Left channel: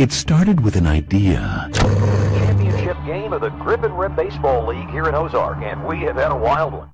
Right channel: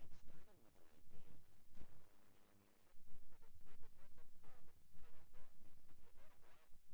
It started with an idea. Championship game of the Grip and Rip Baseball League here in Ozark, and we have had a wild one.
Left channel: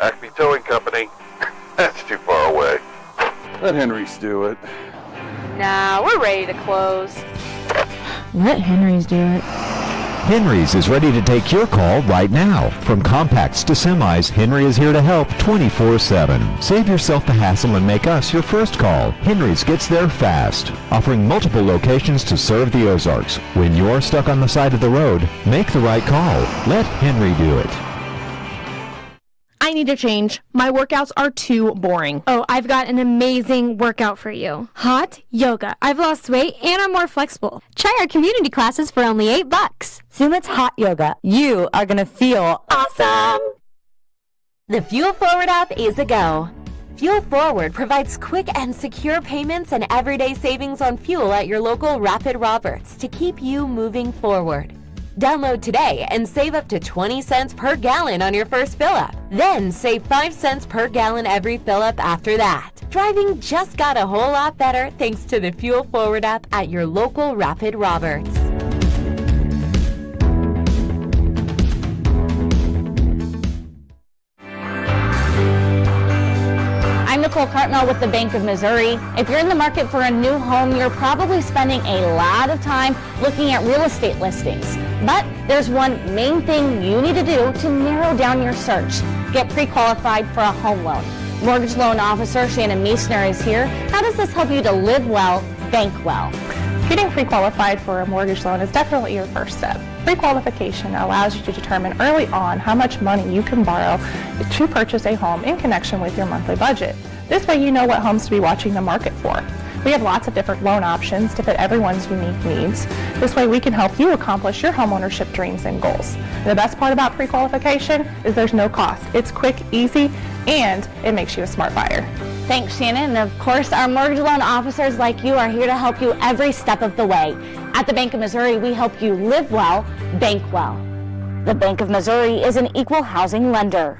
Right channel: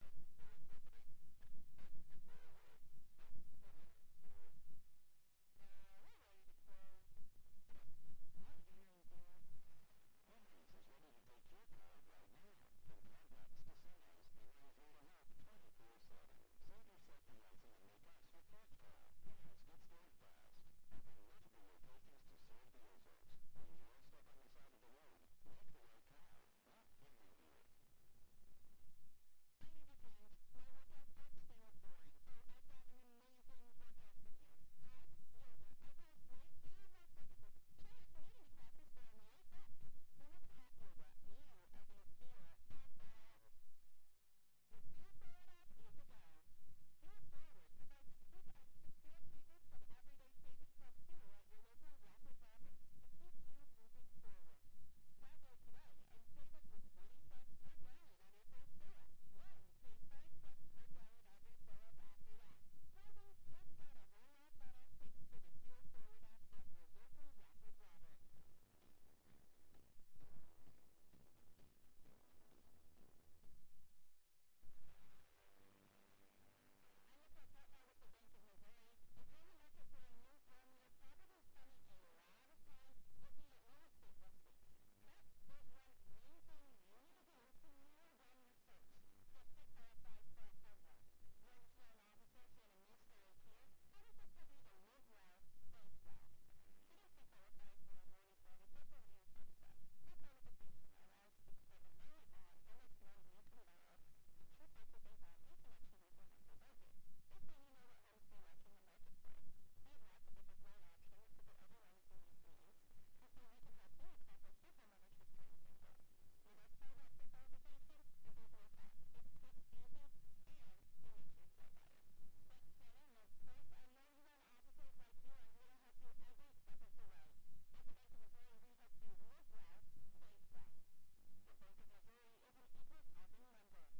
Acme Towing Company. That's too far away. Let Henry's do it. Nah, we're ready to close. Let Henry's do it. Henry's is ready to take your call right now. From compacts to semis, Henry is here to help 24/7. Save yourself the hassle and make us your first call. Henry's gets there fast, offering multiple locations to serve the Ozarks. When you're stuck on the side of the road, make the right call. Let Henry do it. I need to change. My workouts are too boring. Oh, I've got an amazing workout for you. Hot yoga. I've lost weight and I'm more flexible. Try our community classes for only $8. Sumit's Hot Yoga. You are going to feel awesome. The Fuel Forward app is a go. Fuel Forward provides quick and secure payments and everyday savings on fuel at your local Rapid Roberts to keep you moving forward. Download today and save up to 20 cents per gallon on your first fill-up. Then save 5 cents per gallon every fill-up after that. Driving just got a whole lot better thanks to the Fuel Forward app at your local Rapid Roberts. I'm Nicole Cartmel with the Bank of Missouri. If you're in the market for a new home, you're probably spending a lot of time looking at real estate listings. But there's one main thing you need to do to narrow down your search. Get pre-qualified for a home loan. Mortgage loan officer Shannon Meisner is here. How does this help you to live well, bank well? Getting pre-qualified for a mortgage loan is definitely your first step. Pre-qualification allows you to determine early on how much money you can borrow to purchase a home in connection with your monthly budget. This way you know what homes to be watching the market for. We have lots of different loan options to fit everyone's unique needs. This way we can help you accomplish your homeownership dreams and goals. And the best part about pre-qualification is there's no cost. It's quick, easy, and it makes you a smart buyer. Thanks, Shannon. And of course, our mortgage loan officers like you are here to help you every step of the way. At the Bank of Missouri, we help you live well, bank well. The Bank of Missouri is an equal housing lender.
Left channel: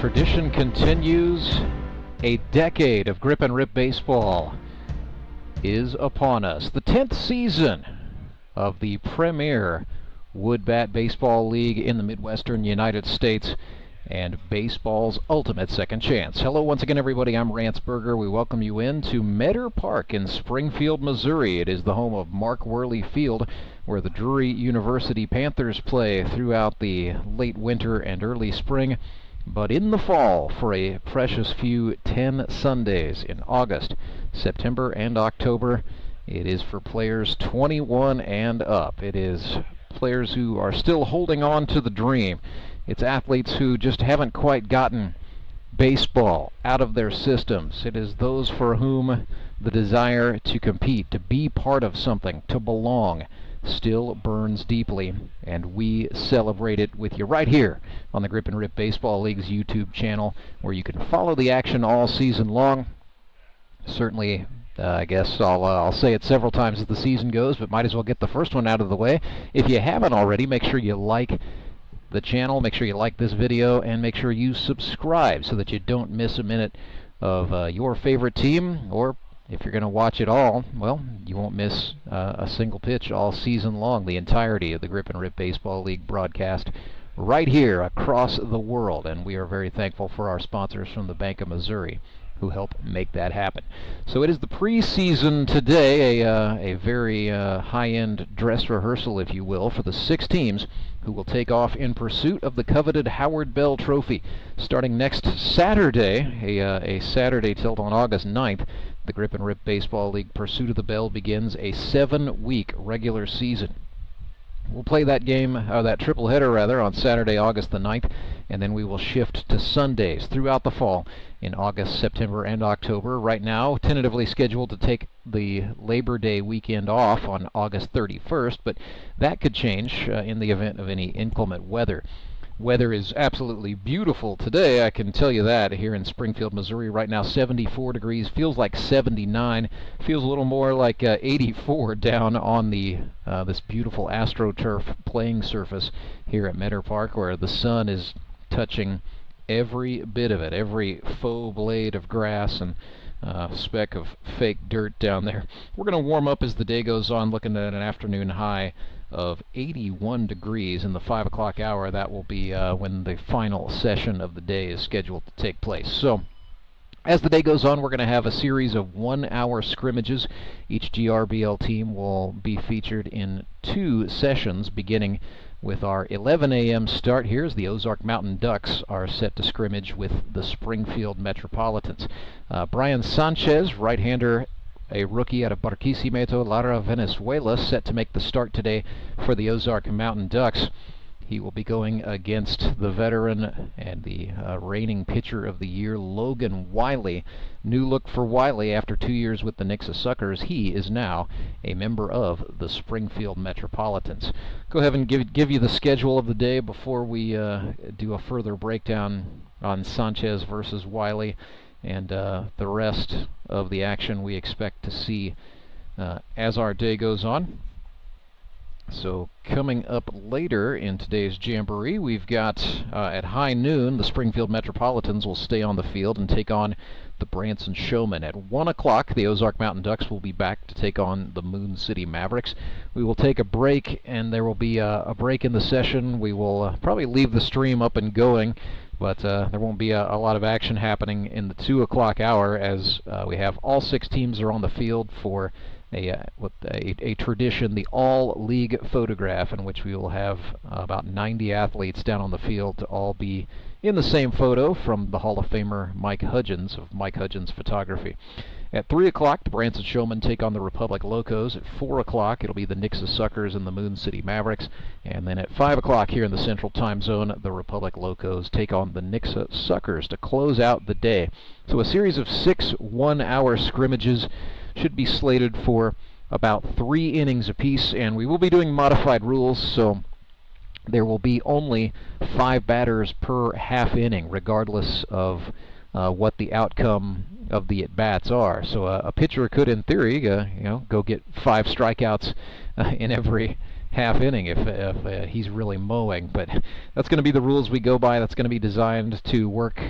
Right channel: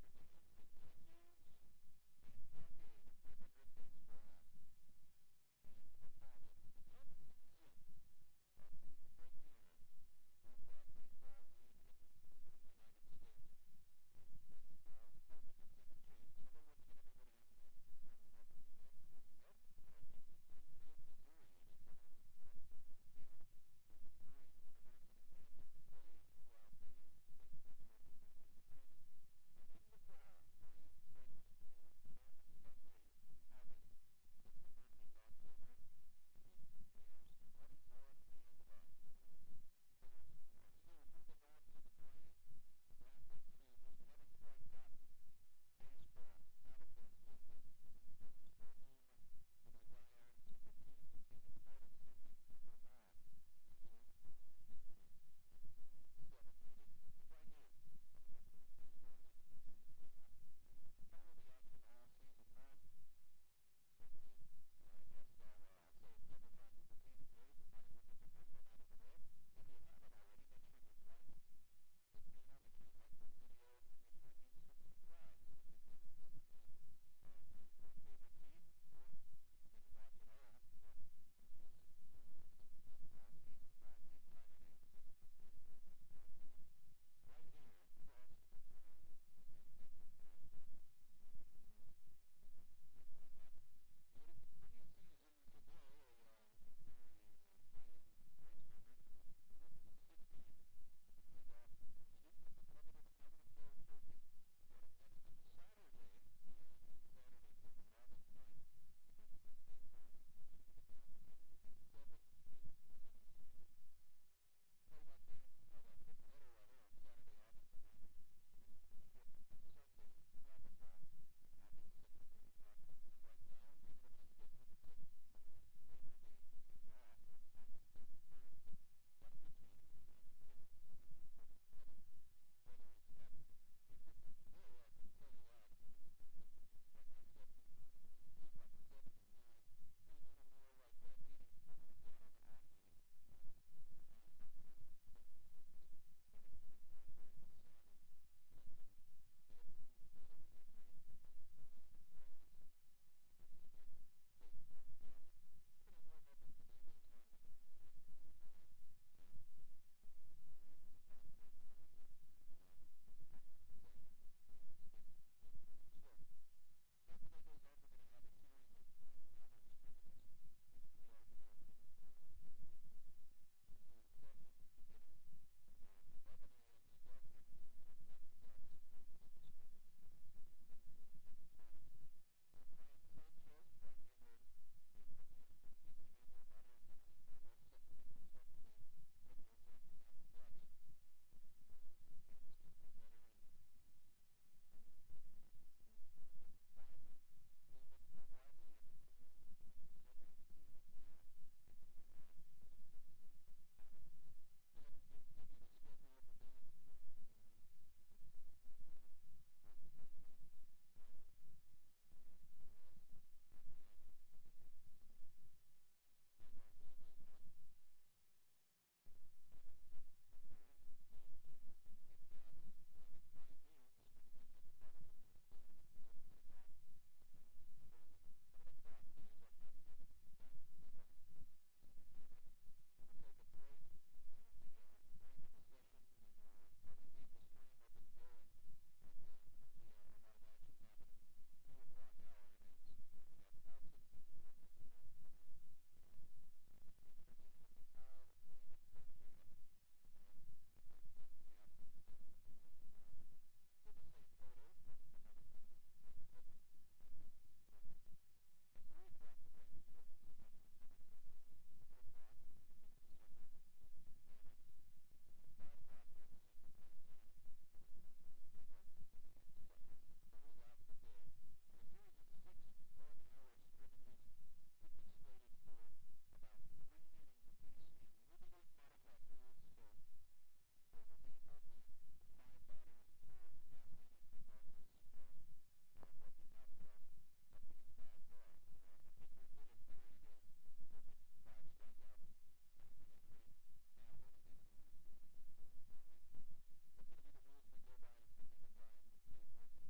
Tradition continues. A decade of grip and rip baseball is upon us. The 10th season of the premier wood bat baseball league in the Midwestern United States and baseball's ultimate second chance. Hello once again, everybody. I'm Rance Berger. We welcome you in to Meador Park in Springfield, Missouri. It is the home of Mark Worley Field, where the Drury University Panthers play throughout the late winter and early spring. But in the fall, for a precious few 10 Sundays in August, September, and October, it is for players 21 and up. It is players who are still holding on to the dream. It's athletes who just haven't quite gotten baseball out of their systems. It is those for whom the desire to compete, to be part of something, to belong, still burns deeply, and we celebrate it with you right here on the Grip and Rip Baseball League's YouTube channel, where you can follow the action all season long. Certainly, I guess I'll say it several times as the season goes, but might as well get the first one out of the way. If you haven't already, make sure you like the channel, make sure you like this video, and make sure you subscribe so that you don't miss a minute of your favorite team, or if you're going to watch it all, well, you won't miss a single pitch all season long, the entirety of the Grip and Rip Baseball League broadcast right here across the world. And we are very thankful for our sponsors from the Bank of Missouri who help make that happen. So it is the preseason today, a very high-end dress rehearsal, if you will, for the 6 teams who will take off in pursuit of the coveted Howard Bell Trophy. Starting next Saturday, a Saturday tilt on August 9th, the Grip and Rip Baseball League Pursuit of the Bell begins a 7-week regular season. We'll play that game, that tripleheader rather, on Saturday, August the 9th, and then we will shift to Sundays throughout the fall in August, September, and October. Right now, tentatively scheduled to take the Labor Day weekend off on August 31st, but that could change in the event of any inclement weather. Weather is absolutely beautiful today, I can tell you that, here in Springfield, Missouri. Right now, 74 degrees, feels like 79, feels a little more like 84 down on the this beautiful AstroTurf playing surface here at Meador Park, where the sun is touching every bit of it, every faux blade of grass and speck of fake dirt down there. We're going to warm up as the day goes on, looking at an afternoon high of 81 degrees in the 5 o'clock hour. That will be when the final session of the day is scheduled to take place. So as the day goes on, we're going to have a series of 1-hour scrimmages. Each GRBL team will be featured in 2 sessions, beginning with our 11 a.m. start here, as the Ozark Mountain Ducks are set to scrimmage with the Springfield Metropolitans. Brian Sanchez, right-hander, a rookie out of Barquisimeto, Lara, Venezuela, set to make the start today for the Ozark Mountain Ducks. He will be going against the veteran and the reigning pitcher of the year, Logan Wiley. New look for Wiley after 2 years with the Nixa Suckers. He is now a member of the Springfield Metropolitans. Go ahead and give you the schedule of the day before we do a further breakdown on Sanchez versus Wiley and the rest of the action we expect to see as our day goes on. So coming up later in today's jamboree, we've got at high noon, the Springfield Metropolitans will stay on the field and take on the Branson Showmen. At 1 o'clock, the Ozark Mountain Ducks will be back to take on the Moon City Mavericks. We will take a break, and there will be a break in the session. We will probably leave the stream up and going, but there won't be a lot of action happening in the 2 o'clock hour, as we have all 6 teams are on the field for a tradition, the all-league photograph, in which we will have about 90 athletes down on the field to all be in the same photo from the Hall of Famer Mike Hudgens of Mike Hudgens Photography. At 3 o'clock, the Branson Showmen take on the Republic Locos. At 4 o'clock, it'll be the Nixa Suckers and the Moon City Mavericks. And then at 5 o'clock here in the Central Time Zone, the Republic Locos take on the Nixa Suckers to close out the day. So a series of 6 one-hour scrimmages should be slated for about 3 innings apiece, and we will be doing modified rules, so there will be only 5 batters per half inning, regardless of what the outcome of the at-bats are. So a pitcher could, in theory, go get 5 strikeouts in every half inning if he's really mowing. But that's going to be the rules we go by. That's going to be designed to work.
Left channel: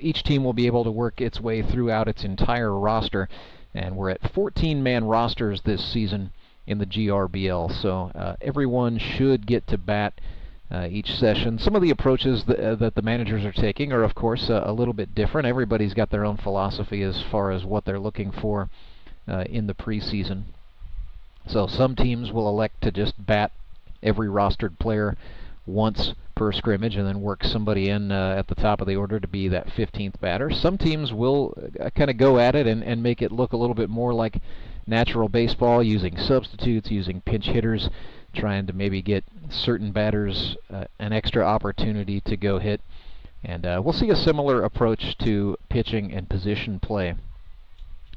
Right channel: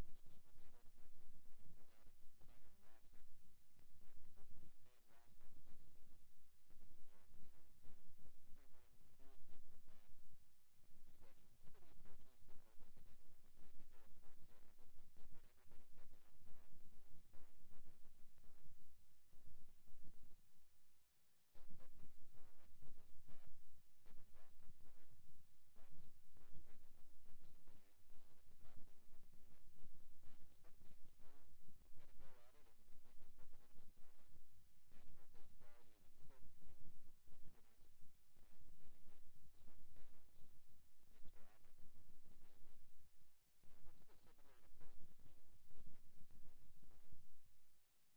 Each team will be able to work its way throughout its entire roster, and we're at 14-man rosters this season in the GRBL. So everyone should get to bat each session. Some of the approaches that the managers are taking are, of course, a little bit different. Everybody's got their own philosophy as far as what they're looking for in the preseason. So some teams will elect to just bat every rostered player once per scrimmage and then work somebody in at the top of the order to be that 15th batter. Some teams will kind of go at it and make it look a little bit more like natural baseball, using substitutes, using pinch hitters, trying to maybe get certain batters an extra opportunity to go hit. And we'll see a similar approach to pitching and position play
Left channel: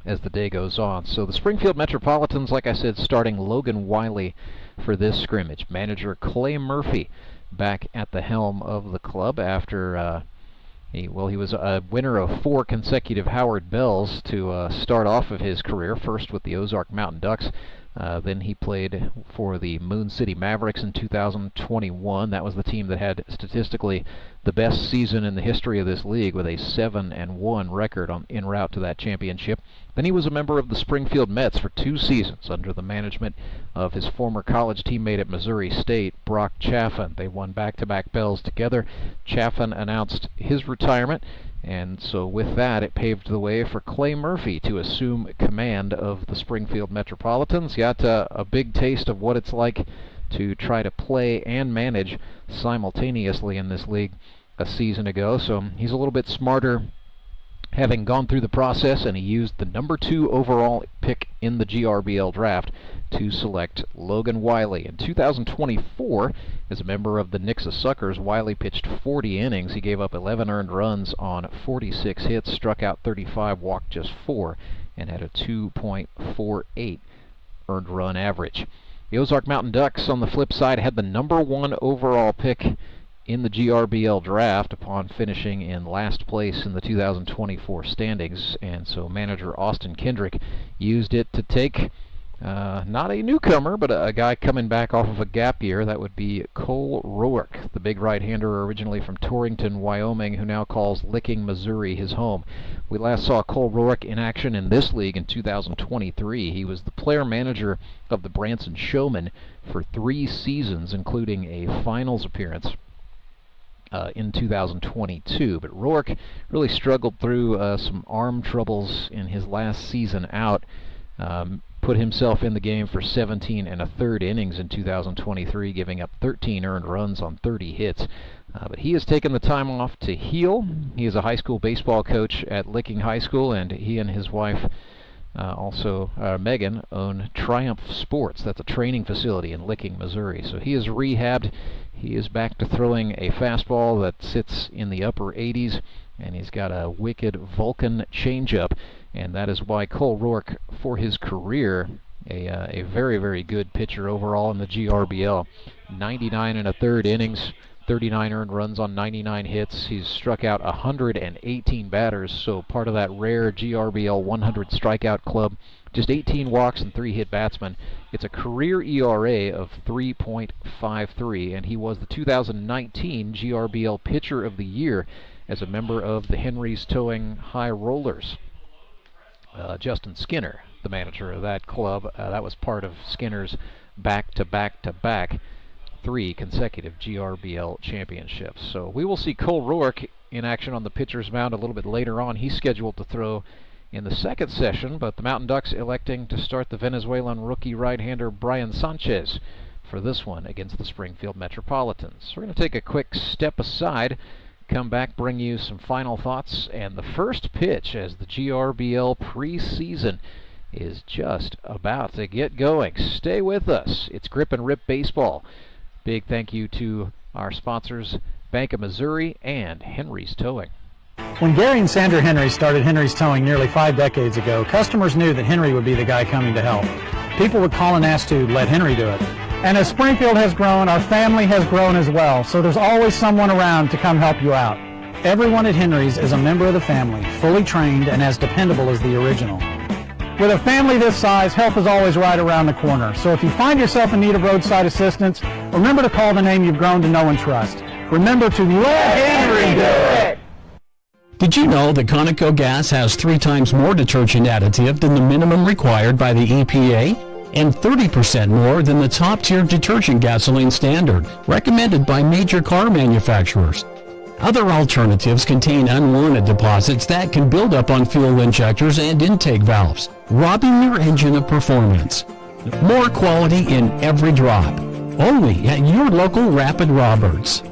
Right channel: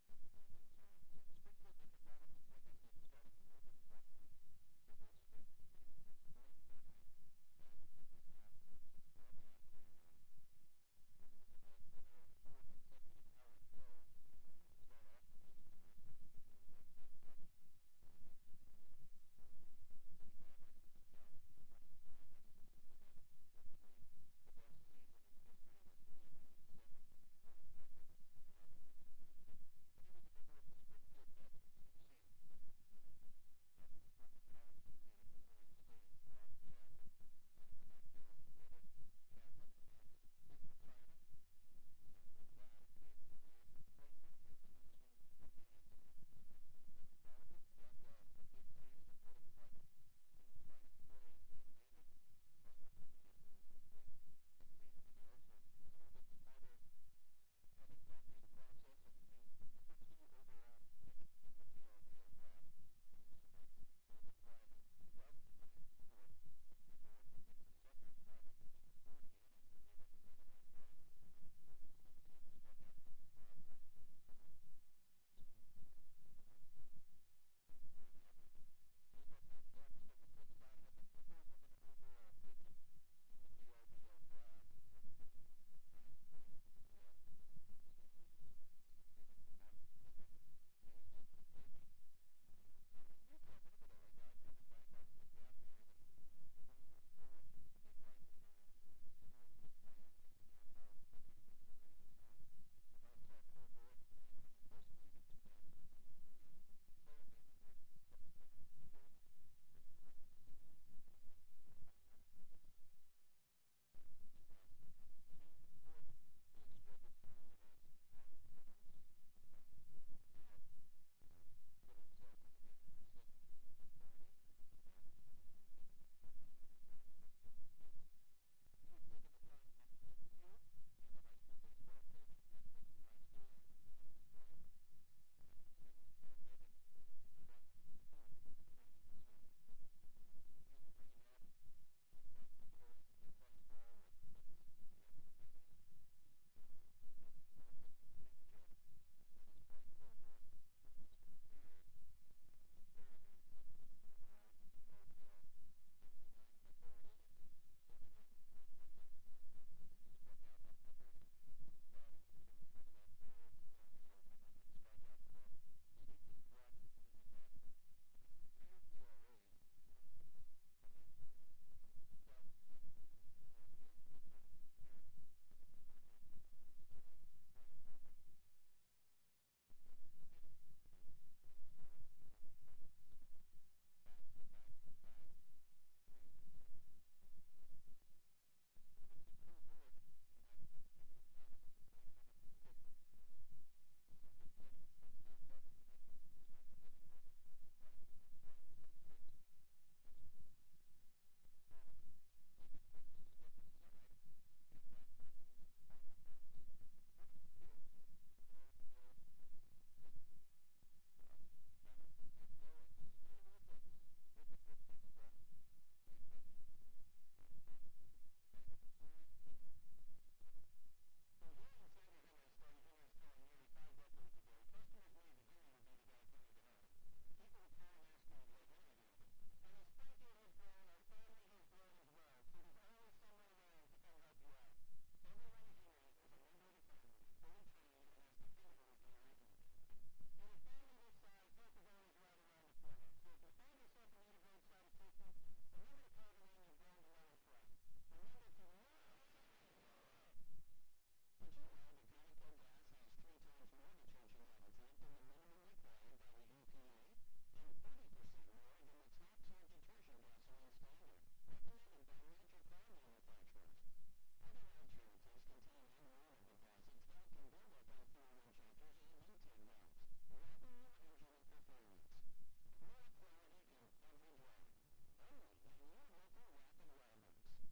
as the day goes on. So the Springfield Metropolitans, like I said, starting Logan Wiley for this scrimmage. Manager Clay Murphy back at the helm of the club after he was a winner of 4 consecutive Howard Bells to start off of his career, first with the Ozark Mountain Ducks. Then he played for the Moon City Mavericks in 2021. That was the team that had statistically the best season in the history of this league, with a 7-1 record en route to that championship. Then he was a member of the Springfield Mets for 2 seasons under the management of his former college teammate at Missouri State, Brock Chaffin. They won back-to-back bells together. Chaffin announced his retirement, and so with that, it paved the way for Clay Murphy to assume command of the Springfield Metropolitans. He got a big taste of what it's like to try to play and manage simultaneously in this league a season ago, so he's a little bit smarter having gone through the process, and he used the number 2 overall pick in the GRBL draft to select Logan Wiley. In 2024, as a member of the Nixa Suckers, Wiley pitched 40 innings. He gave up 11 earned runs on 46 hits, struck out 35, walked just 4, and had a 2.48 earned run average. The Ozark Mountain Ducks, on the flip side, had the number 1 overall pick in the GRBL draft upon finishing in last place in the 2024 standings, and so manager Austin Kendrick used it to take not a newcomer, but a guy coming back off of a gap year. That would be Cole Rourke, the big right-hander originally from Torrington, Wyoming, who now calls Licking, Missouri his home. We last saw Cole Rourke in action in this league in 2023. He was the player manager of the Branson Showmen for 3 seasons, including a finals appearance in 2022, but Rourke really struggled through some arm troubles in his last season out. Put himself in the game for 17 1/3 innings in 2023, giving up 13 earned runs on 30 hits. But he has taken the time off to heal. He is a high school baseball coach at Licking High School, and he and his wife, Megan, own Triumph Sports. That's a training facility in Licking, Missouri. So he is rehabbed. He is back to throwing a fastball that sits in the upper 80s, and he's got a wicked Vulcan changeup, and that is why Cole Rourke, for his career, a very, very good pitcher overall in the GRBL. 99 1/3 innings, 39 earned runs on 99 hits. He's struck out 118 batters, so part of that rare GRBL 100 strikeout club. Just 18 walks and 3 hit batsmen. It's a career ERA of 3.53, and he was the 2019 GRBL Pitcher of the Year as a member of the Henry's Towing High Rollers. Justin Skinner, the manager of that club, that was part of Skinner's back-to-back-to-back 3 consecutive GRBL championships. So we will see Cole Rourke in action on the pitcher's mound a little bit later on. He's scheduled to throw in the second session, but the Mountain Ducks electing to start the Venezuelan rookie right-hander Brian Sanchez for this one against the Springfield Metropolitans. We're going to take a quick step aside, come back, bring you some final thoughts, and the first pitch as the GRBL preseason is just about to get going. Stay with us. It's Grip and Rip Baseball. Big thank you to our sponsors, Bank of Missouri and Henry's Towing. When Gary and Sandra Henry started Henry's Towing nearly 5 decades ago, customers knew that Henry would be the guy coming to help. People would call and ask to let Henry do it. And as Springfield has grown, our family has grown as well, so there's always someone around to come help you out. Everyone at Henry's is a member of the family, fully trained and as dependable as the original. With a family this size, help is always right around the corner. So if you find yourself in need of roadside assistance, remember to call the name you've grown to know and trust. Remember to let Henry do it! Did you know that Conoco gas has 3 times more detergent additive than the minimum required by the EPA? And 30% more than the top-tier detergent gasoline standard, recommended by major car manufacturers. Other alternatives contain unwanted deposits that can build up on fuel injectors and intake valves, robbing your engine of performance. More quality in every drop. Only at your local Rapid Roberts.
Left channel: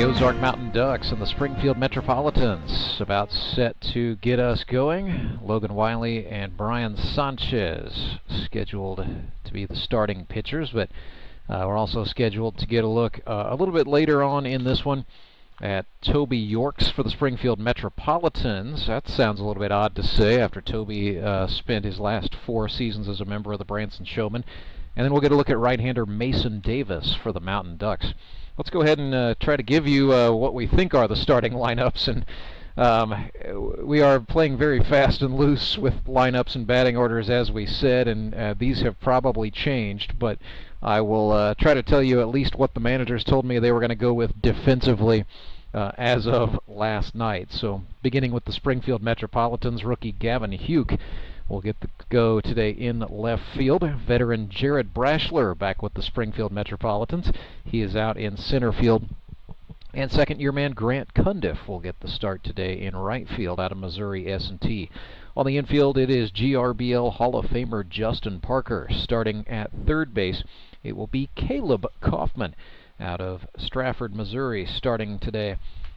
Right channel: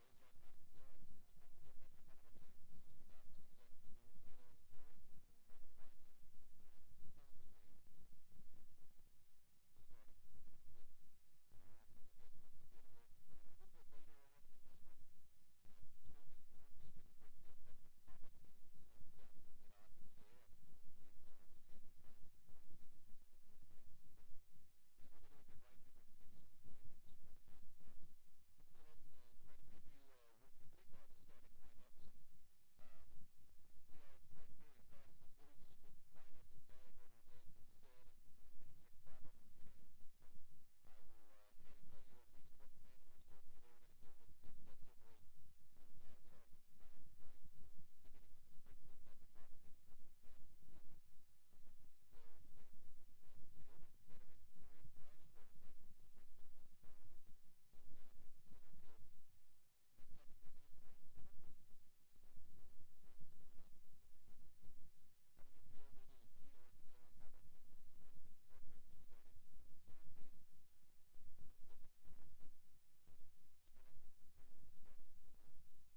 Ozark Mountain Ducks and the Springfield Metropolitans about set to get us going. Logan Wiley and Brian Sanchez scheduled to be the starting pitchers, but we're also scheduled to get a look a little bit later on in this one at Toby Yorks for the Springfield Metropolitans. That sounds a little bit odd to say after Toby spent his last 4 seasons as a member of the Branson Showmen. And then we'll get a look at right-hander Mason Davis for the Mountain Ducks. Let's go ahead and try to give you what we think are the starting lineups. And we are playing very fast and loose with lineups and batting orders, as we said, and these have probably changed, but I will try to tell you at least what the managers told me they were going to go with defensively as of last night. So beginning with the Springfield Metropolitans, rookie Gavin Huke will get the go today in left field. Veteran Jared Brashler back with the Springfield Metropolitans. He is out in center field. And second-year man Grant Cundiff will get the start today in right field out of Missouri S&T. On the infield, it is GRBL Hall of Famer Justin Parker. Starting at third base, it will be Caleb Kaufman out of Strafford, Missouri. Starting today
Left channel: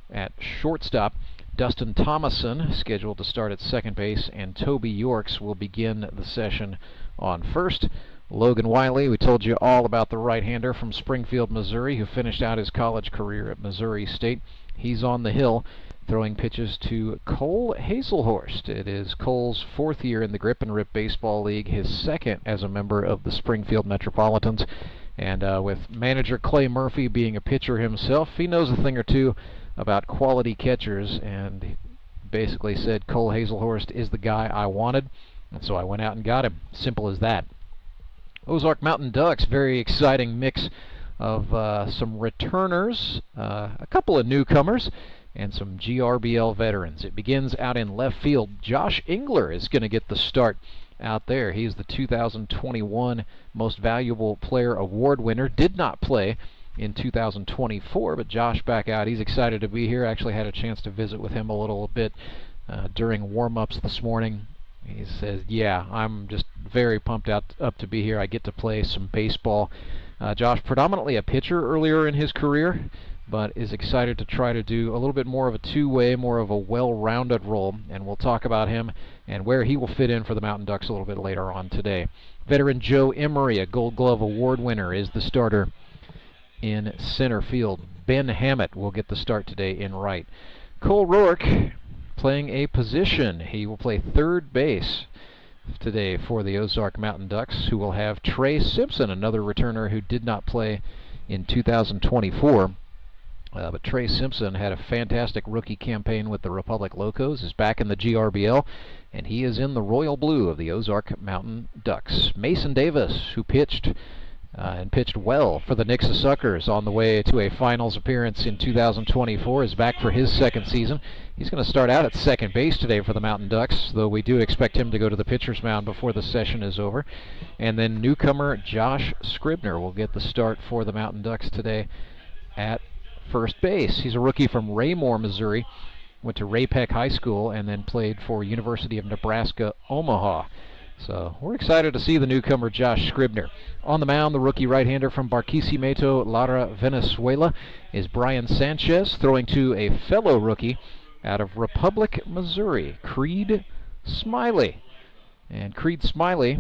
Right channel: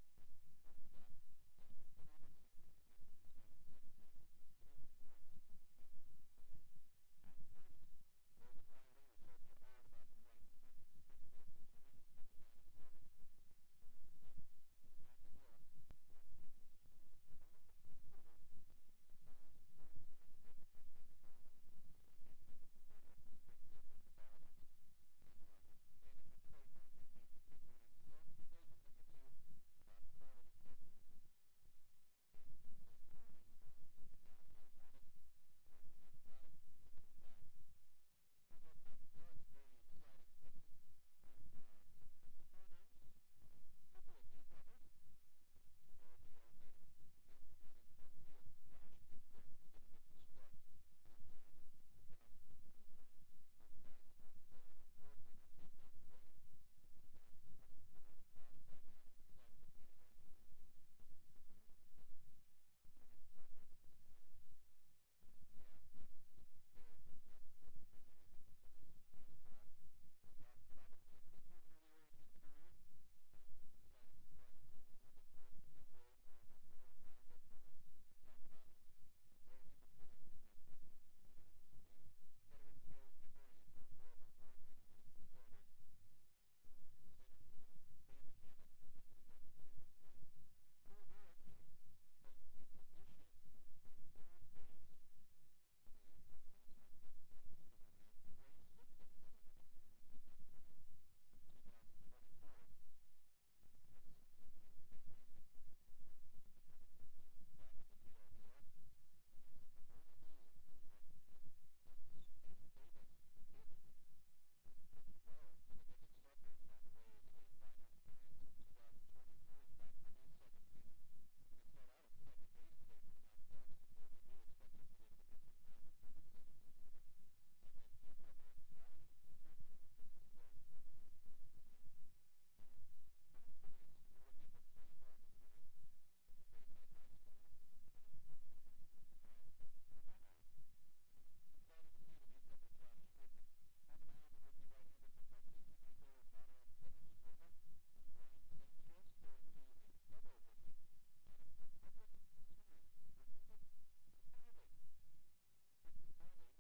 at shortstop, Dustin Thomason scheduled to start at second base, and Toby Yorks will begin the session on first. Logan Wiley, we told you all about the right-hander from Springfield, Missouri, who finished out his college career at Missouri State. He's on the hill, throwing pitches to Cole Hazelhorst. It is Cole's 4th year in the Grip and Rip Baseball League, his 2nd as a member of the Springfield Metropolitans. And with manager Clay Murphy being a pitcher himself, he knows a thing or two about quality catchers, and basically said Cole Hazelhorst is the guy I wanted, and so I went out and got him. Simple as that. Ozark Mountain Ducks, very exciting mix of some returners, a couple of newcomers, and some GRBL veterans. It begins out in left field. Josh Engler is going to get the start out there. He's the 2021 Most Valuable Player Award winner. Did not play in 2024, but Josh back out. He's excited to be here. Actually had a chance to visit with him a little bit during warm-ups this morning. He says, yeah, I'm just very pumped up to be here. I get to play some baseball. Josh, predominantly a pitcher earlier in his career, but is excited to try to do a little bit more of a two-way, more of a well-rounded role, and we'll talk about him and where he will fit in for the Mountain Ducks a little bit later on today. Veteran Joe Emery, a Gold Glove Award winner, is the starter in center field. Ben Hammett will get the start today in right. Cole Rourke playing a position. He will play third base today for the Ozark Mountain Ducks, who will have Trey Simpson, another returner who did not play in 2024. But Trey Simpson had a fantastic rookie campaign with the Republic Locos, is back in the GRBL, and he is in the royal blue of the Ozark Mountain Ducks. Mason Davis, who pitched and pitched well for the Nixa Suckers on the way to a finals appearance in 2024, is back for his 2nd season. He's going to start out at second base today for the Mountain Ducks, though we do expect him to go to the pitcher's mound before the session is over. And then newcomer Josh Scribner will get the start for the Mountain Ducks today at first base. He's a rookie from Raymore, Missouri, went to Ray-Pec High School, and then played for University of Nebraska, Omaha. So we're excited to see the newcomer Josh Scribner. On the mound, the rookie right-hander from Barquisimeto, Lara, Venezuela, is Brian Sanchez, throwing to a fellow rookie out of Republic, Missouri, Creed Smiley. And Creed Smiley,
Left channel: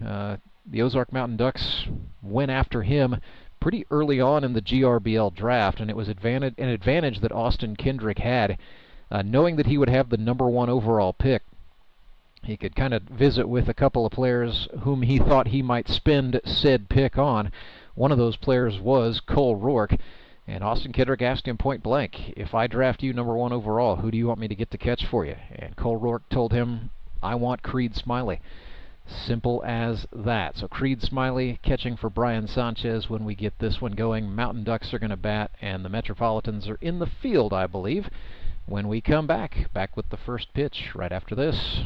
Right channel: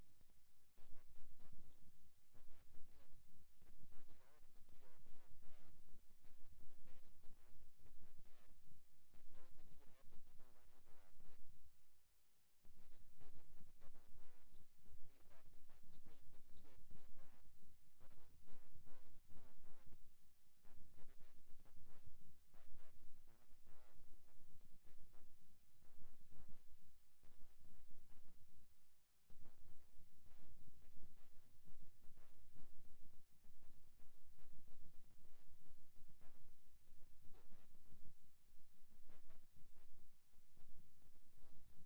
the Ozark Mountain Ducks went after him pretty early on in the GRBL draft, and it was an advantage that Austin Kendrick had, knowing that he would have the #1 overall pick. He could kind of visit with a couple of players whom he thought he might spend said pick on. One of those players was Cole Rourke, and Austin Kendrick asked him point blank, if I draft you #1 overall, who do you want me to get to catch for you? And Cole Rourke told him, I want Creed Smiley. Simple as that. So Creed Smiley catching for Brian Sanchez when we get this one going. Mountain Ducks are going to bat, and the Metropolitans are in the field, I believe, when we come back with the first pitch right after this.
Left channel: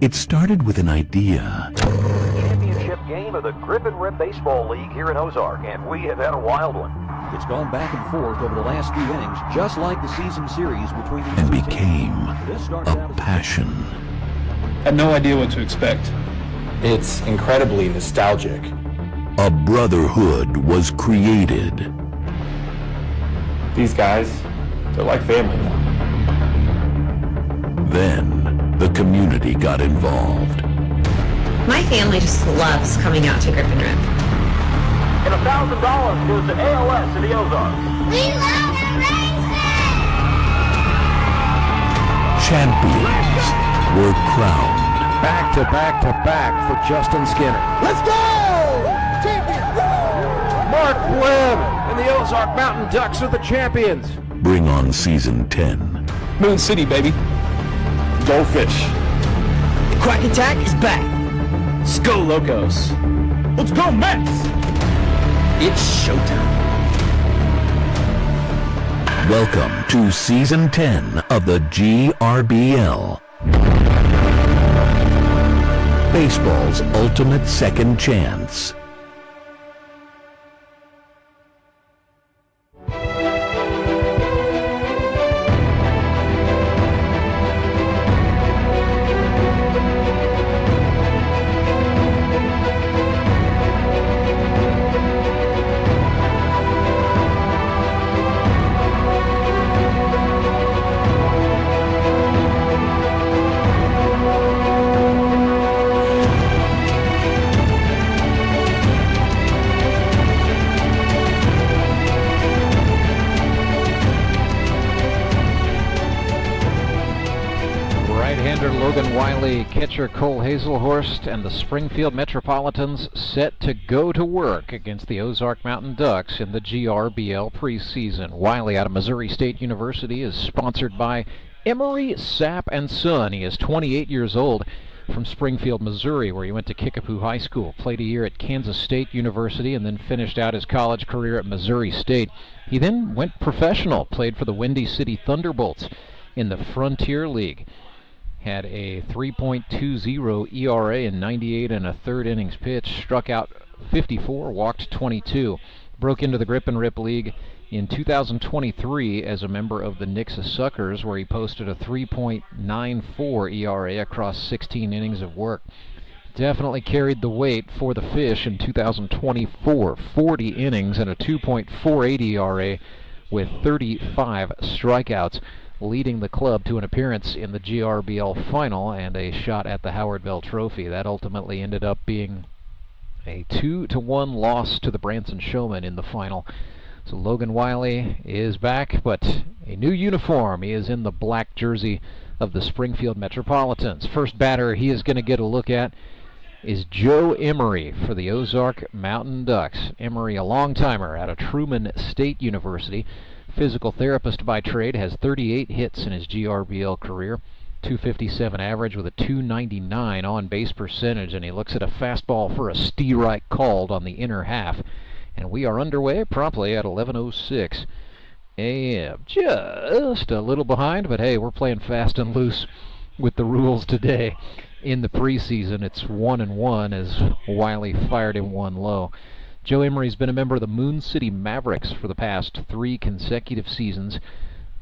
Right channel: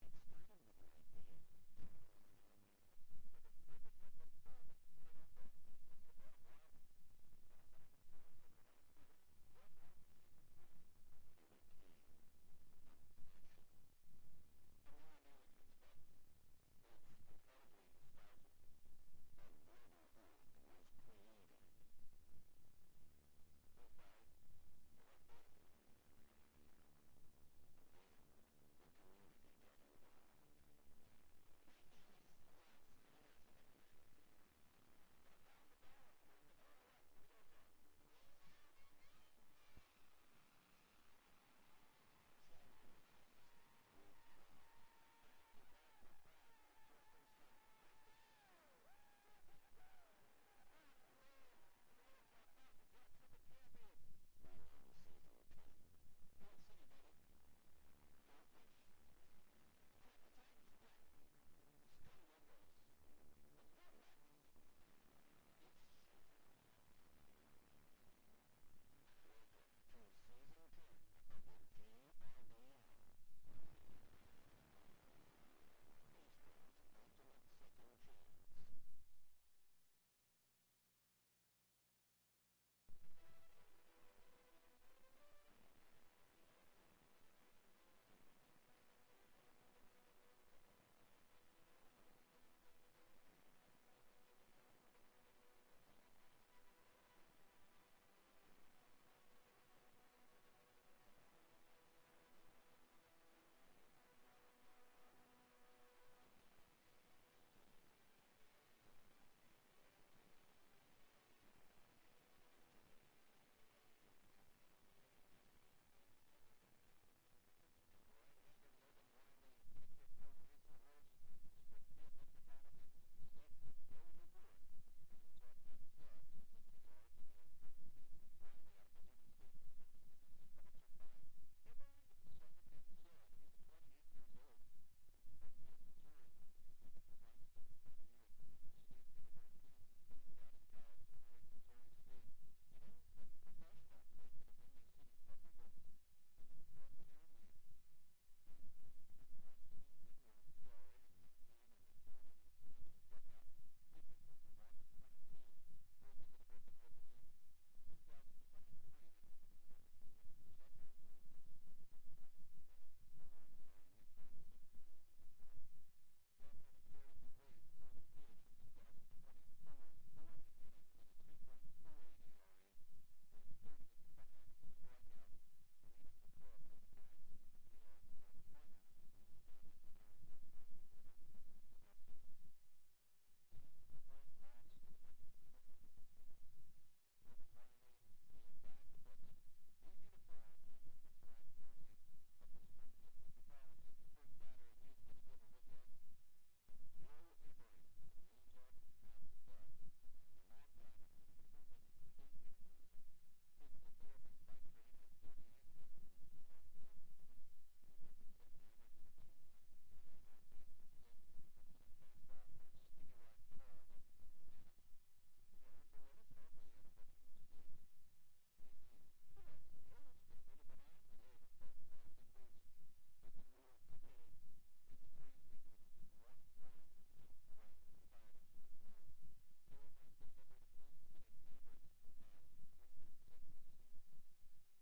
It started with an idea. Championship game of the Grip and Rip Baseball League here in Ozark, and we have had a wild one. It's gone back and forth over the last few innings, just like the season series between these And two became teams. a passion. I had no idea what to expect. It's incredibly nostalgic. A brotherhood was created. These guys, they're like family now. Then the community got involved. My family just loves coming out to Grip and Rip. And $1,000 goes to ALS in the Ozarks. We love the Branson! Champions were crowned. Back to back to back for Justin Skinner. Let's go! Champions! Mark Webb and the Ozark Mountain Ducks are the champions. Bring on season 10. Moon City, baby. Go Fish. The Quack Attack is back. Let's go, Locos. Let's go, Mets! It's showtime. Welcome to season 10 of the GRBL. Baseball's ultimate second chance. Catcher Cole Hazelhorst and the Springfield Metropolitans set to go to work against the Ozark Mountain Ducks in the GRBL preseason. Wiley out of Missouri State University is sponsored by Emery Sapp & Son. He is 28 years old, from Springfield, Missouri, where he went to Kickapoo High School, played a year at Kansas State University, and then finished out his college career at Missouri State. He then went professional, played for the Windy City Thunderbolts in the Frontier League. Had a 3.20 ERA in 98 and a third innings pitched, struck out 54, walked 22. Broke into the Grip and Rip League in 2023 as a member of the Nixa Suckers, where he posted a 3.94 ERA across 16 innings of work. Definitely carried the weight for the Fish in 2024, 40 innings and a 2.48 ERA with 35 strikeouts, leading the club to an appearance in the GRBL final and a shot at the Howard Bell Trophy. That ultimately ended up being a 2-1 loss to the Branson Showmen in the final. So Logan Wiley is back, but a new uniform. He is in the black jersey of the Springfield Metropolitans. First batter he is going to get a look at is Joe Emery for the Ozark Mountain Ducks. Emery, a long-timer out of Truman State University, physical therapist by trade, has 38 hits in his GRBL career, 257 average with a 299 on-base percentage, and he looks at a fastball for a steerite called on the inner half. And we are underway promptly at 11:06 a.m. Just a little behind, but hey, we're playing fast and loose with the rules today. In the preseason, it's 1-1 as Wiley fired him one low. Joe Emery's been a member of the Moon City Mavericks for the past 3 consecutive seasons.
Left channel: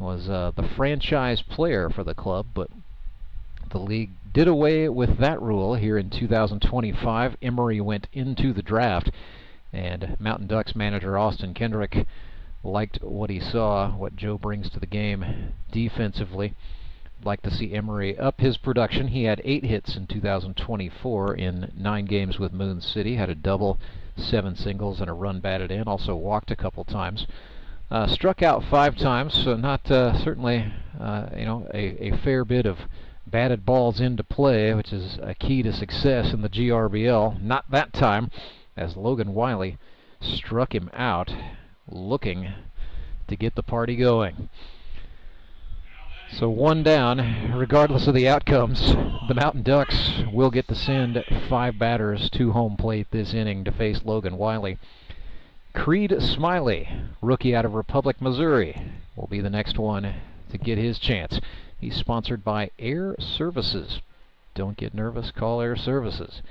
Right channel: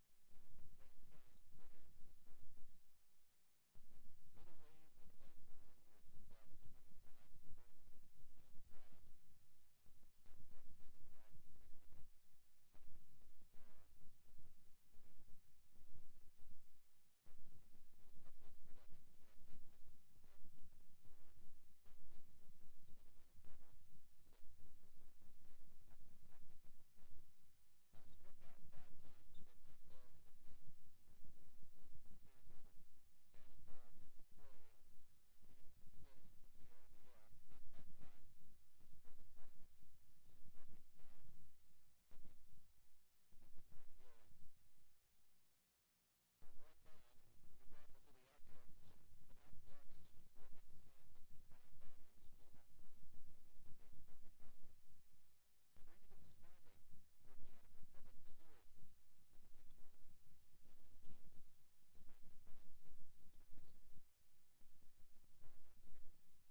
Was the franchise player for the club, but the league did away with that rule here in 2025. Emery went into the draft, and Mountain Ducks manager Austin Kendrick liked what he saw, what Joe brings to the game defensively. Like to see Emery up his production. He had 8 hits in 2024 in 9 games with Moon City. Had a double, 7 singles, and a run batted in. Also walked a couple times. Struck out 5 times, so not certainly a fair bit of batted balls into play, which is a key to success in the GRBL. Not that time, as Logan Wiley struck him out, looking to get the party going. So 1 down, regardless of the outcomes, the Mountain Ducks will get to send 5 batters to home plate this inning to face Logan Wiley. Creed Smiley, rookie out of Republic, Missouri, will be the next one to get his chance. He's sponsored by Air Services. Don't get nervous, call Air Services.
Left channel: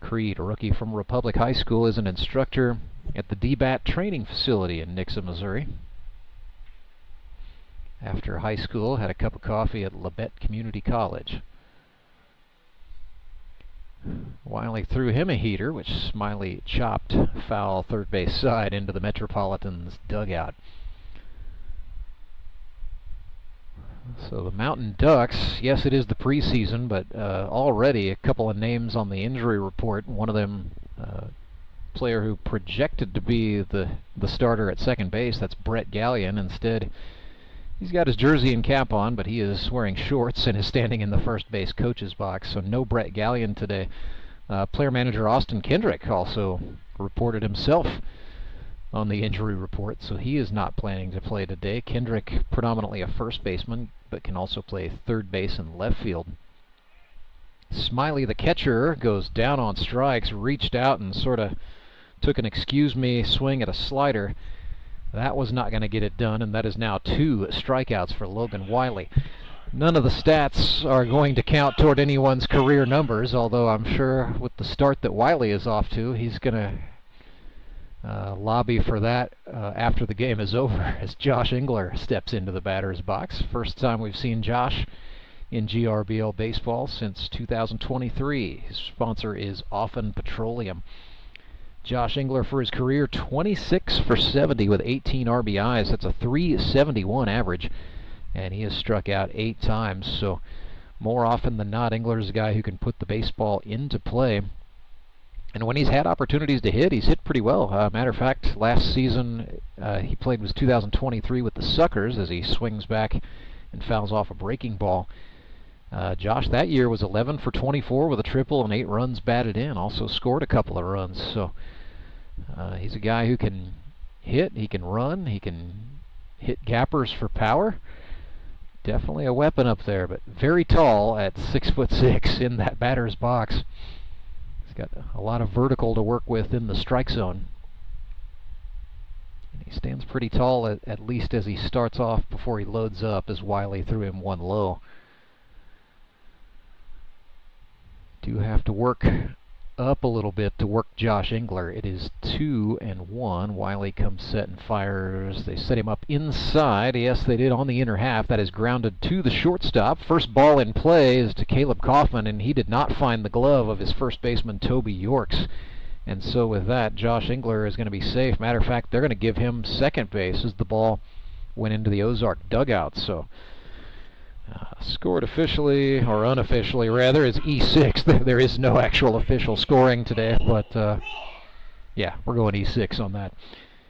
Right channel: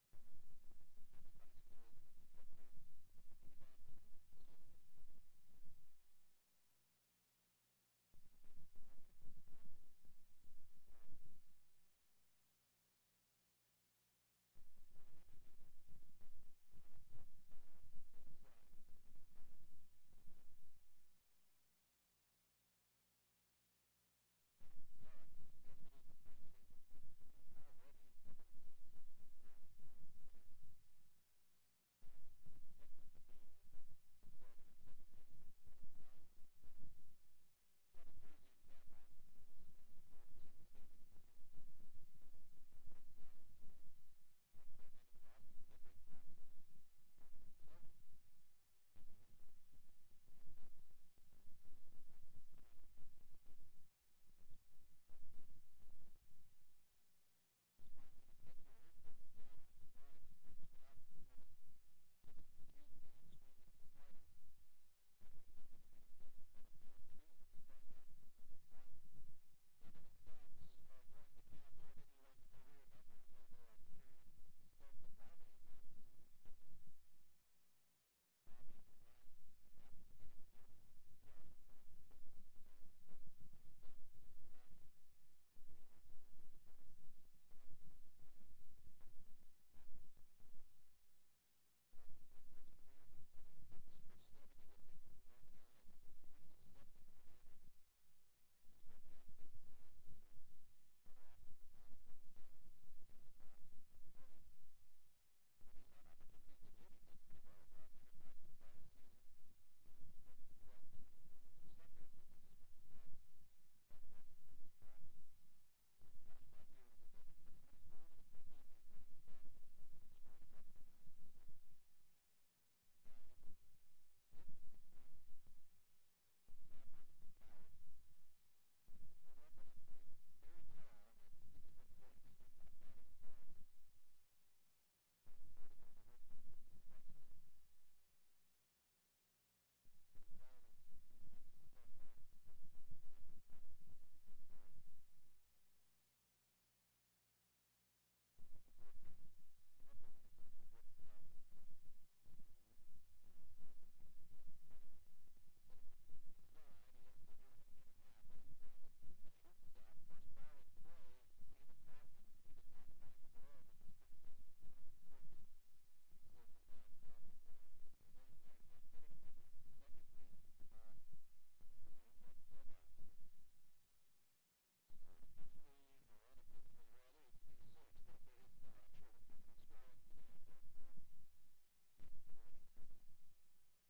Creed, a rookie from Republic High School, is an instructor at the DBAT training facility in Nixa, Missouri. After high school, had a cup of coffee at Labette Community College. Wiley threw him a heater, which Smiley chopped foul third base side into the Metropolitans dugout. So the Mountain Ducks, yes, it is the preseason, but already a couple of names on the injury report. One of them, player who projected to be the starter at second base, that's Brett Gallion. Instead, he's got his jersey and cap on, but he is wearing shorts and is standing in the first base coach's box, so no Brett Gallion today. Player manager Austin Kendrick also reported himself on the injury report, so he is not planning to play today. Kendrick, predominantly a first baseman, but can also play third base and left field. Smiley, the catcher, goes down on strikes, reached out and sort of took an excuse-me swing at a slider. That was not going to get it done, and that is now 2 strikeouts for Logan Wiley. None of the stats are going to count toward anyone's career numbers, although I'm sure with the start that Wiley is off to, he's going to lobby for that after the game is over as Josh Engler steps into the batter's box. First time we've seen Josh in GRBL baseball since 2023. His sponsor is Offen Petroleum. Josh Engler for his career, 26 for 70 with 18 RBIs. That's a .371 average, and he has struck out 8 times. So more often than not, Engler's a guy who can put the baseball into play. And when he's had opportunities to hit, he's hit pretty well. Matter of fact, last season he played was 2023 with the Suckers as he swings back and fouls off a breaking ball. Josh that year was 11 for 24 with a triple and 8 runs batted in. Also scored a couple of runs. So he's a guy who can hit, he can run, he can hit gappers for power. Definitely a weapon up there, but very tall at 6'6" in that batter's box. He's got a lot of vertical to work with in the strike zone. And he stands pretty tall at least as he starts off before he loads up, as Wiley threw him 1 low. Do have to work up a little bit to work Josh Engler. It is 2-1. Wiley comes set and fires. They set him up inside. Yes, they did on the inner half. That is grounded to the shortstop. First ball in play is to Caleb Kaufman, and he did not find the glove of his first baseman, Toby Yorks. And so with that, Josh Engler is going to be safe. Matter of fact, they're going to give him second base as the ball went into the Ozark dugout. So scored officially, or unofficially rather, is E6. There is no actual official scoring today, but yeah, we're going E6 on that.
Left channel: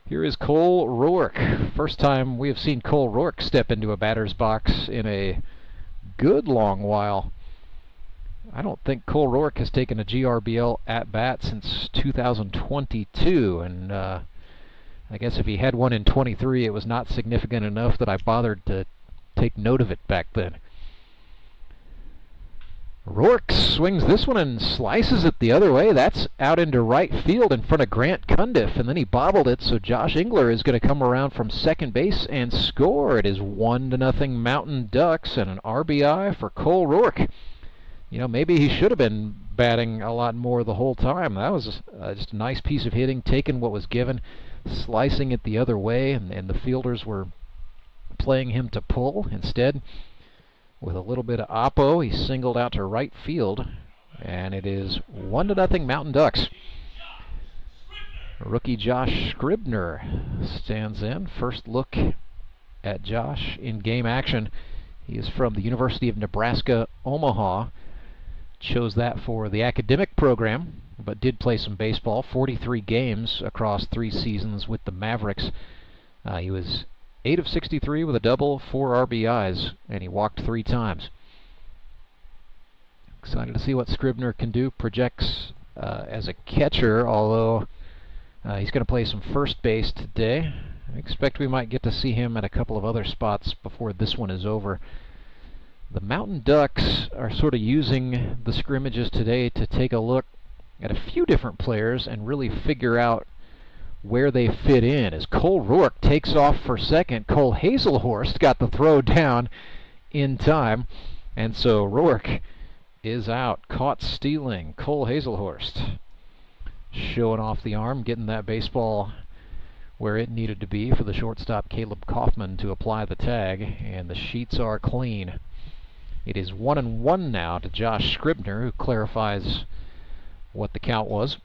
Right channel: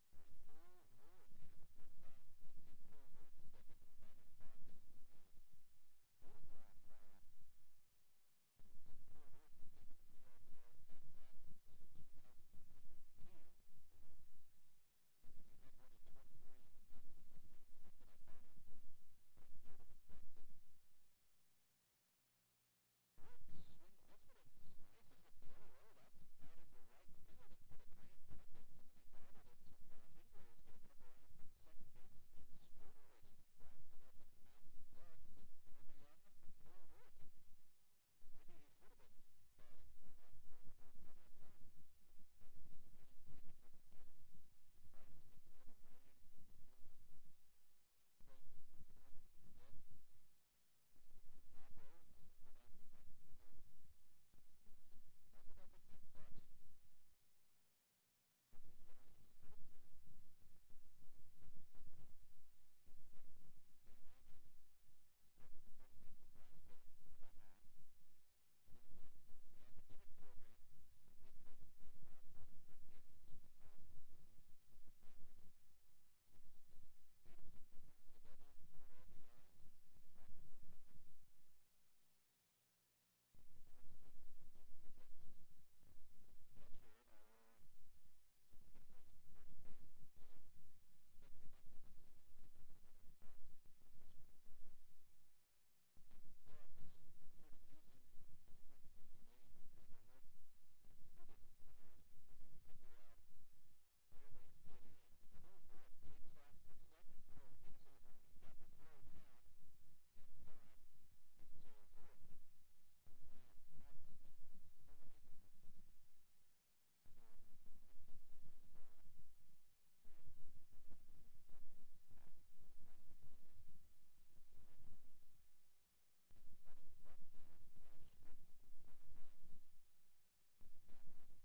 Here is Cole Rourke. First time we have seen Cole Rourke step into a batter's box in a good long while. I don't think Cole Rourke has taken a GRBL at-bat since 2022, and I guess if he had one in 23, it was not significant enough that I bothered to take note of it back then. Rourke swings this one and slices it the other way. That's out into right field in front of Grant Cundiff, and then he bobbled it, so Josh Engler is going to come around from second base and score. It is 1-0 Mountain Ducks and an RBI for Cole Rourke. You know, maybe he should have been batting a lot more the whole time. That was just a nice piece of hitting, taking what was given, slicing it the other way, and the fielders were playing him to pull. Instead, with a little bit of oppo, he singled out to right field, and it is 1-0 Mountain Ducks. Rookie Josh Scribner stands in. First look at Josh in game action. He is from the University of Nebraska, Omaha. Chose that for the academic program, but did play some baseball. 43 games across 3 seasons with the Mavericks. He was 8 of 63 with a double, 4 RBIs, and he walked 3 times. Excited to see what Scribner can do. Projects as a catcher, although he's going to play some first base today. I expect we might get to see him at a couple of other spots before this one is over. The Mountain Ducks are sort of using the scrimmages today to take a look at a few different players and really figure out where they fit in. As Cole Rourke takes off for second, Cole Hazelhorst got the throw down in time, and so Rourke is out, caught stealing. Cole Hazelhorst showing off the arm, getting that baseball where it needed to be for the shortstop Caleb Kaufman to apply the tag, and the sheets are clean. It is 1-1 now to Josh Scribner, who clarifies what the count was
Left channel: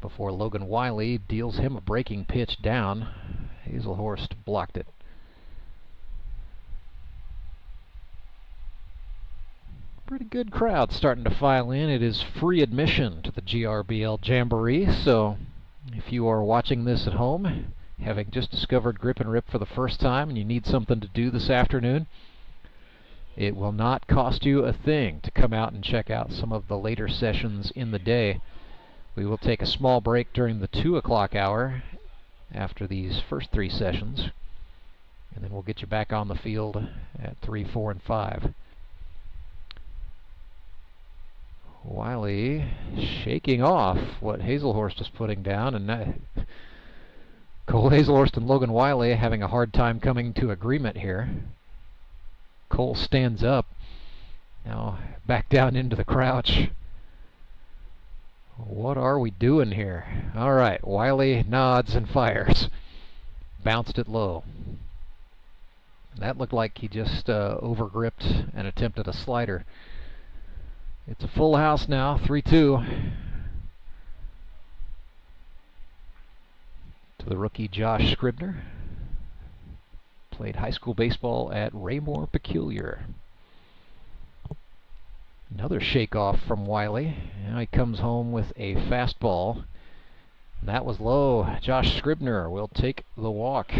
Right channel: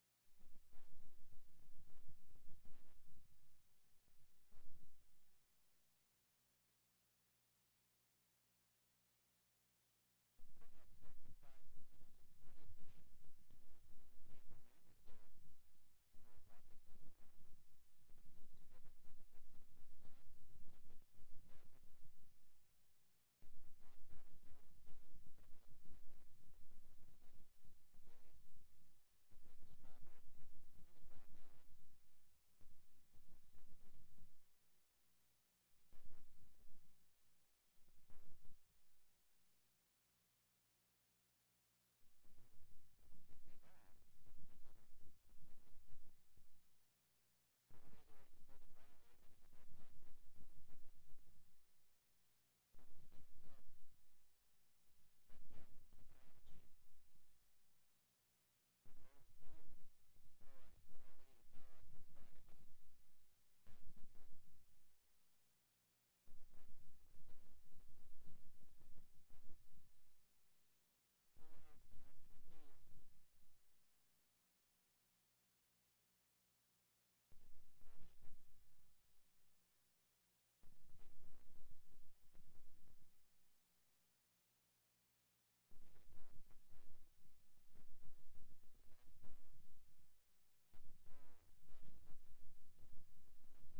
before Logan Wiley deals him a breaking pitch down. Hazelhorst blocked it. Pretty good crowd starting to file in. It is free admission to the GRBL Jamboree, so if you are watching this at home, having just discovered Grip and Rip for the first time, and you need something to do this afternoon, it will not cost you a thing to come out and check out some of the later sessions in the day. We will take a small break during the 2 o'clock hour after these first 3 sessions, and then we'll get you back on the field at 3, 4, and 5. Wiley shaking off what Hazelhorst is putting down, and Cole Hazelhorst and Logan Wiley having a hard time coming to agreement here. Cole stands up, now back down into the crouch. What are we doing here? All right, Wiley nods and fires. Bounced it low. That looked like he just overgripped and attempted a slider. It's a full house now, 3-2. To the rookie Josh Scribner. Played high school baseball at Raymore Peculiar. Another shake-off from Wiley. Now he comes home with a fastball. That was low. Josh Scribner will take the walk.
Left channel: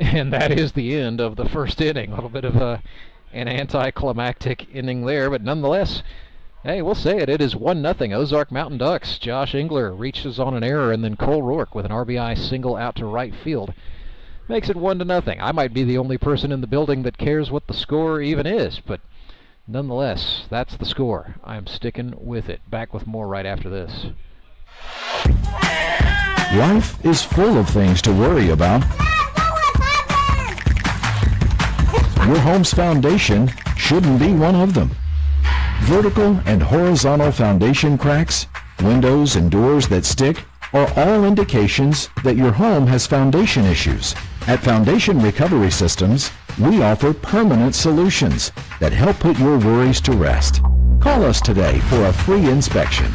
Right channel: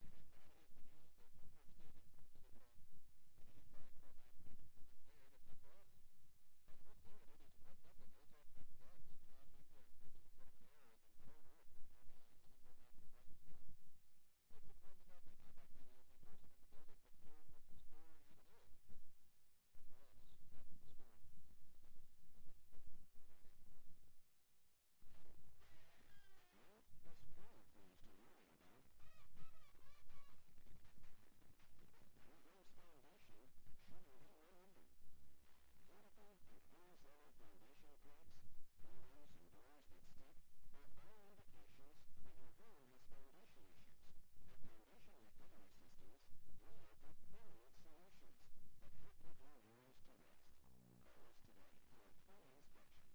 And that is the end of the first inning. A little bit of an anticlimactic inning there, but nonetheless, hey, we'll say it. It is 1-0 Ozark Mountain Ducks. Josh Engler reaches on an error, and then Cole Rourke with an RBI single out to right field makes it 1-0. I might be the only person in the building that cares what the score even is, but nonetheless, that's the score. I'm sticking with it. Back with more right after this. Life is full of things to worry about. Your home's foundation shouldn't be one of them. Vertical and horizontal foundation cracks, windows and doors that stick are all indications that your home has foundation issues. At Foundation Recovery Systems, we offer permanent solutions that help put your worries to rest. Call us today for a free inspection.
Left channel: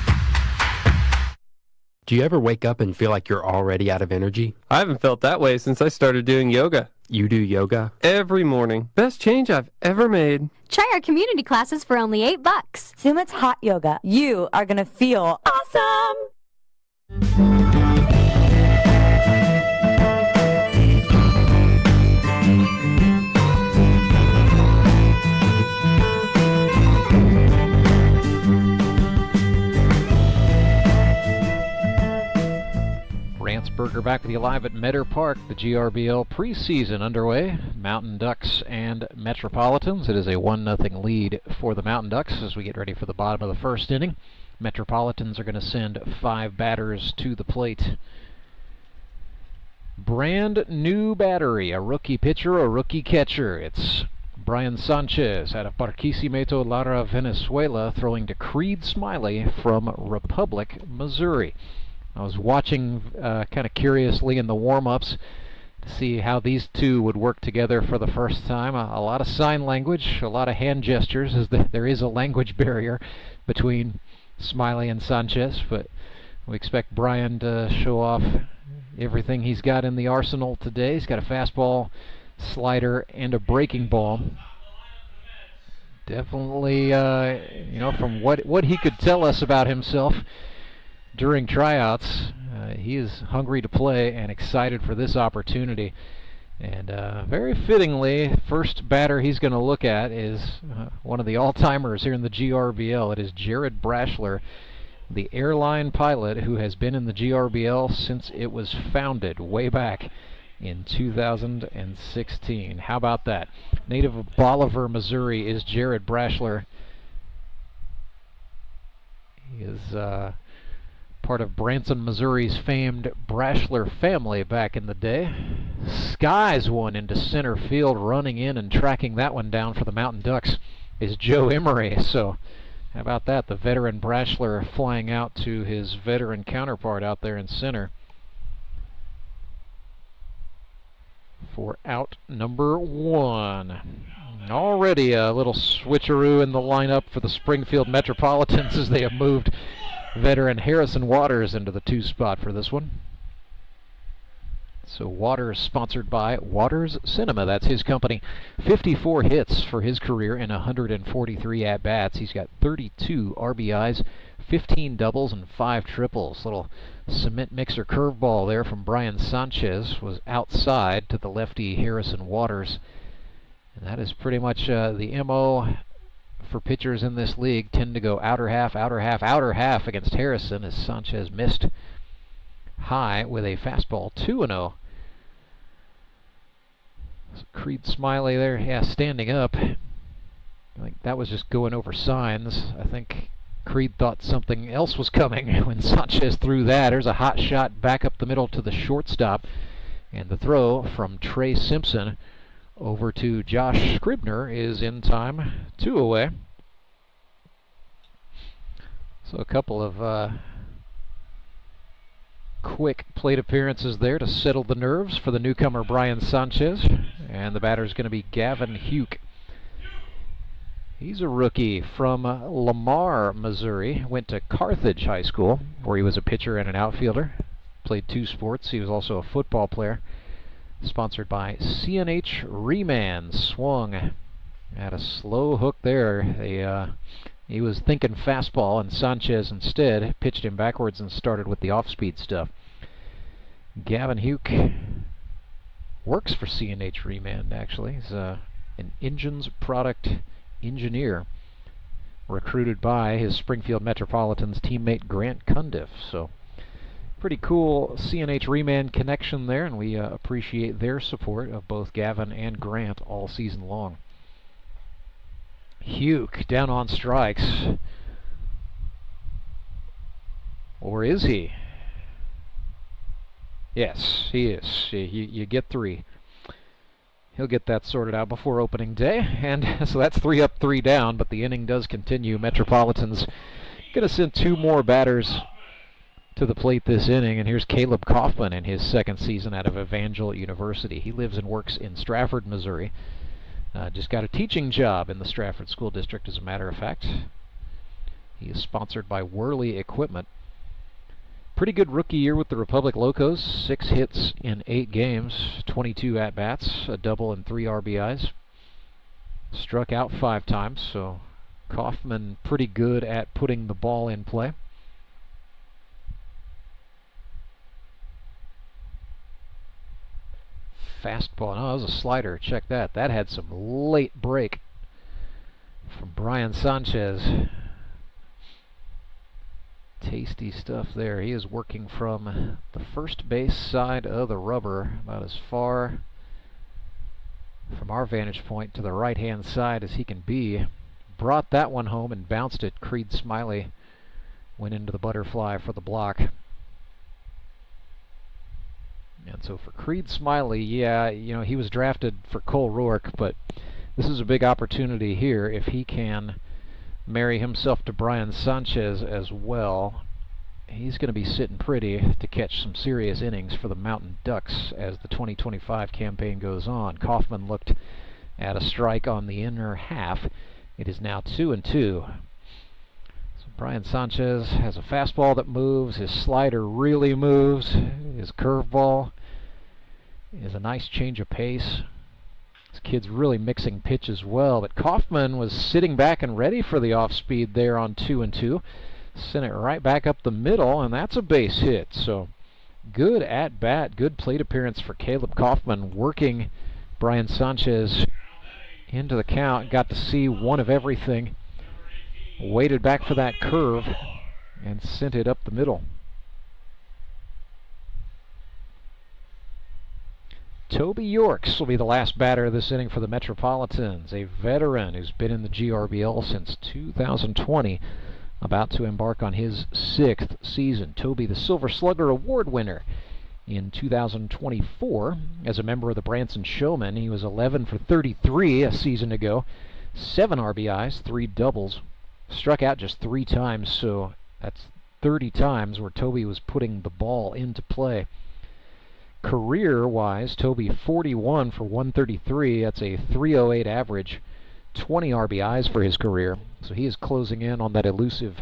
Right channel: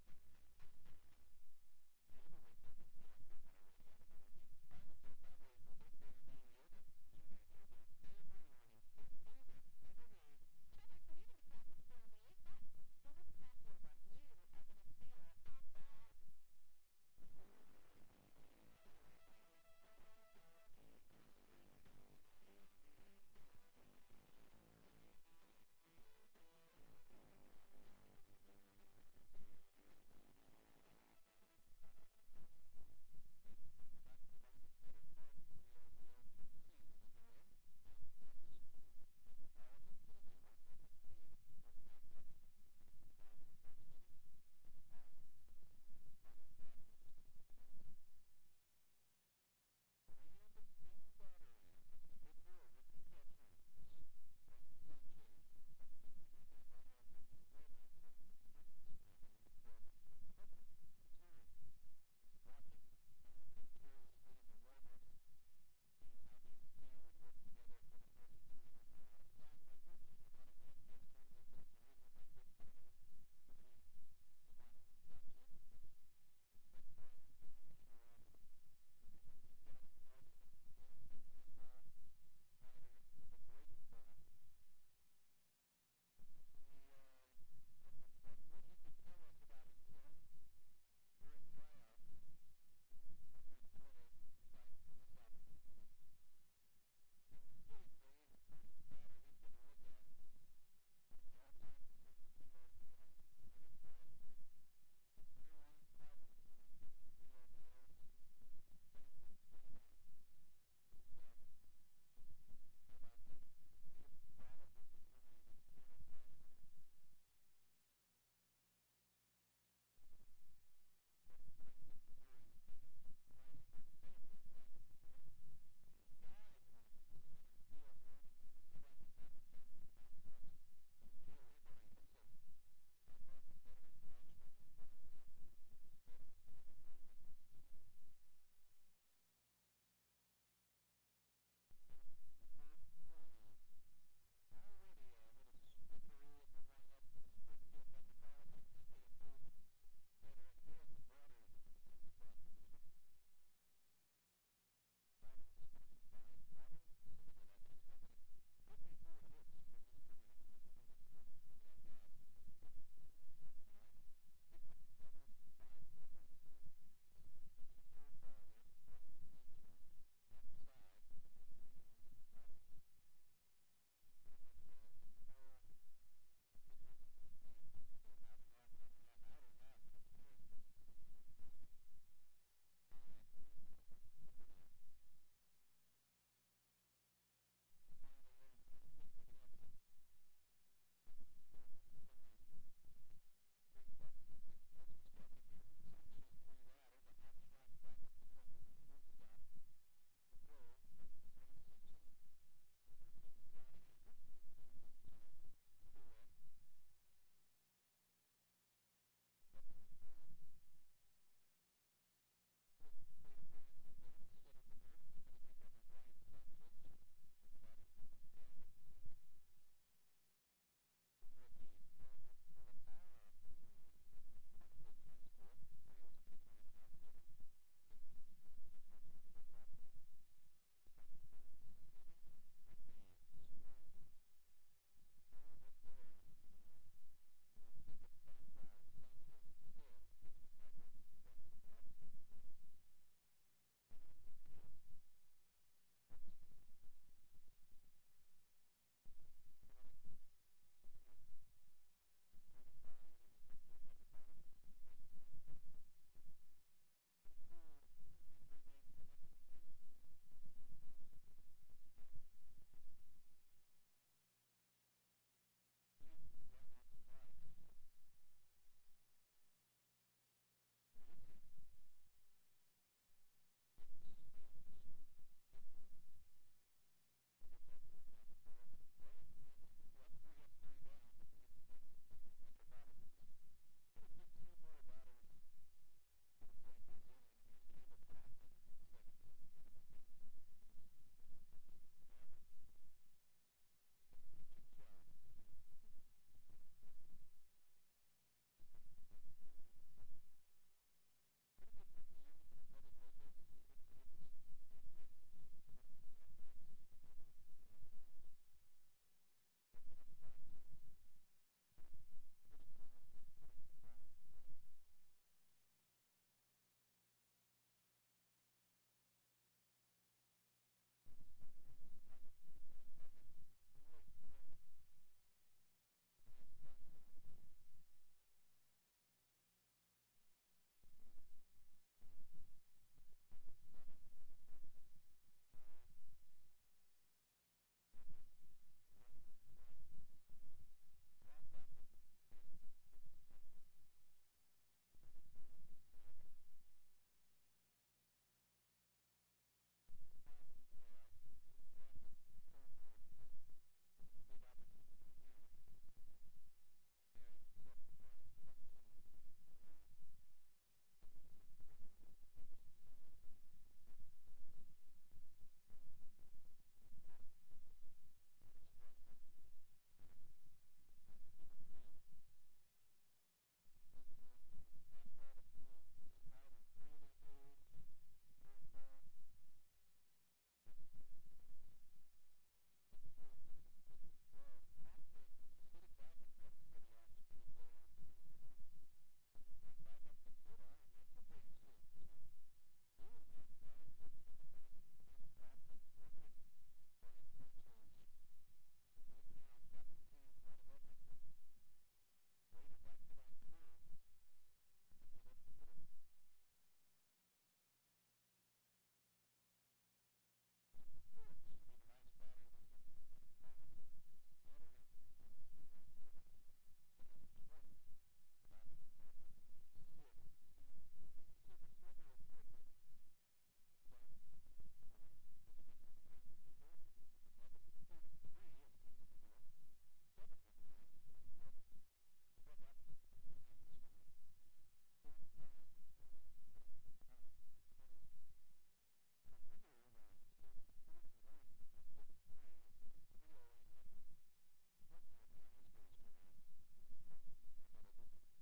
Do you ever wake up and feel like you're already out of energy? I haven't felt that way since I started doing yoga. You do yoga? Every morning. Best change I've ever made. Try our community classes for only $8. Sumit's Hot Yoga. You are going to feel awesome! Rance Burger back with you live at Meador Park. The GRBL preseason underway. Mountain Ducks and Metropolitans. It is a 1-0 lead for the Mountain Ducks as we get ready for the bottom of the first inning. Metropolitans are going to send 5 batters to the plate. Brand new battery, a rookie pitcher, a rookie catcher. It's Brian Sanchez out of Barquisimeto, Lara, Venezuela, throwing to Creed Smiley from Republic, Missouri. I was watching kind of curiously in the warm-ups to see how these two would work together for the first time. A lot of sign language, a lot of hand gestures, as there is a language barrier between Smiley and Sanchez, but we expect Brian to show off everything he's got in the arsenal today. He's got a fastball, slider, and a breaking ball. Definitely, you know, from what he could tell us about himself during tryouts, he is hungry to play and excited for this opportunity. And very fittingly, first batter he's going to look at is one of the all-timers here in the GRBL. It is Jared Brashler, the airline pilot who has been in the GRBL since it was founded way back in 2016. How about that? Native of Bolivar, Missouri is Jared Brashler. He is part of Branson, Missouri's famed Brashler family back in the day. Skies one into center field, running in and tracking that one down for the Mountain Ducks is Joe Emery. So how about that? The veteran Brashler flying out to his veteran counterpart out there in center for out number one. Already a little switcheroo in the lineup for the Springfield Metropolitans as they have moved veteran Harrison Waters into the 2 spot for this one. So Waters, sponsored by Waters Cinema, that's his company. 54 hits for his career in 143 at-bats. He's got 32 RBIs, 15 doubles, and 5 triples. Little cement mixer curveball there from Brian Sanchez was outside to the lefty Harrison Waters. And that is pretty much the MO for pitchers in this league. Tend to go outer half, outer half, outer half against Harrison, as Sanchez missed high with a fastball. 2-0. So Creed Smiley there, yeah, standing up. I think that was just going over signs. I think Creed thought something else was coming when Sanchez threw that. There's a hot shot back up the middle to the shortstop. And the throw from Trey Simpson over to Josh Scribner is in time. 2 away. So a couple of quick plate appearances there to settle the nerves for the newcomer Brian Sanchez. And the batter is going to be Gavin Huke. He's a rookie from Lamar, Missouri. Went to Carthage High School, where he was a pitcher and an outfielder. Played 2 sports. He was also a football player. Sponsored by CNH Reman. Swung at a slow hook there. He was thinking fastball, and Sanchez instead pitched him backwards and started with the off-speed stuff. Gavin Huke works for CNH Reman, actually. He's an engines product engineer, recruited by his Springfield Metropolitans teammate Grant Cundiff. So pretty cool CNH Reman connection there, and we appreciate their support of both Gavin and Grant all season long. Huke down on strikes. Or is he? Yes, he is. You get 3. He'll get that sorted out before opening day. And so that's 3 up, 3 down, but the inning does continue. Metropolitans going to send 2 more batters to the plate this inning, and here's Caleb Kaufman in his 2nd season out of Evangel University. He lives and works in Stratford, Missouri. Just got a teaching job in the Stratford School District, as a matter of fact. He is sponsored by Worley Equipment. Pretty good rookie year with the Republic Locos. 6 hits in 8 games, 22 at-bats, a double and 3 RBIs. Struck out 5 times, so Kaufman pretty good at putting the ball in play. Fastball. No, that was a slider. Check that. That had some late break from Brian Sanchez. Tasty stuff there. He is working from the first base side of the rubber, about as far from our vantage point to the right-hand side as he can be. Brought that one home and bounced it. Creed Smiley went into the butterfly for the block. And so for Creed Smiley, yeah, you know, he was drafted for Cole Rourke, but This is a big opportunity here if he can marry himself to Brian Sanchez as well. He's going to be sitting pretty to catch some serious innings for the Mountain Ducks as the 2025 campaign goes on. Kaufman looked at a strike on the inner half. It is now 2-2. So Brian Sanchez has a fastball that moves. His slider really moves. His curveball is a nice change of pace. This kid's really mixing pitches well, but Kaufman was sitting back and ready for the off-speed there on 2-2. Sent it right back up the middle, and that's a base hit. So good at-bat, good plate appearance for Caleb Kaufman, working Brian Sanchez into the count. Got to see one of everything. Waited back for that curve and sent it up the middle. Toby Yorks will be the last batter of this inning for the Metropolitans, a veteran who's been in the GRBL since 2020. About to embark on his 6th season. Toby, the Silver Slugger Award winner in 2024 as a member of the Branson Showmen. He was 11 for 33 a season ago. 7 RBIs, 3 doubles. Struck out just 3 times, so that's 30 times where Toby was putting the ball into play. Career-wise, Toby 41 for 133. That's a 308 average. 20 RBIs for his career, so he is closing in on that elusive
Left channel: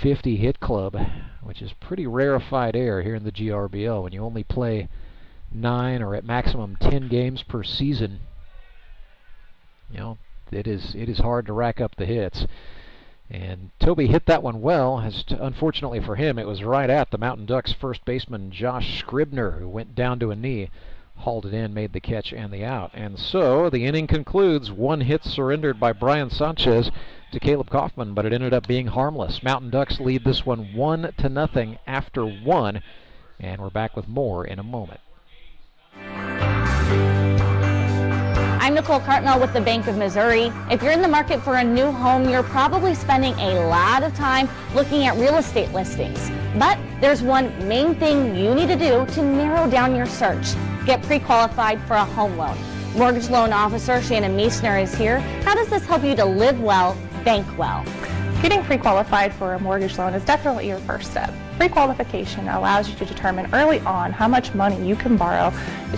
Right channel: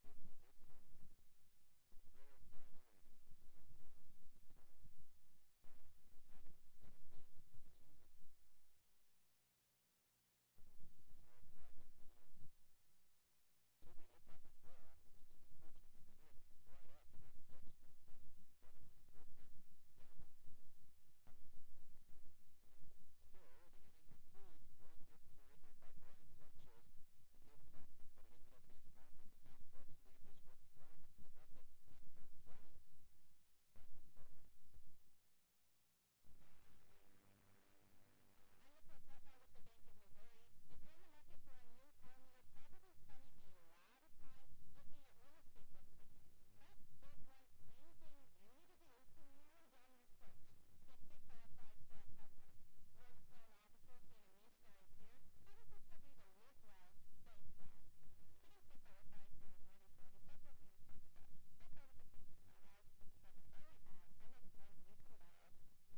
50 hit club, which is pretty rarefied air here in the GRBL when you only play 9 or at maximum 10 games per season. You know, it is hard to rack up the hits, and Toby hit that one well. Unfortunately for him, it was right at the Mountain Ducks first baseman Josh Scribner, who went down to a knee. Hauled it in, made the catch and the out. And so the inning concludes. 1 hit surrendered by Brian Sanchez to Caleb Kaufman, but it ended up being harmless. Mountain Ducks lead this one 1-0 after 1, and we're back with more in a moment. I'm Nicole Cartmel with the Bank of Missouri. If you're in the market for a new home, you're probably spending a lot of time looking at real estate listings. But there's one main thing you need to do to narrow down your search. Get pre-qualified for a home loan. Mortgage loan officer Shannon Meisner is here. How does this help you to live well, bank well? Getting pre-qualified for a mortgage loan is definitely your first step. Pre-qualification allows you to determine early on how much money you can borrow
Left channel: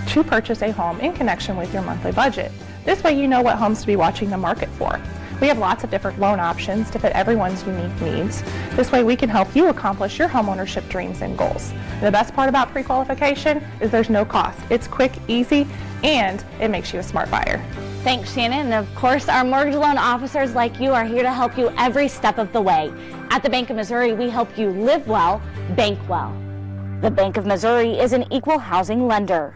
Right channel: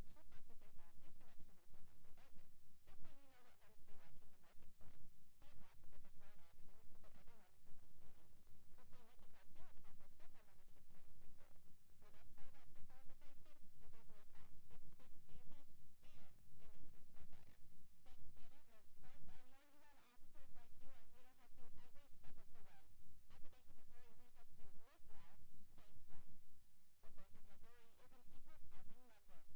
to purchase a home in connection with your monthly budget. This way you know what homes to be watching the market for. We have lots of different loan options to fit everyone's unique needs. This way we can help you accomplish your homeownership dreams and goals. And the best part about pre-qualification is there's no cost. It's quick, easy, and it makes you a smart buyer. Thanks, Shannon. And of course, our mortgage loan officers like you are here to help you every step of the way. At the Bank of Missouri, we help you live well, bank well. The Bank of Missouri is an equal housing lender.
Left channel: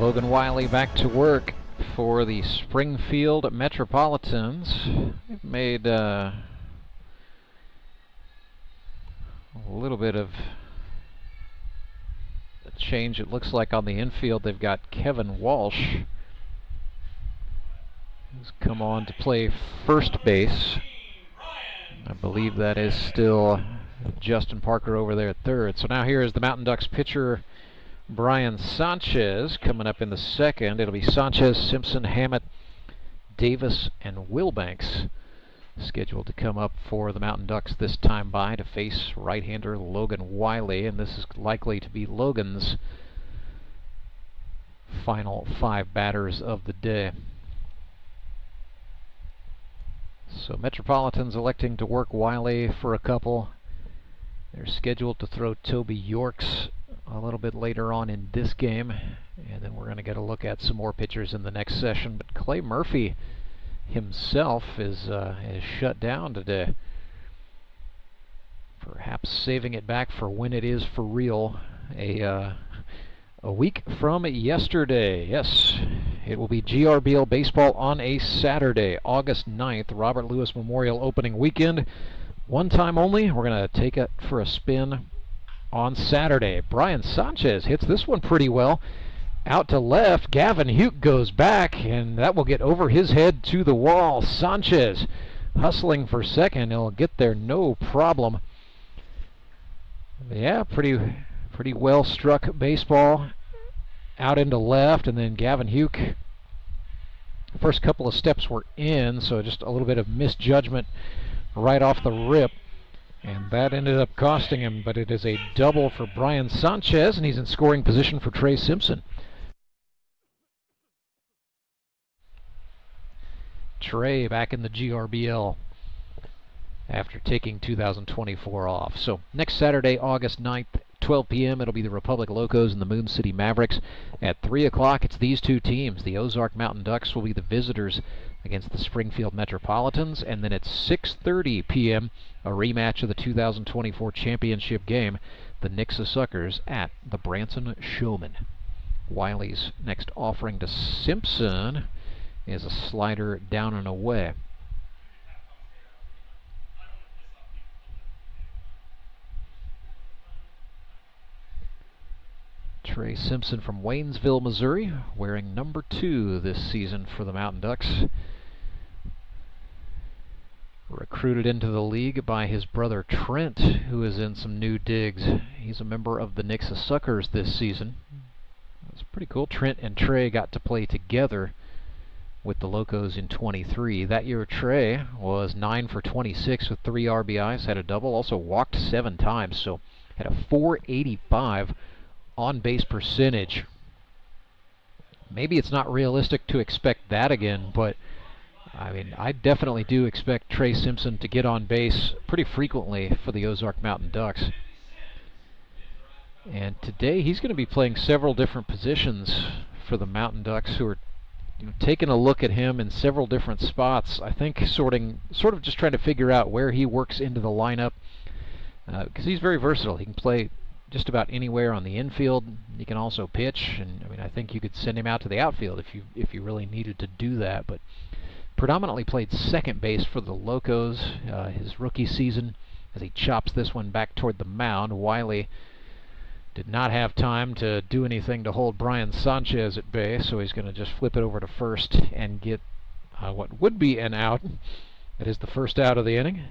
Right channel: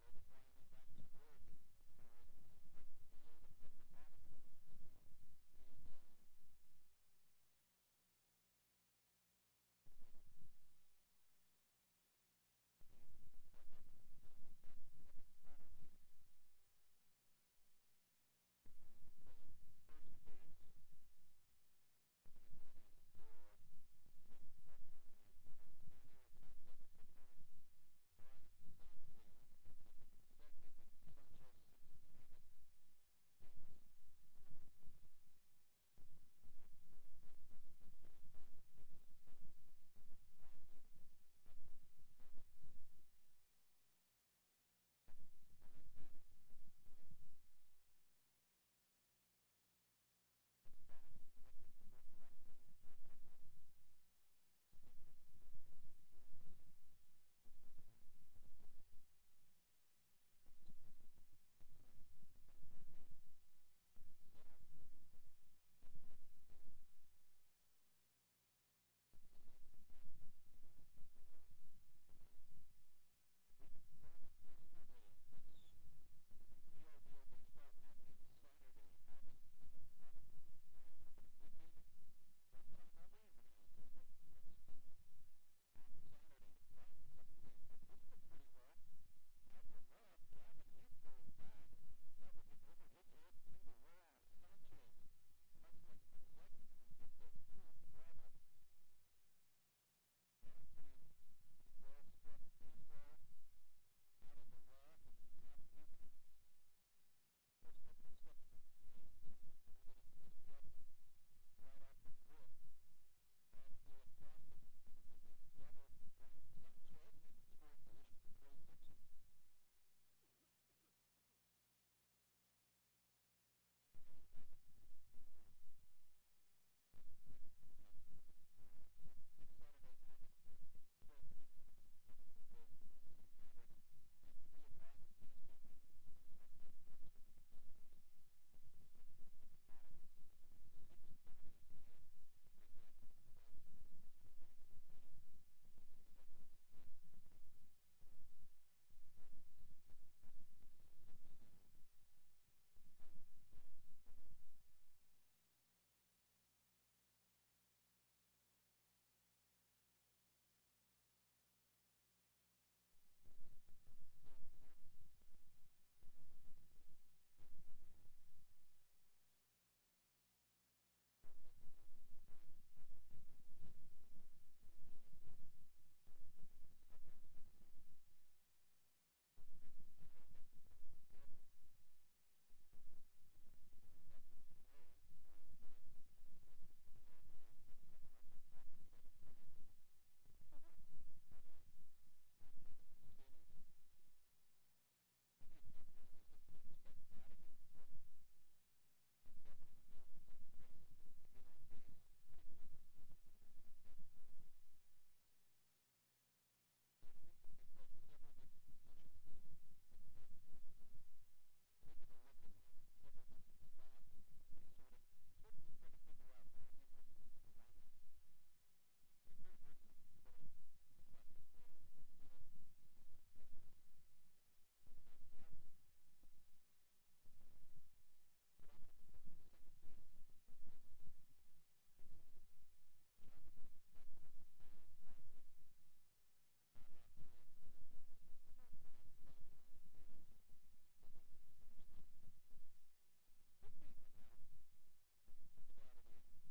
Logan Wiley back to work for the Springfield Metropolitans. They've made a little bit of a change, it looks like, on the infield. They've got Kevin Walsh, who's come on to play first base. I believe that is still Justin Parker over there at third. So now here is the Mountain Ducks pitcher, Brian Sanchez, coming up in the second. It'll be Sanchez, Simpson, Hammett, Davis, and Wilbanks scheduled to come up for the Mountain Ducks this time by to face right-hander Logan Wiley, and this is likely to be Logan's final 5 batters of the day. So Metropolitans electing to work Wiley for a couple. They're scheduled to throw Toby Yorks a little bit later on in this game, and then we're going to get a look at some more pitchers in the next session. But Clay Murphy himself is shut down today, perhaps saving it back for when it is for real, a week from yesterday. Yes, it will be GRBL baseball on a Saturday, August 9th, Robert Lewis Memorial opening weekend. One time only. We're going to take it for a spin on Saturday. Brian Sanchez hits this one pretty well. Out to left, Gavin Hugh goes back, and that will get over his head to the wall. Sanchez hustling for second. He'll get there no problem. Yeah, pretty well struck baseball out into left, and then Gavin Hugh. First couple of steps were in, so just a little bit of misjudgment right off the rip, and that ended up costing him, but it is a double for Brian Sanchez, and he's in scoring position for Trey Simpson. Trey back in the GRBL after taking 2024 off. So next Saturday, August 9th, 12 p.m., it'll be the Republic Locos and the Moon City Mavericks. At 3 o'clock, it's these two teams. The Ozark Mountain Ducks will be the visitors against the Springfield Metropolitans, and then at 6:30 p.m., a rematch of the 2024 championship game, the Nixa Suckers at the Branson Showmen. Wiley's next offering to Simpson is a slider down and away. Trey Simpson from Waynesville, Missouri, wearing number 2 this season for the Mountain Ducks. Recruited into the league by his brother Trent, who is in some new digs. He's a member of the Nixa Suckers this season. It's pretty cool. Trent and Trey got to play together with the Locos in 23. That year, Trey was 9 for 26 with 3 RBIs, had a double, also walked 7 times, so had a .485 on-base percentage. Maybe it's not realistic to expect that again, but I mean, I definitely do expect Trey Simpson to get on base pretty frequently for the Ozark Mountain Ducks. And today he's going to be playing several different positions for the Mountain Ducks, who are taking a look at him in several different spots. I think sort of just trying to figure out where he works into the lineup, because he's very versatile. He can play just about anywhere on the infield. He can also pitch, and I mean, I think you could send him out to the outfield if you really needed to do that. But predominantly played second base for the Locos his rookie season, as he chops this one back toward the mound. Wiley did not have time to do anything to hold Brian Sanchez at bay, so he's going to just flip it over to first and get what would be an out. That is the first out of the inning.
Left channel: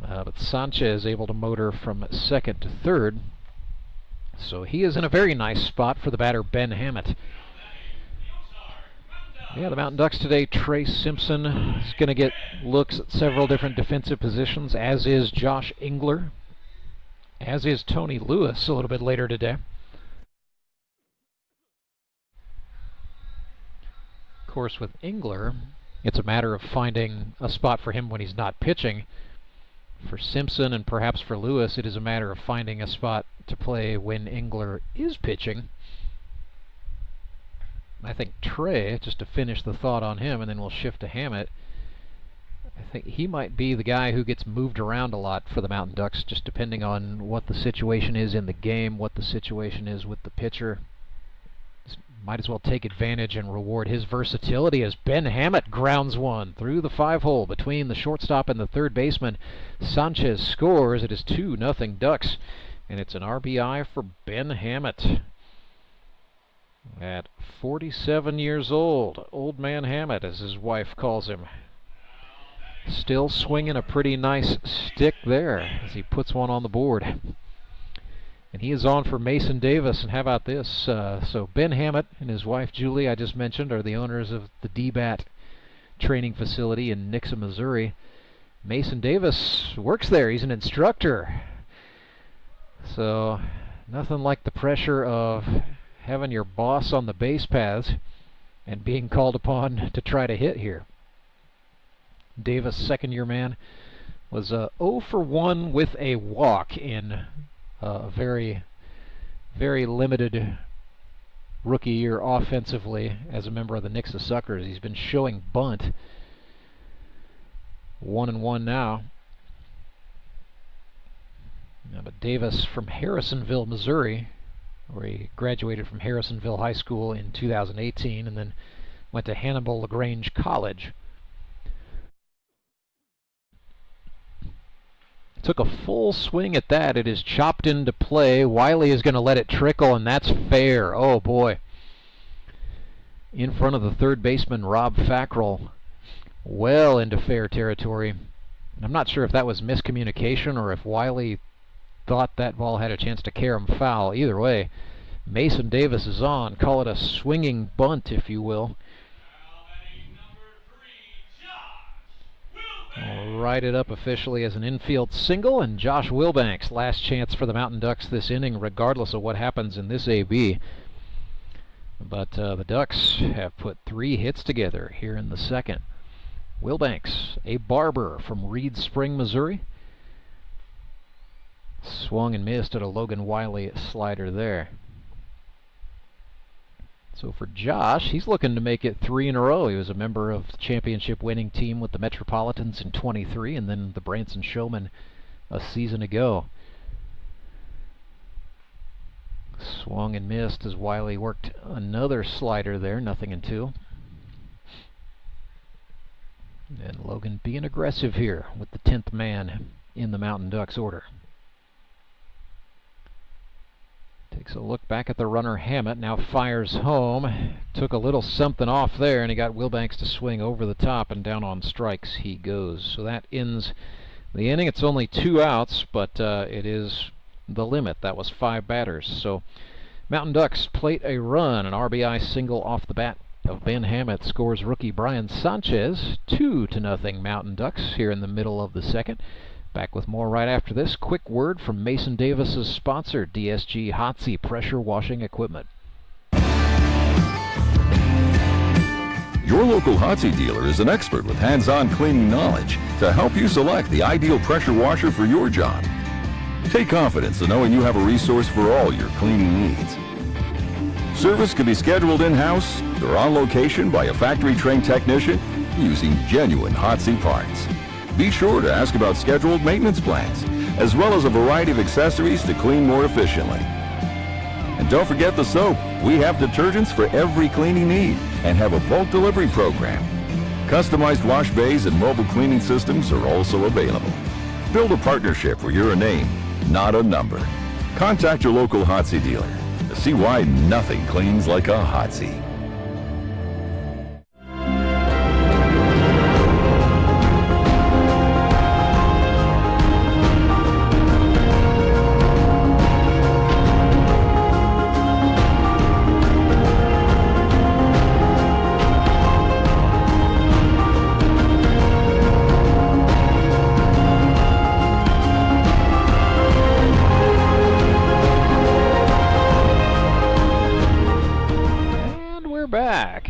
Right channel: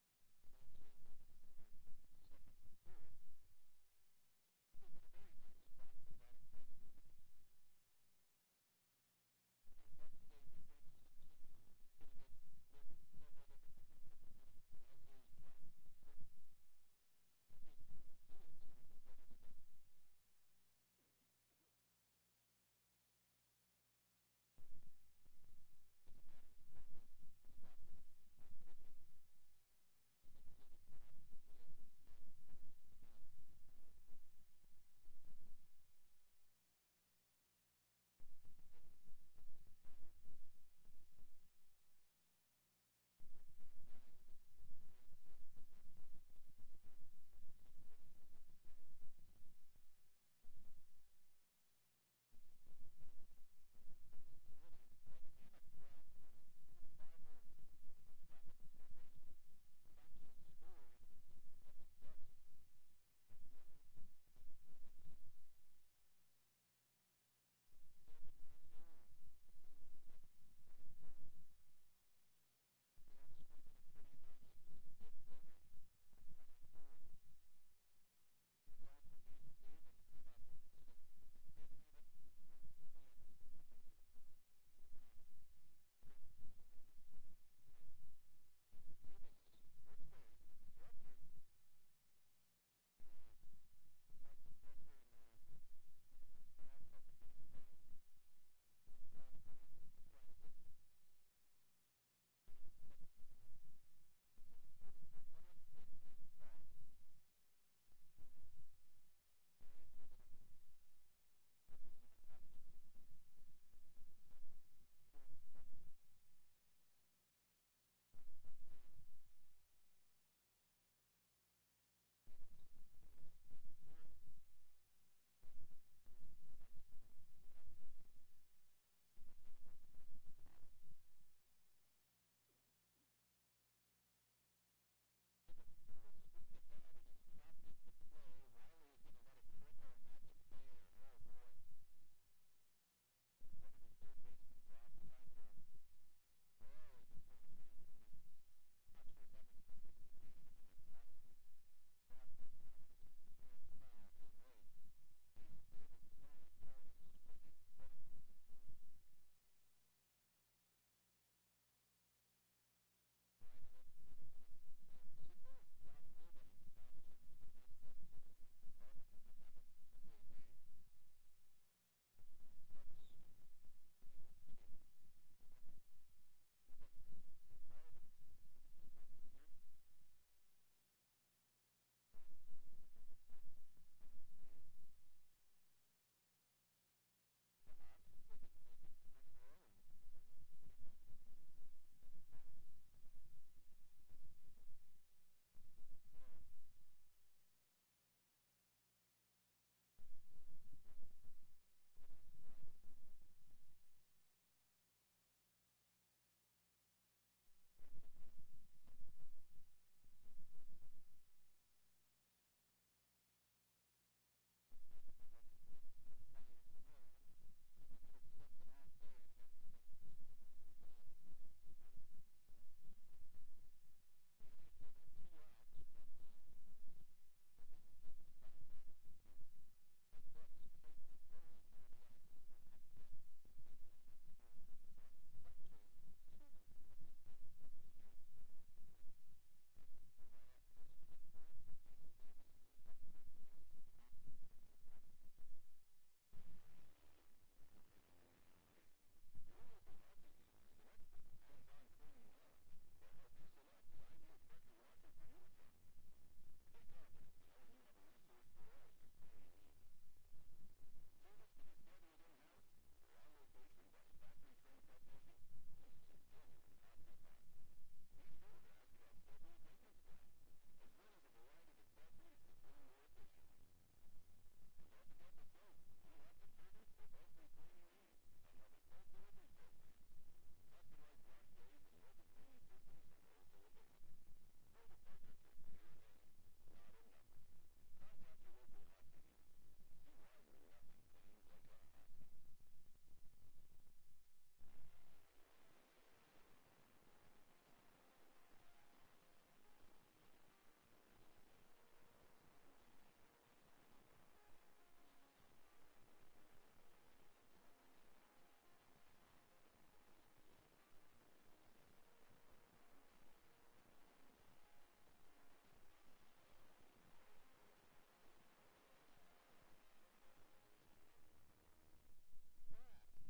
But Sanchez able to motor from second to third, so he is in a very nice spot for the batter Ben Hammett. Yeah, the Mountain Ducks today, Trey Simpson is going to get looks at several different defensive positions, as is Josh Engler, as is Tony Lewis a little bit later today. Of course, with Engler, it's a matter of finding a spot for him when he's not pitching. For Simpson and perhaps for Lewis, it is a matter of finding a spot to play when Engler is pitching. I think Trey, just to finish the thought on him, and then we'll shift to Hammett, I think he might be the guy who gets moved around a lot for the Mountain Ducks, just depending on what the situation is in the game, what the situation is with the pitcher. Just might as well take advantage and reward his versatility as Ben Hammett grounds one through the 5-hole between the shortstop and the third baseman. Sanchez scores. It is 2-0 Ducks, and it's an RBI for Ben Hammett. At 47 years old, Old Man Hammett, as his wife calls him. Still swinging a pretty nice stick there as he puts one on the board. And he is on for Mason Davis, and how about this? So Ben Hammett and his wife Julie, I just mentioned, are the owners of the DBAT training facility in Nixa, Missouri. Mason Davis works there. He's an instructor. So nothing like the pressure of having your boss on the base paths and being called upon to try to hit here. Davis, second-year man, was 0 for 1 with a walk in a very, very limited rookie year offensively as a member of the Nixa Suckers. He's been showing bunt. 1-1 now. But Davis from Harrisonville, Missouri, where he graduated from Harrisonville High School in 2018 and then went to Hannibal LaGrange College. Took a full swing at that. It is chopped into play. Wiley is going to let it trickle, and that's fair. Oh, boy. In front of the third baseman, Rob Fackrell. Well into fair territory. I'm not sure if that was miscommunication or if Wiley thought that ball had a chance to carry him foul. Either way, Mason Davis is on. Call it a swinging bunt, if you will. I'll write it up officially as an infield single, and Josh Wilbanks, last chance for the Mountain Ducks this inning, regardless of what happens in this AB. But the Ducks have put 3 hits together here in the second. Wilbanks, a barber from Reed Spring, Missouri. Swung and missed at a Logan Wiley slider there. So for Josh, he's looking to make it 3 in a row. He was a member of the championship winning team with the Metropolitans in 23 and then the Branson Showmen a season ago. Swung and missed as Wiley worked another slider there, 0-2. And Logan being aggressive here with the 10th man in the Mountain Ducks order. Takes a look back at the runner Hammett, now fires home. Took a little something off there, and he got Wilbanks to swing over the top, and down on strikes he goes. So that ends the inning. It's only 2 outs, but it is the limit. That was 5 batters. So Mountain Ducks plate a run, an RBI single off the bat of Ben Hammett scores rookie Brian Sanchez. 2-0 Mountain Ducks here in the middle of the second. Back with more right after this. Quick word from Mason Davis's sponsor, DSG Hotsy Pressure Washing Equipment. Your local Hotsy dealer is an expert with hands-on cleaning knowledge to help you select the ideal pressure washer for your job. Take confidence in knowing you have a resource for all your cleaning needs. Service can be scheduled in-house or on location by a factory-trained technician using genuine Hotsy parts. Be sure to ask about scheduled maintenance plans, as well as a variety of accessories to clean more efficiently. And don't forget the soap. We have detergents for every cleaning need and have a bulk delivery program. Customized wash bays and mobile cleaning systems are also available. Build a partnership where you're a name, not a number. Contact your local Hotsy dealer to see why nothing cleans like a Hotsy.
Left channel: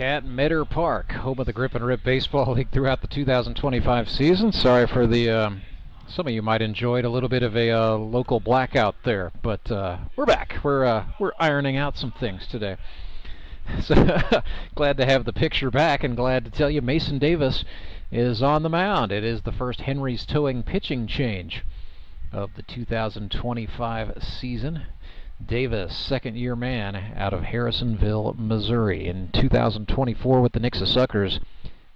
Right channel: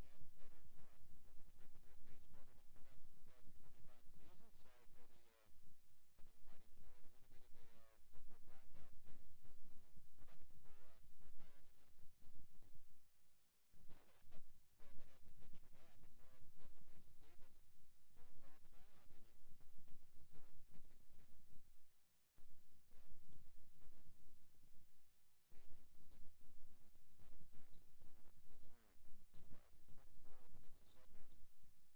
At Meador Park, home of the Grip and Rip Baseball League throughout the 2025 season. Sorry for the, some of you might enjoy a little bit of a local blackout there, but we're back. We're ironing out some things today. So glad to have the picture back and glad to tell you Mason Davis is on the mound. It is the first Henry's Towing pitching change of the 2025 season. Davis, second-year man out of Harrisonville, Missouri. In 2024 with the Nixa Suckers,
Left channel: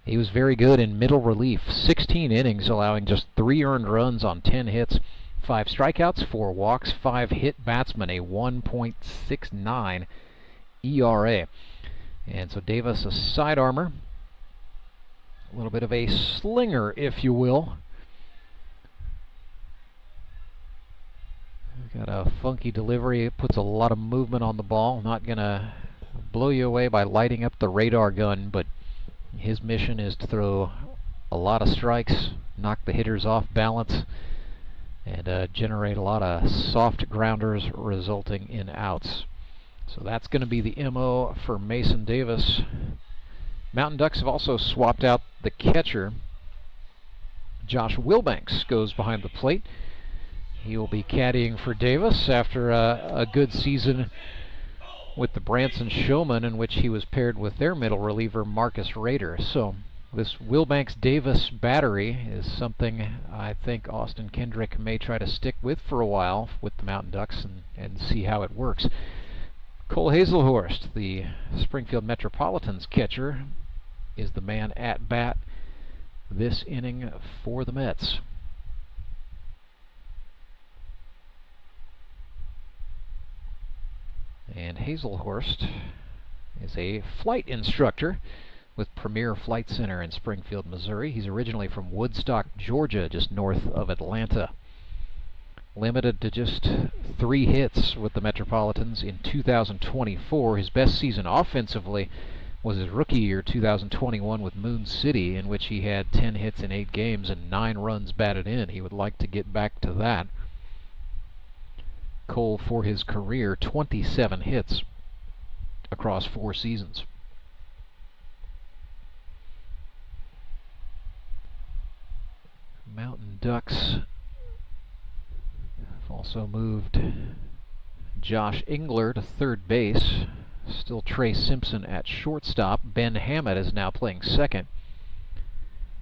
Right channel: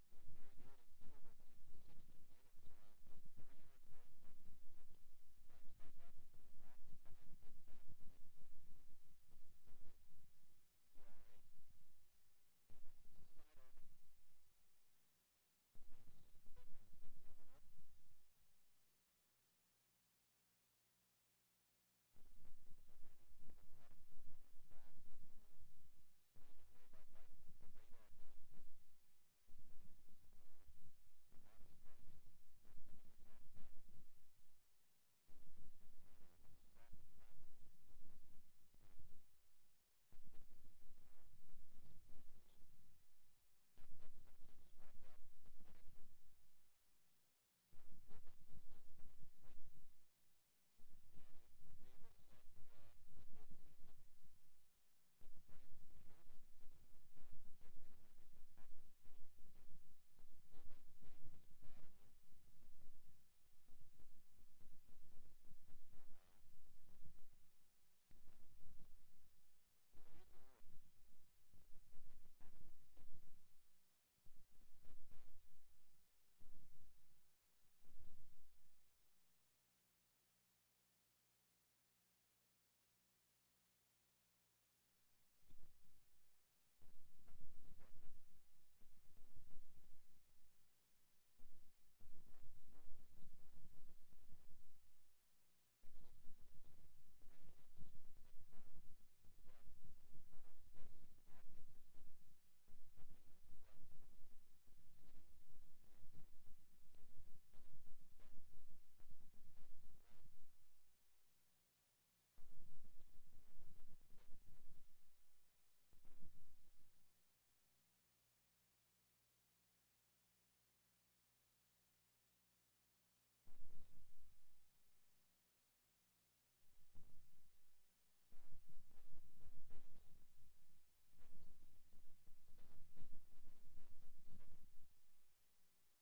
he was very good in middle relief. 16 innings, allowing just 3 earned runs on 10 hits, 5 strikeouts, 4 walks, 5 hit batsmen, a 1.69 ERA. And so Davis, a side armor, a little bit of a slinger, if you will. Got a funky delivery. It puts a lot of movement on the ball. Not going to blow you away by lighting up the radar gun, but his mission is to throw a lot of strikes, knock the hitters off balance, and generate a lot of soft grounders resulting in outs. So that's going to be the MO for Mason Davis. Mountain Ducks have also swapped out the catcher. Josh Wilbanks goes behind the plate. He will be caddying for Davis after a good season with the Branson Showmen, in which he was paired with their middle reliever, Marcus Rader. So this Wilbanks-Davis battery is something I think Austin Kendrick may try to stick with for a while with the Mountain Ducks and see how it works. Cole Hazelhorst, the Springfield Metropolitans catcher, is the man at bat this inning for the Mets. And Hazelhorst is a flight instructor with Premier Flight Center in Springfield, Missouri. He's originally from Woodstock, Georgia, just north of Atlanta. Limited to just 3 hits with the Metropolitans in 2024. His best season offensively was his rookie year, 2021, with Moon City, in which he had 10 hits in 8 games and 9 runs batted in. He would like to get back to that. Cole, for his career, 27 hits across 4 seasons. Mountain Ducks have also moved Josh Engler to third base. Still Trey Simpson at shortstop. Ben Hammett is now playing second.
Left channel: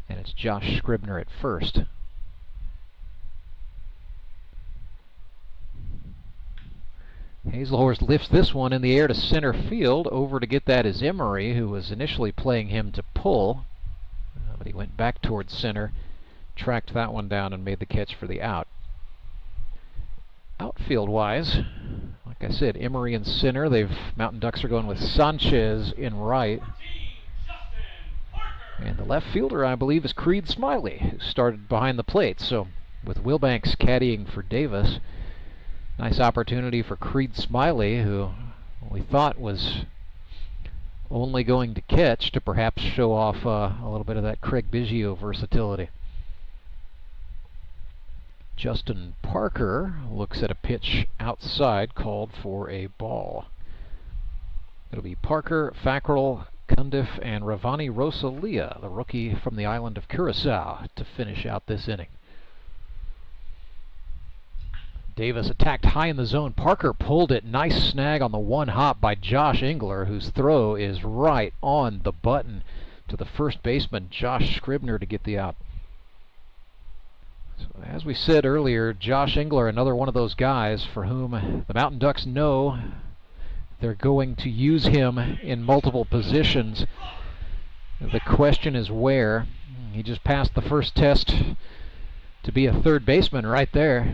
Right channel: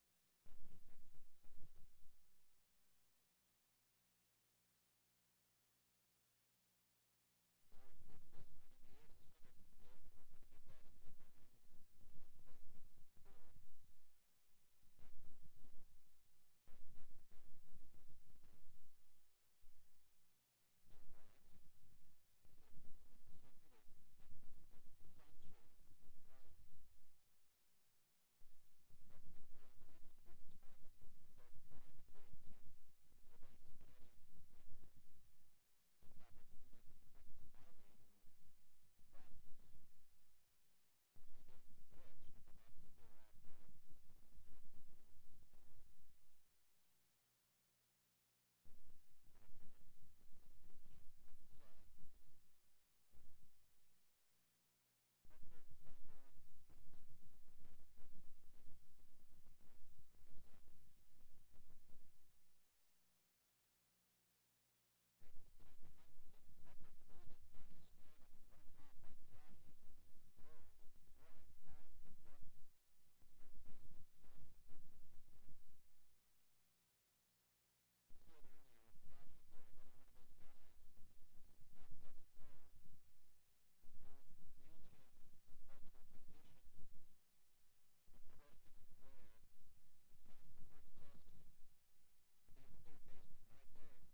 And it's Josh Scribner at first. Hazelhorst lifts this one in the air to center field. Over to get that is Emery, who was initially playing him to pull. But he went back towards center, tracked that one down, and made the catch for the out. Outfield-wise, like I said, Emery in center. Mountain Ducks are going with Sanchez in right. And the left fielder, I believe, is Creed Smiley, who started behind the plate. So with Wilbanks caddying for Davis, nice opportunity for Creed Smiley, who we thought was only going to catch, to perhaps show off a little bit of that Craig Biggio versatility. Justin Parker looks at a pitch outside, called for a ball. It'll be Parker, Fackrell, Cundiff, and Ravani Rosalia, the rookie from the island of Curacao, to finish out this inning. Davis attacked high in the zone. Parker pulled it. Nice snag on the one hop by Josh Engler, whose throw is right on the button to the first baseman, Josh Scribner, to get the out. So as we said earlier, Josh Engler, another one of those guys for whom the Mountain Ducks know they're going to use him in multiple positions. The question is where. He just passed the first test to be a third baseman right there.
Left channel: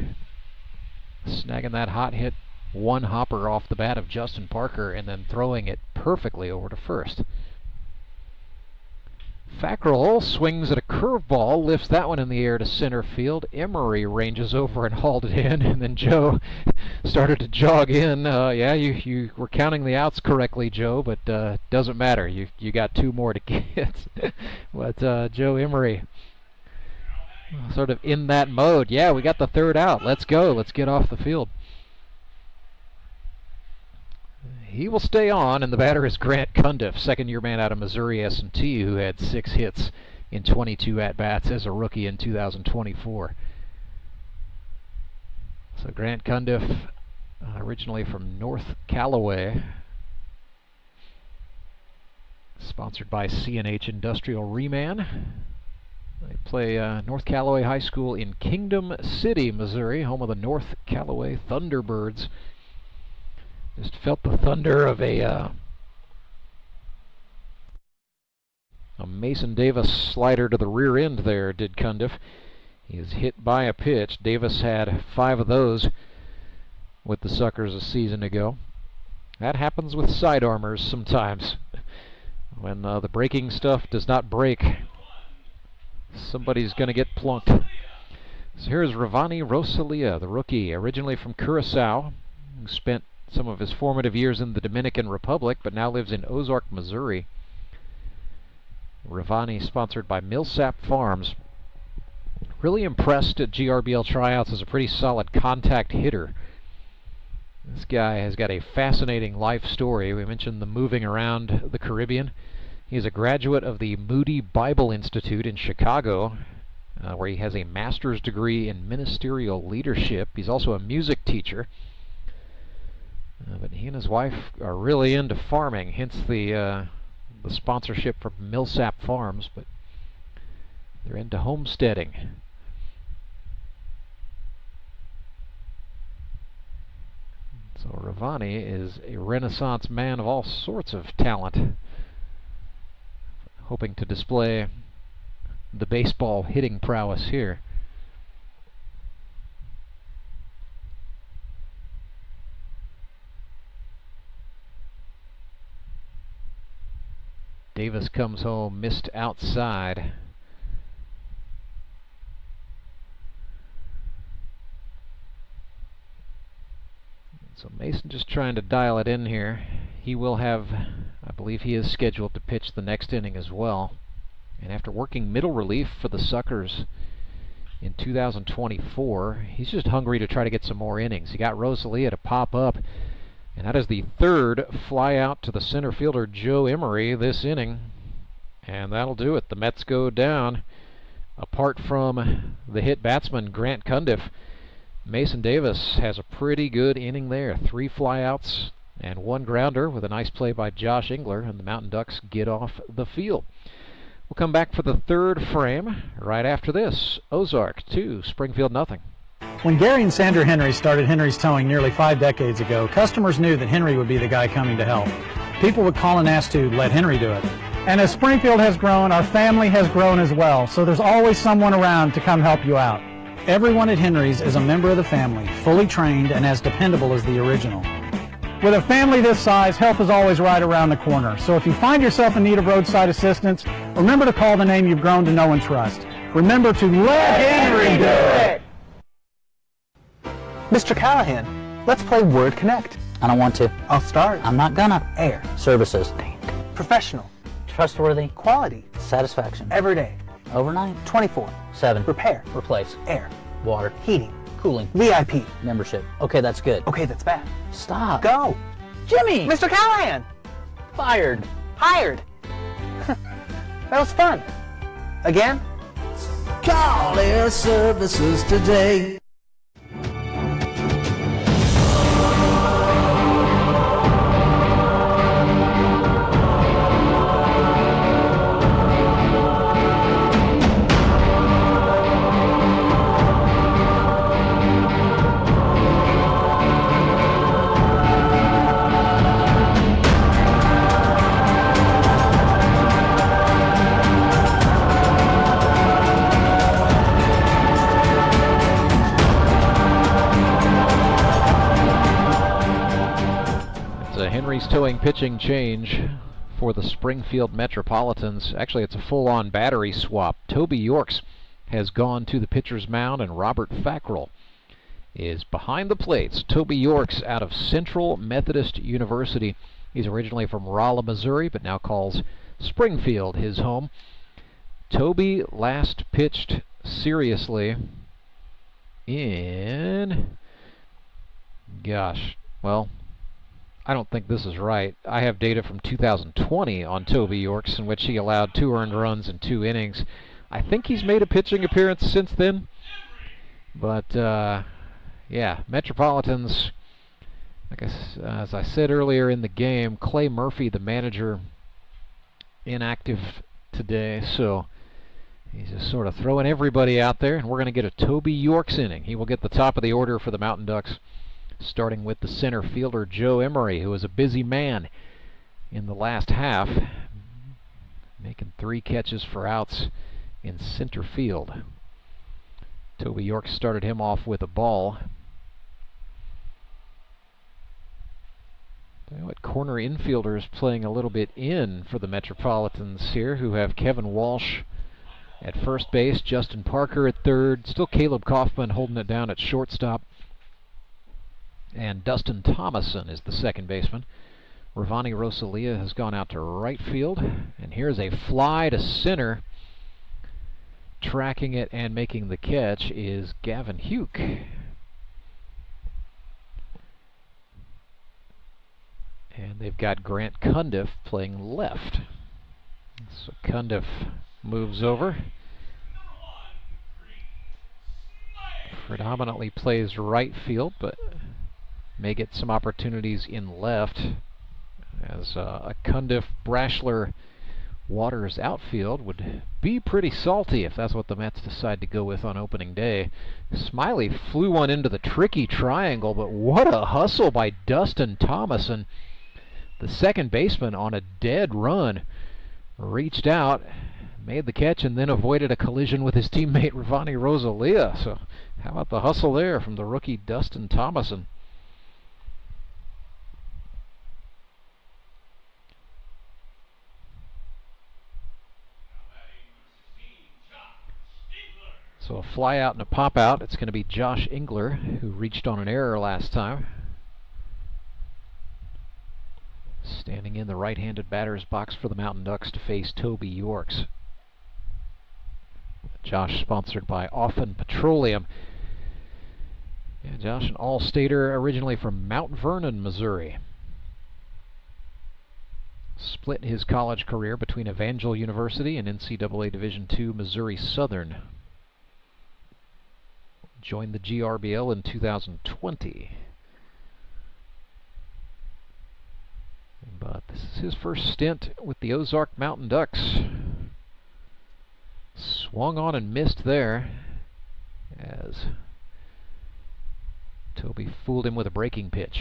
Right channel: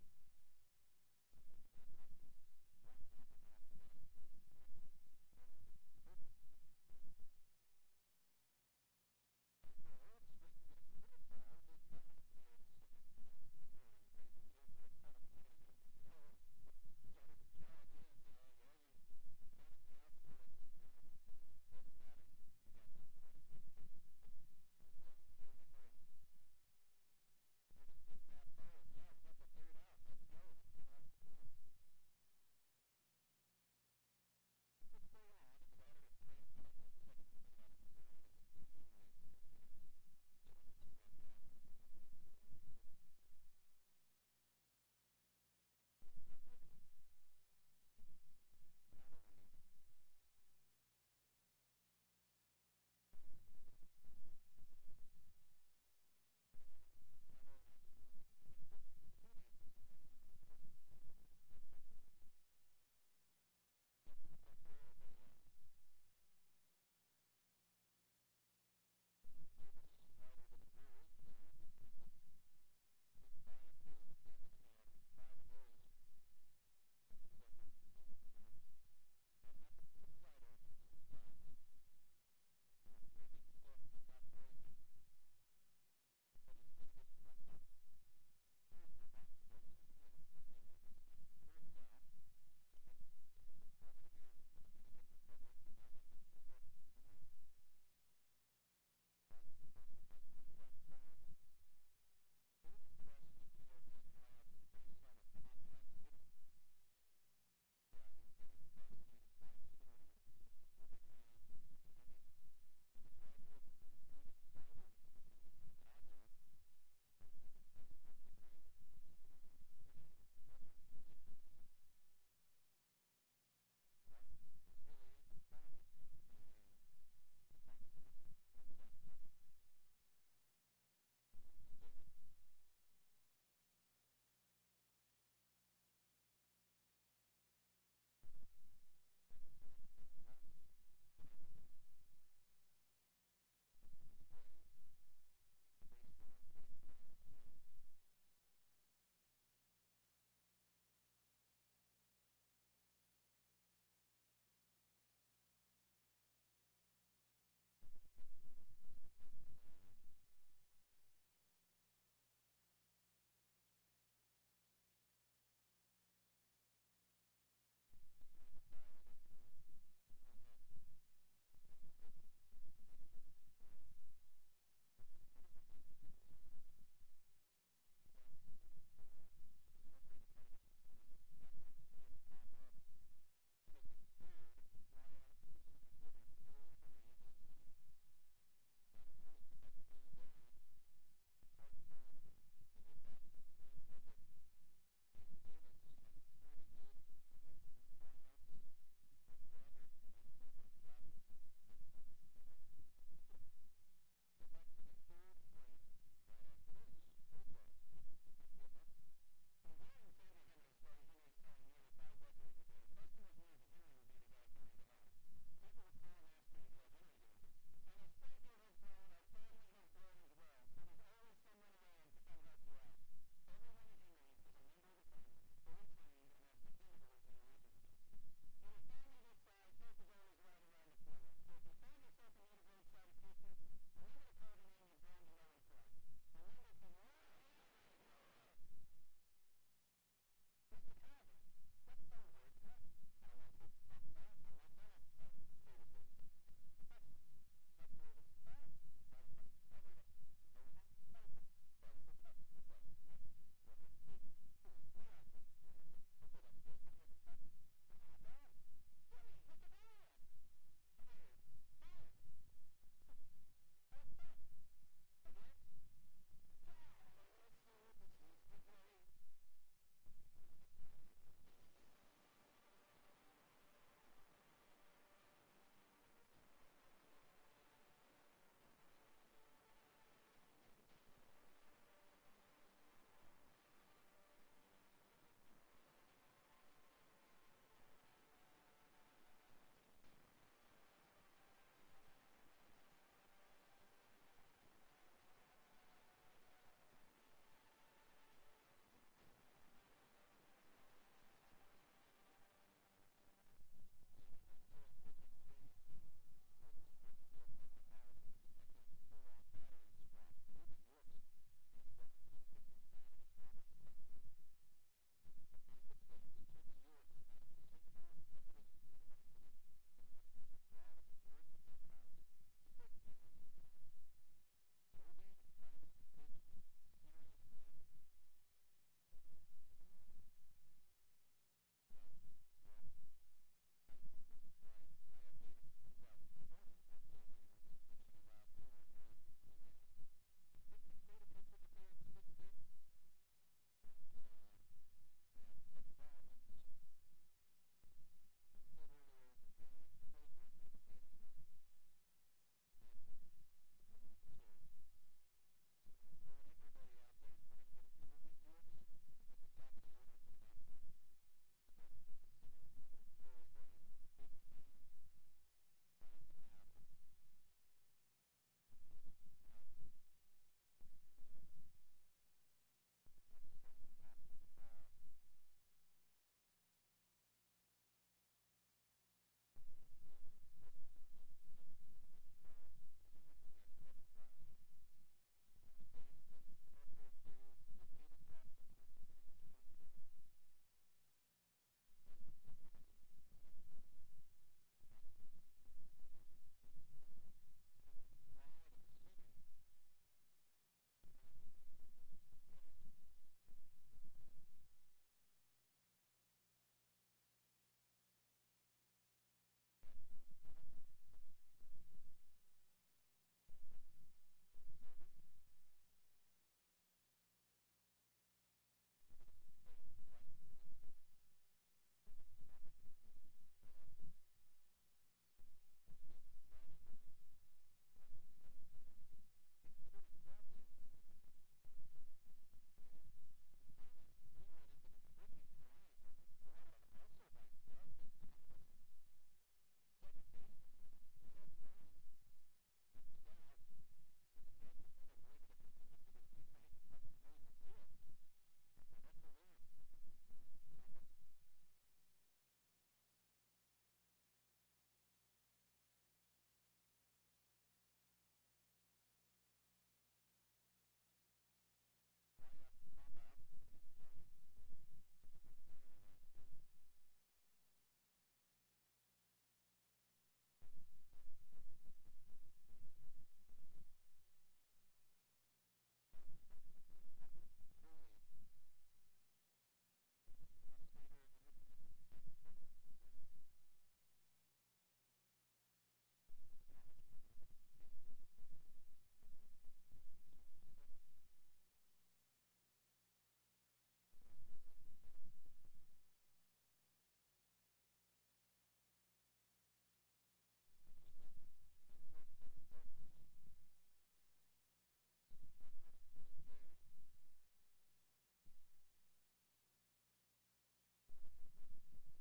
Snagging that hot hit one hopper off the bat of Justin Parker and then throwing it perfectly over to first. Fackrell swings at a curveball, lifts that one in the air to center field. Emery ranges over and hauled it in, and then Joe started to jog in. Yeah, you were counting the outs correctly, Joe, but doesn't matter. You got 2 more to get. But Joe Emery, sort of in that mode. Yeah, we got the third out. Let's go. Let's get off the field. He will stay on, and the batter is Grant Cundiff, second-year man out of Missouri S&T, who had 6 hits in 22 at-bats as a rookie in 2024. So Grant Cundiff, originally from North Callaway, sponsored by C&H Industrial Reman. They play North Callaway High School in Kingdom City, Missouri, home of the North Callaway Thunderbirds. Just felt the thunder of a Mason Davis slider to the rear end there, did Cundiff. He is hit by a pitch. Davis had 5 of those with the Suckers a season ago. That happens with sidearmers sometimes. When the breaking stuff does not break, somebody's going to get plunked. So here's Ravani Rosalia, the rookie, originally from Curacao, who spent some of his formative years in the Dominican Republic, but now lives in Ozark, Missouri. Ravani, sponsored by Millsap Farms. Really impressed at GRBL tryouts as a pretty solid contact hitter. This guy has got a fascinating life story. We mentioned the moving around the Caribbean. He's a graduate of the Moody Bible Institute in Chicago, where he has a master's degree in ministerial leadership. He's also a music teacher. But he and his wife are really into farming, hence the sponsorship from Millsap Farms, but they're into homesteading. So Ravani is a Renaissance man of all sorts of talent, hoping to display the baseball hitting prowess here. Davis comes home, missed outside. So Mason just trying to dial it in here. He will have, I believe he is scheduled to pitch the next inning as well. And after working middle relief for the Suckers in 2024, he's just hungry to try to get some more innings. He got Rosalia to pop up, and that is the third fly out to the center fielder Joe Emery this inning. And that'll do it. The Mets go down. Apart from the hit batsman Grant Cundiff, Mason Davis has a pretty good inning there. 3 flyouts and 1 grounder with a nice play by Josh Engler, and the Mountain Ducks get off the field. We'll come back for the third frame right after this. Ozark 2, Springfield nothing. When Gary and Sandra Henry started Henry's Towing nearly 5 decades ago, customers knew that Henry would be the guy coming to help. People would call and ask to let Henry do it. And as Springfield has grown, our family has grown as well, so there's always someone around to come help you out. Everyone at Henry's is a member of the family, fully trained and as dependable as the original. With a family this size, help is always right around the corner. So if you find yourself in need of roadside assistance, remember to call the name you've grown to know and trust. Remember to let Henry do it! Mr. Callahan, let's play Word Connect. I don't want to. I'll start. I'm not gonna. Air. Services. Professional. Trustworthy. Quality. Satisfaction. Everyday. Overnight. 24/7. Repair. Replace. Air. Water. Heating. Cooling. VIP. Membership. Okay, that's good. Okay, that's bad. Stop. Go. Jimmy! Mr. Callahan! Fired. Hired. That was fun. Again? Call Air Services today. Towing pitching change for the Springfield Metropolitans. Actually, it's a full-on battery swap. Toby Yorks has gone to the pitcher's mound, and Robert Fackrell is behind the plates. Toby Yorks out of Central Methodist University. He's originally from Rolla, Missouri, but now calls Springfield his home. Toby last pitched seriously in... gosh, well... I don't think this is right. I have data from 2020 on Toby Yorks in which he allowed 2 earned runs in 2 innings. I think he's made a pitching appearance since then. But, yeah, Metropolitans, as I said earlier in the game, Clay Murphy, the manager, inactive today. So he's just sort of throwing everybody out there, and we're going to get a Toby Yorks inning. He will get the top of the order for the Mountain Ducks, starting with the center fielder Joe Emery, who was a busy man in the last half, making 3 catches for outs in center field. Toby York started him off with a ball. What corner infielders playing a little bit in for the Metropolitans here, who have Kevin Walsh at first base, Justin Parker at third, still Caleb Kaufman holding it down at shortstop. And Dustin Thomason is the second baseman. Ravani Rosalia has gone out to right field. And here's a fly to center. Tracking it and making the catch is Gavin Huke. And they've got Grant Cundiff playing left. So Cundiff moves over. Predominantly plays right field, but may get some opportunities in left, as a Cundiff, Brashler, Waters outfield would be pretty salty if that's what the Mets decide to go with on opening day. Smiley flew one into the tricky triangle, but what a hustle by Dustin Thomason. The second baseman on a dead run reached out, made the catch, and then avoided a collision with his teammate Ravani Rosalia. So how about the hustle there from the rookie Dustin Thomason? So a fly out and a pop out. It's going to be Josh Engler, who reached on an error last time. Standing in the right-handed batter's box for the Mountain Ducks to face Toby Yorks. Josh sponsored by Often Petroleum. Yeah, Josh, an all-stater originally from Mount Vernon, Missouri. Split his college career between Evangel University and NCAA Division II Missouri Southern. Joined the GRBL in 2020. But this is his first stint with the Ozark Mountain Ducks. Swung on and missed there as Toby fooled him with a breaking pitch.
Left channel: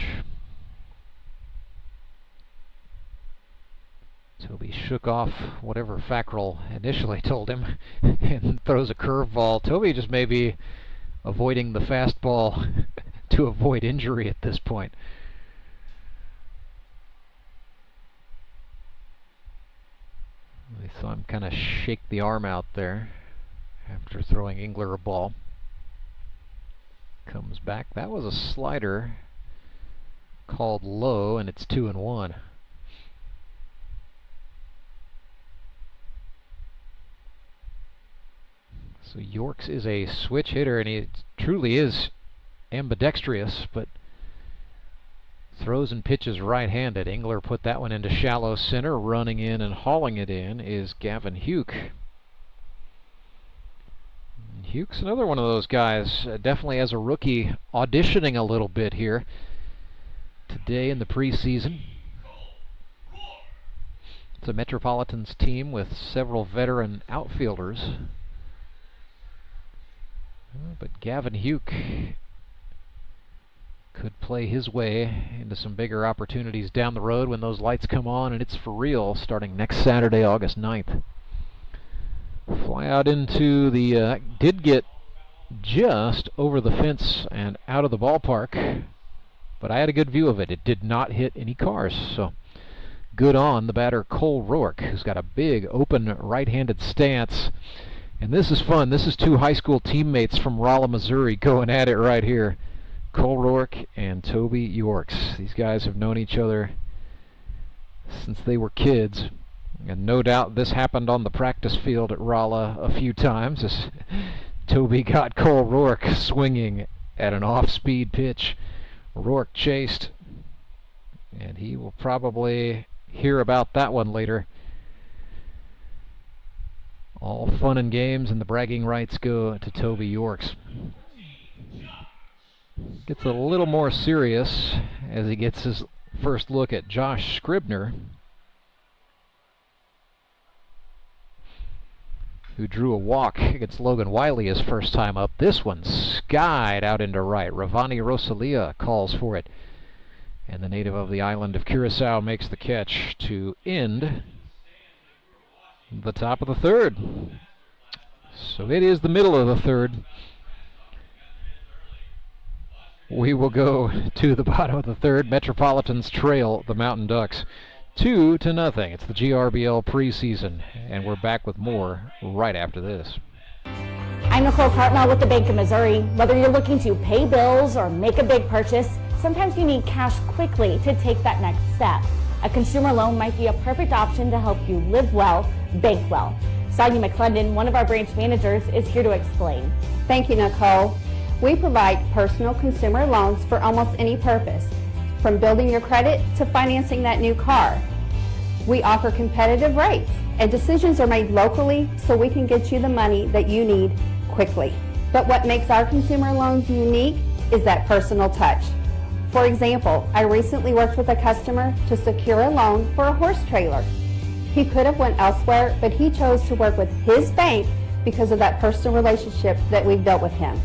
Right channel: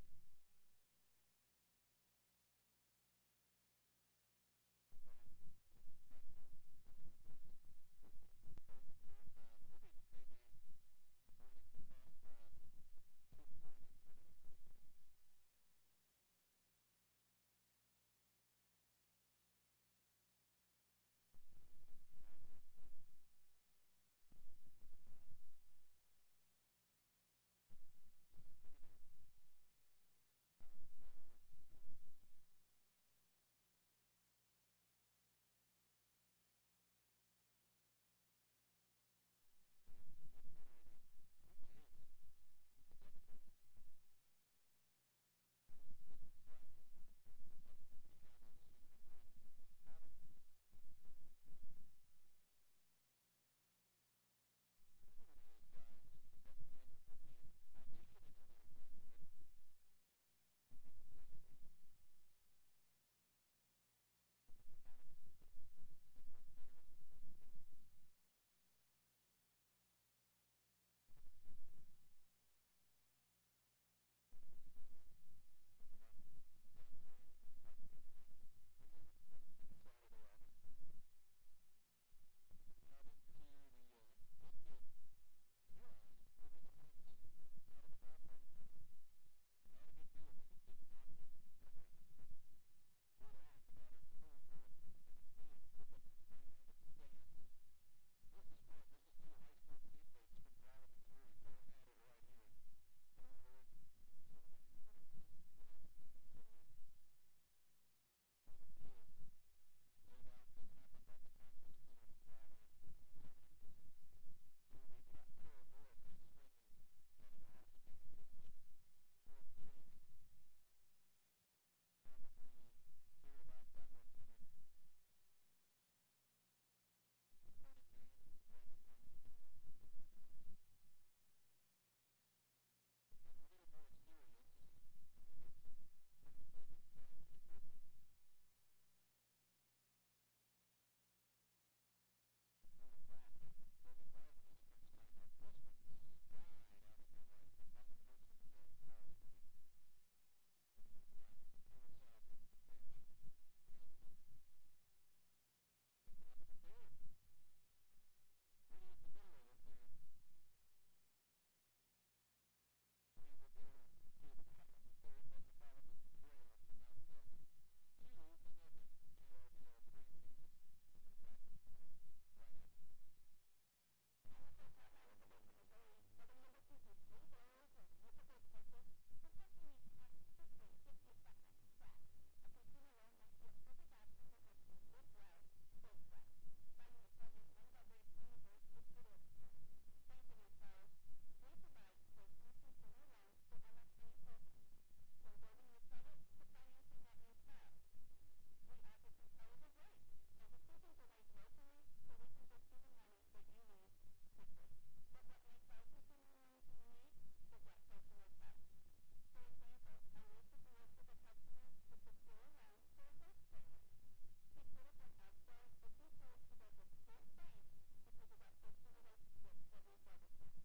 Toby shook off whatever Fackrell initially told him and throws a curveball. Toby just may be avoiding the fastball to avoid injury at this point. I saw him kind of shake the arm out there after throwing Engler a ball. Comes back. That was a slider called low, and it's 2-1. So Yorks is a switch hitter, and he truly is ambidextrous, but throws and pitches right-handed. Engler put that one into shallow center. Running in and hauling it in is Gavin Huke. Huke's another one of those guys, definitely as a rookie, auditioning a little bit here today in the preseason. It's a Metropolitans team with several veteran outfielders. But Gavin Huke could play his way into some bigger opportunities down the road when those lights come on, and it's for real starting next Saturday, August 9th. Fly out into the, did get just over the fence and out of the ballpark, but I had a good view of it. It did not hit any cars, so good on the batter Cole Rourke, who's got a big open right-handed stance. And this is fun. This is two high school teammates from Rolla, Missouri going at it right here. Cole Rourke and Toby Yorks. These guys have known each other since they were kids. And no doubt this happened on the practice field at Rolla a few times as Toby got Cole Rourke swinging at an off-speed pitch. Rourke chased, and he will probably hear about that one later. All fun and games, and the bragging rights go to Toby Yorks. Gets a little more serious as he gets his first look at Josh Scribner, who drew a walk against Logan Wiley his first time up. This one skied out into right. Ravani Rosalia calls for it, and the native of the island of Curacao makes the catch to end the top of the third. So it is the middle of the third. We will go to the bottom of the third. Metropolitans trail the Mountain Ducks 2-0. It's the GRBL preseason, and we're back with more right after this. I'm Nicole Cartmel with the Bank of Missouri. Whether you're looking to pay bills or make a big purchase, sometimes you need cash quickly to take that next step. A consumer loan might be a perfect option to help you live well, bank well. Sonia McClendon, one of our branch managers, is here to explain. Thank you, Nicole. We provide personal consumer loans for almost any purpose, from building your credit to financing that new car. We offer competitive rates, and decisions are made locally so we can get you the money that you need quickly. But what makes our consumer loans unique is that personal touch. For example, I recently worked with a customer to secure a loan for a horse trailer. He could have went elsewhere, but he chose to work with his bank because of that personal relationship that we've built with him.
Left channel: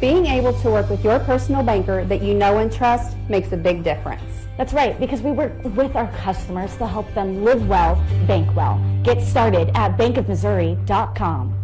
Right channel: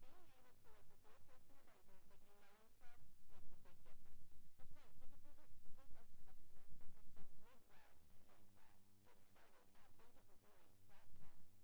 Being able to work with your personal banker that you know and trust makes a big difference. That's right, because we work with our customers to help them live well, bank well. Get started at bankofmissouri.com.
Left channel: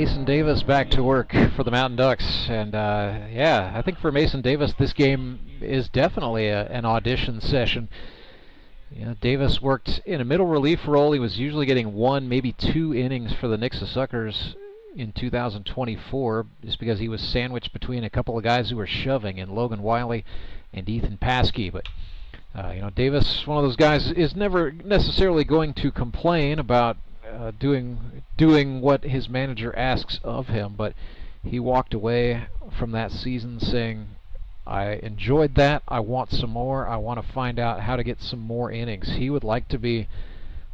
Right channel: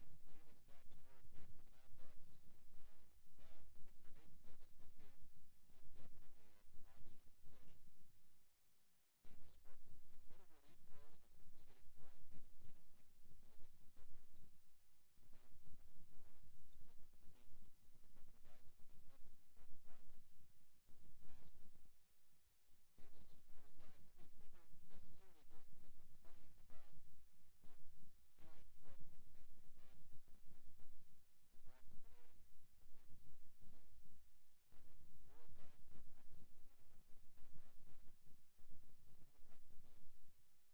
Mason Davis back to work for the Mountain Ducks, and yeah, I think for Mason Davis this game is definitely an audition session. You know, Davis worked in a middle relief role. He was usually getting 1, maybe 2 innings for the Nixa Suckers in 2024, just because he was sandwiched between a couple of guys who were shoving, in Logan Wiley and Ethan Paskey. But you know, Davis, one of those guys, is never necessarily going to complain about doing what his manager asks of him, but he walked away from that season saying, I enjoyed that, I want some more, I want to find out how to get some more innings. He would like to be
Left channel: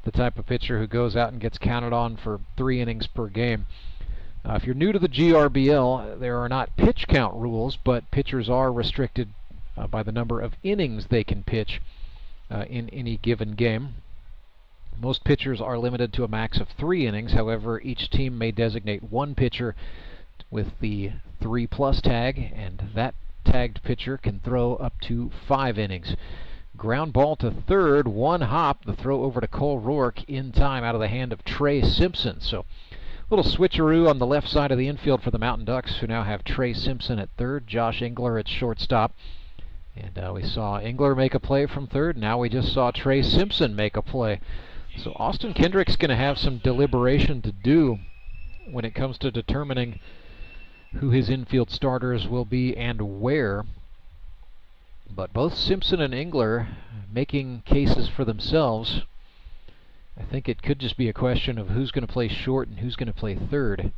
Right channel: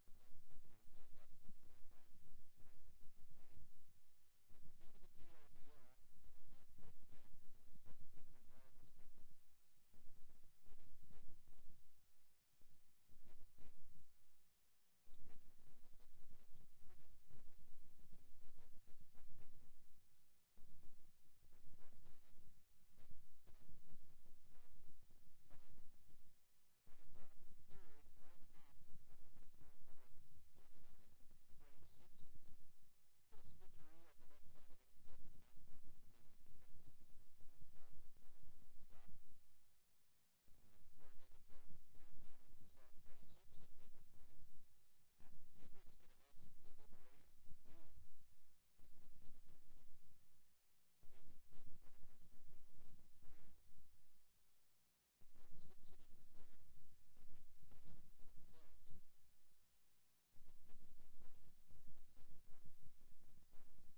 the type of pitcher who goes out and gets counted on for 3 innings per game. If you're new to the GRBL, there are not pitch count rules, but pitchers are restricted by the number of innings they can pitch in any given game. Most pitchers are limited to a max of 3 innings. However, each team may designate 1 pitcher with the 3+ tag, and that tagged pitcher can throw up to 5 innings. Ground ball to third, 1 hop, the throw over to Cole Rourke in time out of the hand of Trey Simpson. So a little switcheroo on the left side of the infield for the Mountain Ducks, who now have Trey Simpson at third, Josh Engler at shortstop. And we saw Engler make a play from third. Now we just saw Trey Simpson make a play. So Austin Kendrick's going to have some deliberation to do when it comes to determining who his infield starters will be and where. But both Simpson and Engler making cases for themselves. I think it could just be a question of who's going to play short and who's going to play third.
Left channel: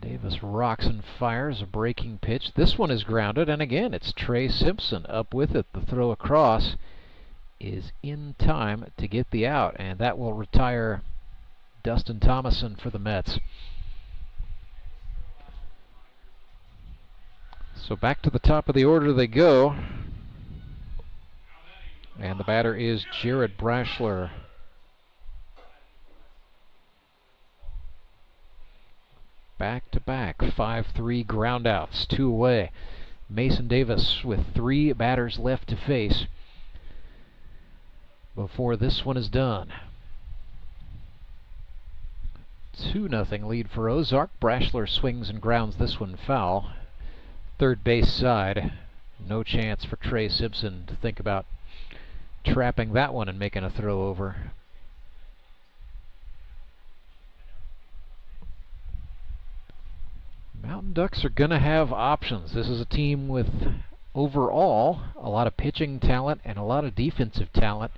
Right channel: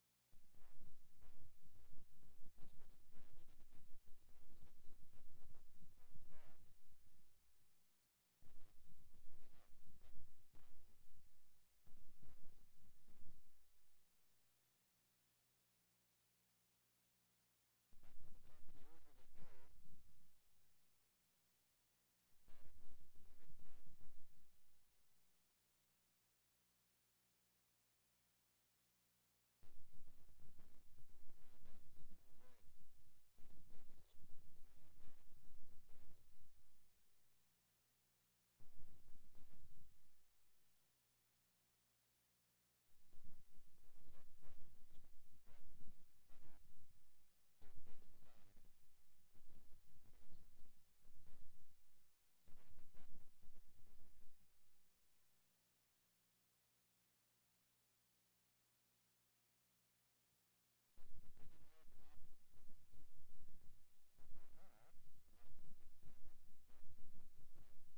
Davis rocks and fires a breaking pitch. This one is grounded, and again it's Trey Simpson up with it. The throw across is in time to get the out, and that will retire Dustin Thomason for the Mets. So back to the top of the order they go, and the batter is Jared Brashler. Back-to-back 5-3 groundouts, 2 away. Mason Davis with 3 batters left to face before this one is done. 2-0 lead for Ozark. Brashler swings and grounds this one foul. Third base side, no chance for Trey Simpson to think about trapping that one and making a throw over. Mountain Ducks are going to have options. This is a team with, overall, a lot of pitching talent and a lot of defensive talent.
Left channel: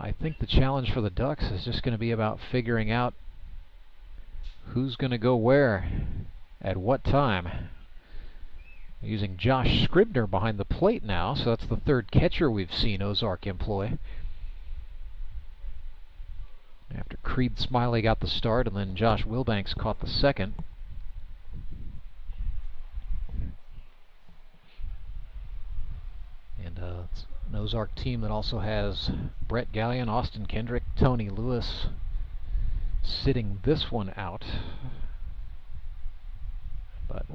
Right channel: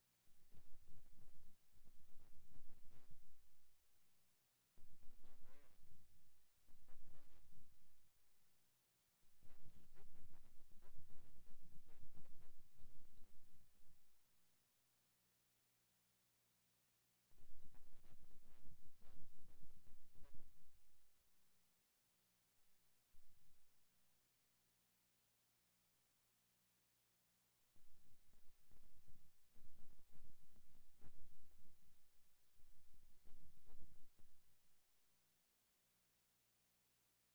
I think the challenge for the Ducks is just going to be about figuring out who's going to go where, at what time. Using Josh Scribner behind the plate now, so that's the 3rd catcher we've seen Ozark employ. After Creed Smiley got the start, and then Josh Wilbanks caught the 2nd. And it's an Ozark team that also has Brett Gallion, Austin Kendrick, Tony Lewis sitting this one out. But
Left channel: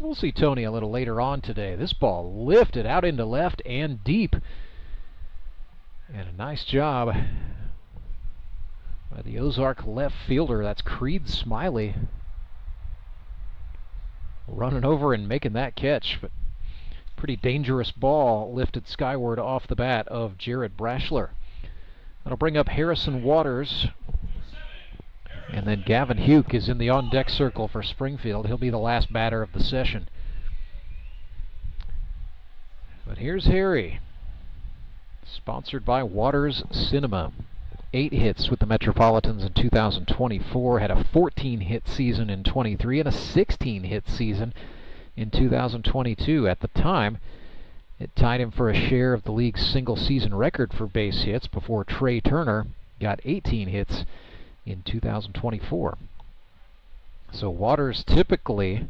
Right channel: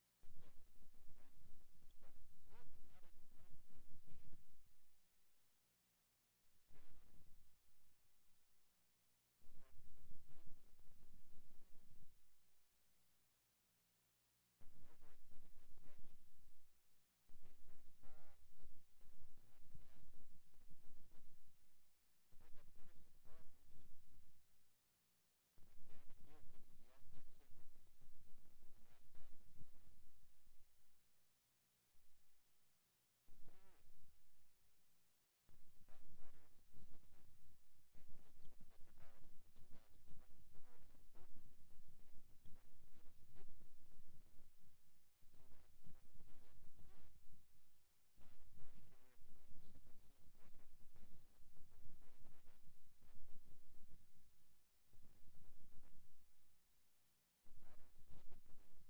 we'll see Tony a little later on today. This ball lifted out into left and deep. And a nice job by the Ozark left fielder. That's Creed Smiley running over and making that catch. But pretty dangerous ball lifted skyward off the bat of Jared Brashler. That'll bring up Harrison Waters. And then Gavin Huke is in the on-deck circle for Springfield. He'll be the last batter of the session. But here's Harry, sponsored by Waters Cinema. 8 hits with the Metropolitans in 2024, had a 14-hit season in 23, and a 16-hit season in 2022. At the time, it tied him for a share of the league's single-season record for base hits before Trey Turner got 18 hits in 2024. So Waters, typically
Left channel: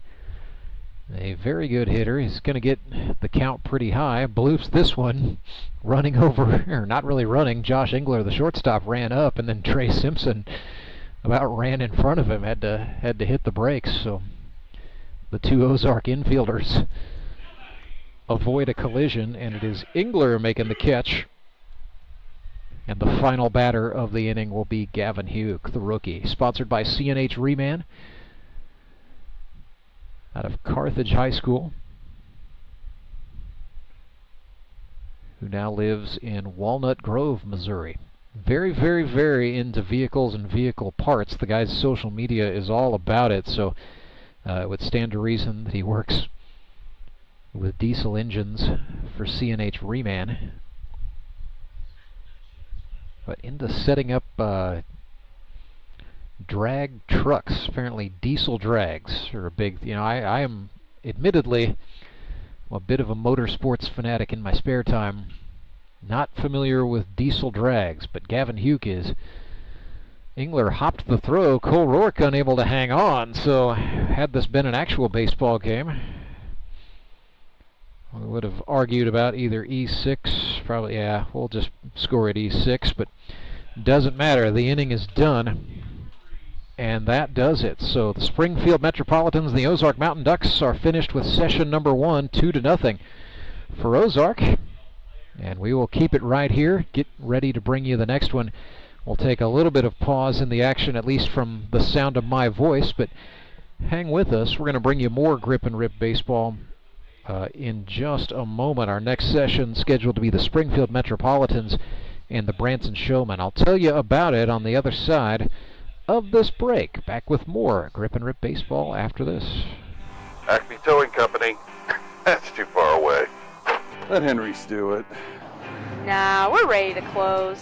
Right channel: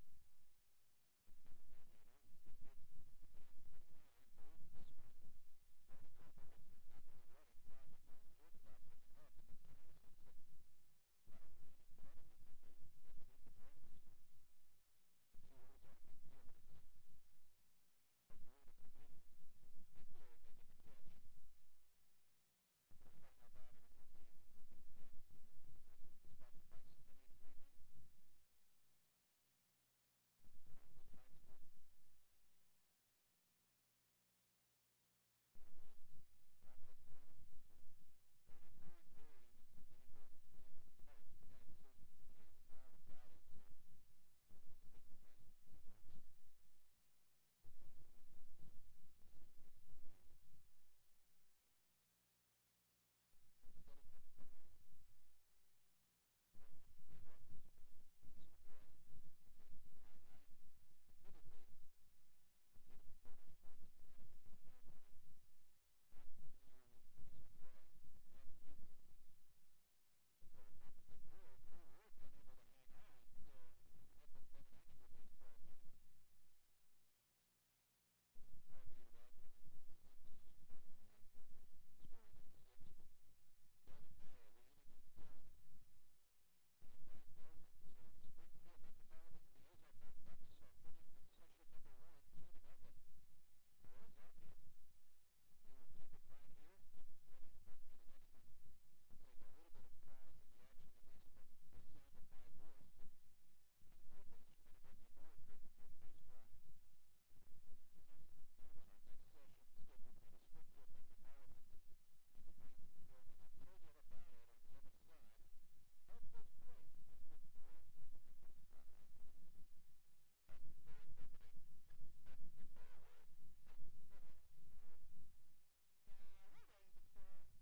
a very good hitter. He's going to get the count pretty high. Bloops this one, running over, or not really running. Josh Engler, the shortstop, ran up, and then Trey Simpson about ran in front of him. Had to hit the brakes. So the 2 Ozark infielders avoid a collision, and it is Engler making the catch. And the final batter of the inning will be Gavin Hugh, the rookie. Sponsored by C&H Reman out of Carthage High School, who now lives in Walnut Grove, Missouri. Very, very, very into vehicles and vehicle parts. The guy's social media is all about it, so it would stand to reason that he works with diesel engines for C&H Reman. But into setting up drag trucks. Apparently diesel drags are a big, I am admittedly a bit of a motorsports fanatic in my spare time. Not familiar with diesel drags, but Gavin Hugh is. Engler hopped the throw. Cole Rourke unable to hang on, so had this been an actual baseball game, we would have argued about either E6, probably, yeah, we'll just score at E6, but doesn't matter. The inning is done, and that does it. So the Springfield Metropolitans, the Ozark Mountain Ducks, are finished with session number 1, 2-0 for Ozark. And we will keep it right here. Get ready to bring you the next one. We'll take a little bit of pause in the action, at least from the sound of my voice, but hang with us. We're going to bring you more Grip and Rip baseball in just a moment. Our next session scheduled to be the Springfield Metropolitans and the Branson Showmen. I'll tell you about it on the other side of this break. Back with more Grip and Rip baseball after this. Acme Towing Company. That's too far away. Let Henry's do it. Nah, we're ready to close.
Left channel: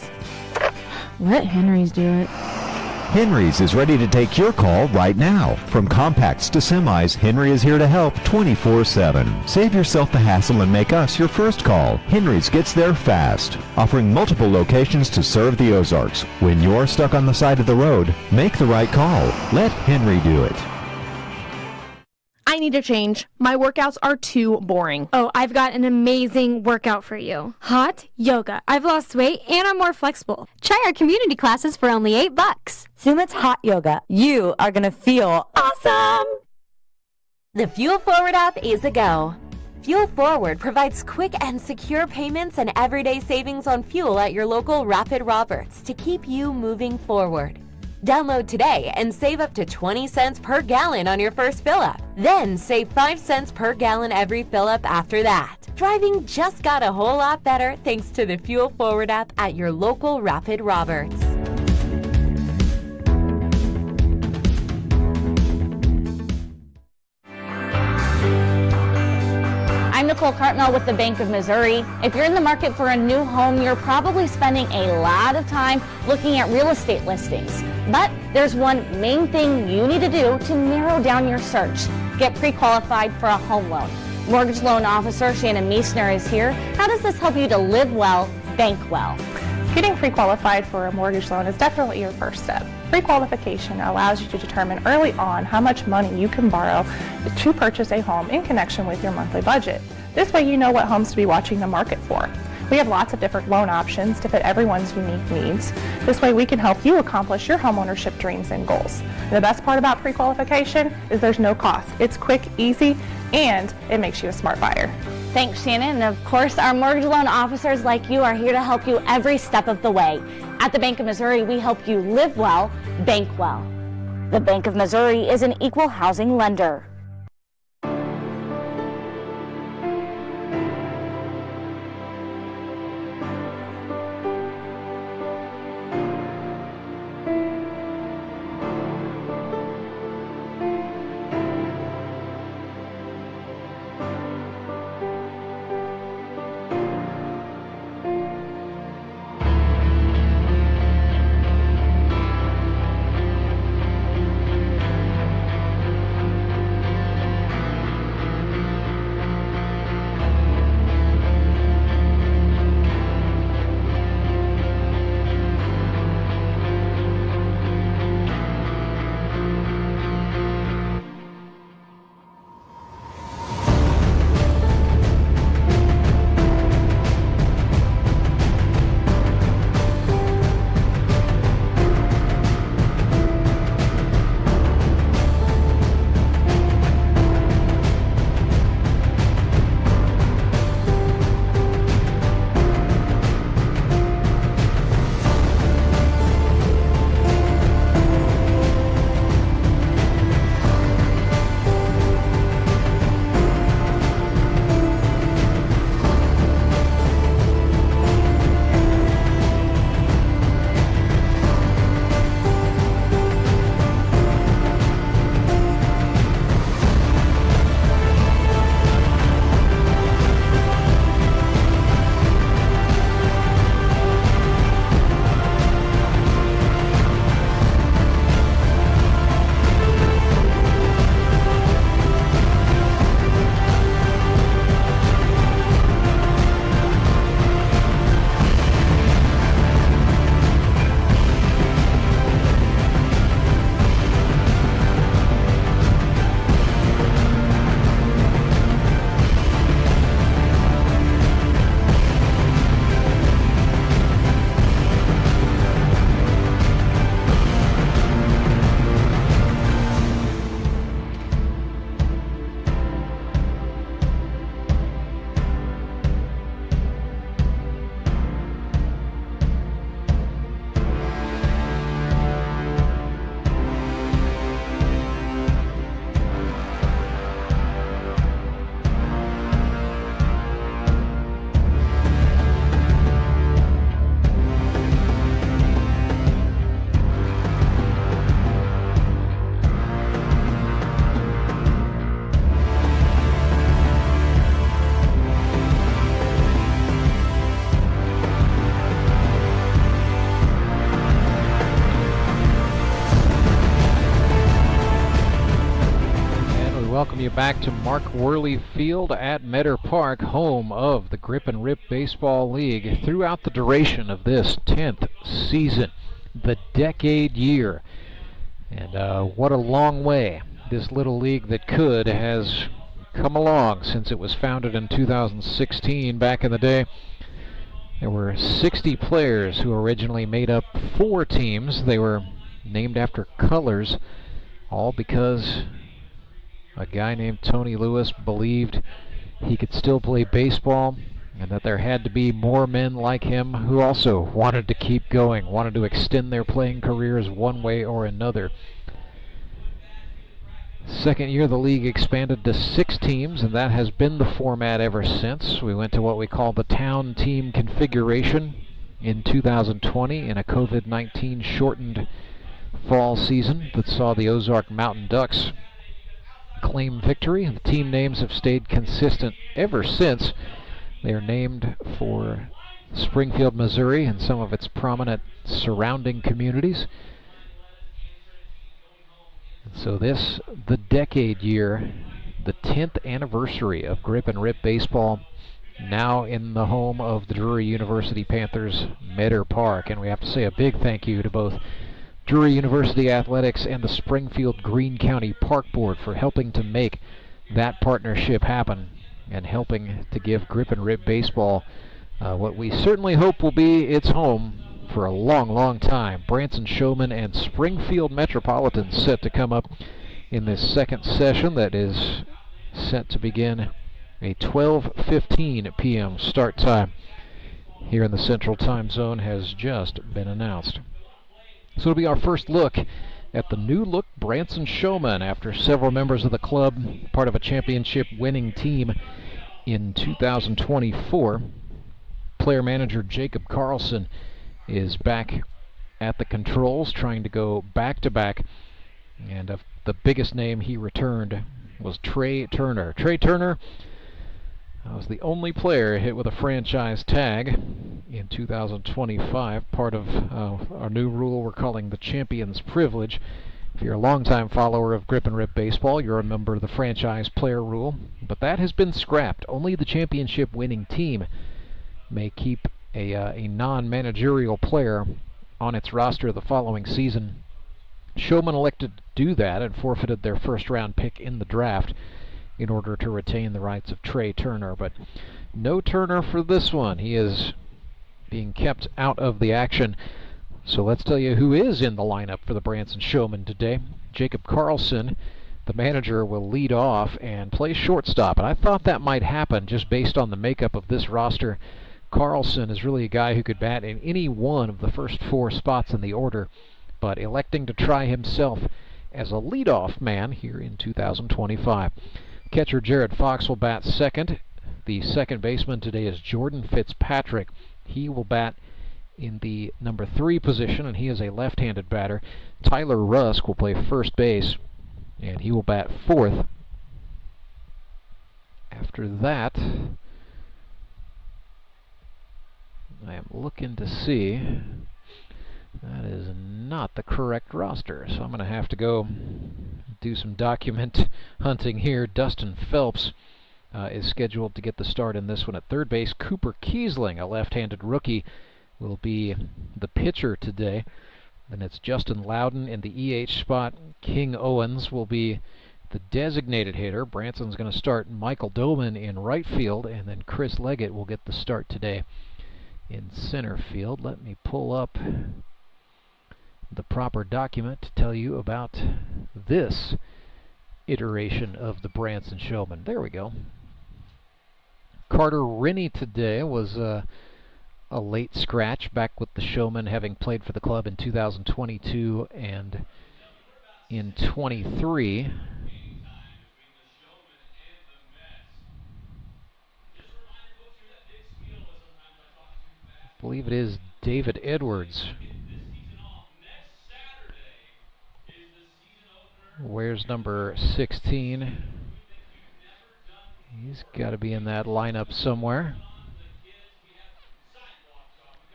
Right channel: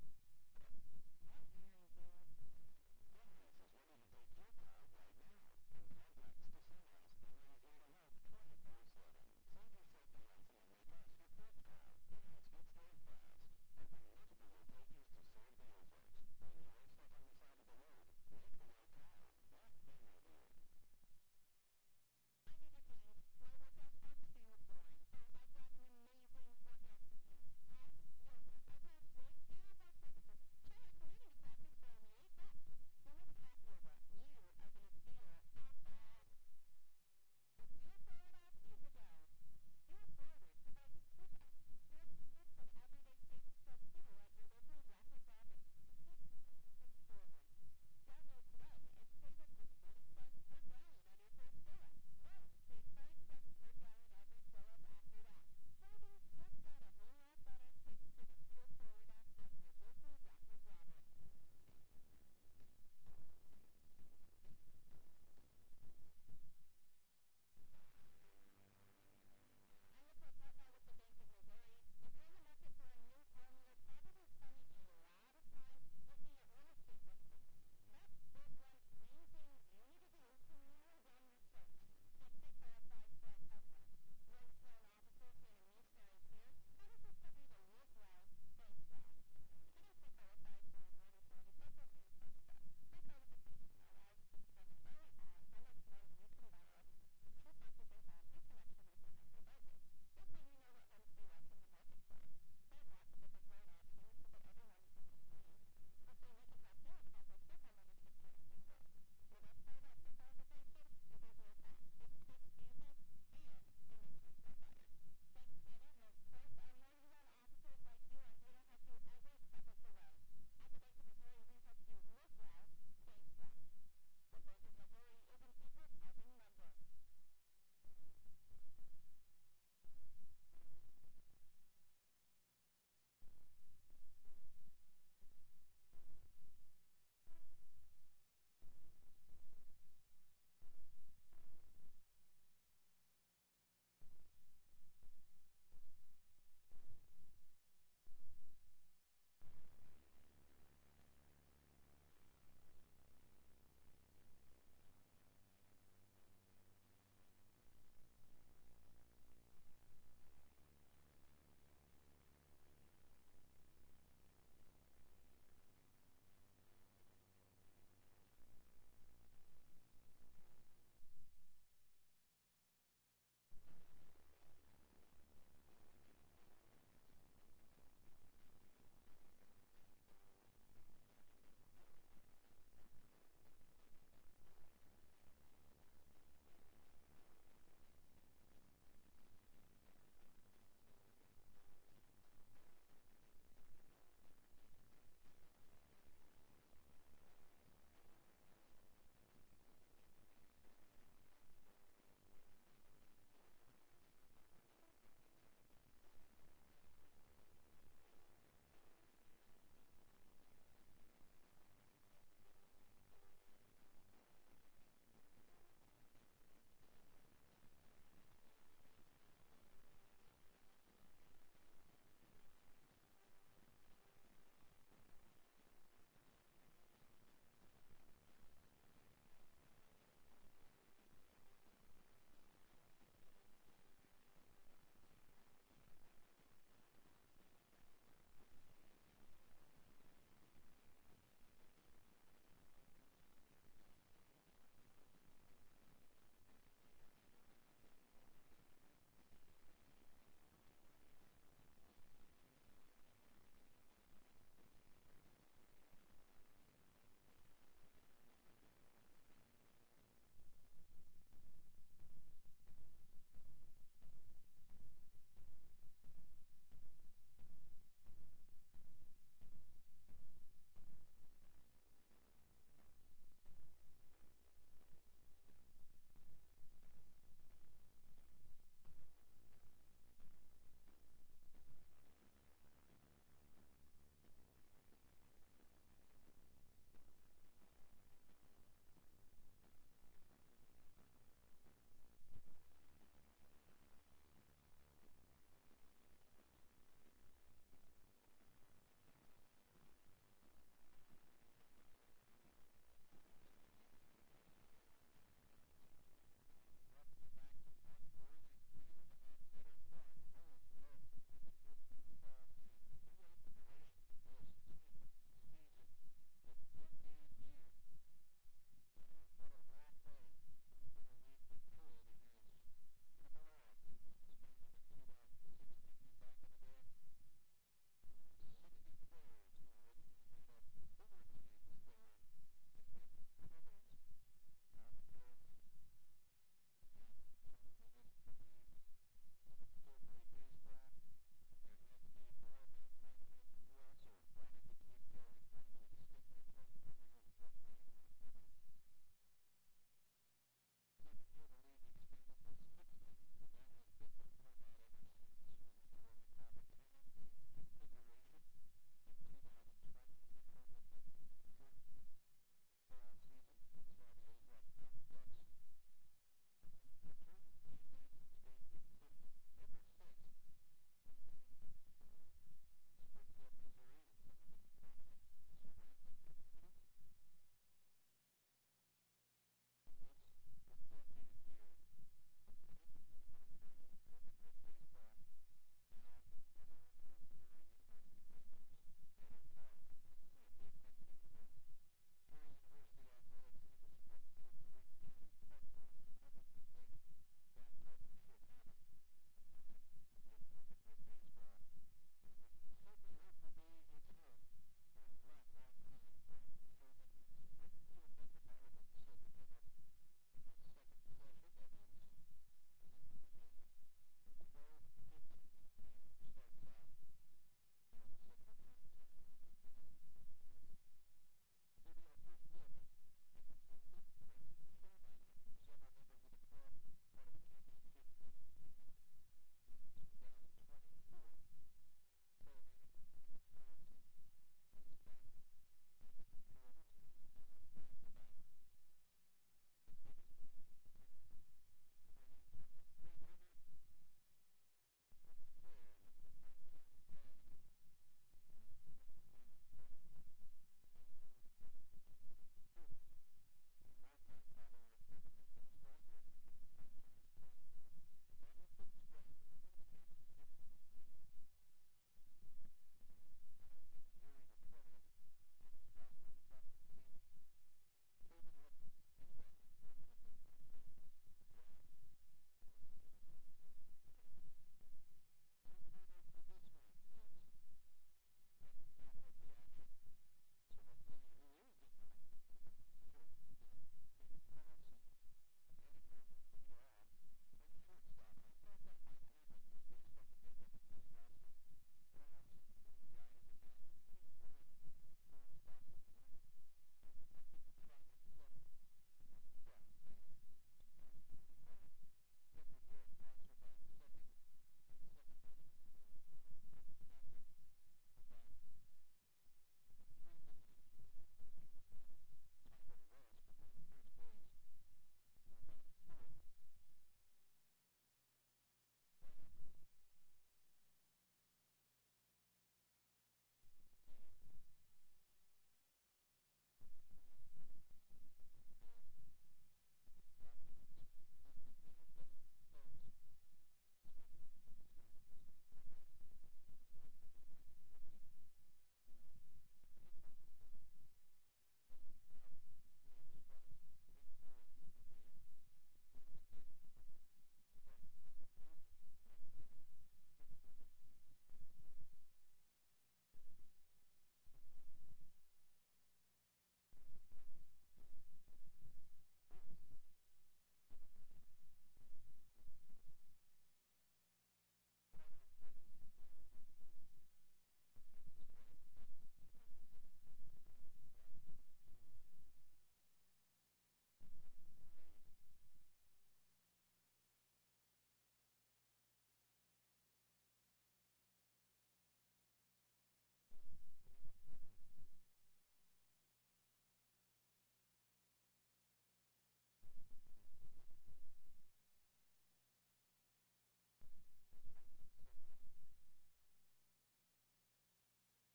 Let Henry's do it. Henry's is ready to take your call right now. From compacts to semis, Henry is here to help 24/7. Save yourself the hassle and make us your first call. Henry's gets there fast, offering multiple locations to serve the Ozarks. When you're stuck on the side of the road, make the right call. Let Henry do it. I need a change. My workouts are too boring. Oh, I've got an amazing workout for you. Hot yoga. I've lost weight and I'm more flexible. Try our community classes for only $8. Sumit's Hot Yoga. You are going to feel awesome! The Fuel Forward app is a go. Fuel Forward provides quick and secure payments and everyday savings on fuel at your local Rapid Roberts to keep you moving forward. Download today and save up to 20 cents per gallon on your first fill-up. Then save 5 cents per gallon every fill-up after that. Driving just got a whole lot better thanks to the Fuel Forward app at your local Rapid Roberts. I'm Nicole Cartmel with the Bank of Missouri. If you're in the market for a new home, you're probably spending a lot of time looking at real estate listings. But there's one main thing you need to do to narrow down your search. Get pre-qualified for a home loan. Mortgage loan officer Shannon Meisner is here. How does this help you to live well, bank well? Getting pre-qualified for a mortgage loan is definitely your first step. Pre-qualification allows you to determine early on how much money you can borrow to purchase a home in connection with your monthly budget. This way you know what homes to be watching the market for. We have lots of different loan options to fit everyone's unique needs. This way we can help you accomplish your homeownership dreams and goals. And the best part about pre-qualification is there's no cost. It's quick, easy, and it makes you a smart buyer. Thanks, Shannon. And of course, our mortgage loan officers like you are here to help you every step of the way. At the Bank of Missouri, we help you live well, bank well. The Bank of Missouri is an equal housing lender. welcome you back to Mark Worley Field at Meador Park, home of the Grip and Rip Baseball League throughout the duration of this 10th season, the decade year. And what a long way this little league that could has come along since it was founded in 2016. Back in the day, there were 60 players who originally made up 4 teams. They were named after colors, all because a guy named Tony Lewis believed he could still play baseball and that there had to be more men like him who also wanted to keep going, wanted to extend their playing careers one way or another. Second year, the league expanded to 6 teams, and that has been the format ever since. We went to what we call the town team configuration in 2020 in a COVID-19 shortened fall season that saw the Ozark Mountain Ducks claim victory. The team names have stayed consistent ever since. They are named for Springfield, Missouri, and some of its prominent surrounding communities. So this, the decade year, the 10th anniversary of Grip and Rip Baseball, now in the home of the Drury University Panthers, Meador Park. And we have to say a big thank you to both Drury University Athletics and the Springfield Greene County Park Board for helping to make that partnership happen and helping to give Grip and Rip Baseball what we certainly hope will be its home for a long, long time. Branson, Showmen, and Springfield Metropolitans set to come up in this second session that is set to begin a 12:15 p.m. start time here in the Central Time Zone has just been announced. So it'll be our first look at the new look Branson Showmen after several members of the club, part of a championship winning team in 2024. Player manager Jacob Carlson is back at the controls, trying to go back-to-back, and the biggest name he returned was Trey Turner. Trey Turner was the only player hit with a franchise tag in 2025, part of our new rule we're calling the Champion's Privilege. If you're a longtime follower of Grip and Rip Baseball, you're a member of the franchise player rule, but that has been scrapped. Only the championship winning team may keep a non-managerial player on its roster the following season. Showmen elected to do that and forfeited their first-round pick in the draft in order to retain the rights of Trey Turner, but no Turner for this one. He is being kept out of the action. So let's tell you who is in the lineup for the Branson Showmen today. Jacob Carlson, the manager, will lead off and play shortstop, and I thought that might happen just based on the makeup of this roster. Carlson is really a guy who could bat in any one of the first 4 spots in the order, but electing to try himself as a leadoff man here in 2025. Catcher Jared Fox will bat second. The second baseman today is Jordan Fitzpatrick. He will bat in the number 3 position, and he is a left-handed batter. Tyler Rusk will play first base, and he will bat 4th. After that, I am looking to see. That is not the correct roster, so I'm going to have to go do some document hunting here. Dustin Phelps is scheduled to get the start in this one at third base. Cooper Kiesling, a left-handed rookie, will be the pitcher today. Then it's Justin Loudon in the EH spot. King Owens will be the designated hitter. Branson's going to start Michael Doman in right field, and then Chris Leggett will get the start today in center field. Let me pull up the proper document to tell you about this iteration of the Branson Showmen. There we go. Carter Rennie today was a late scratch, back with the Showmen, having played for the club in 2022 and in 23. I believe it is David Edwards. Where's number 16? He's got to be in that lineup somewhere.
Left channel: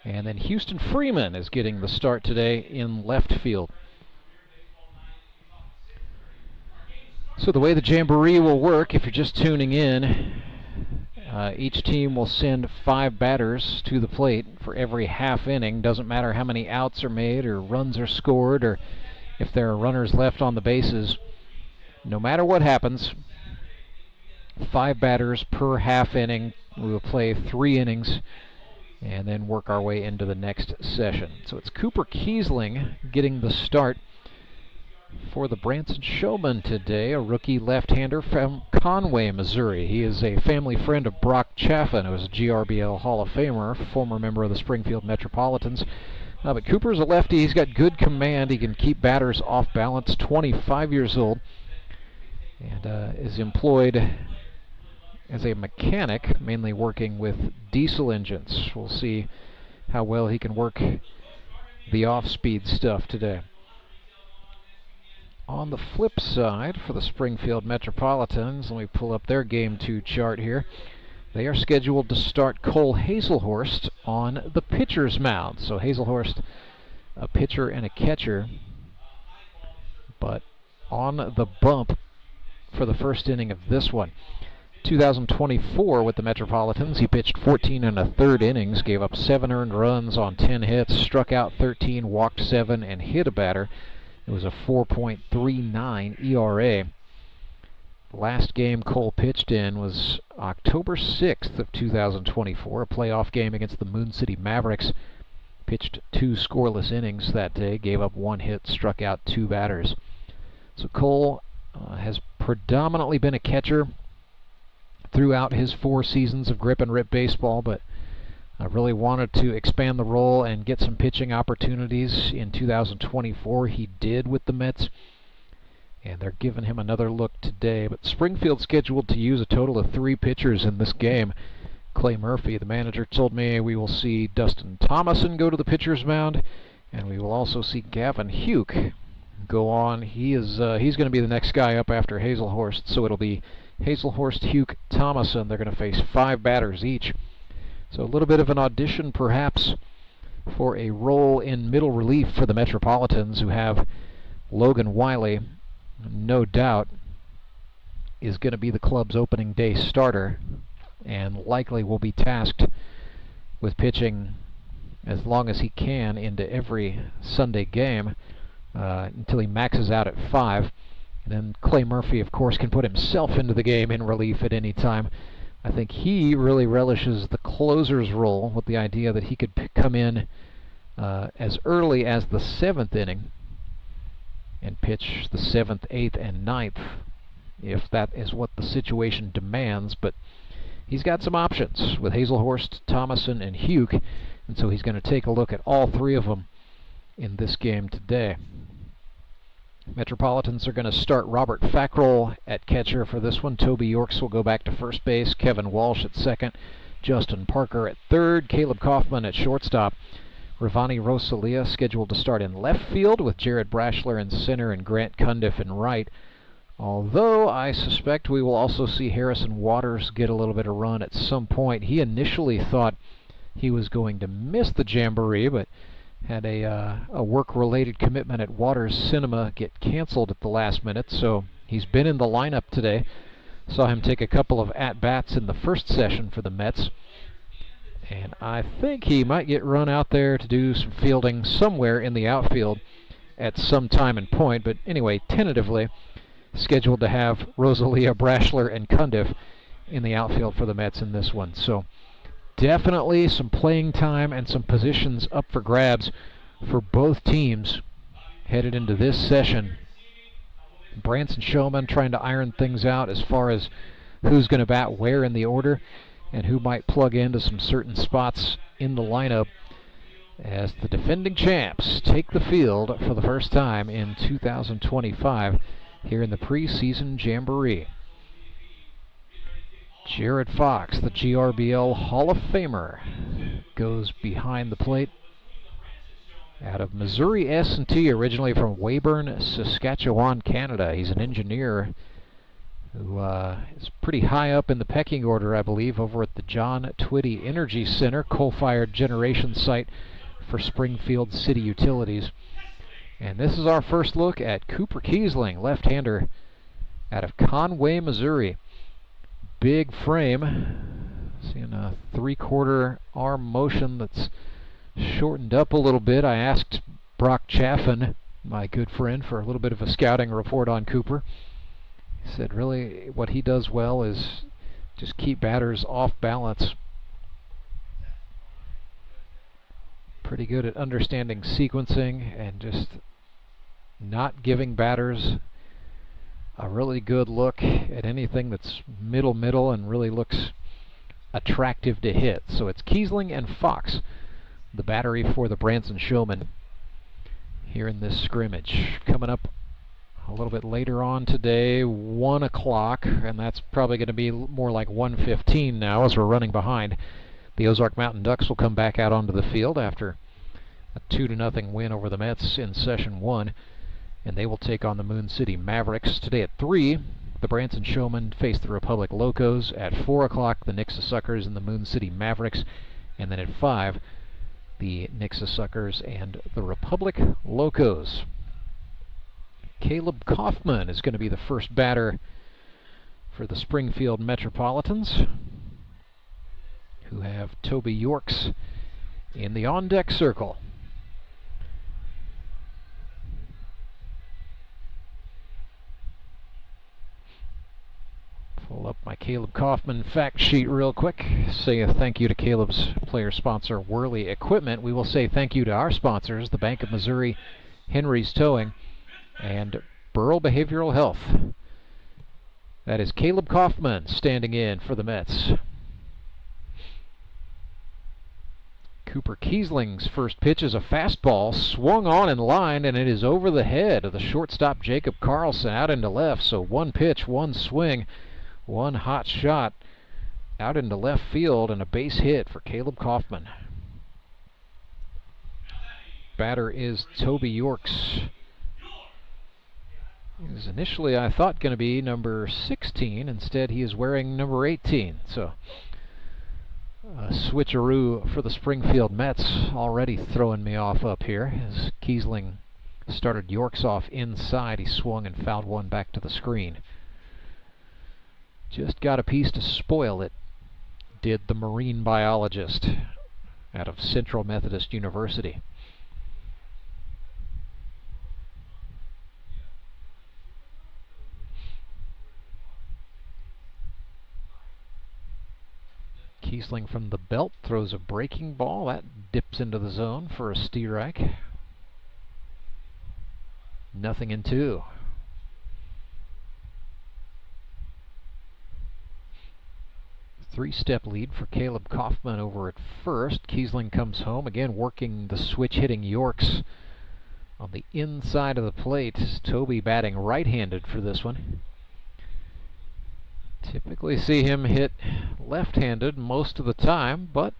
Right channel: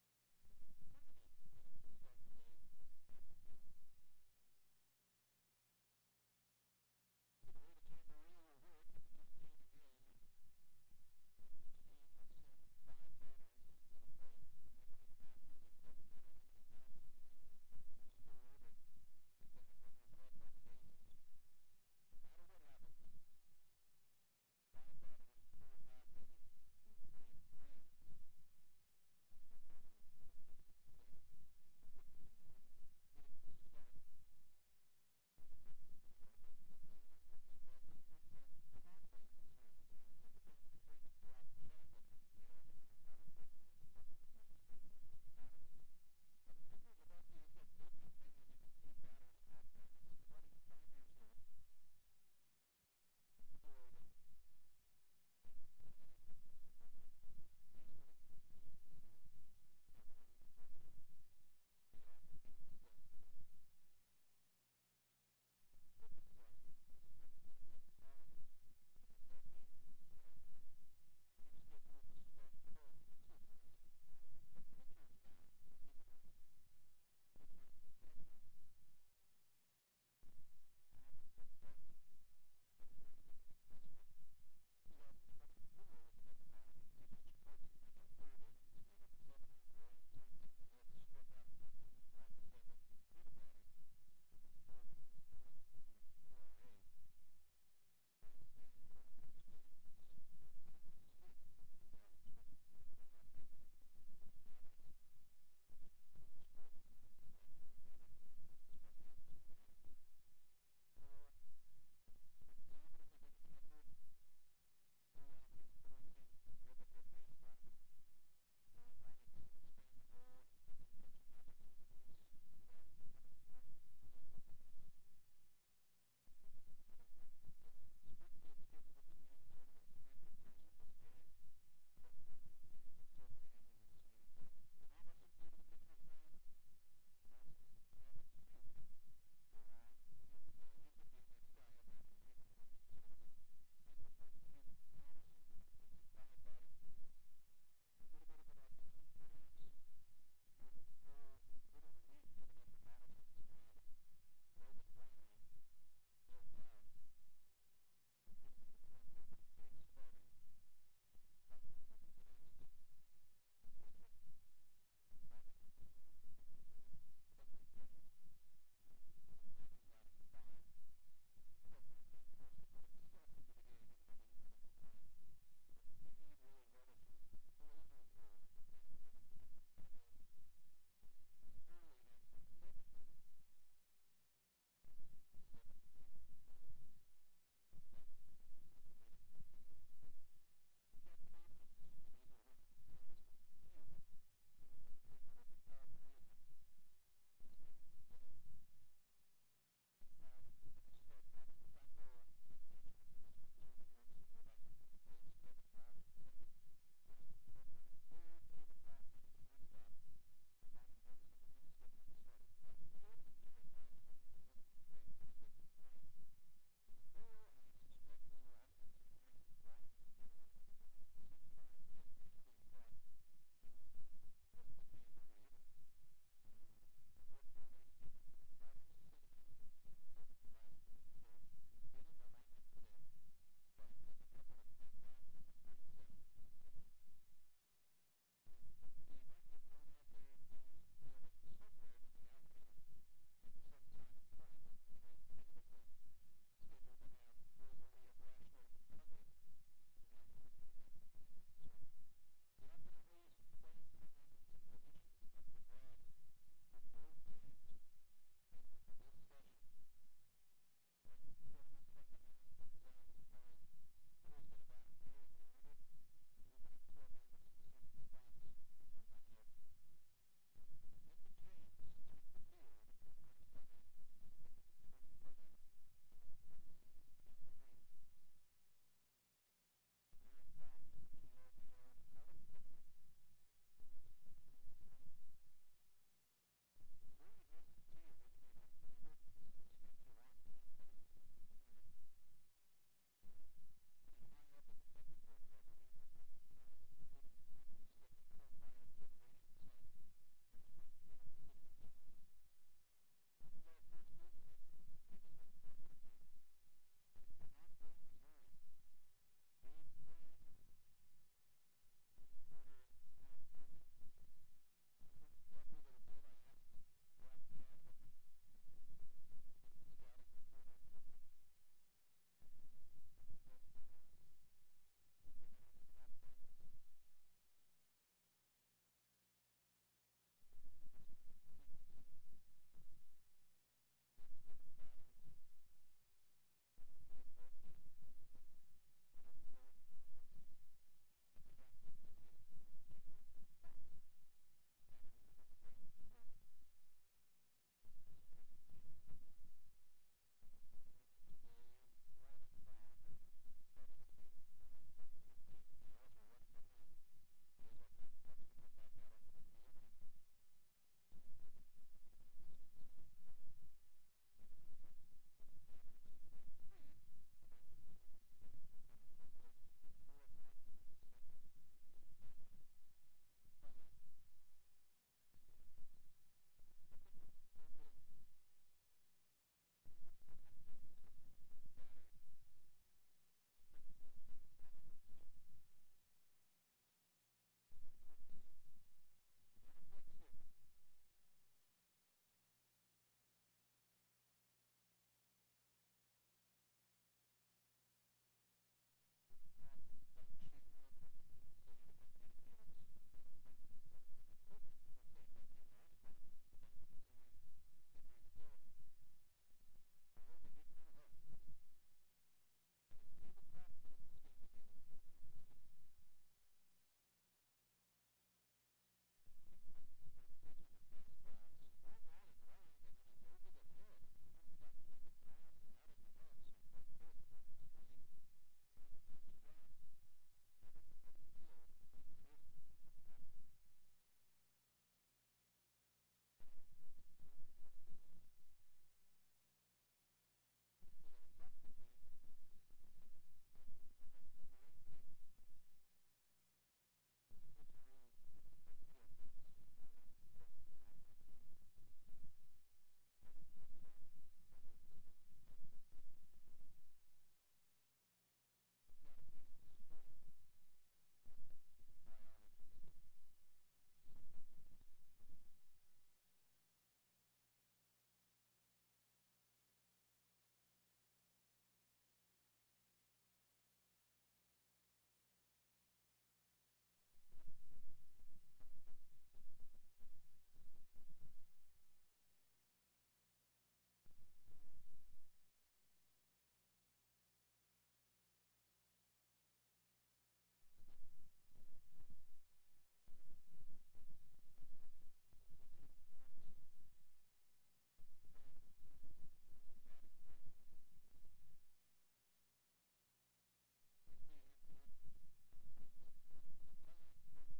And then Houston Freeman is getting the start today in left field. So the way the Jamboree will work, if you're just tuning in, each team will send 5 batters to the plate for every half inning. Doesn't matter how many outs are made or runs are scored or if there are runners left on the bases. No matter what happens, 5 batters per half inning. We will play 3 innings and then work our way into the next session. So it's Cooper Kiesling getting the start for the Branson Showmen today, a rookie left-hander from Conway, Missouri. He is a family friend of Brock Chaffin, who is a GRBL Hall of Famer, former member of the Springfield Metropolitans. But Cooper's a lefty. He's got good command. He can keep batters off balance, 25 years old, and is employed as a mechanic, mainly working with diesel engines. We'll see how well he can work the off-speed stuff today. On the flip side, for the Springfield Metropolitans, let me pull up their Game 2 chart here. They are scheduled to start Cole Hazelhorst on the pitcher's mound. So Hazelhorst, a pitcher and a catcher, but on the bump for the first inning of this one. 2024 with the Metropolitans, he pitched 14 1/3 innings, gave up 7 earned runs on 10 hits, struck out 13, walked 7, and hit a batter. It was a 4.39 ERA. Last game Cole pitched in was October 6th of 2024, a playoff game against the Moon City Mavericks. Pitched 2 scoreless innings that day, gave up 1 hit, struck out 2 batters. So Cole has predominantly been a catcher throughout his 4 seasons of grip and rip baseball, but I really wanted to expand the role and get some pitching opportunities in 2024. He did with the Mets, and they're giving him another look today. But Springfield scheduled to use a total of 3 pitchers in this game. Clay Murphy, the manager, told me we will see Dustin Thomason go to the pitcher's mound, and we will also see Gavin Huke go on. He's going to be the next guy up after Hazelhorst, so it'll be Hazelhorst, Huke, Thomason. They're going to face 5 batters each. So a little bit of an audition, perhaps, for a role in middle relief for the Metropolitans, who have Logan Wiley, no doubt, is going to be the club's opening day starter, and likely will be tasked with pitching as long as he can into every Sunday game until he maxes out at 5. And then Clay Murphy, of course, can put himself into the game in relief at any time. I think he really relishes the closer's role, with the idea that he could come in as early as the 7th inning and pitch the 7th, 8th, and 9th, if that is what the situation demands. But he's got some options with Hazelhorst, Thomason, and Huke, and so he's going to take a look at all 3 of them in this game today. Metropolitans are going to start Robert Fackrell at catcher for this one. Toby Yorks will go back to first base. Kevin Walsh at second. Justin Parker at third. Caleb Kaufman at shortstop. Ravani Rosalia scheduled to start in left field with Jared Brashler in center and Grant Cundiff in right. Although I suspect we will also see Harrison Waters get a little bit of run at some point. He initially thought he was going to miss the Jamboree, but had a work-related commitment at Waters Cinema get canceled at the last minute, so he's been in the lineup today. Saw him take a couple of at-bats in the first session for the Mets, and I think he might get run out there to do some fielding somewhere in the outfield at some time and point. But anyway, tentatively scheduled to have Rosalia, Brashler, and Cundiff in the outfield for the Mets in this one. So definitely some playing time and some positions up for grabs for both teams headed into this session. Branson Showmen trying to iron things out as far as who's going to bat where in the order and who might plug into some certain spots in the lineup as the defending champs take the field for the first time in 2025 here in the preseason Jamboree. Jared Fox, the GRBL Hall of Famer, goes behind the plate. Out of Missouri S&T, originally from Weyburn, Saskatchewan, Canada. He's an engineer who is pretty high up in the pecking order, I believe, over at the John Twitty Energy Center, coal-fired generation site for Springfield City Utilities. And this is our first look at Cooper Kiesling, left-hander out of Conway, Missouri. Big frame. Seeing a 3/4 arm motion that's shortened up a little bit. I asked Brock Chaffin, my good friend, for a little bit of a scouting report on Cooper. He said really what he does well is just keep batters off balance. Pretty good at understanding sequencing and just not giving batters a really good look at anything that's middle and really looks attractive to hit. So it's Kiesling and Fox, the battery for the Branson Showmen here in this scrimmage. Coming up a little bit later on today, 1 o'clock, and that's probably going to be more like 1:15 now as we're running behind. The Ozark Mountain Ducks will come back out onto the field after a 2-0 win over the Mets in Session 1, and they will take on the Moon City Mavericks. Today at 3, the Branson Showmen face the Republic Locos. At 4 o'clock, the Nixa Suckers and the Moon City Mavericks. And then at 5, the Nixa Suckers and the Republic Locos. Caleb Kaufman is going to be the first batter for the Springfield Metropolitans, who have Toby Yorks in the on-deck circle. Pull up my Caleb Kaufman fact sheet real quick. Say a thank you to Caleb's player sponsor, Worley Equipment. We will say thank you to our sponsors, the Bank of Missouri, Henry's Towing, and Burrell Behavioral Health. That is Caleb Kaufman standing in for the Mets. Cooper Kiesling's first pitch is a fastball, swung on in line, and it is over the head of the shortstop Jacob Carlson out into left. So one pitch, one swing, one hot shot out into left field, and a base hit for Caleb Kaufman. Batter is Toby Yorks. He was initially, I thought, going to be number 16. Instead, he is wearing number 18. So a switcheroo for the Springfield Mets, already throwing me off up here as Kiesling started Yorks off inside. He swung and fouled one back to the screen. Just got a piece to spoil it, did the marine biologist out of Central Methodist University. Kiesling from the belt throws a breaking ball. That dips into the zone for a strike. 0-2. Three-step lead for Caleb Kaufman over at first. Kiesling comes home, again working the switch-hitting Yorks on the inside of the plate. Toby batting right-handed for this one. Typically see him hit left-handed most of the time, but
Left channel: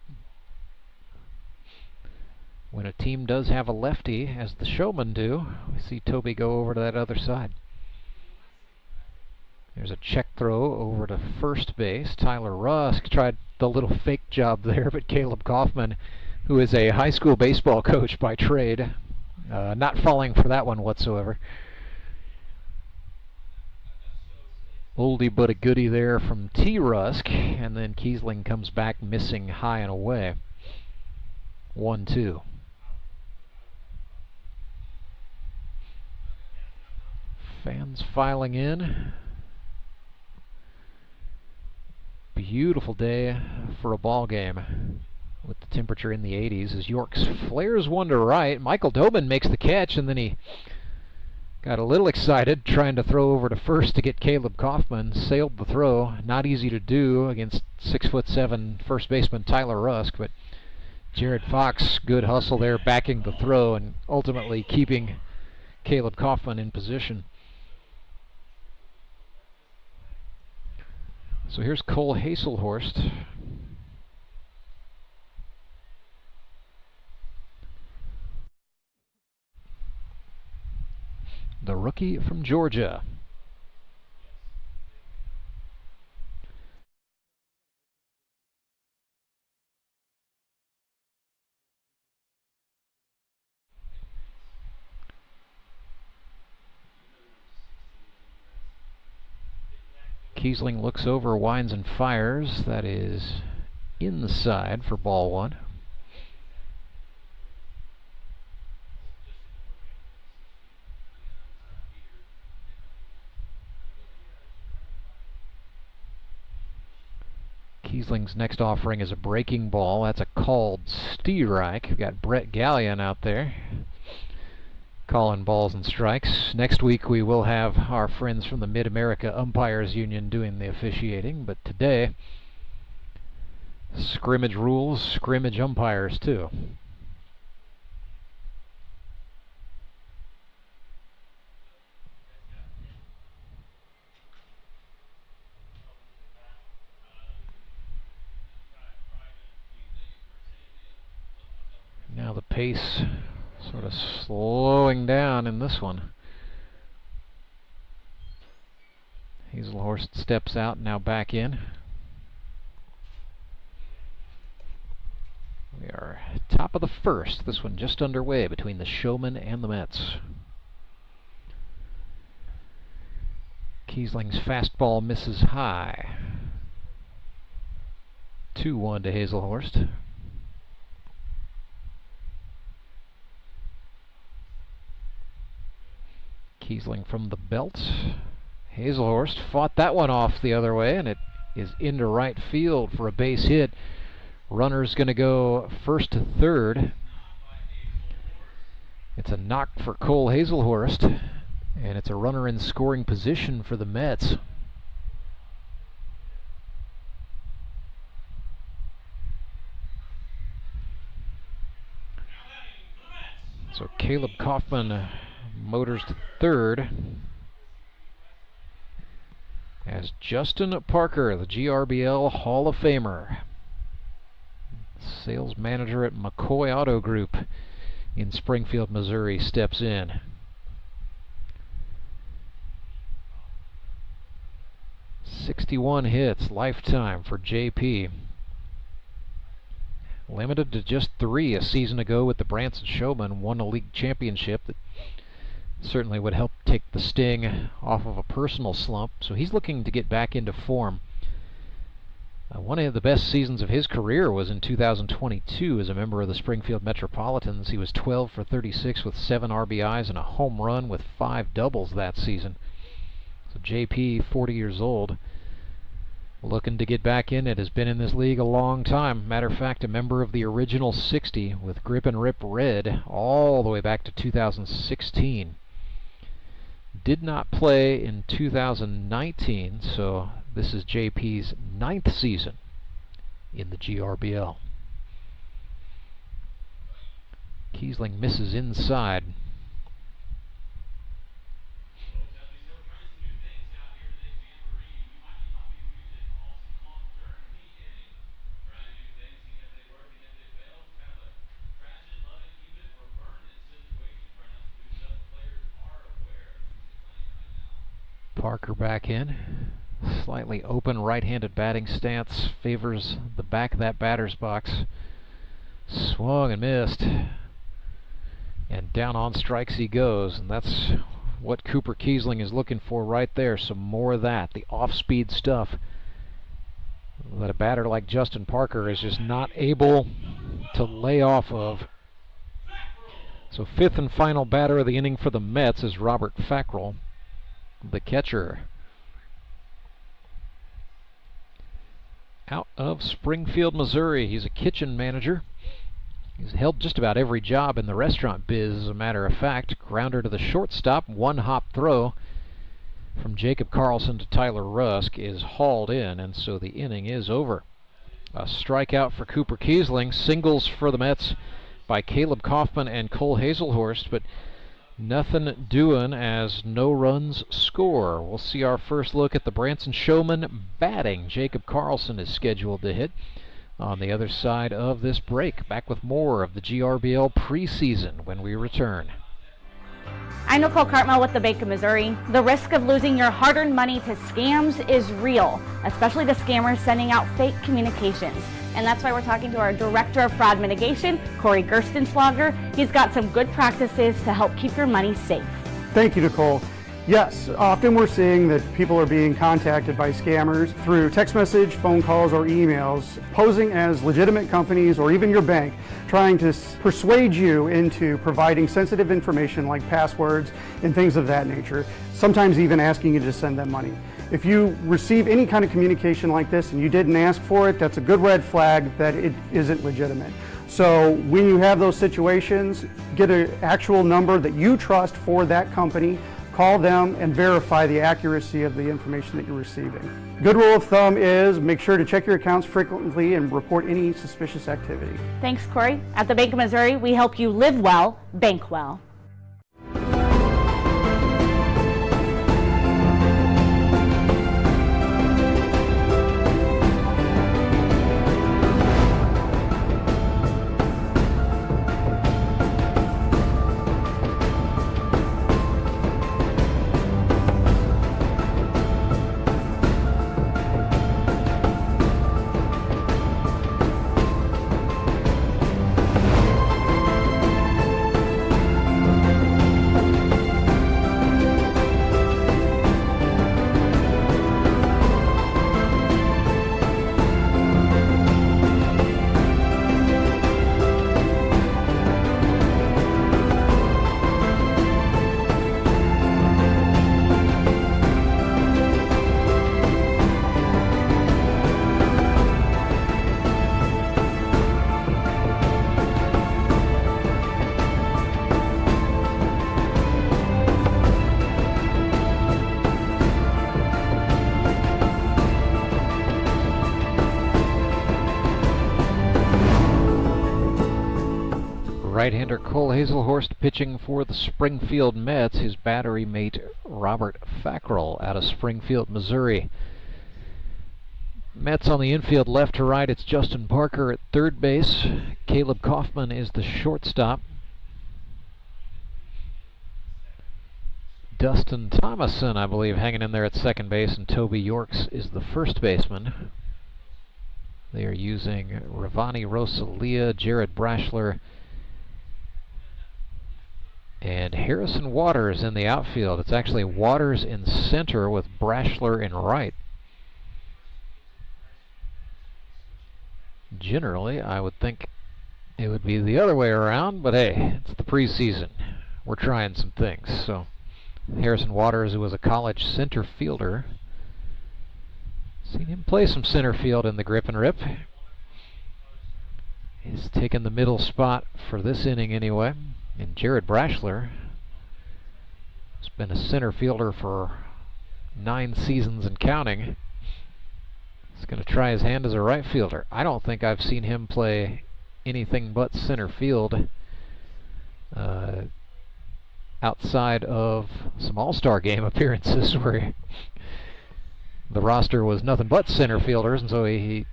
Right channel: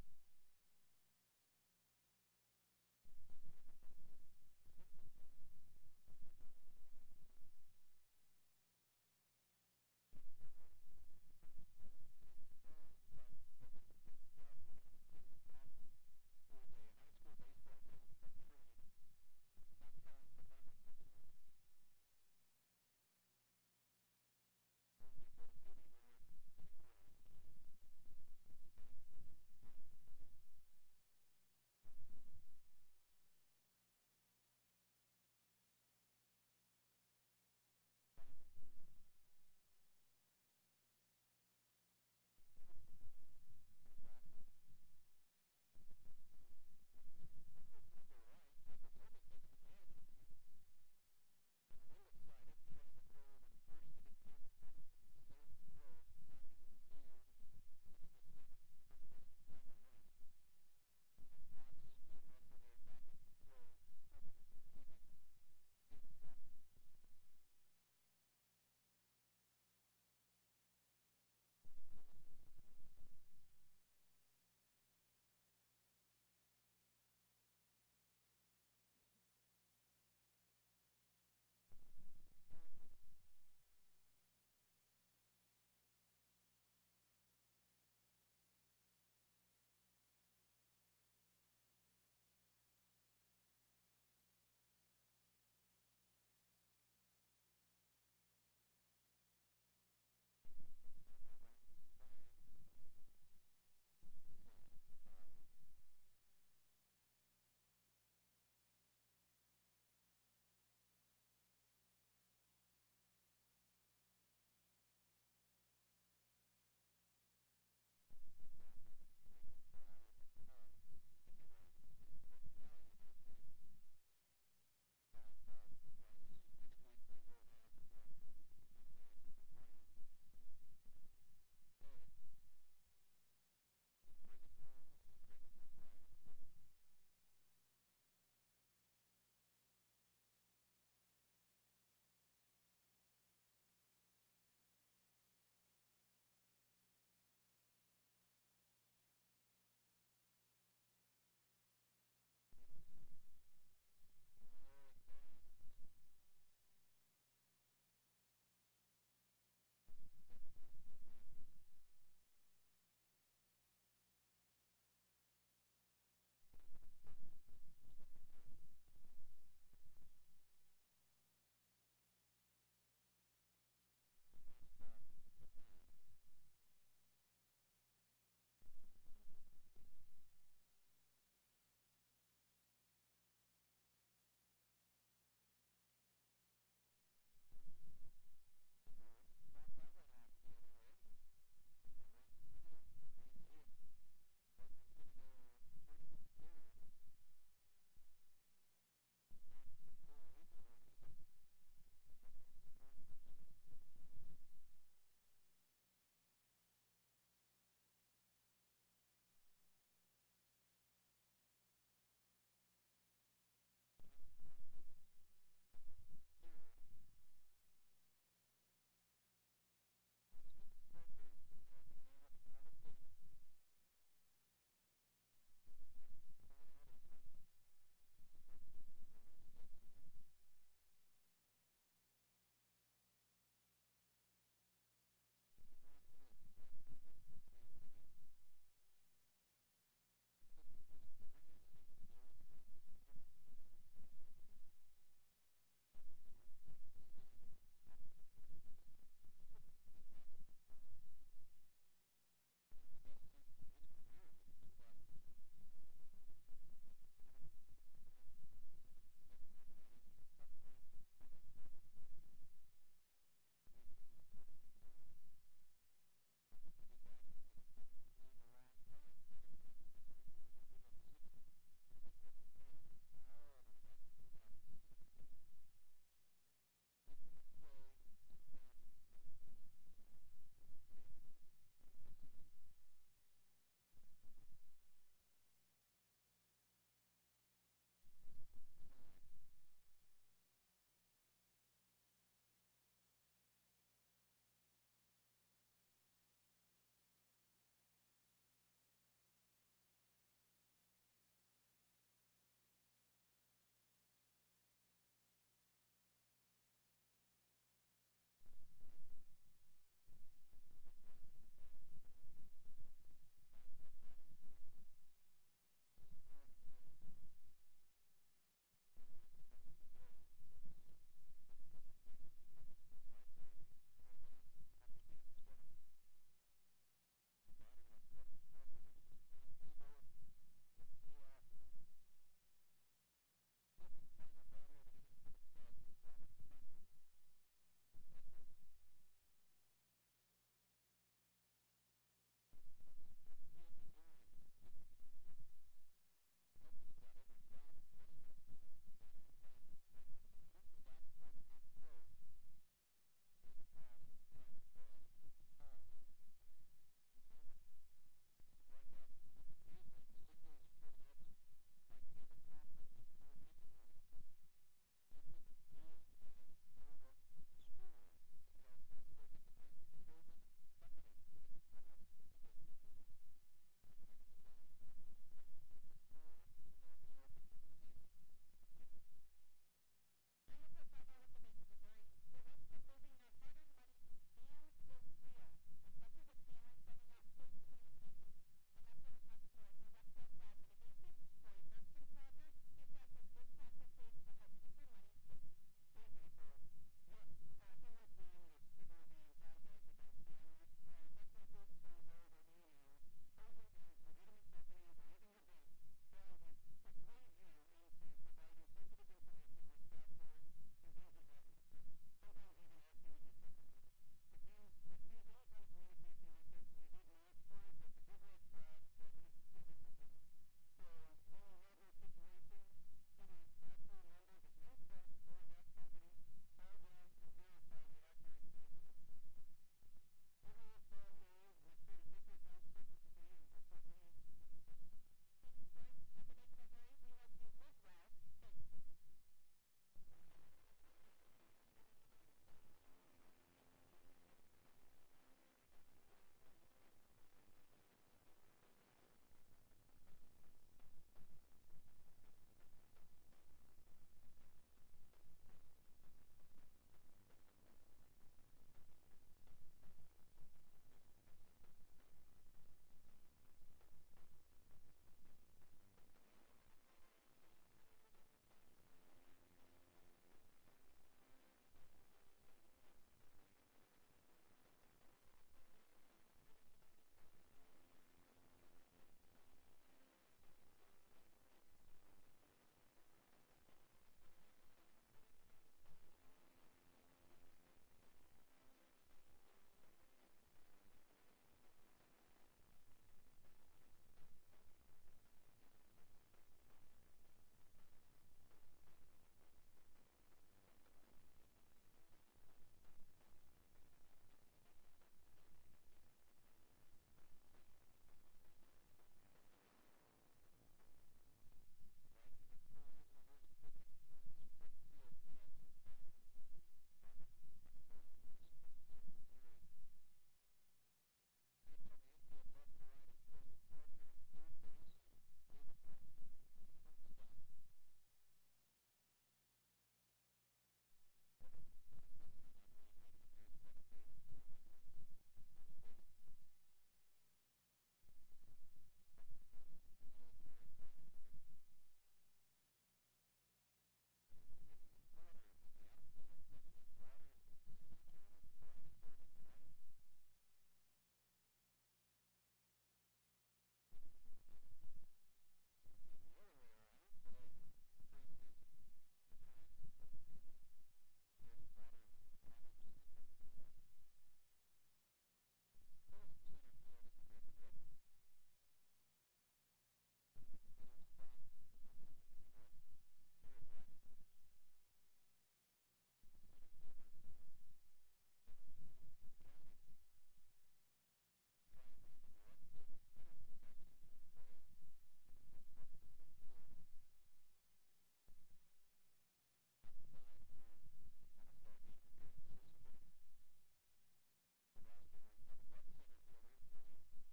when a team does have a lefty, as the Showmen do, we see Toby go over to that other side. There's a check throw over to first base. Tyler Rusk tried the little fake job there, but Caleb Kaufman, who is a high school baseball coach by trade, not falling for that one whatsoever. Oldie but a goodie there from T. Rusk, and then Kiesling comes back missing high and away. 1-2. Fans filing in. Beautiful day for a ball game with the temperature in the 80s as Yorks flares one to right. Michael Dobin makes the catch, and then he got a little excited trying to throw over to first to get Caleb Kaufman. Sailed the throw. Not easy to do against 6'7" first baseman Tyler Rusk, but Jared Fox, good hustle there, backing the throw and ultimately keeping Caleb Kaufman in position. So here's Cole Haselhorst. The rookie from Georgia. Kiesling looks over, winds and fires. That is inside for ball one. Kiesling's next offering is a breaking ball. That's a called strike. We've got Brett Gallion out there calling balls and strikes. Next week we will have our friends from the Mid-America Umpires Union doing the officiating, but today, scrimmage rules, scrimmage umpires too. Now the pace sort of slowing down in this one. Hazelhorst steps out, now back in. We are top of the first. This one just underway between the Showmen and the Mets. Kiesling's fastball misses high. 2-1 to Hazelhorst. Kiesling from the belt. Hazelhorst fought that one off the other way, and it is into right field for a base hit. Runner's going to go first to third. It's a knock for Cole Hazelhorst, and it's a runner in scoring position for the Mets. So Caleb Kaufman motors to third as Justin Parker, the GRBL Hall of Famer, sales manager at McCoy Auto Group in Springfield, Missouri, steps in. '61 hits lifetime for JP. Limited to just 3 a season ago with the Branson Showmen, won a league championship that certainly would help take the sting off of a personal slump, so he's looking to get back into form. One of the best seasons of his career was in 2022 as a member of the Springfield Metropolitans. He was 12 for 36 with 7 RBIs and a home run with 5 doubles that season. So JP, 40 years old, looking to get back in it, has been in this league a long time. Matter of fact, a member of the original 60 with Grip and Rip Red all the way back to 2016. Did not play in 2019, so this is JP's 9th season in the GRBL. Kiesling misses inside. Parker back in. Slightly open right-handed batting stance favors the back of that batter's box. Swung and missed. And down on strikes he goes, and that's what Cooper Kiesling is looking for right there. Some more of that, the off-speed stuff that a batter like Justin Parker is just not able to lay off of. So 5th and final batter of the inning for the Mets is Robert Fackrell, the catcher. Out of Springfield, Missouri. He's a kitchen manager. He's held just about every job in the restaurant biz, as a matter of fact. Grounder to the shortstop, 1-hop throw from Jacob Carlson to Tyler Rusk is hauled in, and so the inning is over. A strikeout for Cooper Kiesling, singles for the Mets by Caleb Kaufman and Cole Hazelhorst, but nothing doing as no runs score. We'll see our first look at the Branson Showmen batting. Jacob Carlson is scheduled to hit on the other side of this break. Back with more of the GRBL preseason when we return. I'm Nicole Cartmel with the Bank of Missouri. The risk of losing your hard-earned money to scams is real, especially the scammers sending out fake communications. And that's why we're talking to our Director of Fraud Mitigation, Corey Gerstenschlager. He's got some good practices to help keep your money safe. Thank you, Nicole. Yes, often we're seeing that people are being contacted by scammers through text message, phone calls, or emails, posing as legitimate companies or even your bank, trying to persuade you into providing sensitive information like passwords and things of that nature, sometimes even asking you to send them money. If you receive any kind of communication like this and you didn't ask for it, that's a good red flag that it isn't legitimate. So when you have those situations, get an actual number that you trust for that company, call them and verify the accuracy of the information that you're receiving. Good rule of thumb is make sure to check your accounts frequently and report any suspicious activity. Thanks, Corey. At the Bank of Missouri, we help you live well, bank well. Right-hander Cole Hazelhorst pitching for the Springfield Mets, his battery mate Robert Fackrell out of Springfield, Missouri. Mets on the infield left to right, it's Justin Parker at third base. Caleb Kaufman is the shortstop. Dustin Thomason, I believe, hanging in there at second base, and Toby Yorks is the first baseman. They are using Ravani Rosalia, Jared Brashler, and Harrison Waters in the outfield. It's actually Waters in center with Brashler in right. Generally, I would think it would be the other way around, but hey, it's the preseason. We're trying some things. So Harrison Waters, who was a college center fielder, seen him play some center field in the grip and rip. He's taken the middle spot for this inning anyway. And Jared Brashler has been a center fielder for 9 seasons and counting. He's going to try his hand as a right fielder. I don't think I've seen him play anything but center field outside of some All-Star game appearances where the roster was nothing but center fielders, and so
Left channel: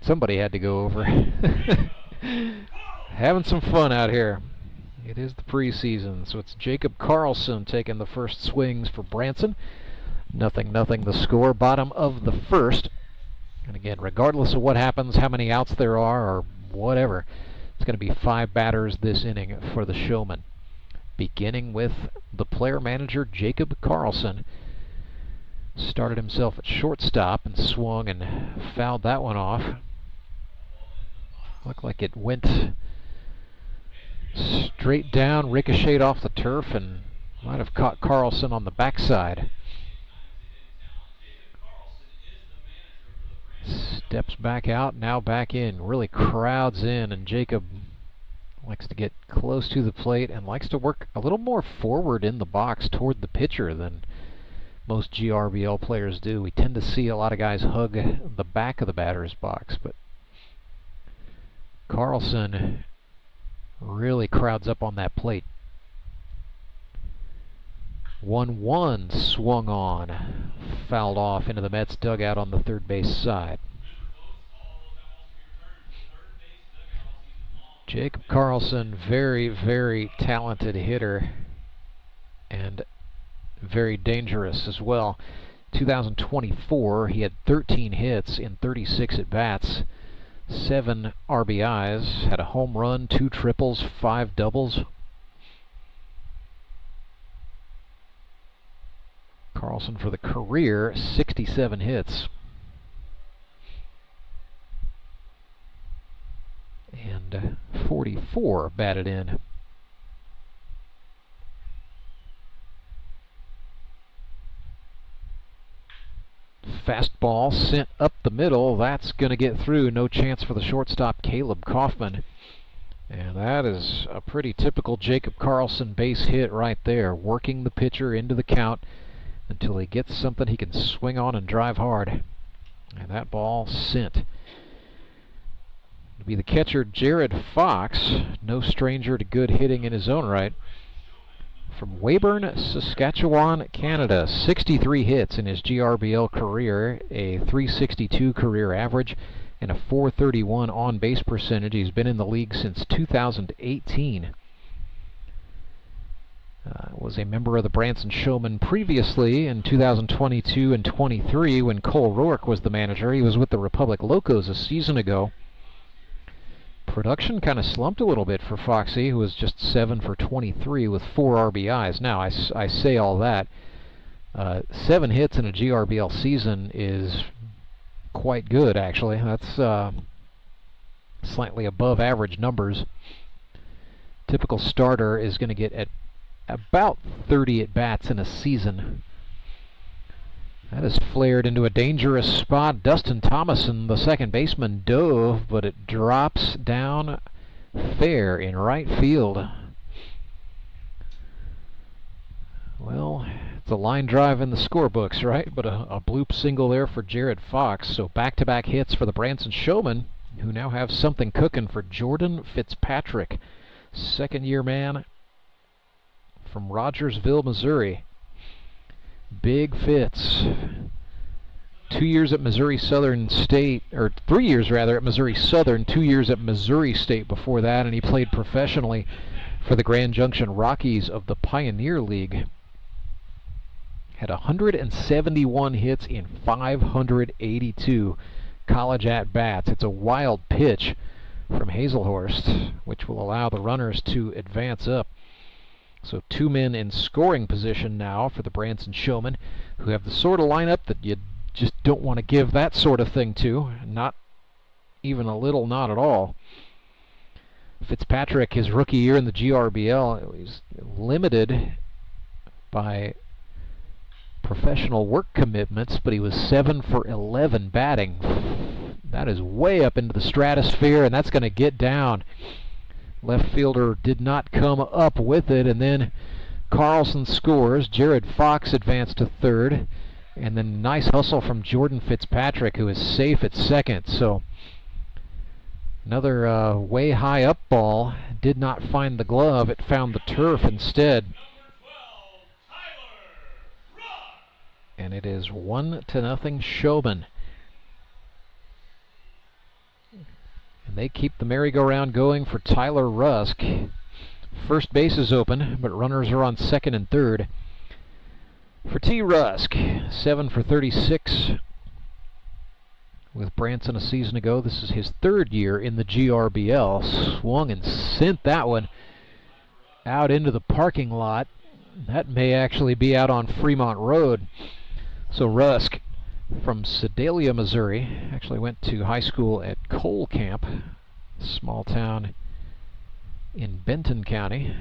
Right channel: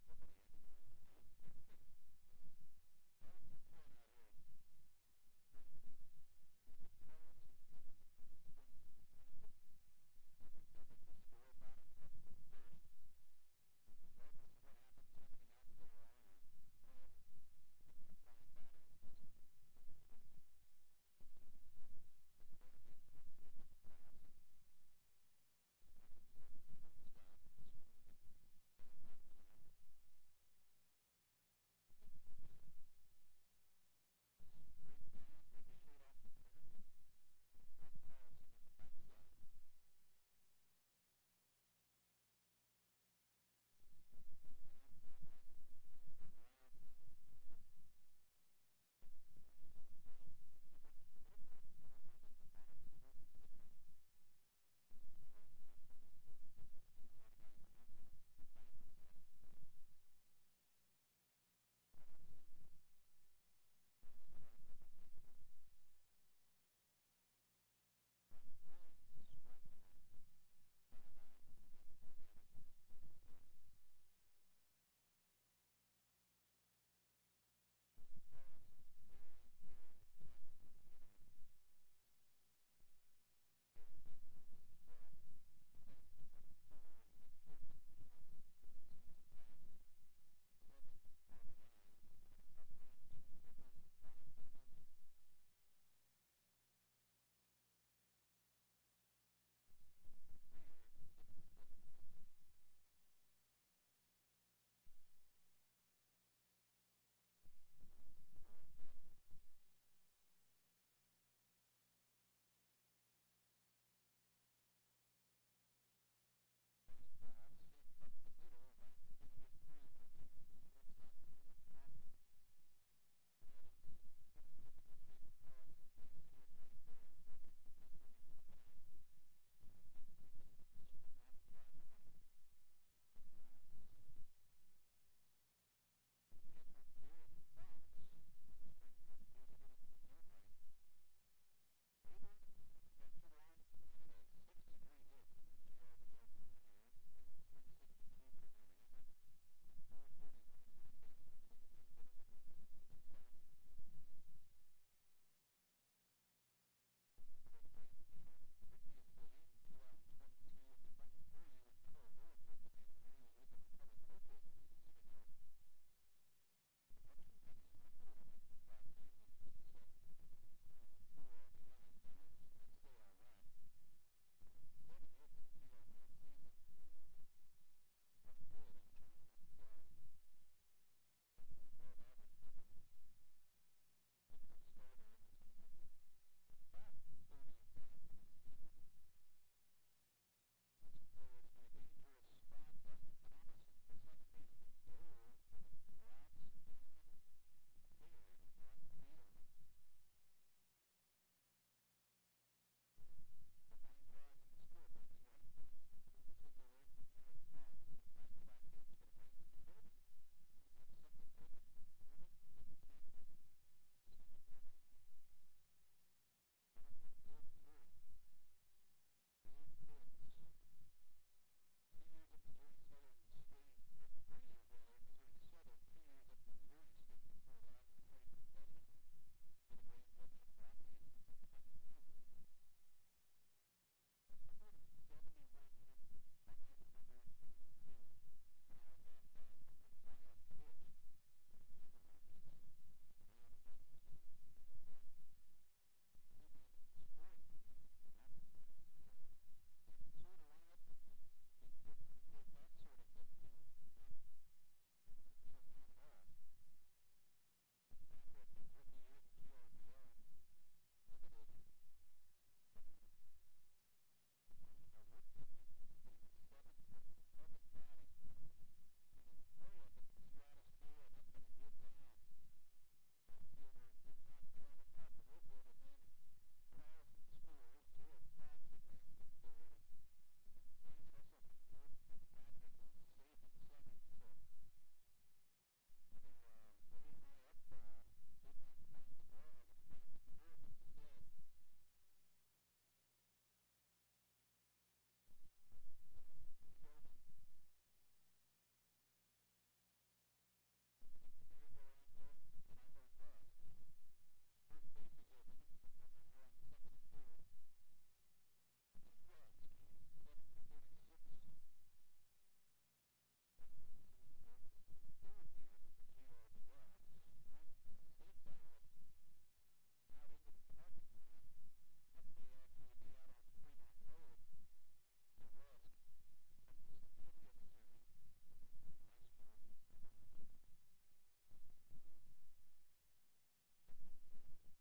somebody had to go over. Having some fun out here. It is the preseason, so it's Jacob Carlson taking the first swings for Branson. 0-0 the score, bottom of the first. And again, regardless of what happens, how many outs there are, or whatever, it's going to be 5 batters this inning for the Showmen. Beginning with the player manager, Jacob Carlson. Started himself at shortstop and swung and fouled that one off. Looked like it went straight down, ricocheted off the turf, and might have caught Carlson on the backside. Steps back out, now back in, really crowds in, and Jacob likes to get close to the plate and likes to work a little more forward in the box toward the pitcher than most GRBL players do. We tend to see a lot of guys hug the back of the batter's box, but Carlson really crowds up on that plate. 1-1 swung on, fouled off into the Mets dugout on the third base side. Jacob Carlson, very, very talented hitter and very dangerous as well. 2024, he had 13 hits in 36 at-bats. 7 RBIs, had a home run, 2 triples, 5 doubles. Carlson for the career, 67 hits. And 44 batted in. Fastball sent up the middle. That's going to get through. No chance for the shortstop, Caleb Kaufman. And that is a pretty typical Jacob Carlson base hit right there, working the pitcher into the count until he gets something he can swing on and drive hard. And that ball sent. It'll be the catcher, Jared Fox, no stranger to good hitting in his own right, from Weyburn, Saskatchewan, Canada. 63 hits in his GRBL career, a .362 career average, and a .431 on-base percentage. He's been in the league since 2018. Was a member of the Branson Showmen previously in 2022 and 23 when Cole Rourke was the manager. He was with the Republic Locos a season ago. Production kind of slumped a little bit for Foxy, who was just 7 for 23 with 4 RBIs. Now, I say all that. 7 hits in a GRBL season is quite good, actually. That's slightly above average numbers. Typical starter is going to get at about 30 at-bats in a season. That is flared into a dangerous spot. Dustin Thomason, the second baseman, dove, but it drops down fair in right field. Well, it's a line drive in the scorebooks, right? But a bloop single there for Jared Fox. So back-to-back hits for the Branson Showmen, who now have something cooking for Jordan Fitzpatrick, second-year man from Rogersville, Missouri. Big Fitz. 2 years at Missouri Southern State, or 3 years rather at Missouri Southern, 2 years at Missouri State before that, and he played professionally for the Grand Junction Rockies of the Pioneer League. Had 171 hits in 582 college at-bats. It's a wild pitch from Hazelhurst, which will allow the runners to advance up. So 2 men in scoring position now for the Branson Showmen, who have the sort of lineup that you just don't want to give that sort of thing to. Not even a little, not at all. Fitzpatrick, his rookie year in the GRBL, he's limited by professional work commitments, but he was 7 for 11 batting. That is way up into the stratosphere, and that's going to get down. Left fielder did not come up with it, and then Carlson scores. Jared Fox advanced to third, and then nice hustle from Jordan Fitzpatrick, who is safe at second. So another way high up ball did not find the glove. It found the turf instead. And it is 1-0 Showmen. And they keep the merry-go-round going for Tyler Rusk. First base is open, but runners are on second and third. For T. Rusk, 7 for 36 with Branson a season ago. This is his third year in the GRBL. Swung and sent that one out into the parking lot. That may actually be out on Fremont Road. So Rusk, from Sedalia, Missouri, actually went to high school at Cole Camp, small town in Benton County,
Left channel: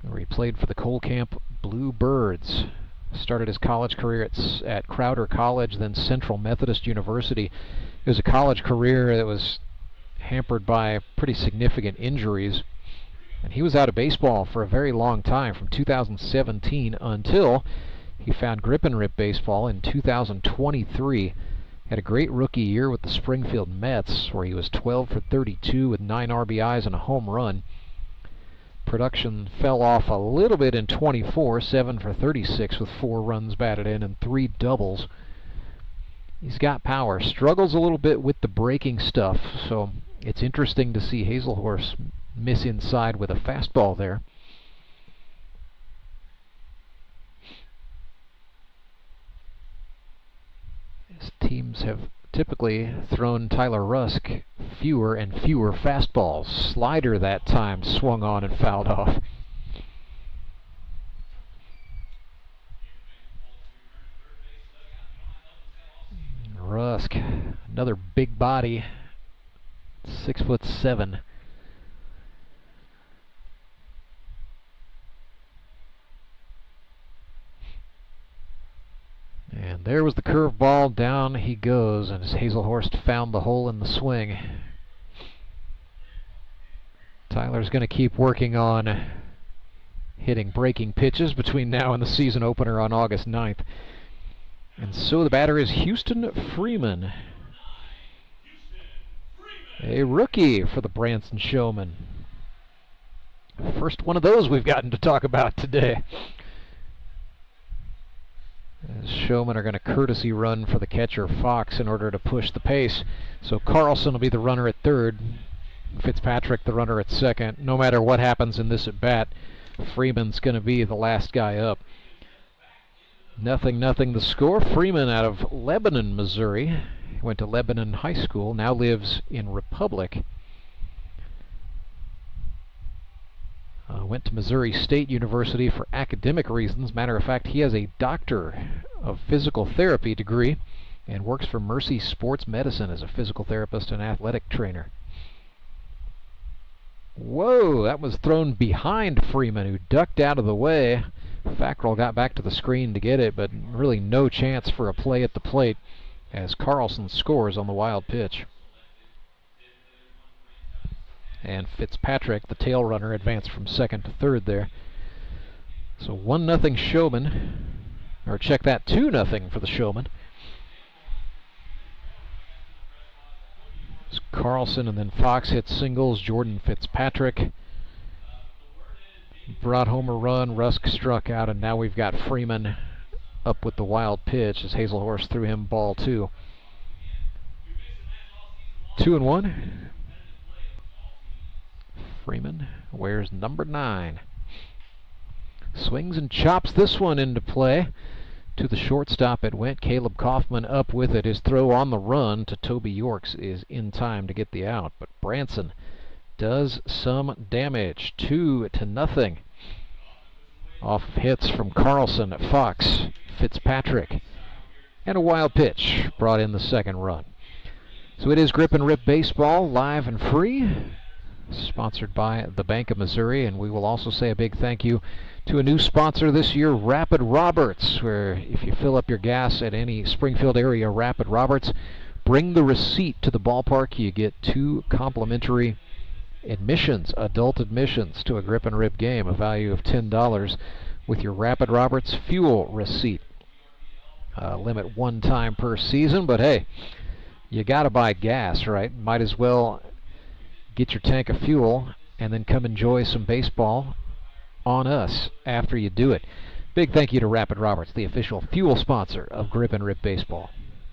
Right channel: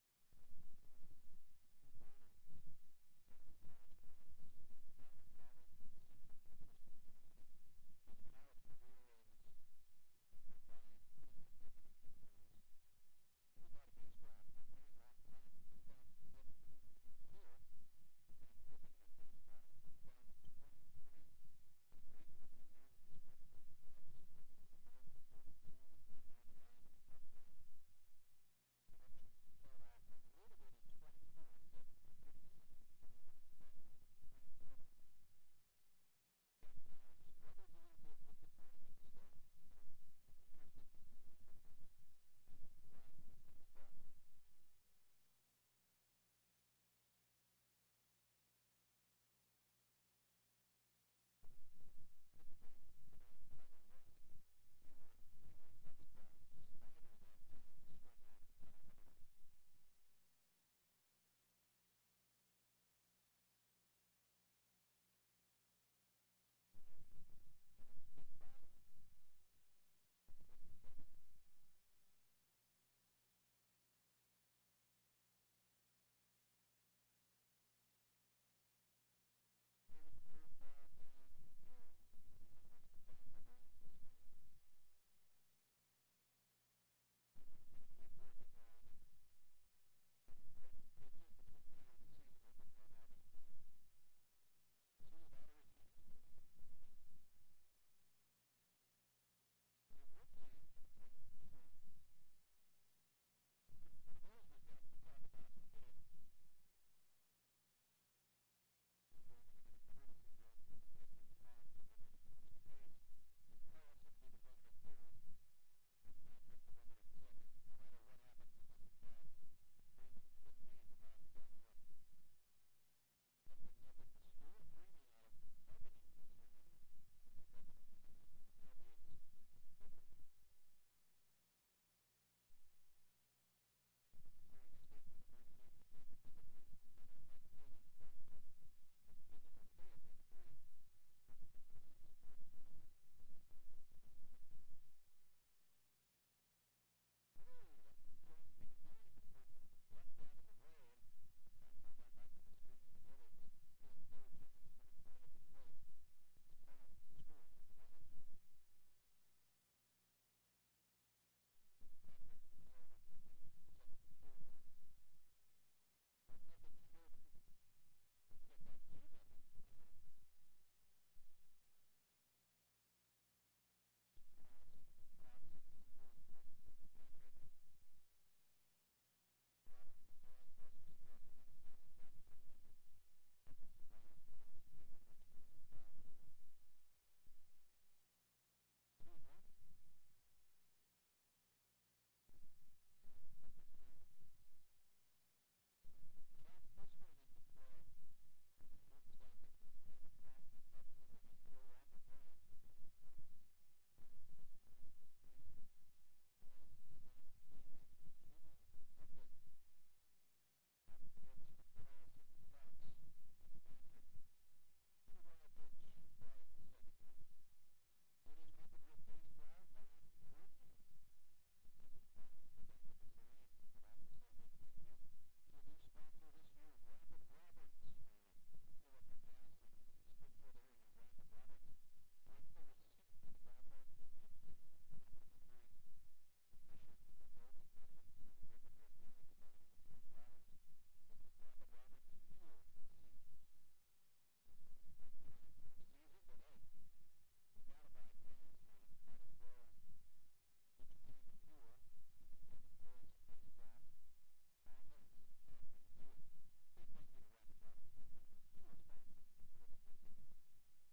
where he played for the Cole Camp Bluebirds. Started his college career at Crowder College, then Central Methodist University. It was a college career that was hampered by pretty significant injuries, and he was out of baseball for a very long time, from 2017 until he found grip and rip baseball in 2023. Had a great rookie year with the Springfield Mets, where he was 12 for 32 with 9 RBIs and a home run. Production fell off a little bit in 24, 7 for 36 with 4 runs batted in and 3 doubles. He's got power. Struggles a little bit with the breaking stuff, so it's interesting to see Hazelhurst miss inside with a fastball there. His teams have typically thrown Tyler Rusk fewer and fewer fastballs. Slider that time swung on and fouled off. Rusk. Another big body, 6'7". And there was the curveball. Down he goes, and as Hazelhorst found the hole in the swing. Tyler's going to keep working on hitting breaking pitches between now and the season opener on August 9th. And so the batter is Houston Freeman, a rookie for the Branson Showmen. First one of those we've gotten to talk about today. As Showmen are going to courtesy run for the catcher Fox in order to push the pace. So Carlson will be the runner at third, Fitzpatrick the runner at second. No matter what happens in this at bat, Freeman's going to be the last guy up. 0-0 the score. Freeman out of Lebanon, Missouri. Went to Lebanon High School, now lives in Republic. Went to Missouri State University for academic reasons. Matter of fact, he has a Doctor of Physical Therapy degree and works for Mercy Sports Medicine as a physical therapist and athletic trainer. Whoa, that was thrown behind Freeman, who ducked out of the way. Fackrell got back to the screen to get it, but really no chance for a play at the plate as Carlson scores on the wild pitch. And Fitzpatrick, the tail runner, advanced from second to third there. So 1-0 Showmen, or check that, 2-0 for the Showmen. It's Carlson and then Fox hit singles. Jordan Fitzpatrick brought home a run. Rusk struck out, and now we've got Freeman up with the wild pitch as Hazelhorst threw him ball 2. 2-1. Freeman wears number 9. Swings and chops this one into play. To the shortstop it went. Caleb Kaufman up with it. His throw on the run to Toby Yorks is in time to get the out. But Branson does some damage. 2-0. Off of hits from Carlson, Fox, Fitzpatrick, and a wild pitch brought in the second run. So it is Grip and Rip Baseball, live and free, sponsored by the Bank of Missouri. And we will also say a big thank you to a new sponsor this year, Rapid Roberts, where if you fill up your gas at any Springfield area Rapid Roberts, bring the receipt to the ballpark. You get 2 complimentary admissions, adult admissions to a Grip and Rip game, a value of $10 with your Rapid Roberts fuel receipt. Limit 1 time per season, but hey, you gotta buy gas, right? Might as well get your tank of fuel and then come enjoy some baseball on us after you do it. Big thank you to Rapid Roberts, the official fuel sponsor of Grip and Rip Baseball.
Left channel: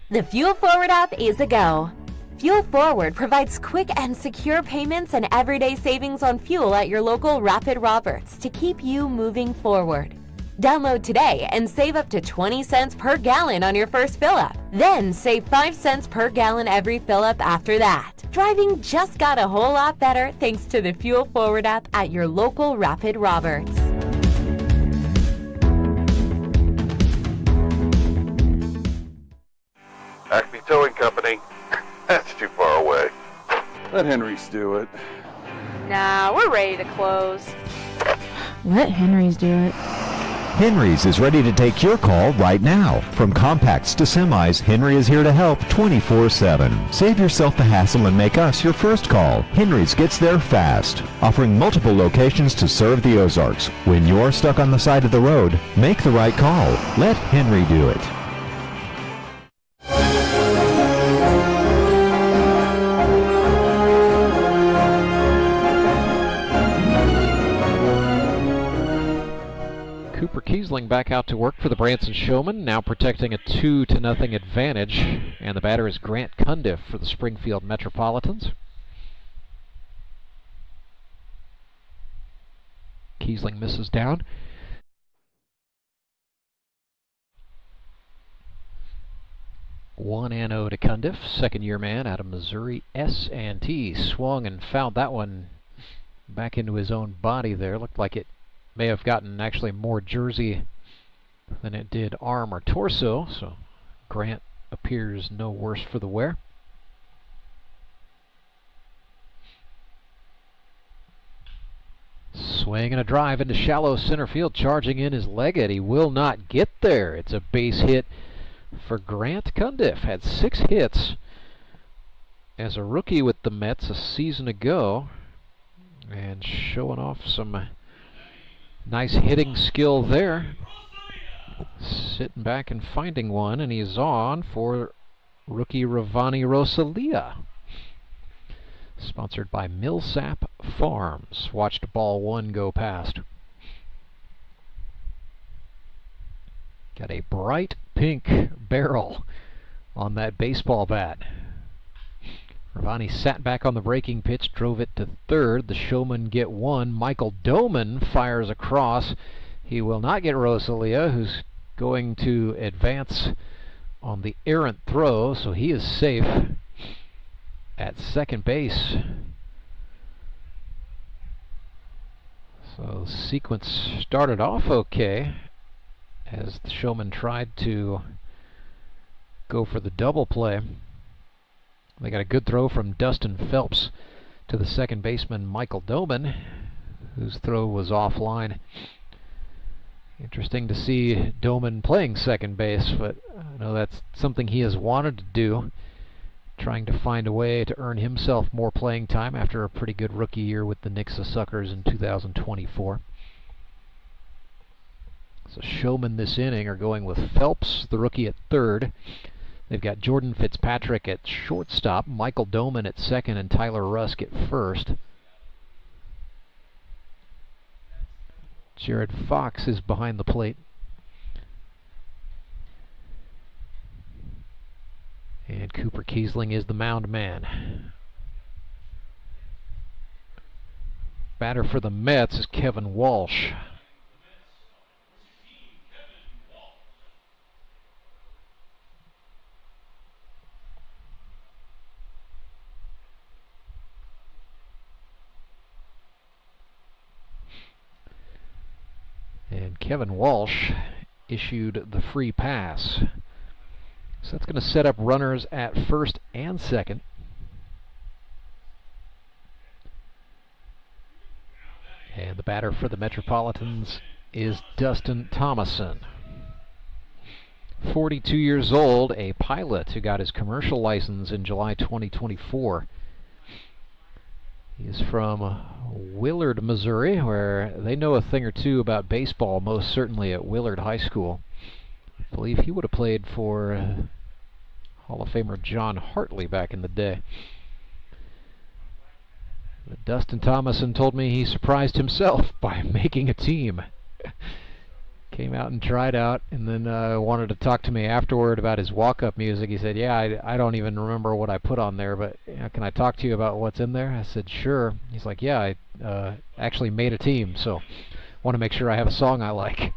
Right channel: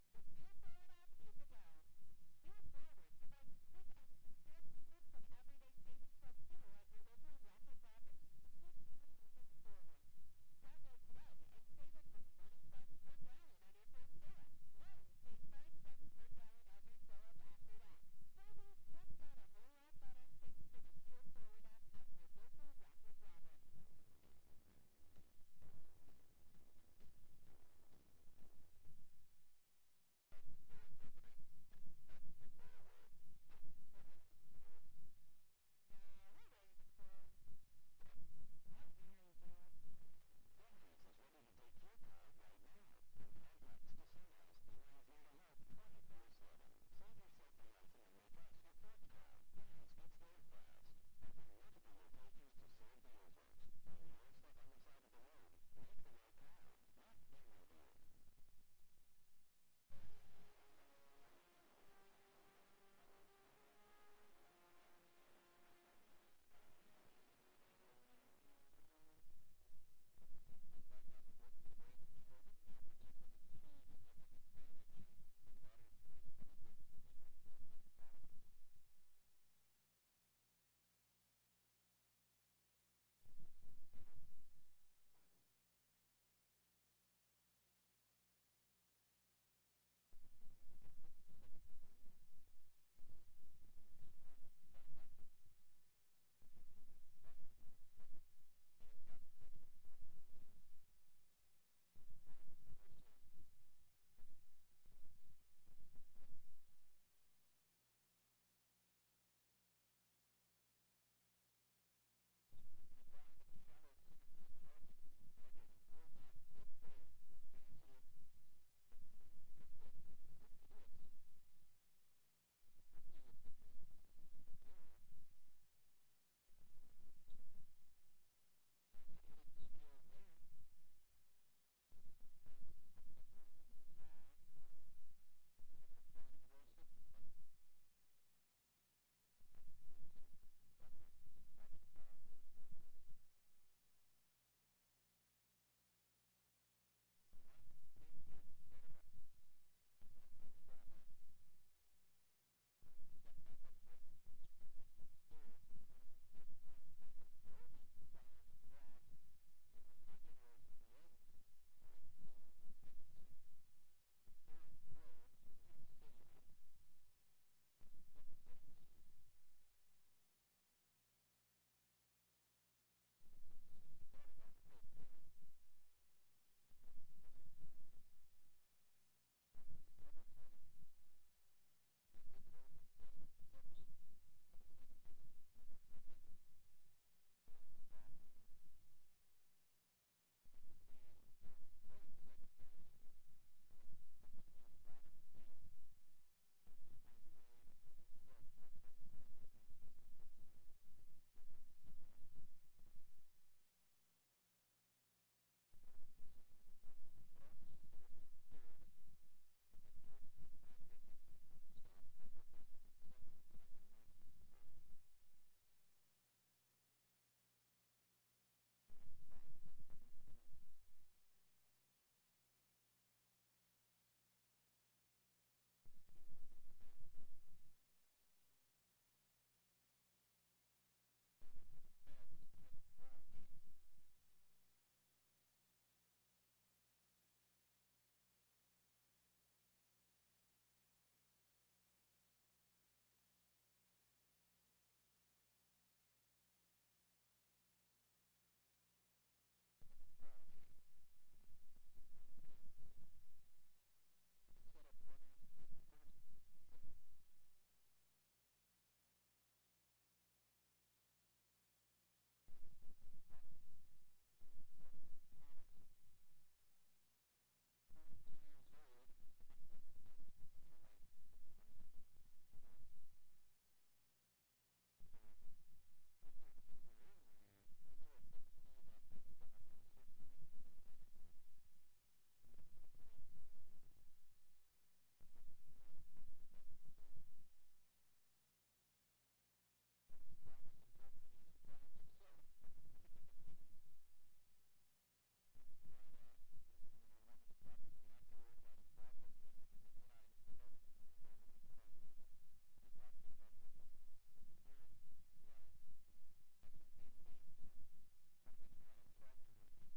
The Fuel Forward app is a go. Fuel Forward provides quick and secure payments and everyday savings on fuel at your local Rapid Roberts to keep you moving forward. Download today and save up to 20 cents per gallon on your first fill-up. Then save 5 cents per gallon every fill-up after that. Driving just got a whole lot better thanks to the Fuel Forward app at your local Rapid Roberts. Acme Towing Company. That's too far away. Let Henry's do it. Nah, we're ready to close. Let Henry's do it. Henry's is ready to take your call right now. From compacts to semis, Henry is here to help 24/7. Save yourself the hassle and make us your first call. Henry's gets there fast, offering multiple locations to serve the Ozarks. When you're stuck on the side of the road, make the right call. Let Henry do it. Cooper Kiesling back out to work for the Branson Showmen, now protecting a 2-0 advantage. And the batter is Grant Cundiff for the Springfield Metropolitans. Kiesling misses down. One and 0 to Cundiff, second-year man out of Missouri S&T. Swung and fouled that one back into his own body there. Looked like it may have gotten actually more jersey than it did arm or torso, so Grant appears no worse for the wear. Swing and a drive into shallow center field. Charging in is Leggett. He will not get there. It's a base hit for Grant Cundiff. Had 6 hits as a rookie with the Mets a season ago, and showing off some nice hitting skill there. Sitting back and finding one, and he's on for rookie Ravani Rosalia. Sponsored by Millsap Farms. Watched ball 1 go past. Got a bright pink barrel on that baseball bat. Ravani sat back on the breaking pitch, drove it to third. The Showmen get 1. Michael Doman fires across. He will not get Rosalia, who's going to advance on the errant throw, so he is safe at second base. So the sequence started off okay as the Showmen tried to go for the double play. They got a good throw from Dustin Phelps to the second baseman Michael Doman, whose throw was offline. Interesting to see Doman playing second base, but I know that's something he has wanted to do, trying to find a way to earn himself more playing time after a pretty good rookie year with the Nixa Suckers in 2024. So Showmen this inning are going with Phelps, the rookie, at third. They've got Jordan Fitzpatrick at shortstop, Michael Doman at second, and Tyler Rusk at first. Jared Fox is behind the plate. And Cooper Kiesling is the mound man. Batter for the Mets is Kevin Walsh. And Kevin Walsh issued the free pass. So that's going to set up runners at first and second. And the batter for the Metropolitans is Dustin Thomason. 42 years old, a pilot who got his commercial license in July 2024. He's from Willard, Missouri, where they know a thing or two about baseball, most certainly at Willard High School. I believe he would have played for Hall of Famer John Hartley back in the day. But Dustin Thomason told me he surprised himself by making a team. Came out and tried out, and then wanted to talk to me afterward about his walk-up music. He said, yeah, I don't even remember what I put on there, but can I talk to you about what's in there? I said, sure. He's like, yeah, I actually made a team, so want to make sure I have a song I like.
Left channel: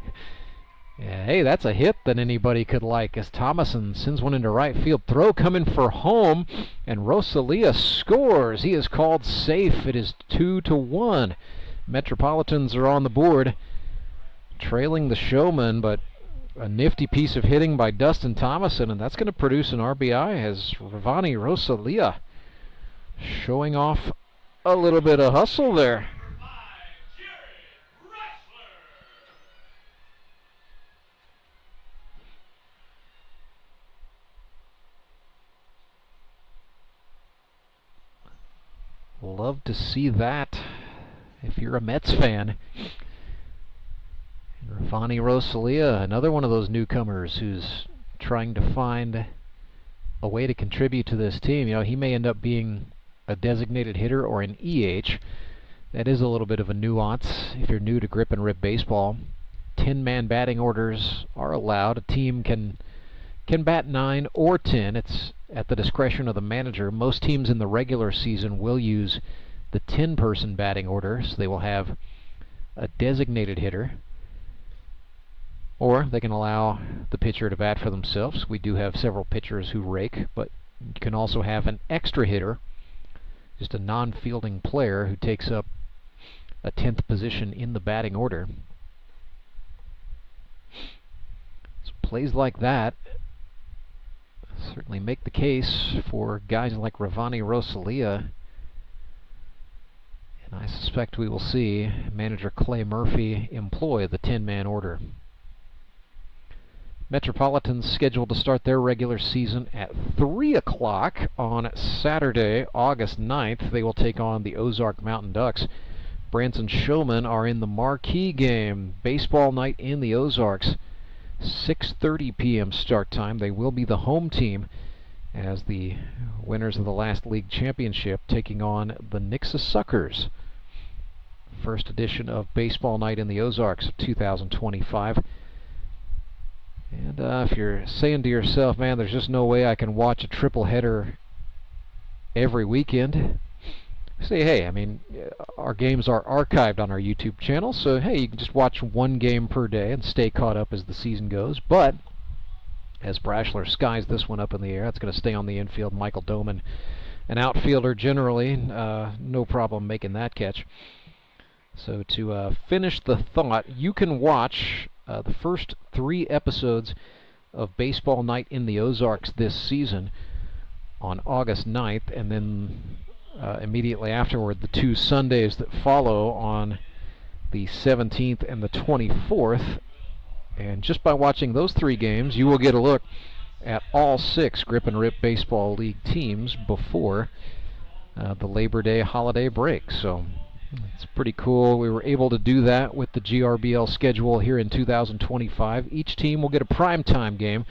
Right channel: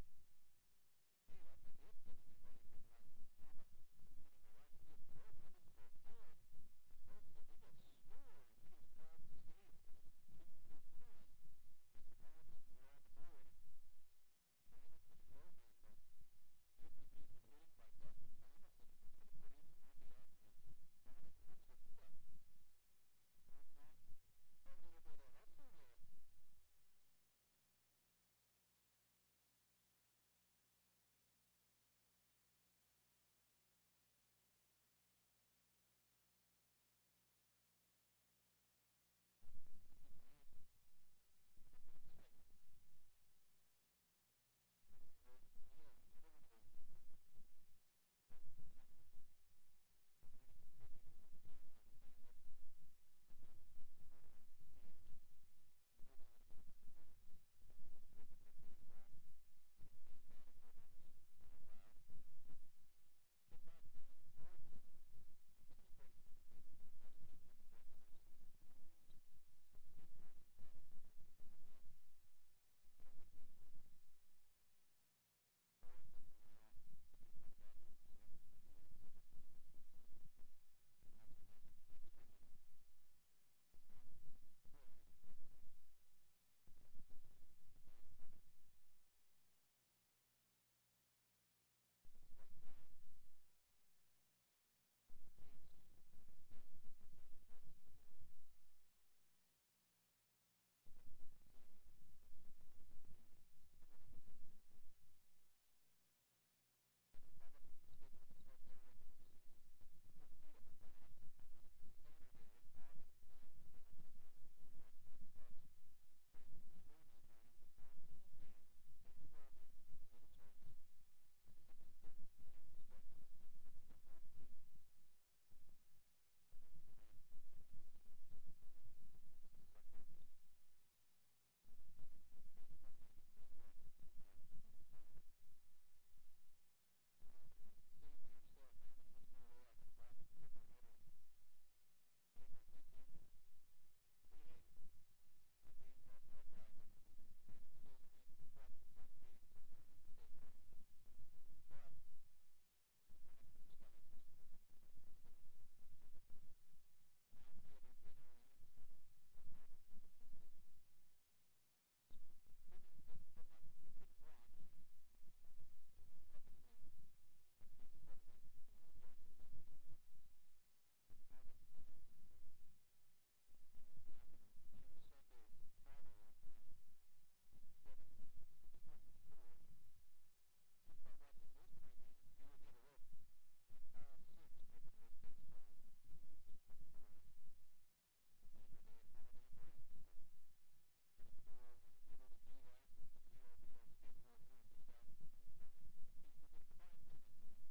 Yeah, hey, that's a hit that anybody could like, as Thomason sends one into right field. Throw coming for home, and Rosalia scores. He is called safe. It is 2-1. Metropolitans are on the board, trailing the Showmen, but a nifty piece of hitting by Dustin Thomason, and that's going to produce an RBI as Ravani Rosalia showing off a little bit of hustle there. Love to see that if you're a Mets fan. Ravani Rosalia, another one of those newcomers who's trying to find a way to contribute to this team. You know, he may end up being a designated hitter or an EH. That is a little bit of a nuance if you're new to grip and rip baseball. 10-man batting orders are allowed. A team can bat 9 or 10. It's at the discretion of the manager. Most teams in the regular season will use the 10-person batting order, so they will have a designated hitter, or they can allow the pitcher to bat for themselves. We do have several pitchers who rake, but you can also have an extra hitter, just a non-fielding player who takes up a 10th position in the batting order. So plays like that certainly make the case for guys like Ravani Rosalia. And I suspect we will see manager Clay Murphy employ the 10-man order. Metropolitans scheduled to start their regular season at 3 o'clock on Saturday, August 9th. They will take on the Ozark Mountain Ducks. Branson Showmen are in the marquee game, baseball night in the Ozarks. 6:30 p.m. start time. They will be the home team as the winners of the last league championship taking on the Nixa Suckers. First edition of baseball night in the Ozarks of 2025. And if you're saying to yourself, man, there's just no way I can watch a triple header every weekend, say, hey, I mean, our games are archived on our YouTube channel, so hey, you can just watch one game per day and stay caught up as the season goes. But as Brashler skies this one up in the air, that's going to stay on the infield. Michael Doman, an outfielder generally, no problem making that catch. So to finish the thought, you can watch the first 3 episodes of Baseball Night in the Ozarks this season on August 9th, and then immediately afterward, the 2 Sundays that follow on the 17th and the 24th. And just by watching those 3 games, you will get a look at all 6 Grip and Rip Baseball League teams before the Labor Day holiday break. So it's pretty cool. We were able to do that with the GRBL schedule here in 2025. Each team will get a primetime game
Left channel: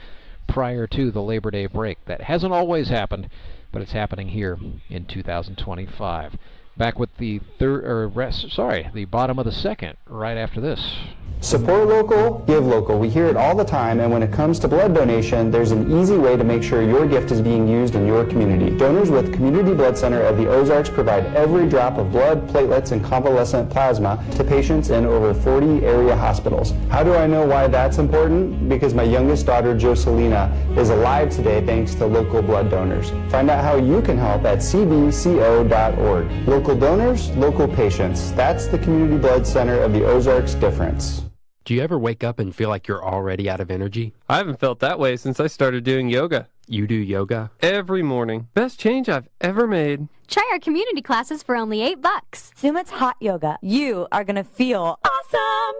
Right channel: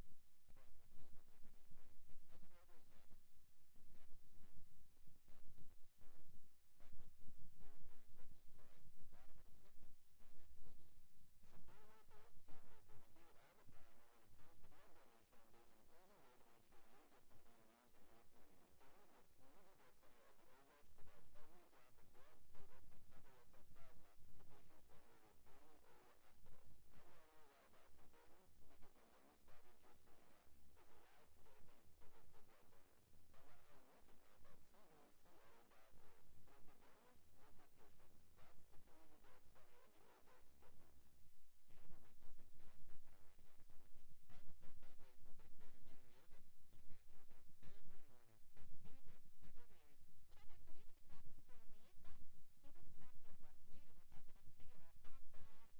prior to the Labor Day break. That hasn't always happened, but it's happening here in 2025. Back with the the bottom of the second right after this. Support local, give local. We hear it all the time, and when it comes to blood donation, there's an easy way to make sure your gift is being used in your community. Donors with Community Blood Center of the Ozarks provide every drop of blood, platelets, and convalescent plasma to patients in over 40 area hospitals. How do I know why that's important? Because my youngest daughter, Joselina, is alive today thanks to local blood donors. Find out how you can help at cbco.org. Local donors, local patients. That's the Community Blood Center of the Ozarks difference. Do you ever wake up and feel like you're already out of energy? I haven't felt that way since I started doing yoga. You do yoga? Every morning. Best change I've ever made. Try our community classes for only $8. Sumit's hot yoga. You are going to feel awesome.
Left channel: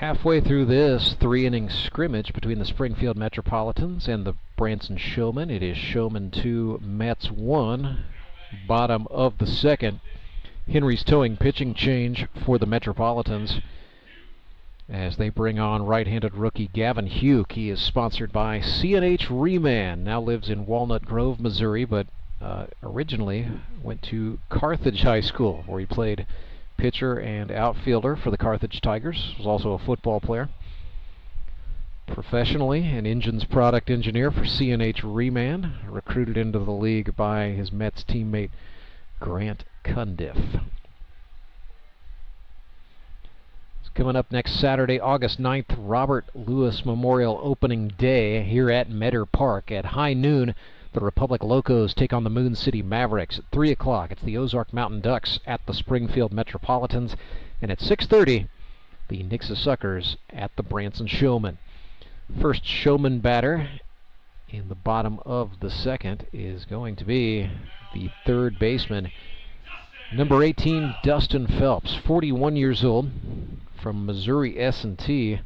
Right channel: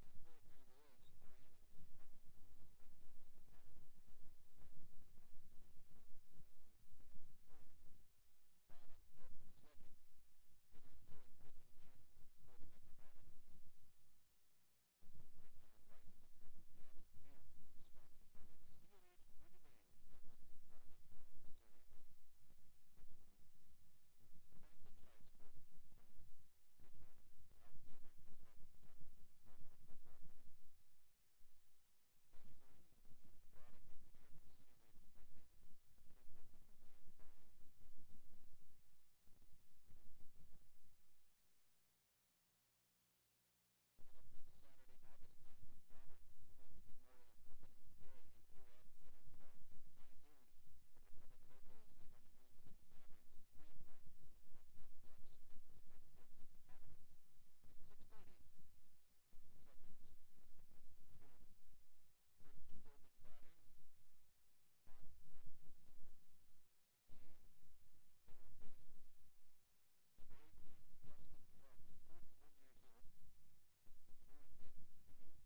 Halfway through this 3-inning scrimmage between the Springfield Metropolitans and the Branson Showmen. It is Showmen 2, Mets 1. Bottom of the second. Henry's towing pitching change for the Metropolitans as they bring on right-handed rookie Gavin Hugh. He is sponsored by C&H Reman. Now lives in Walnut Grove, Missouri, but originally went to Carthage High School, where he played pitcher and outfielder for the Carthage Tigers. Was also a football player. Professionally, an engines product engineer for C&H Reman, recruited into the league by his Mets teammate Grant Cundiff. It's coming up next Saturday, August 9th, Robert Lewis Memorial Opening Day here at Meador Park. At high noon, the Republic Locos take on the Moon City Mavericks. At 3 o'clock, it's the Ozark Mountain Ducks at the Springfield Metropolitans. And at 6:30, the Nixa Suckers at the Branson Showmen. First Showman batter in the bottom of the second is going to be the third baseman, number 18, Dustin Phelps, 41 years old, from Missouri S&T.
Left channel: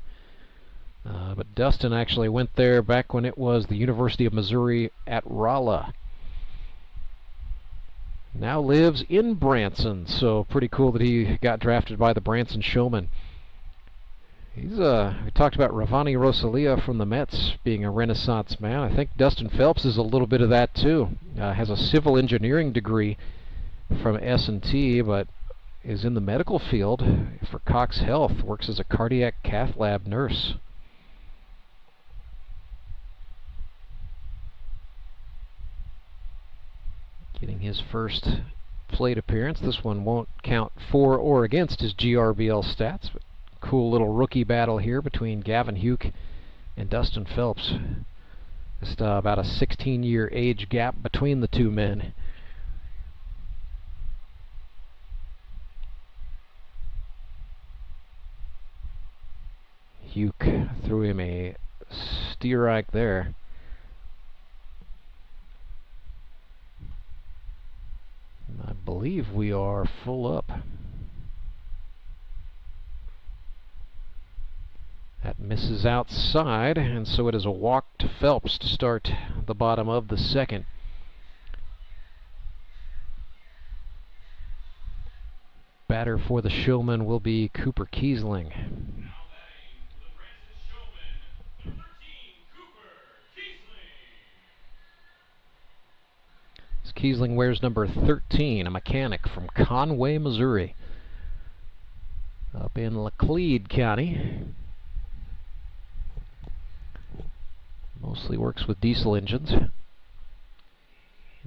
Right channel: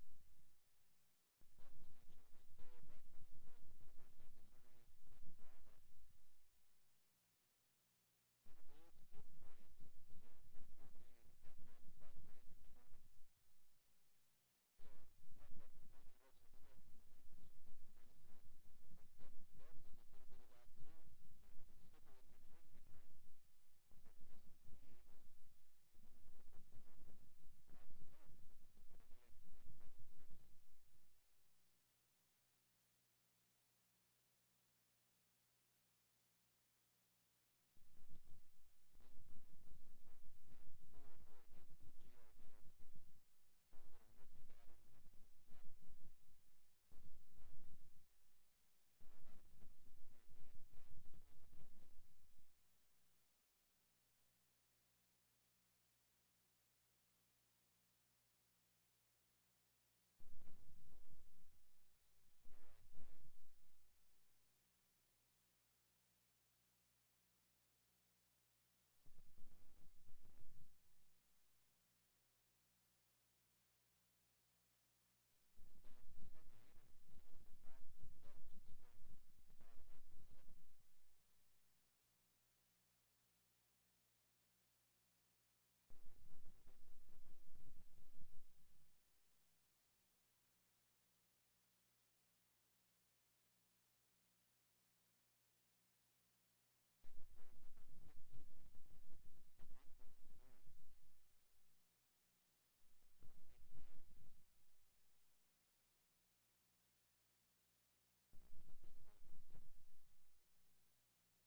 But Dustin actually went there back when it was the University of Missouri at Rolla. Now lives in Branson, so pretty cool that he got drafted by the Branson Showmen. We talked about Ravani Rosalia from the Mets being a Renaissance man. I think Dustin Phelps is a little bit of that too. Has a civil engineering degree from S&T, but is in the medical field for Cox Health, works as a cardiac cath lab nurse. Getting his first plate appearance. This one won't count for or against his GRBL stats, but cool little rookie battle here between Gavin Hugh and Dustin Phelps. Just about a 16-year age gap between the two men. Hugh threw him a steer-ike there. I believe we are full up. That misses outside, and so it is a walk to Phelps to start the bottom of the second. Batter for the Showmen will be Cooper Kiesling. Kiesling wears number 13, a mechanic from Conway, Missouri, up in Laclede County. Mostly works with diesel engines. In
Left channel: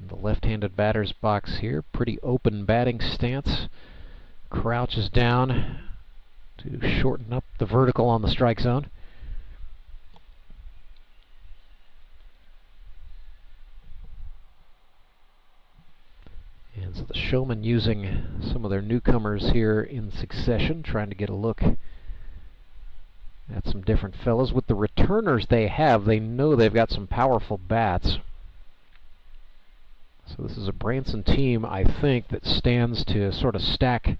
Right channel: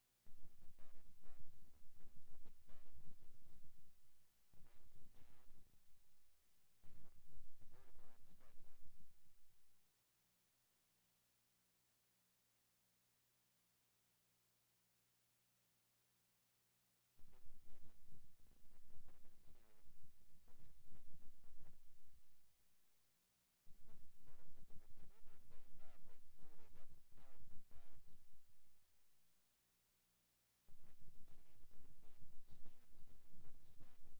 the left-handed batter's box here, pretty open batting stance. Crouches down to shorten up the vertical on the strike zone. And so the Showmen using some of their newcomers here in succession, trying to get a look at some different fellas. With the returners they have, they know they've got some powerful bats. So this is a Branson team, I think, that stands to sort of stack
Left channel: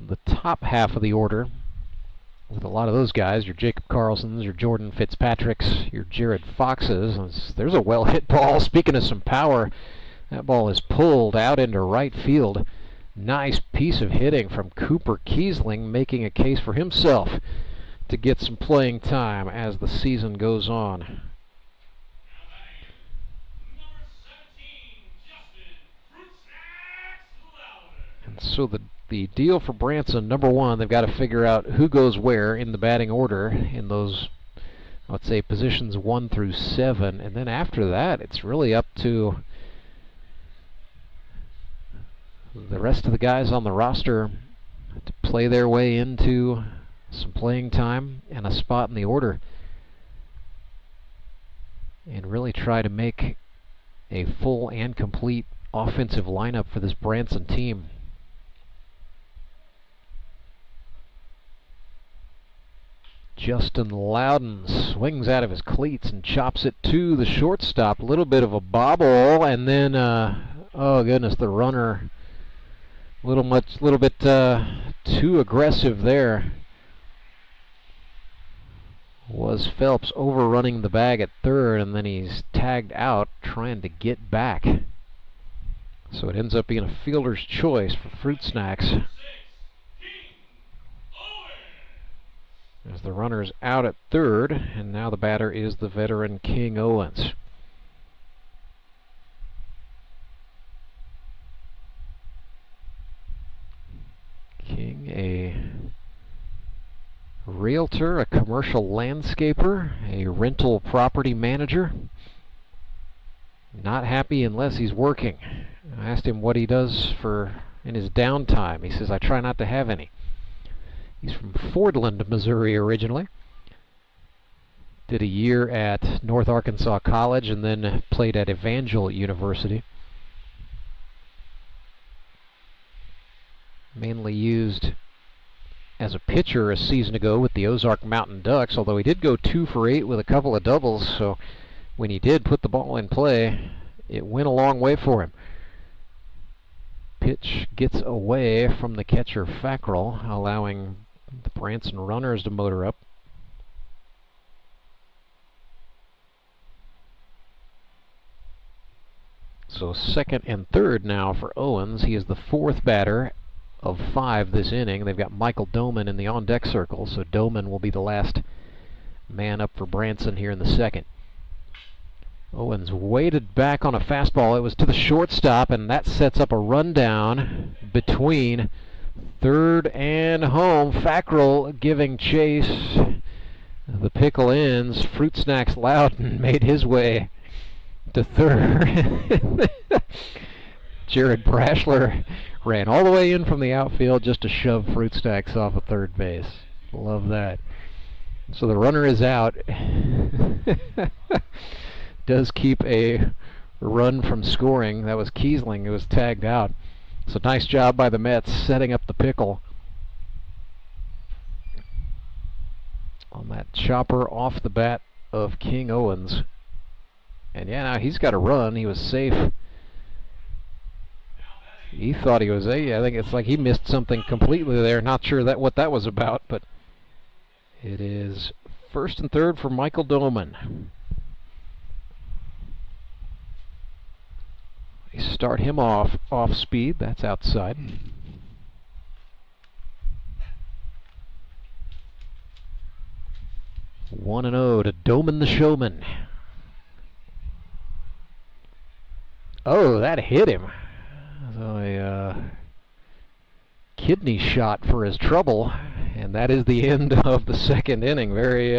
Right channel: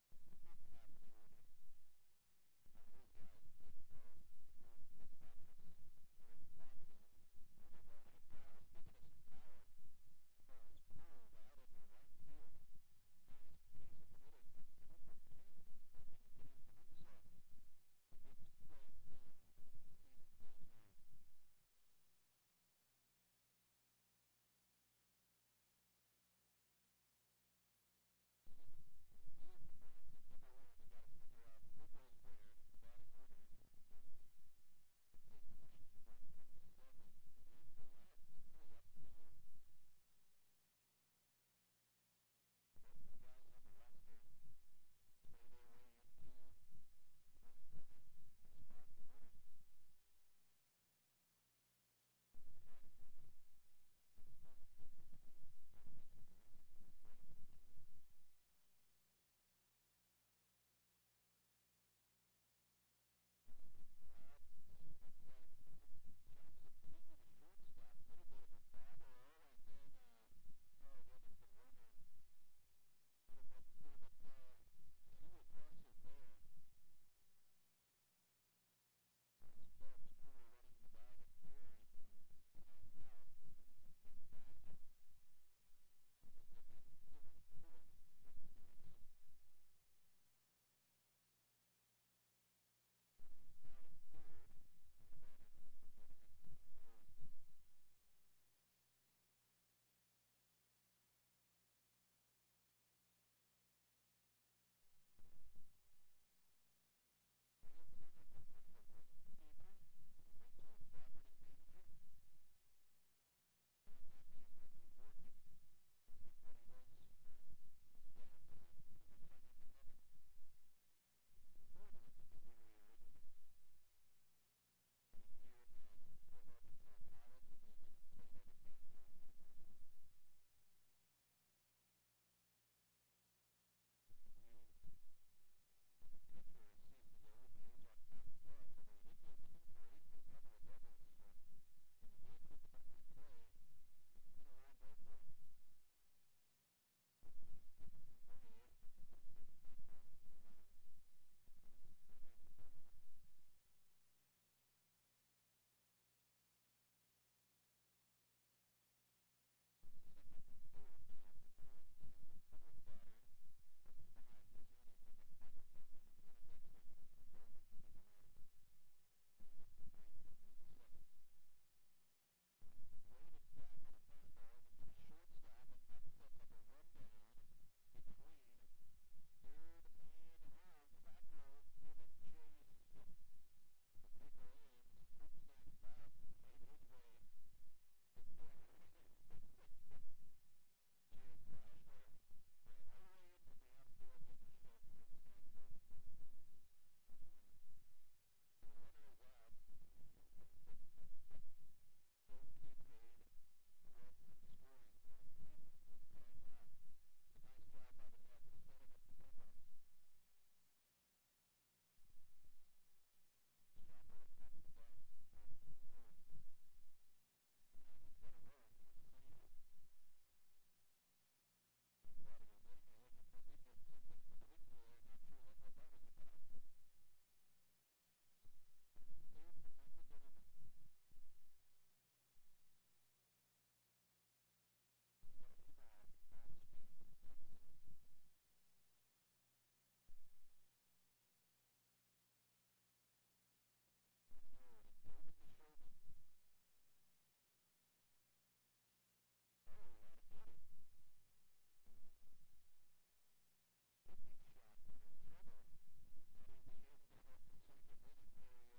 the top half of the order with a lot of those guys, your Jacob Carlsons, your Jordan Fitzpatricks, your Jared Foxes. There's a well-hit ball. Speaking of some power, that ball is pulled out into right field. Nice piece of hitting from Cooper Kiesling, making a case for himself to get some playing time as the season goes on. And so the deal for Branson, number one, they've got to figure out who goes where in the batting order in those, let's say, positions 1 through 7. And then after that, it's really up to the rest of the guys on the roster to play their way into some playing time and a spot in the order and really try to make a full and complete offensive lineup for this Branson team. Justin Loudon swings out of his cleats and chops it to the shortstop. A little bit of a bobble, and then oh goodness, the runner little bit too aggressive there. Was Phelps overrunning the bag at third, and then he's tagged out trying to get back. So it ends up being a fielder's choice for Fruit Snacks. As the runner's out at third, and now the batter is the veteran King Owens. King, a realtor, a commercial landscaper, a rental property manager. Not happy unless he's working. I asked him what he does in his downtime. He says, I try not to have any. He's from Fordland, Missouri originally. Did a year at North Arkansas College and then played at Evangel University. Mainly used as a pitcher a season ago with the Ozark Mountain Ducks, although he did go 2 for 8 with a couple of doubles, so when he did put the ball in play, it went a long way for him. Pitch gets away from the catcher Fackrell, allowing the Branson runners to motor up. So second and third now for Owens. He is the 4th batter of 5 this inning. They've got Michael Doman in the on-deck circle, so Doman will be the last man up for Branson here in the second. Owens waited back on a fastball. It was to the shortstop, and that sets up a rundown between third and home. Fackrell giving chase. The pickle ends. Fruit Snacks Loudon made his way to third. Jared Brashler ran all the way in from the outfield just to shove Fruit Snacks off of third base. Love that. So the runner is out. does keep a run from scoring. That was Kiesling who was tagged out. So nice job by the Mets setting up the pickle on that chopper off the bat of King Owens. And yeah, now he's got a run. He was safe. He thought he was I think it's like he missed something completely there. Not sure what that was about, but it is first and third for Michael Doman. They start him off speed. That's outside. 1-0 to Doman the Showman. Oh, that hit him. So a kidney shot for his trouble, and that is the end of the second inning. Very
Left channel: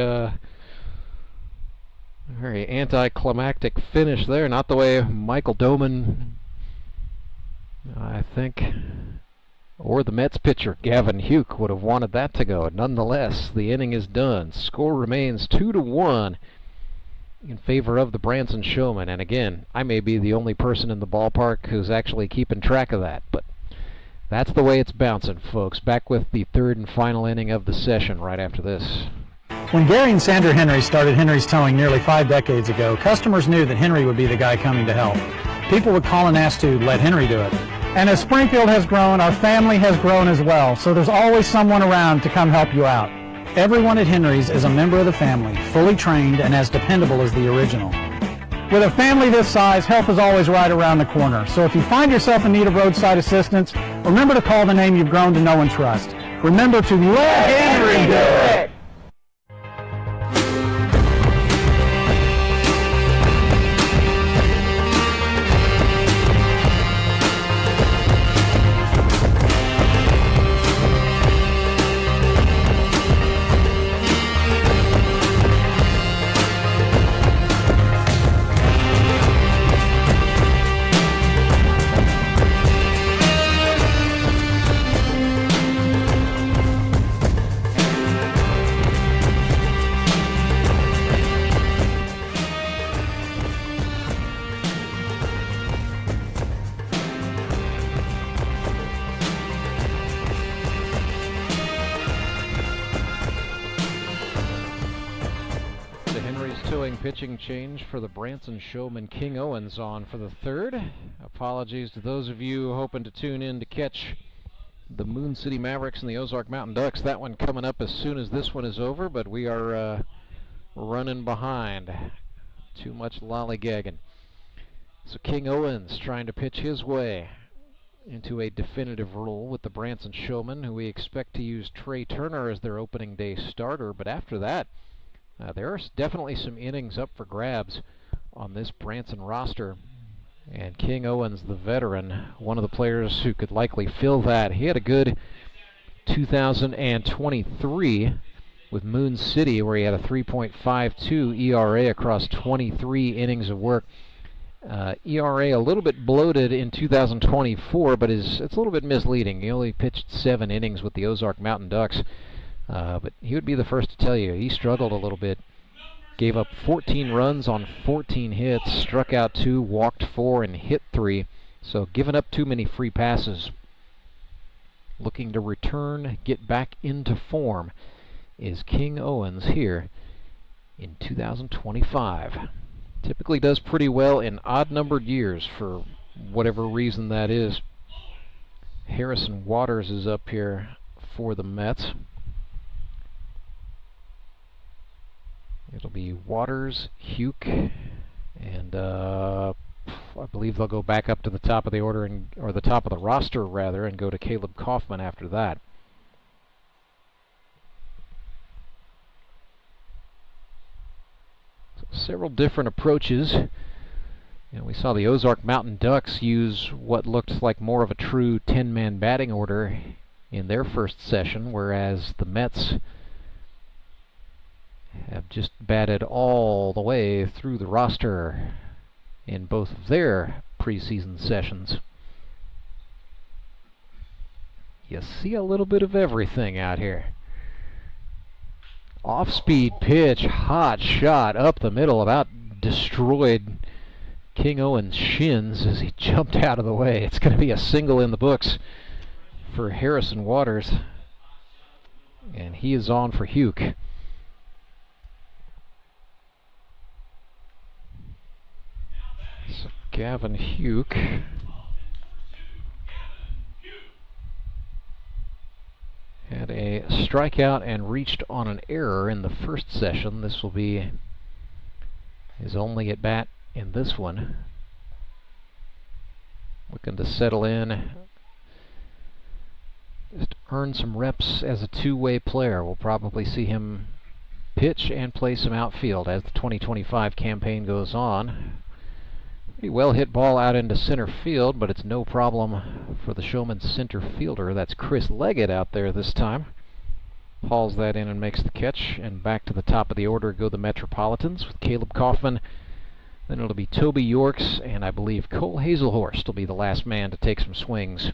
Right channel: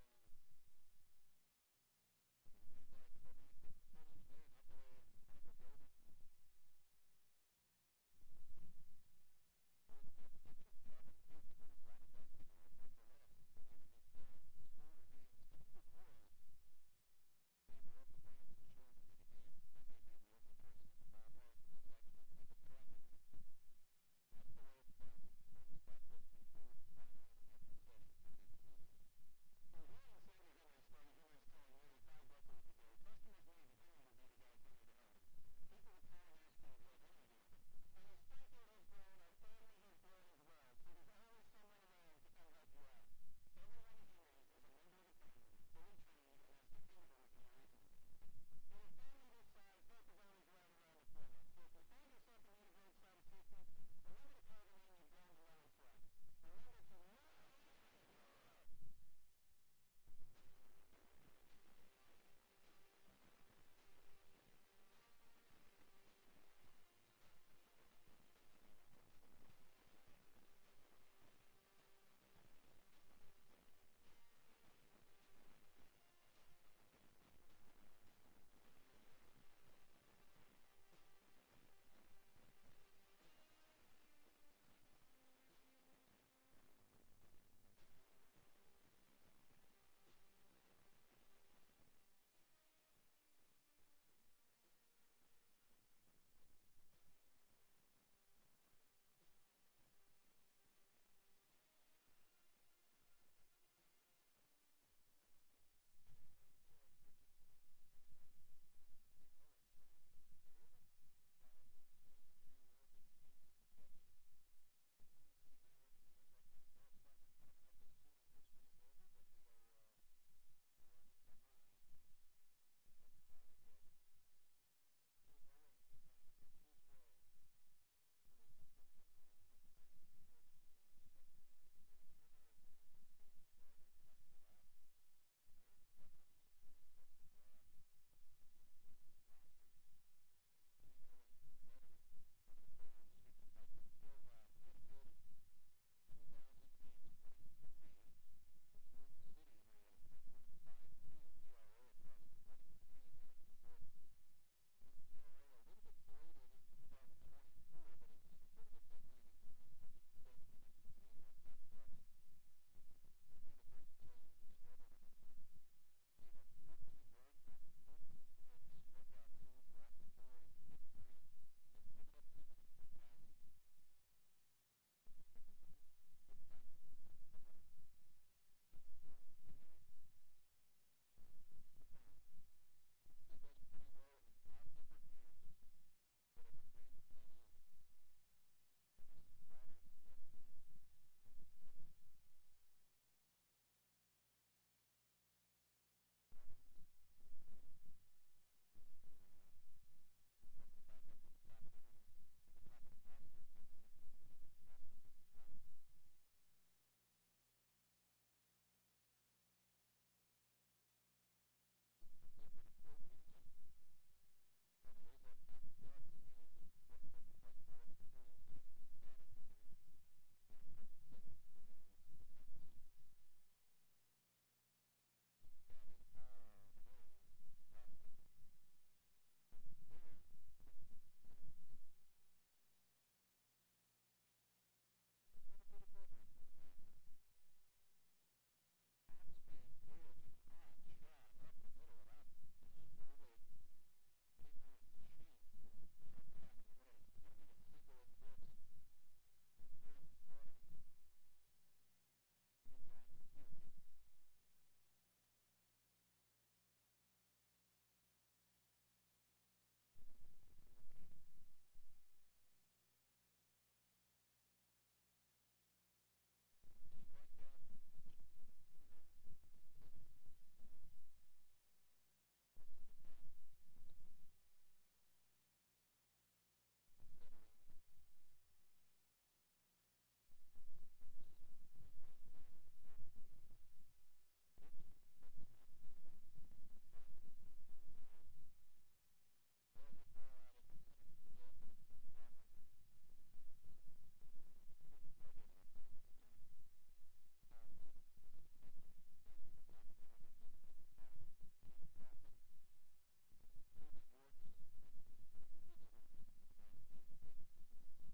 anticlimactic finish there. Not the way Michael Doman, I think, or the Mets pitcher Gavin Houck would have wanted that to go. Nonetheless, the inning is done. Score remains 2-1 in favor of the Branson Showmen. And again, I may be the only person in the ballpark who's actually keeping track of that, but that's the way it's bouncing, folks. Back with the third and final inning of the session right after this. When Gary and Sandra Henry started Henry's Towing nearly 5 decades ago, customers knew that Henry would be the guy coming to help. People would call and ask to let Henry do it. And as Springfield has grown, our family has grown as well, so there's always someone around to come help you out. Everyone at Henry's is a member of the family, fully trained and as dependable as the original. With a family this size, help is always right around the corner. So if you find yourself in need of roadside assistance, remember to call the name you've grown to know and trust. Remember to let Henry do it! Pitching change for the Branson Showman. King Owens on for the third. Apologies to those of you hoping to tune in to catch the Moon City Mavericks and the Ozark Mountain Ducks. That one coming up as soon as this one is over, but we are running behind. Too much lollygagging. So King Owens trying to pitch his way into a definitive role with the Branson Showmen, who we expect to use Trey Turner as their opening day starter, but after that, there are definitely some innings up for grabs on this Branson roster. And King Owens, the veteran, one of the players who could likely fill that. He had a good 2023 with Moon City, where he had a 3.52 ERA across 23 innings of work. ERA a little bit bloated in 2024, but it's a little bit misleading. He only pitched 7 innings with the Ozark Mountain Ducks. But he would be the first to tell you he struggled a little bit. Gave up 14 runs on 14 hits, struck out 2, walked 4, and hit 3. So giving up too many free passes. Looking to return, get back into form is King Owens here in 2025. Typically does pretty well in odd-numbered years for whatever reason that is. Harrison Waters is up here for the Mets. It'll be Waters, Houck, and I believe they'll go back up to the top of the order, or the top of the roster rather, and go to Caleb Kaufman after that. So several different approaches. We saw the Ozark Mountain Ducks use what looked like more of a true 10-man batting order in their first session, whereas the Mets have just batted all the way through the roster in both of their preseason sessions. You see a little bit of everything out here. Off-speed pitch, hot shot up the middle, about destroyed King Owen's shins as he jumped out of the way. It's going to be a single in the books for Harrison Waters, and he is on for Hugh. So Gavin Hugh had a strikeout and reached on an error in the first session. This will be his only at bat in this one. Looking to settle in, just earn some reps as a two-way player. We'll probably see him pitch and play some outfield as the 2025 campaign goes on. Pretty well hit ball out into center field, but it's no problem for the Showman center fielder. That's Chris Leggett out there this time. Hauls that in and makes the catch, and back to the top of the order go the Metropolitans with Caleb Kaufman. Then it'll be Toby Yorks, and I believe Cole Hazelhorst will be the last man to take some swings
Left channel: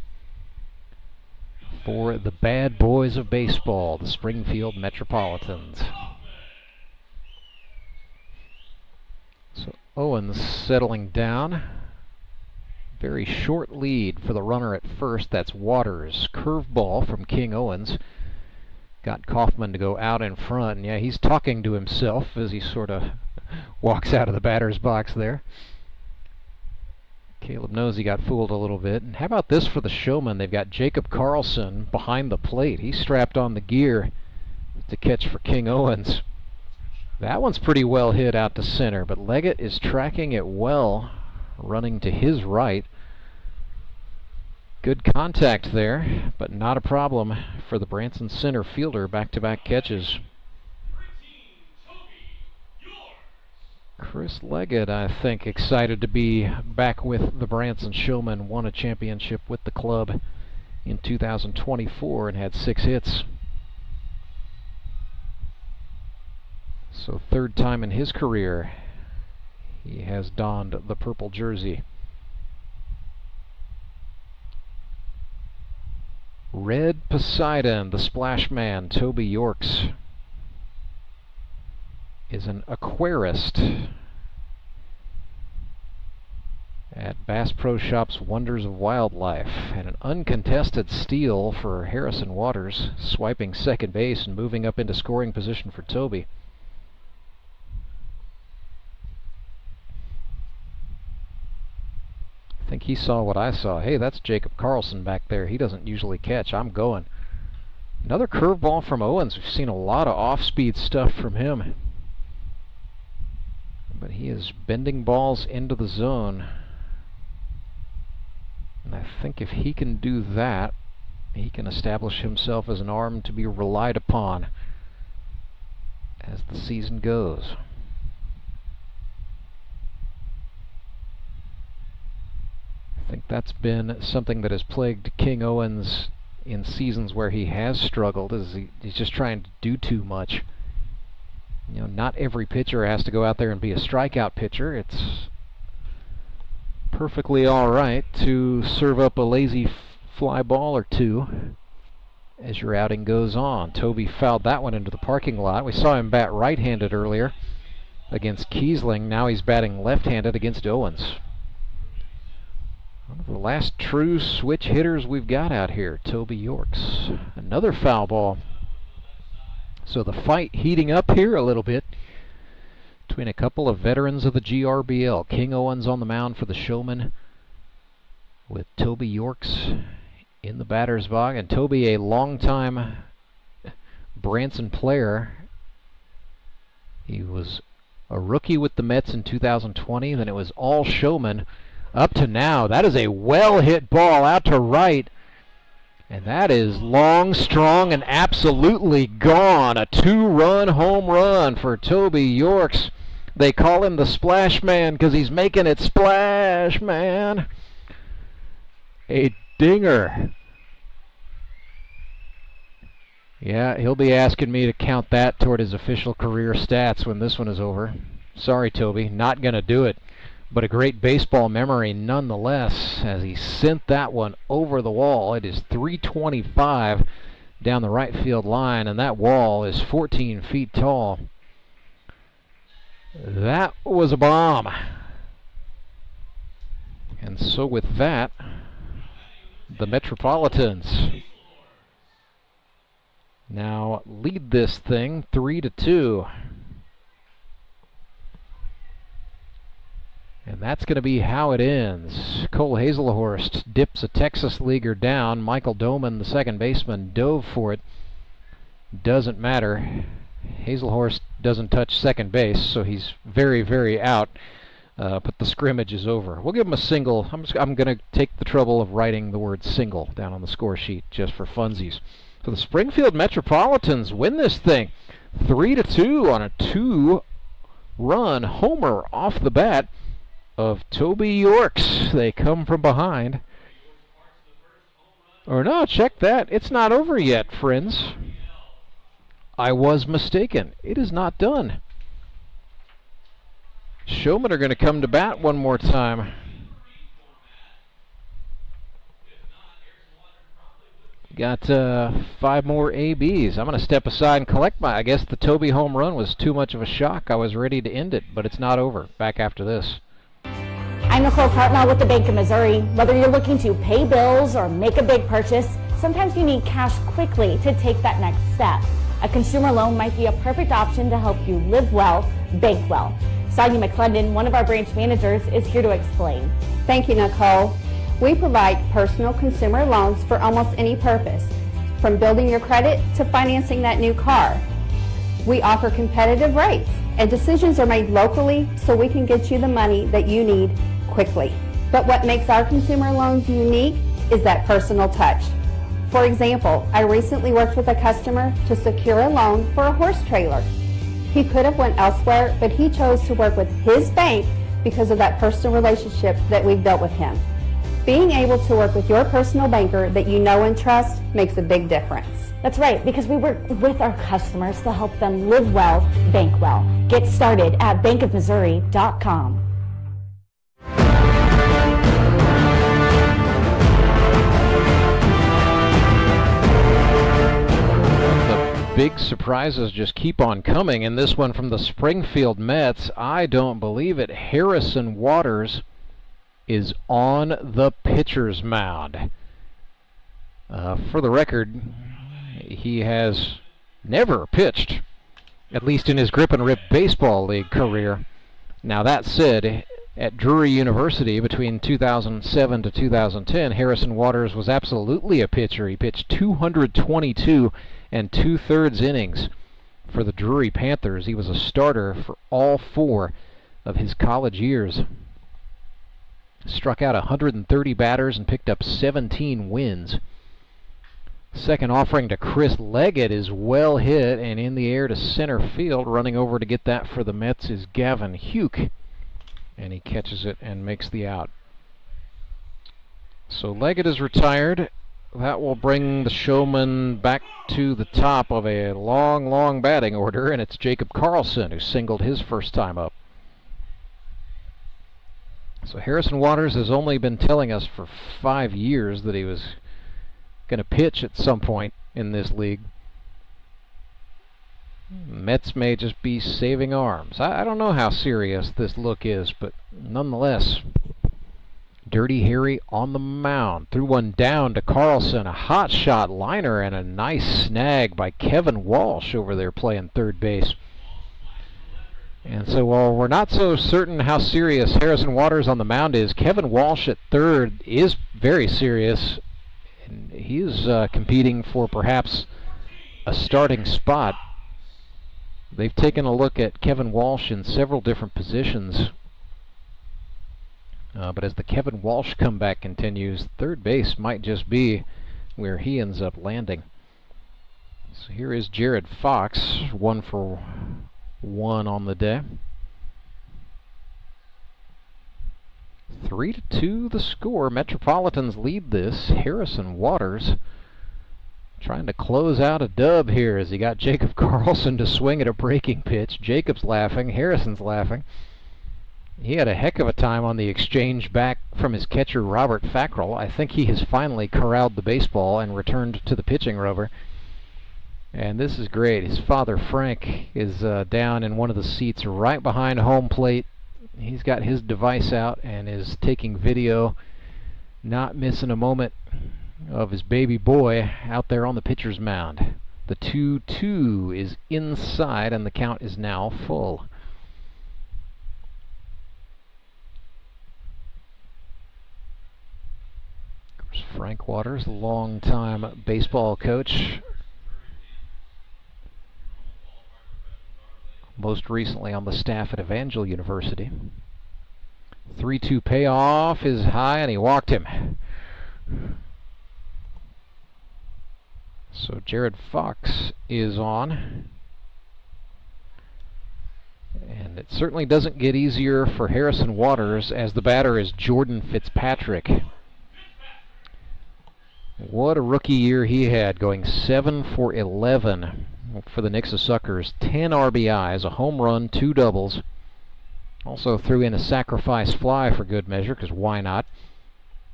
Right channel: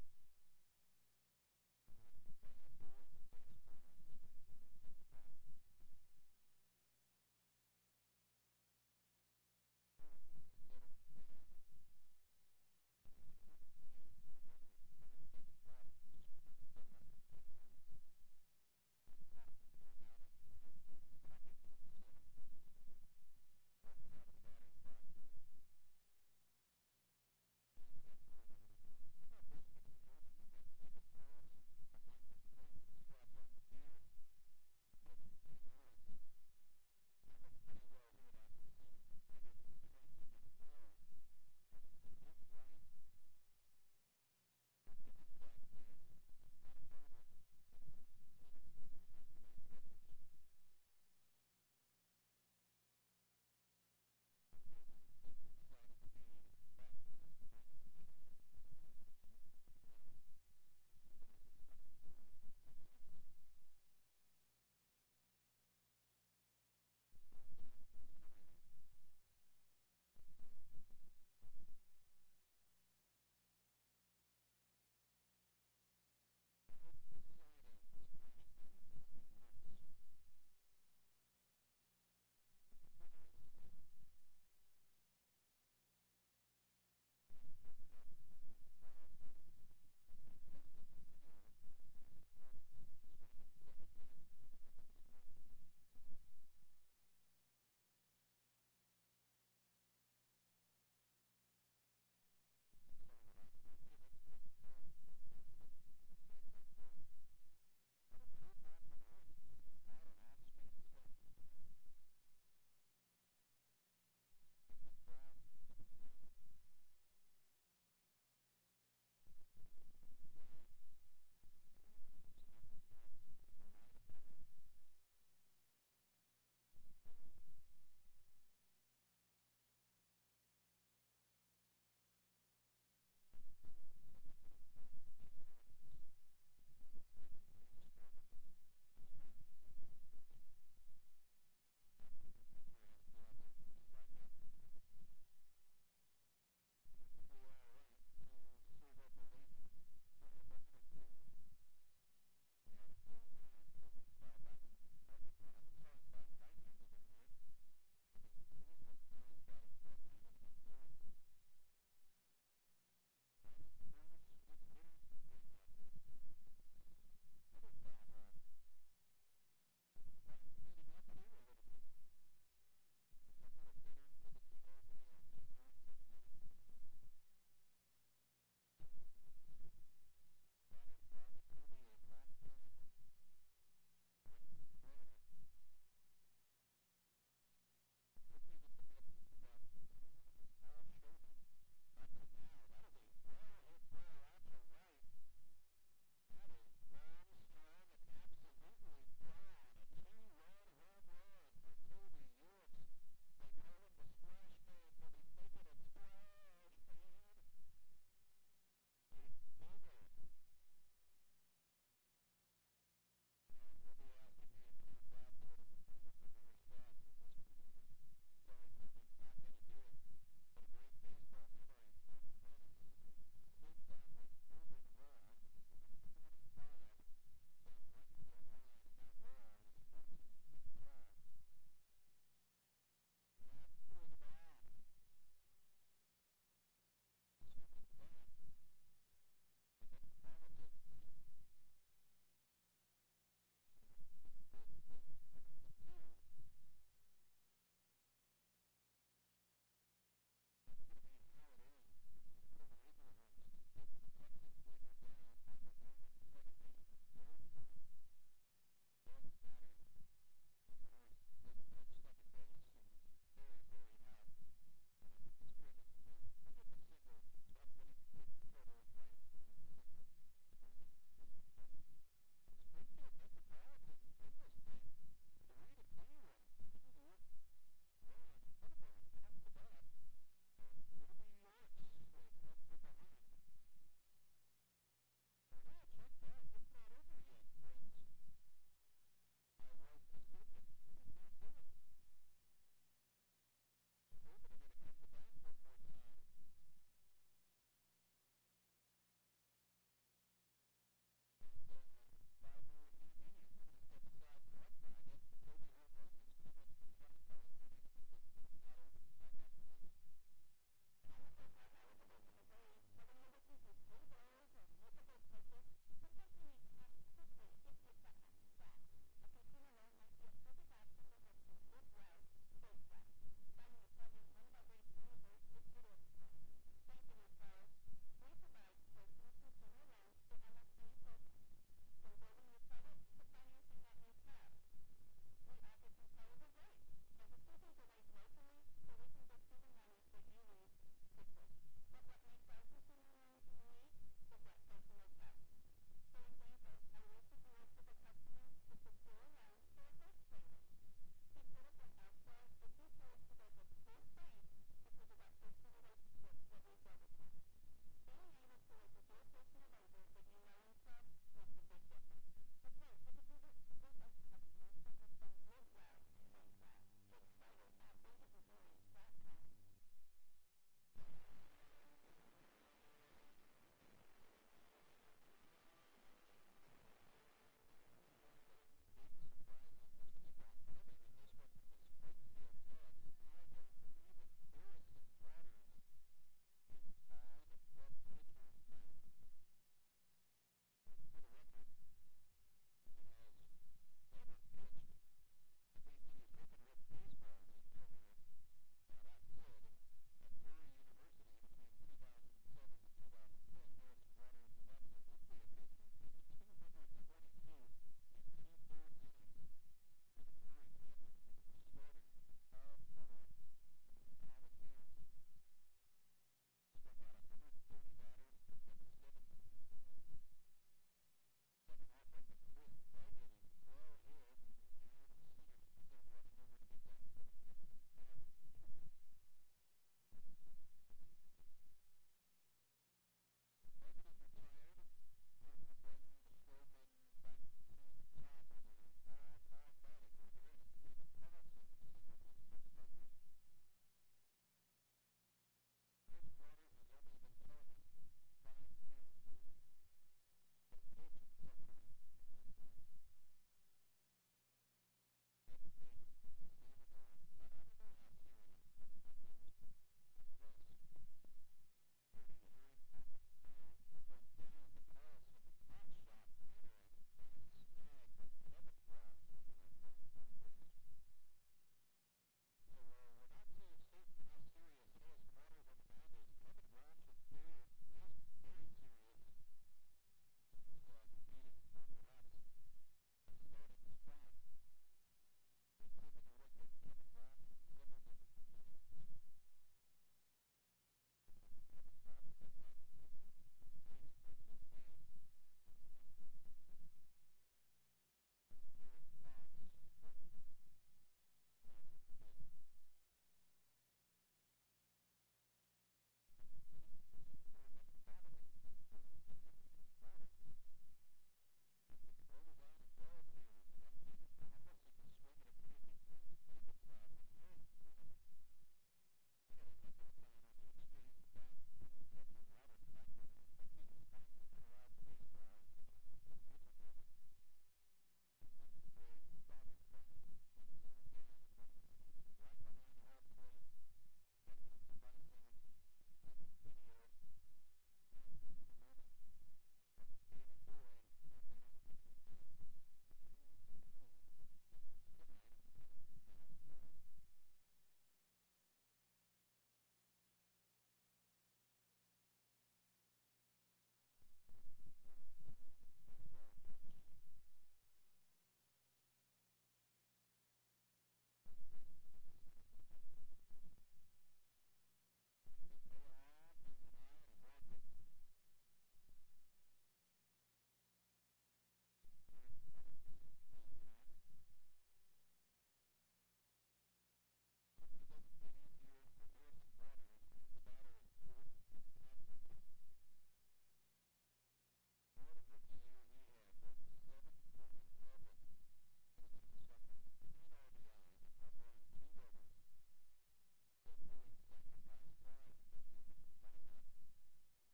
for the bad boys of baseball, the Springfield Metropolitans. So Owens settling down. Very short lead for the runner at first. That's Waters. Curveball from King Owens. Got Kaufman to go out in front. And yeah, he's talking to himself as he sort of walks out of the batter's box there. Caleb knows he got fooled a little bit. And how about this for the Showmen? They've got Jacob Carlson behind the plate. He's strapped on the gear to catch for King Owens. That one's pretty well hit out to center, but Leggett is tracking it well, running to his right. Good contact there, but not a problem for the Branson center fielder. Back-to-back catches. Chris Leggett, I think, excited to be back with the Branson Showmen. Won a championship with the club in 2024 and had 6 hits. So third time in his career he has donned the purple jersey. Red Poseidon, the splash man, Toby Yorks, is an aquarist at Bass Pro Shops Wonders of Wildlife, and an uncontested steal for Harrison Waters, swiping second base and moving up into scoring position for Toby. I think he saw what I saw. Hey, that's Jacob Carlson back there. He doesn't usually catch. I'm going. Another curveball from Owens. We've seen a lot of off-speed stuff from him, but he is bending balls into the zone. And I think if he can do that, he can establish himself as an arm to be relied upon as the season goes. I think that's been something that has plagued King Owens in seasons where he has struggled, is he's just trying to do too much. You know, not every pitcher has to go out there and be a strikeout pitcher. It's perfectly all right to serve up a lazy fly ball or two as your outing goes on. Toby fouled that one into the parking lot. We saw him bat right-handed earlier against Kiesling. Now he's batting left-handed against Owens. One of the last true switch hitters we've got out here, Toby Yorks. Another foul ball. So the fight heating up here a little bit between a couple of veterans of the GRBL. King Owens on the mound for the Showmen with Toby Yorks in the batter's box. And Toby, a longtime Branson player. He was a rookie with the Mets in 2020. Then it was all Showmen up to now. That is a well-hit ball out to right. And that is long, strong, and absolutely gone. A 2-run home run for Toby Yorks. They call him the Splash Man because he's making it splash, man. A dinger. Yeah, he'll be asking me to count that toward his official career stats when this one is over. Sorry, Toby, not going to do it. But a great baseball memory nonetheless as he sent that one over the wall. It is 325 down the right field line, and that wall is 14 feet tall. That was a bomb. And so with that, the Metropolitans now lead this thing 3-2. And that's going to be how it ends. Cole Hazelhorst dips a Texas leaguer down. Michael Doman, the second baseman, dove for it. Doesn't matter. Hazelhorst doesn't touch second base, so he's very, very out. But the scrimmage is over. We'll give him a single. I'm going to take the trouble of writing the word single down on the score sheet just for funsies. So the Springfield Metropolitans win this thing 3-2 on a 2-run homer off the bat of Toby Yorks. They come from behind. Or no, check that. It's not over yet, friends. I was mistaken. It is not done. Showmen are going to come to bat one more time. Got 5 more ABs. I'm going to step aside and collect my... I guess the Toby home run was too much of a shock. I was ready to end it, but it's not over. Back after this. I'm Nicole Cartmel with the Bank of Missouri. Whether you're looking to pay bills or make a big purchase, sometimes you need cash quickly to take that next step. A consumer loan might be a perfect option to help you live well, bank well. Sonia McClendon, one of our branch managers, is here to explain. Thank you, Nicole. We provide personal consumer loans for almost any purpose, from building your credit to financing that new car. We offer competitive rates, and decisions are made locally so we can get you the money that you need quickly. But what makes our consumer loans unique is that personal touch. For example, I recently worked with a customer to secure a loan for a horse trailer. He could have went elsewhere, but he chose to work with his bank because of that personal relationship that we've built with him. Being able to work with your personal banker that you know and trust makes a big difference. That's right, because we work with our customers to help them live well, bank well. Get started at bankofmissouri.com. Big surprises just keep on coming, and this one from the Springfield Mets. I don't believe it. Harrison Waters is on the pitcher's mound. For the record, he has never pitched, at least in his grip and rip baseball league career. Now that said, at Drury University between 2007 to 2010, Harrison Waters was absolutely a pitcher. He pitched 222 and 2/3 innings for the Drury Panthers. He was a starter for all 4 of his college years. Struck out 130 batters and picked up 17 wins. Second offering to Chris Leggett is well hit and in the air to center field. Running over to get that for the Mets is Gavin Huke, and he catches it and makes the out. So Leggett is retired. That will bring the Showmen back to the top of a long, long batting order, and it's Jacob Carlson who singled his first time up. So Harrison Waters has only been telling us for 5 years that he was going to pitch at some point in this league. Mets may just be saving arms. I don't know how serious this look is, but nonetheless, Dirty Harry on the mound. Threw one down to Carlson. A hot shot liner and a nice snag by Kevin Walsh over there playing third base. And so while we're not so certain how serious Harrison Waters on the mound is, Kevin Walsh at third is very serious. And he is competing for perhaps a starting spot. They've taken a look at Kevin Walsh in several different positions. But as the Kevin Walsh comeback continues, third base might just be where he ends up landing. So here is Jared Fox, 1 for 1 on the day. 3-2 the score. Metropolitans lead this. Harrison Waters trying to close out a dub here as he got Jacob Carlson to swing at a breaking pitch. Jacob's laughing. Harrison's laughing. He had a heck of a time on the exchange back from his catcher, Robert Fackrell. I think he has finally corralled the baseball and returned to the pitching rubber. And this is great. His father, Frank, is down in one of the seats right behind home plate. He's got his device out and is taking video, not missing a moment of his baby boy out there on the pitcher's mound. The 2-2 is inside, and the count is now full. Of course, Frank Waters, longtime baseball coach, most recently on the staff at Evangel University. 3-2 payoff is high, and he walked him. So Jared Fox is on. And it certainly doesn't get easier for Harrison Waters, as the batter is Jordan Fitzpatrick. What a rookie year he had, going 7 for 11 for the Nixa Suckers. 10 RBIs, a home run, 2 doubles. Also threw in a sacrifice fly for good measure, because why not?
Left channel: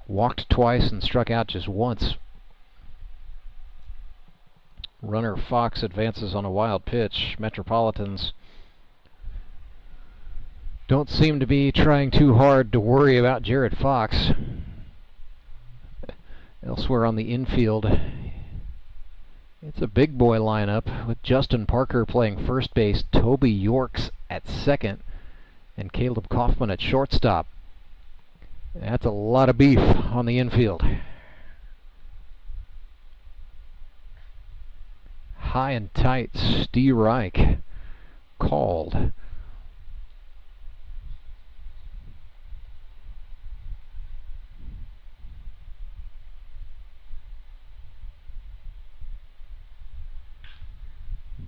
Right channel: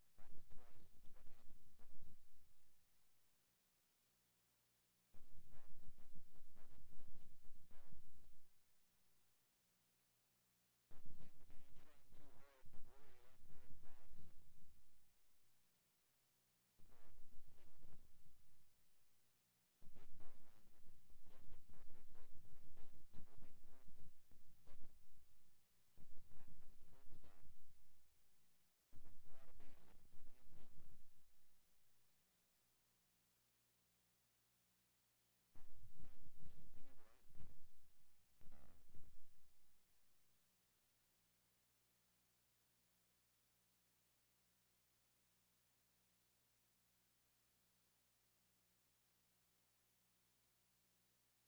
Walked twice and struck out just once. Runner Fox advances on a wild pitch. Metropolitans don't seem to be trying too hard to worry about Jared Fox. Elsewhere on the infield, it's a big boy lineup with Justin Parker playing first base, Toby Yorks at second, and Caleb Kaufman at shortstop. That's a lot of beef on the infield. High and tight, Steve Reich called.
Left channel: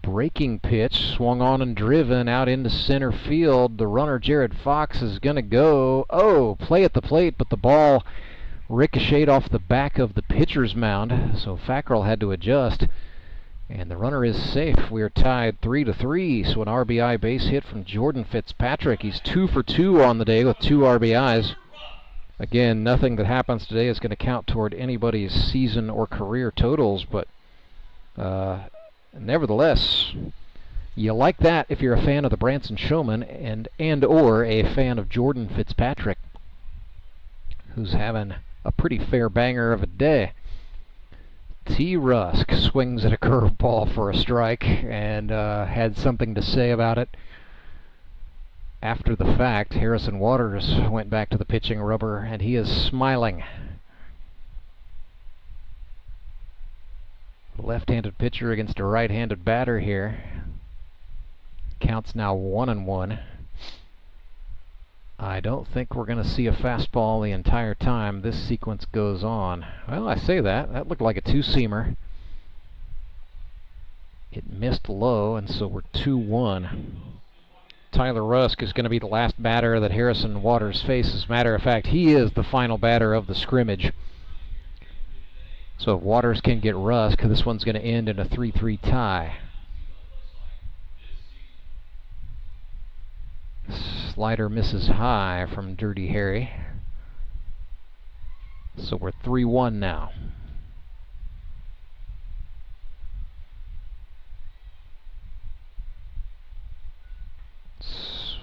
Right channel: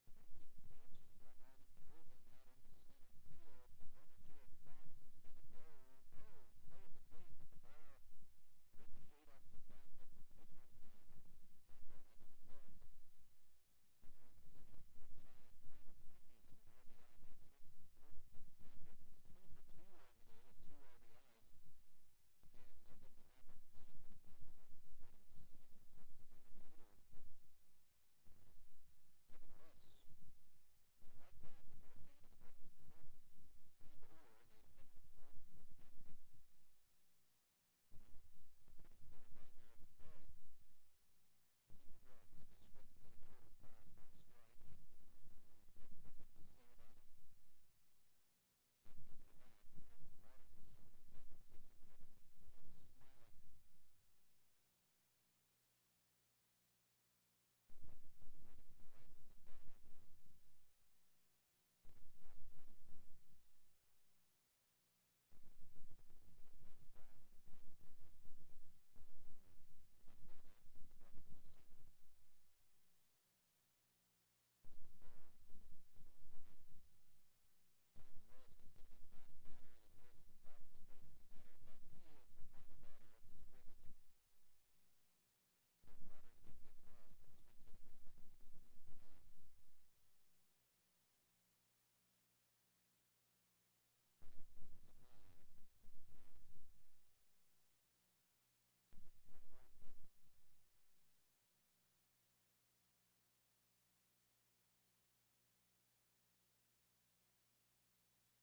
Breaking pitch, swung on and driven out into center field. The runner, Jared Fox, is going to go. Oh, play at the plate, but the ball ricocheted off the back of the pitcher's mound, so Fackrell had to adjust. And the runner is safe. We are tied 3-3, so an RBI base hit from Jordan Fitzpatrick. He's 2 for 2 on the day with 2 RBIs. Again, nothing that happens today is going to count toward anybody's season or career totals, but nevertheless, you like that if you're a fan of the Branson Showmen and or a fan of Jordan Fitzpatrick, who's having a pretty fair banger of a day. T. Rusk swings at a curveball for a strike and had something to say about it after the fact. Harrison Waters went back to the pitching rubber, and he is smiling. Left-handed pitcher against a right-handed batter here. Counts now 1-1. I don't think we're going to see a fastball the entire time this sequence goes on. Well, I say that. That looked like a two-seamer. It missed low, and so we're 2-1. Tyler Rusk is going to be the last batter that Harrison Waters faces. As a matter of fact, he is the final batter of the scrimmage. So if Waters can get Rusk, this one's going to end in a 3-3 tie. Slider misses high from Dirty Harry. So we're 3-1 now.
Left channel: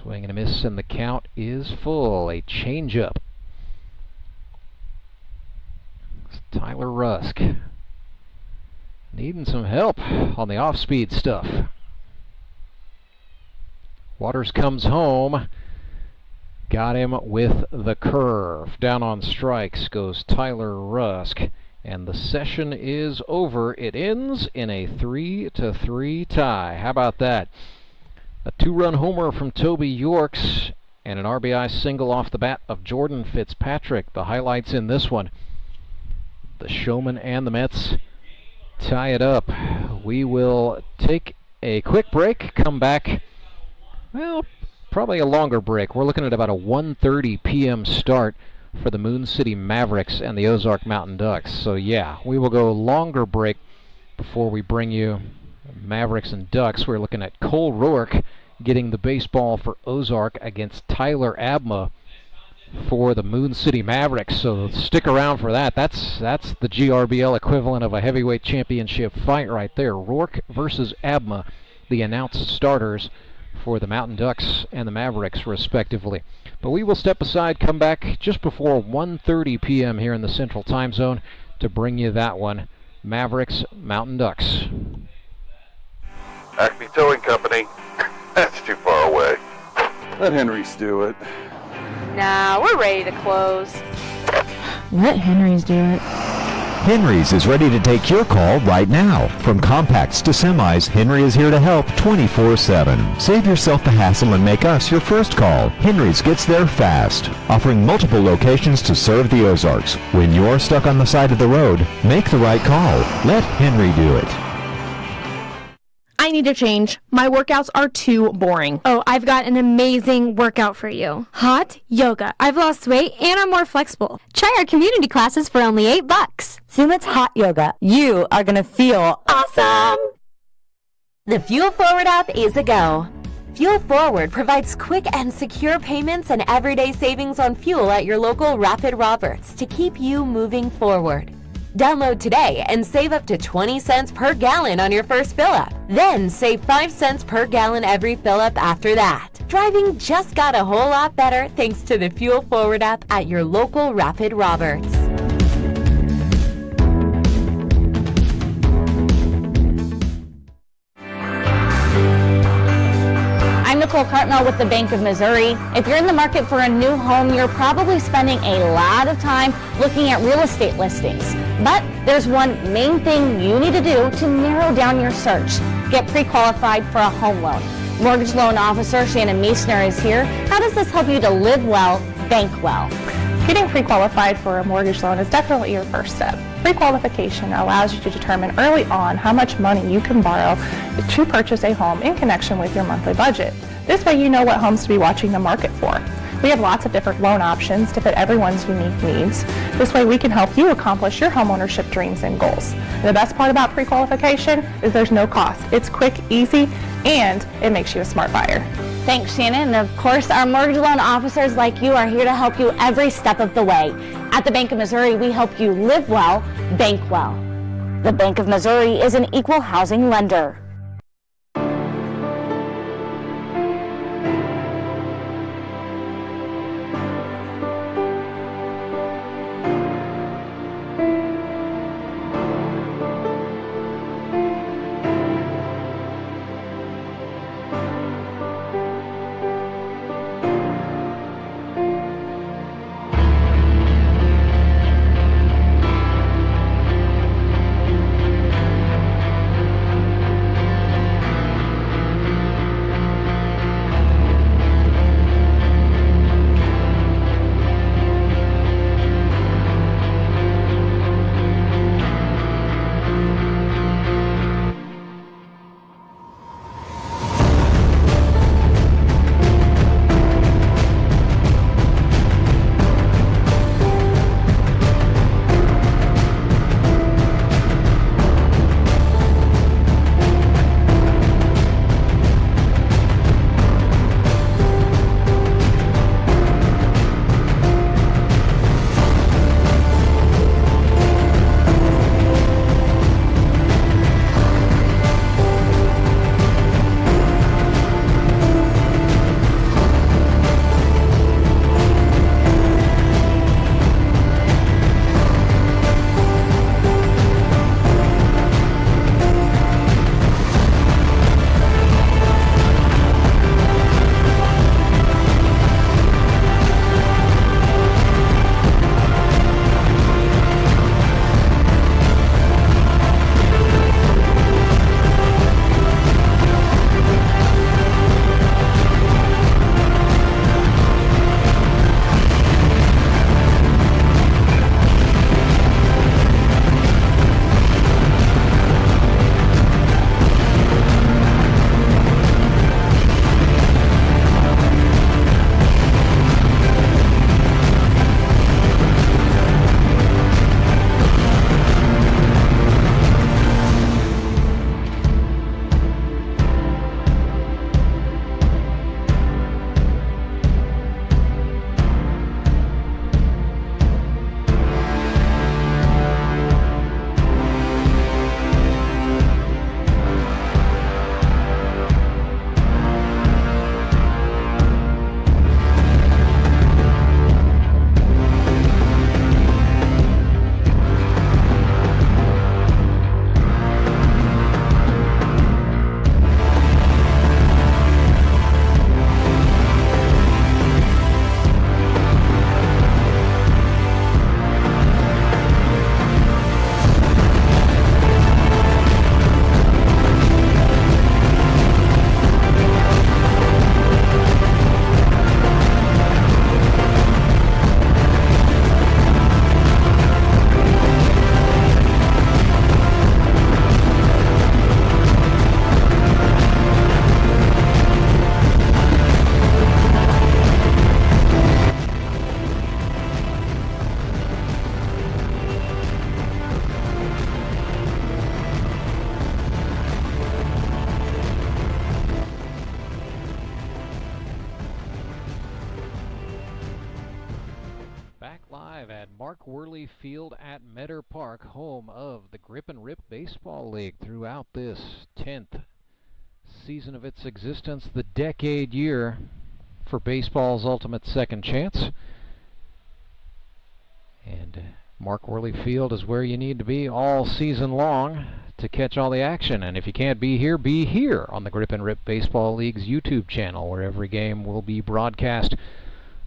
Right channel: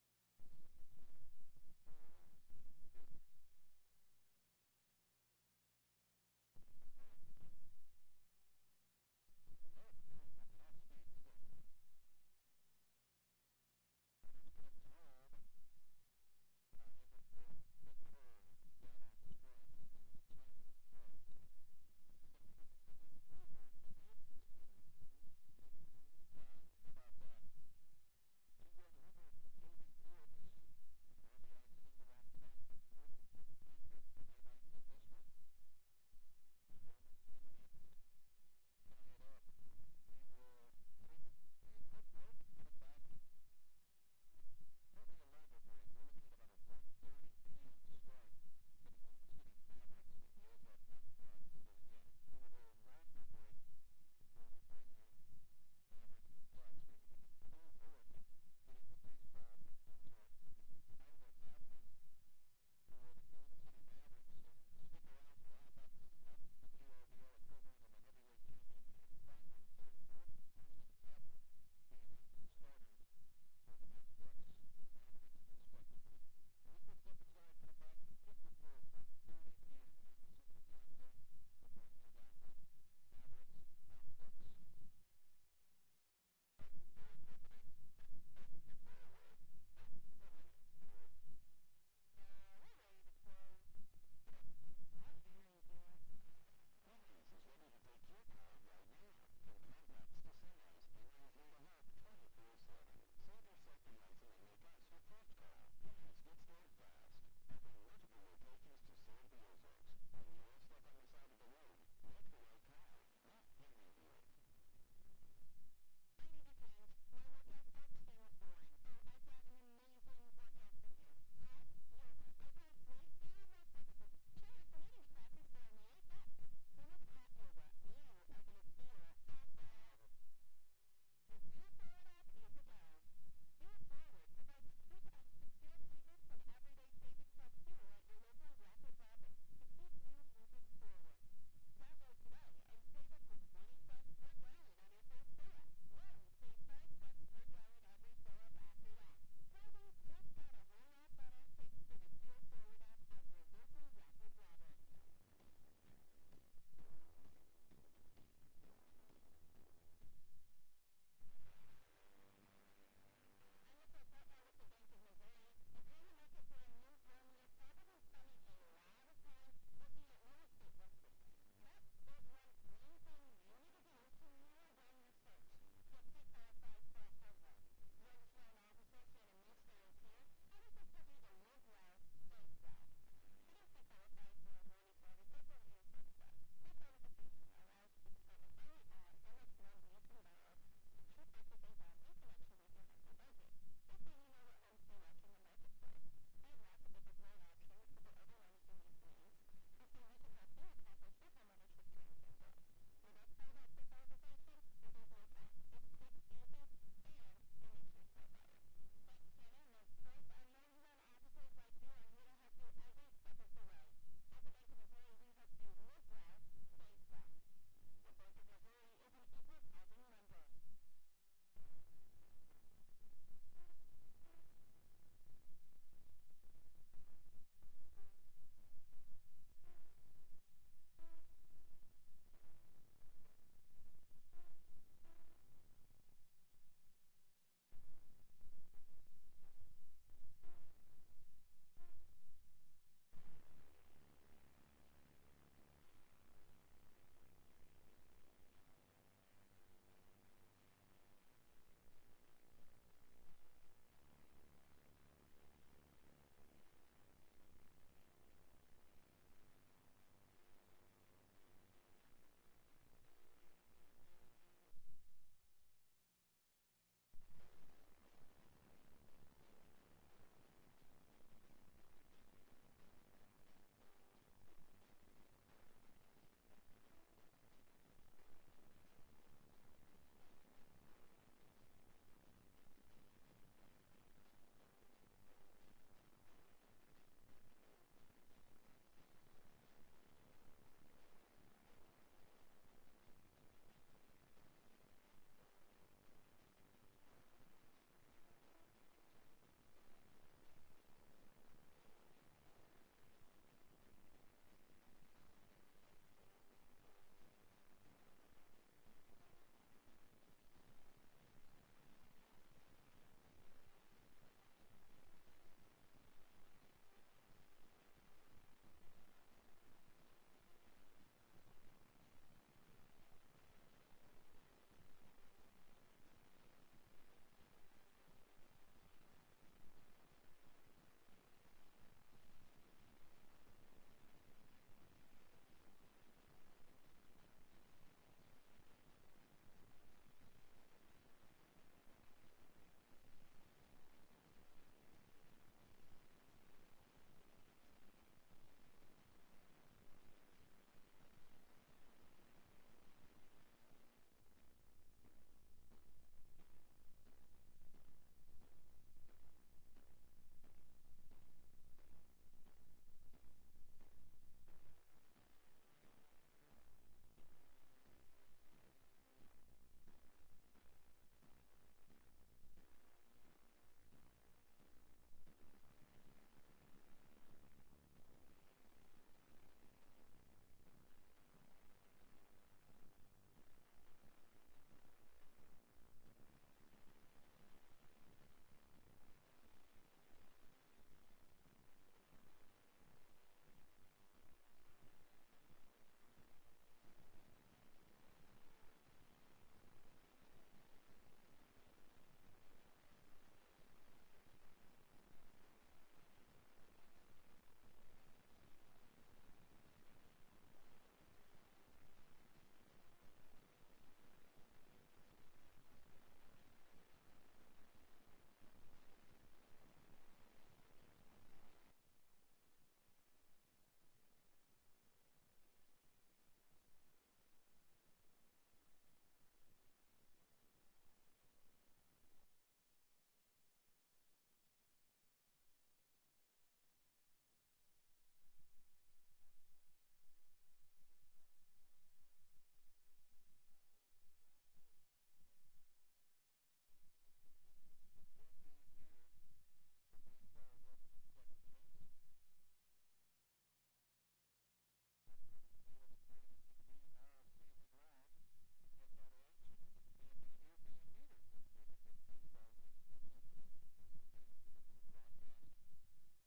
Swing and a miss, and the count is full. A changeup. Tyler Rusk needing some help on the off-speed stuff. Waters comes home. Got him with the curve. Down on strikes goes Tyler Rusk. And the session is over. It ends in a 3-3 tie. How about that? A 2-run homer from Toby Yorks and an RBI single off the bat of Jordan Fitzpatrick. The highlights in this one. The Showmen and the Mets tie it up. We will take a quick break, come back. Well, probably a longer break. We're looking at about a 1:30 p.m. start for the Moon City Mavericks and the Ozark Mountain Ducks. So yeah, we will go longer break before we bring you Mavericks and Ducks. We're looking at Cole Rourke getting the baseball for Ozark against Tyler Abma for the Moon City Mavericks, so stick around for that. That's the GRBL equivalent of a heavyweight championship fight right there. Rourke versus Abma, the announced starters for the Mountain Ducks and the Mavericks, respectively. But we will step aside, come back just before 1:30 p.m. here in the Central Time Zone to bring you that one. Mavericks, Mountain Ducks. Acme Towing Company. That's too far away. Let Henry's do it. Nah, we're ready to close. Let Henry's do it. Henry's is ready to take your call right now. From compacts to semis, Henry is here to help 24/7. Save yourself the hassle and make us your first call. Henry's gets there fast, offering multiple locations to serve the Ozarks. When you're stuck on the side of the road, make the right call. Let Henry do it. I need to change. My workouts are too boring. Oh, I've got an amazing workout for you. Hot yoga. I've lost weight and I'm more flexible. Try our community classes for only $8. Sumit's Hot Yoga. You are going to feel awesome! The Fuel Forward app is a go. Fuel Forward provides quick and secure payments and everyday savings on fuel at your local Rapid Roberts to keep you moving forward. Download today and save up to 20 cents per gallon on your first fill-up. Then save 5 cents per gallon every fill-up after that. Driving just got a whole lot better thanks to the Fuel Forward app at your local Rapid Roberts. I'm Nicole Cartmel with the Bank of Missouri. If you're in the market for a new home, you're probably spending a lot of time looking at real estate listings. But there's one main thing you need to do to narrow down your search. Get pre-qualified for a home loan. Mortgage loan officer Shannon Meisner is here. How does this help you to live well, bank well? Getting pre-qualified for a mortgage loan is definitely your first step. Pre-qualification allows you to determine early on how much money you can borrow to purchase a home in connection with your monthly budget. This way you know what homes to be watching the market for. We have lots of different loan options to fit everyone's unique needs. This way we can help you accomplish your homeownership dreams and goals. And the best part about pre-qualification is there's no cost. It's quick, easy, and it makes you a smart buyer. Thanks, Shannon. And of course, our mortgage loan officers like you are here to help you every step of the way. At the Bank of Missouri, we help you live well, bank well. The Bank of Missouri is an equal housing lender. Mark Worley Field at Meador Park, home of the Grip and Rip Baseball League throughout this 10th season of its existence, the decade year for baseball's ultimate second chance. And Mark Worley Field is where you need to be all season long to catch all the action. And if you can't be here on the Grip and Rip Baseball League's YouTube channel, where every game will be broadcast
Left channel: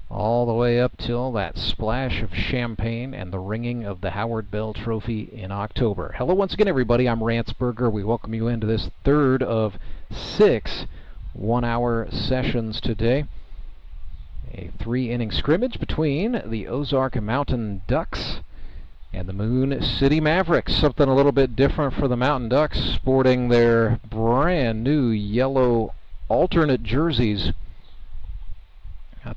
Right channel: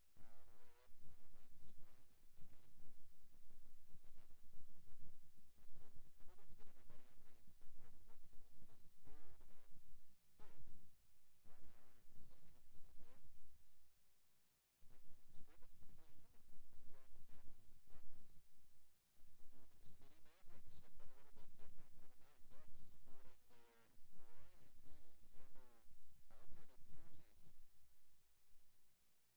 all the way up till that splash of champagne and the ringing of the Howard Bell Trophy in October. Hello once again, everybody. I'm Rance. We welcome you into this third of 6 one-hour sessions today. A 3-inning scrimmage between the Ozark Mountain Ducks and the Moon City Mavericks. Something a little bit different for the Mountain Ducks, sporting their brand new yellow alternate jerseys.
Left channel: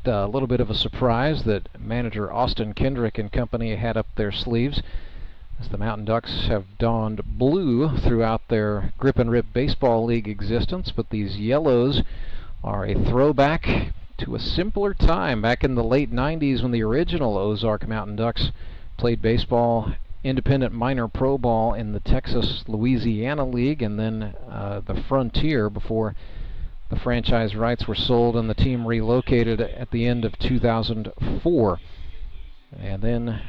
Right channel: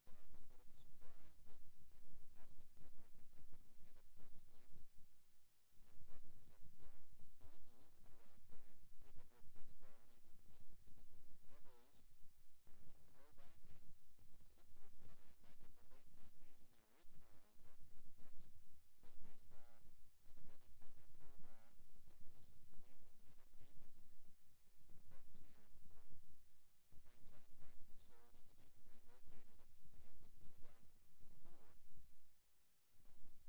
Got a little bit of a surprise that manager Austin Kendrick and company had up their sleeves, as the Mountain Ducks have donned blue throughout their Grip and Rip Baseball League existence, but these yellows are a throwback to a simpler time back in the late 90s when the original Ozark Mountain Ducks played baseball, independent minor pro ball in the Texas-Louisiana League, and then the Frontier before the franchise rights were sold and the team relocated at the end of 2004. And then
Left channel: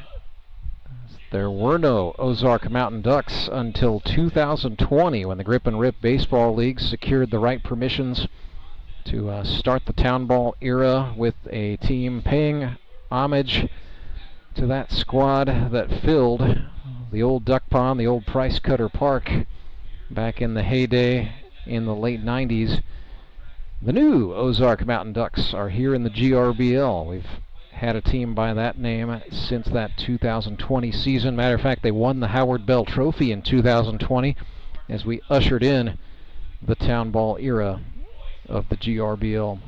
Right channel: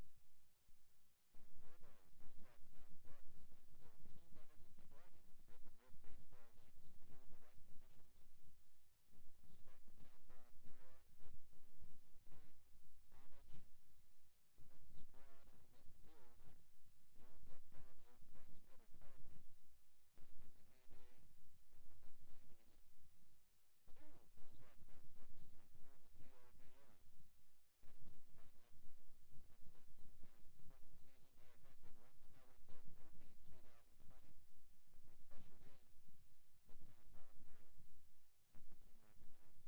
there were no Ozark Mountain Ducks until 2020, when the Grip and Rip Baseball League secured the right permissions to start the town ball era with a team paying homage to that squad that filled the old duck pond, the old Price Cutter Park, back in the heyday in the late 90s. The new Ozark Mountain Ducks are here in the GRBL. We've had a team by that name since that 2020 season. Matter of fact, they won the Howard Bell Trophy in 2020 as we ushered in the town ball era of the GRBL.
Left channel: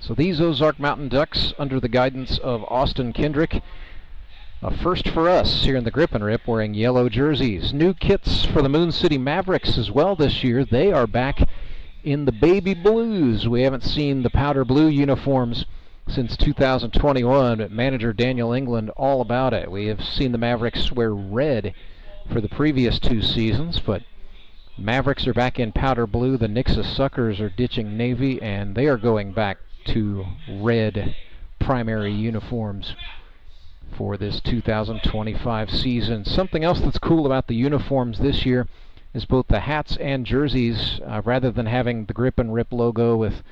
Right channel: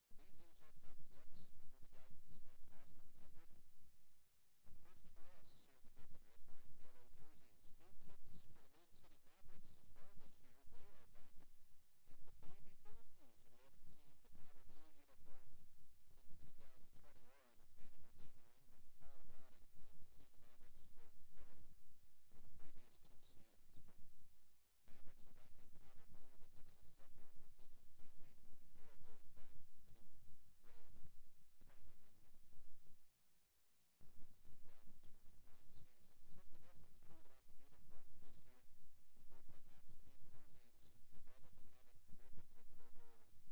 So these Ozark Mountain Ducks, under the guidance of Austin Kendrick, a first for us here in the Grip and Rip, wearing yellow jerseys. New kits for the Moon City Mavericks as well this year. They are back in the baby blues. We haven't seen the powder blue uniforms since 2021, but manager Daniel England all about it. We have seen the Mavericks wear red for the previous 2 seasons, but Mavericks are back in powder blue. The Nixa Suckers are ditching navy, and they are going back to red primary uniforms for this 2025 season. Something else that's cool about the uniforms this year is both the hats and jerseys, rather than having the Grip and Rip logo with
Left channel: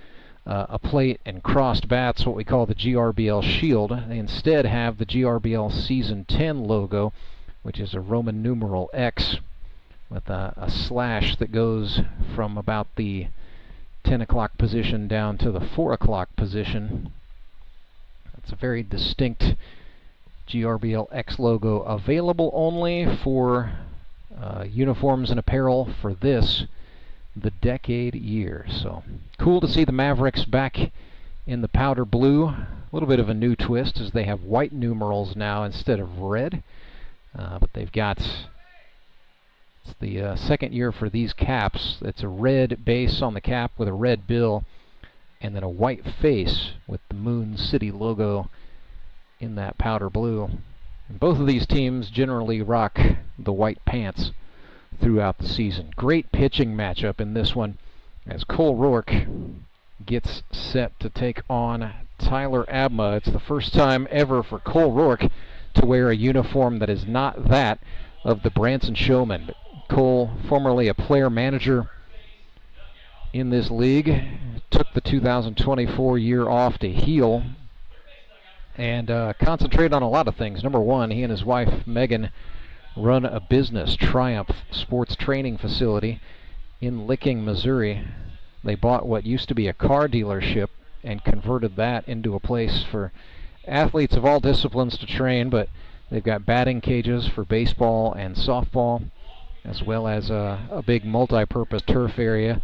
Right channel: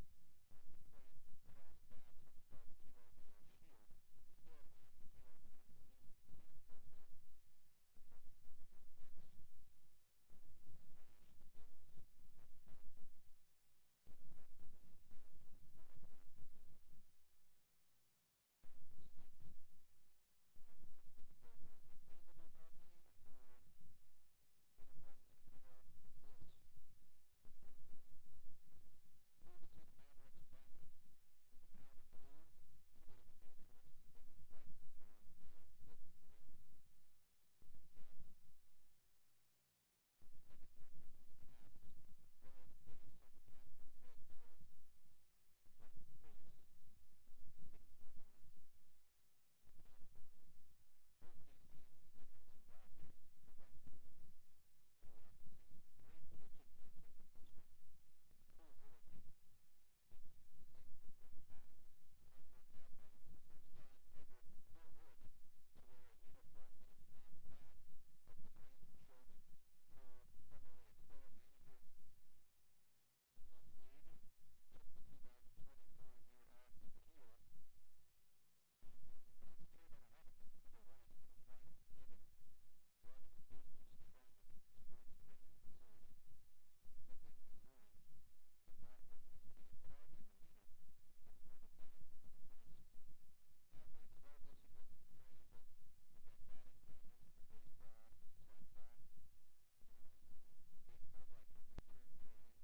a plate and crossed bats, what we call the GRBL shield, they instead have the GRBL Season 10 logo, which is a Roman numeral X with a slash that goes from about the 10 o'clock position down to the 4 o'clock position. That's a very distinct GRBL X logo, available only for uniforms and apparel for this, the decade year. So cool to see the Mavericks back in the powder blue. A little bit of a new twist, as they have white numerals now instead of red, but they've got, it's the second year for these caps. It's a red base on the cap with a red bill, and then a white face with the Moon City logo in that powder blue. And both of these teams generally rock the white pants throughout the season. Great pitching matchup in this one, as Cole Rourke gets set to take on Tyler Abma. It's the first time ever for Cole Rourke to wear a uniform that is not that of the Branson Showmen. But Cole, formerly a player manager in this league, took the 2024 year off to heal and concentrate on a lot of things. Number one, he and his wife Megan run a business, Triumph Sports Training Facility in Licking, Missouri. They bought what used to be a car dealership and converted that into a place for athletes of all disciplines to train, but they've got batting cages for baseball and softball, as well as a big multi-purpose turf area.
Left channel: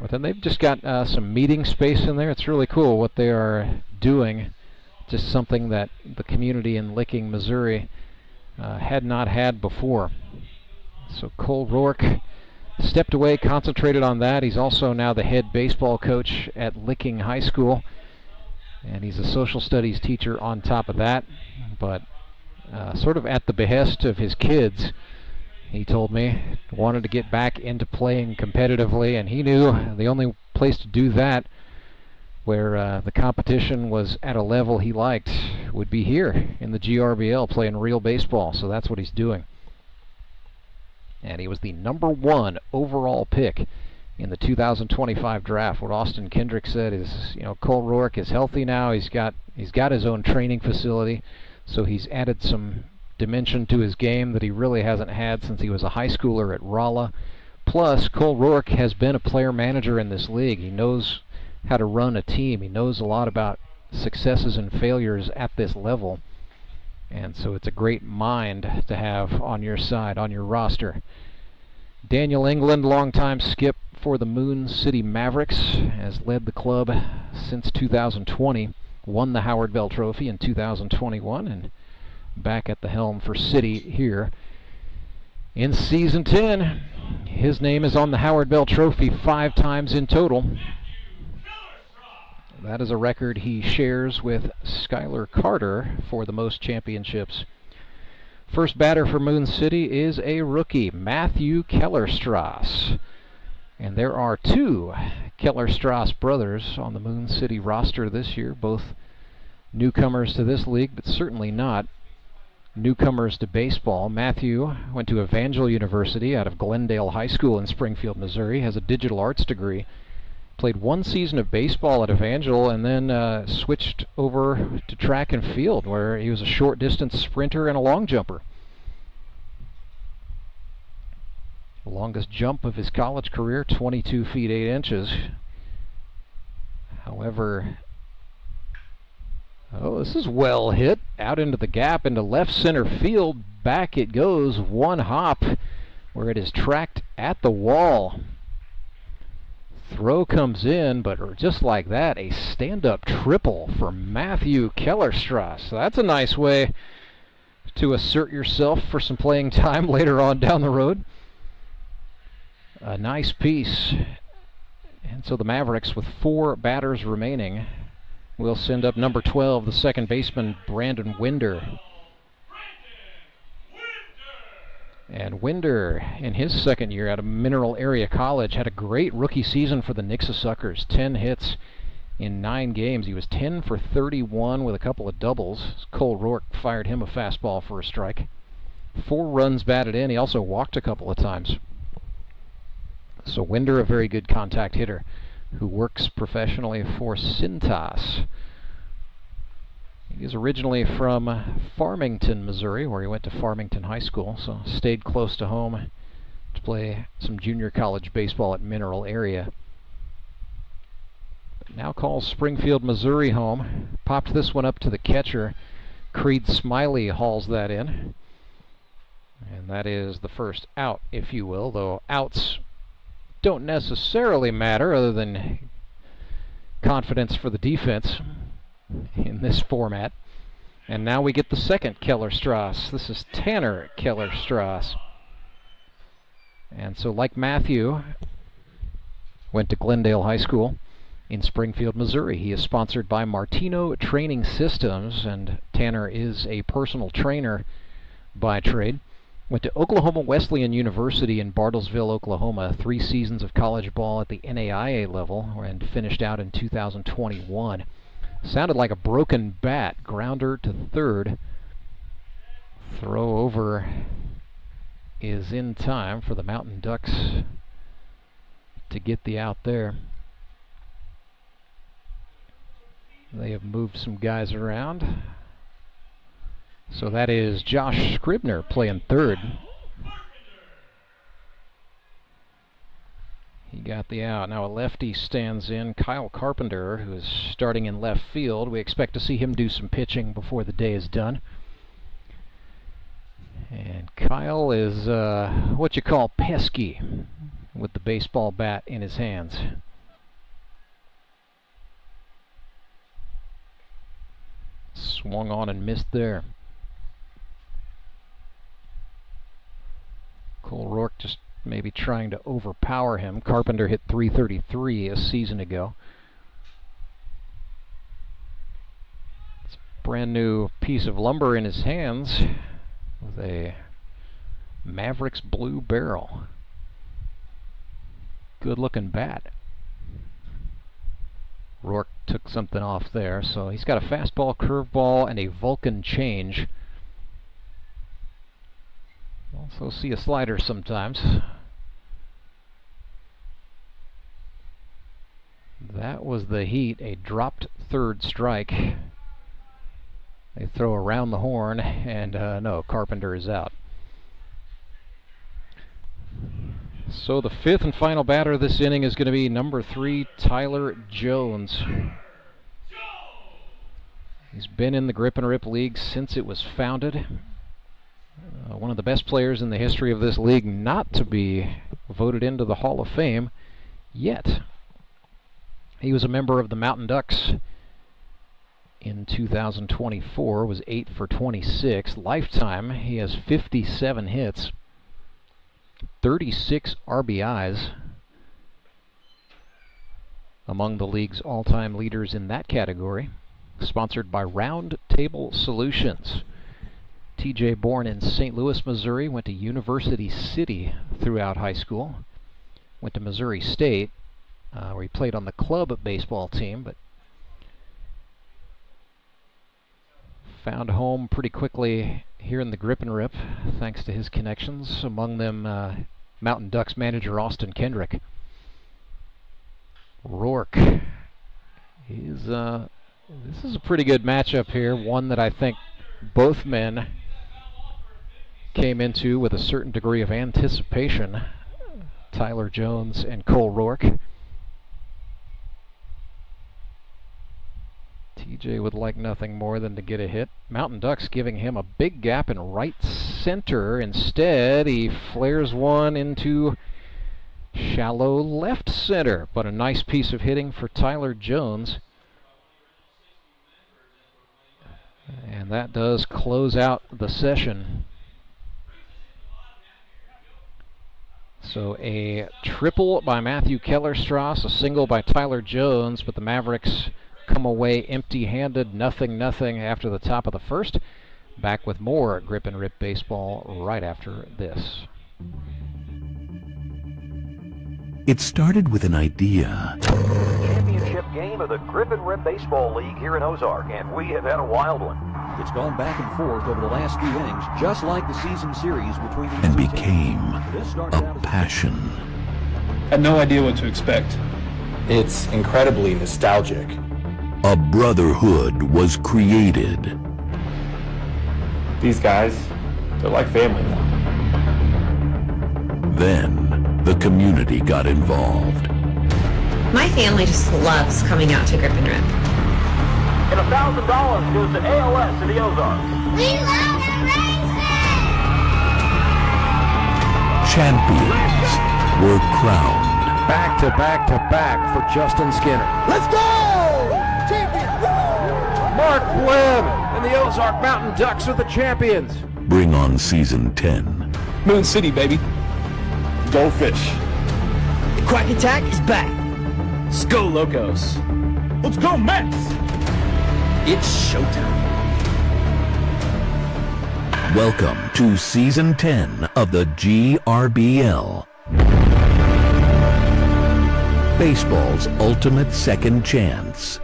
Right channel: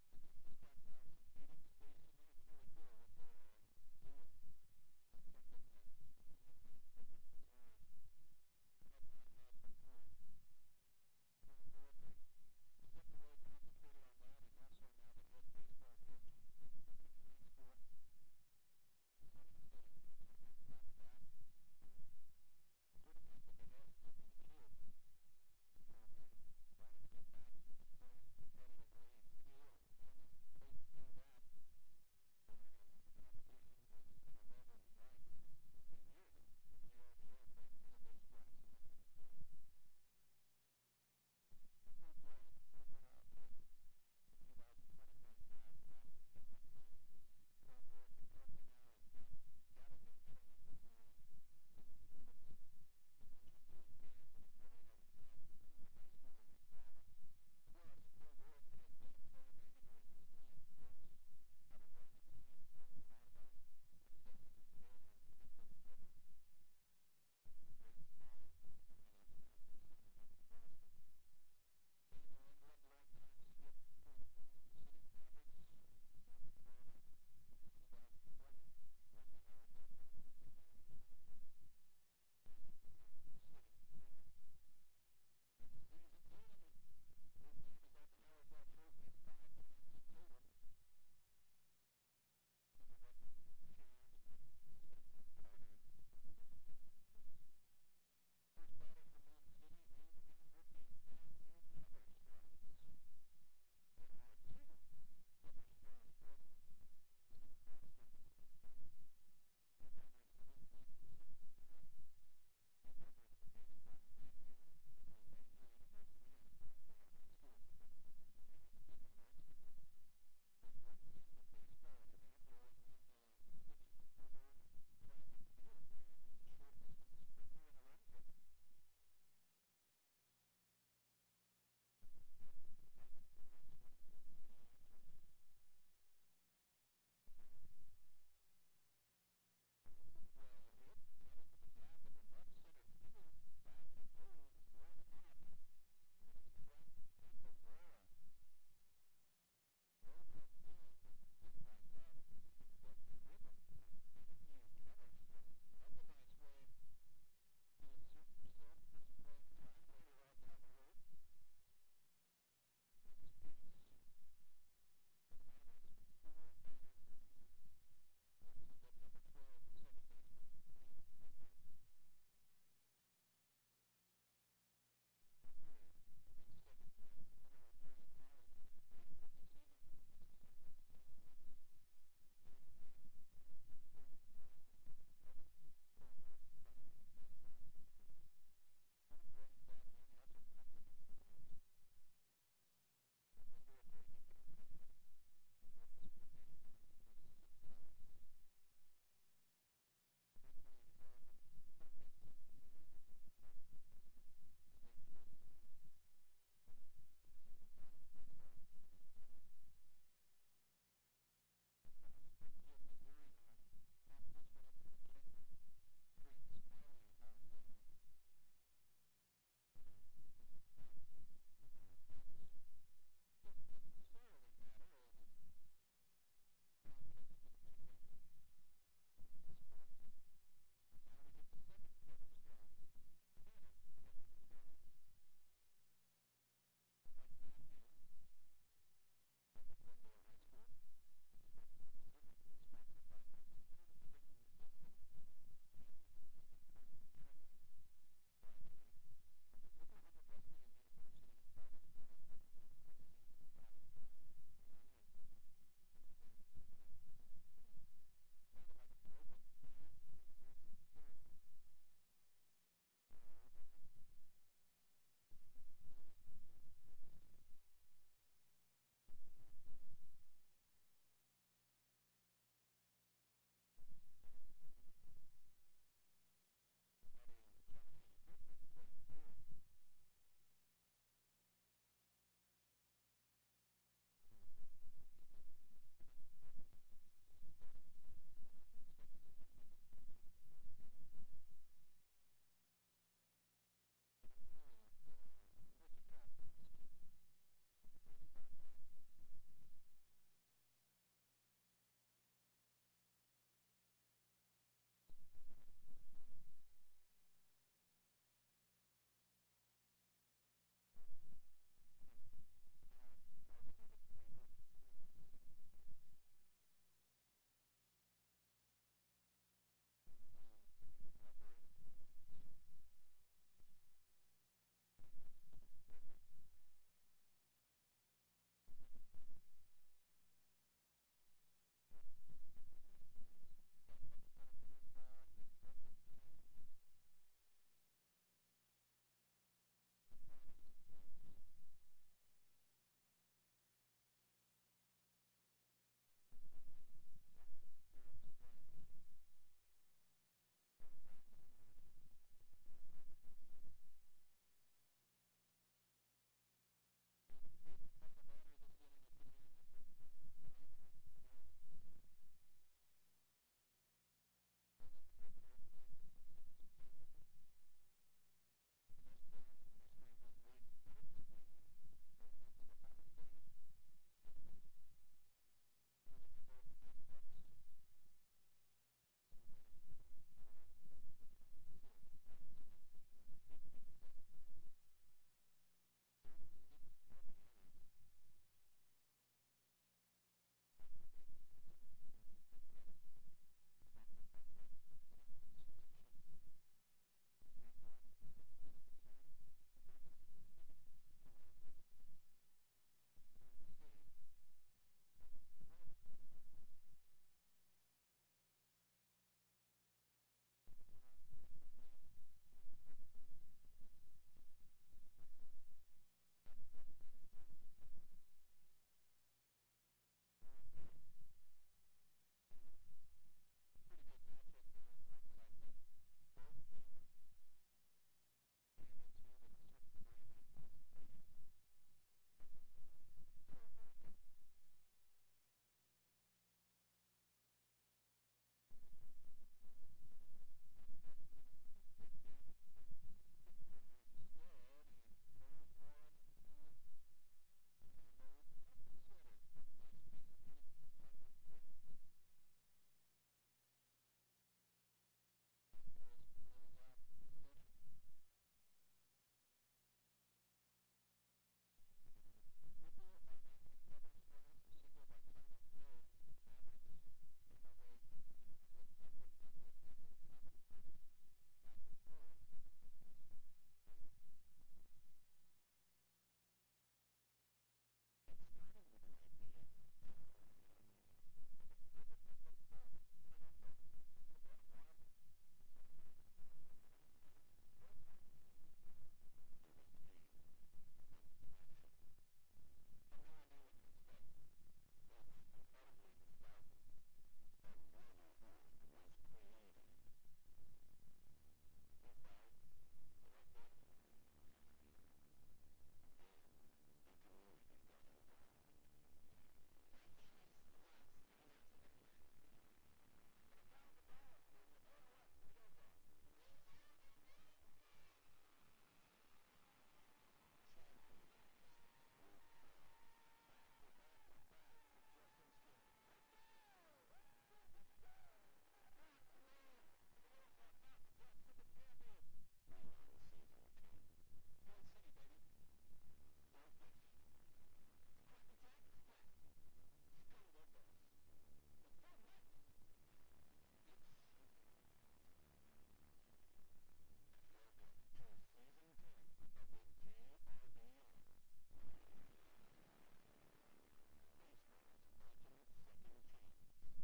But then they've just got some meeting space in there. It's really cool what they are doing. Just something that the community in Licking, Missouri had not had before. So Cole Rourke stepped away, concentrated on that. He's also now the head baseball coach at Licking High School, and he's a social studies teacher on top of that. But sort of at the behest of his kids. He told me wanted to get back into playing competitively, and he knew the only place to do that, where the competition was at a level he liked, would be here in the GRBL playing real baseball. So that's what he's doing. And he was the #1 overall pick in the 2025 draft. What Austin Kendrick said is, you know, Cole Rourke is healthy now. He's got his own training facility, so he's added some dimension to his game that he really hasn't had since he was a high schooler at Rolla. Plus, Cole Rourke has been a player manager in this league. He knows how to run a team. He knows a lot about successes and failures at this level. And so it's a great mind to have on your side, on your roster. Daniel England, longtime skip for the Moon City Mavericks, has led the club since 2020, won the Howard Bell Trophy in 2021, and back at the helm for City here in Season 10. His name is on the Howard Bell Trophy 5 times in total. That is a record he shares with Skylar Carter for the most championships. First batter for Moon City is a rookie, Matthew Kellerstrass. And there are 2 Kellerstrass brothers on the Moon City roster this year, both newcomers to this league, but certainly not newcomers to baseball. Matthew went to Evangel University out of Glendale High School in Springfield, Missouri, has a digital arts degree. Played 1 season of baseball at Evangel and then switched over to track and field, where he was a short distance sprinter and a long jumper. The longest jump of his college career, 22 feet 8 inches. However, this is well hit. Out into the gap, into left center field. Back it goes, 1 hop, where it is tracked at the wall. Throw comes in, but just like that, a stand-up triple for Matthew Kellerstrass. So that's a nice way to assert yourself for some playing time later on down the road. A nice piece. And so the Mavericks, with 4 batters remaining, will send up number 12, the second baseman, Brandon Winder. And Winder, in his second year out of Mineral Area College, had a great rookie season for the Nixa Suckers. 10 hits in 9 games. He was 10 for 31 with a couple of doubles. Cole Rourke fired him a fastball for a strike. 4 runs batted in. He also walked a couple of times. So Winder, a very good contact hitter who works professionally for Cintas. He's originally from Farmington, Missouri, where he went to Farmington High School, so stayed close to home to play some junior college baseball at Mineral Area. Now calls Springfield, Missouri home. Popped this one up to the catcher. Creed Smiley hauls that in. And that is the first out, if you will, though outs don't necessarily matter other than confidence for the defense in this format. And now we get the second Kellerstrass. This is Tanner Kellerstrass. And so, like Matthew, went to Glendale High School in Springfield, Missouri. He is sponsored by Martino Training Systems, and Tanner is a personal trainer by trade. Went to Oklahoma Wesleyan University in Bartlesville, Oklahoma. 3 seasons of college ball at the NAIA level, and finished out in 2021. Sounded like a broken bat. Grounder to third. Throw over is in time for the Mountain Ducks to get the out there. They have moved some guys around. So that is Josh Scribner playing third. He got the out. Now a lefty stands in, Kyle Carpenter, who is starting in left field. We expect to see him do some pitching before the day is done. And Kyle is what you call pesky with the baseball bat in his hands. Swung on and missed there. Cole Rourke just maybe trying to overpower him. Carpenter hit .333 a season ago. It's Brand new piece of lumber in his hands with a Mavericks blue barrel. Good looking bat. Rourke took something off there, so he's got a fastball, curveball, and a Vulcan change. Also see a slider sometimes. That was the heat, a dropped third strike. They throw around the horn, and no, Carpenter is out. So the fifth and final batter this inning is going to be number 3, Tyler Jones. He's been in the Grip and Rip League since it was founded. One of the best players in the history of this league not to be voted into the Hall of Fame yet. He was a member of the Mountain Ducks in 2024, was 8 for 26. Lifetime, he has 57 hits, 36 RBIs, among the league's all-time leaders in that category. Sponsored by Round Table Solutions. TJ, born in St. Louis, Missouri, went to University City throughout high school. Went to Missouri State, where he played on the club baseball team, but found home pretty quickly here in the Grip and Rip, thanks to his connections, among them Mountain Ducks manager Austin Kendrick. Rourke. This is a pretty good matchup here, one that I think both men came into with a certain degree of anticipation. Tyler Jones and Cole Rourke. TJ would like nothing more than to get a hit. Mountain Ducks giving him a big gap in right center. Instead, he flares one into shallow left center. But a nice piece of hitting for Tyler Jones. And that does close out the session. So a triple by Matthew Kellerstrass, a single by Tyler Jones, but the Mavericks come away empty-handed, nothing after the top of the first. Back with more Grip and Rip baseball right after this. It started with an idea. Championship game of the Grip and Rip Baseball League here in Ozark, and we have had a wild one. It's gone back and forth over the last few innings, just like the season series between these And two became teams. a passion. I had no idea what to expect. It's incredibly nostalgic. A brotherhood was created. These guys, they're like family now. Then the community got involved. My family just loves coming out to Grip and Rip. And $1,000 goes to ALS in the Ozarks. We love the Champions were crowned. Back to back for Justin Skinner. Let's go! Champion! Mark Webb and the Ozark Mountain Ducks are the champions. Bring on season 10. Moon City, baby. Go Fish. The Quack Attack is back. Let's go, Locos. Let's go, Mets! It's showtime. Welcome to season 10 of the GRBL. Baseball's ultimate second chance.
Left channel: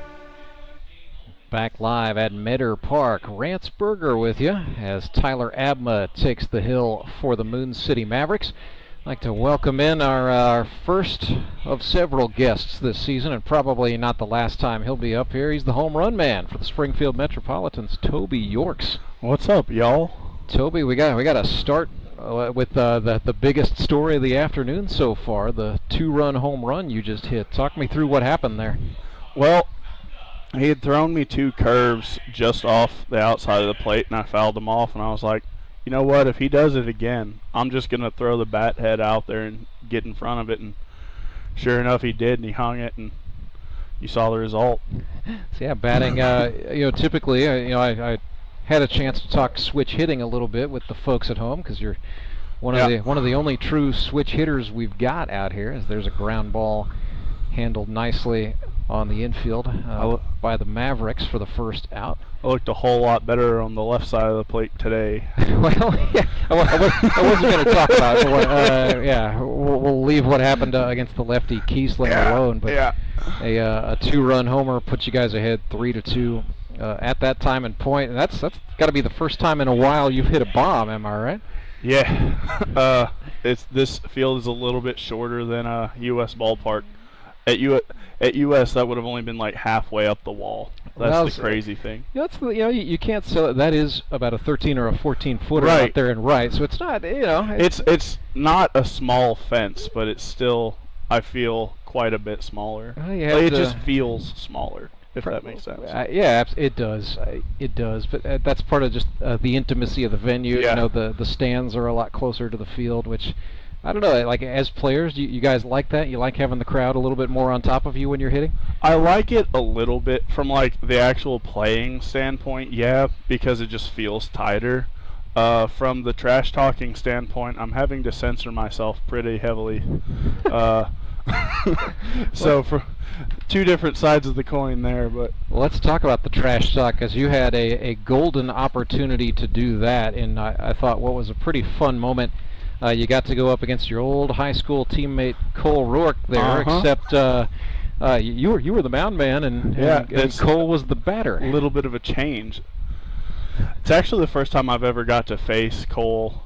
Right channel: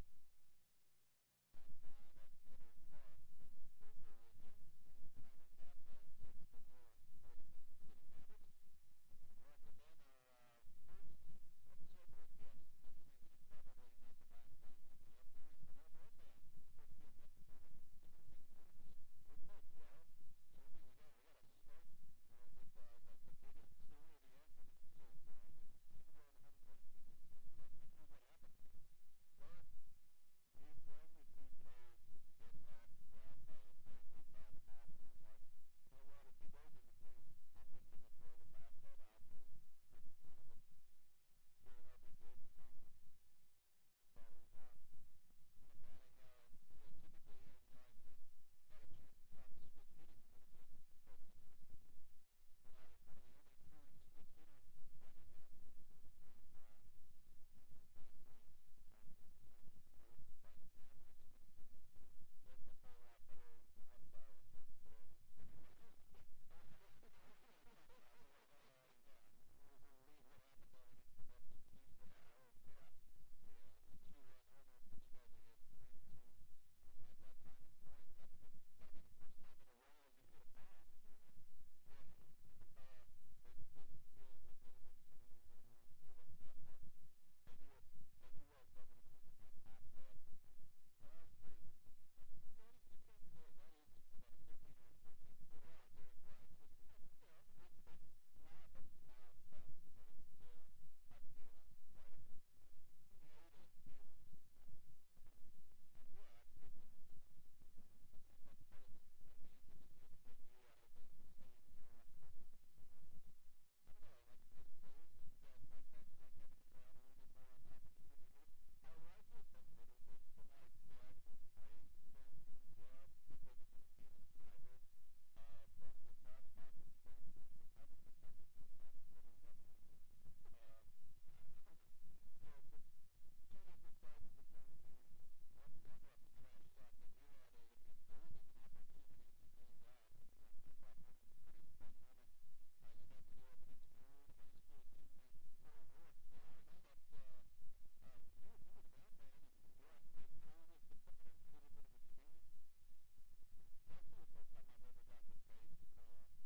Back live at Meador Park. Rance Berger with you as Tyler Abma takes the hill for the Moon City Mavericks. I'd like to welcome in our first of several guests this season, and probably not the last time he'll be up here. He's the home run man for the Springfield Metropolitans, Toby Yorks. What's up, y'all? Toby, we got to start with the biggest story of the afternoon so far, the 2-run home run you just hit. Talk me through what happened there. Well, he had thrown me 2 curves just off the outside of the plate, and I fouled them off, and I was like, you know what, if he does it again, I'm just going to throw the bat head out there and get in front of it. And sure enough, he did, and he hung it, and you saw the result. So yeah, batting, typically, I had a chance to talk switch hitting a little bit with the folks at home, because you're one of the only true switch hitters we've got out here, as there's a ground ball handled nicely on the infield by the Mavericks for the first out. I looked a whole lot better on the left side of the plate today. Well, yeah, I wasn't going to talk about it. Yeah, we'll leave what happened against the lefty Kiesling alone. But a 2-run homer puts you guys ahead 3-2 at that time and point. And that's got to be the first time in a while you've hit a bomb. Am I right? Yeah. This field is a little bit shorter than a U.S. ballpark. At U.S. that would have only been like halfway up the wall. That's the crazy thing. You can't sell it. That is about a 13 or a 14 footer out there in right. So it's not, It's not a small fence, but it's still, I feel, quite a bit smaller. It just feels smaller, if that makes sense. Yeah, it does. It does. But that's part of just the intimacy of the venue. Yeah. The stands are a lot closer to the field, which, I don't know, like as players, you guys like that? You like having the crowd a little bit more on top of you when you're hitting? I like it a little bit from like the actual playing standpoint, because it just feels tighter. From the trash talking standpoint, I'm having to censor myself pretty heavily. So for two different sides of the coin there, but let's talk about the trash talk, because you had a golden opportunity to do that, and I thought what was a pretty fun moment. You got to go up against your old high school teammate Cole Rourke there, except you were the mound man, and Cole was the batter. A little bit of a change. It's actually the first time I've ever got to face Cole.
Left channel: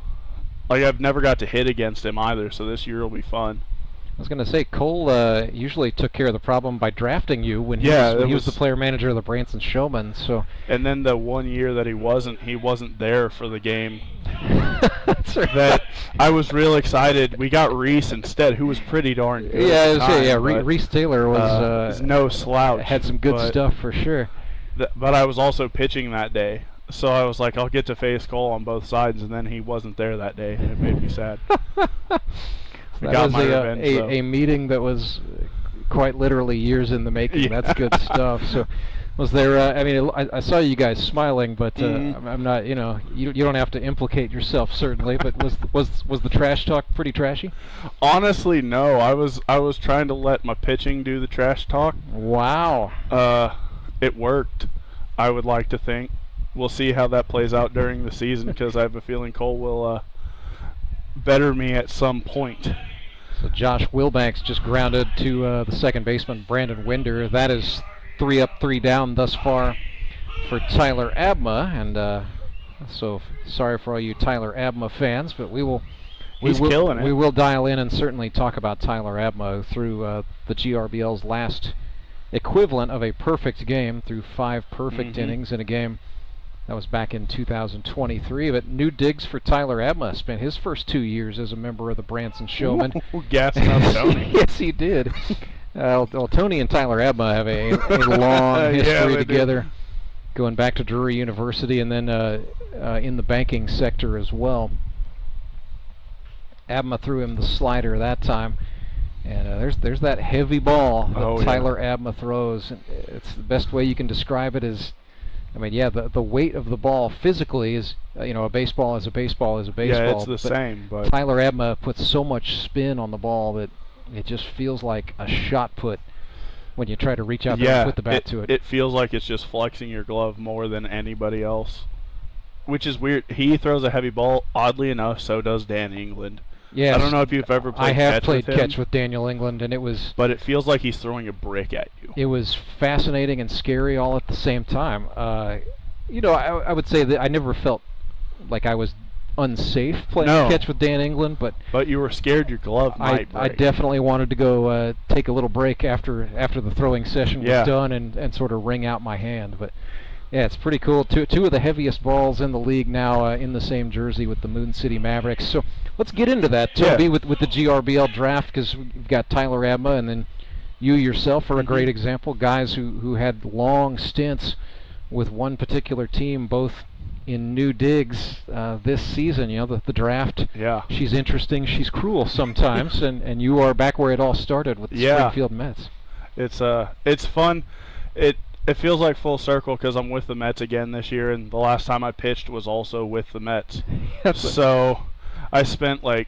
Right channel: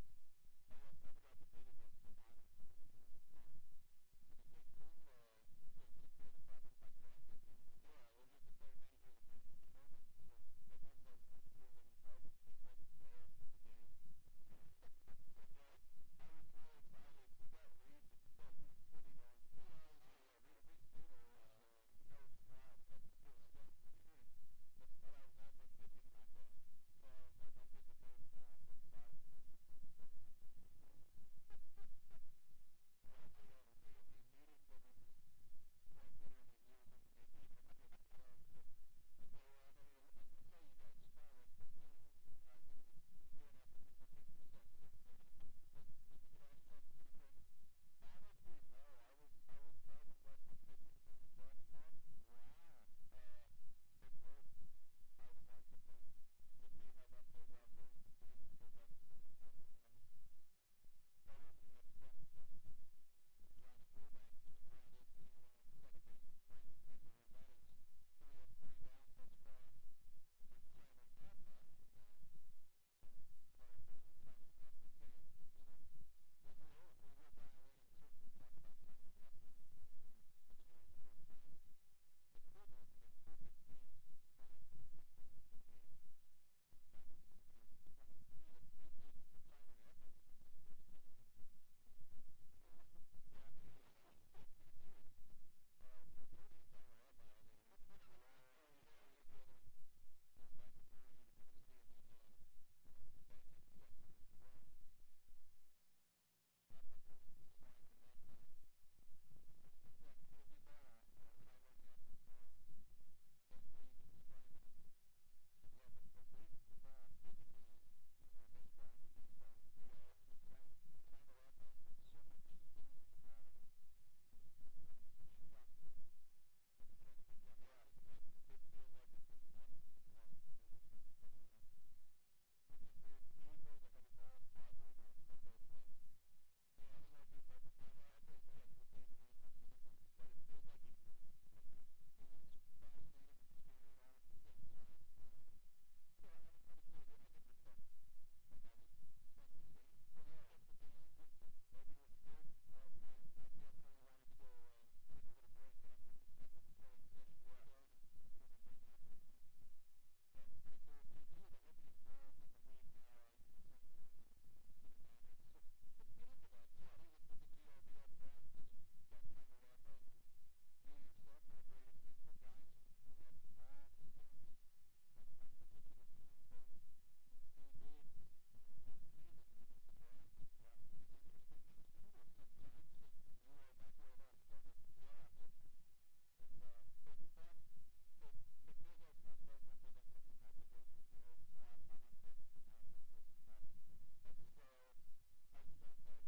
Like, I've never got to hit against him either, so this year will be fun. I was going to say, Cole usually took care of the problem by drafting you when he was the player manager of the Branson Showmen. So. And then the one year that he wasn't there for the game. That's right. That I was real excited. We got Reese instead, who was pretty darn good. Reese Taylor was no slouch. Had some good stuff for sure. But I was also pitching that day, so I was like, I'll get to face Cole on both sides, and then he wasn't there that day. It made me sad. That was a meeting that was quite literally years in the making. Yeah. That's good stuff. So, was there? I saw you guys smiling, but I'm not. You don't have to implicate yourself certainly. But was the trash talk pretty trashy? Honestly, no. I was trying to let my pitching do the trash talk. Wow. It worked. I would like to think. We'll see how that plays out during the season, because I have a feeling Cole will better me at some point. So Josh Wilbanks just grounded to the second baseman, Brandon Winder. That is 3 up, 3 down thus far for Tyler Abma. And so sorry for all you Tyler Abma fans, but we will dial in and certainly talk about Tyler Abma through the GRBL's last equivalent of a perfect game, through 5 perfect innings in a game. That was back in 2023, but new digs for Tyler Abma. Spent his first 2 years as a member of the Branson Showmen. Gassing up Tony. Yes, he did. Well, Tony and Tyler Abma have a long history together, going back to Drury University and then in the banking sector as well. Abma threw him the slider that time, and there's that heavy ball that Tyler Abma throws. It's the best way you can describe it is, the weight of the ball physically is, a baseball is a baseball is a baseball. Yeah, it's the same. But Tyler Abma puts so much spin on the ball that it just feels like a shot put when you try to reach out there and put the bat to it. It feels like it's just flexing your glove more than anybody else, which is weird. He throws a heavy ball. Oddly enough, so does Dan England. Yes. I don't know if you've ever played catch with him. I have played catch with Daniel England, and it was... But it feels like he's throwing a brick at you. It was fascinating and scary all at the same time. I would say that I never felt like I was unsafe playing catch with Dan England, but you were scared your glove might break. I definitely wanted to go take a little break after the throwing session was done and sort of wring out my hand. But yeah, it's pretty cool. Two of the heaviest balls in the league now in the same jersey with the Moon City Mavericks. So let's get into that, Toby, with the GRBL draft, because we've got Tyler Abma, and then you yourself are a great example. Guys who had long stints with one particular team, both in new digs this season. The draft. Yeah. She's interesting. She's cruel sometimes, and you are back where it all started with the Springfield Mets. It's fun. It feels like full circle, because I'm with the Mets again this year, and the last time I pitched was also with the Mets. So I spent 5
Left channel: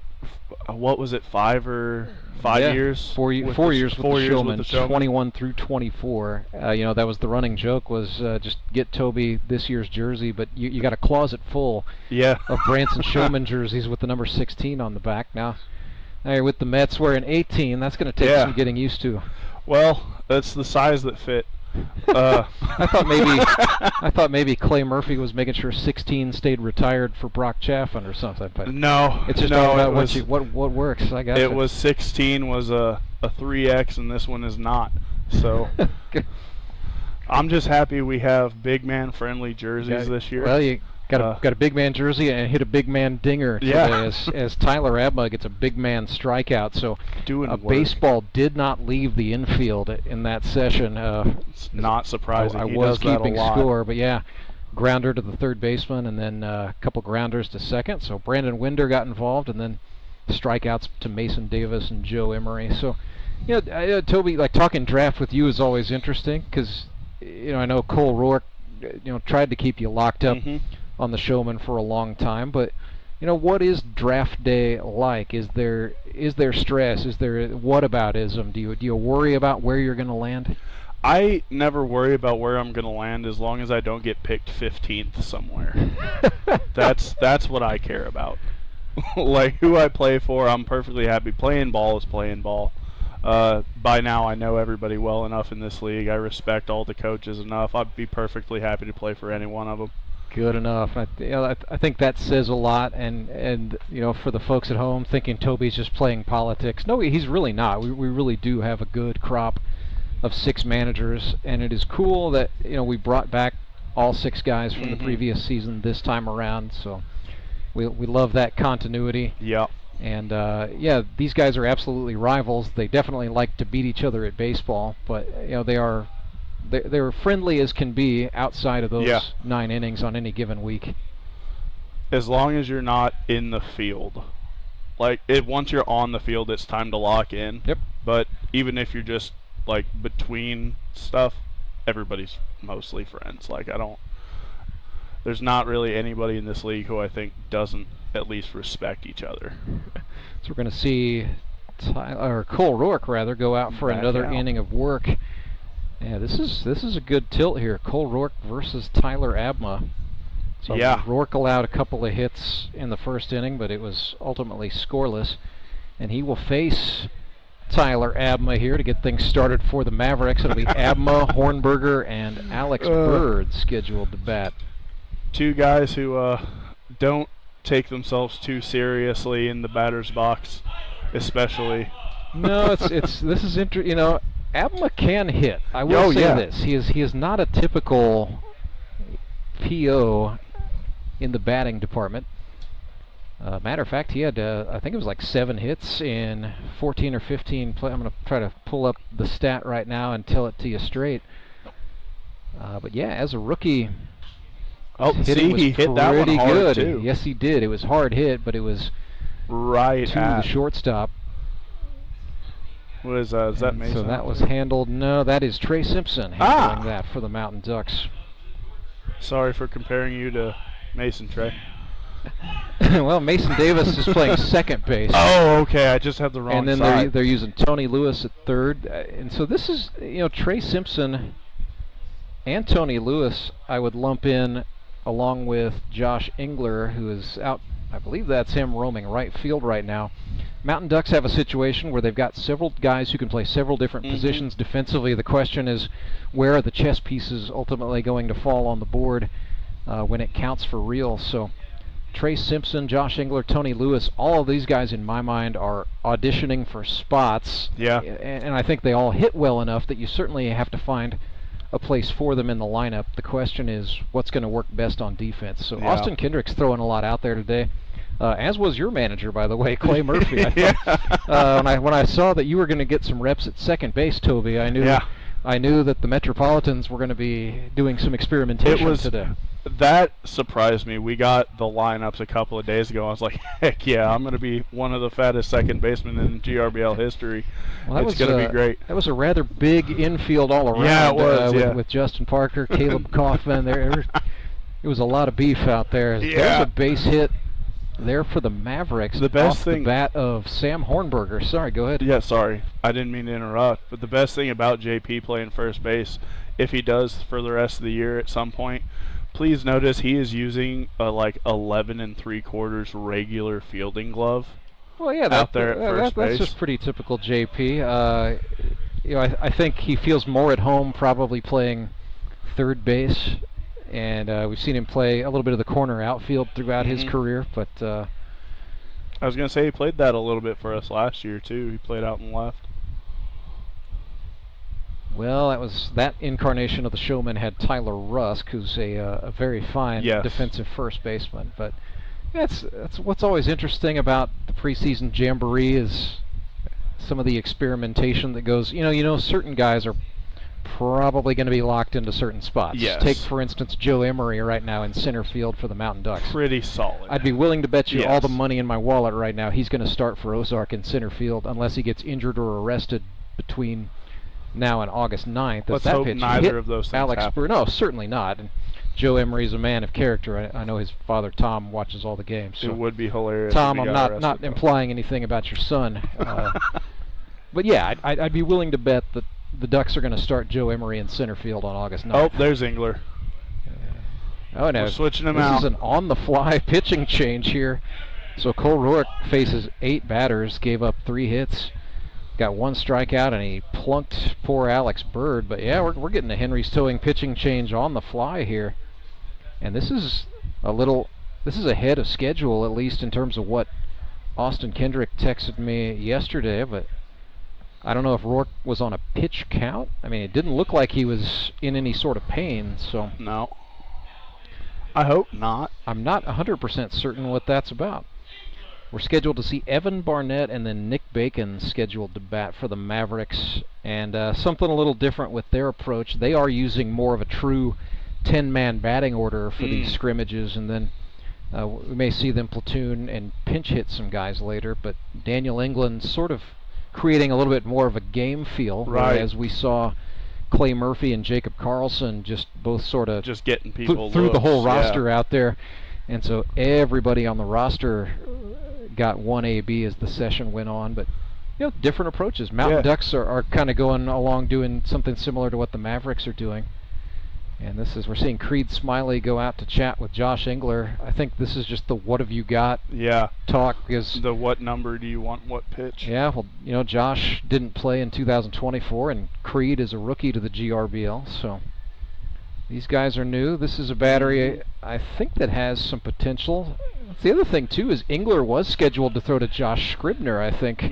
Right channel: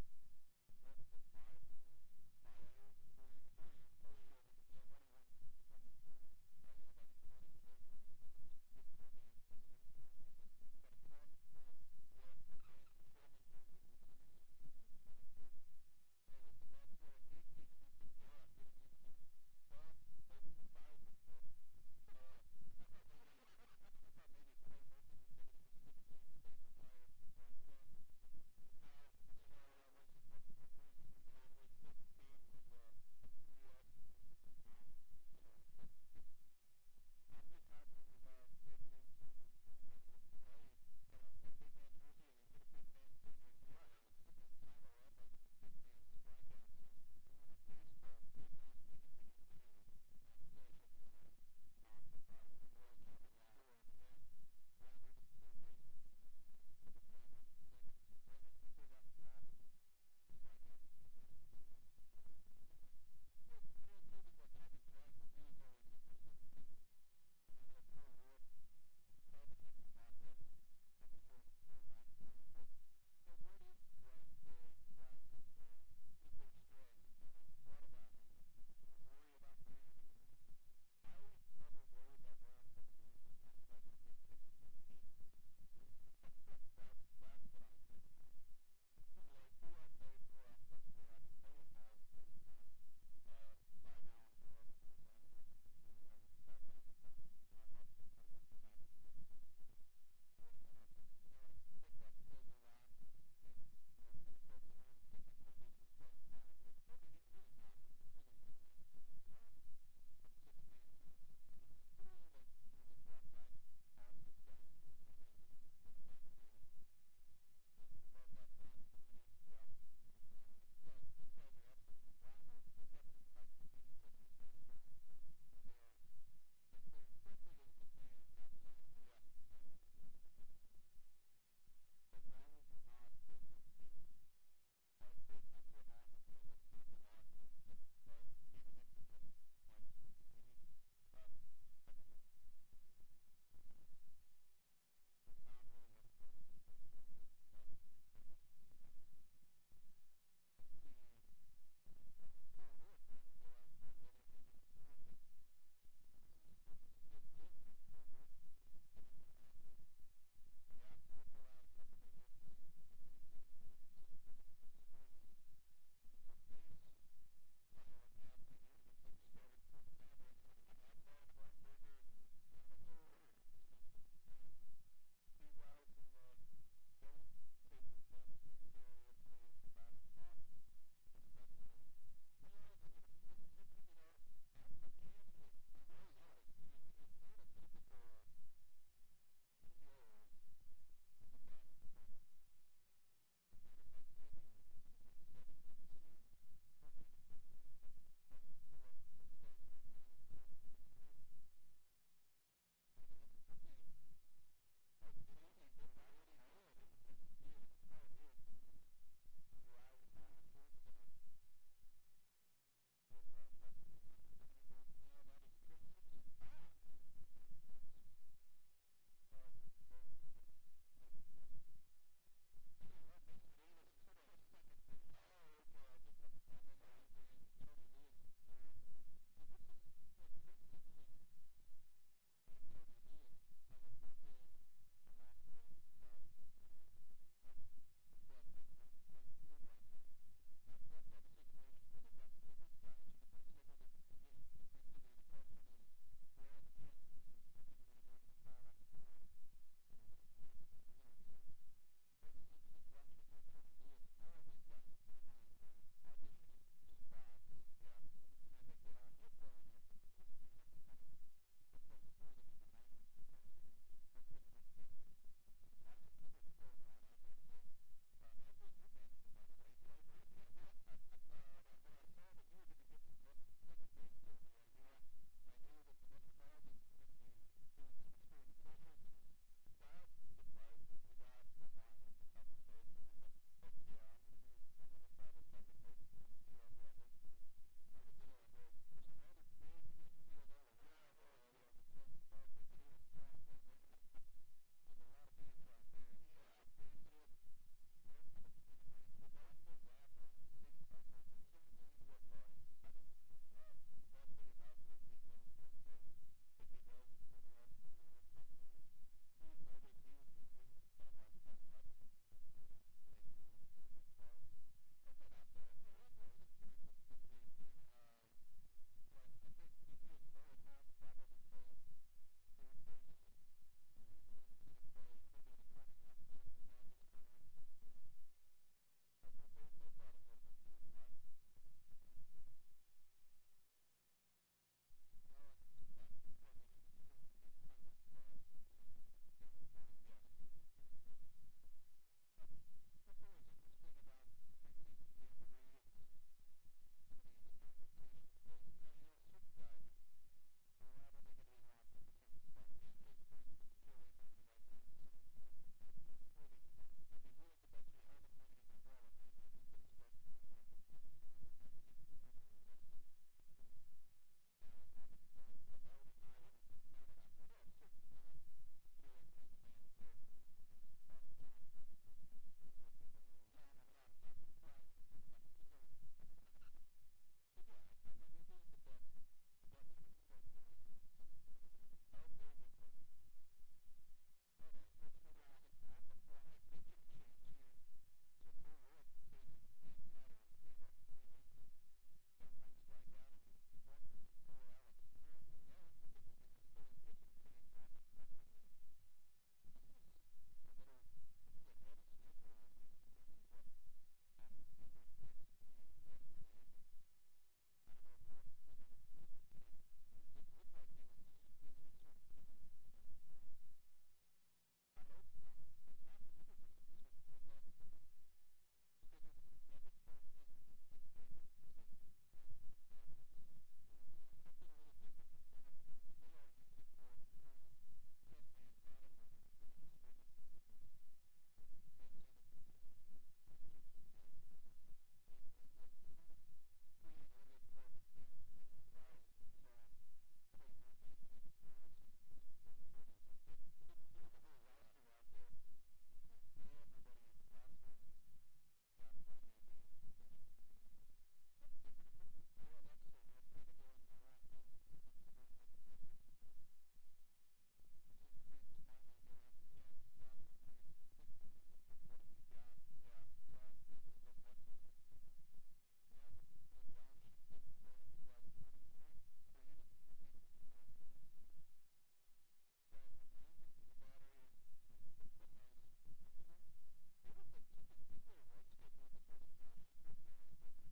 or 5 years. 4 years with the Showmen, with the Showmen. 21 through 24. That was the running joke, was just get Toby this year's jersey, but you got a closet full of Branson Showman jerseys with the number 16 on the back. Now you're with the Mets wearing 18. That's going to take some getting used to. Well, that's the size that fit. I thought maybe Clay Murphy was making sure 16 stayed retired for Brock Chaffin or something. But no, it's just all about what works. I got it. Was 16 was a 3X, and this one is not. So I'm just happy we have big man friendly jerseys this year. Well, you got a big man jersey and hit a big man dinger today as Tyler Abma gets a big man strikeout. So baseball did not leave the infield in that session. It's not surprising. I was keeping score, but grounder to the third baseman and then a couple grounders to second. So Brandon Winder got involved, and then strikeouts to Mason Davis and Joe Emery. So Toby, like talking draft with you is always interesting because I know Cole Rourke tried to keep you locked up on the Showman for a long time, but what is draft day like? Is there stress? Is there whataboutism? Do you worry about where you're going to land? I never worry about where I'm going to land as long as I don't get picked 15th somewhere. That's what I care about. Like who I play for, I'm perfectly happy. Playing ball is playing ball. By now I know everybody well enough in this league. I respect all the coaches enough. I'd be perfectly happy to play for any one of them. Good enough. I think that says a lot, and for the folks at home thinking Toby's just playing politics. No, he's really not. We really do have a good crop of 6 managers, and it is cool that we brought back all 6 guys from the previous season this time around. So we love that continuity. Yeah. And these guys are absolutely rivals. They definitely like to beat each other at baseball, but they're friendly as can be outside of those 9 innings on any given week. As long as you're not in the field. Once you're on the field, it's time to lock in. Yep. But even if you're just between stuff, everybody's mostly friends. There's not really anybody in this league who I think doesn't at least respect each other. So we're going to see Cole Rourke go out for another inning of work. Yeah, this is a good tilt here. Cole Rourke versus Tyler Abma. So Rourke allowed a couple of hits in the first inning, but it was ultimately scoreless. And he will face Tyler Abma here to get things started for the Mavericks. It'll be Abma, Hornberger, and Alex Bird scheduled to bat. 2 guys who don't take themselves too seriously in the batter's box, especially. No, this is interesting. Abma can hit. I will say this: he is not a typical PO in the batting department. Matter of fact, he had I think it was 7 hits in 14 or 15 play. I'm going to try to pull up the stat right now and tell it to you straight. But as a rookie, he hit that one hard good. too. Yes, he did. It was hard hit, but it was right to the shortstop. What is that Mason? So that was handled. No, that is Trey Simpson handling that for the Mountain Ducks. Sorry for comparing you to Mason, Trey. Well, Mason Davis is playing second base. Oh, okay. I just have the wrong side. And then they're using Tony Lewis at third. And so this is, Trey Simpson and Tony Lewis I would lump in along with Josh Engler, who is out. I believe that's him roaming right field right now. Mountain Ducks have a situation where they've got several guys who can play several different positions defensively. The question is, where are the chess pieces ultimately going to fall on the board when it counts for real? So Trey Simpson, Josh Engler, Tony Lewis, all of these guys in my mind are auditioning for spots. Yeah. And I think they all hit well enough that you certainly have to find a place for them in the lineup. The question is, what's going to work best on defense? So Austin Kendrick's throwing a lot out there today. As was your manager, by the way, Clay Murphy. I thought, when I saw that you were going to get some reps at second base, Toby, I knew that the Metropolitans were going to be doing some experimentation today. That surprised me. We got the lineups a couple of days ago. I was like, heck yeah, I'm going to be one of the fattest second basemen in GRBL history. Well, it's going to be great. That was a rather big infield all around. Yeah, it was, with Justin Parker, Caleb Kaufman. It was a lot of beef out there. Yeah. There's a base hit there for the Mavericks. The best off thing, the bat of Sam Hornberger. Sorry, go ahead. Yeah, sorry. I didn't mean to interrupt. But the best thing about JP playing first base, if he does for the rest of the year at some point, please notice he is using a like 11 3/4 regular fielding glove. Well, yeah, out there at first base. That's just pretty typical JP. You know, I think he feels more at home probably playing third base, and we've seen him play a little bit of the corner outfield throughout his career. But I was going to say he played that a little bit for us last year too. He played out in left. Well, that incarnation of the Showmen had Tyler Rusk, who's a very fine defensive first baseman. But that's what's always interesting about the preseason jamboree is some of the experimentation that goes. You know, certain guys are probably going to be locked into certain spots. Yes. Take, for instance, Joe Emery right now in center field for the Mountain Ducks. Pretty solid. I'd be willing to bet you all the money in my wallet right now he's going to start for Ozark in center field unless he gets injured or arrested between now and August 9th. Let's hope neither of those things Alex happen. No, certainly not. And Joe Emery's a man of character. I know his father, Tom, watches all the games. So it would be hilarious. Tom, I'm not implying anything about your son. But yeah, I'd be willing to bet that the Ducks are going to start Joe Emery in center field on August 9th. Oh, there's Engler. Oh, no. We're switching him out. This is an on-the-fly pitching change here. So Cole Rourke faces 8 batters, gave up 3 hits, got 1 strikeout, and he plunked poor Alex Bird. But yeah, we're getting a Henry's towing pitching change on the fly here. And this is ahead of schedule, at least in terms of what Austin Kendrick texted me yesterday, but I don't know if Rourke was on a pitch count. I mean, it didn't look like he was in any sort of pain, so. No. I hope not. I'm not 100% certain what that's about. We're scheduled to see Evan Barnett and then Nick Bacon scheduled to bat for the Mavericks, and something a little different with their approach. They are using more of a true 10-man batting order for these scrimmages, and then we may see them platoon and pinch hit some guys later, but Daniel England sort of creating a little bit more of a game feel, whereas we saw Clay Murphy and Jacob Carlson just both sort of just getting people through the whole roster out there, and so everybody on the roster got 1 AB as the session went on. But you know, different approaches. Mountain Ducks are kind of going along doing something similar to what the Mavericks are doing. And we're seeing Creed Smiley go out to chat with Josh Engler. I think this is just the what have you got talk. Is the what number do you want, what pitch? Yeah, well, you know, Josh didn't play in 2024, and Creed is a rookie to the GRBL, so these guys are new. This is a battery, I think, that has some potential. The other thing, too, is Engler was scheduled to throw to Josh Scribner, I think,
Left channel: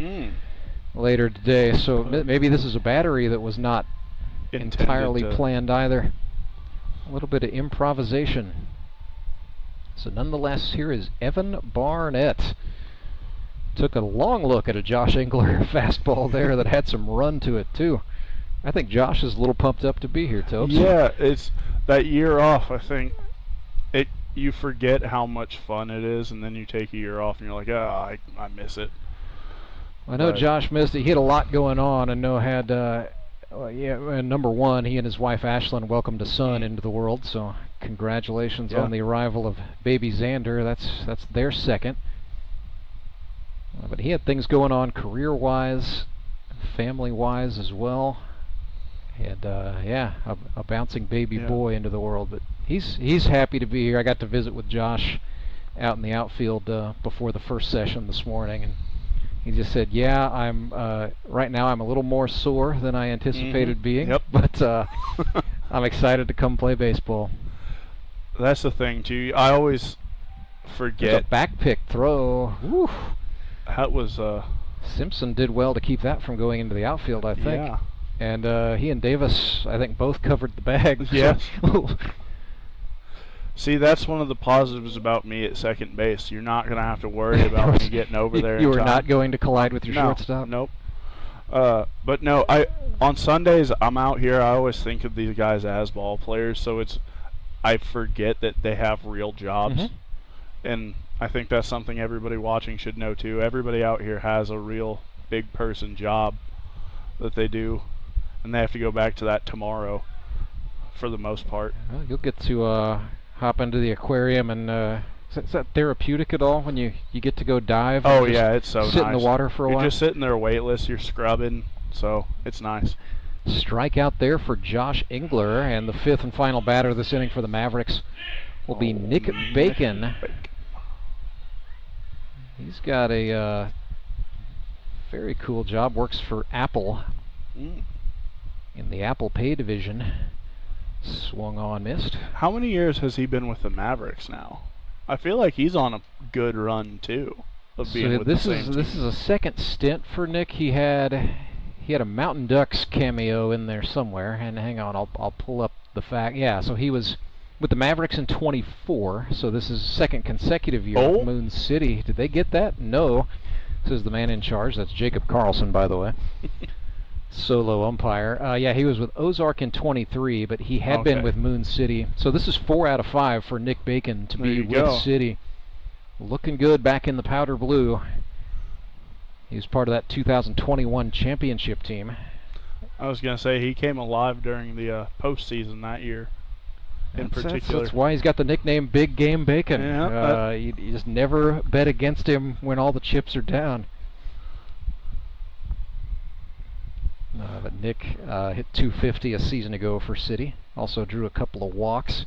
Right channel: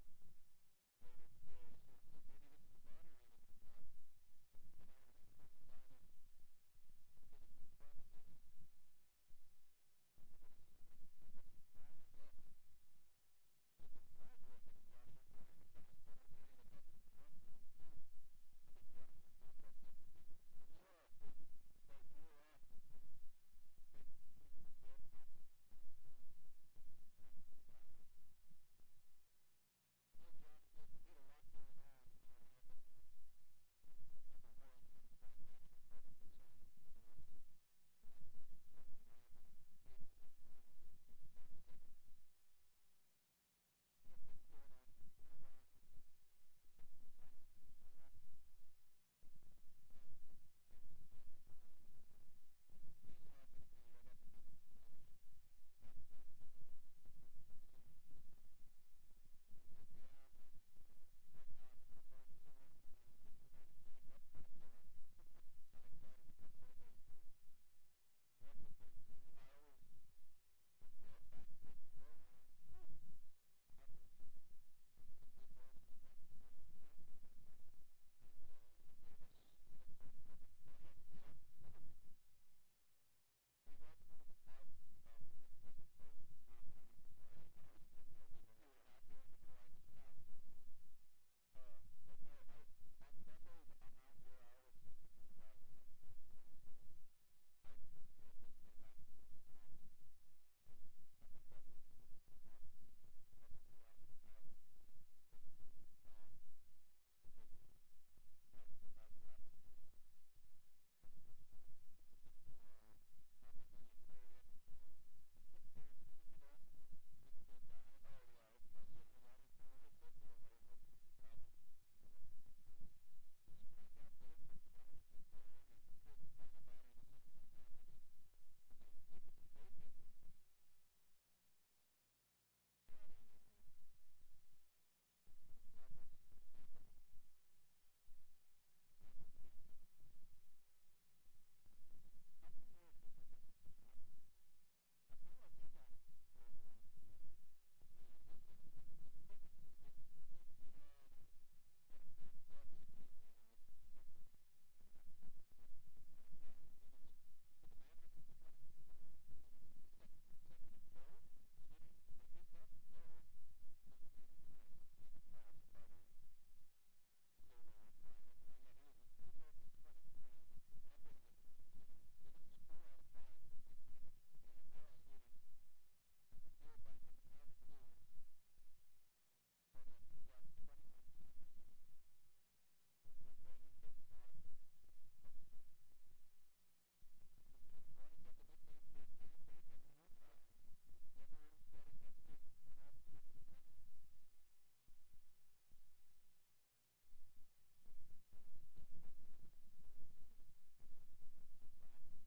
later today, so maybe this is a battery that was not entirely planned either. A little bit of improvisation. So nonetheless, here is Evan Barnett. Took a long look at a Josh Engler fastball there that had some run to it too. I think Josh is a little pumped up to be here, Topes. Yeah, it's that year off. I think you forget how much fun it is, and then you take a year off, and you're like, I miss it. I know Josh missed it. He had a lot going on. I know had. Number one, he and his wife Ashlyn welcomed a son into the world, so congratulations on the arrival of baby Xander. That's their second. But he had things going on career-wise, family-wise as well. And a bouncing baby boy into the world. But he's happy to be here. I got to visit with Josh out in the outfield before the first session this morning, and he just said, yeah, I'm right now I'm a little more sore than I anticipated being, but I'm excited to come play baseball. That's the thing, too. I always forget. There's a back pick throw. Whew. That was... Simpson did well to keep that from going into the outfield, I think. Yeah. And he and Davis, I think, both covered the bag. Yes. See, that's one of the positives about me at second base. You're not going to have to worry about me getting over there. You are not going to collide with your shortstop? Nope. But no, on Sundays, I'm out here. I always think of these guys as ball players, so I forget that they have real jobs. And I think that's something everybody watching should know, too. Everybody out here has a real big person job that they do, and they have to go back to that tomorrow for the most part. Well, you'll get to... hop into the aquarium and Is that therapeutic at all when you get to go dive? Oh yeah, it's so nice. Sit in the water for a while. You're just sitting there weightless. You're scrubbing, so it's nice. Strikeout there for Josh Engler, and the 5th and final batter this inning for the Mavericks will be Nick Bacon. He's got a very cool job. Works for Apple in the Apple Pay division. Swung on, missed. How many years has he been with the Mavericks now? I feel like he's on a good run too of being with the same team. This is a second stint for Nick. He had a Mountain Ducks cameo in there somewhere. And hang on, I'll pull up the fact. Yeah, so he was with the Mavericks in 24. So this is second consecutive year with Moon City. Did they get that? No. This is the man in charge. That's Jacob Carlson, by the way. Solo umpire. Yeah, he was with Ozark in 23, but he had been with Moon City. So this is 4 out of 5 for Nick Bacon to be with City. Looking good back in the powder blue. He was part of that 2021 championship team. I was going to say he came alive during the postseason that year in particular. That's why he's got the nickname Big Game Bacon. Yeah, you just never bet against him when all the chips are down. But Nick hit 250 a season ago for City. Also drew a couple of walks.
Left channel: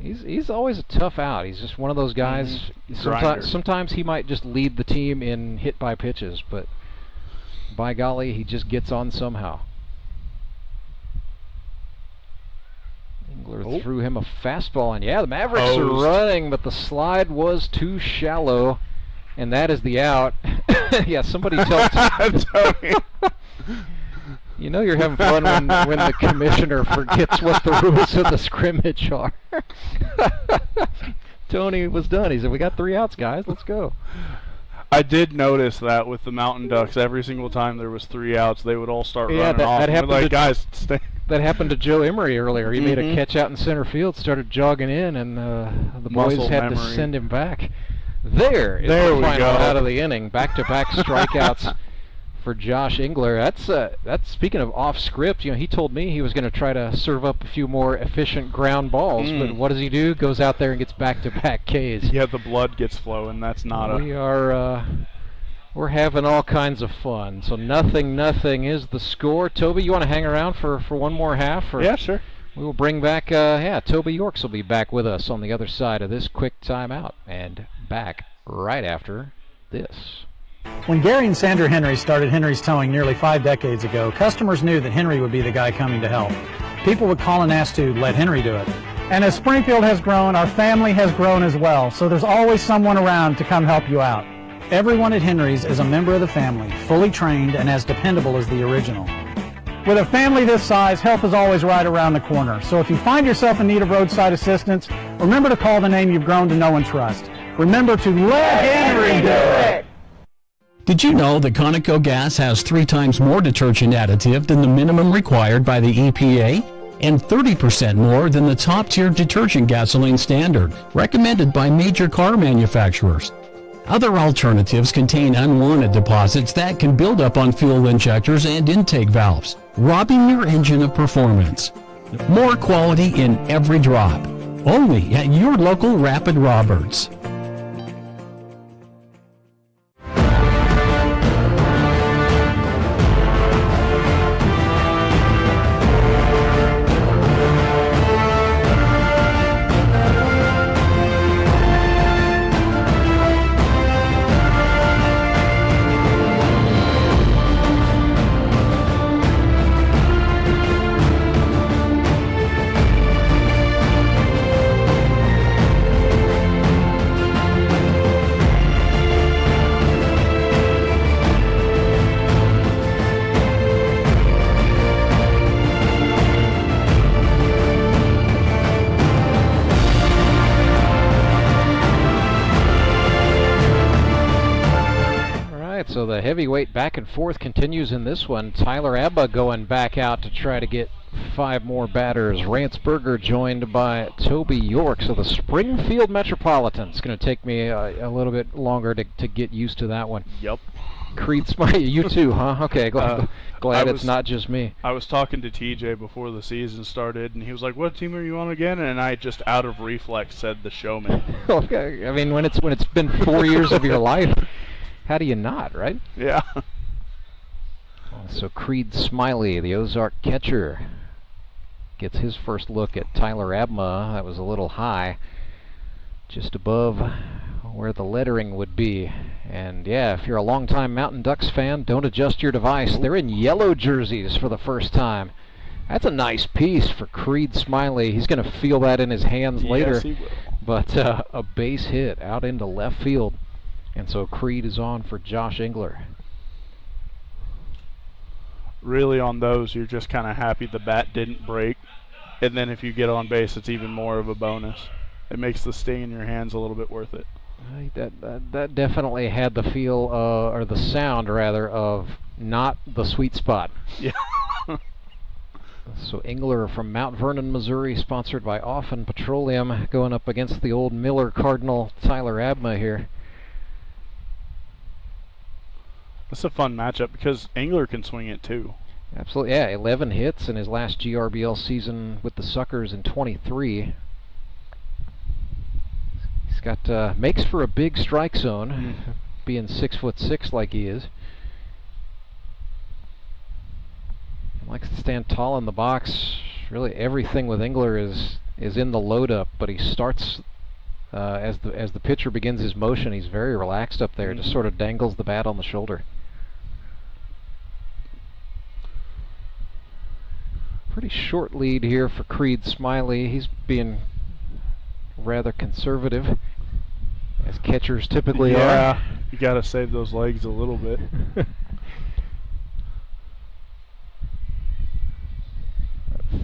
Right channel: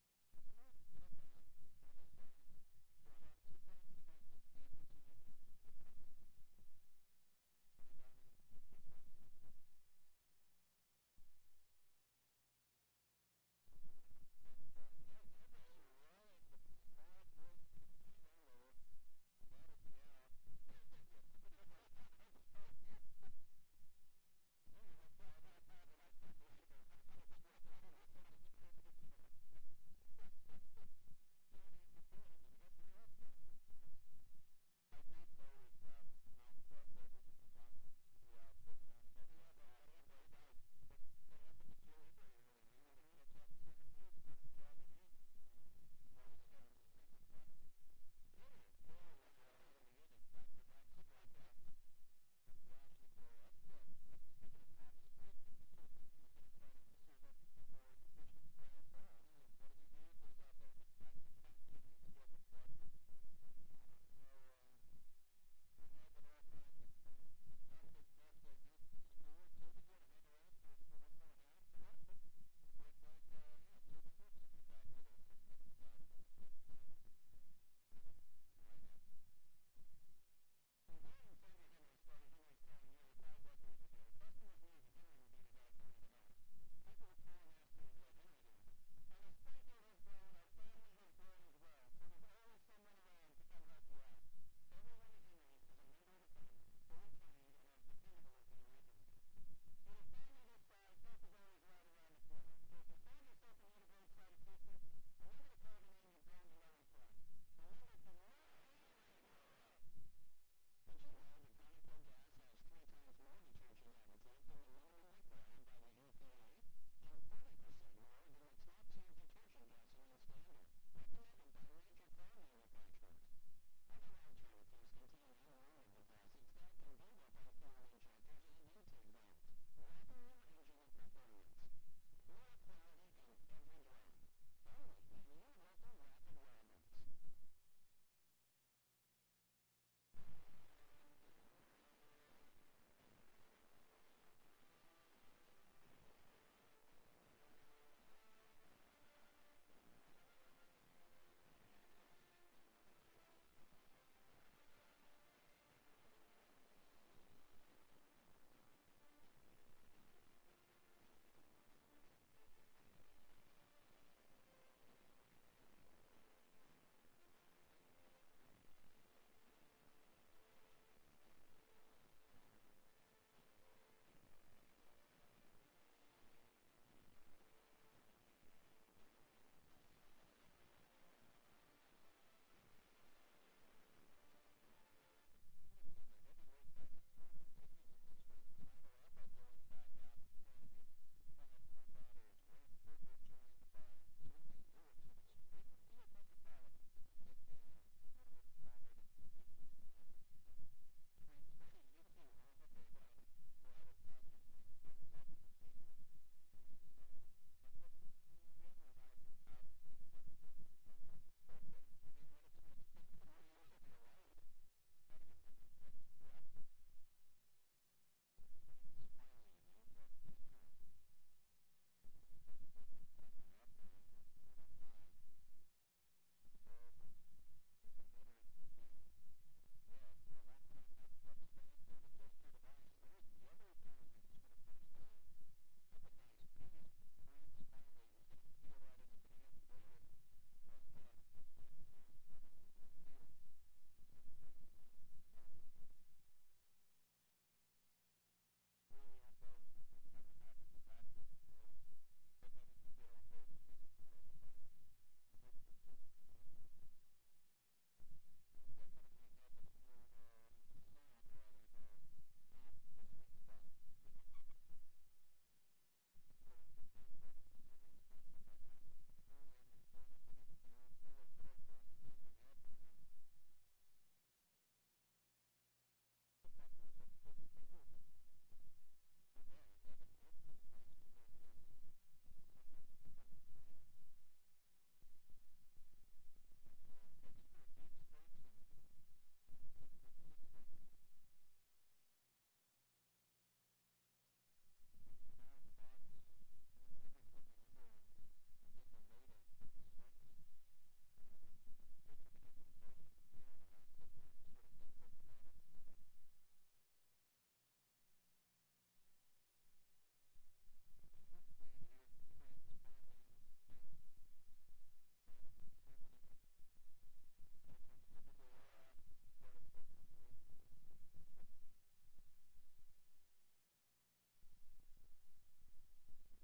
He's always a tough out. He's just one of those guys. Sometimes he might just lead the team in hit by pitches, but by golly, he just gets on somehow. Engler threw him a fastball, and yeah, the Mavericks are running, but the slide was too shallow, and that is the out. Yeah, somebody tell Tony. You know you're having fun when the commissioner forgets what the rules of the scrimmage are. Tony was done. He said, "We got 3 outs, guys. Let's go." I did notice that with the Mountain Ducks, every single time there was 3 outs, they would all start running off. That happened like, guys, stay. That happened to Joe Emery earlier. He made a catch out in center field, started jogging in, and the boys had to send him back. There is the final out of the inning. Back-to-back strikeouts for Josh Engler. That's speaking of off script. You know, he told me he was going to try to serve up a few more efficient ground balls, but what does he do? Goes out there and gets back-to-back Ks. Yeah, the blood gets flowing. That's not we're having all kinds of fun. So nothing is the score. Toby, you want to hang around for one more half? Or yeah, sure. We will bring back, Toby Yorks will be back with us on the other side of this quick timeout, and back right after this. When Gary and Sandra Henry started Henry's Towing nearly 5 decades ago, customers knew that Henry would be the guy coming to help. People would call and ask to let Henry do it. And as Springfield has grown, our family has grown as well, so there's always someone around to come help you out. Everyone at Henry's is a member of the family, fully trained and as dependable as the original. With a family this size, help is always right around the corner. So if you find yourself in need of roadside assistance, remember to call the name you've grown to know and trust. Remember to let Henry do it! Did you know that Conoco gas has 3 times more detergent additive than the minimum required by the EPA? And 30% more than the top-tier detergent gasoline standard, recommended by major car manufacturers. Other alternatives contain unwanted deposits that can build up on fuel injectors and intake valves, robbing your engine of performance. More quality in every drop. Only at your local Rapid Roberts. So the heavyweight back and forth continues in this one. Tyler Abba going back out to try to get 5 more batters. Rance Berger joined by Toby York. So the Springfield Metropolitans. It's going to take me a little bit longer to get used to that one. Yep. Creed Smiley, you too, huh? Okay, glad it's not just me. I was talking to TJ before the season started, and he was like, "What team are you on again?" And I just out of reflex said the Showmen. Okay. I mean, when it's been 4 years of your life, how do you not, right? Yeah. So Creed Smiley, the Ozark catcher, gets his first look at Tyler Abma. That was a little high, just above where the lettering would be. And yeah, if you're a longtime Mountain Ducks fan, don't adjust your device. They're in yellow jerseys for the first time. That's a nice piece for Creed Smiley. He's going to feel that in his hands later. Yes, he will. But a base hit out into left field. And so Creed is on for Josh Engler. Really on those, you're just kind of happy the bat didn't break. And then if you get on base, it's even more of a bonus. It makes the sting in your hands a little bit worth it. That definitely had the feel, or the sound rather, of not the sweet spot. Yeah. So Engler from Mount Vernon, Missouri, sponsored by Offen Petroleum, going up against the old Miller Cardinal Tyler Abma here. That's a fun matchup because Engler can swing it too. Absolutely, yeah. 11 hits in his last GRBL season with the Suckers in 23. He's got makes for a big strike zone, being 6'6" like he is. He likes to stand tall in the box. Really, everything with Engler is in the load up, but he starts as the pitcher begins his motion. He's very relaxed up there, just sort of dangles the bat on the shoulder. Pretty short lead here for Creed Smiley. He's being rather conservative, as catchers typically are. Yeah, you got to save those legs a little bit.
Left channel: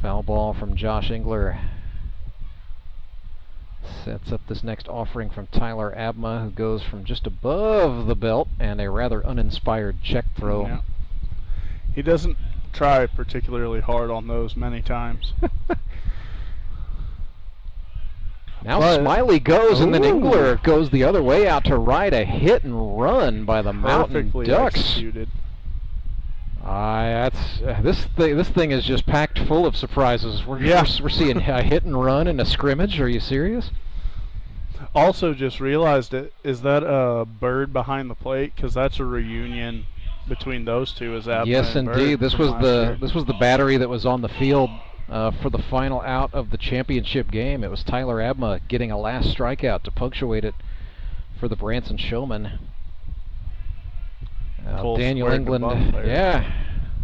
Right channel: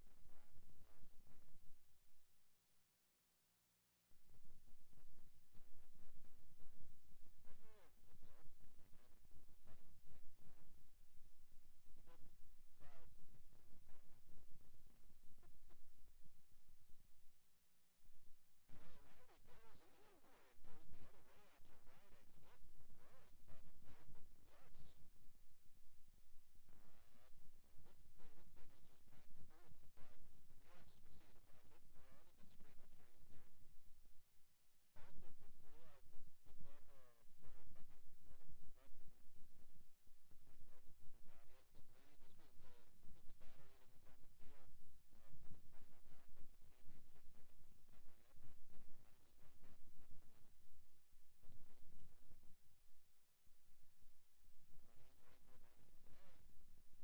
Foul ball from Josh Engler sets up this next offering from Tyler Abma, who goes from just above the belt and a rather uninspired check throw. Yeah. He doesn't try particularly hard on those many times. Now Smiley goes, and then Engler goes the other way out to right. A hit and run by the Mountain Ducks. Executed. This thing is just packed full of surprises. We're seeing a hit and run in a scrimmage. Are you serious? Also, just realized it. Is that a Bird behind the plate? Because that's a reunion between those two. Is Abma Yes, and indeed. Bird This from was last year. the battery that was on the field for the final out of the championship game. It was Tyler Abma getting a last strikeout to punctuate it for the Branson Showmen. Daniel England, yeah.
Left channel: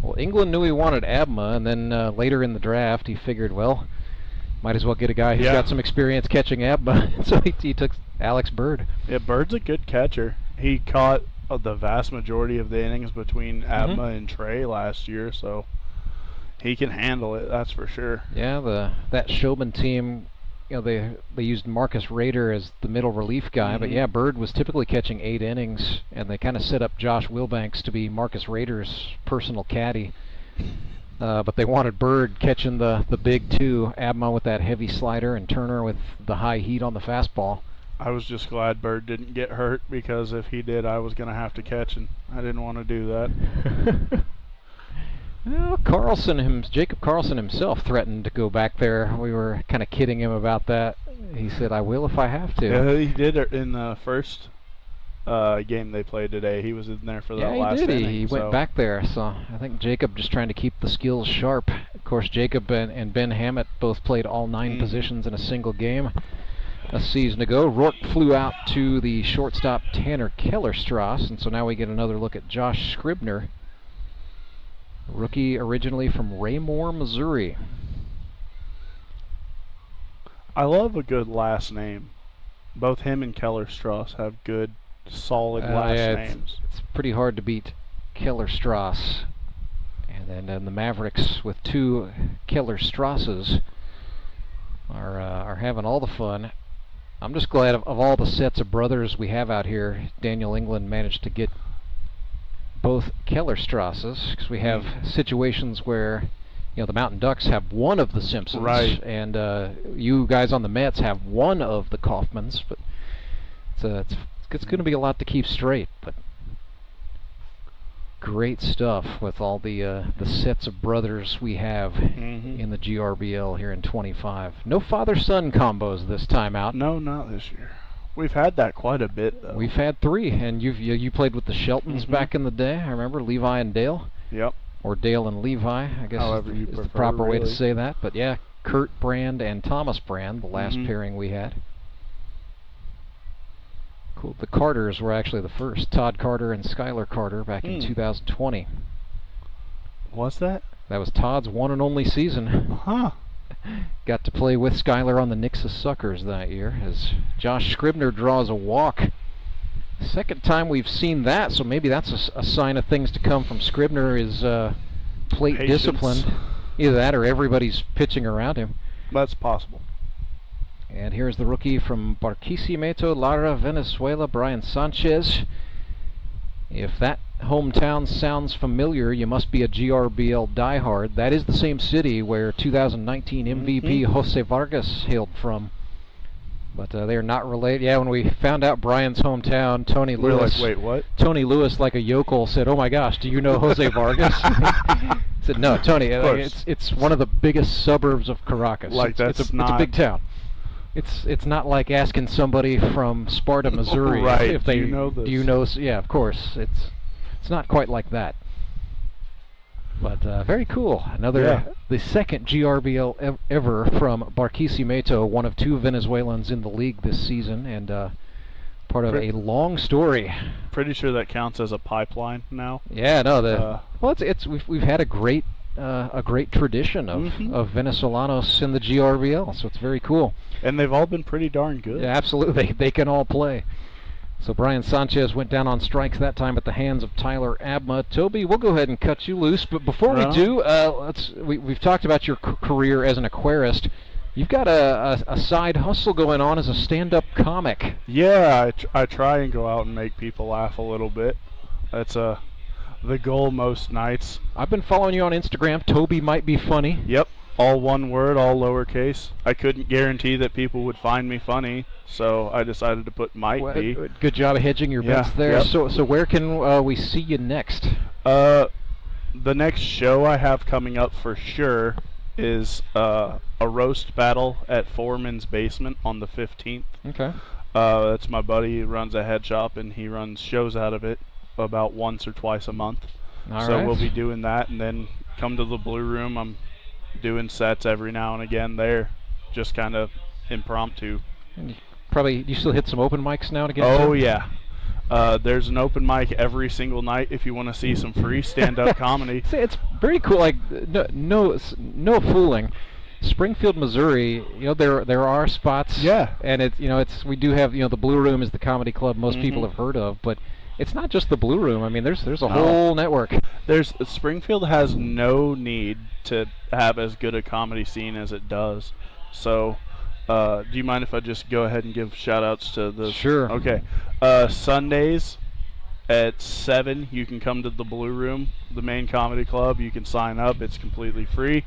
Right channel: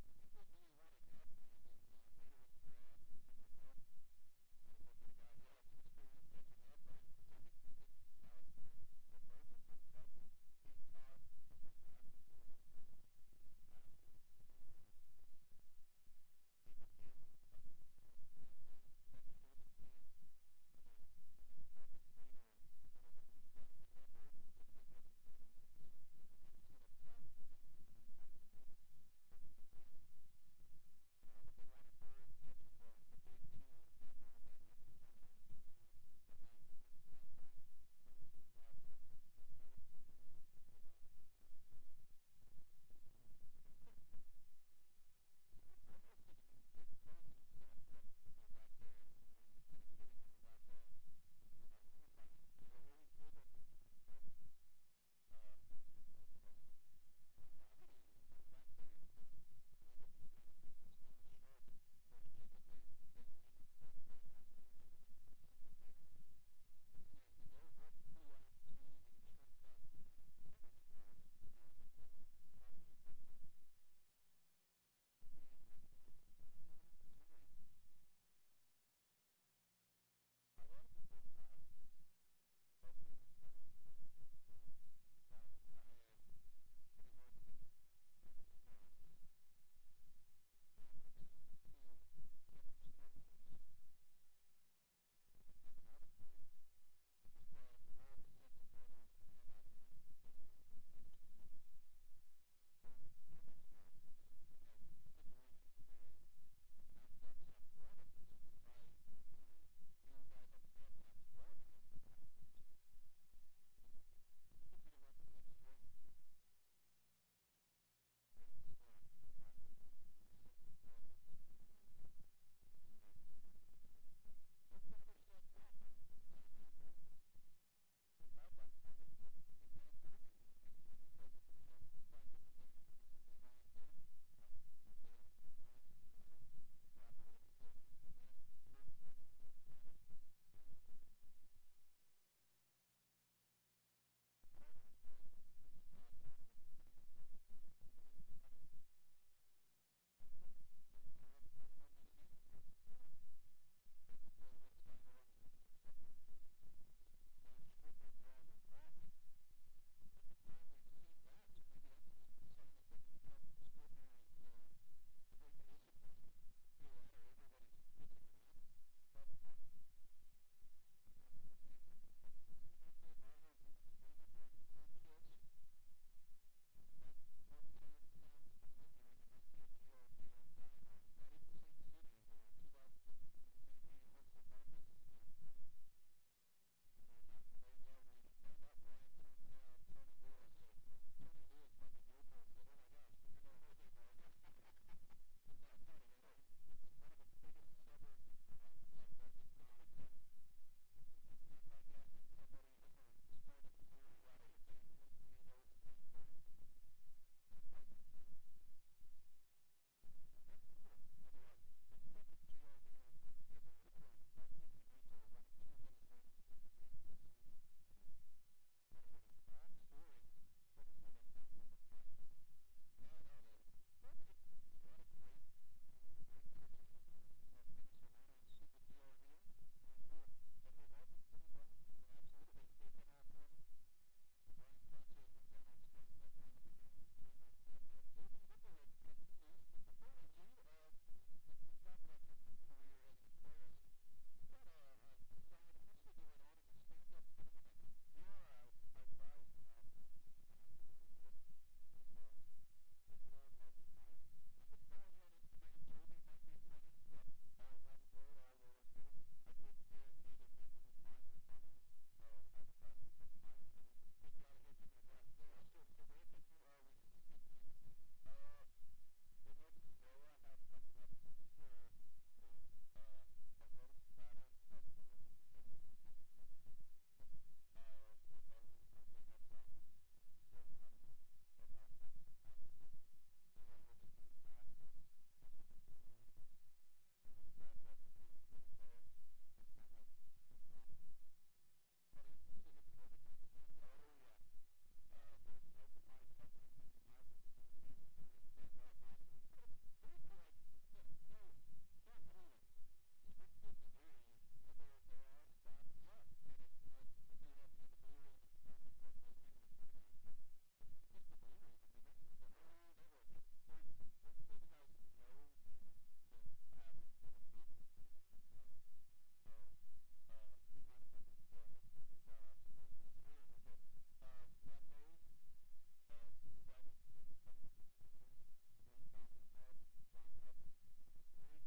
Well, England knew he wanted Abma, and then later in the draft he figured, well, might as well get a guy who's got some experience catching Abma. So he took Alex Bird. Yeah, Bird's a good catcher. He caught the vast majority of the innings between Abma and Trey last year, so he can handle it, that's for sure. Yeah, that Showman team, you know, they used Marcus Rader as the middle relief guy, but yeah, Bird was typically catching 8 innings, and they kind of set up Josh Wilbanks to be Marcus Rader's personal caddy. But they wanted Bird catching the big two, Abma with that heavy slider and Turner with the high heat on the fastball. I was just glad Bird didn't get hurt, because if he did, I was going to have to catch, and I didn't want to do that. Well, Jacob Carlson himself threatened to go back there. We were kind of kidding him about that. He said, "I will if I have to." Yeah, he did it in the first game they played today. He was in there for that last inning. He went back there. So I think Jacob just trying to keep the skills sharp. Of course, Jacob and Ben Hammett both played all 9 positions in a single game a season ago. Rourke flew out to the shortstop Tanner Kellerstrass, and so now we get another look at Josh Scribner. Rookie originally from Raymore, Missouri. I love a good last name. Both him and Kellerstrass have good, solid last names. It's pretty hard to beat Kellerstrass. And then the Mavericks with 2 Kellerstrasses are having all the fun. I'm just glad of all the sets of brothers we have out here, Daniel England managed to get both Kellerstrasses, because we have situations where, you know, the Mountain Ducks have one of the Simpsons, and you guys on the Mets have one of the Kaufmans, but it's going to be a lot to keep straight. But great stuff with all the sets of brothers we have in the GRBL here in 25. No father-son combos this time out. No, not this year. We've had that quite a bit, though. We've had 3, and you played with the Sheltons back in the day. I remember Levi and Dale. Yep. Or Dale and Levi, I guess However you is prefer, the proper way to really. say that. But yeah, Kurt Brand and Thomas Brand, the last pairing we had. Cool. The Carters were actually the first. Todd Carter and Skylar Carter back in 2020. Was that? That was Todd's one and only season. Got to play with Skylar on the Nixa Suckers that year as Josh Scribner draws a walk. Second time we've seen that, so maybe that's a sign of things to come from Scribner is plate Patience. discipline. Either that or everybody's pitching around him. That's possible. And here's the rookie from Barquisimeto, Lara, Venezuela, Brian Sanchez. If that hometown sounds familiar, you must be a GRBL diehard. That is the same city where 2019 MVP Jose Vargas hailed from. But they're not related. Yeah, when we found out Brian's hometown, Tony We're Lewis. like, wait, what? Tony Lewis, like a yokel, said, "Oh my gosh, do you know Jose Vargas?" I said, "No, Tony. It's one of the biggest suburbs of Caracas. Like it's a big town. It's not like asking somebody from Sparta, Missouri, right. if they Do you know this? Do you know? Yeah, of course. It's not quite like that. But very cool. The second GRBL ever from Barquisimeto, one of 2 Venezuelans in the league this season, and part of a long story. Pretty sure that counts as a pipeline now. Yeah, no. We've had a great tradition of Venezolanos in the GRBL, so it's very cool. And they've all been pretty darn good. Yeah, absolutely. They can all play. So Brian Sanchez went down on strikes that time at the hands of Tyler Abma. Toby, we'll go ahead and cut you loose. But before we do, we've talked about your career as an aquarist. You've got a side hustle going on as a stand-up comic. Yeah, I try and go out and make people laugh a little bit. That's the goal most nights. I've been following you on Instagram. Toby might be funny. Yep. All one word, all lowercase. I couldn't guarantee that people would find me funny, so I decided to put might be. Good job of hedging your bets there. Yep. So where can we see you next? The next show I have coming up for sure is a roast battle at Foreman's Basement on the 15th. Okay. That's my buddy who runs a head shop, and he runs shows out of it about once or twice a month. So we'll be doing that, and then come to the Blue Room. I'm doing sets every now and again there, just kind of impromptu. And you still hit some open mics now and again? Oh too? yeah. There's an open mic every single night if you want to see some free stand-up comedy. See, it's very cool. Like no fooling. Springfield, Missouri. There are spots. Yeah. And we do have the Blue Room is the comedy club most people have heard of, but it's not just the Blue Room. I mean, there's a whole network. Springfield has no need to have as good a comedy scene as it does. So, do you mind if I just go ahead and give shout-outs to the... Sure. Okay. Sundays at 7, you can come to the Blue Room, the main comedy club. You can sign up. It's completely free.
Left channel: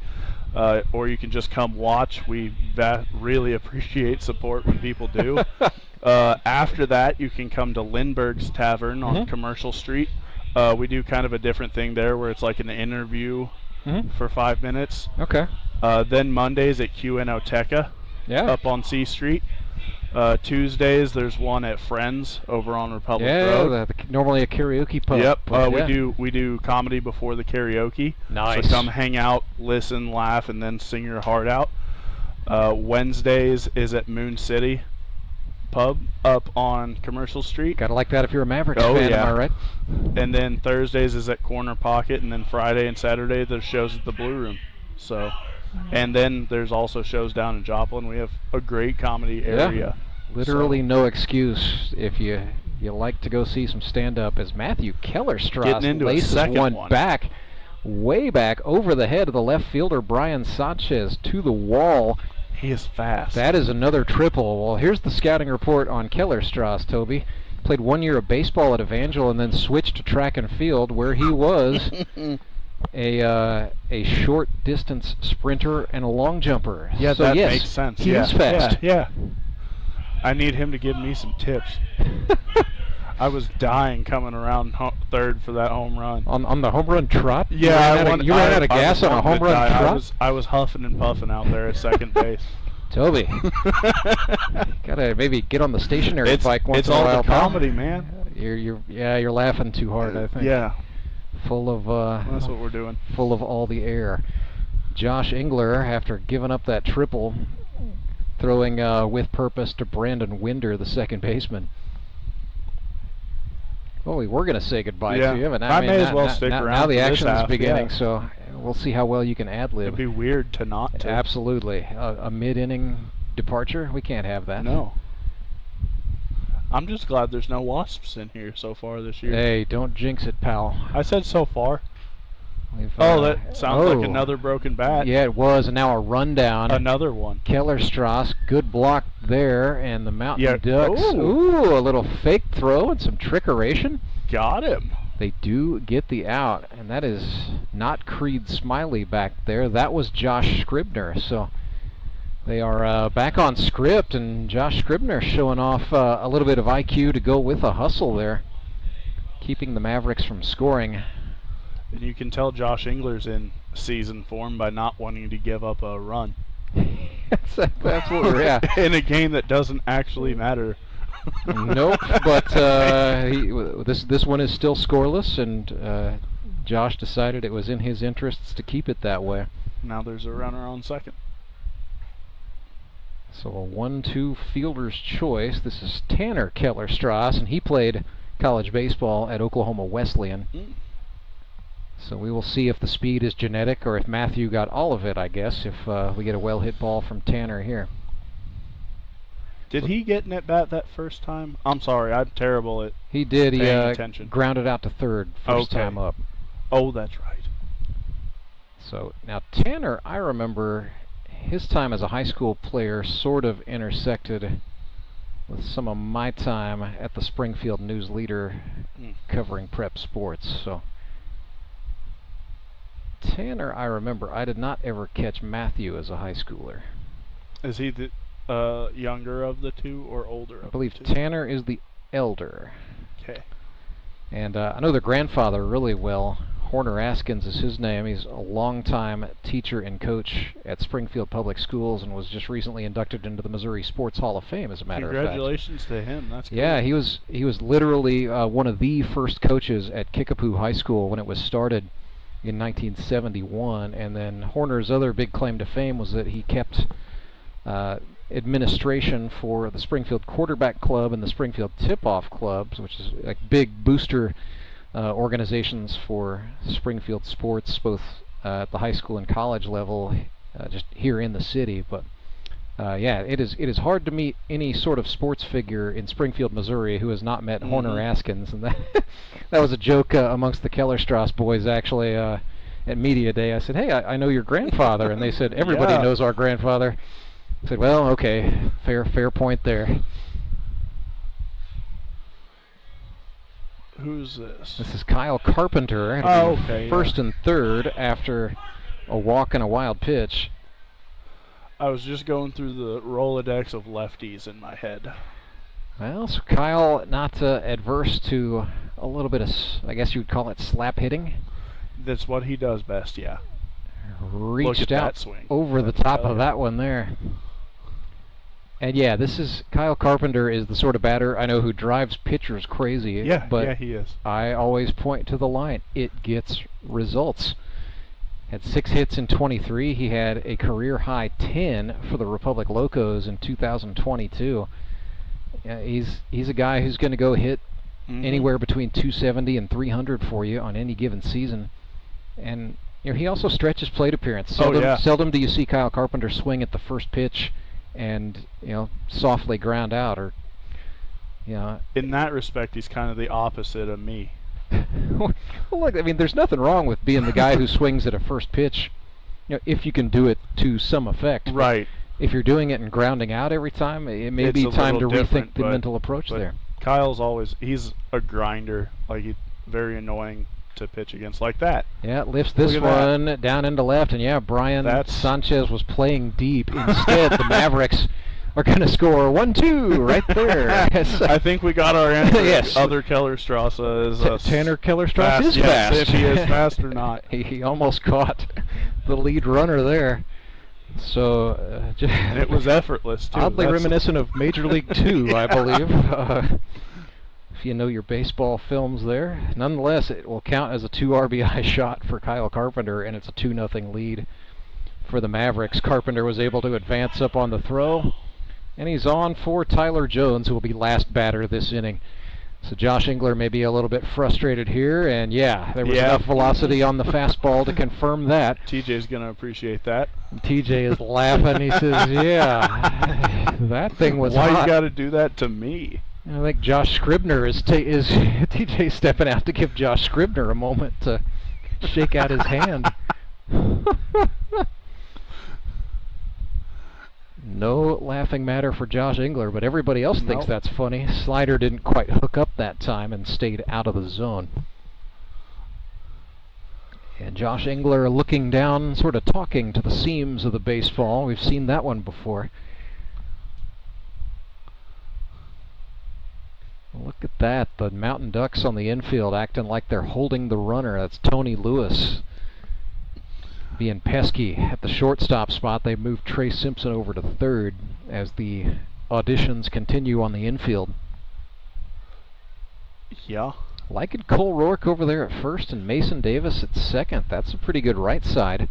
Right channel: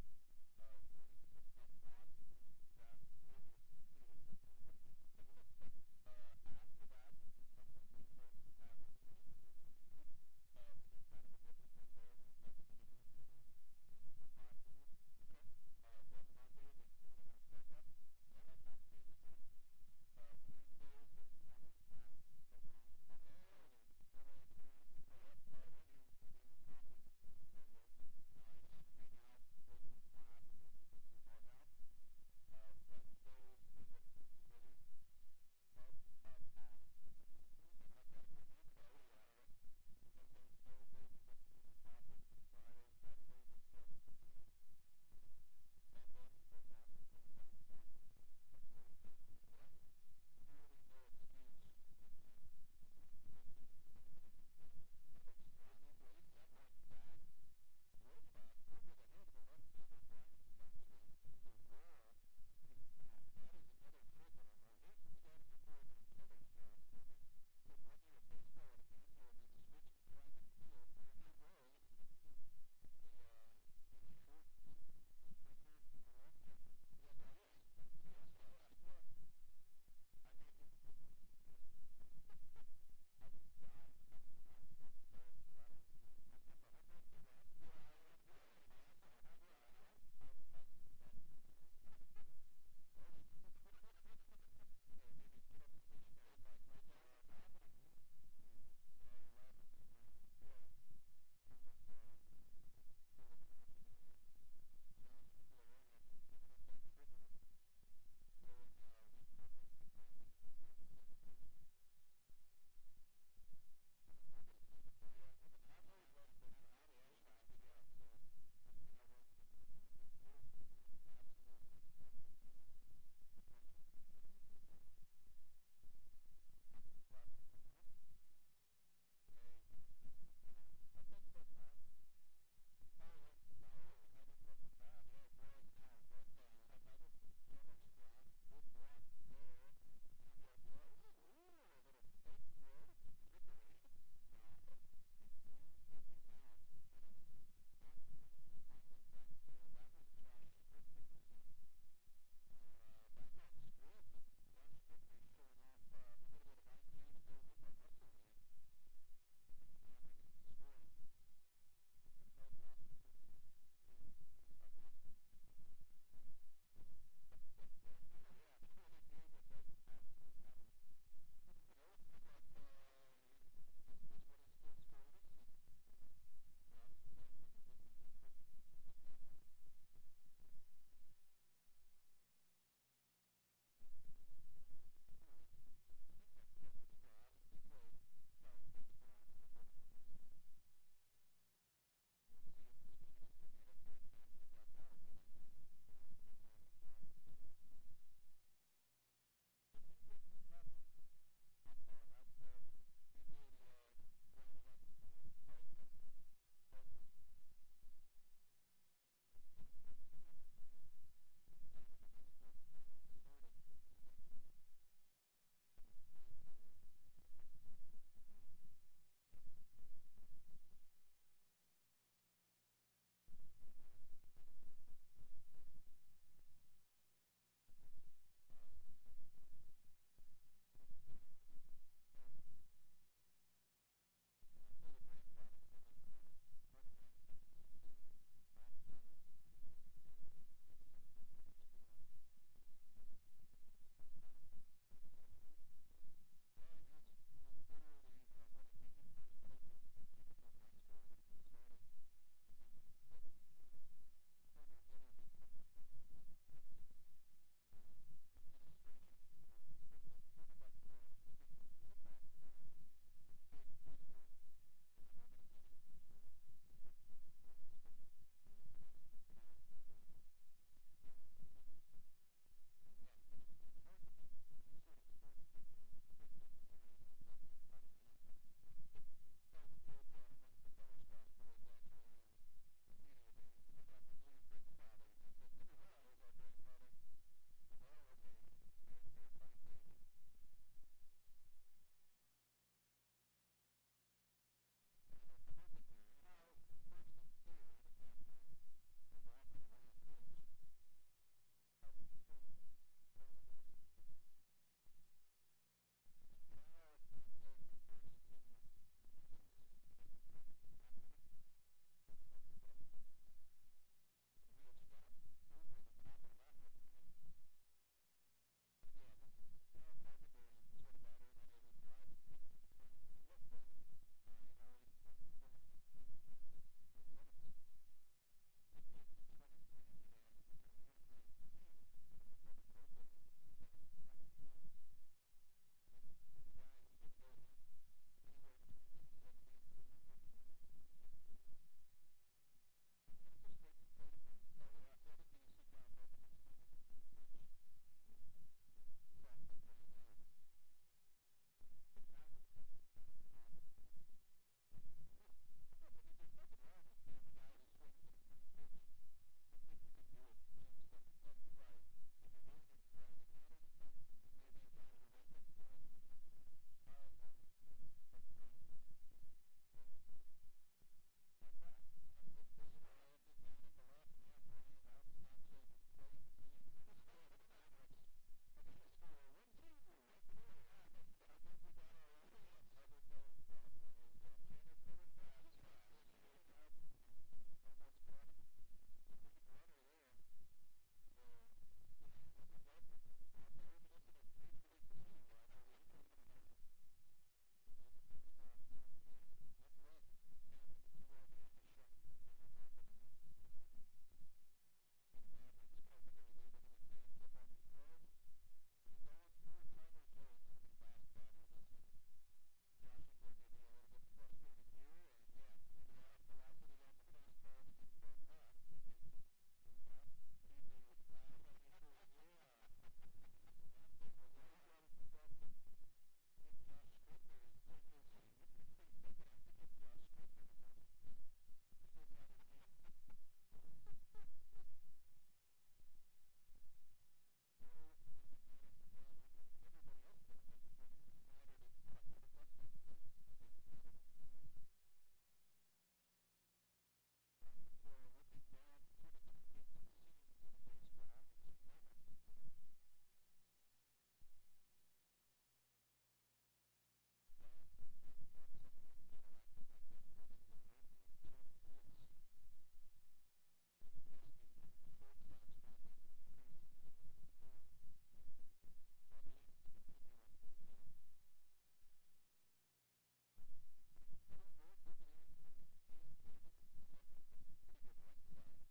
Or you can just come watch. We really appreciate support when people do. After that, you can come to Lindbergh's Tavern on Commercial Street. We do kind of a different thing there where it's like an interview for 5 minutes. Okay. Then Mondays at QNOteca up on C Street. Tuesdays, there's one at Friends over on Republic Road. Normally a karaoke pub. Yep. We do comedy before the karaoke. Nice. So come hang out, listen, laugh, and then sing your heart out. Wednesdays is at Moon City Pub up on Commercial Street. Gotta like that if you're a Mavericks fan, yeah. am I right? And then Thursdays is at Corner Pocket, and then Friday and Saturday there's shows at the Blue Room. So, and then there's also shows down in Joplin. We have a great comedy area. Literally no excuse if you like to go see some stand-up, as Matthew Kellerstrass laces one back, way back over the head of the left fielder Brian Sanchez to the wall. He is fast. That is another triple. Well, here's the scouting report on Kellerstrass, Toby. Played 1 year of baseball at Evangel and then switched to track and field, where he was a short distance sprinter and a long jumper. Yeah, so that yes, makes sense. He is fast. Yeah. I need him to give me some tips. I was dying coming around third for that home run. On the home run trot? Yeah, you ran out of gas on a home run trot? I was huffing and puffing out there at second base. Toby, gotta maybe get on the stationary bike once in a while. It's all the comedy, man. You're laughing too hard, I think. Yeah. Full of that's what we're doing. Full of all the air. Josh Engler, after giving up that triple, throwing with purpose to Brandon Winder, the second baseman. Well, we were going to say goodbye to you, but I may as well stick around. Now the action is half, beginning, so we'll see how well you can ad-lib. It'd be weird to not to. Absolutely. A mid-inning departure, we can't have that. No. I'm just glad there's no Wasps in here so far this year. Hey, don't jinx it, pal. I said so far. That sounds like another broken bat. Yeah, it was, and now a rundown. Another one. Kellerstrass, good block there, and the Mountain Ducks. Ooh, a little fake throw and some trickeration. Got him. They do get the out, and that is not Creed Smiley back there. That was Josh Scribner, so they are back on script, and Josh Scribner showing off a little bit of IQ to go with a hustle there, keeping the Mavericks from scoring. And you can tell Josh Engler's in season form by not wanting to give up a run. That's absolutely, yeah. In a game that doesn't actually matter. Nope, but this one is still scoreless, and Josh decided it was in his interests to keep it that way. Now there's a runner on second. So a 1-2 fielder's choice. This is Tanner Kellerstrass, and he played college baseball at Oklahoma Wesleyan. So we will see if the speed is genetic or if Matthew got all of it, I guess, if we get a well-hit ball from Tanner here. Did he get an at-bat that first time? I'm sorry, I'm terrible at He did. He attention. Grounded out to third first time up. Oh, that's right. So now Tanner, I remember his time as a high school player sort of intersected with some of my time at the Springfield News Leader covering prep sports. So Tanner, I remember, I did not ever catch Matthew as a high schooler. Is he the younger of the two or older of the two? I believe Tanner is the elder. Okay. And I know their grandfather really well. Horner Askins is his name. He's a longtime teacher and coach at Springfield Public Schools and was just recently inducted into the Missouri Sports Hall of Fame, as a matter of fact. Congratulations to him. That's cool. Yeah, he was literally one of the first coaches at Kickapoo High School when it was started in 1971, and then Horner's other big claim to fame was that he kept administration for the Springfield Quarterback Club and the Springfield Tip-Off Clubs, which is like big booster organizations for Springfield sports, both at the high school and college level, just here in the city. But yeah, it is hard to meet any sort of sports figure in Springfield, Missouri, who has not met Horner Askins, and that was a joke amongst the Kellerstrass boys actually at Media Day. I said, "Hey, I know your grandfather," and they said, "Everybody knows our grandfather." I said, "Well, okay, fair point there." Who's this? This is Kyle Carpenter. First and third after a walk and a wild pitch. I was just going through the Rolodex of lefties in my head. Well, so Kyle not adverse to a little bit of, I guess you would call it slap hitting. That's what he does best, yeah. Reached out over the top of that one there. And yeah, this is Kyle Carpenter is the sort of batter I know who drives pitchers crazy. Yeah, but yeah, he is. I always point to the line. It gets results. Had 6 hits in 23. He had a career high 10 for the Republic Locos in 2022. He's a guy who's going to go hit anywhere between 270 and 300 for you on any given season. And you know, he also stretches plate appearance. Seldom do you see Kyle Carpenter swing at the first pitch and softly ground out, or in that respect he's kind of the opposite of me. Well, look, I mean, there's nothing wrong with being the guy who swings at a first pitch, if you can do it to some effect. Right. But if you're doing it and grounding out every time, it may be time to rethink the mental approach there. Kyle's he's a grinder, like he's very annoying to pitch against like that. Yeah, lifts this one down into left, and Brian Sanchez was playing deep. Instead, the Mavericks are going to score 1-2 right there. I think we got our answer. Yes. Other Kellerstrasse is Tanner Kellerstrasse is yes, fast. if he is fast or not. He almost caught the lead runner there. So and it was effortless, too. Oddly reminiscent of Major League 2, I believe. If you know your baseball films there. Nonetheless, it will count as a 2 RBI shot for Kyle Carpenter, and it's a 2-0 lead for the Mavericks. Carpenter was able to advance up on the throw, and he's on for Tyler Jones, who will be last batter this inning. So Josh Engler may be a little bit frustrated here, and yeah, there was enough velocity on the fastball to confirm that. TJ's going to appreciate that. And TJ is laughing. He says, yeah, that thing was Why hot. you got to do that to me? I think Josh Scribner is TJ stepping out to give Josh Scribner a moment to shake out his hand. No laughing matter for Josh Engler, but everybody else thinks that's funny. Slider didn't quite hook up that time and stayed out of the zone. And Josh Engler looking down, sort of talking to the seams of the baseball. We've seen that one before. Look at that, the Mountain Ducks on the infield acting like they're holding the runner. That's Tony Lewis being pesky at the shortstop spot. They moved Trey Simpson over to third as the auditions continue on the infield. Yeah. Liking Cole Rourke over there at first and Mason Davis at second. That's a pretty good right side.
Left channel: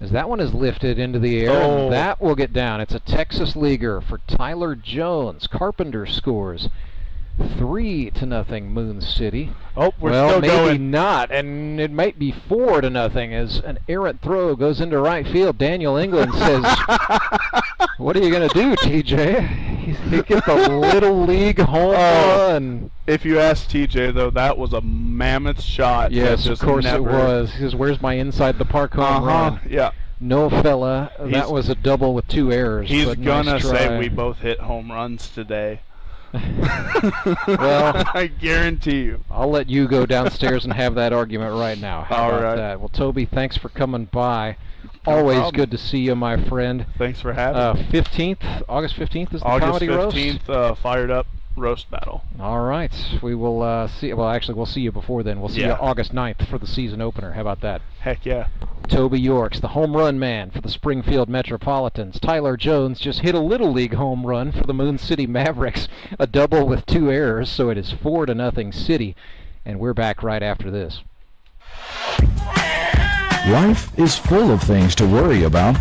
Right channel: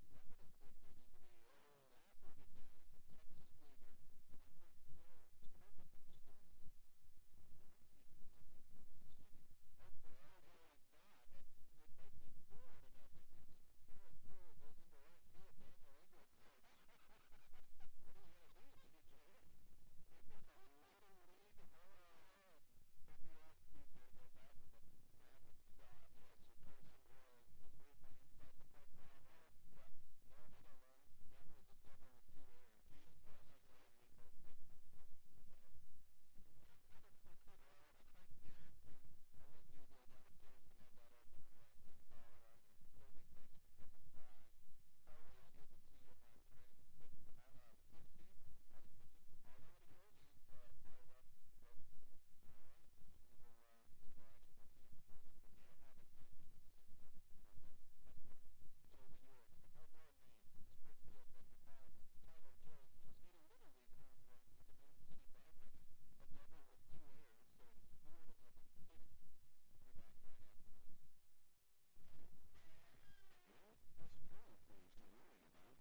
As that one is lifted into the air, and that will get down. It's a Texas leaguer for Tyler Jones. Carpenter scores 3-0 Moon City. Oh, we're well, still maybe going. not, and it might be 4-0 as an errant throw goes into right field. Daniel England says, "What are you going to do, TJ?" He gets a little league home run. If you ask TJ, though, that was a mammoth shot. Yes, of course it was. He says, "Where's my inside the park home run?" Yeah. No, fella, that was a double with 2 errors. He's but gonna nice say try. we both hit home runs today. Well, I guarantee you. I'll let you go downstairs and have that argument right now. How All about right. that? Well, Toby, thanks for coming by. No Always problem. good to see you, my friend. Thanks for having me. 15th, August 15th is the August comedy 15th, roast. fired up roast battle. All right, we will see. Well, actually, we'll see you before then. We'll see you August 9th for the season opener. How about that? Heck yeah. Toby Yorks, the home run man for the Springfield Metropolitans. Tyler Jones just hit a Little League home run for the Moon City Mavericks, a double with 2 errors, so it is 4-0 City, and we're back right after this. Life is full of things to worry about.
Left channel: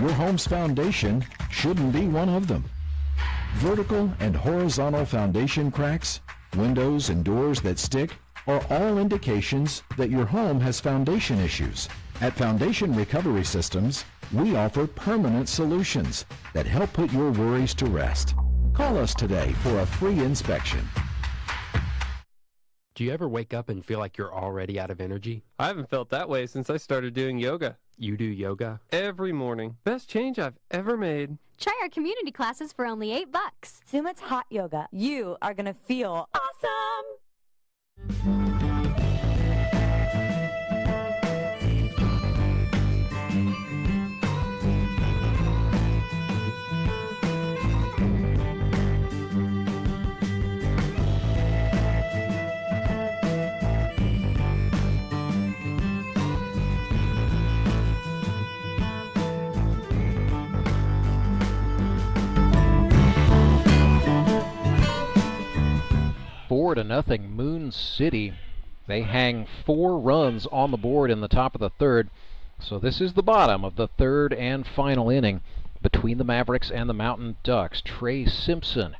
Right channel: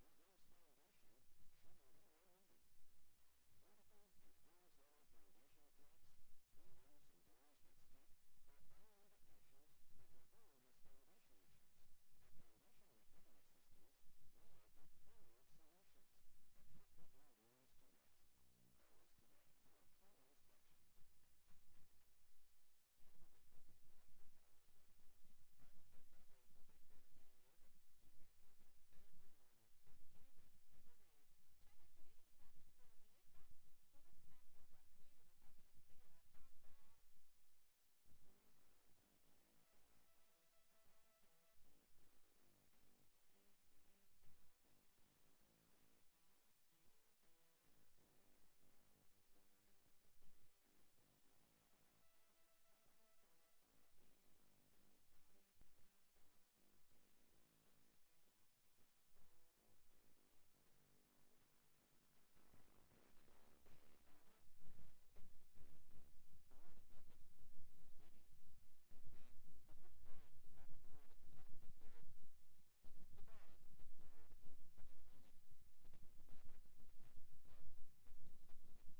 Your home's foundation shouldn't be one of them. Vertical and horizontal foundation cracks, windows and doors that stick are all indications that your home has foundation issues. At Foundation Recovery Systems, we offer permanent solutions that help put your worries to rest. Call us today for a free inspection. Do you ever wake up and feel like you're already out of energy? I haven't felt that way since I started doing yoga. You do yoga? Every morning. Best change I've ever made. Try our community classes for only $8. Sumit's hot yoga. You are going to feel awesome. Four to nothing Moon City. They hang 4 runs on the board in the top of the third. So this is the bottom of the third and final inning between the Mavericks and the Mountain Ducks. Trey Simpson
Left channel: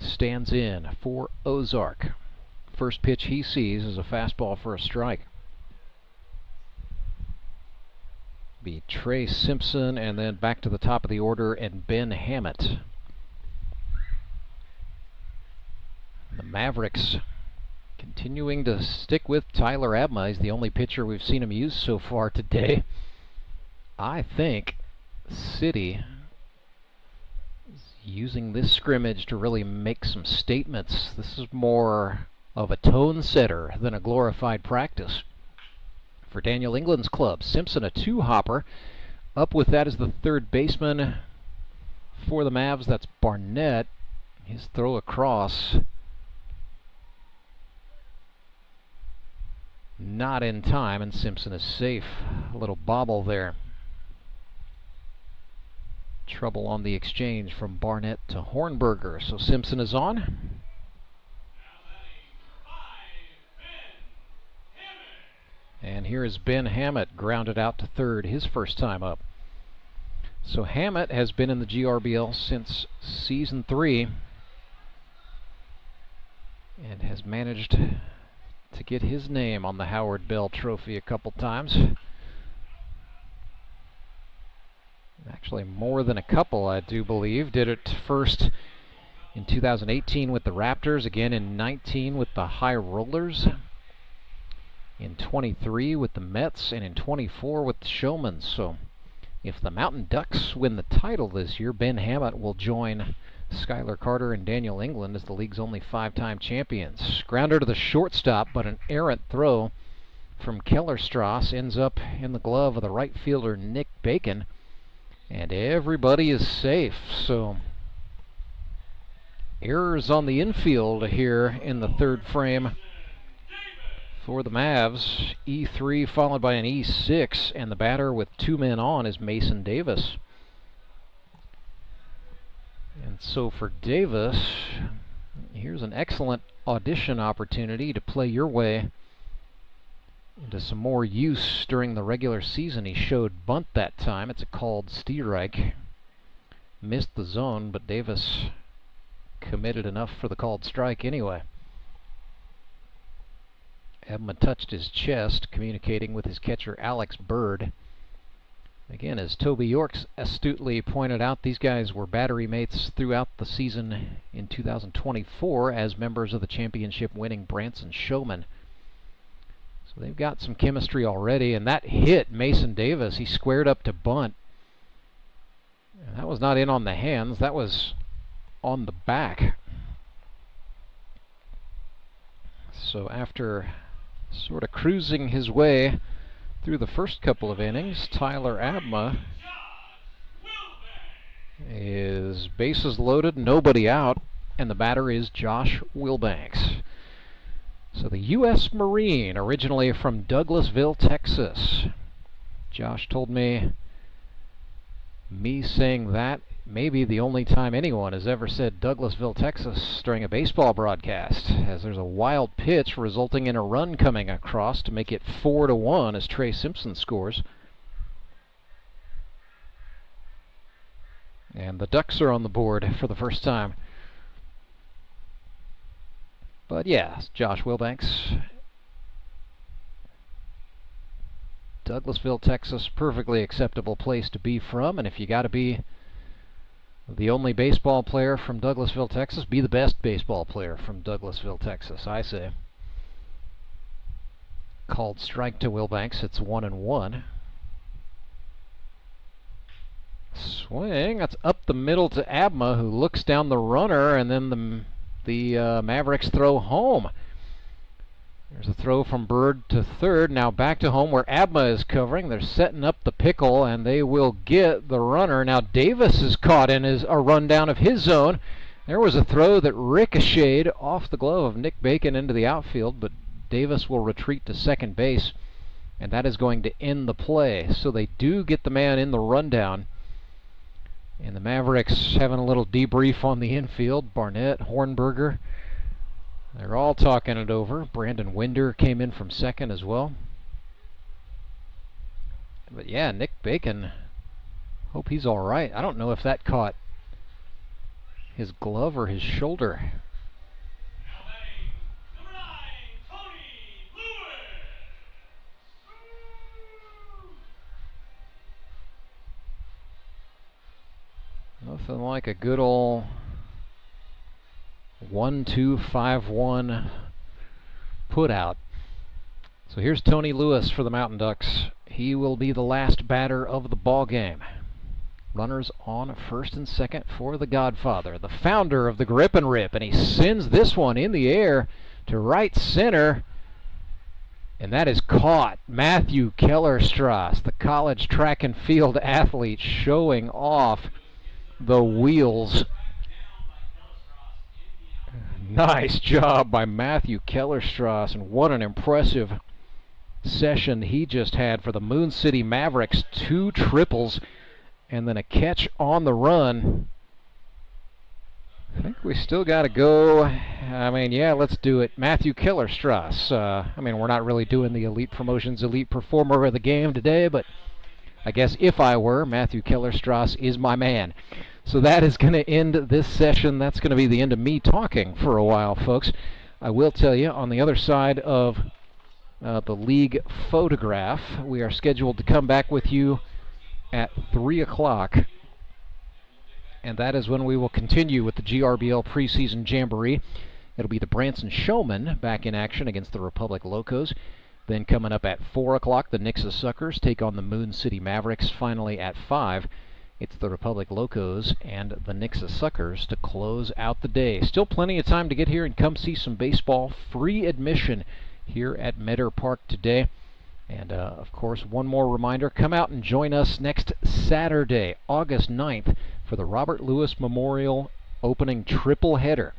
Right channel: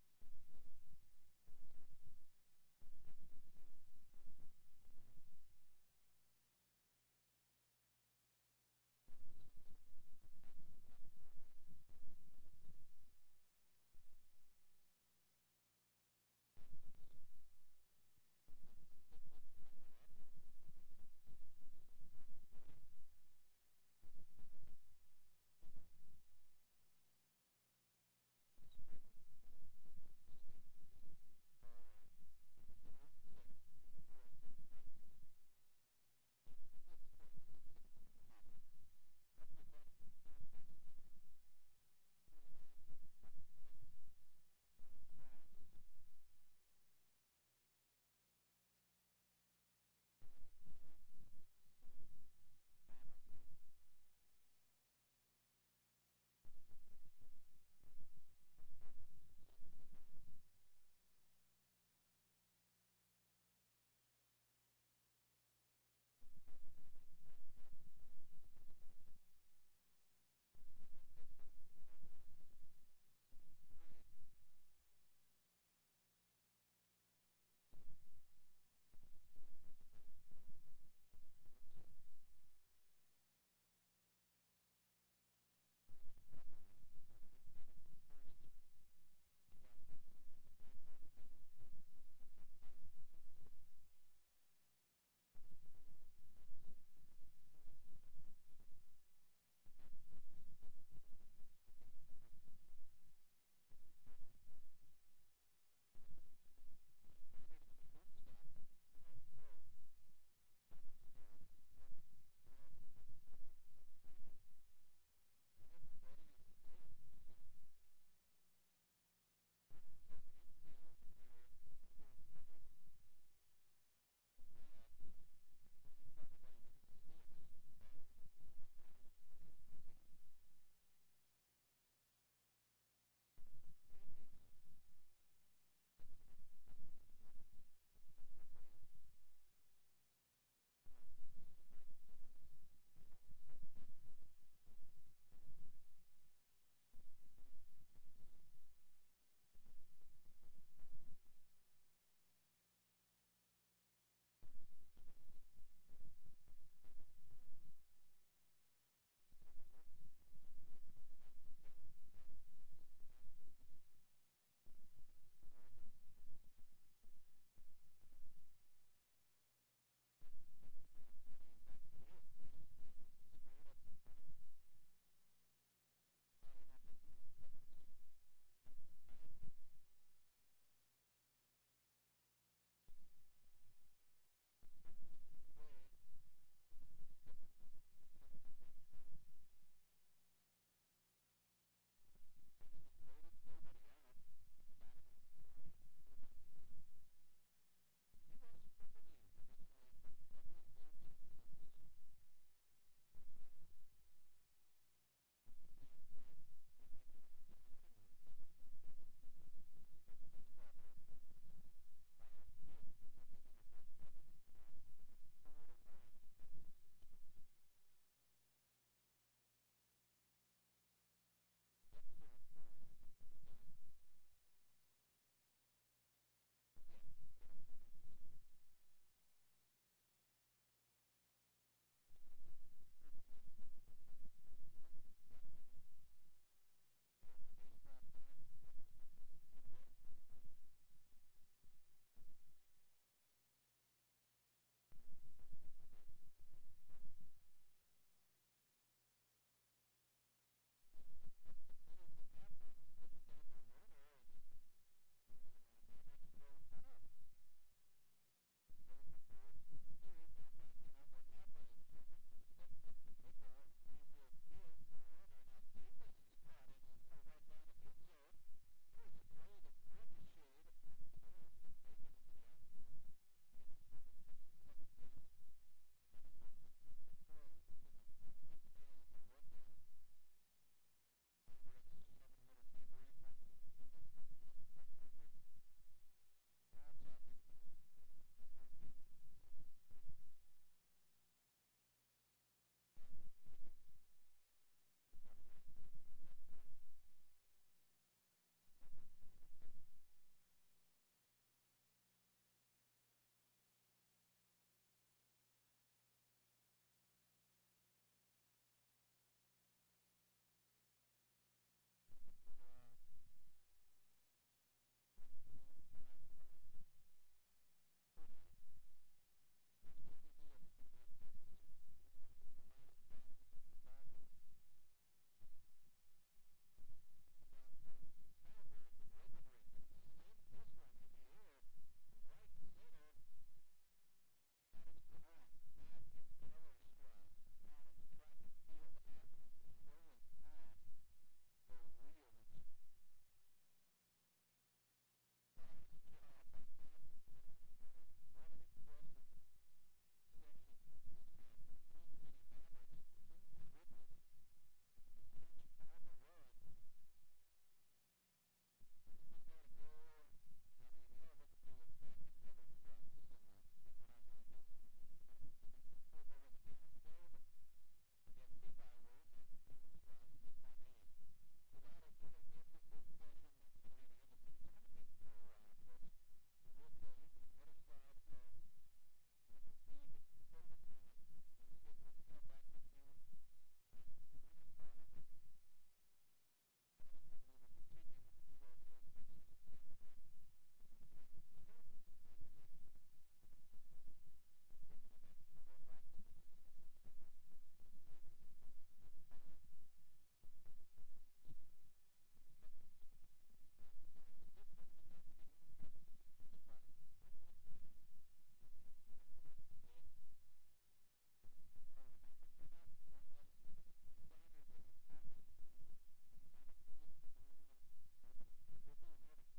stands in for Ozark. First pitch he sees is a fastball for a strike. Be Trey Simpson, and then back to the top of the order, and Ben Hammett. The Mavericks continuing to stick with Tyler Abma. He's the only pitcher we've seen him use so far today. I think City is using this scrimmage to really make some statements. This is more of a tone setter than a glorified practice. For Daniel England's club, Simpson a 2-hopper Up with that is the third baseman for the Mavs. That's Barnett. His throw across. Not in time, and Simpson is safe. A little bobble there. Trouble on the exchange from Barnett to Hornberger. So Simpson is on. And here is Ben Hammett, grounded out to third, his first time up. So Hammett has been in the GRBL since Season 3 and has managed to get his name on the Howard Bell Trophy a couple times. Actually, more than a couple, I do believe. Did it first in 2018 with the Raptors, again in 19 with the High Rollers, in 23 with the Mets, and in 24 with the Showmen. So if the Mountain Ducks win the title this year, Ben Hammett will join Skylar Carter and Daniel England as the league's only 5-time champions. Grounder to the shortstop, but an errant throw from Kellerstrass ends up in the glove of the right fielder Nick Bacon, and everybody is safe. So errors on the infield here in the third frame for the Mavs. E3 followed by an E6, and the batter with 2 men on is Mason Davis. And so for Davis, here's an excellent audition opportunity to play your way into some more use during the regular season. He showed bunt that time. It's a called strike. Missed the zone, but Davis committed enough for the called strike anyway. Ebma touched his chest, communicating with his catcher Alex Bird. Again, as Toby Yorks astutely pointed out, these guys were battery mates throughout the season in 2024 as members of the championship-winning Branson Showmen. So they've got some chemistry already, and that hit Mason Davis. He squared up to bunt. And that was not in on the hands, that was on the back. So after sort of cruising his way through the first couple of innings, Tyler Abma is bases loaded, nobody out, and the batter is Josh Wilbanks. So the U.S. Marine, originally from Douglasville, Texas. Josh told me saying that may be the only time anyone has ever said Douglasville, Texas during a baseball broadcast, as there's a wild pitch resulting in a run coming across to make it 4-1 as Trey Simpson scores. And the Ducks are on the board for the first time. But yeah, Josh Wilbanks. Douglasville, Texas, perfectly acceptable place to be from, and if you got to be the only baseball player from Douglasville, Texas, be the best baseball player from Douglasville, Texas, I say. Called strike to Wilbanks. It's 1-1. Swing. That's up the middle to Abma, who looks down the runner, and then the Mavericks throw home. There's a throw from Bird to third. Now back to home where Abma is covering. They're setting up the pickle, and they will get the runner. Now Davis is caught in a rundown of his zone. There was a throw that ricocheted off the glove of Nick Bacon into the outfield, but Davis will retreat to second base, and that is going to end the play. So they do get the man in the rundown. And the Mavericks having a little debrief on the infield. Barnett, Hornberger, they're all talking it over. Brandon Winder came in from second as well. But yeah, Nick Bacon, hope he's all right. I don't know if that caught his glove or his shoulder. Nothing like a good old 1-2-5-1 put out. So here's Tony Lewis for the Mountain Ducks. He will be the last batter of the ball game. Runners on first and second for the Godfather, the founder of the Grip and Rip, and he sends this one in the air to right center. And that is caught. Matthew Kellerstrass, the college track and field athlete, showing off the wheels. Nice job by Matthew Kellerstrass, and what an impressive session he just had for the Moon City Mavericks. 2 triples and then a catch on the run. I think we still got to go. I mean, yeah, let's do it. Matthew Kellerstrass. I mean, we're not really doing the Elite Promotions Elite Performer of the game today, but I guess if I were, Matthew Kellerstrass is my man. So that is going to end this session. That's going to be the end of me talking for a while, folks. I will tell you, on the other side of the league photograph, we are scheduled to come back with you at 3 o'clock. And that is when we will continue with the GRBL Preseason Jamboree. It'll be the Branson Showmen back in action against the Republic Locos. Then coming up at 4 o'clock, the Nixa Suckers take on the Moon City Mavericks. Finally at 5, it's the Republic Locos and the Nixa Suckers to close out the day. Still plenty of time to get here and come see some baseball. Free admission here at Meador Park today. And, of course, one more reminder, come out and join us next Saturday, August 9th, for the Robert Lewis Memorial opening tripleheader.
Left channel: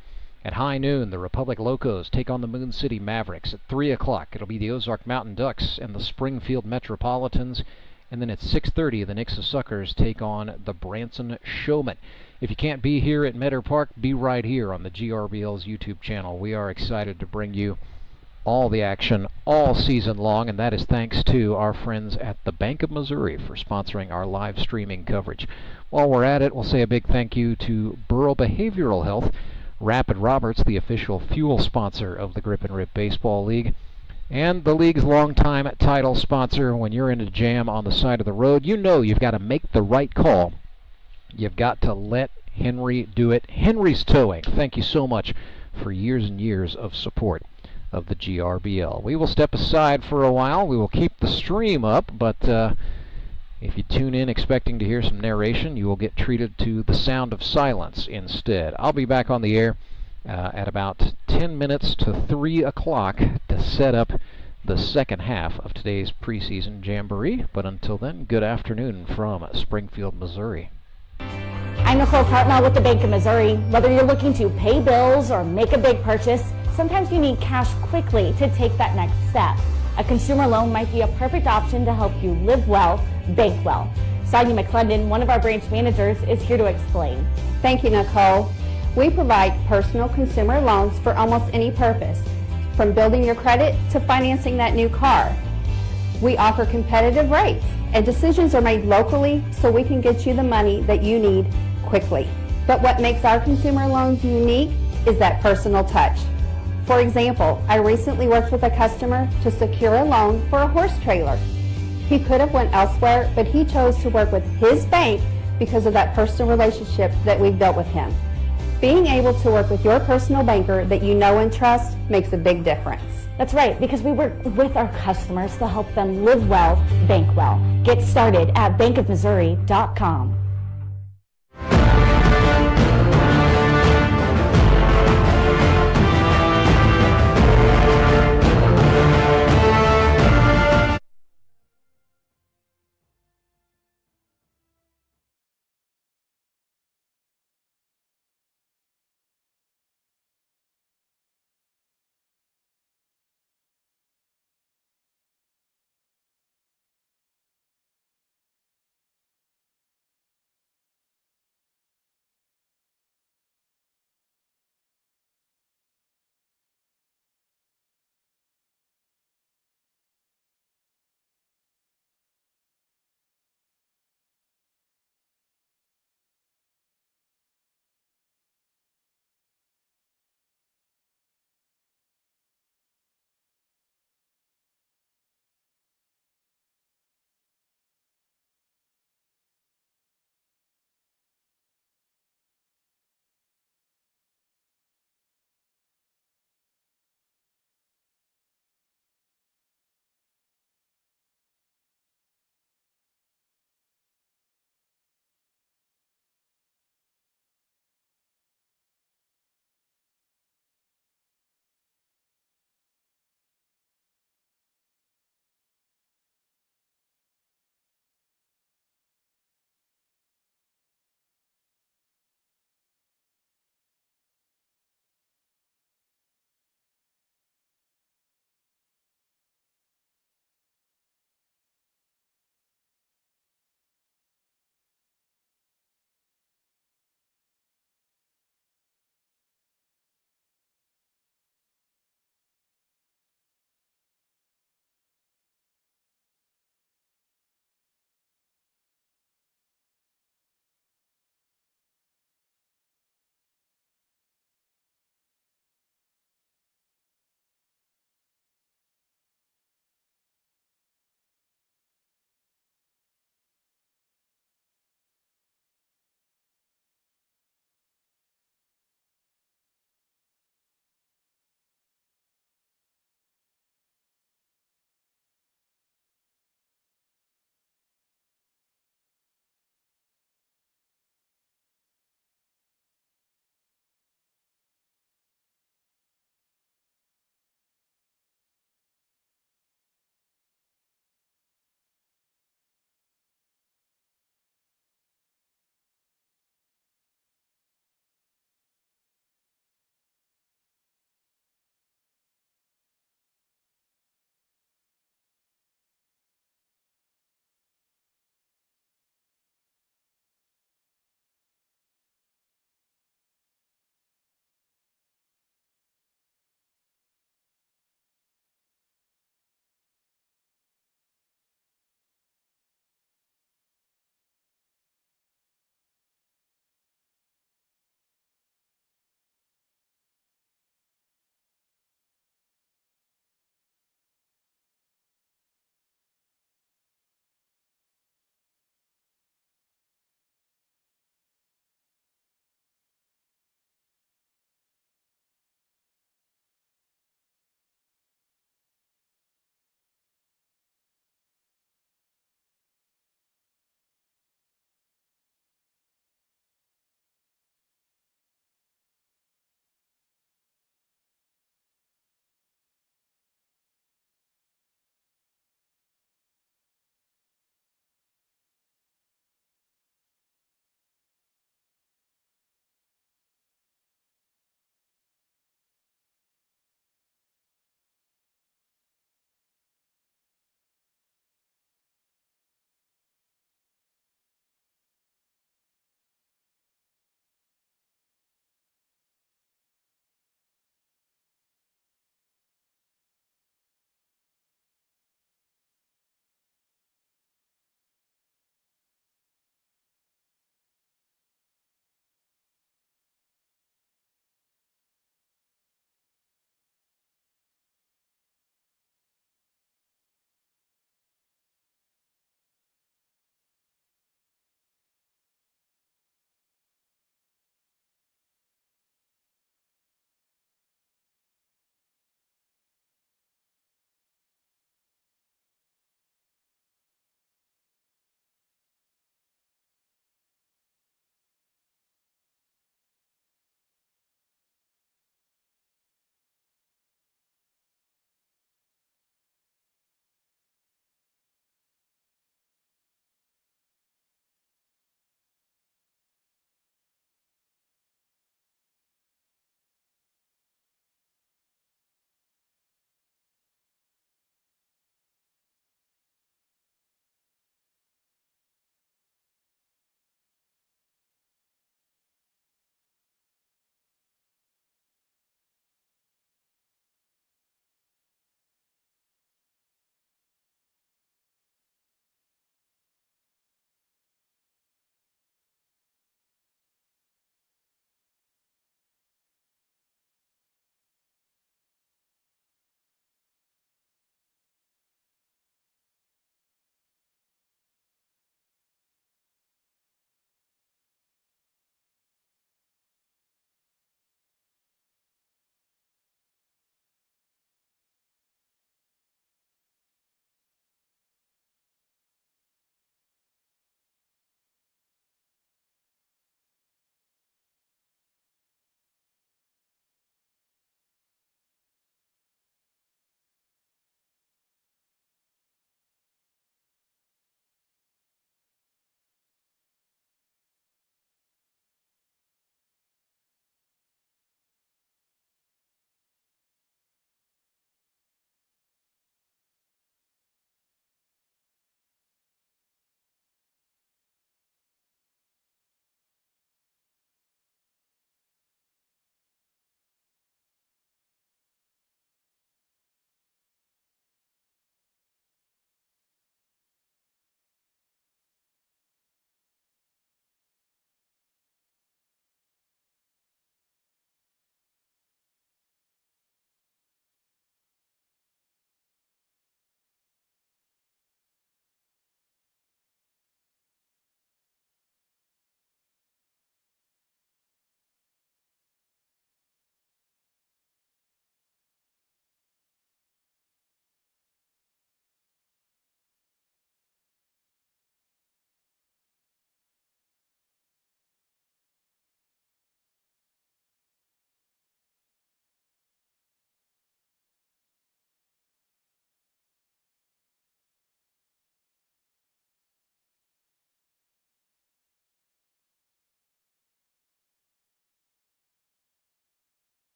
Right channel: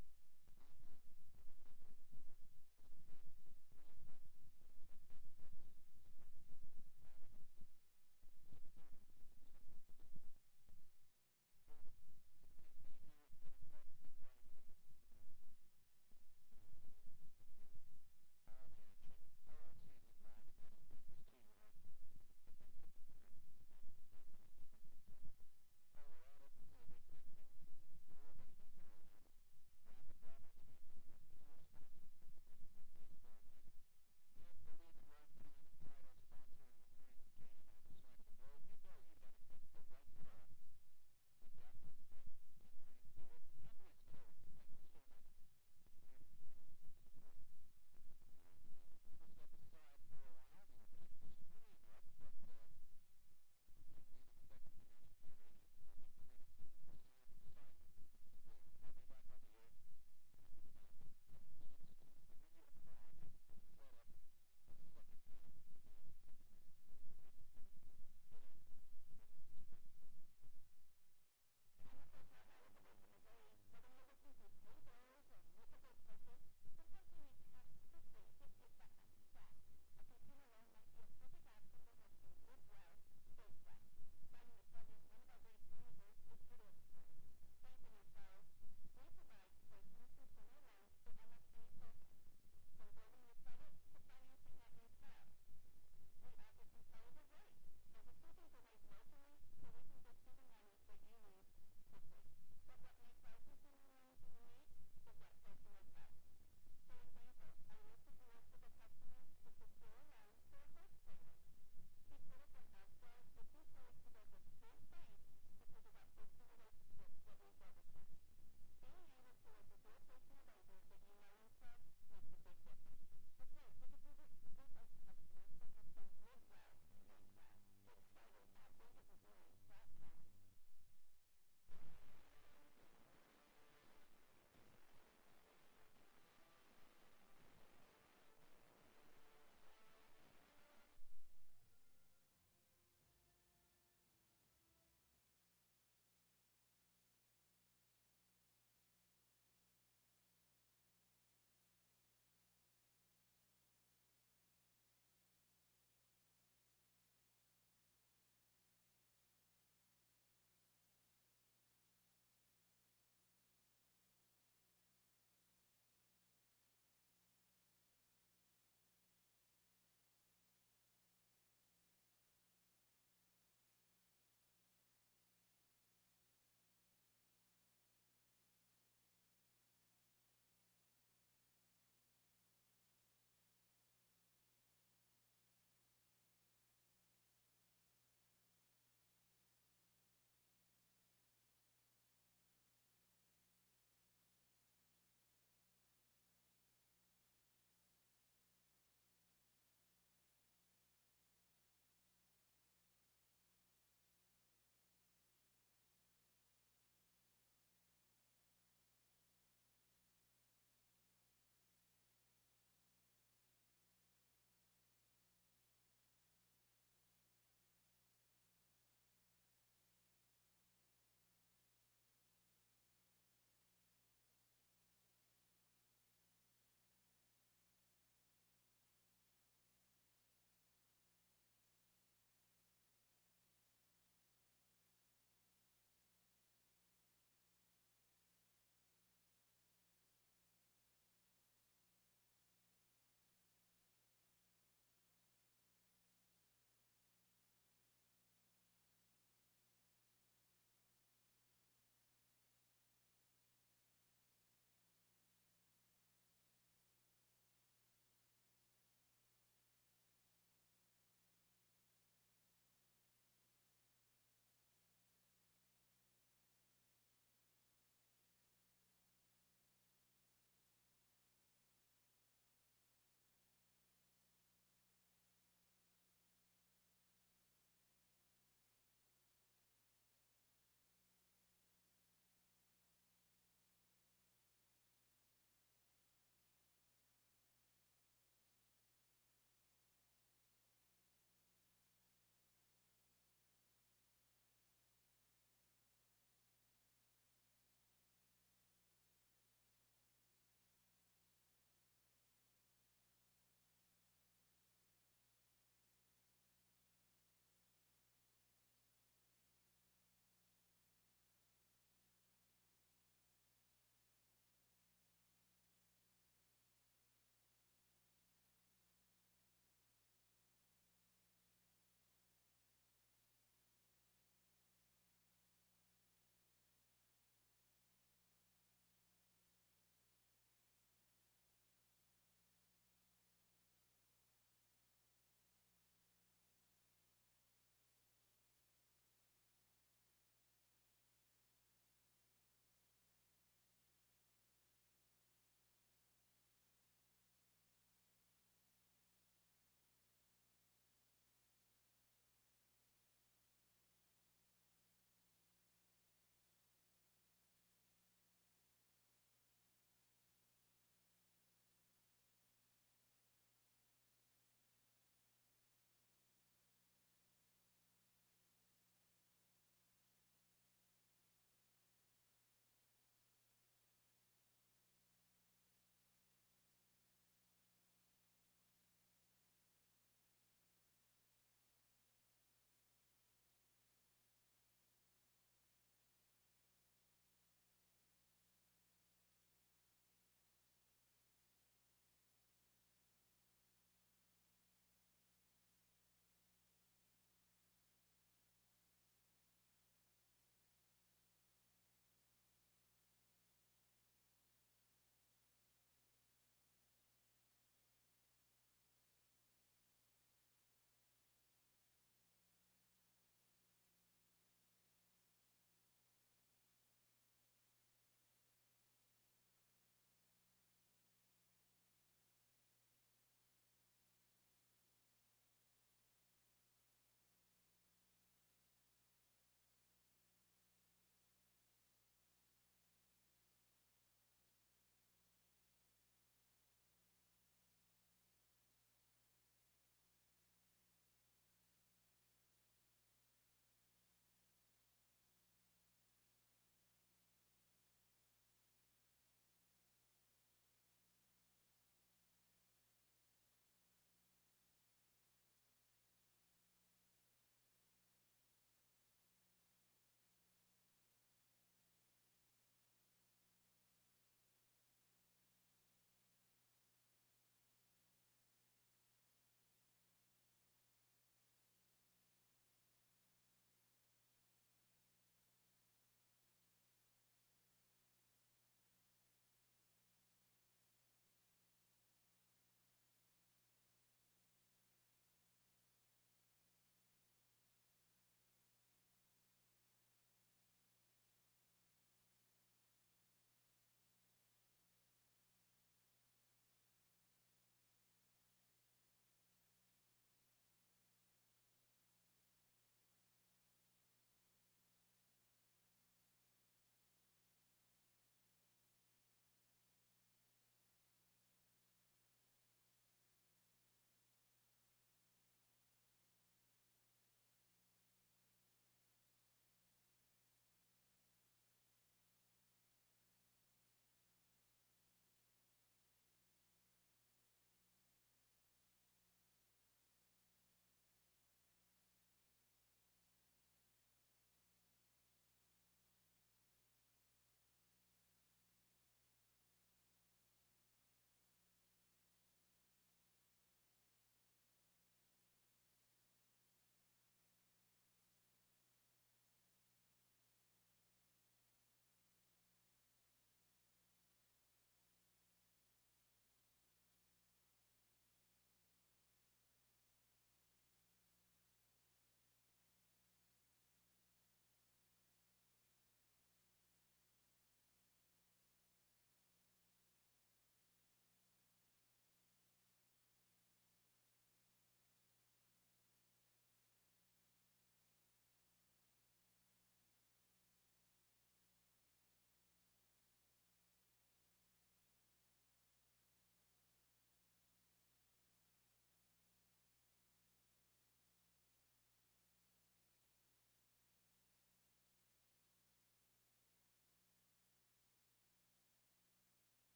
At high noon, the Republic Locos take on the Moon City Mavericks. At 3 o'clock, it'll be the Ozark Mountain Ducks and the Springfield Metropolitans. And then at 6:30, the Nixa Suckers take on the Branson Showmen. If you can't be here at Meador Park, be right here on the GRBL's YouTube channel. We are excited to bring you all the action all season long, and that is thanks to our friends at the Bank of Missouri for sponsoring our live streaming coverage. While we're at it, we'll say a big thank you to Burrow Behavioral Health, Rapid Roberts, the official fuel sponsor of the Grip and Rip Baseball League, and the league's longtime title sponsor. When you're in a jam on the side of the road, you know you've got to make the right call. You've got to let Henry do it. Henry's Towing, thank you so much for years and years of support of the GRBL. We will step aside for a while. We will keep the stream up, but if you tune in expecting to hear some narration, you will get treated to the sound of silence instead. I'll be back on the air at about 10 minutes to 3 o'clock to set up the second half of today's preseason jamboree. But until then, good afternoon from Springfield, Missouri. I'm Nicole Cartmel with the Bank of Missouri. Whether you're looking to pay bills or make a big purchase, sometimes you need cash quickly to take that next step. A consumer loan might be a perfect option to help you live well, bank well. Sonia McClendon, one of our branch managers, is here to explain. Thank you, Nicole. We provide personal consumer loans for almost any purpose, from building your credit to financing that new car. We offer competitive rates, and decisions are made locally so we can get you the money that you need quickly. But what makes our consumer loans unique is that personal touch. For example, I recently worked with a customer to secure a loan for a horse trailer. He could have went elsewhere, but he chose to work with his bank because of that personal relationship that we've built with him. Being able to work with your personal banker that you know and trust makes a big difference. That's right, because we work with our customers to help them live well, bank well. Get started at bankofmissouri.com.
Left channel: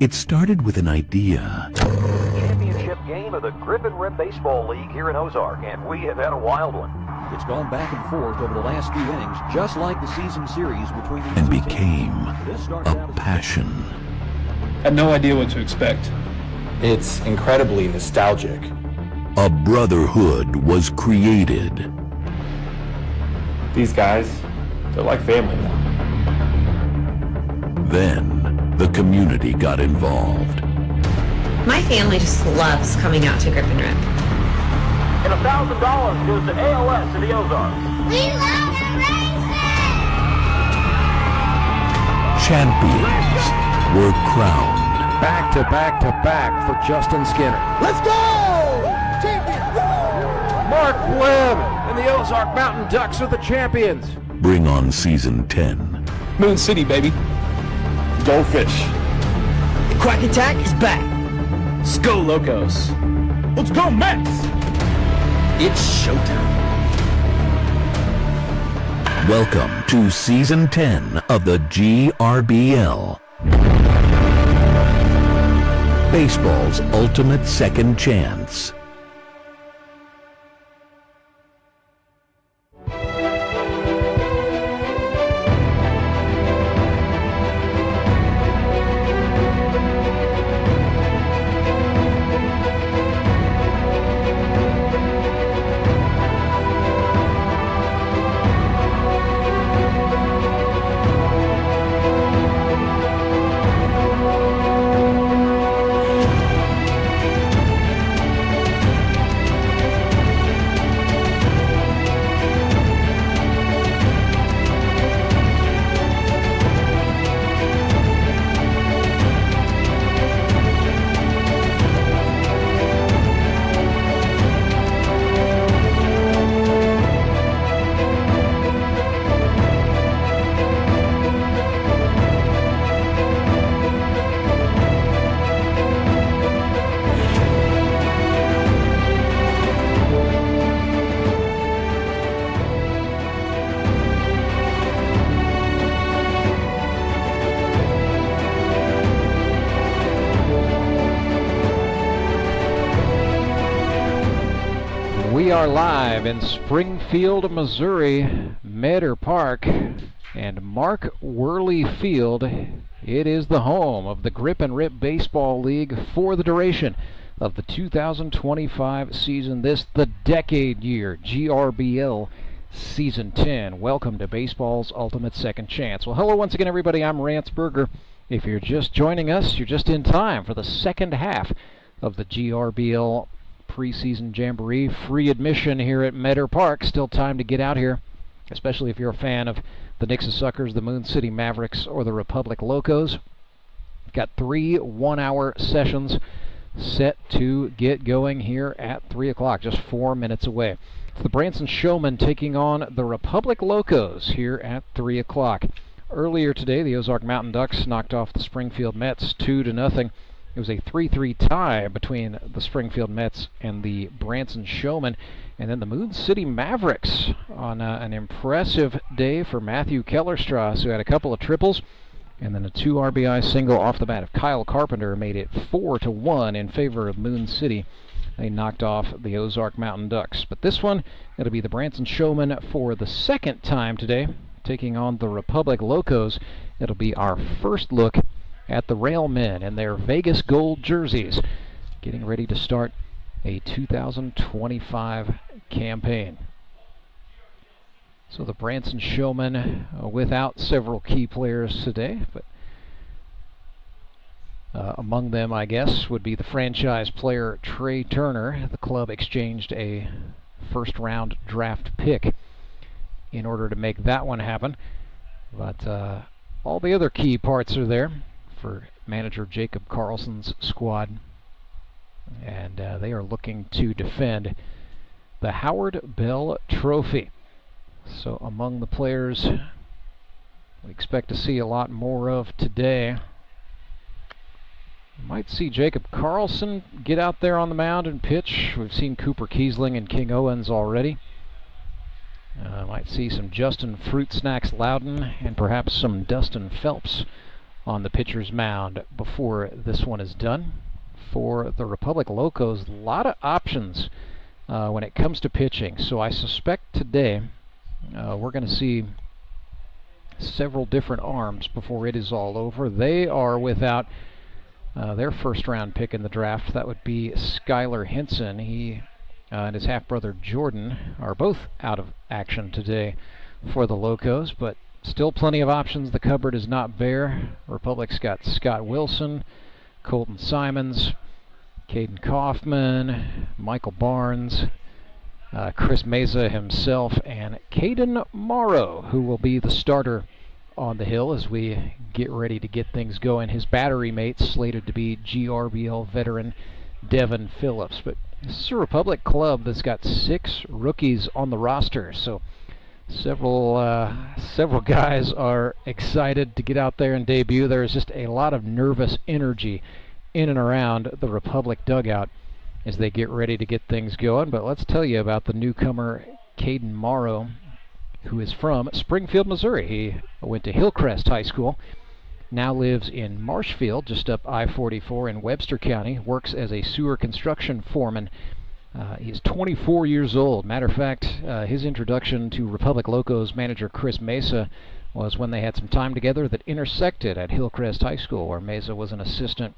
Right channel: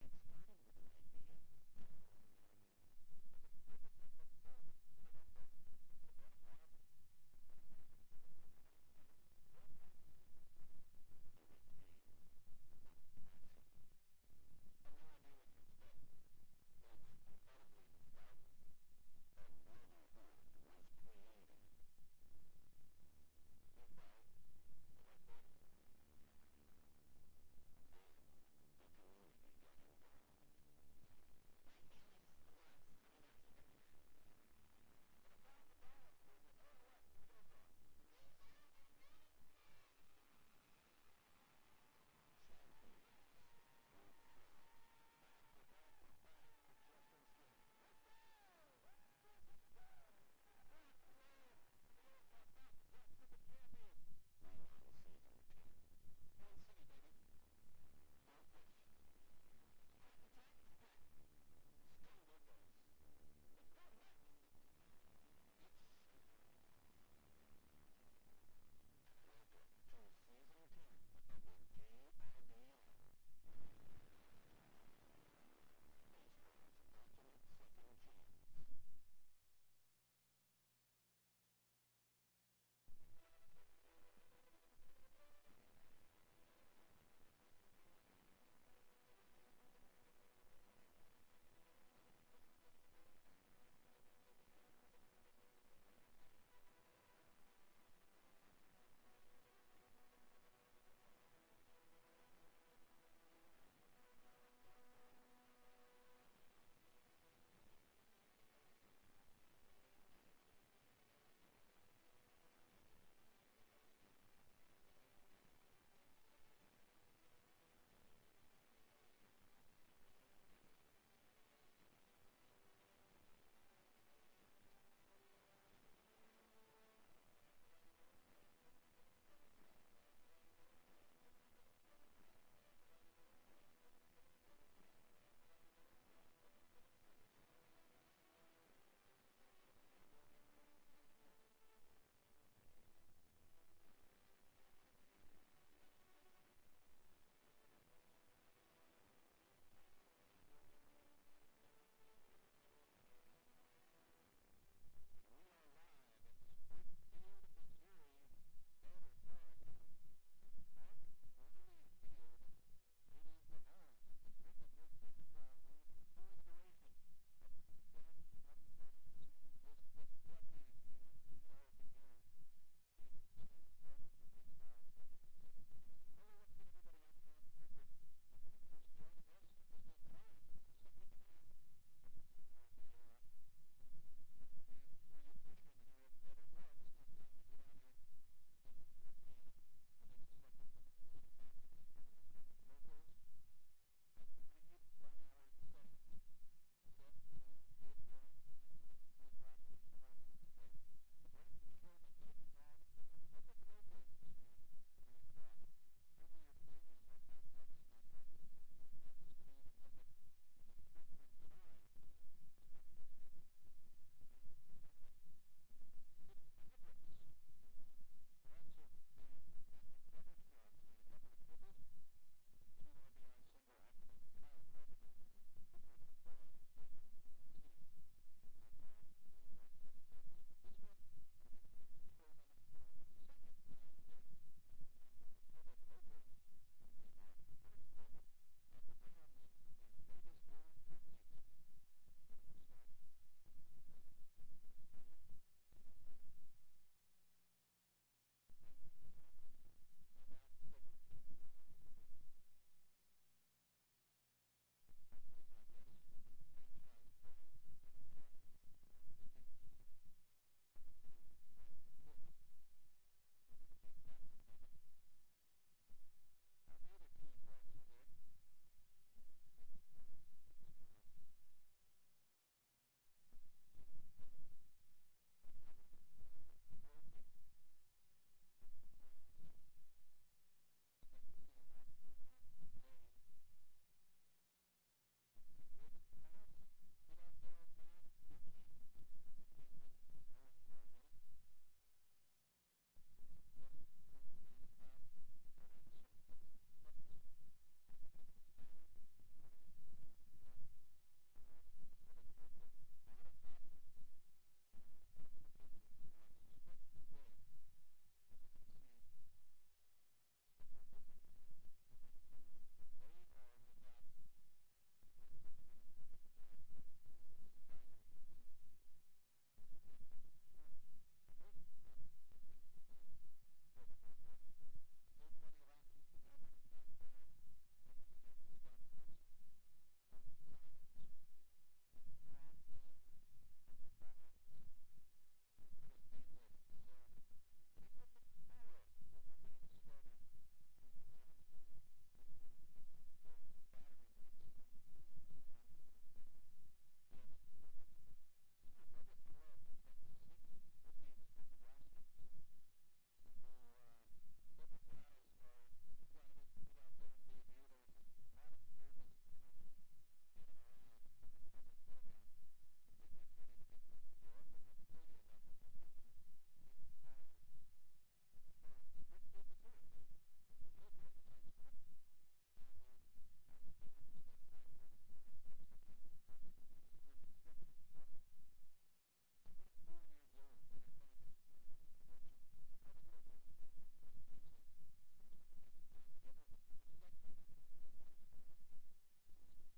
It started with an idea. Championship game of the Grip and Rip Baseball League here in Ozark, and we have had a wild one. It's gone back and forth over the last few innings, just like the season series between these And two became teams. a passion. Had no idea what to expect. It's incredibly nostalgic. A brotherhood was created. These guys, they're like family now. Then the community got involved. My family just loves coming out to Grip and Rip. And $1,000 goes to ALS in the Ozarks. We love the Champions were crowned. Back to back to back for Justin Skinner. Let's go! Champion! Mark Webb and the Ozark Mountain Ducks are the champions. Bring on season 10. Moon City, baby. Go fish. The Quack Attack is back. Let's go, Locos. Let's go, Mets! It's showtime. Welcome to season 10 of the GRBL. Baseball's ultimate second chance. We are live in Springfield, Missouri, Meador Park, and Mark Worley Field. It is the home of the Grip and Rip Baseball League for the duration of the 2025 season. This, the decade year, GRBL Season 10. Welcome to baseball's ultimate second chance. Well, hello once again, everybody. I'm Rance Berger. If you're just joining us, you're just in time for the second half of the GRBL Preseason Jamboree. Free admission here at Meador Park. Still time to get out here, especially if you're a fan of the Nixa Suckers, the Moon City Mavericks, or the Republic Locos. Got 3 one-hour sessions set to get going here at 3 o'clock, just 4 minutes away. It's the Branson Showmen taking on the Republic Locos here at 3 o'clock. Earlier today, the Ozark Mountain Ducks knocked off the Springfield Mets 2-0. It was a 3-3 tie between the Springfield Mets and the Branson Showmen. And then the Moon City Mavericks on an impressive day for Matthew Kellerstrass, who had a couple of triples. And then a 2 RBI single off the bat of Kyle Carpenter made it 4-1 in favor of Moon City. They knocked off the Ozark Mountain Ducks. But this one, it'll be the Branson Showmen for the second time today, taking on the Republic Locos. It'll be our first look at the Railmen in their Vegas gold jerseys, getting ready to start a 2025 campaign. So the Branson Showmen without several key players today, but among them, I guess, would be the franchise player Trey Turner. The club exchanged a first-round draft pick in order to make that one happen, but all the other key parts are there for manager Jacob Carlson's squad, and they are looking to defend the Howard Bell Trophy. So among the players we expect to see a lot more of today, we might see Jacob Carlson get out there on the mound and pitch. We've seen Cooper Kiesling and King Owens already. Might see some Justin Fruit Snacks Loudon and perhaps some Dustin Phelps on the pitcher's mound before this one is done. For the Republic Locos, a lot of options when it comes to pitching. So I suspect today we're going to see several different arms before it is all over. They are without their first-round pick in the draft. That would be Skylar Hinson. He and his half-brother Jordan are both out of action today for the Locos, but still plenty of options. The cupboard is not bare. Republic's got Scott Wilson, Colton Simons, Caden Kaufman, Michael Barnes, Chris Meza himself, and Caden Morrow, who will be the starter on the hill as we get ready to get things going. His battery mate slated to be GRBL veteran Devin Phillips. But this is a Republic club that's got 6 rookies on the roster, so several guys are excited to get out there and debut. There is just a lot of nervous energy in and around the Republic dugout as they get ready to get things going. But let's tell you about the newcomer Caden Morrow, who is from Springfield, Missouri. He went to Hillcrest High School, now lives in Marshfield, just up I-44 in Webster County, works as a sewer construction foreman. He's 24 years old. Matter of fact, his introduction to Republic Locos manager Chris Mesa was when they had some time together that intersected at Hillcrest High School, where Mesa was an assistant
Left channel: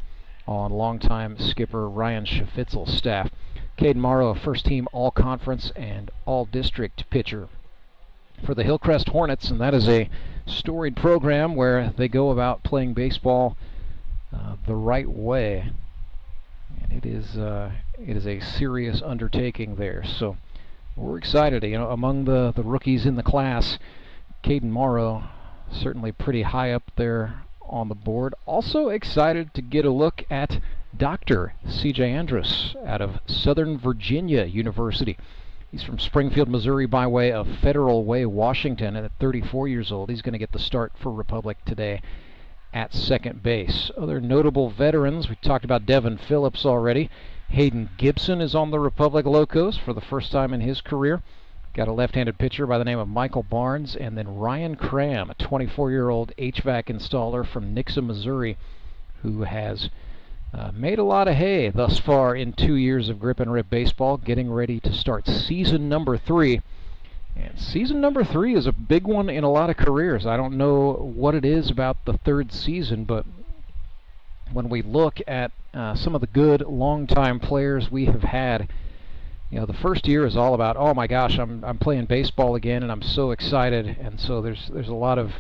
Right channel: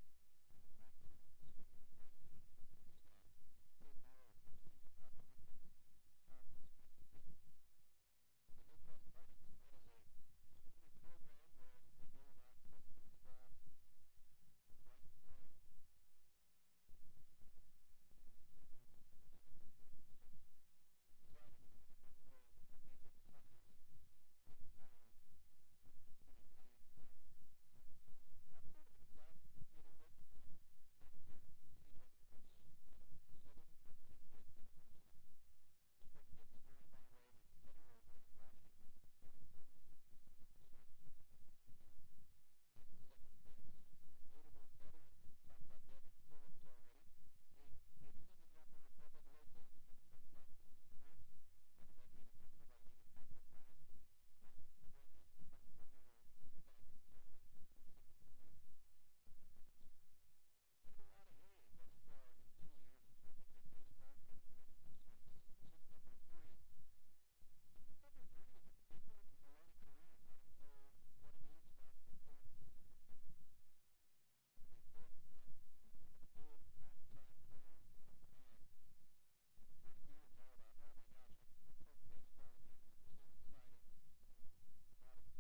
on longtime skipper Ryan Schafitzel's staff. Caden Morrow, a first-team all-conference and all-district pitcher for the Hillcrest Hornets, and that is a storied program where they go about playing baseball the right way. And it is a serious undertaking there. So we're excited. You know, among the rookies in the class, Caden Morrow certainly pretty high up there on the board. Also excited to get a look at Dr. C.J. Andrus out of Southern Virginia University. He's from Springfield, Missouri by way of Federal Way, Washington, and at 34 years old, he's going to get the start for Republic today at second base. Other notable veterans, we talked about Devin Phillips already. Hayden Gibson is on the Republic Locos for the first time in his career. Got a left-handed pitcher by the name of Michael Barnes, and then Ryan Cram, a 24-year-old HVAC installer from Nixa, Missouri, who has made a lot of hay thus far in 2 years of grip and rip baseball, getting ready to start season number 3. And season number 3 is a big one in a lot of careers. I don't know what it is about the third season, but when we look at some of the good long-time players we have had, you know, the first year is all about, oh my gosh, I'm playing baseball again and I'm so excited, and so there's a lot of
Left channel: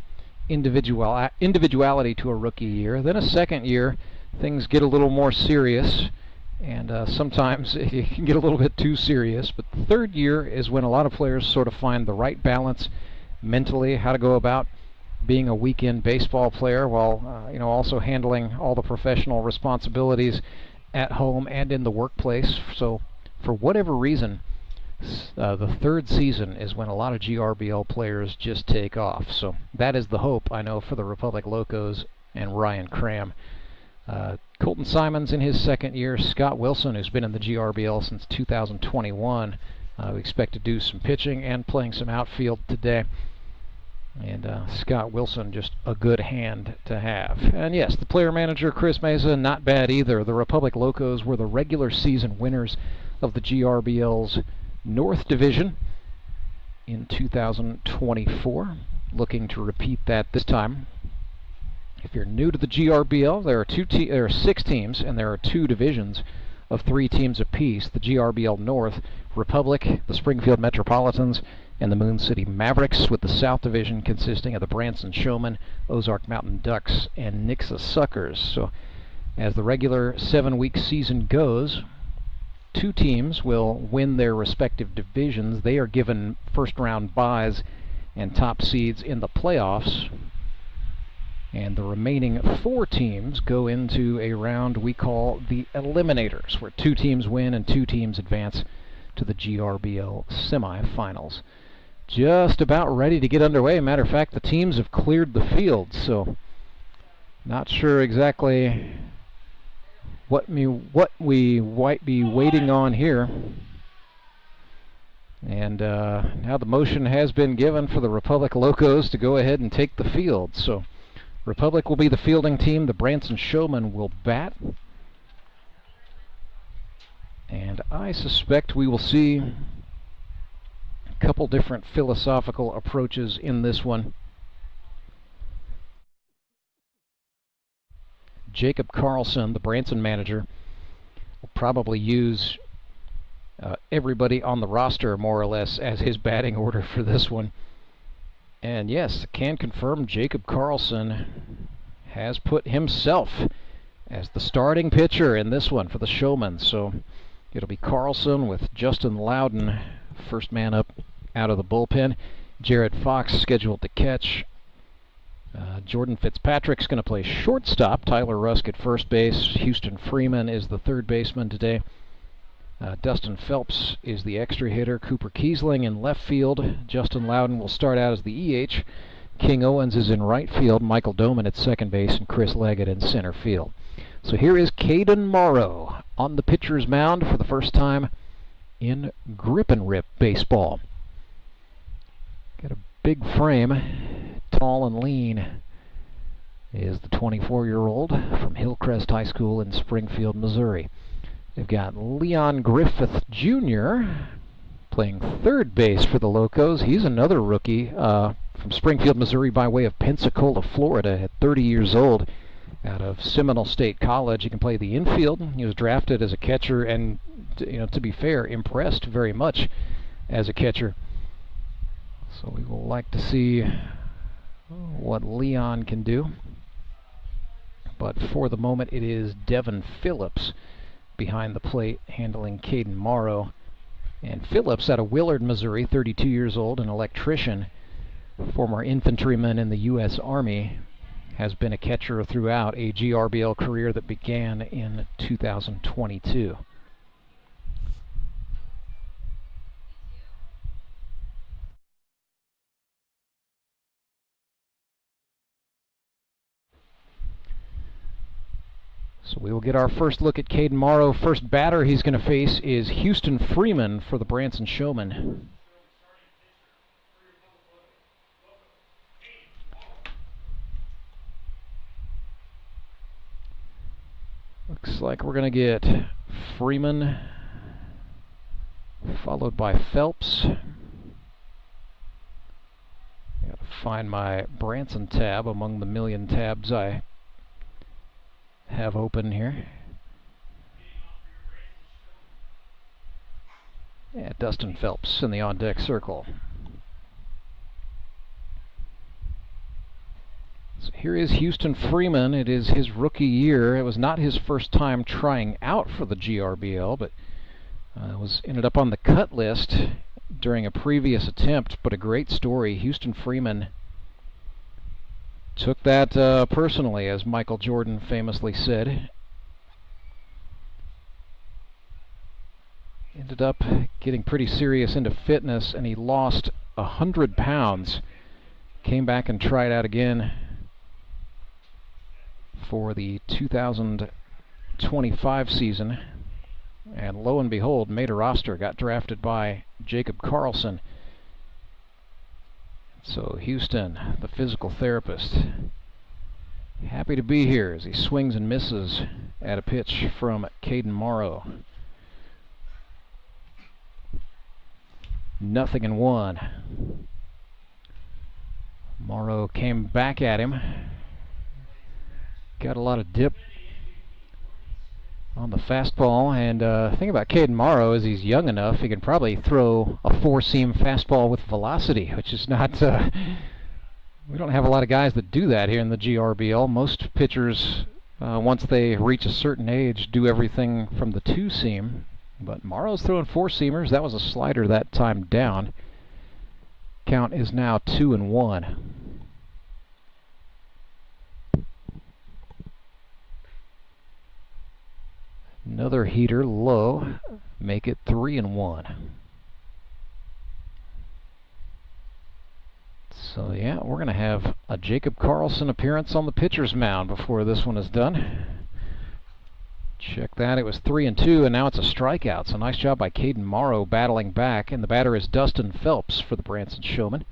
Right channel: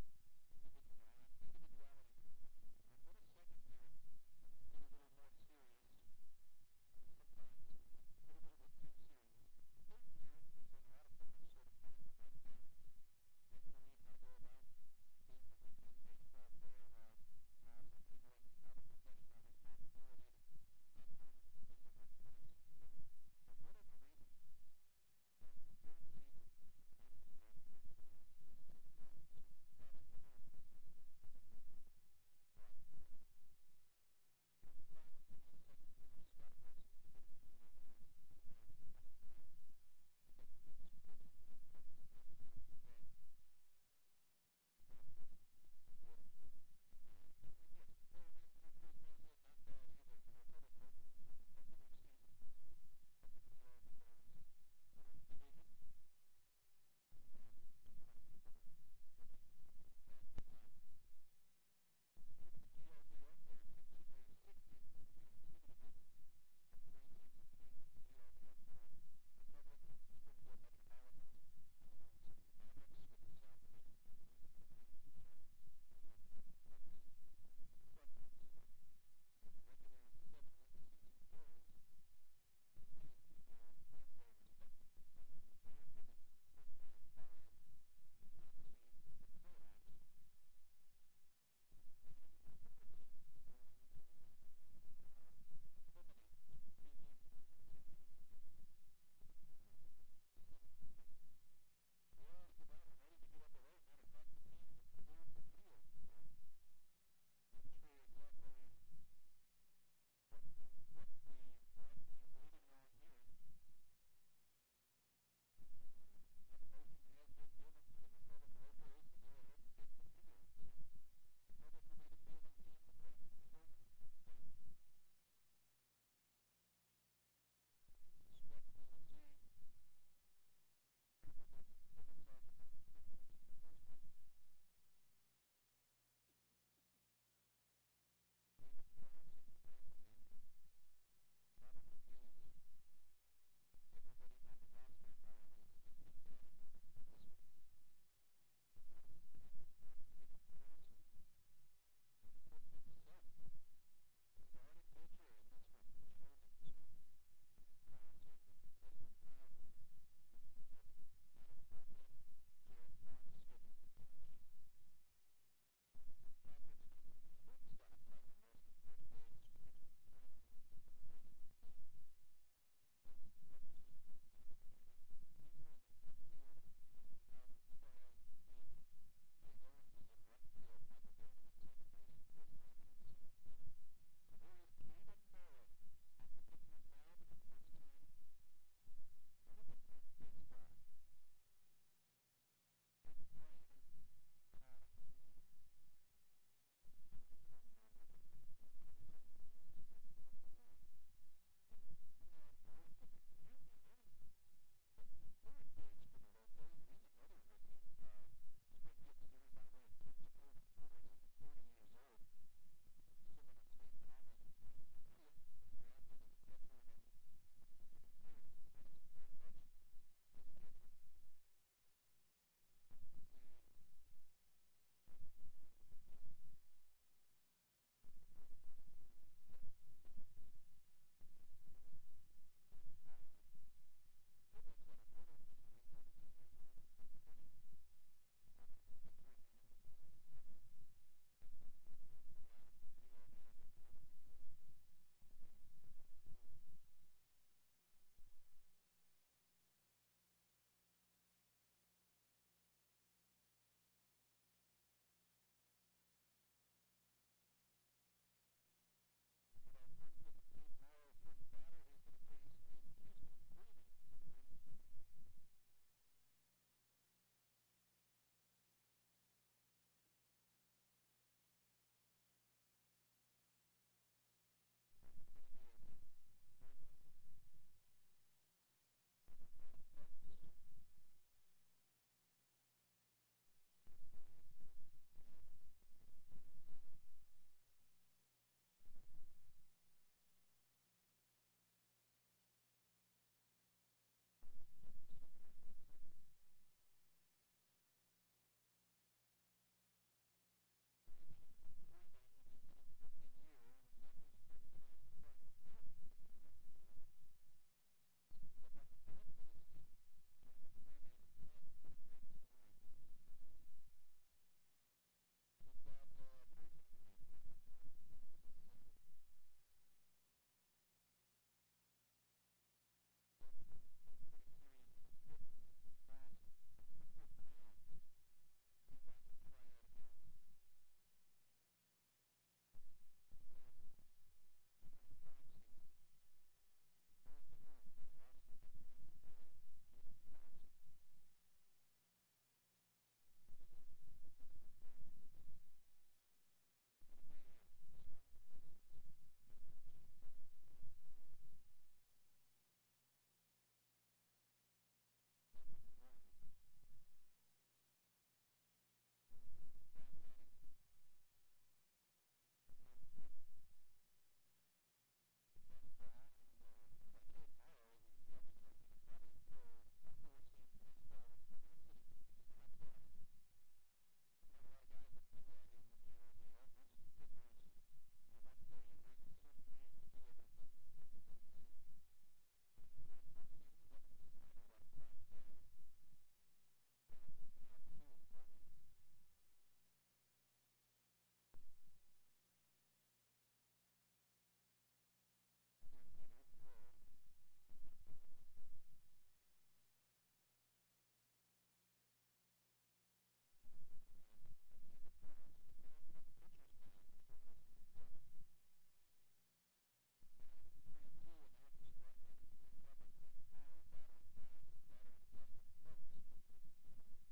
individuality to a rookie year. Then a second year, things get a little more serious, and sometimes it can get a little bit too serious. But the third year is when a lot of players sort of find the right balance mentally, how to go about being a weekend baseball player while you know, also handling all the professional responsibilities at home and in the workplace. So for whatever reason, the third season is when a lot of GRBL players just take off. So that is the hope, I know, for the Republic Locos and Ryan Cram. Colton Simons in his second year. Scott Wilson, who's been in the GRBL since 2021. We expect to do some pitching and playing some outfield today. And Scott Wilson, just a good hand to have. And yes, the player manager, Chris Mesa, not bad either. The Republic Locos were the regular season winners of the GRBL's North Division in 2024. Looking to repeat that this time. If you're new to the GRBL, there are 6 teams, and there are 2 divisions of 3 teams apiece. The GRBL North, Republic, the Springfield Metropolitans, and the Moon City Mavericks, with the South Division consisting of the Branson Showmen, Ozark Mountain Ducks, and Nixa Suckers. So as the regular 7-week season goes, 2 teams will win their respective divisions. They are given first-round byes and top seeds in the playoffs. And the remaining 4 teams go into a round we call the Eliminators, where 2 teams win and 2 teams advance to the GRBL semifinals. Just about ready to get underway. Matter of fact, the teams have cleared the field, so not sure exactly what we might be waiting on here. And now the motion has been given for the Republic Locos to go ahead and take the field. So Republic will be the fielding team. The Branson Showmen will bat. And I suspect we will see a couple different philosophical approaches in this one. Jacob Carlson, the Branson manager, will probably use everybody on the roster more or less as his batting order for this one. And yes, can confirm Jacob Carlson has put himself as the starting pitcher in this one for the Showmen. So it'll be Carlson with Justin Loudon, first man up out of the bullpen. Jared Fox scheduled to catch. Jordan Fitzpatrick's going to play shortstop. Tyler Rusk at first base. Houston Freeman is the third baseman today. Dustin Phelps is the extra hitter. Cooper Kiesling in left field. Justin Loudon will start out as the EH. King Owens is in right field. Michael Doman at second base, and Chris Leggett in center field. So here is Caden Morrow on the pitcher's mound for the first time in grip and rip baseball. Got a big frame, tall and lean, is the 24-year-old from Hillcrest High School in Springfield, Missouri. They've got Leon Griffith Jr. playing third base for the Locos. He's another rookie from Springfield, Missouri by way of Pensacola, Florida, at 30 years old, out of Seminole State College. He can play the infield. He was drafted as a catcher and, to be fair, impressed very much as a catcher. So we will like to see what Leon can do. But for the moment, it is Devin Phillips behind the plate handling Caden Morrow. And Phillips out of Willard, Missouri, 32 years old, an electrician, former infantryman in the U.S. Army, has been a catcher throughout a GRBL career that began in 2022. So we will get our first look at Caden Morrow. First batter he's going to face is Houston Freeman for the Branson Showmen. Looks like we're going to get Freeman followed by Phelps. Got to find my Branson tab among the million tabs I have open here. Yeah, Dustin Phelps in the on-deck circle. So here is Houston Freeman. It is his rookie year. It was not his first time trying out for the GRBL, but ended up on the cut list during a previous attempt. But a great story. Houston Freeman took that personally, as Michael Jordan famously said. Ended up getting pretty serious into fitness, and he lost 100 pounds. Came back and tried out again for the 2025 season, and lo and behold, made a roster, got drafted by Jacob Carlson. So Houston, the physical therapist, happy to be here as he swings and misses at a pitch from Caden Morrow. 0-1. Morrow came back at him. Got a lot of dip on the fastball, and the thing about Caden Morrow is he's young enough, he can probably throw a four-seam fastball with velocity, which is not, we don't have a lot of guys that do that here in the GRBL. Most pitchers, once they reach a certain age, do everything from the two-seam, but Morrow's throwing four-seamers. That was a slider that time down. Count is now 2-1. Another heater low, make it 3-1. So yeah, we're going to have a Jacob Carlson appearance on the pitcher's mound before this one is done. Check that, it was 3-2, and now it's a strikeout. So nice job by Caden Morrow battling back, and the batter is Dustin Phelps for the Branson Showmen.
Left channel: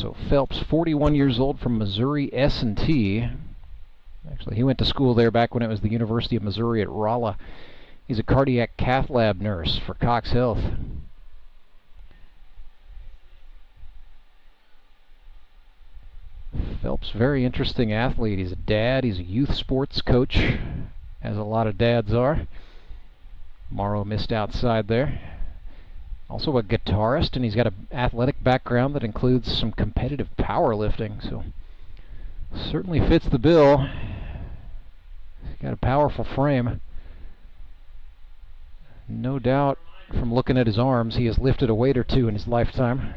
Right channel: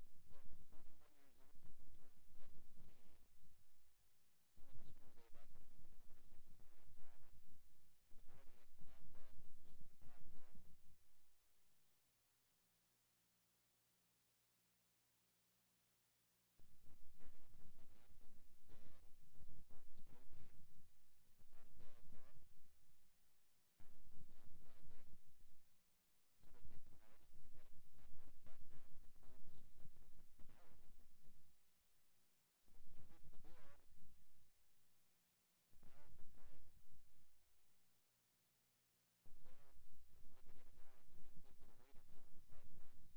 So Phelps, 41 years old, from Missouri S&T. Actually, he went to school there back when it was the University of Missouri at Rolla. He's a cardiac cath lab nurse for Cox Health. Phelps, very interesting athlete. He's a dad. He's a youth sports coach, as a lot of dads are. Morrow missed outside there. Also a guitarist, and he's got an athletic background that includes some competitive powerlifting, so certainly fits the bill. He's got a powerful frame. No doubt, from looking at his arms, he has lifted a weight or two in his lifetime.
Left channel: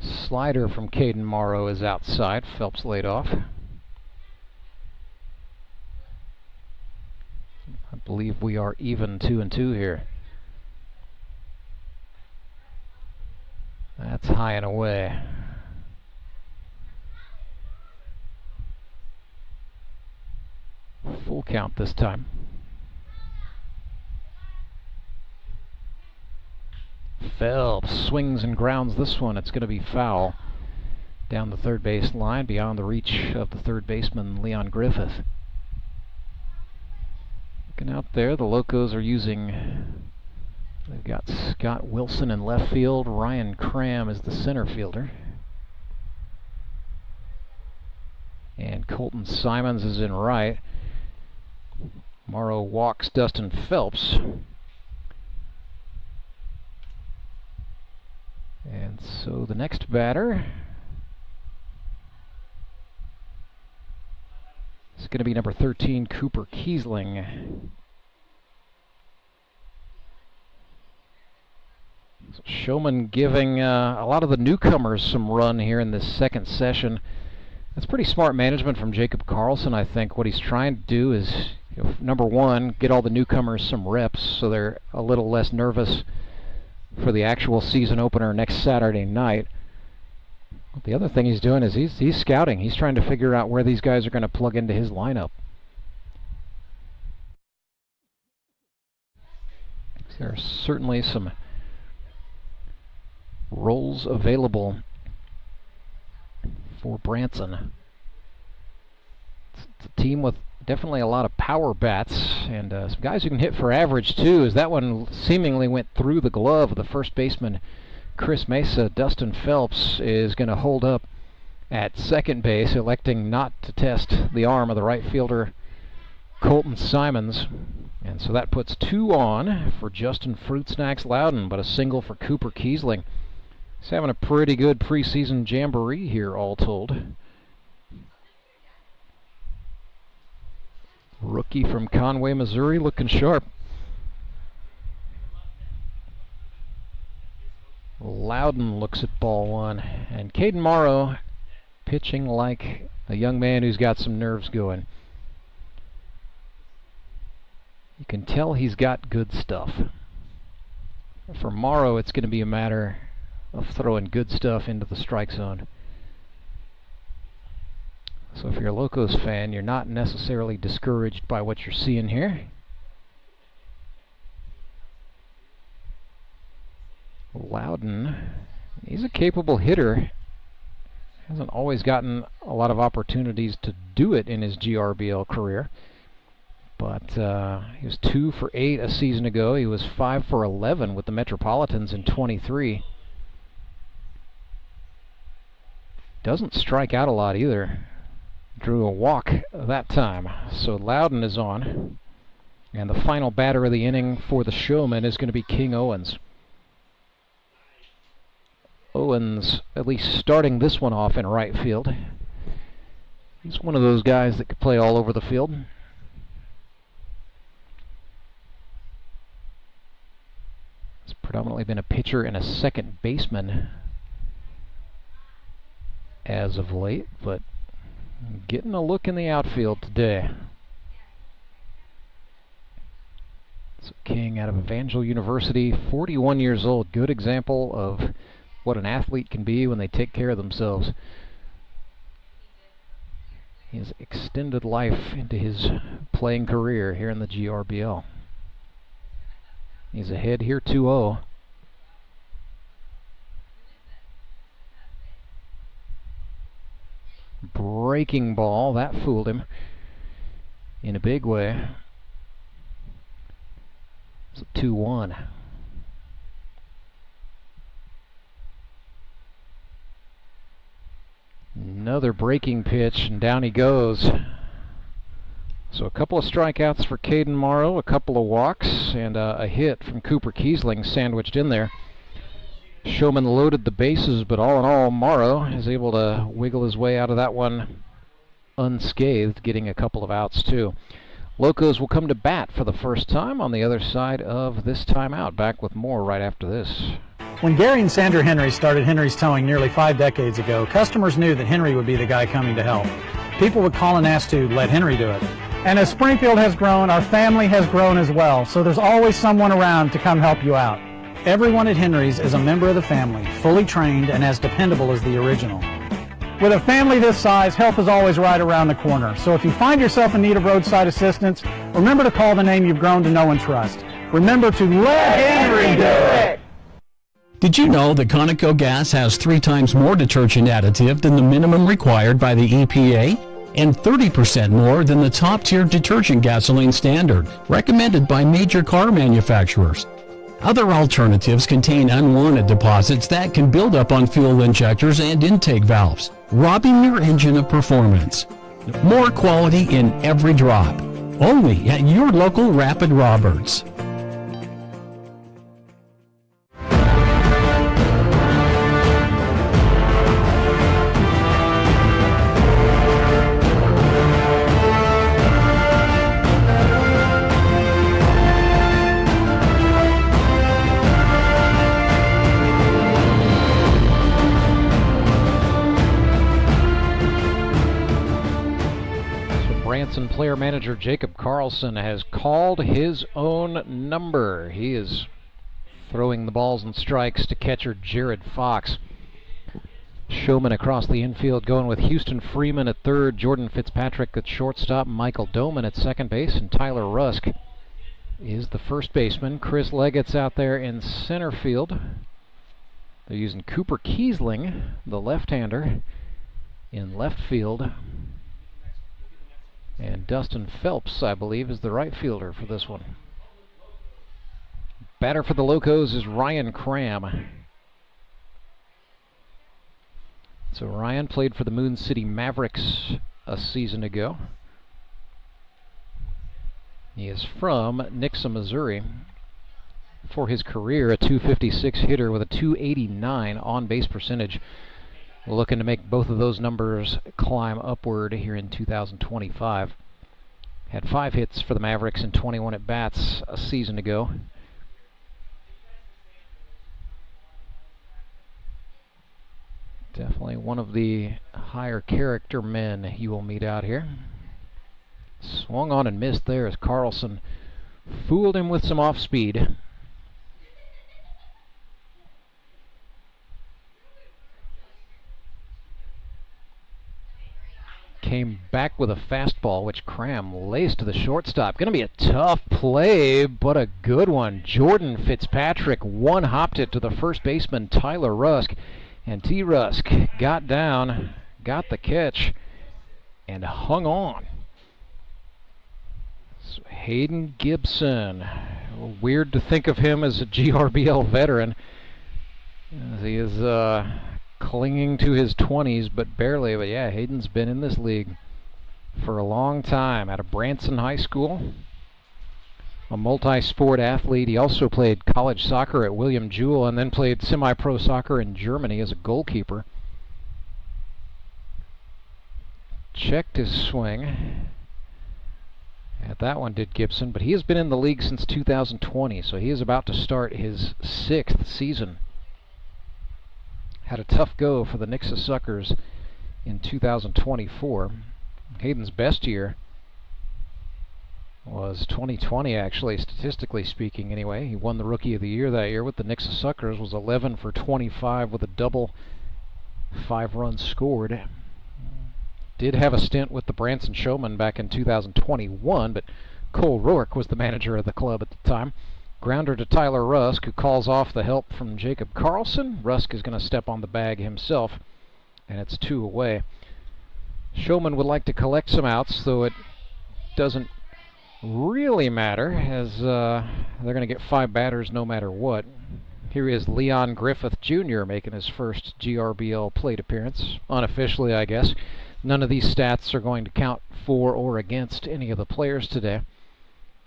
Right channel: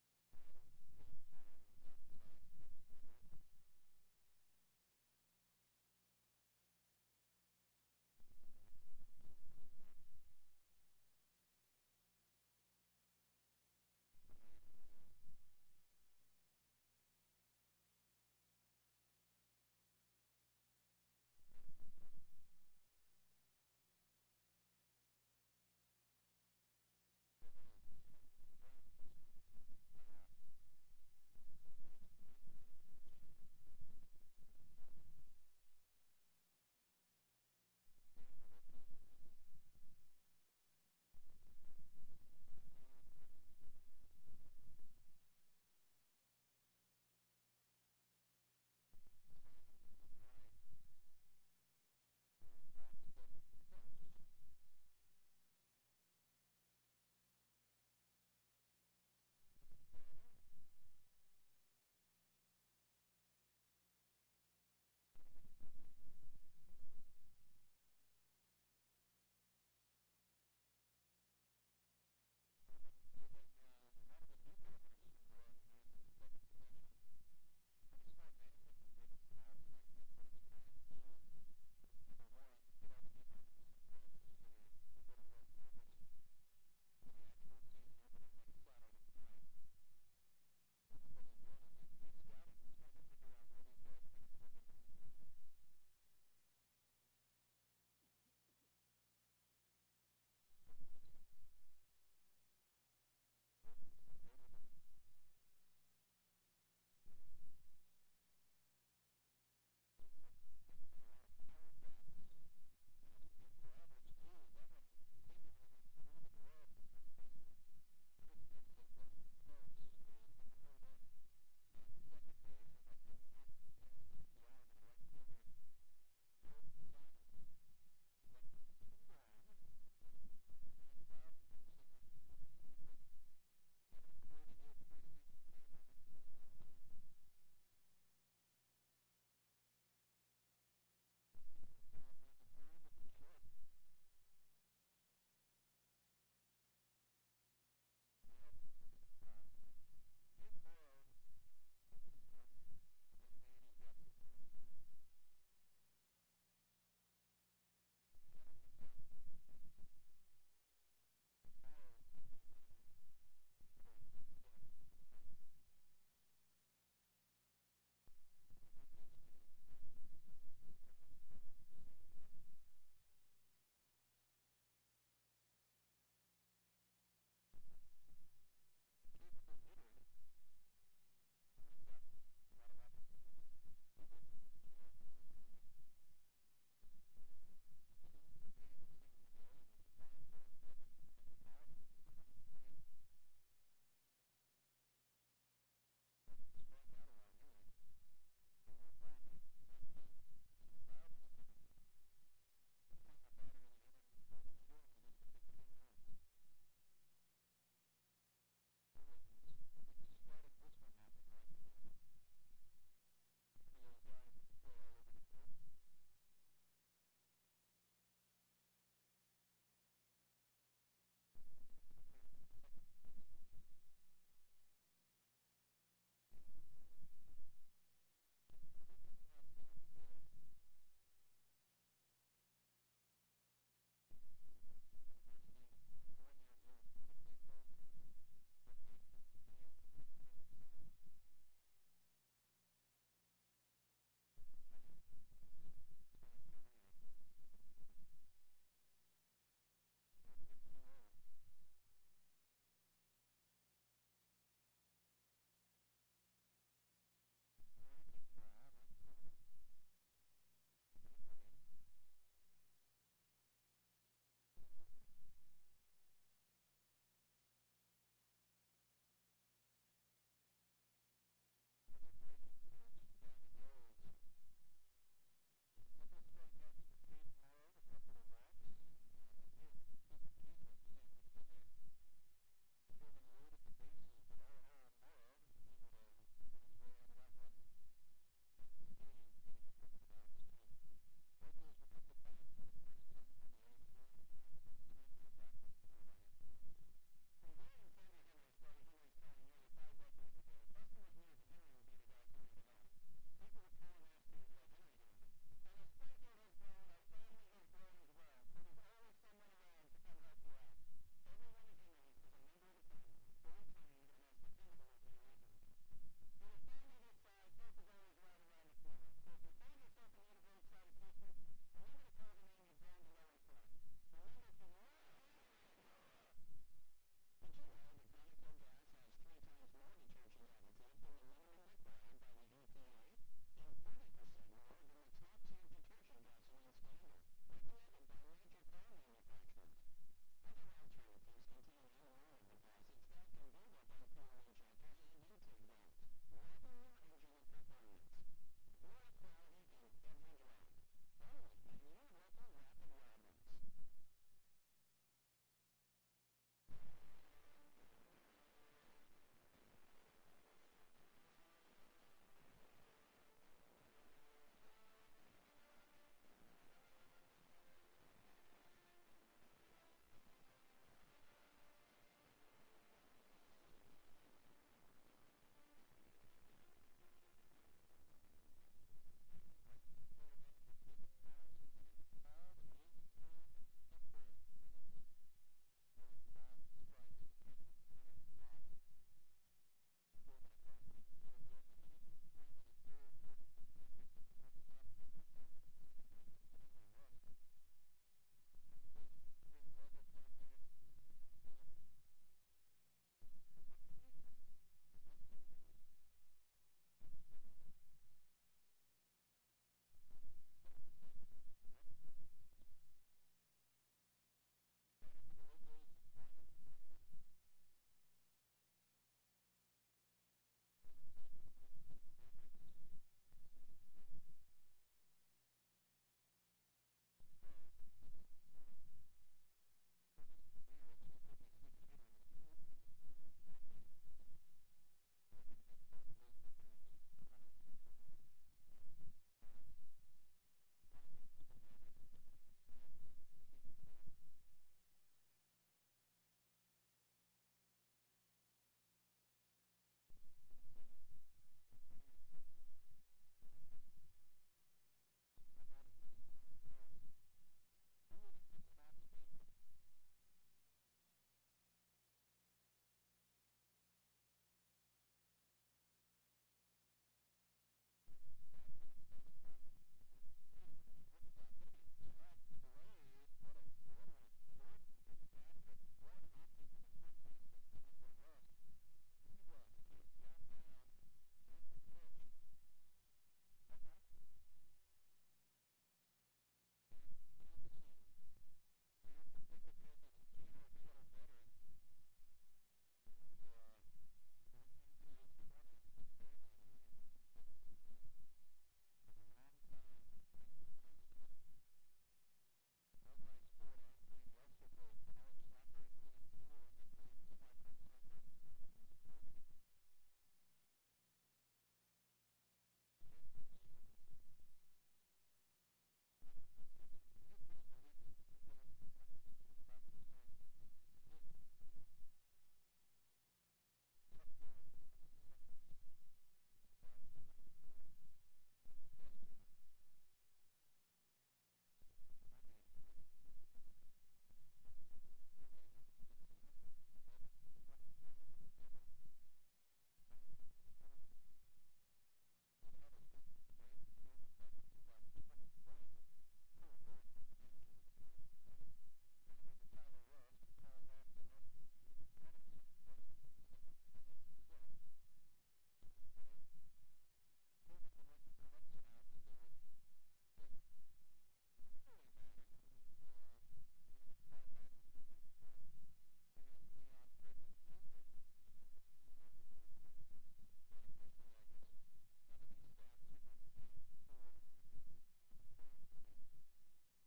Slider from Caden Morrow is outside. Phelps laid off. I believe we are even 2-2 here. That's high and away. Full count this time. Phelps swings and grounds this one. It's going to be foul down the third base line, beyond the reach of the third baseman, Leon Griffith. Looking out there, the Locos are using, they've got Scott Wilson in left field, Ryan Cram is the center fielder, and Colton Simons is in right. Morrow walks Dustin Phelps. And so the next batter is going to be number 13, Cooper Kiesling. So Showmen giving a lot of the newcomers some run here in this second session. That's pretty smart management from Jacob Carlson, I think. What he's trying to do is, number one, get all the newcomers some reps so they're a little less nervous for the actual season opener next Saturday night. The other thing he's doing is he's scouting. He's trying to figure out where these guys are going to plug into his lineup. There are certainly some roles available for Branson. It's a team with definitely a lot of power bats, and some guys who can hit for average too, as that one seemingly went through the glove of the first baseman, Chris Mesa. Dustin Phelps is going to hold up at second base, electing not to test the arm of the right fielder, Colton Simons. And so that puts 2 on for Justin Fruit Snacks Loudon, but a single for Cooper Kiesling. He's having a pretty good preseason jamboree here, all told. Rookie from Conway, Missouri, looking sharp. Loudon looks at ball one, and Caden Morrow pitching like a young man who's got some nerves going. You can tell he's got good stuff. For Morrow, it's going to be a matter of throwing good stuff into the strike zone. So if you're a Locos fan, you're not necessarily discouraged by what you're seeing here. Loudon, he's a capable hitter. Hasn't always gotten a lot of opportunities to do it in his GRBL career. But he was 2 for 8 a season ago. He was 5 for 11 with the Metropolitans in 23. Doesn't strike out a lot either. Drew a walk that time. So Loudon is on. And the final batter of the inning for the Showmen is going to be King Owens. Owens at least starting this one off in right field. He's one of those guys that could play all over the field. He's predominantly been a pitcher and a second baseman as of late, but getting a look in the outfield today. So King out of Evangel University, 41 years old. Good example of what an athlete can be when they take care of themselves. his extended life into his playing career here in the GRBL. He's ahead here 2-0. Breaking ball, that fooled him in a big way. It's a 2-1. Another breaking pitch, and down he goes. So a couple of strikeouts for Caden Morrow, a couple of walks, and a hit from Cooper Kiesling sandwiched in there. Showmen loaded the bases, but all in all, Morrow is able to wiggle his way out of that one unscathed, getting a couple of outs too. Locos will come to bat for the first time on the other side of this timeout. Back with more right after this. When Gary and Sandra Henry started Henry's Towing nearly 5 decades ago, customers knew that Henry would be the guy coming to help. People would call and ask to let Henry do it. And as Springfield has grown, our family has grown as well, so there's always someone around to come help you out. Everyone at Henry's is a member of the family, fully trained and as dependable as the original. With a family this size, help is always right around the corner. So if you find yourself in need of roadside assistance, remember to call the name you've grown to know and trust. Remember to let Henry do it! Did you know that Conoco gas has 3 times more detergent additive than the minimum required by the EPA? And 30% more than the top-tier detergent gasoline standard, recommended by major car manufacturers. Other alternatives contain unwanted deposits that can build up on fuel injectors and intake valves, robbing your engine of performance. More quality in every drop. Only at your local Rapid Roberts. Branson player manager Jacob Carlson has called his own number. He is throwing the balls and strikes to catcher Jared Fox. Showmen across the infield going with Houston Freeman at third, Jordan Fitzpatrick at shortstop, Michael Doman at second base, and Tyler Rusk is the first baseman. Chris Leggett's out there in center field. They're using Cooper Kiesling, the left-hander, in left field. And Dustin Phelps, I believe, is the right fielder for this one. Batter for the Locos is Ryan Cram. So Ryan played for the Moon City Mavericks a season ago. He is from Nixa, Missouri. For his career, a .256 hitter with a .289 on-base percentage. Looking to make both of those numbers climb upward here in 2025. Had 5 hits for the Mavericks and 21 at-bats a season ago. Definitely one of the higher character men you will meet out here. Swung on and missed there as Carlson fooled him with some off-speed. Came back with a fastball, which Cram laced to the shortstop. Going to be a tough play, but a good one. Jordan Fitzpatrick one-hopped it to the first baseman, Tyler Rusk. And T. Rusk got down, got the catch, and hung on. So Hayden Gibson. Weird to think of him as a GRBL veteran, as he is clinging to his 20s, but barely. But yeah, Hayden's been in this league for a long time. Out of Branson High School, a multi-sport athlete. He also played college soccer at William Jewell and then played semi-pro soccer in Germany as a goalkeeper. Checked his swing. At that one did Gibson, but he has been in the league since 2020, so he is about to start his 6th season. Had a tough go for the Nixa Suckers in 2024. Hayden's best year was 2020, actually, statistically speaking anyway. He won the Rookie of the Year that year with the Nixa Suckers, was 11 for 25 with a double, 5 runs scored. did have a stint with the Branson Showmen back in 2021, but Cole Rourke was the manager of the club at the time. Grounder to Tyler Rusk, who calls off the help from Jacob Carlson. Rusk is going to step on the bag himself, and it's 2 away. Showmen would like to collect some outs, though it doesn't really matter, as they're going to get 5 batters no matter what. Here is Leon Griffith Jr. making his first GRBL plate appearance, unofficially I guess. None of these stats are going to count for or against any of the players today,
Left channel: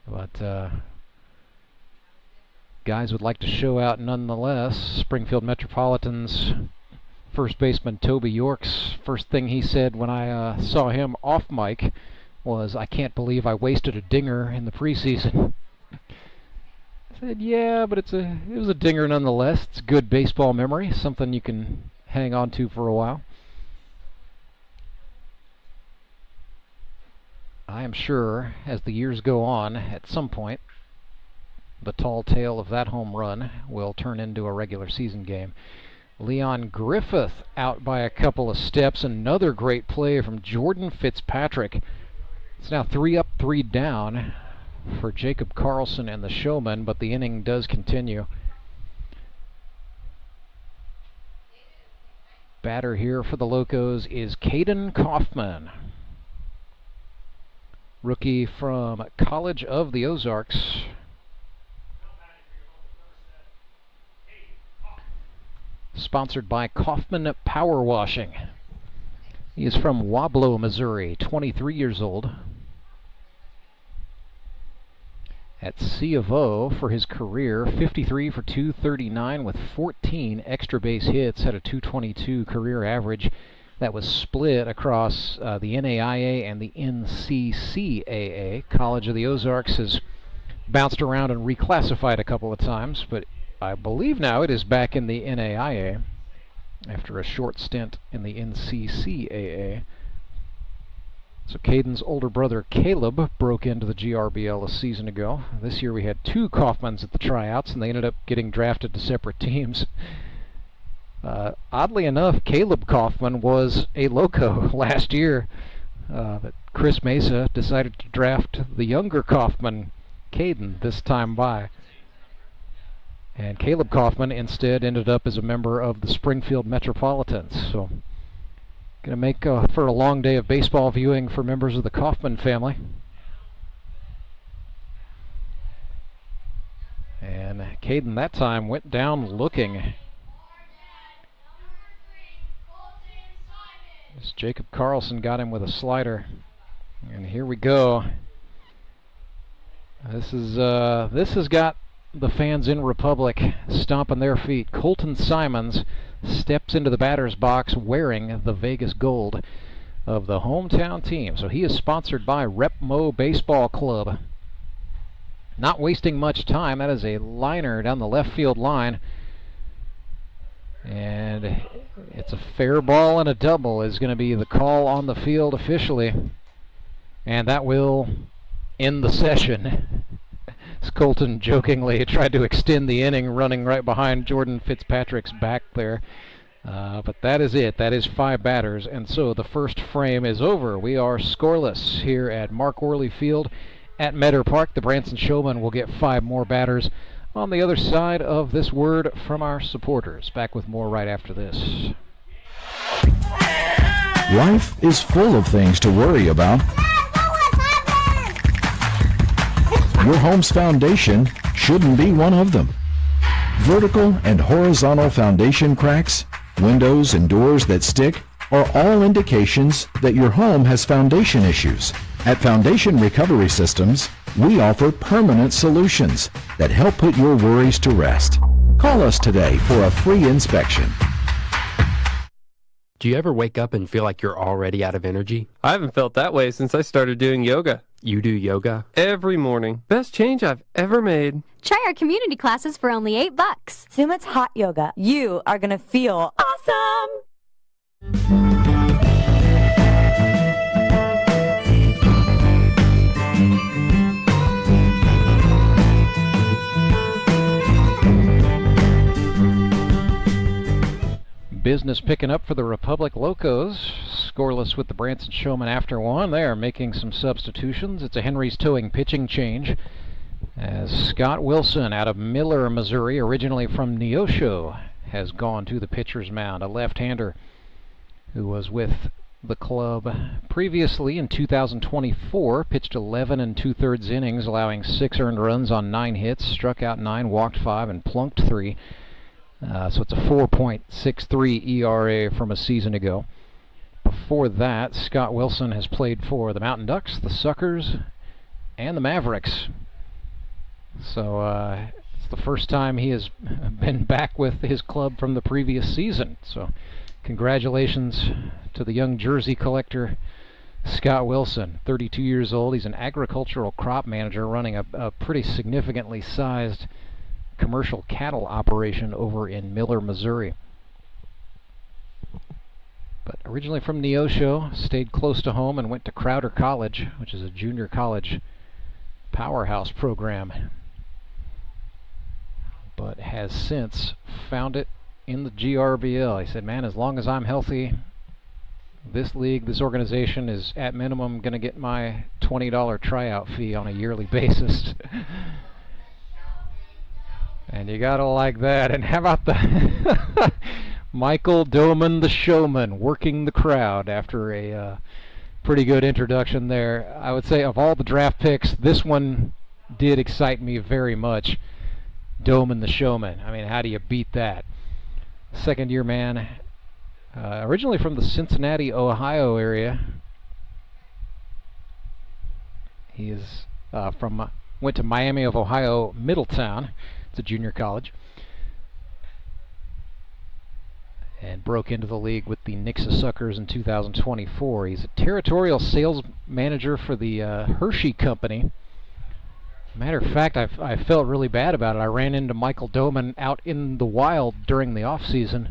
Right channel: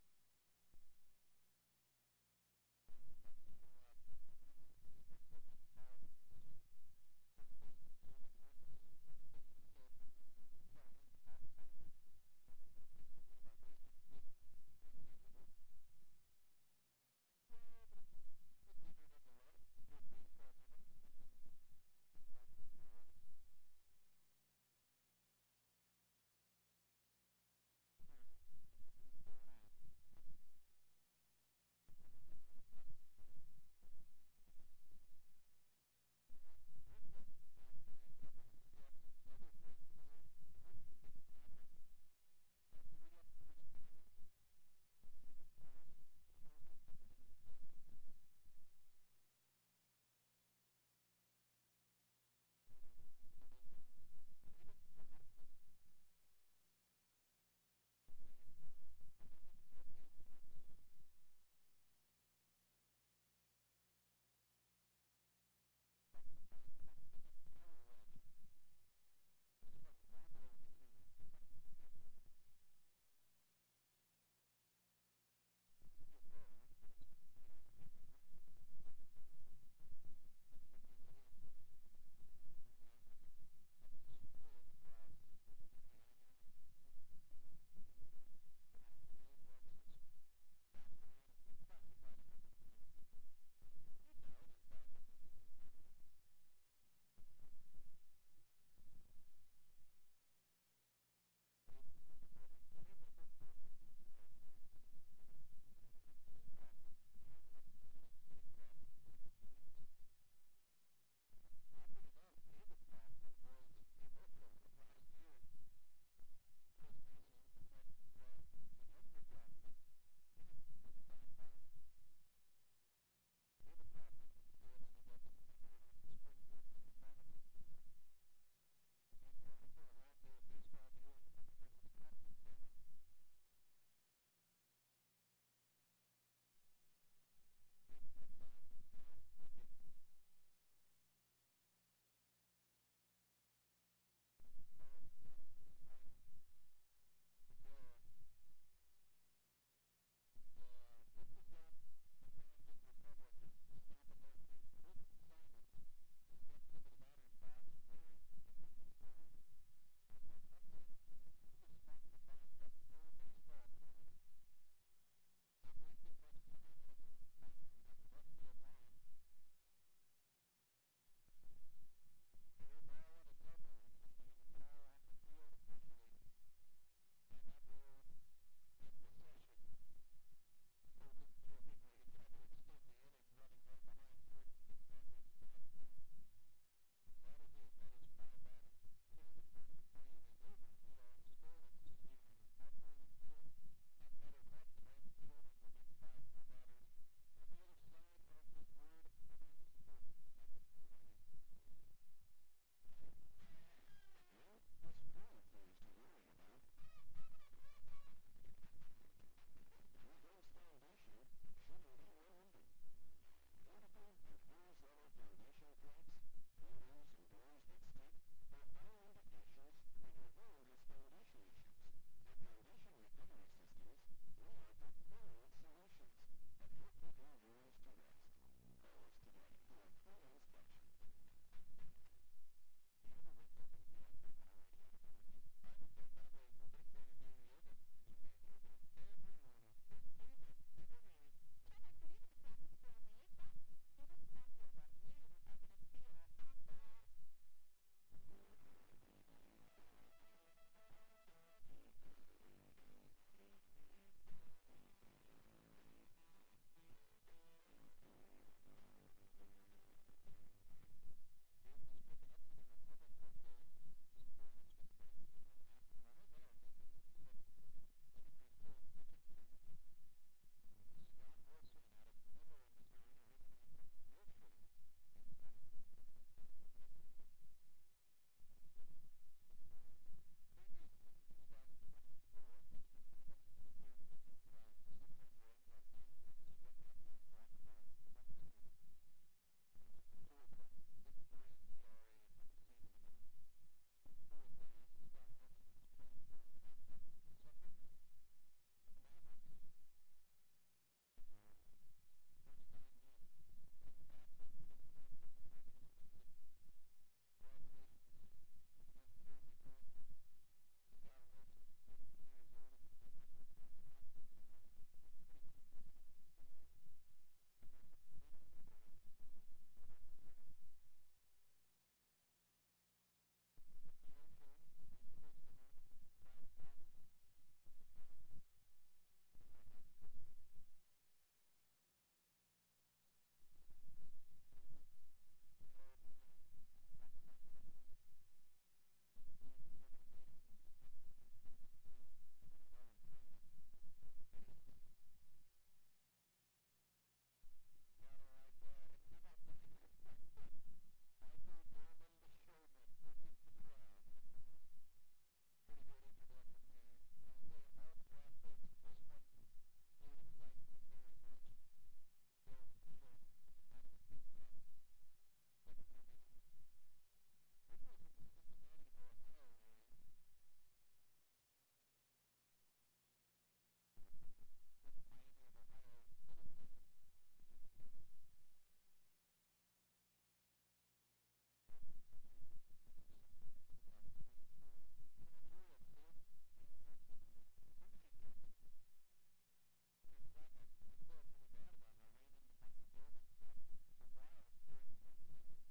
but guys would like to show out nonetheless. Springfield Metropolitans first baseman Toby York's first thing he said when I saw him off mic was, "I can't believe I wasted a dinger in the preseason." I said, yeah, but it was a dinger nonetheless. It's good baseball memory, something you can hang on to for a while. I am sure, as the years go on, at some point, the tall tale of that home run will turn into a regular season game. Leon Griffith out by a couple of steps. Another great play from Jordan Fitzpatrick. It's now 3 up, 3 down for Jacob Carlson and the Showmen, but the inning does continue. Batter here for the Locos is Caden Kaufman, rookie from College of the Ozarks. Sponsored by Kaufman Power Washing. He is from Wablo, Missouri, 23 years old. At C of O for his career, 53 for 239 with 14 extra base hits, had a 222 career average that was split across the NAIA and the NCCAA. College of the Ozarks has bounced around and reclassified a couple of times, but I believe now it is back in the NAIA after a short stint in the NCCAA. So Caden's older brother Caleb broke into the GRBL a season ago. This year we had 2 Kaufmans at the tryouts, and they ended up getting drafted to separate teams. Oddly enough, Caleb Kaufman was a Loco last year, but Chris Mesa decided to draft the younger Kaufman, Caden, this time by. And Caleb Kaufman instead ended up as a member of the Springfield Metropolitans. So, going to make for a long day of baseball viewing for members of the Kaufman family. And Caden that time went down looking. As Jacob Carlson got him with a slider. And here we go. This has got the fans in Republic stomping their feet. Colton Simons steps into the batter's box wearing the Vegas gold of the hometown team. So he is sponsored by Repmo Baseball Club. Not wasting much time. That is a liner down the left field line. And it's a fair ball and a double is going to be the call on the field officially. And that will end the session. Colton jokingly tried to extend the inning running right behind Jordan Fitzpatrick's back there. But that is it. That is 5 batters. And so the first frame is over. We are scoreless here at Mark Worley Field at Meador Park. The Branson Showmen will get 5 more batters on the other side of this word from our supporters. Back with more right after this. Life is full of things to worry about. Your home's foundation shouldn't be one of them. Vertical and horizontal foundation cracks, windows and doors that stick are all indications that your home has foundation issues. At Foundation Recovery Systems, we offer permanent solutions that help put your worries to rest. Call us today for a free inspection. Do you ever wake up and feel like you're already out of energy? I haven't felt that way since I started doing yoga. You do yoga? Every morning. Best change I've ever made. Try our community classes for only $8. Sumit's hot yoga. You are gonna feel awesome! Business picking up for the Republic Locos. Scoreless with the Branson Showmen after one. They are making some substitutions. It's a Henry's Towing pitching change as Scott Wilson out of Miller, Missouri, originally from Neosho, has gone to the pitcher's mound. A left-hander who was with the club previously in 2024, pitched 11 2/3 innings, allowing 6 earned runs on 9 hits, struck out 9, walked 5, and plunked 3. So it's a 4.63 ERA from a season ago. Before that, Scott Wilson has played for the Mountain Ducks, the Suckers, and the Mavericks. So it's the first time he has been back with his club from the previous season. So congratulations to the young jersey collector, Scott Wilson, 32 years old. He's an agricultural crop manager running a pretty significantly sized commercial cattle operation over in Miller, Missouri. But originally from Neosho, stayed close to home and went to Crowder College, which is a junior college powerhouse program, but has since found it in the GRBL. He said, man, as long as I'm healthy, this league, this organization is at minimum going to get my $20 tryout fee on a yearly basis. And you gotta like that. And how about the Michael Doman, the Showman, working the crowd after a pretty good introduction there. I would say of all the draft picks, this one did excite me very much. Doman, the Showman. I mean, how do you beat that? Second-year man, originally from the Cincinnati, Ohio area. He is went to Miami of Ohio, Middletown. It's a junior college. And broke into the league with the Nixa Suckers in 2024. He's a territorial sales manager for the Hershey Company. Matter of fact, I felt really bad about it. I ran into Michael Doman out in the wild during the off season,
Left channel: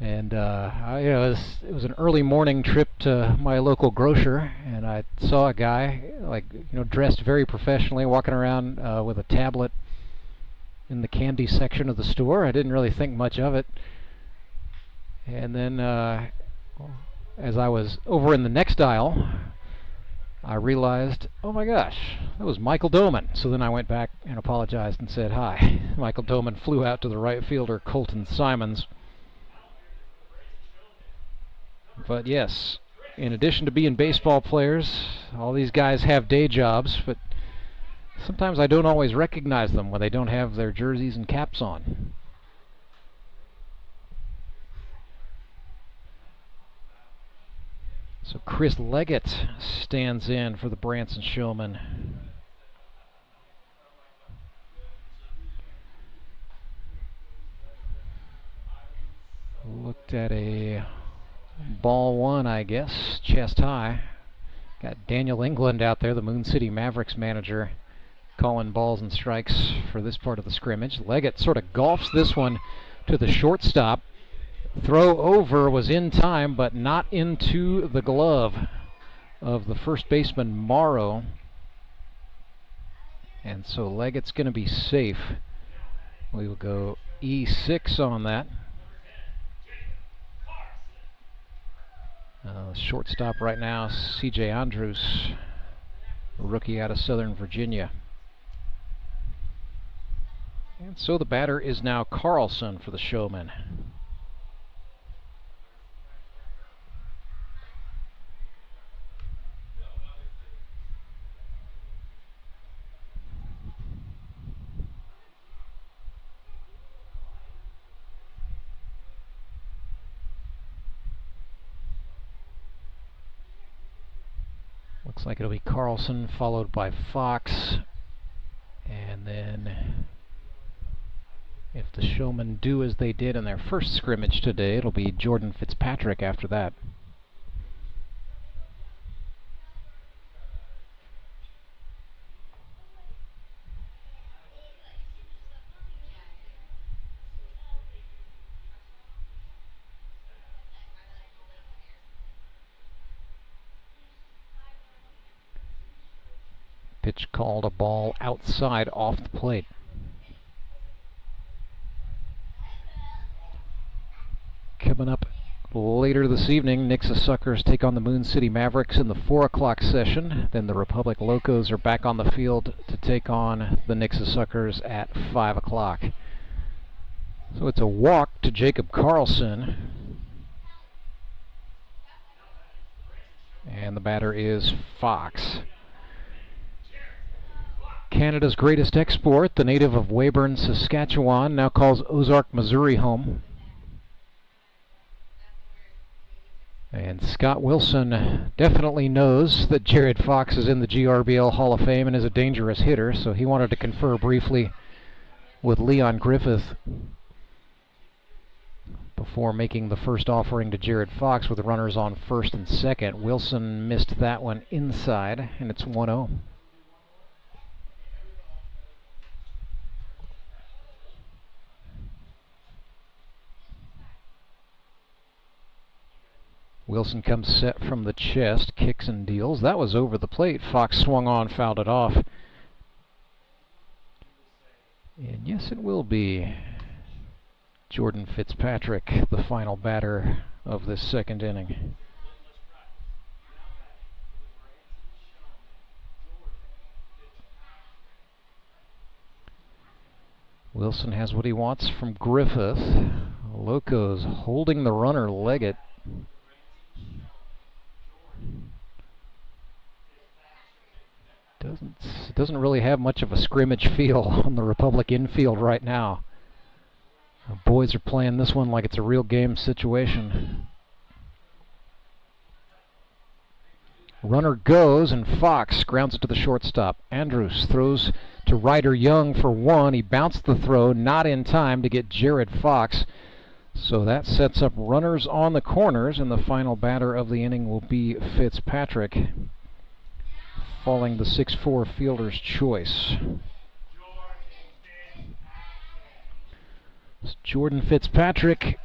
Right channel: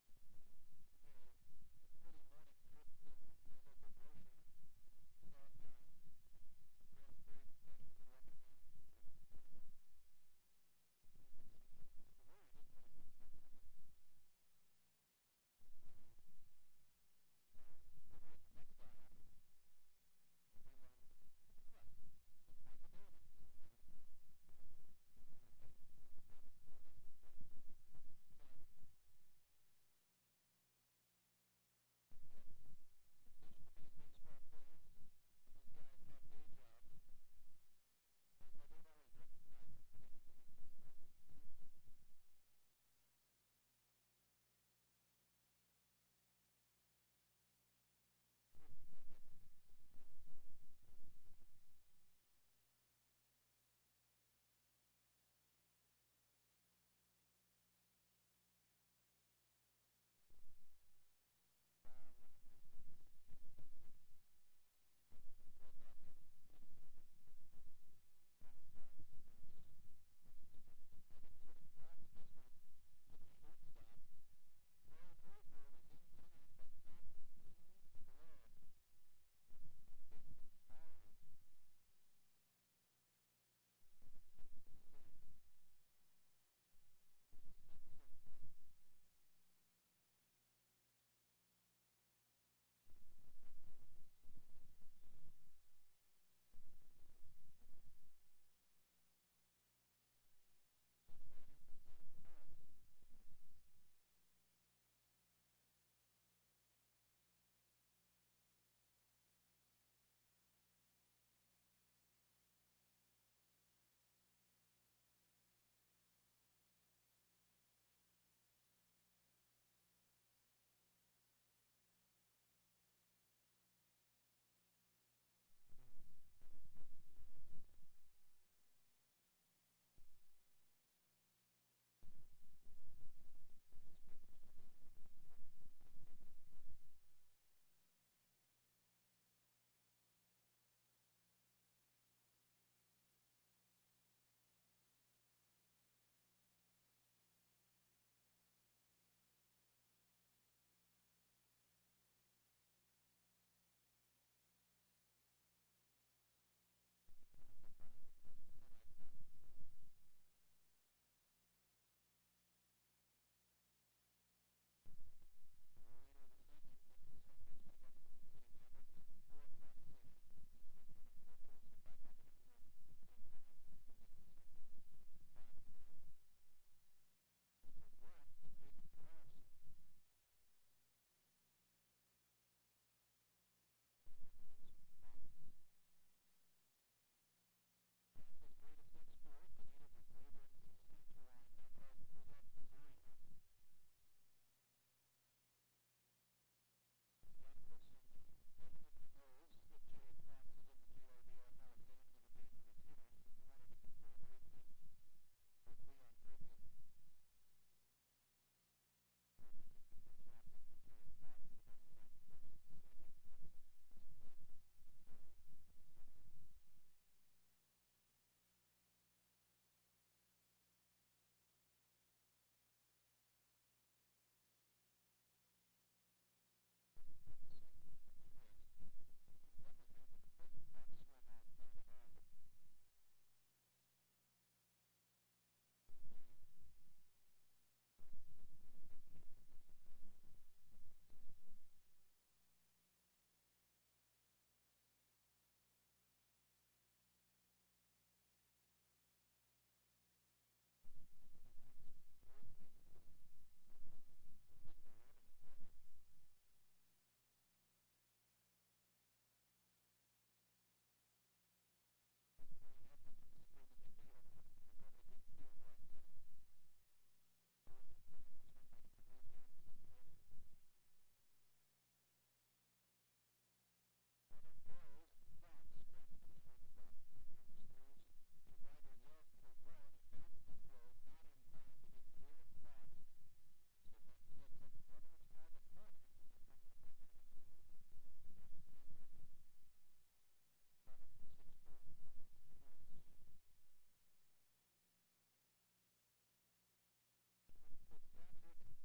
and it was an early morning trip to my local grocer, and I saw a guy dressed very professionally, walking around with a tablet in the candy section of the store. I didn't really think much of it, and then as I was over in the next aisle, I realized, oh my gosh, that was Michael Doman. So then I went back and apologized and said hi. Michael Doman flew out to the right fielder, Colton Simons. But yes, in addition to being baseball players, all these guys have day jobs, but sometimes I don't always recognize them when they don't have their jerseys and caps on. So Chris Leggett stands in for the Branson Showmen. Looked at a ball one, I guess, chest high. Got Daniel England out there, the Moon City Mavericks manager, calling balls and strikes for this part of the scrimmage. Leggett sort of golfs this one to the shortstop. Throw over was in time, but not into the glove of the first baseman, Morrow. And so Leggett's going to be safe. We will go E6 on that. Shortstop right now, C.J. Andrews, rookie out of Southern Virginia. And so the batter is now Carlson for the Showmen. Looks like it'll be Carlson followed by Fox, and then if the Showmen do as they did in their first scrimmage today, it'll be Jordan Fitzpatrick after that. Pitch called a ball outside off the plate. Coming up Later this evening, Nixa Suckers take on the Moon City Mavericks in the 4 o'clock session. Then the Republic Locos are back on the field to take on the Nixa Suckers at 5 o'clock. So it's a walk to Jacob Carlson. And the batter is Fox. Canada's greatest export, the native of Weyburn, Saskatchewan, now calls Ozark, Missouri home. And Scott Wilson definitely knows that Jared Fox is in the GRBL Hall of Fame and is a dangerous hitter, so he wanted to confer briefly with Leon Griffith before making the first offering to Jared Fox with the runners on first and second. Wilson missed that one inside, and it's 1-0. Wilson comes set from the chest, kicks and deals. That was over the plate. Fox swung on, fouled it off. And yes, it will be Jordan Fitzpatrick, the final batter of this second inning. Wilson has what he wants from Griffith. Locos holding the runner, Leggett. Doesn't really have much of a scrimmage feel on the Republic infield right now. The boys are playing this one like it's a real game situation. Runner goes, and Fox grounds it to the shortstop. Andrews throws to Ryder Young for one. He bounced the throw, not in time to get Jared Fox. So that sets up runners on the corners, and the final batter of the inning will be Fitzpatrick, falling the 6'4" fielder's choice. It's Jordan Fitzpatrick,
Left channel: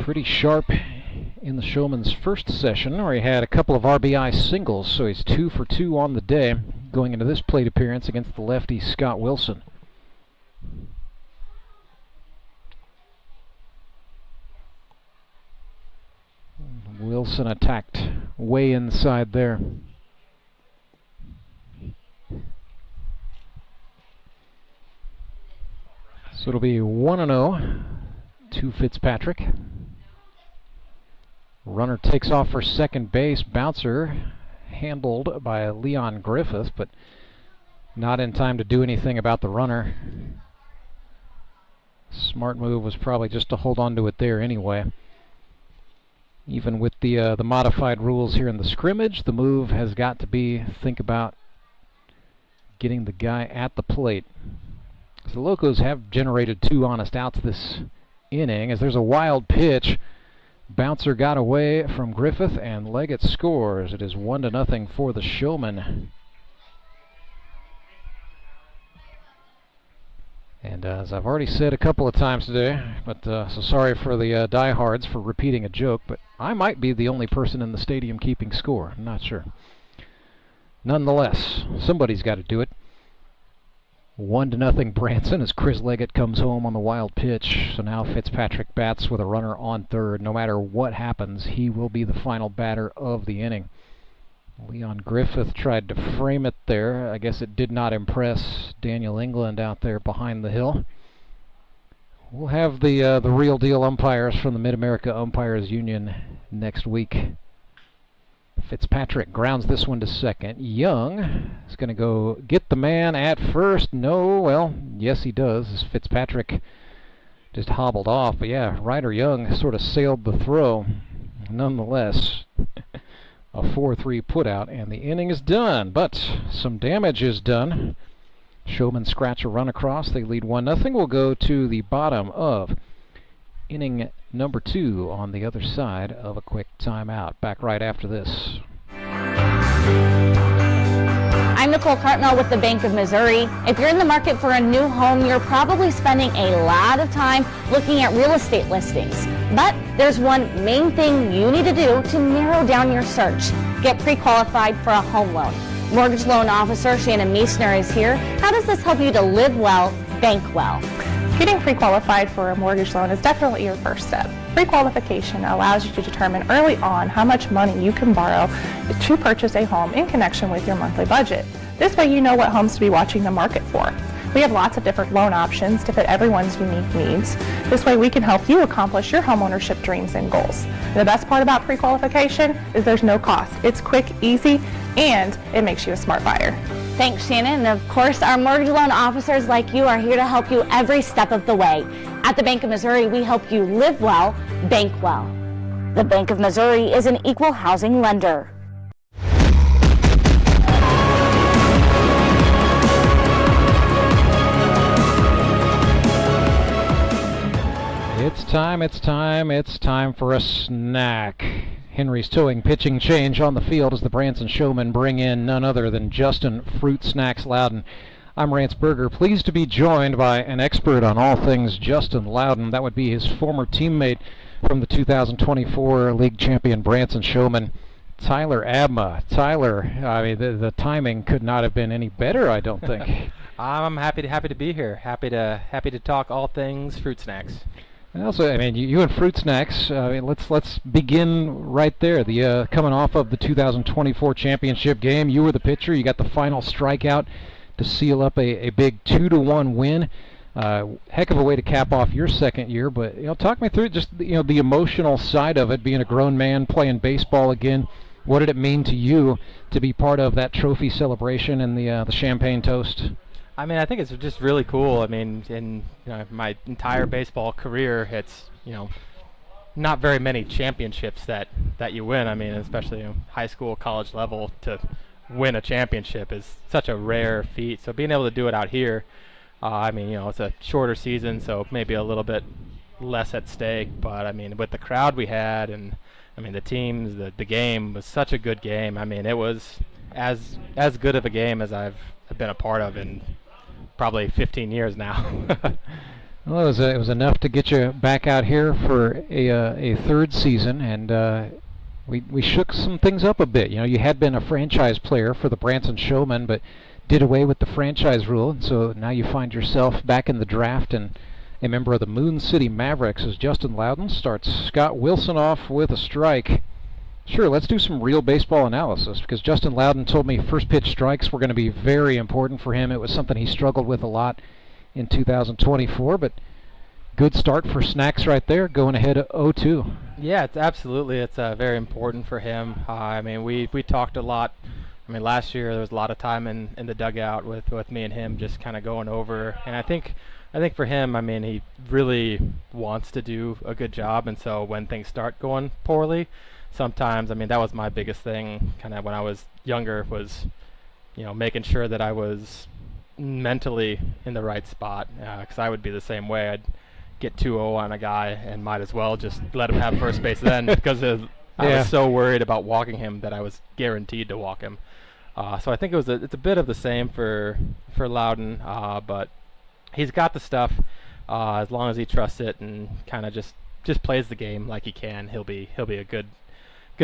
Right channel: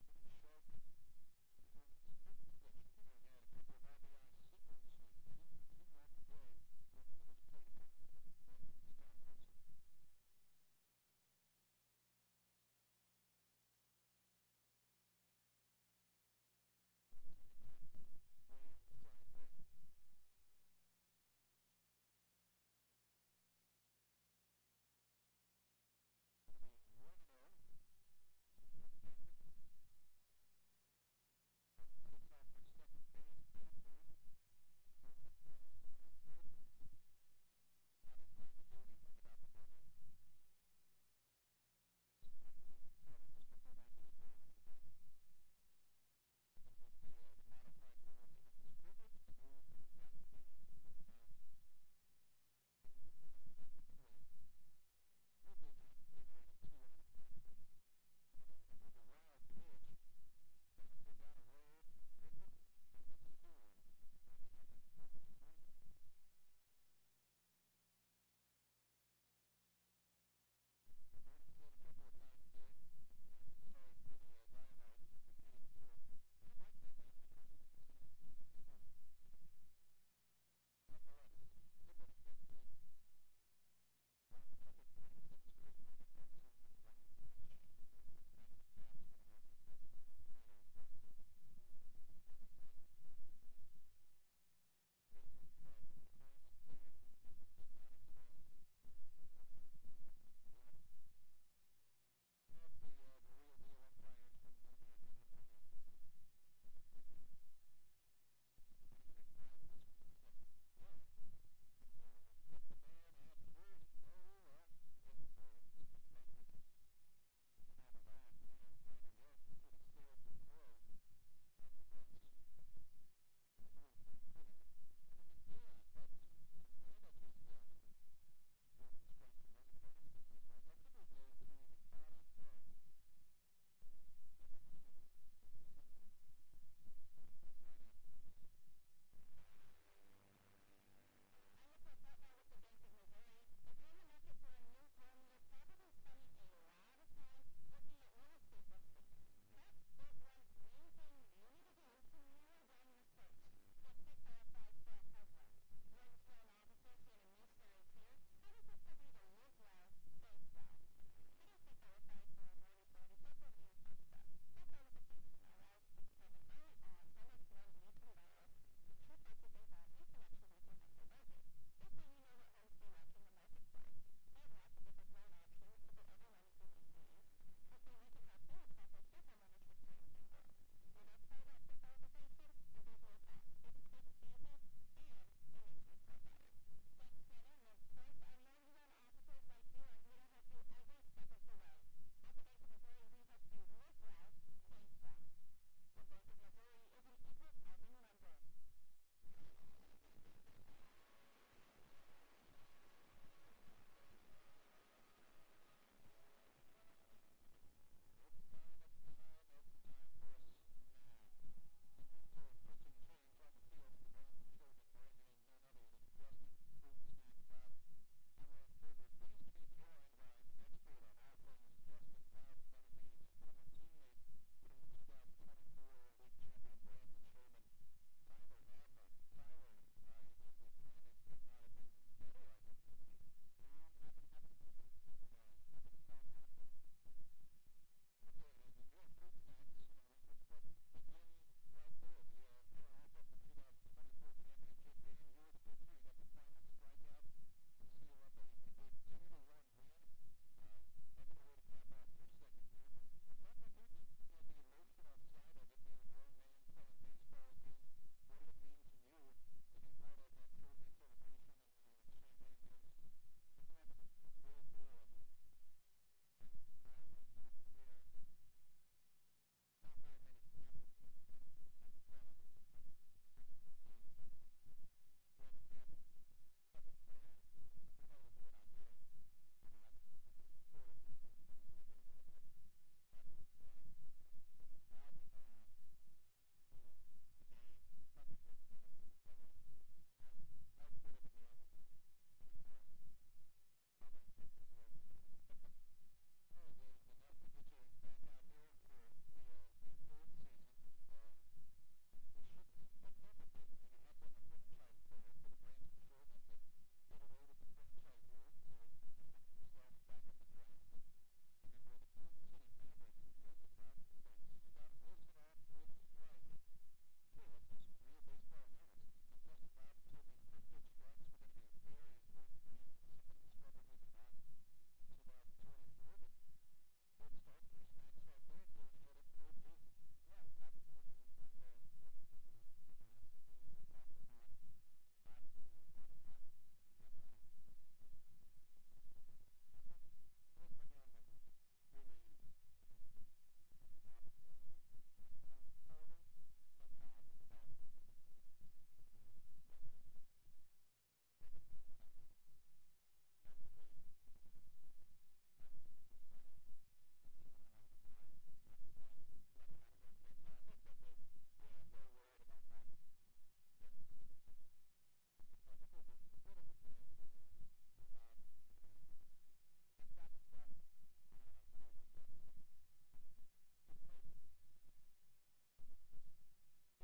pretty sharp in the Showman's first session, where he had a couple of RBI singles, so he's 2 for 2 on the day, going into this plate appearance against the lefty Scott Wilson. Wilson attacked way inside there. So it'll be 1-0 to Fitzpatrick. Runner takes off for second base. Bouncer handled by Leon Griffith, but not in time to do anything about the runner. Smart move was probably just to hold on to it there anyway. Even with the modified rules here in the scrimmage, the move has got to be think about getting the guy at the plate. So the Locos have generated 2 honest outs this inning, as there's a wild pitch. Bouncer got away from Griffith, and Leggett scores. It is 1-0 for the Showmen. And as I've already said a couple of times today, but so sorry for the diehards for repeating a joke, but I might be the only person in the stadium keeping score. I'm not sure. Nonetheless, somebody's got to do it. 1-0 Branson as Chris Leggett comes home on the wild pitch. So now Fitzpatrick bats with a runner on third. No matter what happens, he will be the final batter of the inning. Leon Griffith tried to frame it there. I guess it did not impress Daniel England out there behind the hill. We'll have the real deal umpires from the Mid-America Umpires Union next week. Fitzpatrick grounds this one to second. Young is going to go get the man at first. No, well, yes he does, as Fitzpatrick just hobbled off. But yeah, Ryder Young sort of sailed the throw. Nonetheless, a 4-3 putout, and the inning is done. But some damage is done. Showmen scratch a run across. They lead 1-0. We'll go to the bottom of inning number 2 on the other side of a quick timeout. Back right after this. I'm Nicole Cartmel with the Bank of Missouri. If you're in the market for a new home, you're probably spending a lot of time looking at real estate listings. But there's one main thing you need to do to narrow down your search. Get pre-qualified for a home loan. Mortgage loan officer Shannon Meissner is here. How does this help you to live well, bank well? Getting pre-qualified for a mortgage loan is definitely your first step. Pre-qualification allows you to determine early on how much money you can borrow to purchase a home in connection with your monthly budget. This way you know what homes to be watching the market for. We have lots of different loan options to fit everyone's unique needs. This way we can help you accomplish your homeownership dreams and goals. And the best part about pre-qualification is there's no cost. It's quick, easy, and it makes you a smart buyer. Thanks, Shannon. And of course, our mortgage loan officers like you are here to help you every step of the way. At the Bank of Missouri, we help you live well, bank well. The Bank of Missouri is an equal housing lender. It's time for a snack. Henry's towing pitching change on the field as the Branson Showmen bring in none other than Justin Fruit Snacks Loudon. I'm Rance Berger, pleased to be joined by an expert on all things Justin Loudon. That would be his former teammate from the 2024 league champion Branson Showmen, Tyler Abma. Tyler, I mean, the timing could not have been any better, I don't think. I'm happy to be here. Happy to talk all things fruit snacks. And also, I mean, you and Fruit Snacks. I mean, let's begin right there. The coming off of the 2024 championship game, you were the pitcher. You got the final strikeout to seal up a big 2-1 win. Heck of a way to cap off your second year. But talk me through just the emotional side of it, being a grown man playing baseball again. What did it mean to you to be part of that trophy celebration and the champagne toast? I mean, I think it's just really cool. I mean, in my entire baseball career, it's not very many championships that you win. I mean, especially high school, college level, to win a championship is such a rare feat. So being able to do it out here, I mean, it's a shorter season, so maybe a little bit less at stake. But I mean, with the crowd we had, and I mean the teams, the game was such a good game. I mean, it was as good of a game as I've been a part of in probably 15 years now. Well, it was enough to get you back out here for a third season, and we shook some things up a bit. You had been a franchise player for the Branson Showmen, but did away with the franchise rule, and so now you find yourself back in the draft and a member of the Moon City Mavericks as Justin Loudon starts Scott Wilson off with a strike. Sure, let's do some real baseball analysis, because Justin Loudon told me first pitch strikes were going to be very important for him. It was something he struggled with a lot in 2024, but good start for Snacks right there, going ahead of 0-2. Yeah, it's very important for him. I mean, we talked a lot. I mean, last year there was a lot of time in the dugout with me and him just kind of going over, and I think for him, I mean, he really wants to do a good job, and so when things start going poorly, sometimes, I mean, that was my biggest thing kind of when I was younger, was making sure that I was mentally in the right spot, because I would be the same way. I'd get 2-0 on a guy and might as well just let him have first base then, because I was so worried about walking him that I was guaranteed to walk him. So I think it's a bit of the same for Loudon, but he's got the stuff. As long as he trusts it and kind of just plays the game like he can, he'll be a good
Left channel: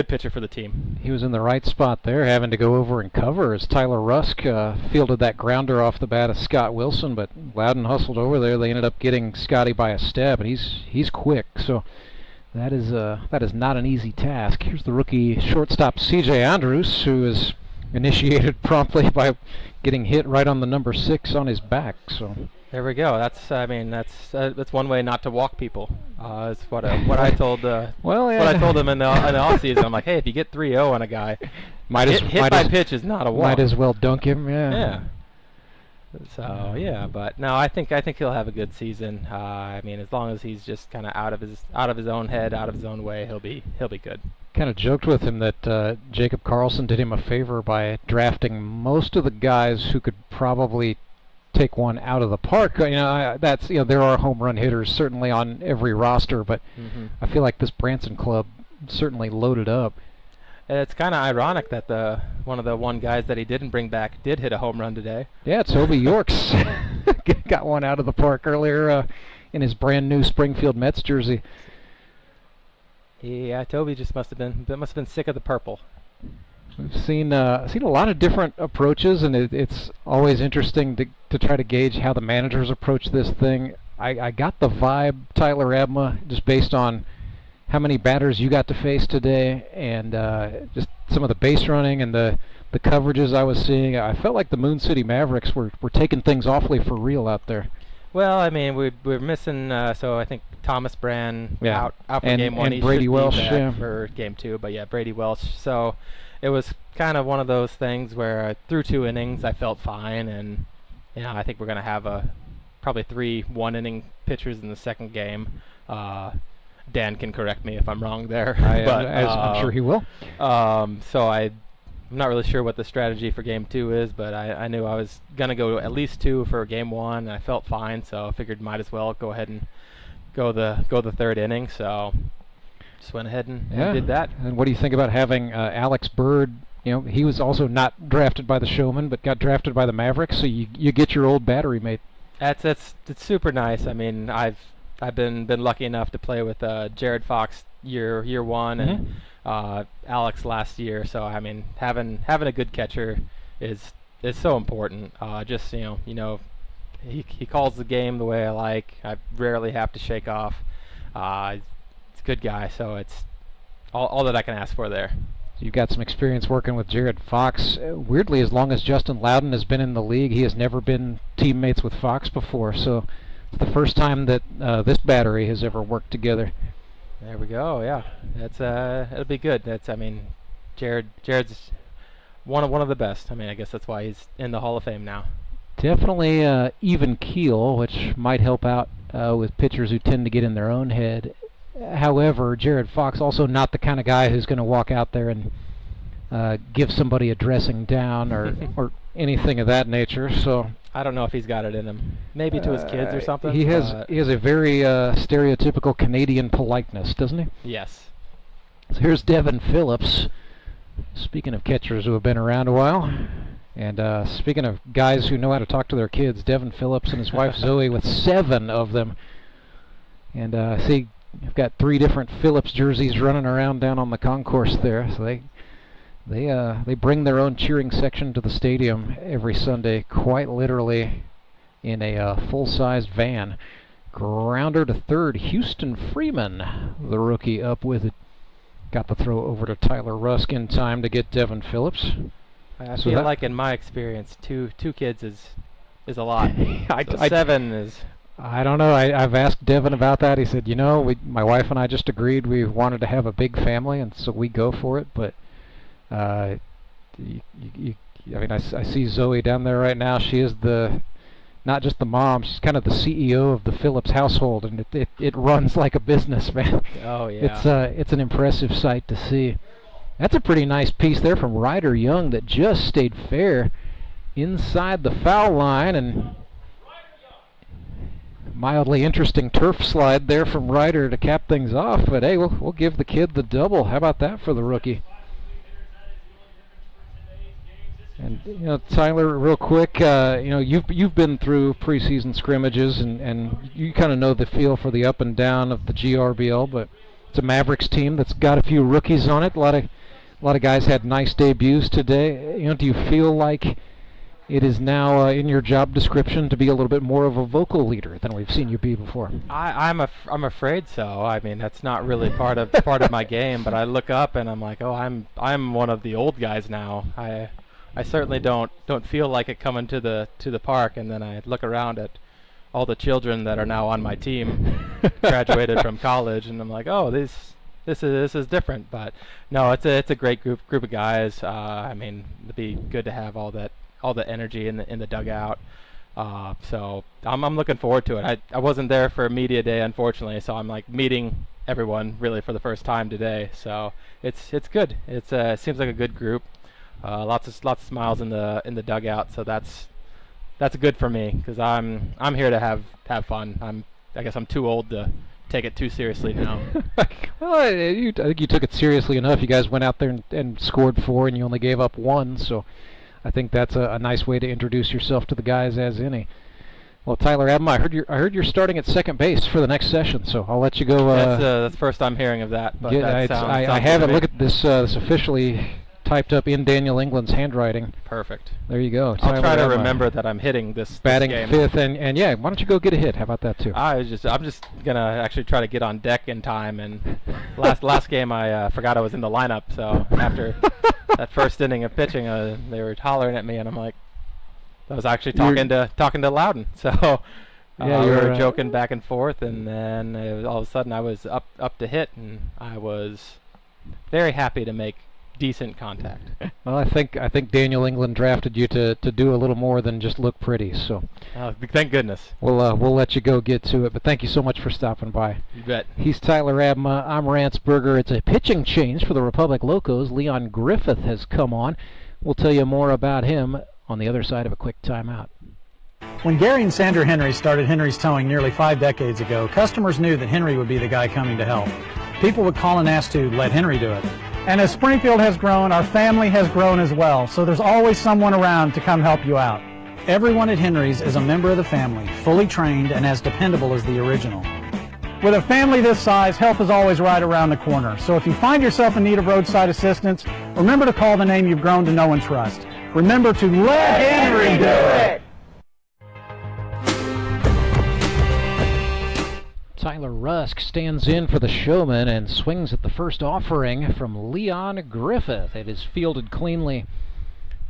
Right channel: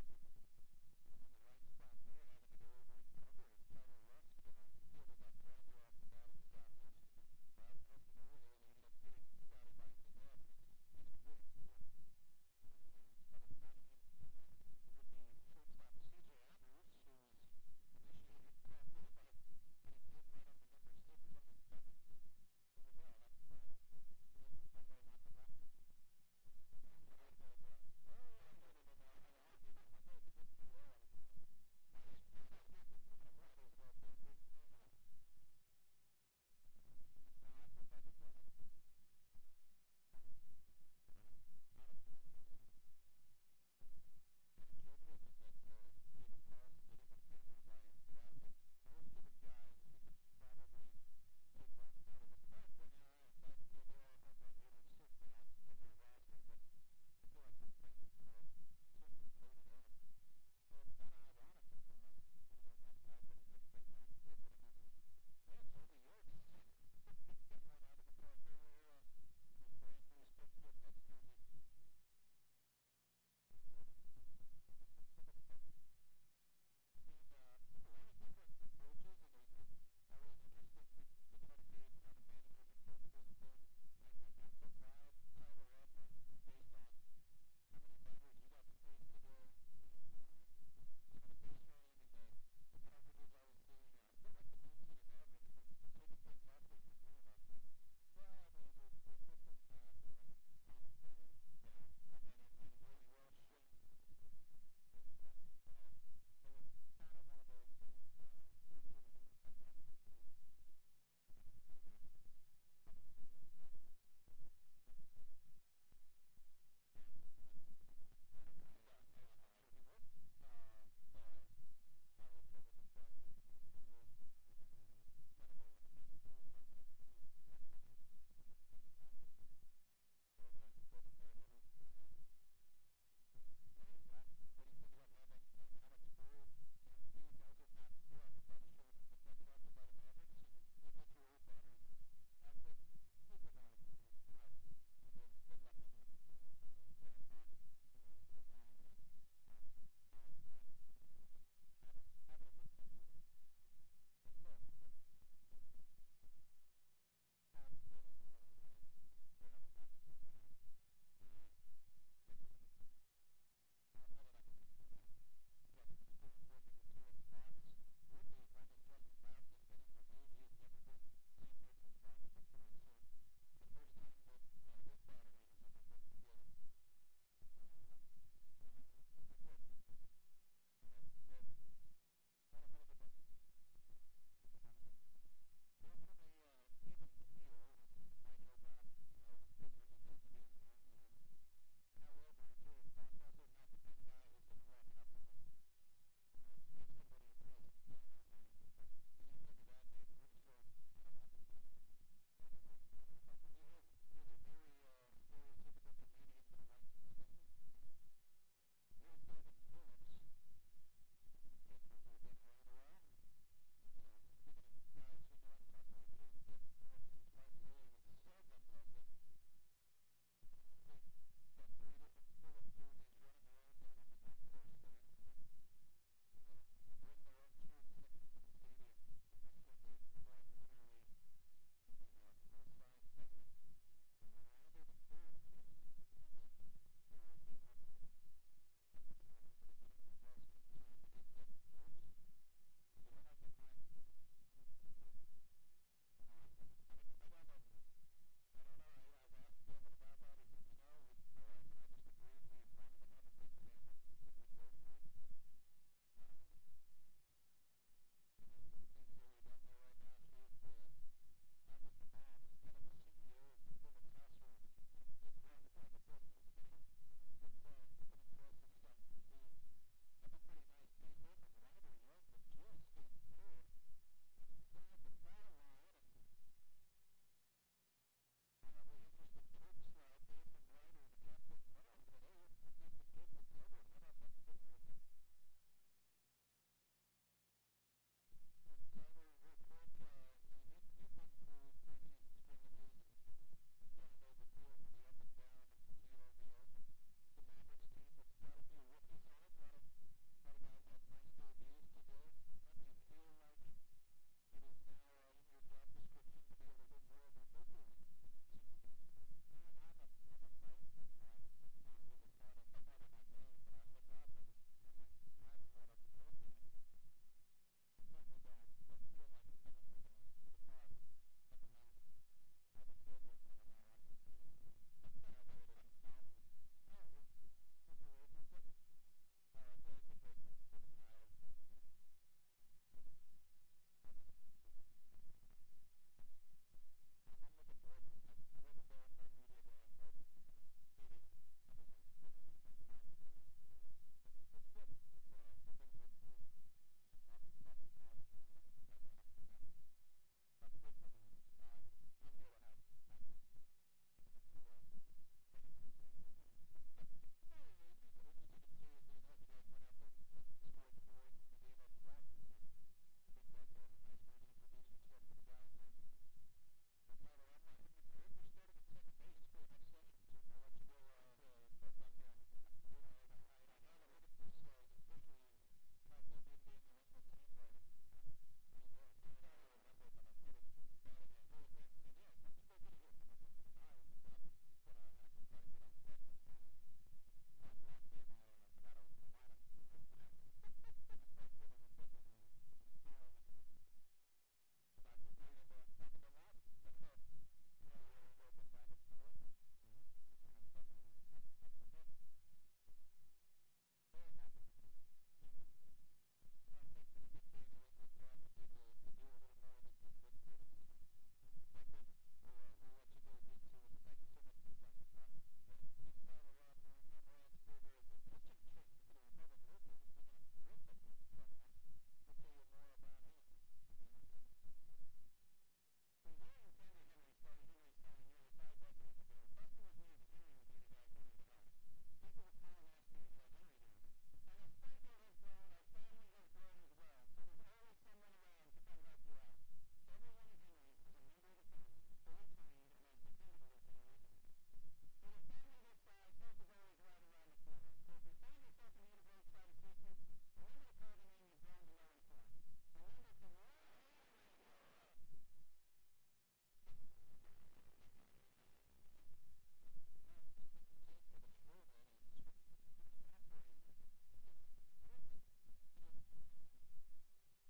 pitcher for the team. He was in the right spot there, having to go over and cover as Tyler Rusk fielded that grounder off the bat of Scott Wilson, but Loudon hustled over there. They ended up getting Scotty by a step, and he's quick, so that is not an easy task. Here's the rookie shortstop C.J. Andrews, who is initiated promptly by getting hit right on the number 6 on his back. So there we go. That's one way not to walk people. It's what I told. What I told him in the off season. I'm like, hey, if you get 3-0 on a guy, hit by pitch is not a walk. Might as well dunk him. Yeah. So yeah, but no, I think he'll have a good season. I mean, as long as he's just kind of out of his own head, out of his own way, he'll be good. Kind of joked with him that Jacob Carlson did him a favor by drafting most of the guys who could probably take one out of the park. There are home run hitters certainly on every roster, but I feel like this Branson club certainly loaded up. It's kind of ironic that one of the guys that he didn't bring back did hit a home run today. Yeah, Toby Yorks got one out of the park earlier in his brand new Springfield Mets jersey. Yeah, Toby just must have been sick of the purple. We've seen a lot of different approaches, and it's always interesting to try to gauge how the managers approach this thing. I got the vibe, Tyler Abma, just based on how many batters you got to face today, and just some of the base running and the coverages I was seeing. I felt like the Moon City Mavericks were taking things awfully for real out there. Well, I mean, we're missing, so I think Thomas Brand out for game one. And Brady Welsh for game two, but yeah, Brady Welsh. So it was kind of one of those things where through 2 innings I felt fine, and I think we're going to have probably 3 one-inning pitchers in the second game. Dan can correct me if I'm wrong there. I'm sure he will. So I'm not really sure what the strategy for game 2 is, but I knew I was going to go at least 2 for game 1, and I felt fine, so I figured might as well go ahead and go the third inning. So just went ahead and did that. And what do you think about having Alex Bird? He was also not drafted by the Showmen, but got drafted by the Mavericks, so you get your old battery mate. It's super nice. I mean, I've been lucky enough to play with Jared Fox year 1 and Alex last year. So I mean, having a good catcher is so important. Just he calls the game the way I like. I rarely have to shake off. He's a good guy, so it's all that I can ask for there. You've got some experience working with Jared Fox. Weirdly, as long as Justin Loudon has been in the league, he has never been teammates with Fox before. So it's the first time that this battery has ever worked together. There we go. Yeah, it'll be good. Jared's one of the best. I mean, I guess that's why he's in the Hall of Fame now. Definitely even keel, which might help out with pitchers who tend to get in their own head. However, Jared Fox also not the kind of guy who's going to walk out there and give somebody a dressing down or anything of that nature. So I don't know if he's got it in him. Maybe to his kids or something. He has a very stereotypical Canadian politeness, doesn't he? Yes. So here's Devin Phillips. Speaking of catchers who have been around a while, and speaking of guys who know how to talk to their kids, Devin Phillips and his wife Zoe with 7 of them. And see, you've got 3 different Phillips jerseys running around down on the concourse there. So they bring their own cheering section to the stadium every Sunday, quite literally in a full-sized van. Grounder to third, Houston Freeman, the rookie, up with it. Got the throw over to Tyler Rusk in time to get Devin Phillips. I feel like in my experience, two kids is a lot. 7 is... I don't know. I've asked Devin about that. He said, my wife and I just agreed we wanted to have a big family, and so we go for it. But I see Zoe down there right now. She is not just the mom. She's kind of the CEO of the Phillips household, and it runs like a business, man. Oh yeah. It's an impressive sight to see. That's a pretty nice piece there from Ryder Young that just stayed fair inside the foul line, and mildly interesting turf slide there from Ryder to cap things off. But hey, we'll give the kid the double. How about that for the rookie? And Tyler, real quick, you've been through preseason scrimmages, and you kind of know the feel for the up and down of the GRBL. But it's a Mavericks team that's got a few rookies on it. A lot of guys had nice debuts today. Do you feel like it is now in your job description to be a little bit more of a vocal leader than we've seen you be before? I'm afraid so. I mean, that's not really part of my game. But I look up and I'm like, oh, I'm one of the old guys now. I certainly don't feel like it coming to the park, and then I look around at all the children that are now on my team, graduated from college, and I'm like, oh, this is different. But no, it's a great group of guys. I mean, it'd be good to have all the energy in the dugout. So I'm looking forward to it. I wasn't there for media day, unfortunately, so I'm like meeting everyone really for the first time today. So it's good. It seems like a good group. Lots of smiles in the dugout, so that's good for me because I'm here to have fun. I guess I'm too old to take it too seriously now. Well, I think you took it seriously enough. You guys went out there and scored 4, and you only gave up 1, so I think that's a nice way to introduce yourself to the guys as any. Well, Tyler Abma, I heard you're starting at second base for the next session, so I'll let you go. That's the first I'm hearing of that. But I haven't looked at this officially typed up in Daniel England's handwriting. Perfect. There you go. I'll try to Tyler, remember that I'm hitting this batting game. fifth, and yeah, why don't you go get a hit? How about that too? I'm just gonna actually try to get on deck in time. And last game I forgot I was in the lineup, so after that first inning of pitching, they were hollering at me, and I'm like, I was actually talking to Loudon. So yeah, we were joking back and forth, and then all of a sudden I was up to hit, and I was very happy to make decent contact. Well, I think Daniel England drafted you to do a little more than just look pretty. So thank goodness. We'll let you go get to it, but thank you so much for stopping by. You bet. He's Tyler Abma. I'm Rance Berger. It's a pitching change for the Republic Locos. Leon Griffith has come on. We'll tell you more about him on the other side of a quick timeout. When Gary and Sandra Henry started Henry's Towing nearly 5 decades ago, customers knew that Henry would be the guy coming to help. People would call and ask to let Henry do it. And as Springfield has grown, our family has grown as well, so there's always someone around to come help you out. Everyone at Henry's is a member of the family, fully trained and as dependable as the original. With a family this size, help is always right around the corner. So if you find yourself in need of roadside assistance, remember to call the name you've grown to know and trust. Remember to let Henry do it! Tyler Rusk stands in for the Showmen and swings at the first offering from Leon Griffith. It is fielded cleanly.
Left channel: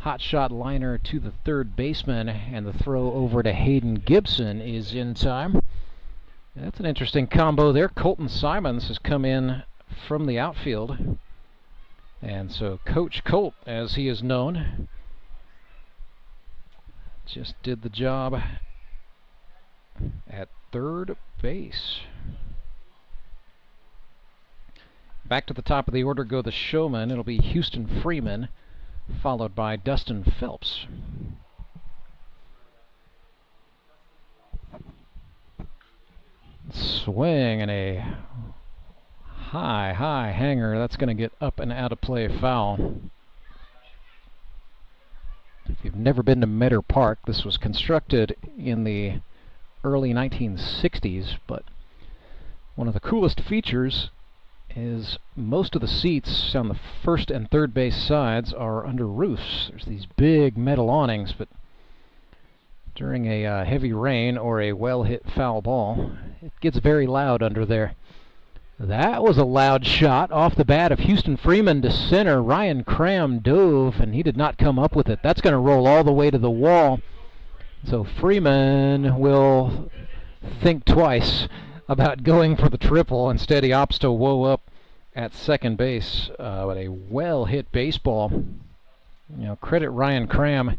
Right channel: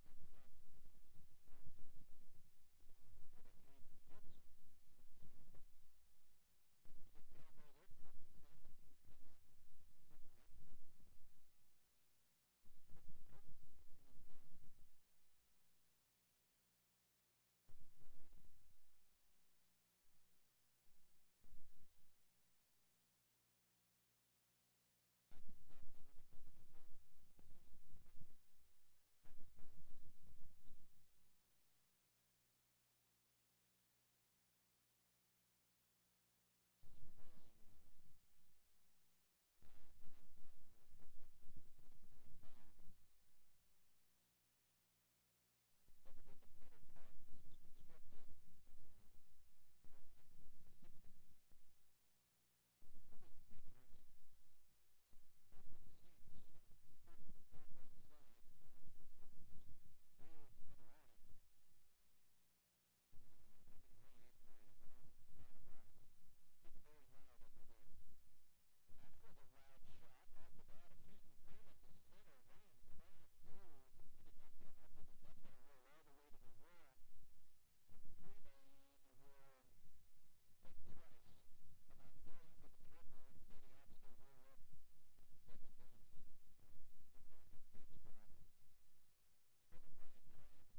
Hot shot liner to the third baseman, and the throw over to Hayden Gibson is in time. That's an interesting combo there. Colton Simons has come in from the outfield. And so Coach Colt, as he is known, just did the job at third base. Back to the top of the order go the Showmen. It'll be Houston Freeman, followed by Dustin Phelps. Swing and a high hanger. That's going to get up and out of play, foul. If you've never been to Meador Park, this was constructed in the early 1960s, but one of the coolest features is most of the seats on the first and third base sides are under roofs. There's these big metal awnings, but during a heavy rain or a well-hit foul ball, it gets very loud under there. That was a loud shot off the bat of Houston Freeman to center. Ryan Cram dove, and he did not come up with it. That's going to roll all the way to the wall. So Freeman will think twice about going for the triple. Instead, he opts to woe up at second base with a well-hit baseball. You know, credit Ryan Cram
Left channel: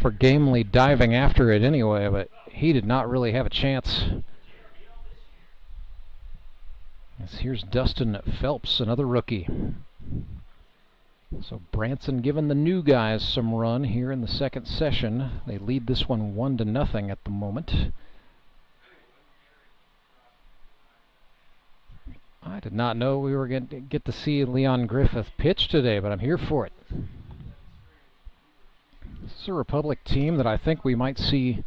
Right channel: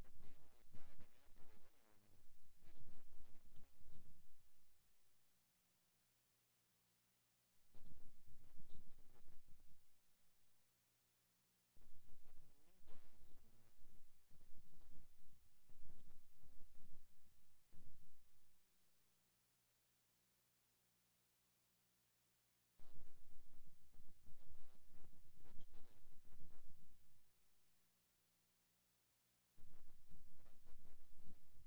for gamely diving after it anyway, but he did not really have a chance. Here's Dustin Phelps, another rookie. So Branson giving the new guys some run here in the second session. They lead this one 1-0 at the moment. I did not know we were going to get to see Leon Griffith pitch today, but I'm here for it. This is a Republic team that I think we might see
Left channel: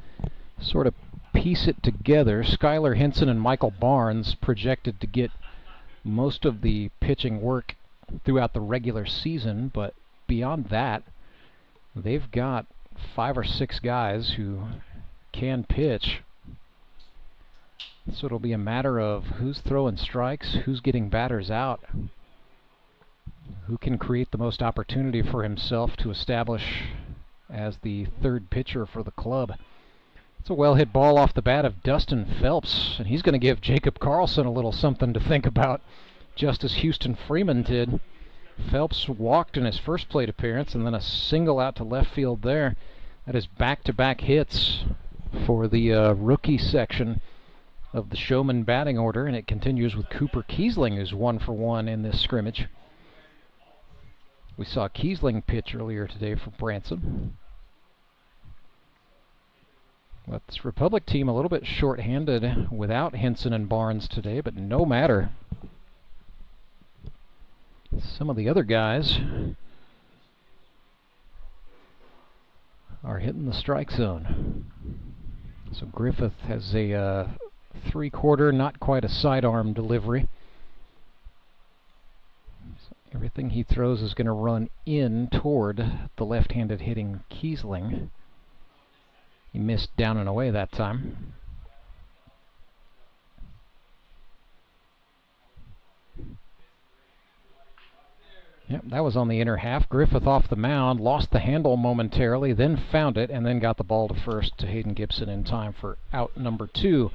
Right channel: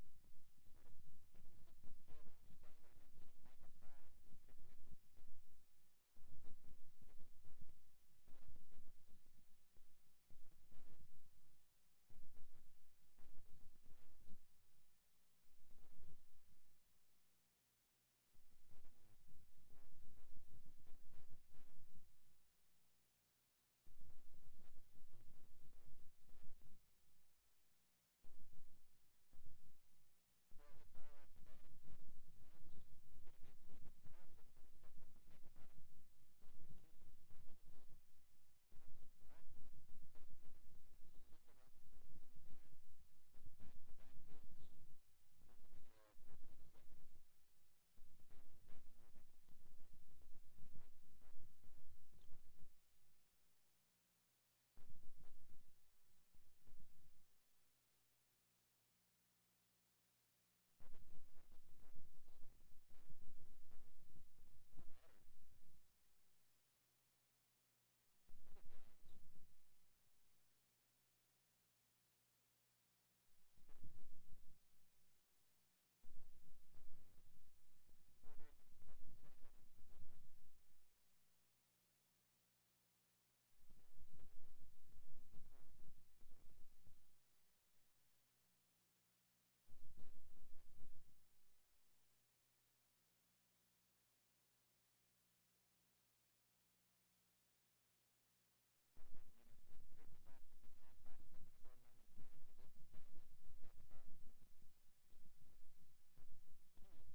sort of piece it together. Skylar Henson and Michael Barnes projected to get most of the pitching work throughout the regular season, but beyond that, they've got 5 or 6 guys who can pitch. So it'll be a matter of who's throwing strikes, who's getting batters out, who can create the most opportunity for himself to establish as the third pitcher for the club. It's a well-hit ball off the bat of Dustin Phelps, and he's going to give Jacob Carlson a little something to think about, just as Houston Freeman did. Phelps walked in his first plate appearance, and then a single out to left field there. That is back-to-back hits for the rookie section of the Showman batting order, and it continues with Cooper Kiesling, who's 1 for 1 in this scrimmage. We saw Kiesling pitch earlier today for Branson. But this Republic team a little bit short-handed without Henson and Barnes today, but no matter. Some of the other guys are hitting the strike zone. So Griffith has a 3/4, not quite a sidearm delivery. So Everything he throws is going to run in toward the left-handed hitting Kiesling. He missed down and away that time. Yep, that was on the inner half. Griffith off the mound, lost the handle momentarily, then found it, and then got the ball to first to Hayden Gibson in time for out number 2.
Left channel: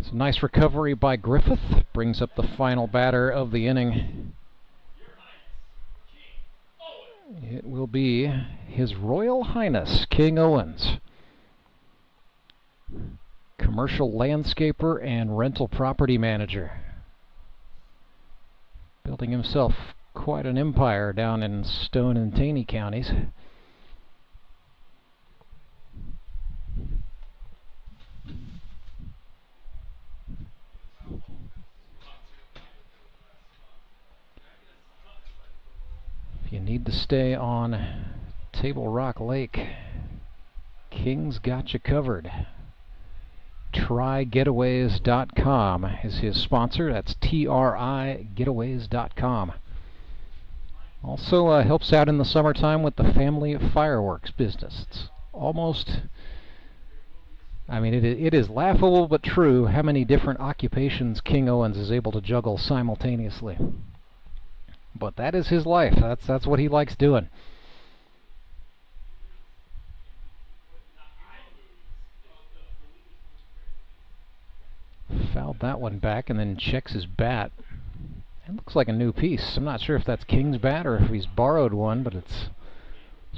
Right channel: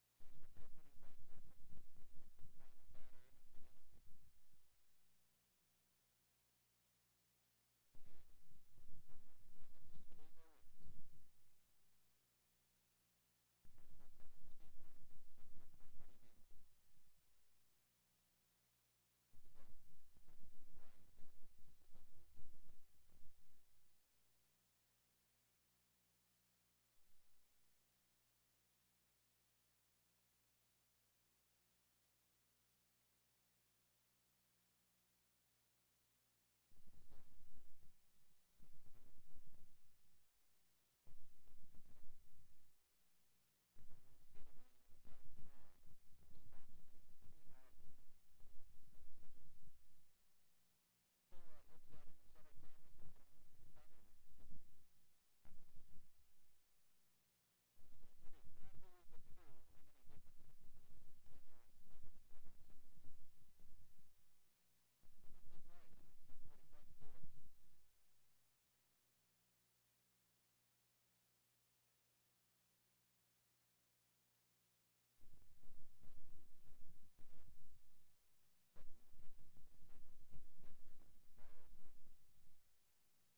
It's a nice recovery by Griffith. Brings up the final batter of the inning. It will be His Royal Highness King Owens, commercial landscaper and rental property manager. Building himself quite an empire down in Stone and Taney counties. If you need to stay on Table Rock Lake, King's got you covered. TryGetaways.com is his sponsor. That's TRIGetaways.com. Also helps out in the summertime with the family fireworks business. It's almost, I mean, it is laughable but true how many different occupations King Owens is able to juggle simultaneously. But that is his life. That's what he likes doing. Fouled that one back and then checks his bat. It looks like a new piece. I'm not sure if that's King's bat or if he's borrowed one, but it's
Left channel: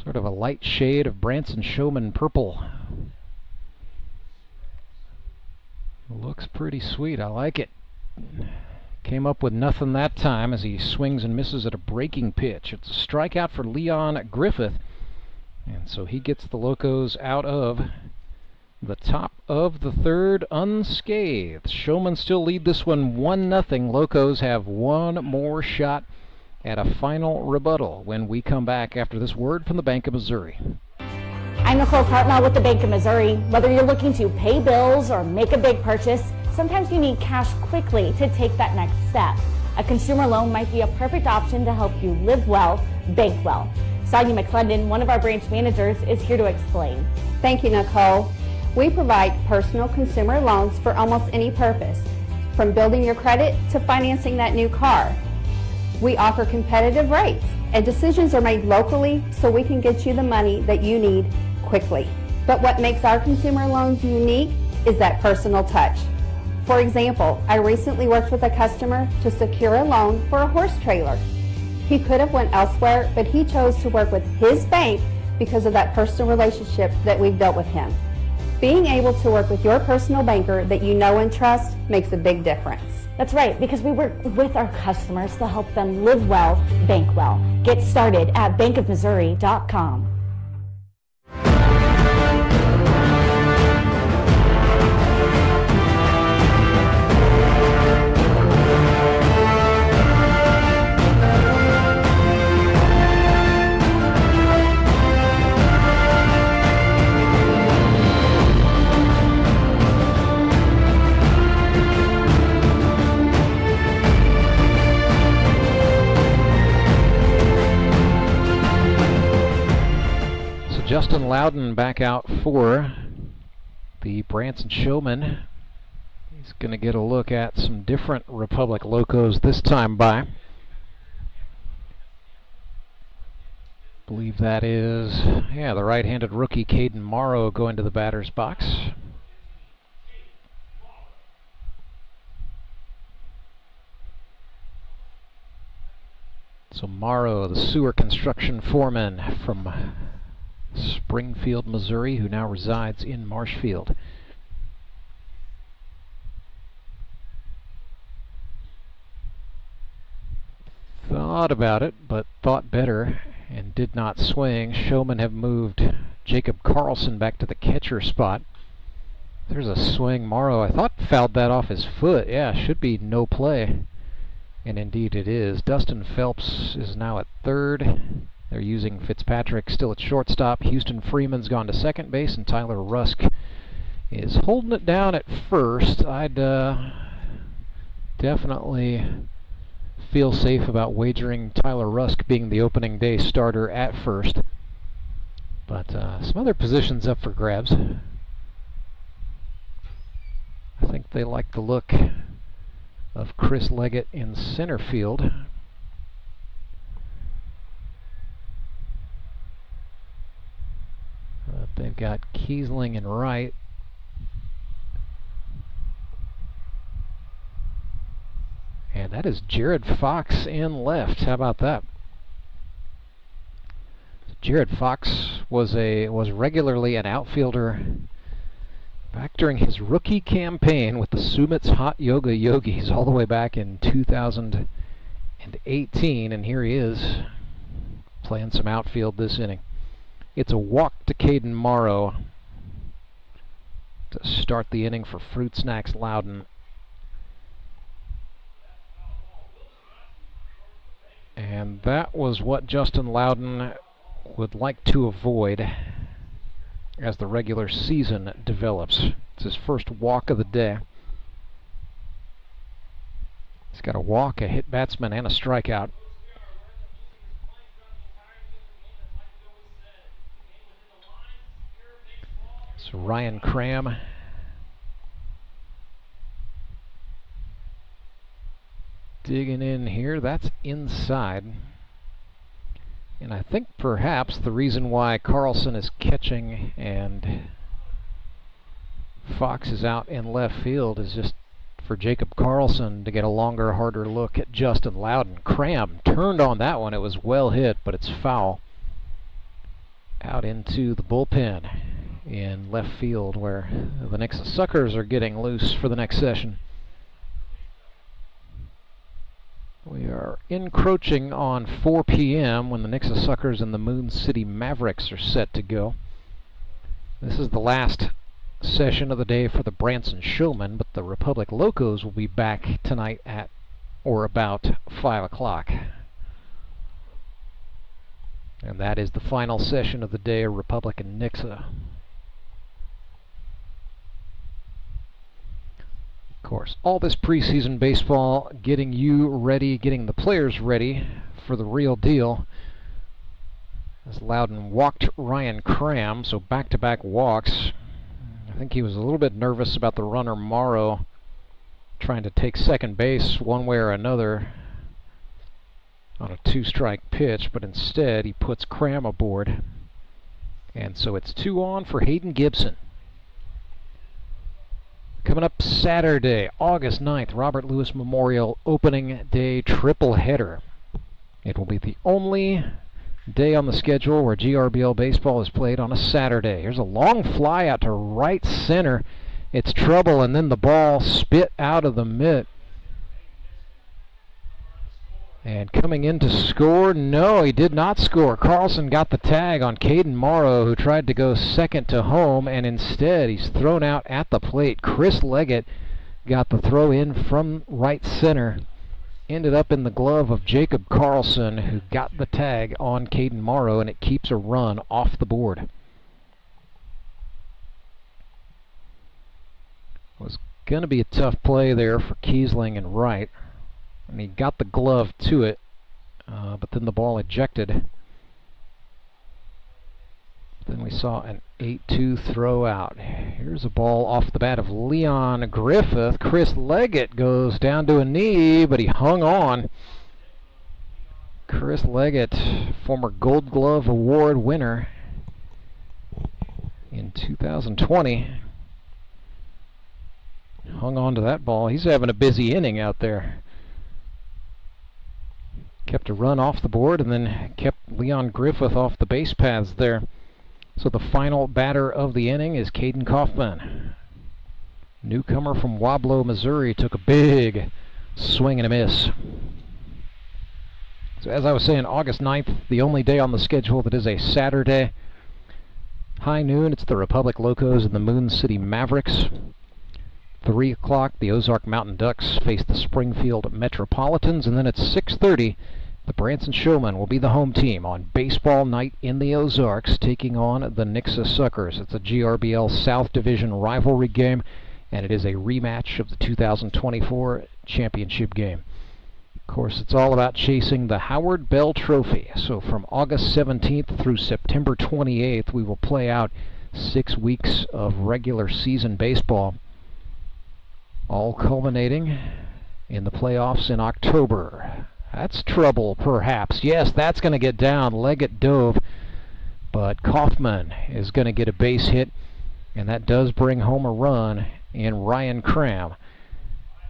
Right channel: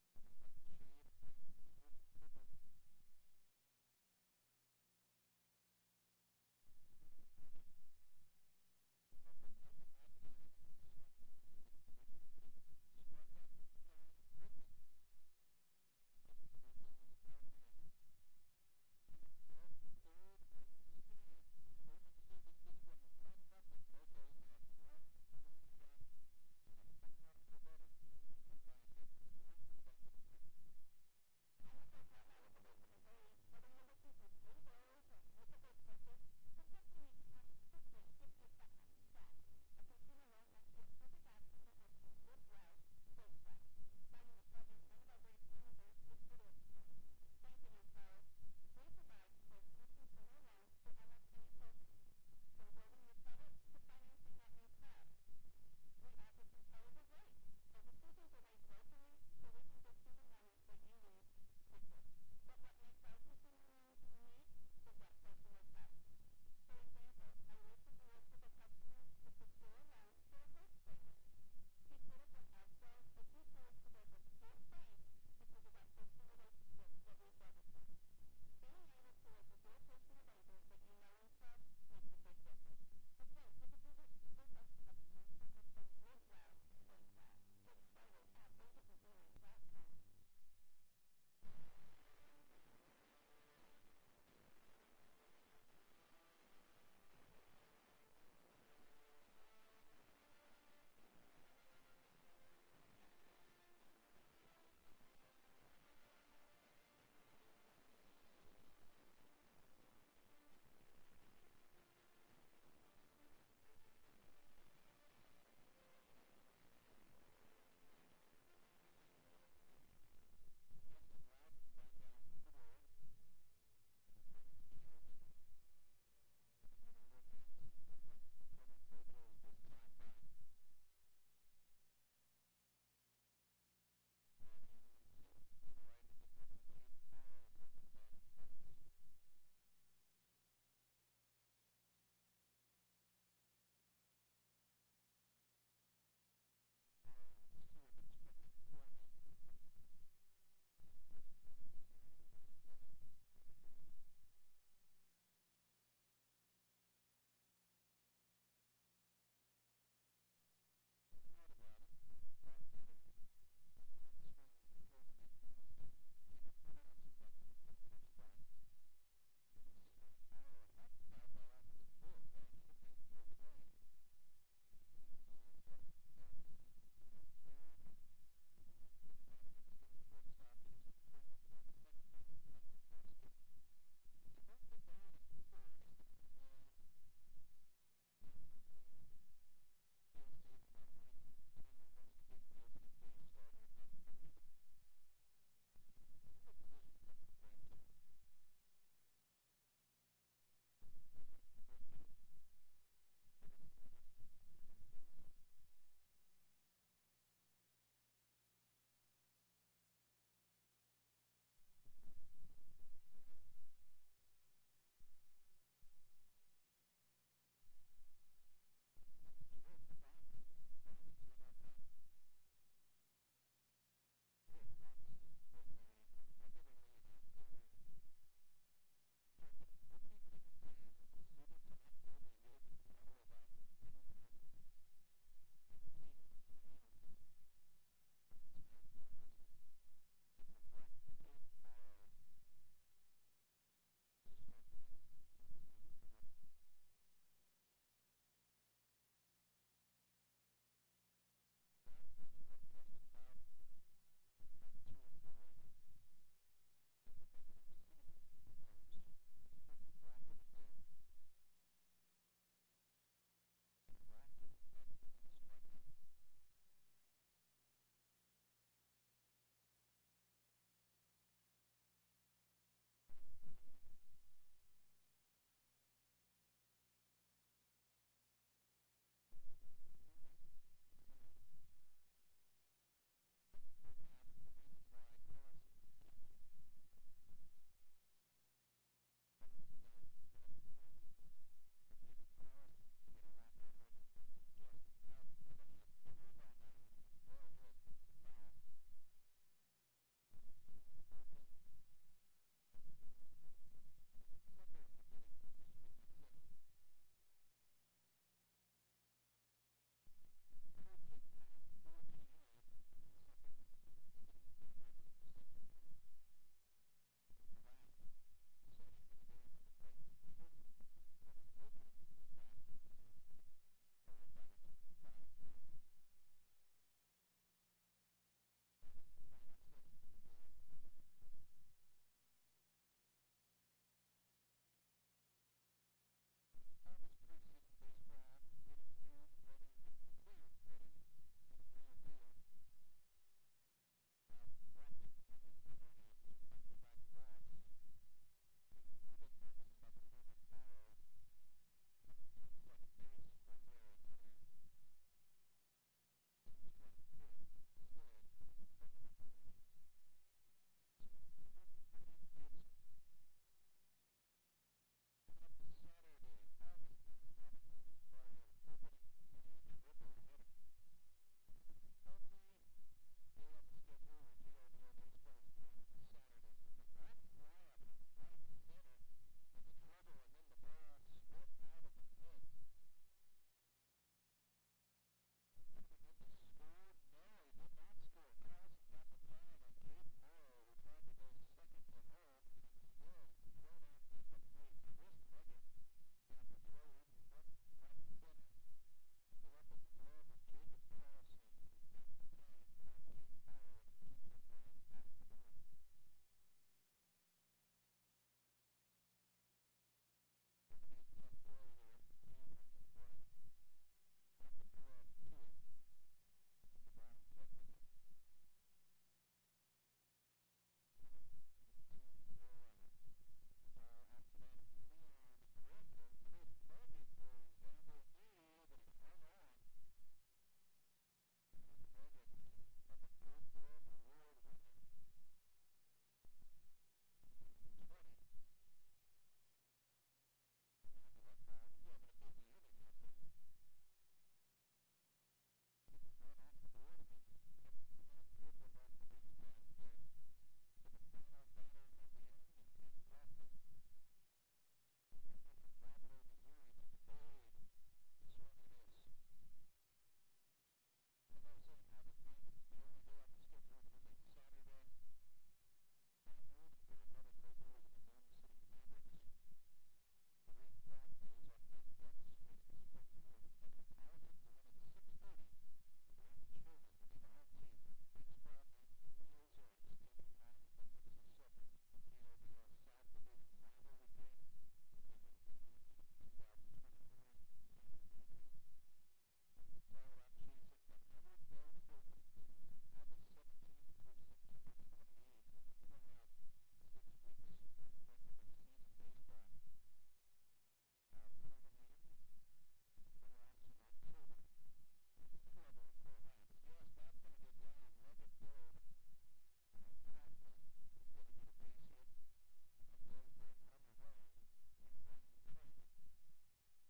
sort of a light shade of Branson Showmen purple. Looks pretty sweet. I like it. Came up with nothing that time as he swings and misses at a breaking pitch. It's a strikeout for Leon Griffith. And so he gets the Locos out of the top of the third unscathed. Showmen still lead this one 1-0. Locos have one more shot at a final rebuttal when we come back after this word from the Bank of Missouri. I'm Nicole Cartmel with the Bank of Missouri. Whether you're looking to pay bills or make a big purchase, sometimes you need cash quickly to take that next step. A consumer loan might be a perfect option to help you live well, bank well. Sonia McClendon, one of our branch managers, is here to explain. Thank you, Nicole. We provide personal consumer loans for almost any purpose, from building your credit to financing that new car. We offer competitive rates, and decisions are made locally so we can get you the money that you need quickly. But what makes our consumer loans unique is that personal touch. For example, I recently worked with a customer to secure a loan for a horse trailer. He could have went elsewhere, but he chose to work with his bank because of that personal relationship that we've built with him. Being able to work with your personal banker that you know and trust makes a big difference. That's right, because we work with our customers to help them live well, bank well. Get started at bankofmissouri.com. Justin Loudon back out for the Branson Showmen. He's going to get a look at some different Republic Locos this time by. Believe that is, the right-handed rookie Caden Morrow going to the batter's box. So Morrow, the sewer construction foreman from Springfield, Missouri, who now resides in Marshfield. Thought about it, but thought better and did not swing. Showmen have moved Jacob Carlson back to the catcher spot. There's a swing. Morrow, I thought, fouled that off his foot. Yeah, should be no play. And indeed it is. Dustin Phelps is now at third. They're using Fitzpatrick still at shortstop. Houston Freeman's gone to second base, and Tyler Rusk is holding it down at first. I'd definitely feel safe about wagering Tyler Rusk being the opening day starter at first. But some other positions up for grabs. I think they like the look of Chris Leggett in center field. They've got Kiesling in right. And that is Jared Fox in left. How about that? Jared Fox was regularly an outfielder back during his rookie campaign with the Sumit's Hot Yoga Yogis all the way back in 2018, and here he is playing some outfield this inning. It's a walk to Caden Morrow to start the inning for Fruit Snacks Loudon. And that was what Justin Loudon would like to avoid as the regular season develops. It's his first walk of the day. He's got a walk, a hit batsman, and a strikeout. So Ryan Cram digging in here. That's inside. And I think perhaps the reason why Carlson is catching and Fox is out in left field is just for Jacob Carlson to get a longer, harder look at Justin Loudon. Cram turned on that one. It was well hit, but it's foul. Out into the bullpen in left field where the Nixa Suckers are getting loose for the next session. We are encroaching on 4 p.m. when the Nixa Suckers and the Moon City Mavericks are set to go. This is the last session of the day for the Branson Showmen, but the Republic Locos will be back tonight at or about 5 o'clock. And that is the final session of the day, Republic and Nixa. Of course, all this preseason baseball getting you ready, getting the players ready for the real deal. As Loudon walked Ryan Cram, so back-to-back walks. I think he was a little bit nervous about the runner Morrow trying to take second base one way or another on a 2-strike pitch, but instead he puts Cram aboard. And so it's 2 on for Hayden Gibson. Coming up Saturday, August 9th, Robert Lewis Memorial Opening Day tripleheader. It will be the only day on the schedule where GRBL baseball is played on a Saturday. Here's a long fly out to right center. It's trouble, and then the ball spit out of the mitt. And coming in to score, no, he did not score. Carlson got the tag on Caden Morrow, who tried to go second to home, and instead he's thrown out at the plate. Chris Leggett got the throw in from right center. Ended up in the glove of Jacob Carlson, who got the tag on Caden Morrow, and it keeps a run off the board. It was going to be a tough play there for Kiesling and right. And he got the glove to it, but then the ball ejected. Then we saw an 8-2 throw out. Here's a ball off the bat of Leon Griffith. Chris Leggett goes down to a knee, but he hung on. Chris Leggett, former Gold Glove Award winner in 2020. Hung on to that ball. He's having a busy inning out there. Kept a run off the board and then kept Leon Griffith off the base paths there. So the final batter of the inning is Caden Kaufman. Newcomer from Wablo, Missouri, took a big swing and a miss. So as I was saying, August 9th, the only day on the schedule that is a Saturday. High noon, it's the Republic Locos and the Moon City Mavericks. 3 o'clock, the Ozark Mountain Ducks face the Springfield Metropolitans, and then at 6:30, the Branson Showmen will be the home team on baseball night in the Ozarks, taking on the Nixa Suckers. It's a GRBL South Division rivalry game, and it is a rematch of the 2024 championship game. Of course, it's all about chasing the Howard Bell Trophy. So from August 17th through September 28th, we will play out 6 weeks of regular season baseball, all culminating in the playoffs in October. That's trouble, perhaps. Yes, that's going to get down. Leggett dove, but Kaufman is going to get a base hit, and that does bring home a run in Ryan Cram.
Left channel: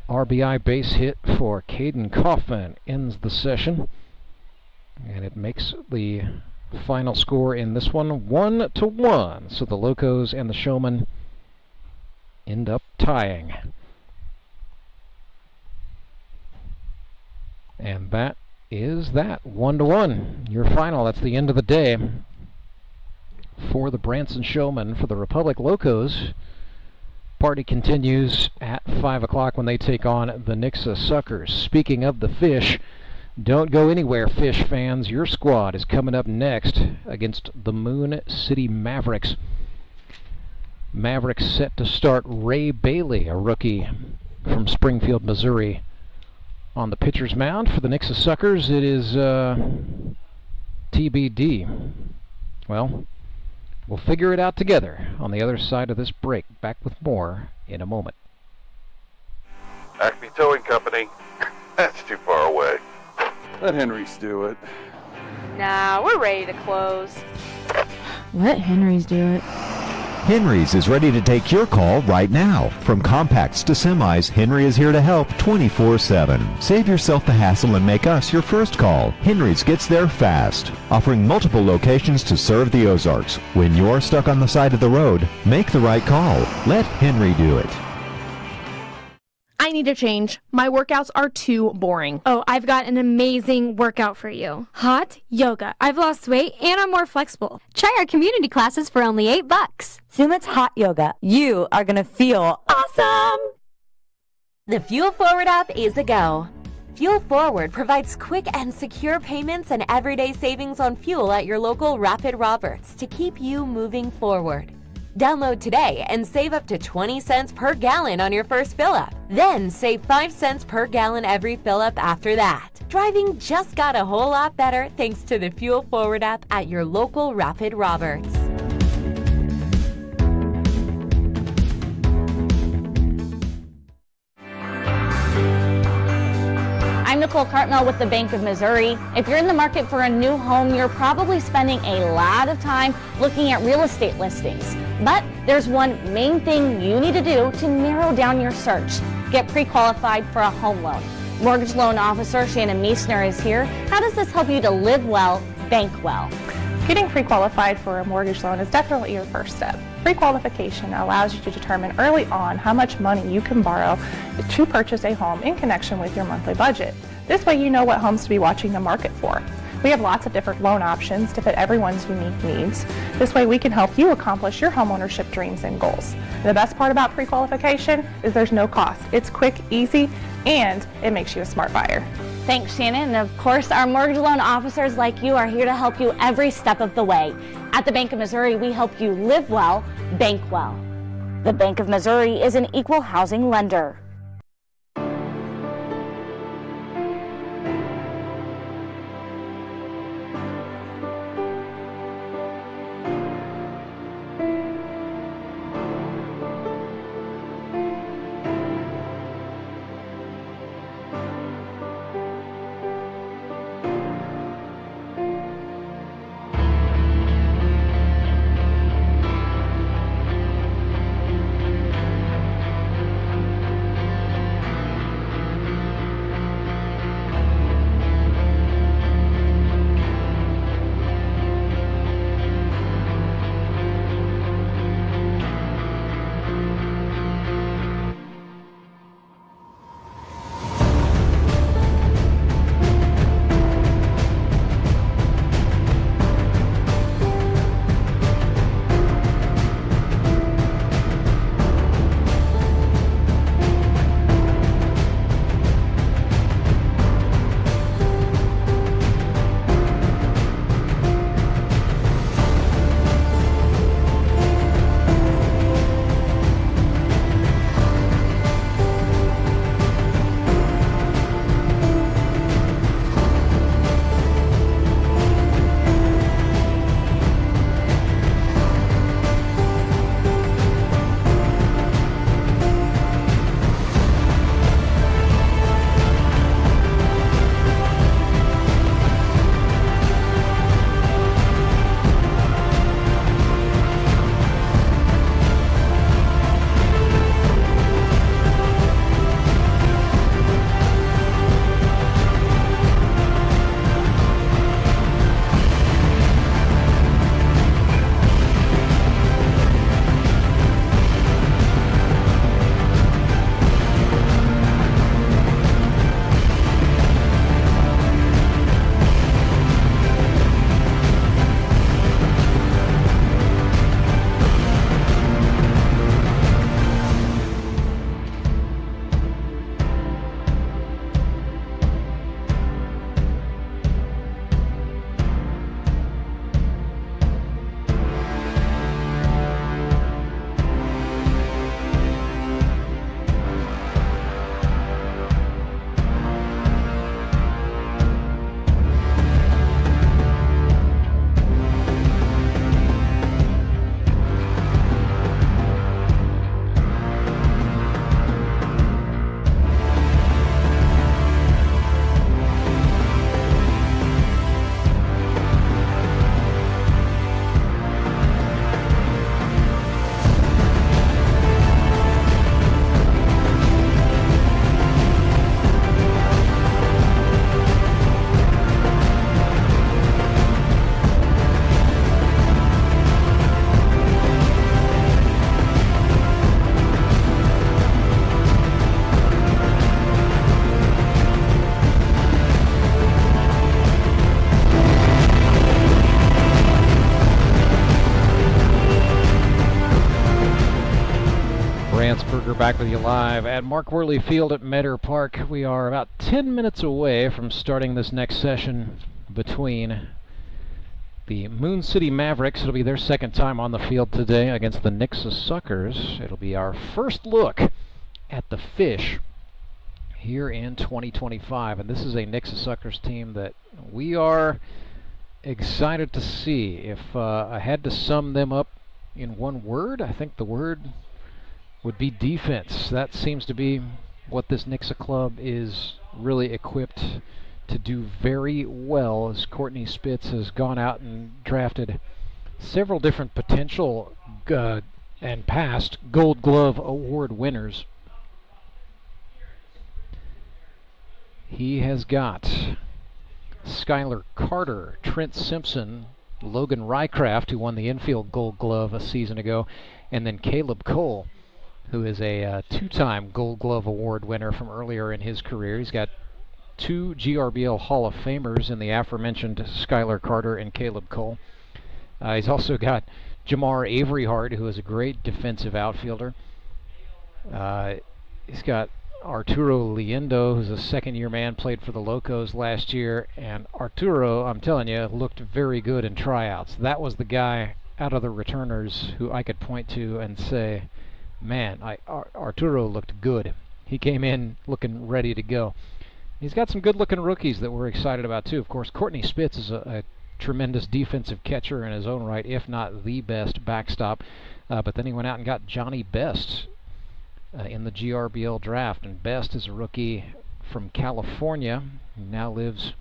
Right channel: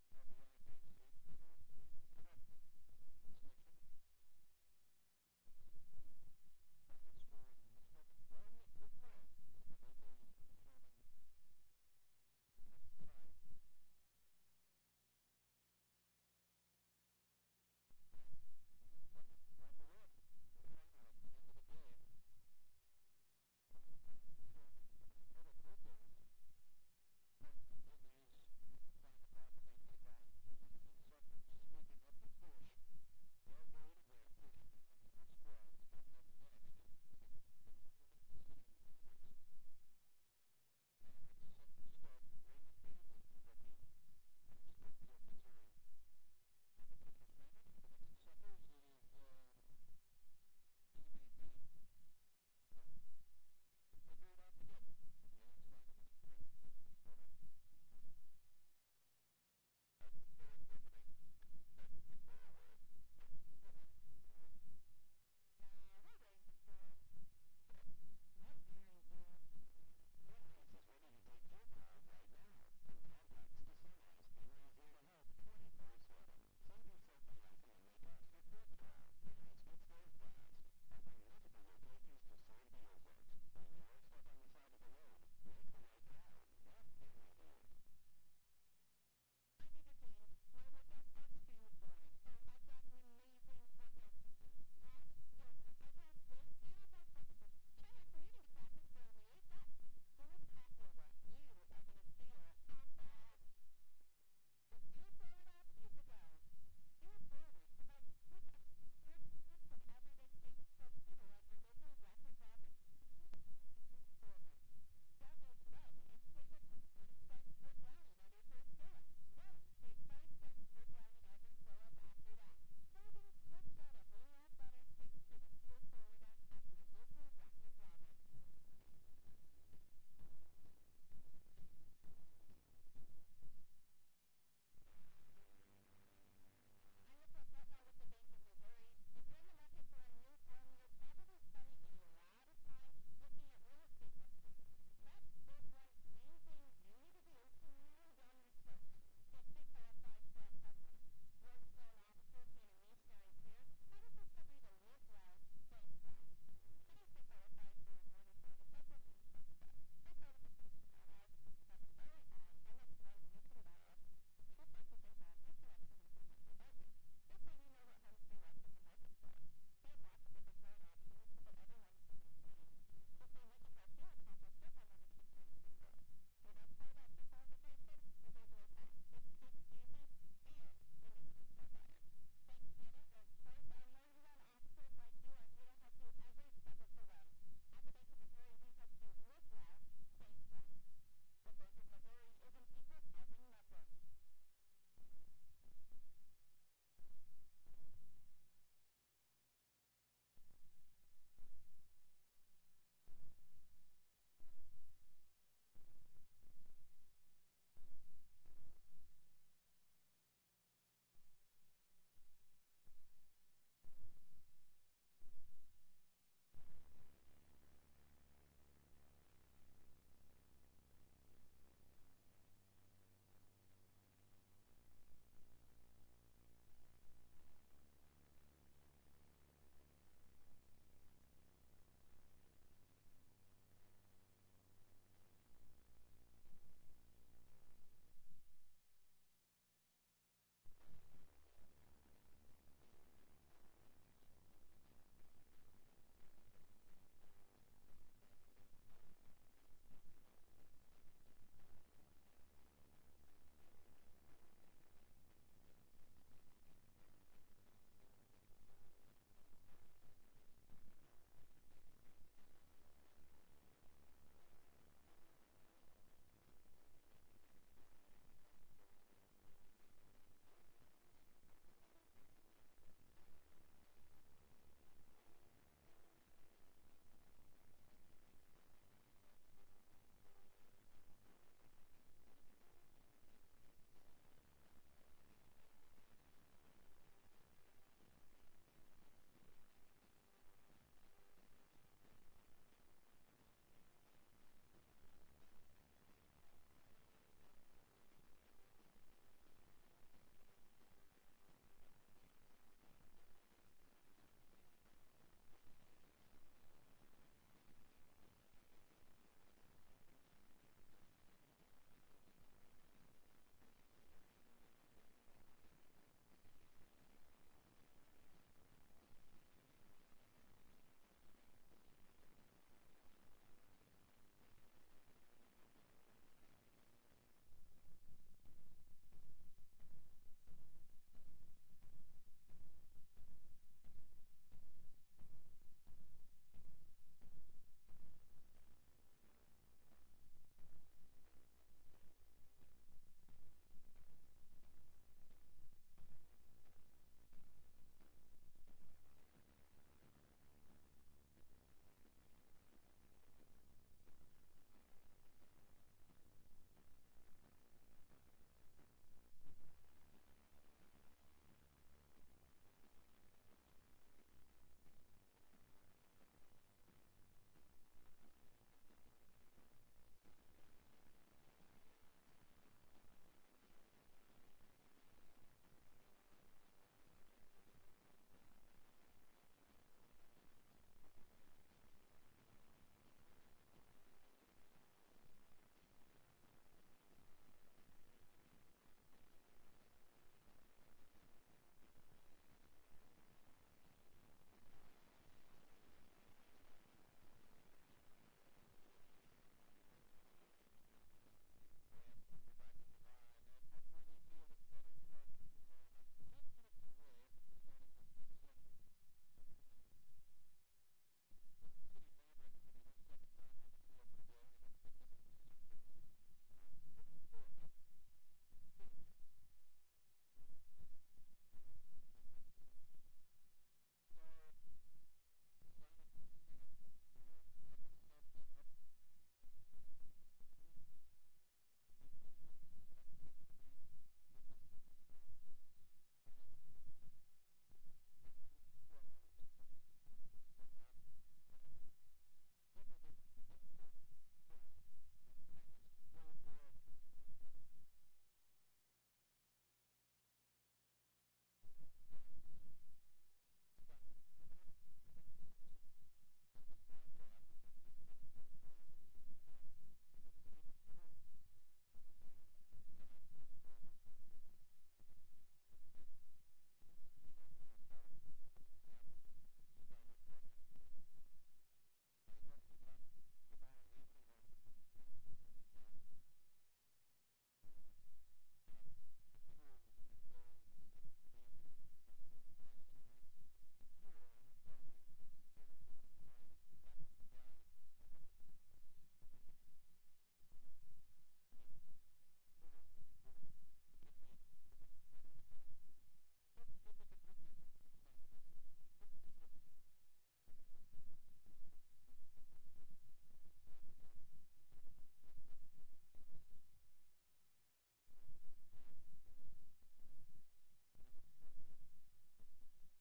RBI base hit for Caden Kaufman ends the session, and it makes the final score in this one 1-1. So the Locos and the Showmen end up tying. And that is that, 1-1. Your final. That's the end of the day for the Branson Showmen. For the Republic Locos, party continues at 5 o'clock when they take on the Nixa Suckers. Speaking of the Fish, don't go anywhere, Fish fans. Your squad is coming up next against the Moon City Mavericks. Mavericks set to start Ray Bailey, a rookie from Springfield, Missouri, on the pitcher's mound. For the Nixa Suckers, it is TBD. Well, we'll figure it out together on the other side of this break. Back with more in a moment. Acme Towing Company. That's too far away. Let Henry's do it. Nah, we're ready to close. Let Henry's do it. Henry's is ready to take your call right now. From compacts to semis, Henry is here to help 24/7. Save yourself the hassle and make us your first call. Henry's gets there fast, offering multiple locations to serve the Ozarks. When you're stuck on the side of the road, make the right call. Let Henry do it. I need a change. My workouts are too boring. Oh, I've got an amazing workout for you. Hot yoga. I've lost weight and I'm more flexible. Try our community classes for only $8. Sumit's Hot Yoga. You are going to feel awesome! The Fuel Forward app is a go. Fuel Forward provides quick and secure payments and everyday savings on fuel at your local Rapid Roberts to keep you moving forward. Download today and save up to 20 cents per gallon on your first fill-up. Then save 5 cents per gallon every fill-up after that. Driving just got a whole lot better thanks to the Fuel Forward app at your local Rapid Roberts. I'm Nicole Cartmel with the Bank of Missouri. If you're in the market for a new home, you're probably spending a lot of time looking at real estate listings. But there's one main thing you need to do to narrow down your search. Get pre-qualified for a home loan. Mortgage loan officer Shannon Meisner is here. How does this help you to live well, bank well? Getting pre-qualified for a mortgage loan is definitely your first step. Pre-qualification allows you to determine early on how much money you can borrow to purchase a home in connection with your monthly budget. This way you know what homes to be watching the market for. We have lots of different loan options to fit everyone's unique needs. This way we can help you accomplish your homeownership dreams and goals. And the best part about pre-qualification is there's no cost. It's quick, easy, and it makes you a smart buyer. Thanks, Shannon. And of course, our mortgage loan officers like you are here to help you every step of the way. At the Bank of Missouri, we help you live well, bank well. The Bank of Missouri is an equal housing lender. Rance back with you live at Mark Worley Field at Meador Park. We are about 10 minutes away from starting this next session between the Moon City Mavericks. It'll be their second time on the field today against the Nixa Suckers. It'll be our first look at the Fish here in 2025. And this is a Nixa Suckers team that we are excited to see. If I had to sum them up in one word, I think the word would be defense. That seems to be what this Nixa club is really equipped to do very well, as Courtney Spitz has gone out and drafted several different potential and past Gold Glove Award winners. He has got Skylar Carter, Trent Simpson, Logan Rycraft, who won the infield Gold Glove a season ago, and then Caleb Cole, who is a two-time Gold Glove Award winner from earlier in his career. He's got 2 GRBL Hall of Famers in the aforementioned Skylar Carter and Caleb Cole. He's also got Jamar Averyhart, who is a great defensive outfielder. He's got Arturo Liendo, who's a second-year man, played for the Locos last year, and Arturo, I'm telling you, looked very good in tryouts. That was the guy out of the returners who I could point to and say, man, Arturo looked good. He came in looking ready to go. He's got some good-looking rookies that we're excited about, too. Of course, Courtney Spitz is a tremendous defensive catcher in his own right, if not the best backstop. But then he went out and got Johnny Best in the GRBL draft, and Best is a rookie from California. He now lives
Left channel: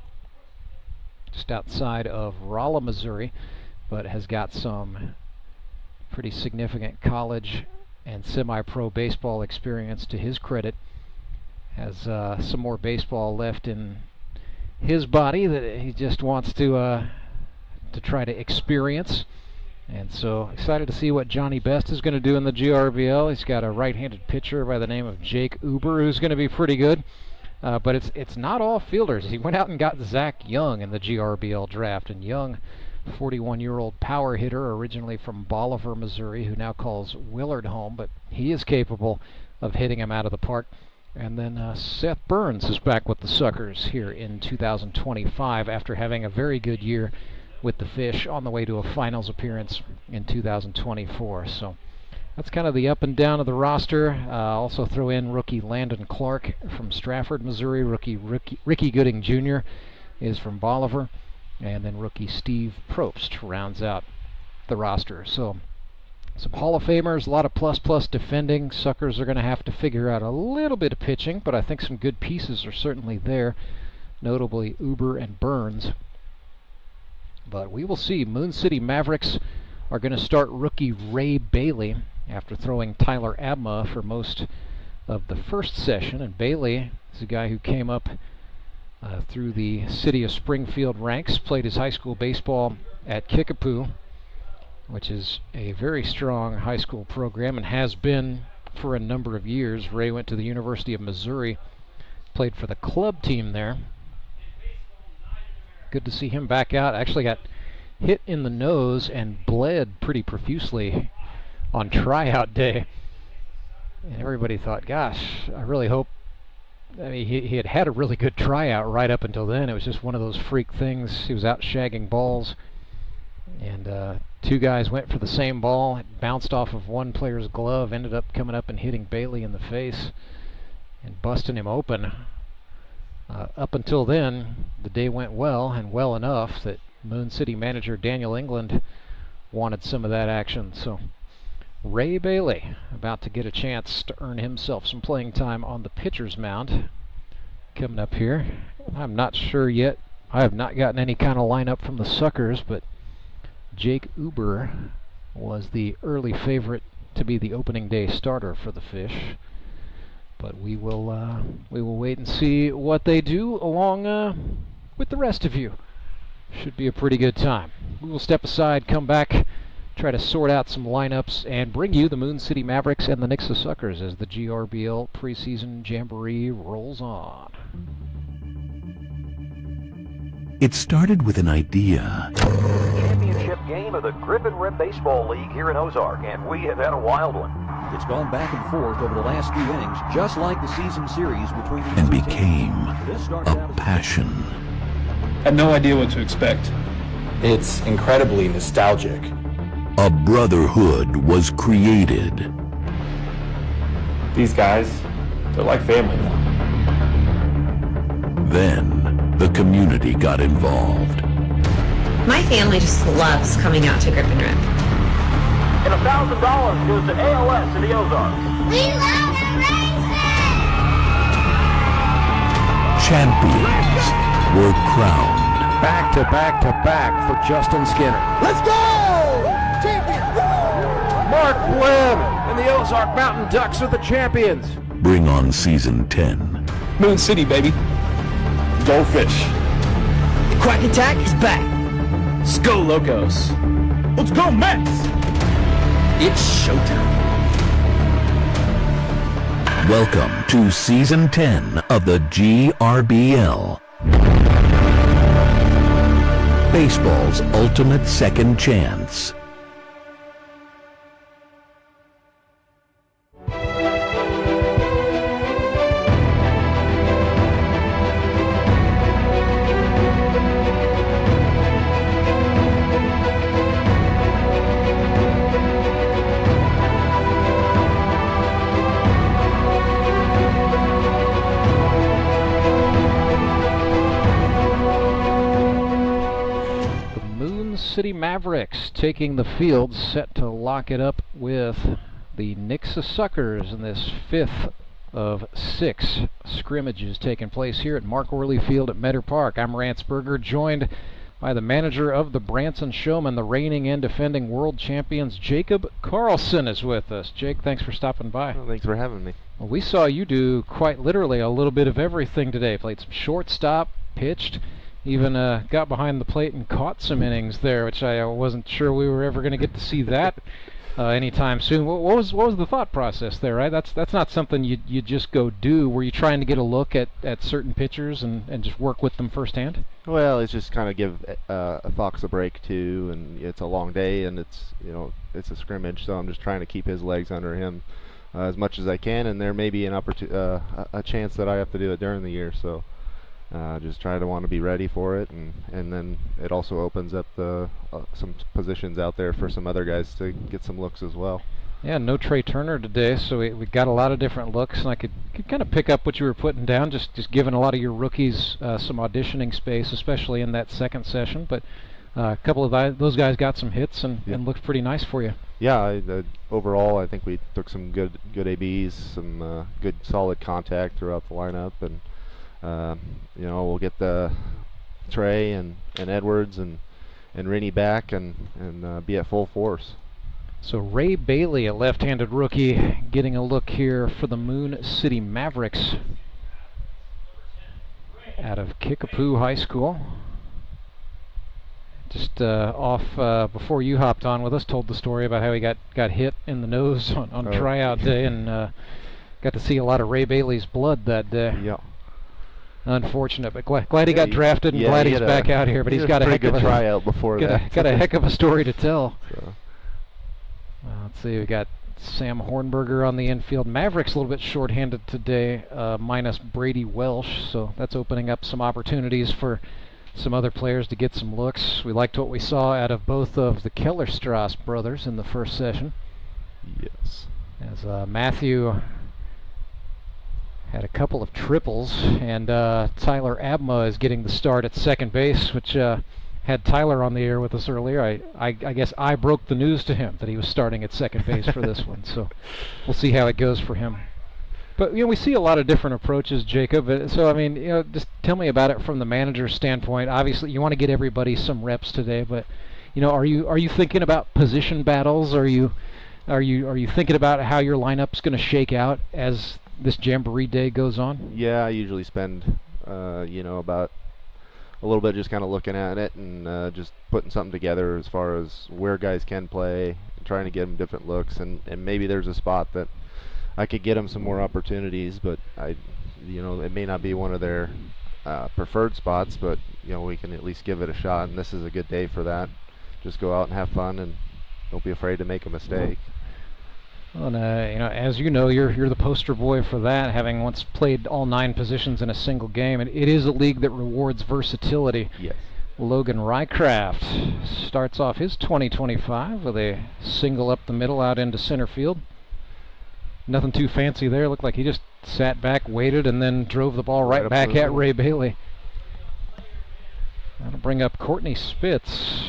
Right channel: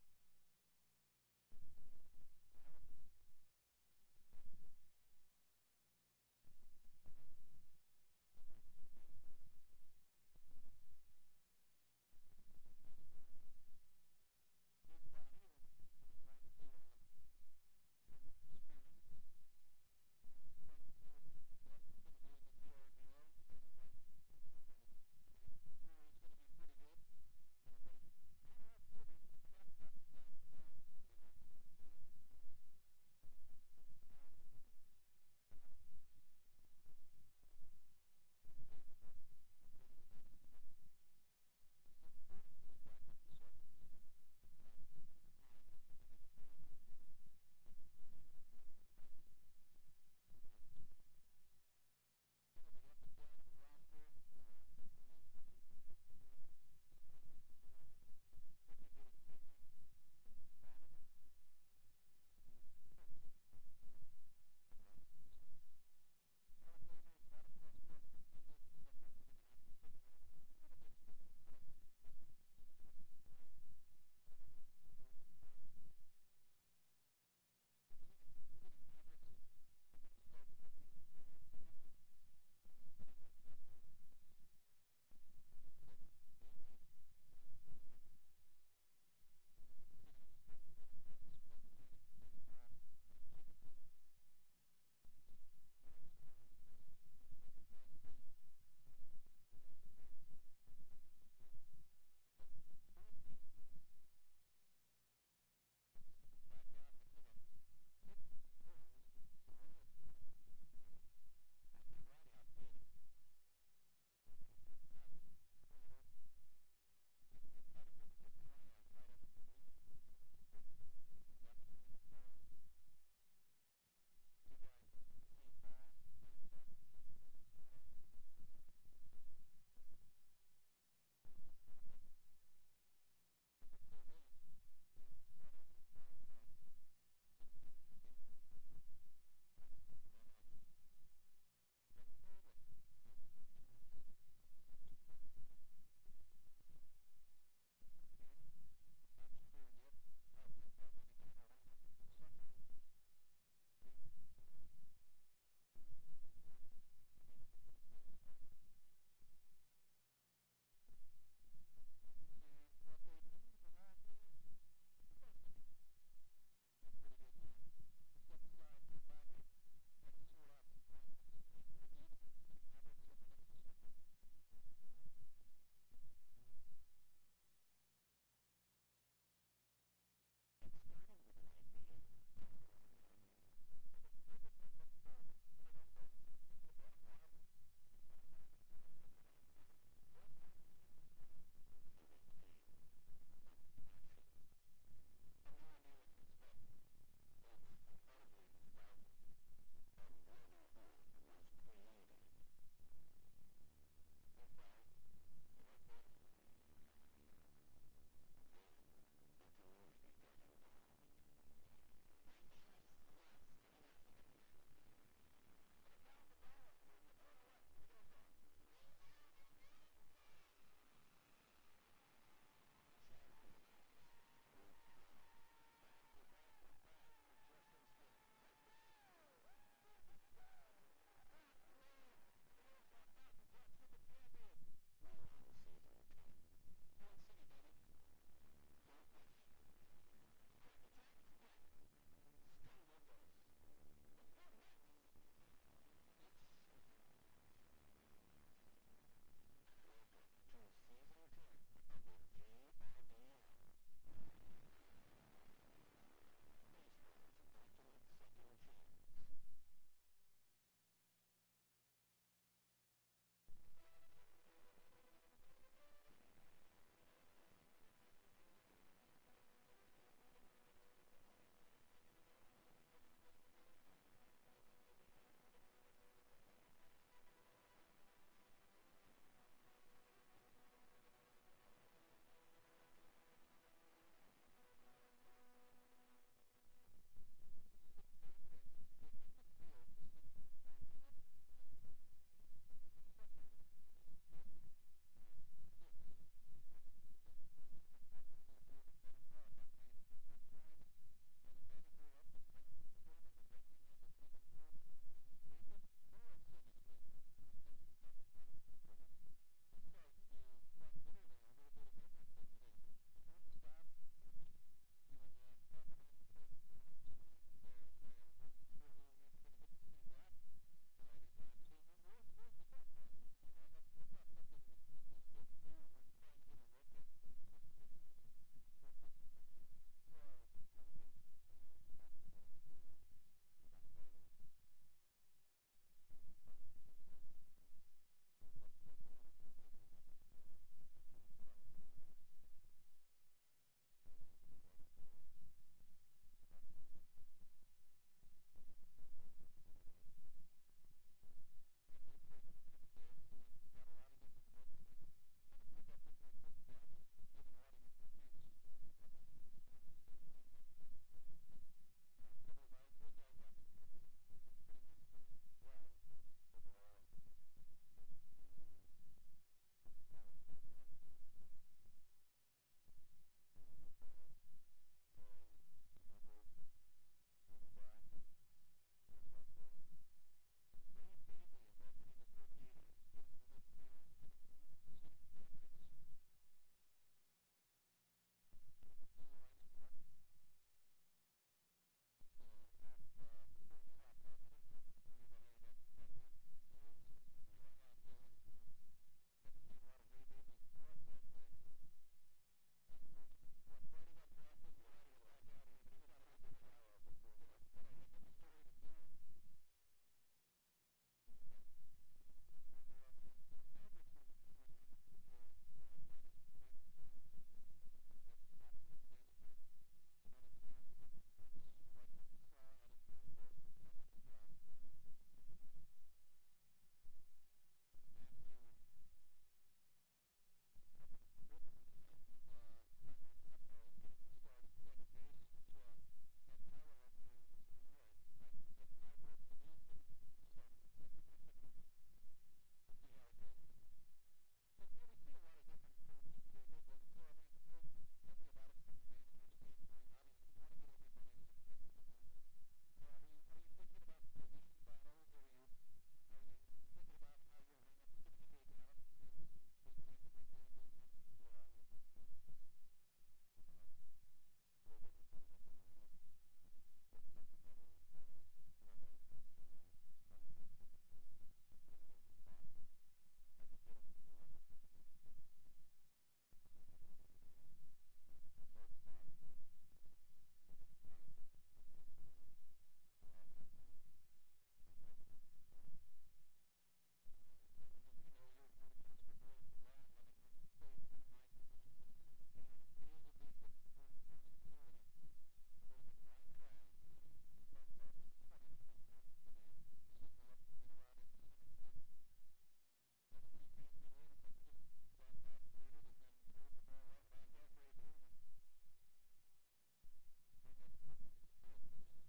just outside of Rolla, Missouri, but has got some pretty significant college and semi-pro baseball experience to his credit. Has some more baseball left in his body that he just wants to try to experience. And so excited to see what Johnny Best is going to do in the GRBL. He's got a right-handed pitcher by the name of Jake Uber, who's going to be pretty good. But it's not all fielders. He went out and got Zach Young in the GRBL draft. And Young, 41-year-old power hitter, originally from Bolivar, Missouri, who now calls Willard home. But he is capable of hitting him out of the park. And then Seth Burns is back with the Suckers here in 2025 after having a very good year with the Fish on the way to a finals appearance in 2024. So that's kind of the up and down of the roster. Also throw in rookie Landon Clark from Strafford, Missouri. Ricky Gooding Jr. is from Bolivar. And then rookie Steve Probst rounds out the roster. So some Hall of Famers, a lot of plus defending. Suckers are going to have to figure out a little bit of pitching, but I think some good pieces are certainly there, notably Uber and Burns. But we will see. Moon City Mavericks are going to start rookie Ray Bailey after throwing Tyler Abma for most of the first session. And Bailey is a guy who came up through the city of Springfield ranks, played his high school baseball at Kickapoo, which is a very strong high school program and has been for a number of years. Ray went to the University of Missouri, played for the club team there. Good to see him back out. Actually got hit in the nose and bled pretty profusely on tryout day. And everybody thought, gosh, I really hope. I mean, he had had a really good tryout right up until then. It was just one of those freak things. He was out shagging balls, and 2 guys went for the same ball. It bounced off of one player's glove, ended up coming up and hitting Bailey in the face and busting him open. Up until then, the day went well, and well enough that Moon City manager Daniel England wanted some of that action. So Ray Bailey about to get a chance to earn himself some playing time on the pitcher's mound coming up here. I'm not sure yet. I have not gotten any kind of lineup from the Suckers, but Jake Uber was the early favorite to be the opening day starter for the Fish. But we will wait and see what they do along with the rest of you. Should be a pretty good time. We will step aside, come back, try to sort out some lineups, and bring you the Moon City Mavericks and the Nixa Suckers as the GRBL preseason jamboree rolls on. It started with an idea. Championship game of the Griffin Rip Baseball League here in Ozark, and we have had a wild one. It's gone back and forth over the last few innings, just like the season series between these And two became teams. a passion. Had no idea what to expect. It's incredibly nostalgic. A brotherhood was created. These guys, they're like family now. Then the community got involved. My family just loves coming out to Grip and Rip. And $1,000 goes to ALS in the Ozarks. We love Champions were crowned. Back to back to back for Justin Skinner. Let's go! Champions! Mark Webb and the Ozark Mountain Ducks are the champions. Bring on season 10. Moon City, baby. Go fish. Quack Attack is back. Let's go, Locos. Let's go, Mets! It's showtime. Welcome to season 10 of the GRBL. Baseball's ultimate second chance. City Mavericks taking the field, set to lock it up with the Nixa Suckers in this 5th of 6 scrimmages taking place here at Mark Worley Field at Meador Park. I'm Rance, joined by the manager of the Branson Showmen, the reigning and defending world champions. Jacob Carlson is with us. Jake, thanks for stopping by. Well, thanks for having me. Well, we saw you do quite literally a little bit of everything today. Played some shortstop, pitched, even got behind the plate and caught some innings there, which I wasn't sure we were ever going to get to see that anytime soon. What was the thought process there, right? That's not something you just go do. Were you trying to get a look at certain pitchers and just work with them firsthand? Well, it's just kind of give a Fox a break too, and it's a long day, and it's a scrimmage, so I'm just trying to keep his legs under him as much as I can, and there may be an a chance that I have to do it during the year, so. Just try to want to be ready for it, and then it also opens up some positions out there for some other guys to get some looks as well. Yeah, no Trey Turner today, so we got a lot of different looks, and I could kind of pick up what you were putting down, just giving a lot of your rookies some auditioning space, especially in that second session. But a couple of those guys got some hits and looked pretty nice for you. Yeah, overall I think we took some good ABs, some good solid contact throughout the lineup, and we'll get the Trey and Edwards and Rennie back and be at full force. So Ray Bailey, a left-handed rookie, getting a look here for the Moon City Mavericks out of Kickapoo High School. Just off before you hopped on with us, told the story about how he got hit in the nose on tryout day, and got to see a lot of Ray Bailey's blood that day. Yeah. Unfortunate, but glad he got drafted and glad he's back out here. But he's got a heck of a tryout before that. Got a heck of a story to tell. So. Let's see, we got Sam Hornberger on the infield. Mavericks a little bit shorthanded today, minus Brady Welsh, so that's opening up some opportunities for some other players to get some looks. We liked what we saw out of both of the Kellerstrass brothers in the first session. Yes. As Matthew had a couple of triples, and Tyler Abma is getting the start at second base, which had Tyler on the air with us earlier. I guess I broke the news to him that he was starting at second base for this one, so we'll see how it goes for him. But we see a lot of different approaches, Jacob. So I mean, just tell me about it from the manager's standpoint. Obviously, you want to get everybody some reps today, but are you thinking about position battles? Are you thinking about how your lineup's going to shake out as this Jamboree Day goes on? Yeah, I usually spend about a little bit just kind of looking at it and just putting something together as far as where guys can play, trying to get them different looks, and maybe there's a spot that I could get them some more opportunities, but it may not be one of their preferred spots, but we can at least give it a shot, and this is a good day for that. Just go out and have fun, and don't be afraid to make a mistake. Well, and, as you know, you're the poster boy for that, having once played all 9 positions in a single game, and it is a league that rewards versatility. Yes. Logan Rycraft starts off his 2025 with a single up the middle out into center field. Nothing too fancy there. Looked like he just sat back, waited, and then drove the ball right back at Ray Bailey. That'll bring up Courtney Spitz.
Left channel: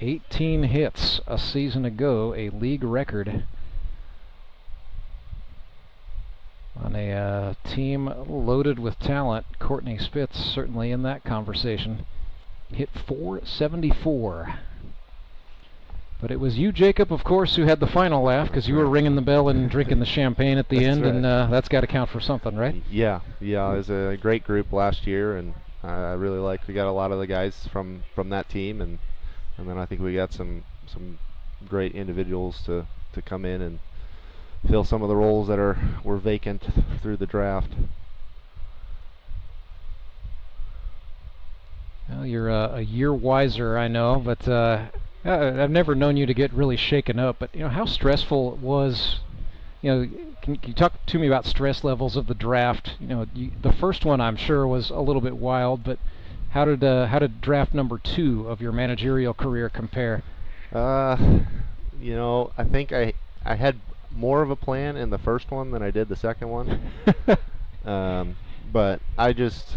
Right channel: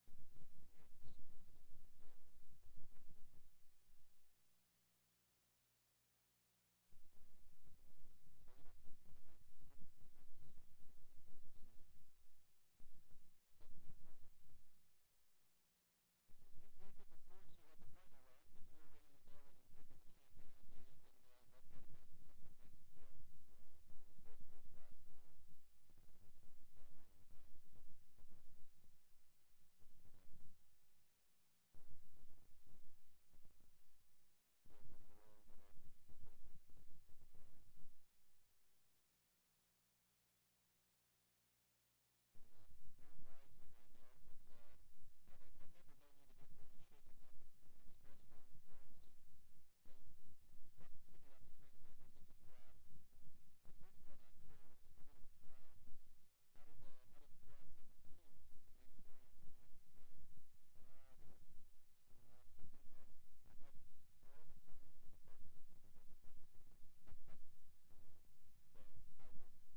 18 hits a season ago, a league record. On a team loaded with talent, Courtney Spitz certainly in that conversation. Hit .474. But it was you, Jacob, of course, who had the final laugh, because you were ringing the bell and drinking the champagne at the end, right. And that's got to count for something, right? Yeah, it was a great group last year, and I really liked. We got a lot of the guys from that team, and then I think we got some great individuals to come in and fill some of the roles that were vacant through the draft. Well, you're a year wiser, I know, but I've never known you to get really shaken up. But how stressful it was. Can you talk to me about stress levels of the draft? The first one I'm sure was a little bit wild, but how did draft number 2 of your managerial career compare? I think I had more of a plan in the first one than I did the second one. But I just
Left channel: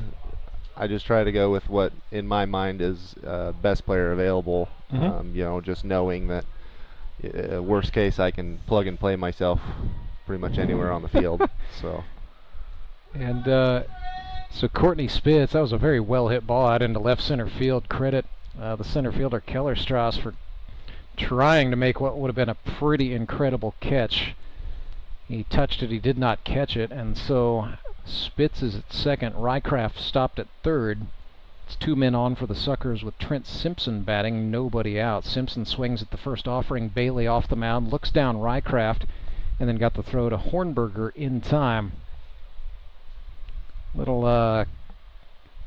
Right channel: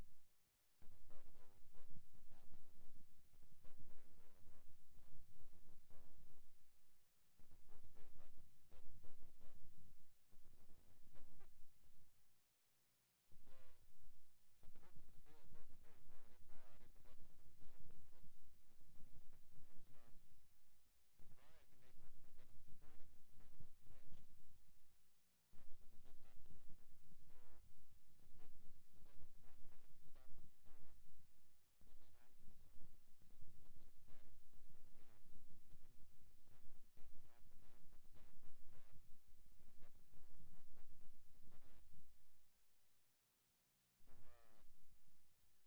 try to go with what in my mind is best player available. Mm-hmm. Just knowing that worst case I can plug and play myself pretty much anywhere on the field. So Courtney Spitz, that was a very well hit ball out into left center field. Credit the center fielder Keller Strauss for trying to make what would have been a pretty incredible catch. He touched it, he did not catch it, and so Spitz is at second. Rycraft stopped at third. It's 2 men on for the Suckers with Trent Simpson batting, nobody out. Simpson swings at the first offering. Bailey off the mound, looks down Rycraft, and then got the throw to Hornberger in time. Little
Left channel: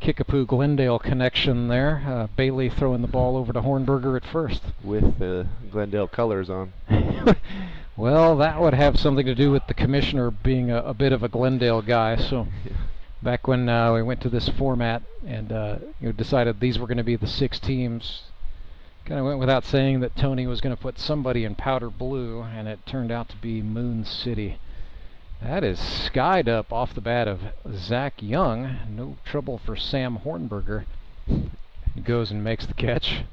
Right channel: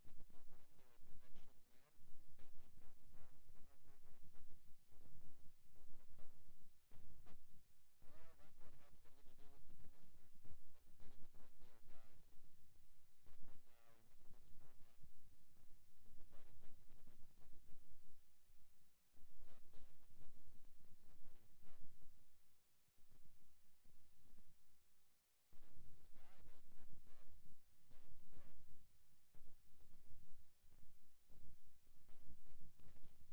Kickapoo Glendale connection there. Bailey throwing the ball over to Hornberger at first. With the Glendale colors on. Well, that would have something to do with the commissioner being a bit of a Glendale guy. So back when we went to this format and decided these were going to be the 6 teams, kind of went without saying that Tony was going to put somebody in powder blue, and it turned out to be Moon City. That is skied up off the bat of Zach Young. No trouble for Sam Hornberger. He goes and makes the catch.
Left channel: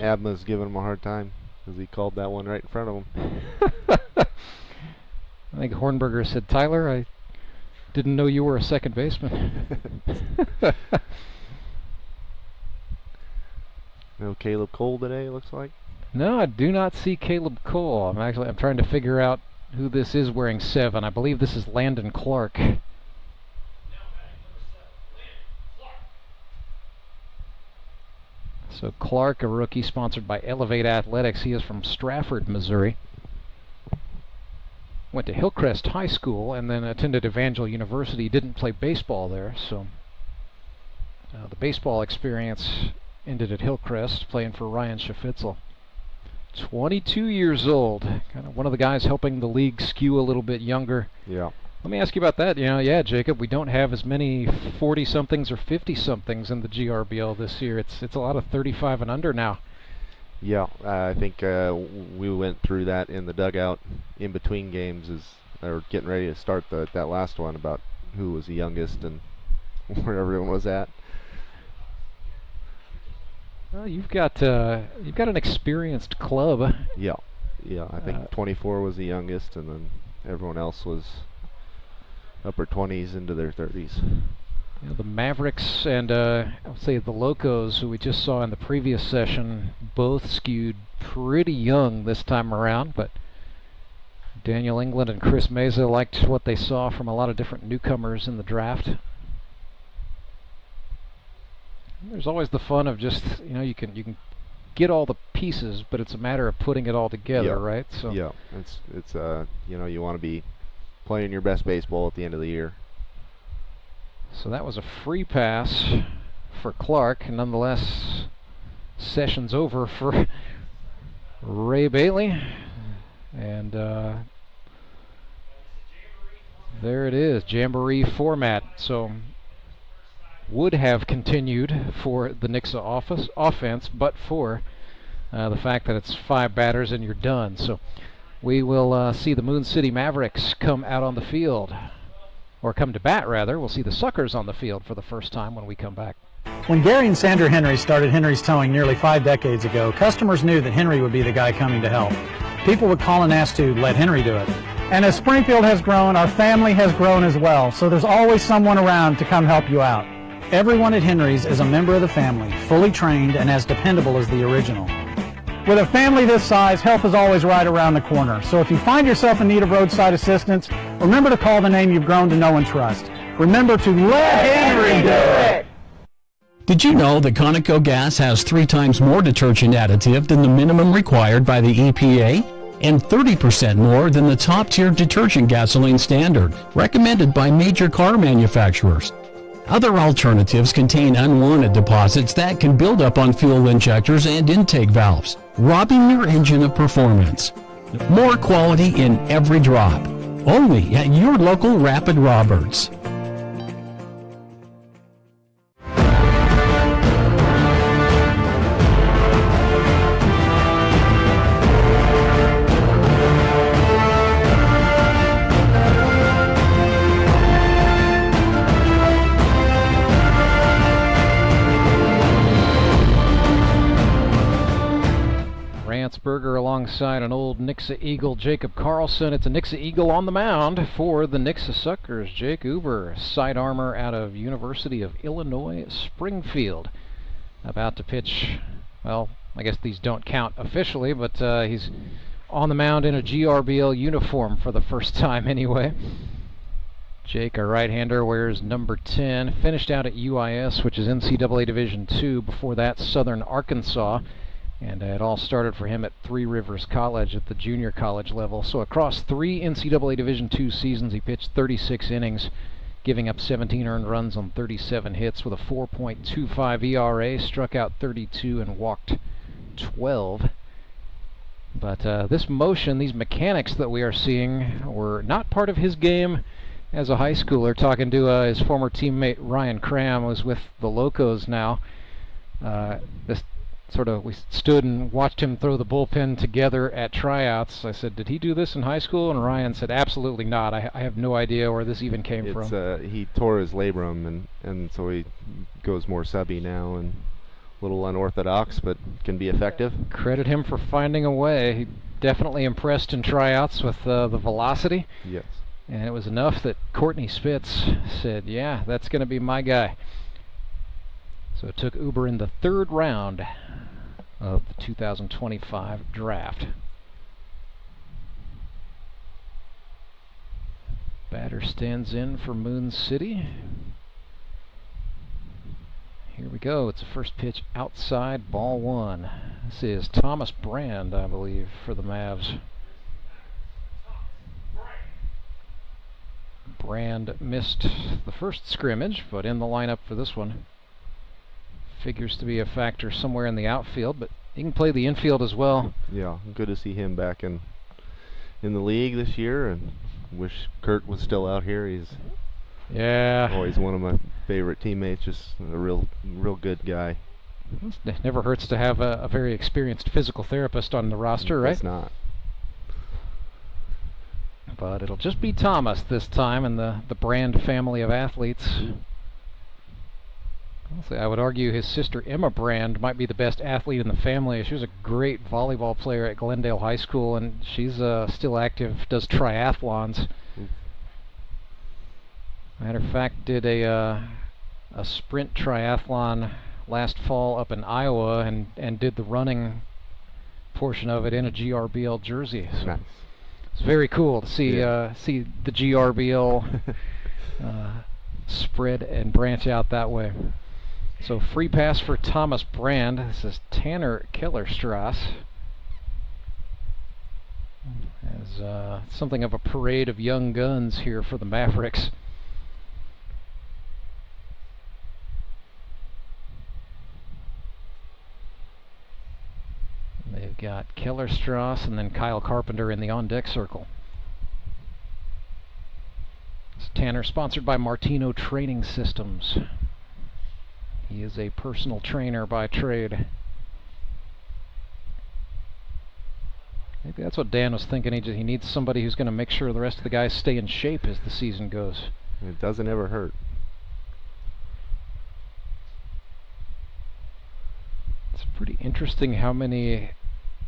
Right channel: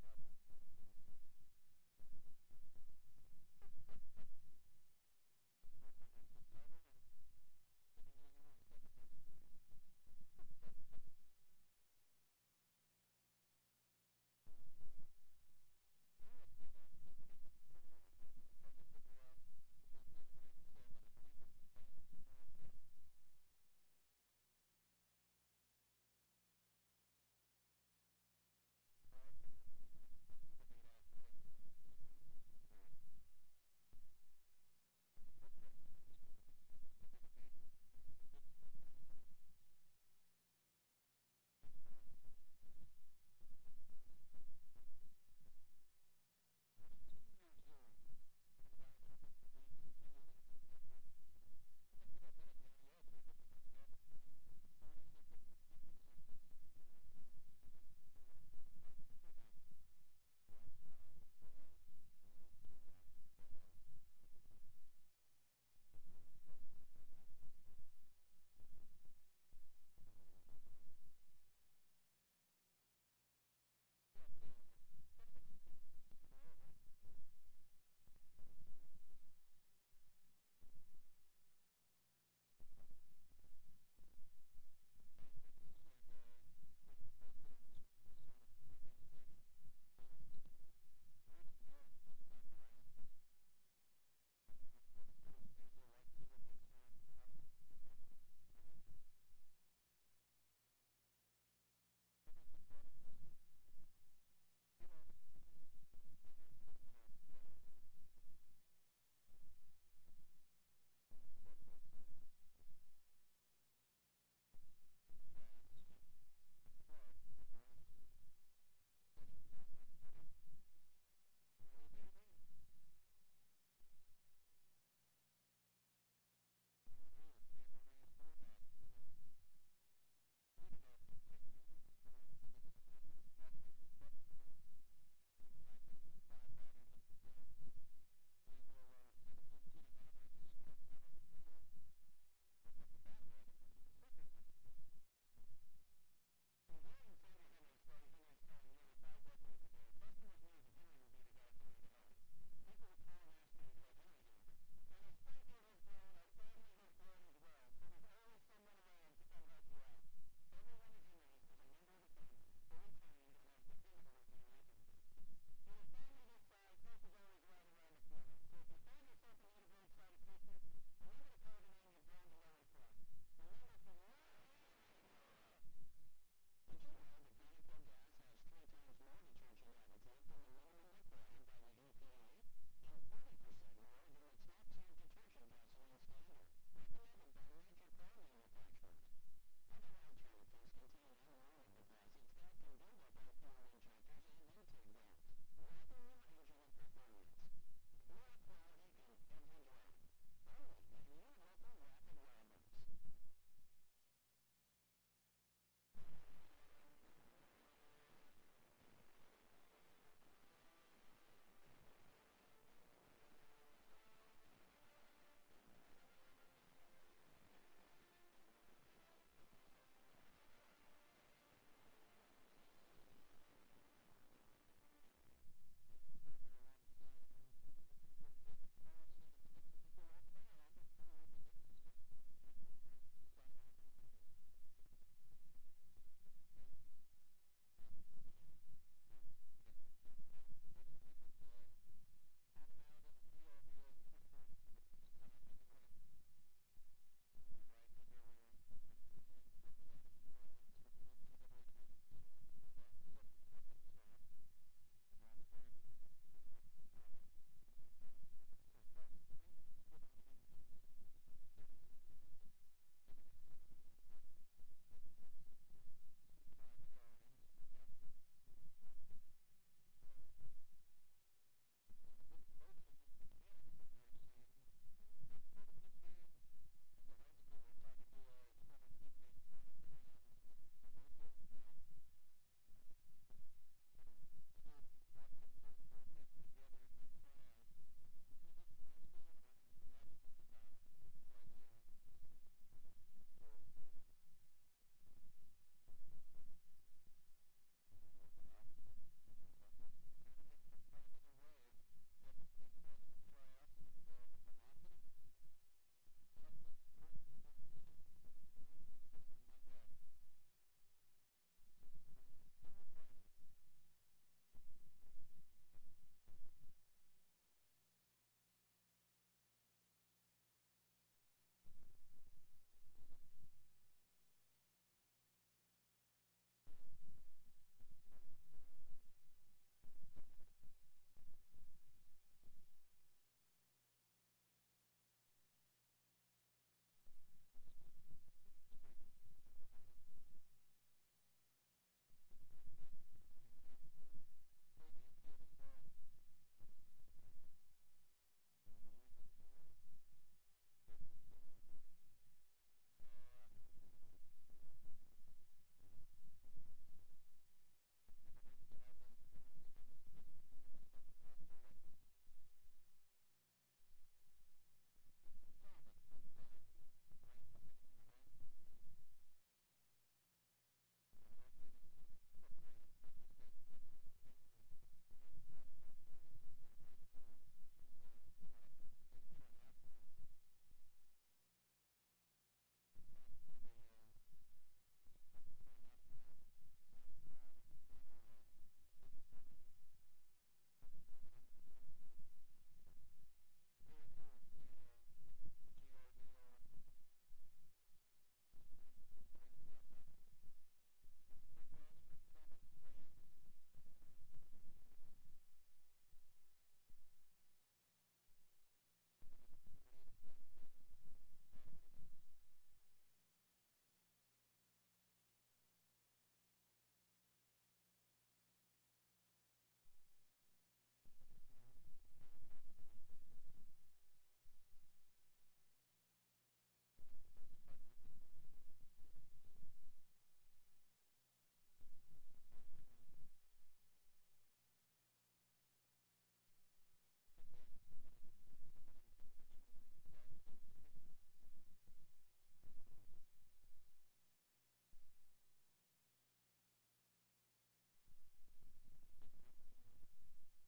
Abma's giving him a hard time because he called that one right in front of him. I think Hornberger said, "Tyler, I didn't know you were a second baseman." No Caleb Cole today, looks like. No, I do not see Caleb Cole. I'm trying to figure out who this is wearing 7. I believe this is Landon Clark. So Clark, a rookie sponsored by Elevate Athletics. He is from Strafford, Missouri. Went to Hillcrest High School and then attended Evangel University. Didn't play baseball there, so the baseball experience ended at Hillcrest, playing for Ryan Schafitzel. 22 years old, kind of one of the guys helping the league skew a little bit younger. Yeah. Let me ask you about that. Jacob, we don't have as many 40-somethings or 50-somethings in the GRBL this year. It's a lot of 35 and under now. Yeah, I think we went through that in the dugout in between games as they were getting ready to start that last one about who was the youngest and where everyone was at. Well, you've got an experienced club. Yeah. I think 24 was the youngest, and then everyone else was upper 20s into their 30s. The Mavericks and I would say the Locos, who we just saw in the previous session, both skewed pretty young this time around. But Daniel England and Chris Meza liked what they saw from a lot of different newcomers in the draft. There's always the fun of just, you can get all the pieces, but it's a matter of putting it all together, right? So yeah, it's you know, you want to be playing your best baseball at the end of the year. So that was a free pass for Clark. Nonetheless, session's over for Ray Bailey. And there it is, Jamboree format. So would have continued for the Nixa offense, but for the fact that it's 5 batters and you're done. So we will see the Moon City Mavericks come out on the field, or come to bat rather. We'll see the Suckers on the field for the first time when we come back. When Gary and Sandra Henry started Henry's Towing nearly 5 decades ago, customers knew that Henry would be the guy coming to help. People would call and ask to let Henry do it. And as Springfield has grown, our family has grown as well, so there's always someone around to come help you out. Everyone at Henry's is a member of the family, fully trained and as dependable as the original. With a family this size, help is always right around the corner. So if you find yourself in need of roadside assistance, remember to call the name you've grown to know and trust. Remember to let Henry do it! Did you know that Conoco gas has 3 times more detergent additive than the minimum required by the EPA? And 30% more than the top-tier detergent gasoline standard, recommended by major car manufacturers. Other alternatives contain unwanted deposits that can build up on fuel injectors and intake valves, robbing your engine of performance. More quality in every drop. Only at your local Rapid Roberts. Berger alongside an old Nixa Eagle, Jacob Carlson. It's a Nixa Eagle on the mound for the Nixa Suckers. Jake Uber, side armor out of University of Illinois, Springfield. About to pitch, well, I guess these don't count officially, but he's on the mound in a GRBL uniform for the first time anyway. Jake, a right-hander, wears number 10. Finished out at UIS, which is NCAA Division II. Before that, Southern Arkansas. And it all started for him at Three Rivers College at the junior college level. So across 3 NCAA Division II seasons, he pitched 36 innings, giving up 17 earned runs on 37 hits with a 4.25 ERA, struck out 32 and walked 12. But this motion, these mechanics that we are seeing, were not part of his game as a high schooler. Talking to his former teammate Ryan Cram, who's with the Locos now. We stood and watched him throw the bullpen together at tryouts. I said, did he do this in high school? And Ryan said, absolutely not. I have no idea where this even came from. He tore his labrum, and so he goes more subby now, and a little unorthodox, but can be effective. Credit him for finding a way. He definitely impressed in tryouts with the velocity. Yes. And it was enough that Courtney Spitz said, yeah, that's going to be my guy. So it took Uber in the 3rd round of the 2025 draft. Batter stands in for Moon City. Here we go. It's a first pitch outside, ball 1. This is Thomas Brand, I believe, for the Mavs. Brand missed the first scrimmage, but in the lineup for this one. Figures to be a factor somewhere in the outfield, but he can play the infield as well. Yeah, good to see him back in the league this year, and wish Kurt was still out here. He's always one of my favorite teammates, just a real good guy. It never hurts to have a very experienced physical therapist on the roster, right? It's not. But it'll just be Thomas this time and the Brand family of athletes. I would argue his sister Emma Brand might be the best athlete in the family. She was a great volleyball player at Glendale High School, and she's still active, does triathlons. Matter of fact, did a sprint triathlon last fall up in Iowa, and did the running portion of it in a GRBL jersey. So nice. It's very cool to see see the GRBL spread and branch out that way. So free pass for Thomas Brand. This is Tanner Kellerstrass. As something of a parade of young guns here for the Mavericks. They've got Kellerstrass and then Kyle Carpenter in the on-deck circle. It's Tanner, sponsored by Martino Training Systems. He is a personal trainer by trade. Maybe that's what Dan was thinking. He needs somebody who's going to make sure the rest of the guys stay in shape as the season goes. It doesn't ever hurt. It's pretty interesting how many.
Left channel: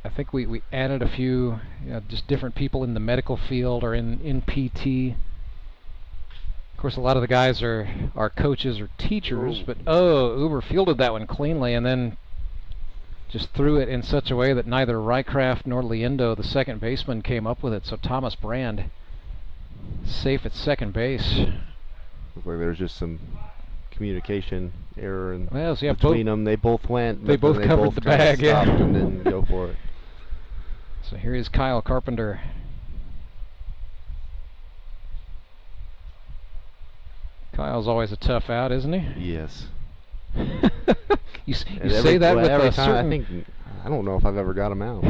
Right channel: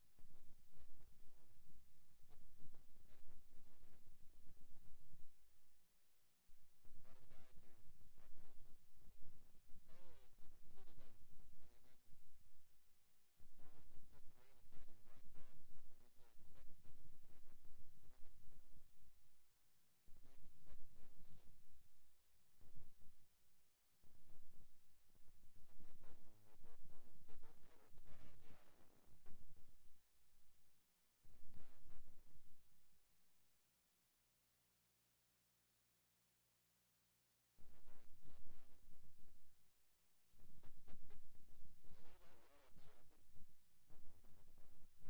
I think we added a few, just different people in the medical field or in PT. Of course, a lot of the guys are coaches or teachers, but Uber fielded that one cleanly and then just threw it in such a way that neither Rycraft nor Liendo, the second baseman, came up with it. So Thomas Brand, safe at second base. Looks like there's just some communication error in yeah, between them. They both went. They both covered the bag, yeah. And then go for it. So here is Kyle Carpenter. Kyle's always a tough out, isn't he? Yes. you say that with every a time certain... I don't know if I've ever got him out.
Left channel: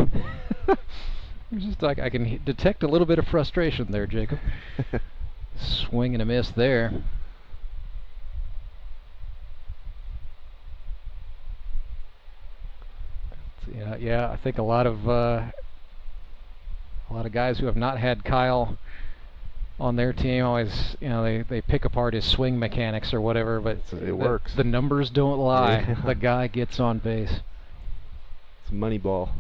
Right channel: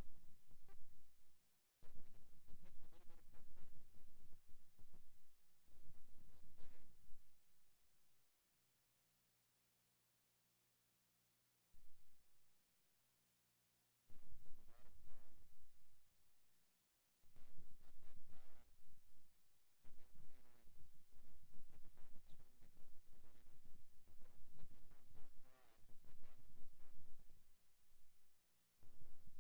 It's just like I can detect a little bit of frustration there, Jacob. Swing and a miss there. Yeah, I think a lot of guys who have not had Kyle on their team always, they pick apart his swing mechanics or whatever, but it works. The numbers don't lie. Yeah. The guy gets on base. It's money ball.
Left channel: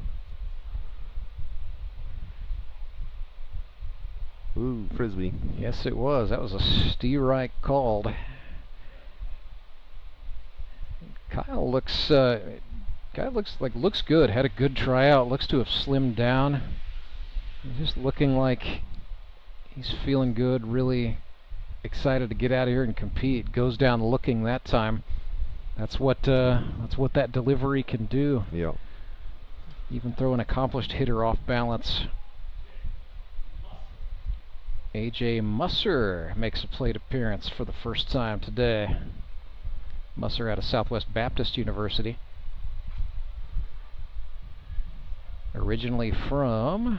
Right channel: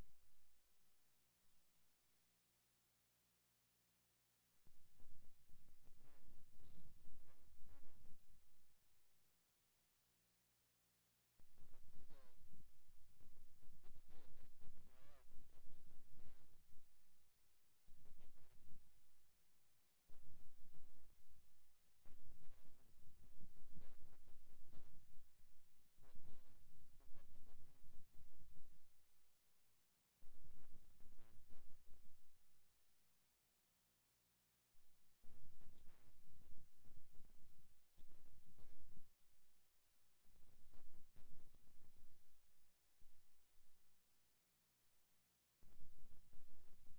Ooh, frisbee. Yes, it was. That was a Steerike called. Kyle looks looks good. Had a good tryout. Looks to have slimmed down. Just looking like he's feeling good. Really excited to get out of here and compete. Goes down looking that time. That's what that delivery can do. Yeah. Even throw an accomplished hitter off balance. A.J. Musser makes a plate appearance for the first time today. Musser out of Southwest Baptist University. Originally from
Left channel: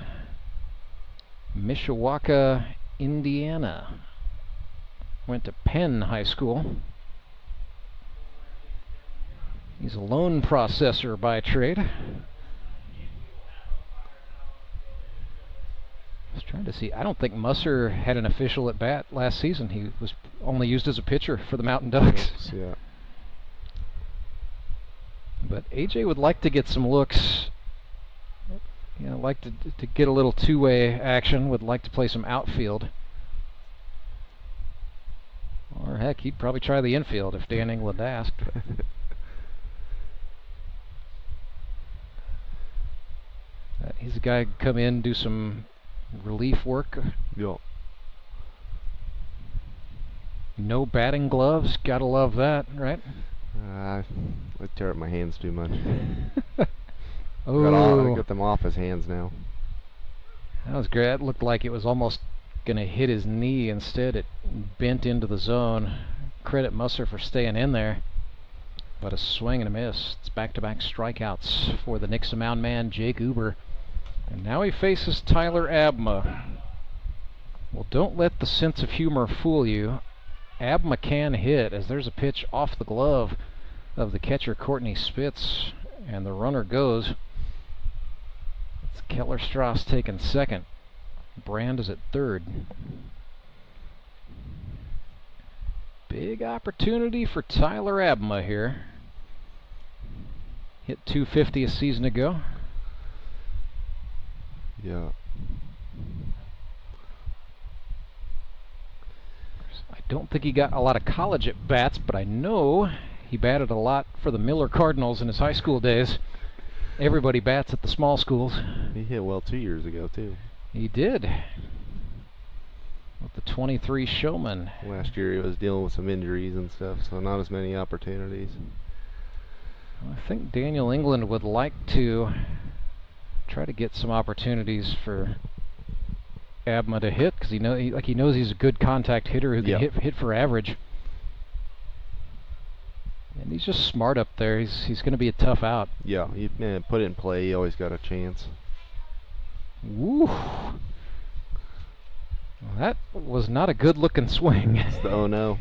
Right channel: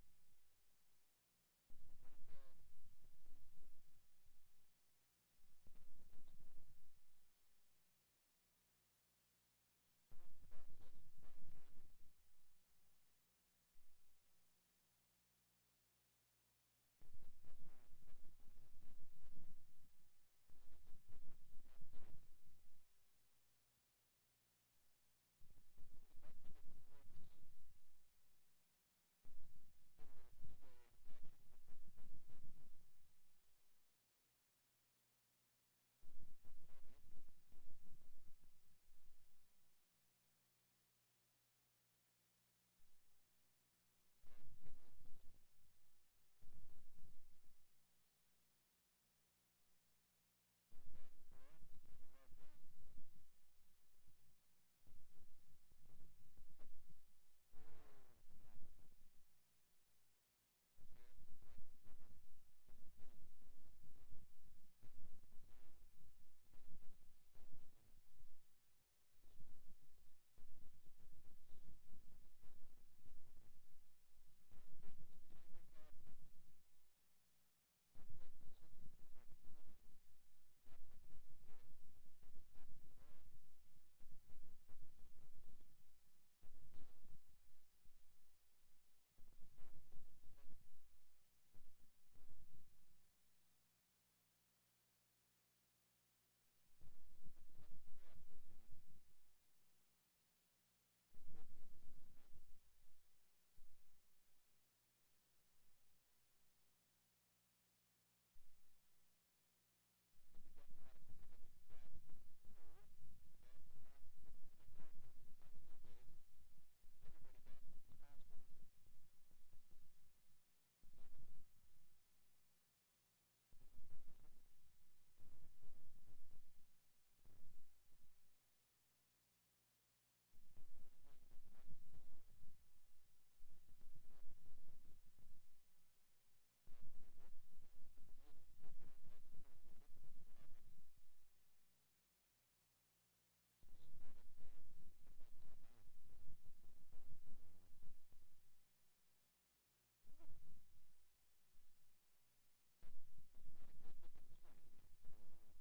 Mishawaka, Indiana. Went to Penn High School. He's a loan processor by trade. I was trying to see. I don't think Musser had an official at bat last season. He was only used as a pitcher for the Mountain Ducks. Yes, yeah. But AJ would like to get some looks. Like to get a little two-way action. Would like to play some outfield. Or heck, he'd probably try the infield if Dan England asked. He's a guy who could come in, do some relief work. Yeah. No batting gloves. Gotta love that, right? I tear up my hands too much. Oh, Get them off his hands now. That was great. That looked like it was almost gonna hit his knee. Instead, it bent into the zone. Credit Musser for staying in there. But a swing and a miss. It's back-to-back strikeouts for the Nixa mound man, Jake Uber. And now he faces Tyler Abma. Well, don't let the sense of humor fool you. Abma can hit, as there's a pitch off the glove of the catcher, Courtney Spitz, and the runner goes. It's Kellerstrass taking second. Brand is at third. Big opportunity for Tyler Abma here. Hit .250 a season ago. Yeah. I don't think he got a lot of college at bats, but I know he batted a lot for the Miller Cardinals in his high school days. Everybody bats at the small schools. He hit well 2 years ago, too. He did. With the 23 Showmen. Last year he was dealing with some injuries and stuff, so not as many opportunities. I think Daniel England would like to try to get some opportunities for Abma to hit, because he knows he's a good contact hitter who can hit for average. And he's just smart up there. He's going to be a tough out. Yeah, you put it in play. You always got a chance. Woo! Well, that was not a good-looking swing. Oh no!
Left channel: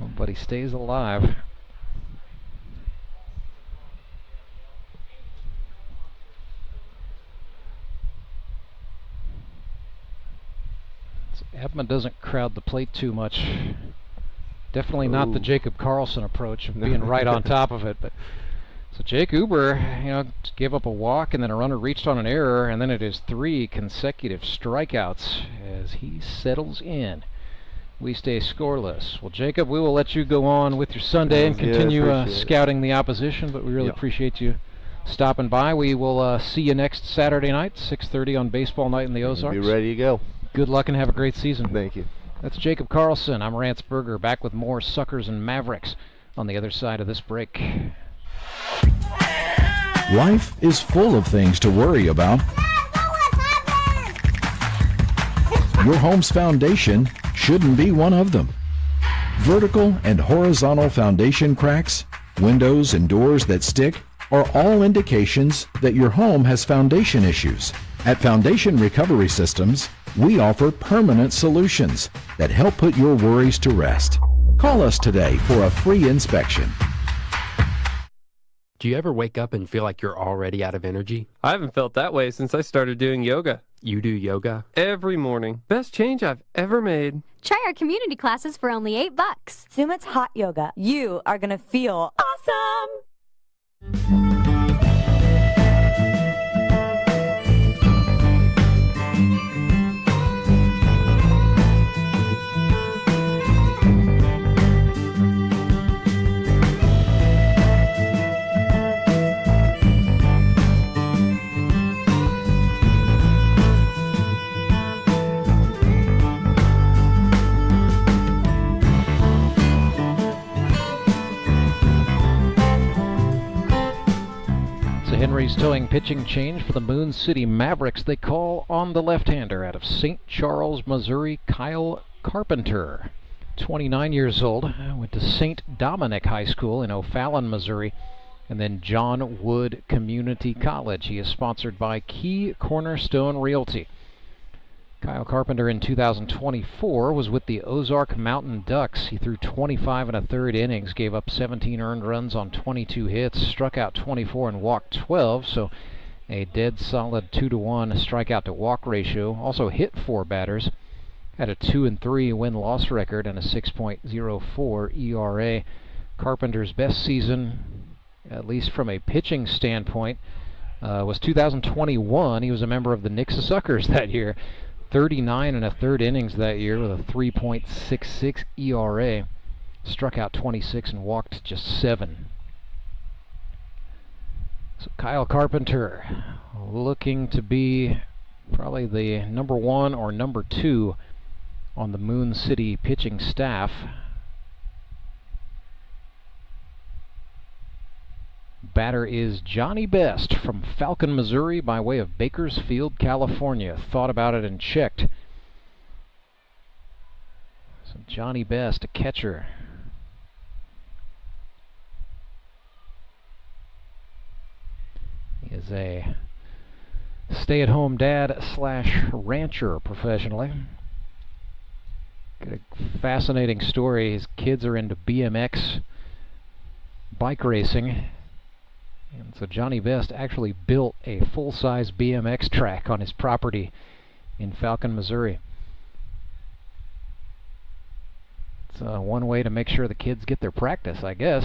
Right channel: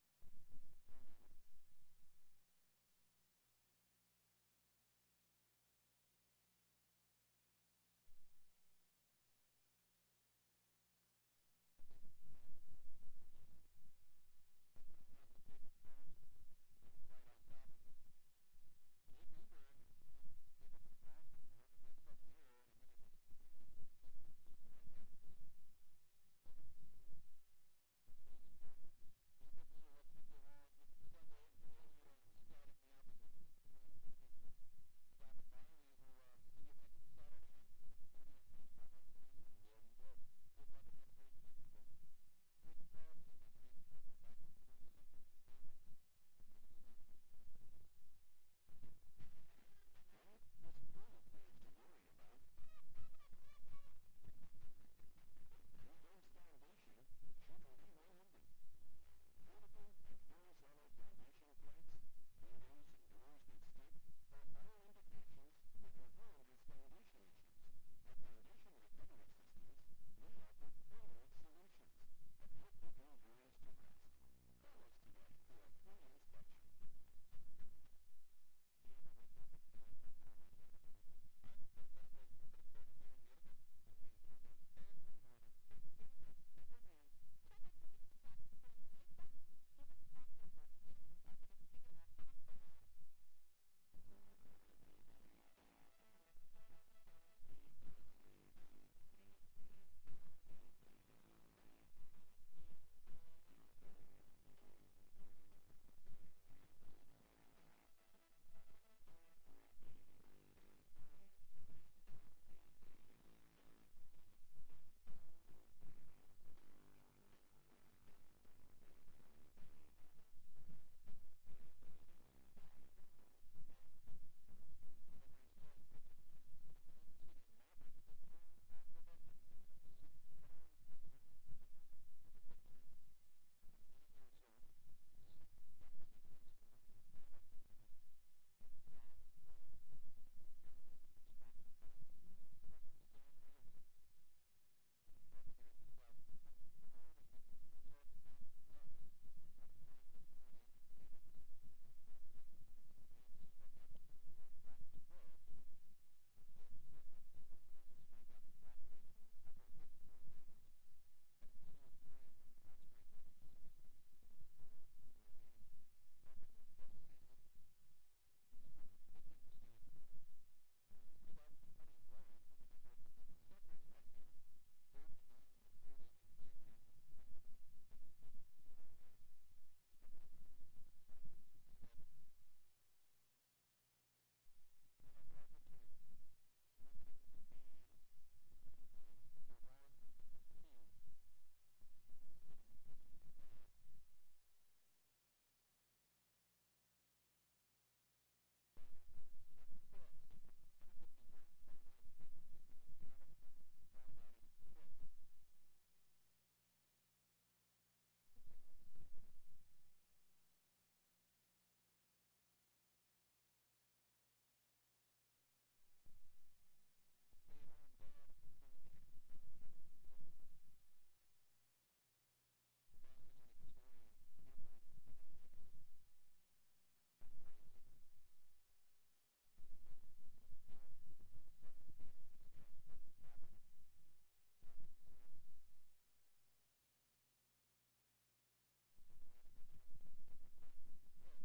Oh, but he stays alive. So Abma doesn't crowd the plate too much. Definitely not the Jacob Carlson approach of being right on top of it. But so Jake Uber, gave up a walk, and then a runner reached on an error, and then it is 3 consecutive strikeouts as he settles in. We stay scoreless. Well, Jacob, we will let you go on with your Sunday and continue scouting the opposition, but we really appreciate you stopping by. We will see you next Saturday night, 6:30 on Baseball Night in the Ozarks. Be ready to go. Good luck and have a great season. Thank you. That's Jacob Carlson. I'm Rance Berger, back with more Suckers and Mavericks on the other side of this break. Life is full of things to worry about. Your home's foundation shouldn't be one of them. Vertical and horizontal foundation cracks, windows and doors that stick are all indications that your home has foundation issues. At Foundation Recovery Systems, we offer permanent solutions that help put your worries to rest. Call us today for a free inspection. Do you ever wake up and feel like you're already out of energy? I haven't felt that way since I started doing yoga. You do yoga? Every morning. Best change I've ever made. Try our community classes for only $8. Sumit's hot yoga. You are going to feel awesome. Henry's towing pitching change for the Moon City Mavericks. They call on the left-hander out of St. Charles, Missouri, Kyle Carpenter. 29 years old, went to St. Dominic High School in O'Fallon, Missouri, and then John Wood Community College. He is sponsored by Key Cornerstone Realty. Kyle Carpenter in 2024 was with the Ozark Mountain Ducks. He threw 25 1/3 innings, gave up 17 earned runs on 22 hits, struck out 24 and walked 12, so a dead solid 2-to-1 strikeout to walk ratio. Also hit 4 batters, had a 2-3 win-loss record and a 6.04 ERA. Carpenter's best season, at least from a pitching standpoint, was 2021. He was a member of the Nixa Suckers that year. 39 1/3 innings that year with a 3.66 ERA. Struck out 26 and walked just 7. So Kyle Carpenter looking to be probably the number 1 or number 2 on the Moon City pitching staff. Batter is Johnny Best from Falcon, Missouri, by way of Bakersfield, California. Thought about it and checked. So Johnny Best, a catcher. He is a stay-at-home dad / rancher professionally. Got a fascinating story. His kids are into BMX bike racing. And so Johnny Best actually built a full-size BMX track on his property in Falcon, Missouri. It's one way to make sure the kids get their practice, I guess.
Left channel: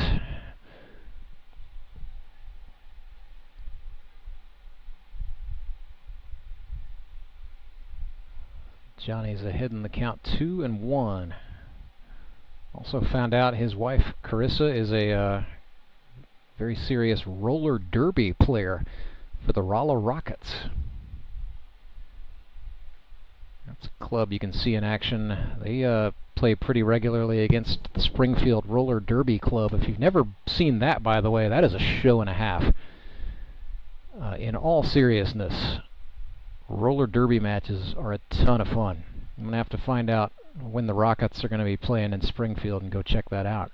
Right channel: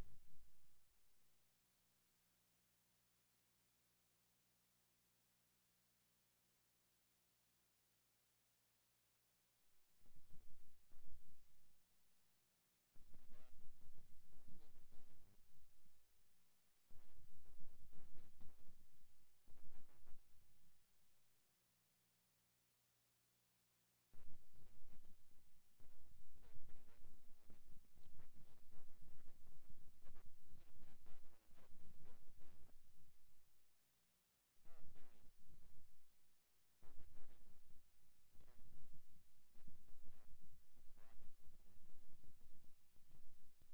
Johnny's ahead in the count 2-1. Also found out his wife, Carissa, is a very serious roller derby player for the Rolla Rockets. That's a club you can see in action. They play pretty regularly against the Springfield Roller Derby Club. If you've never seen that, by the way, that is a show and a half. In all seriousness, roller derby matches are a ton of fun. I'm going to have to find out when the Rockets are going to be playing in Springfield and go check that out.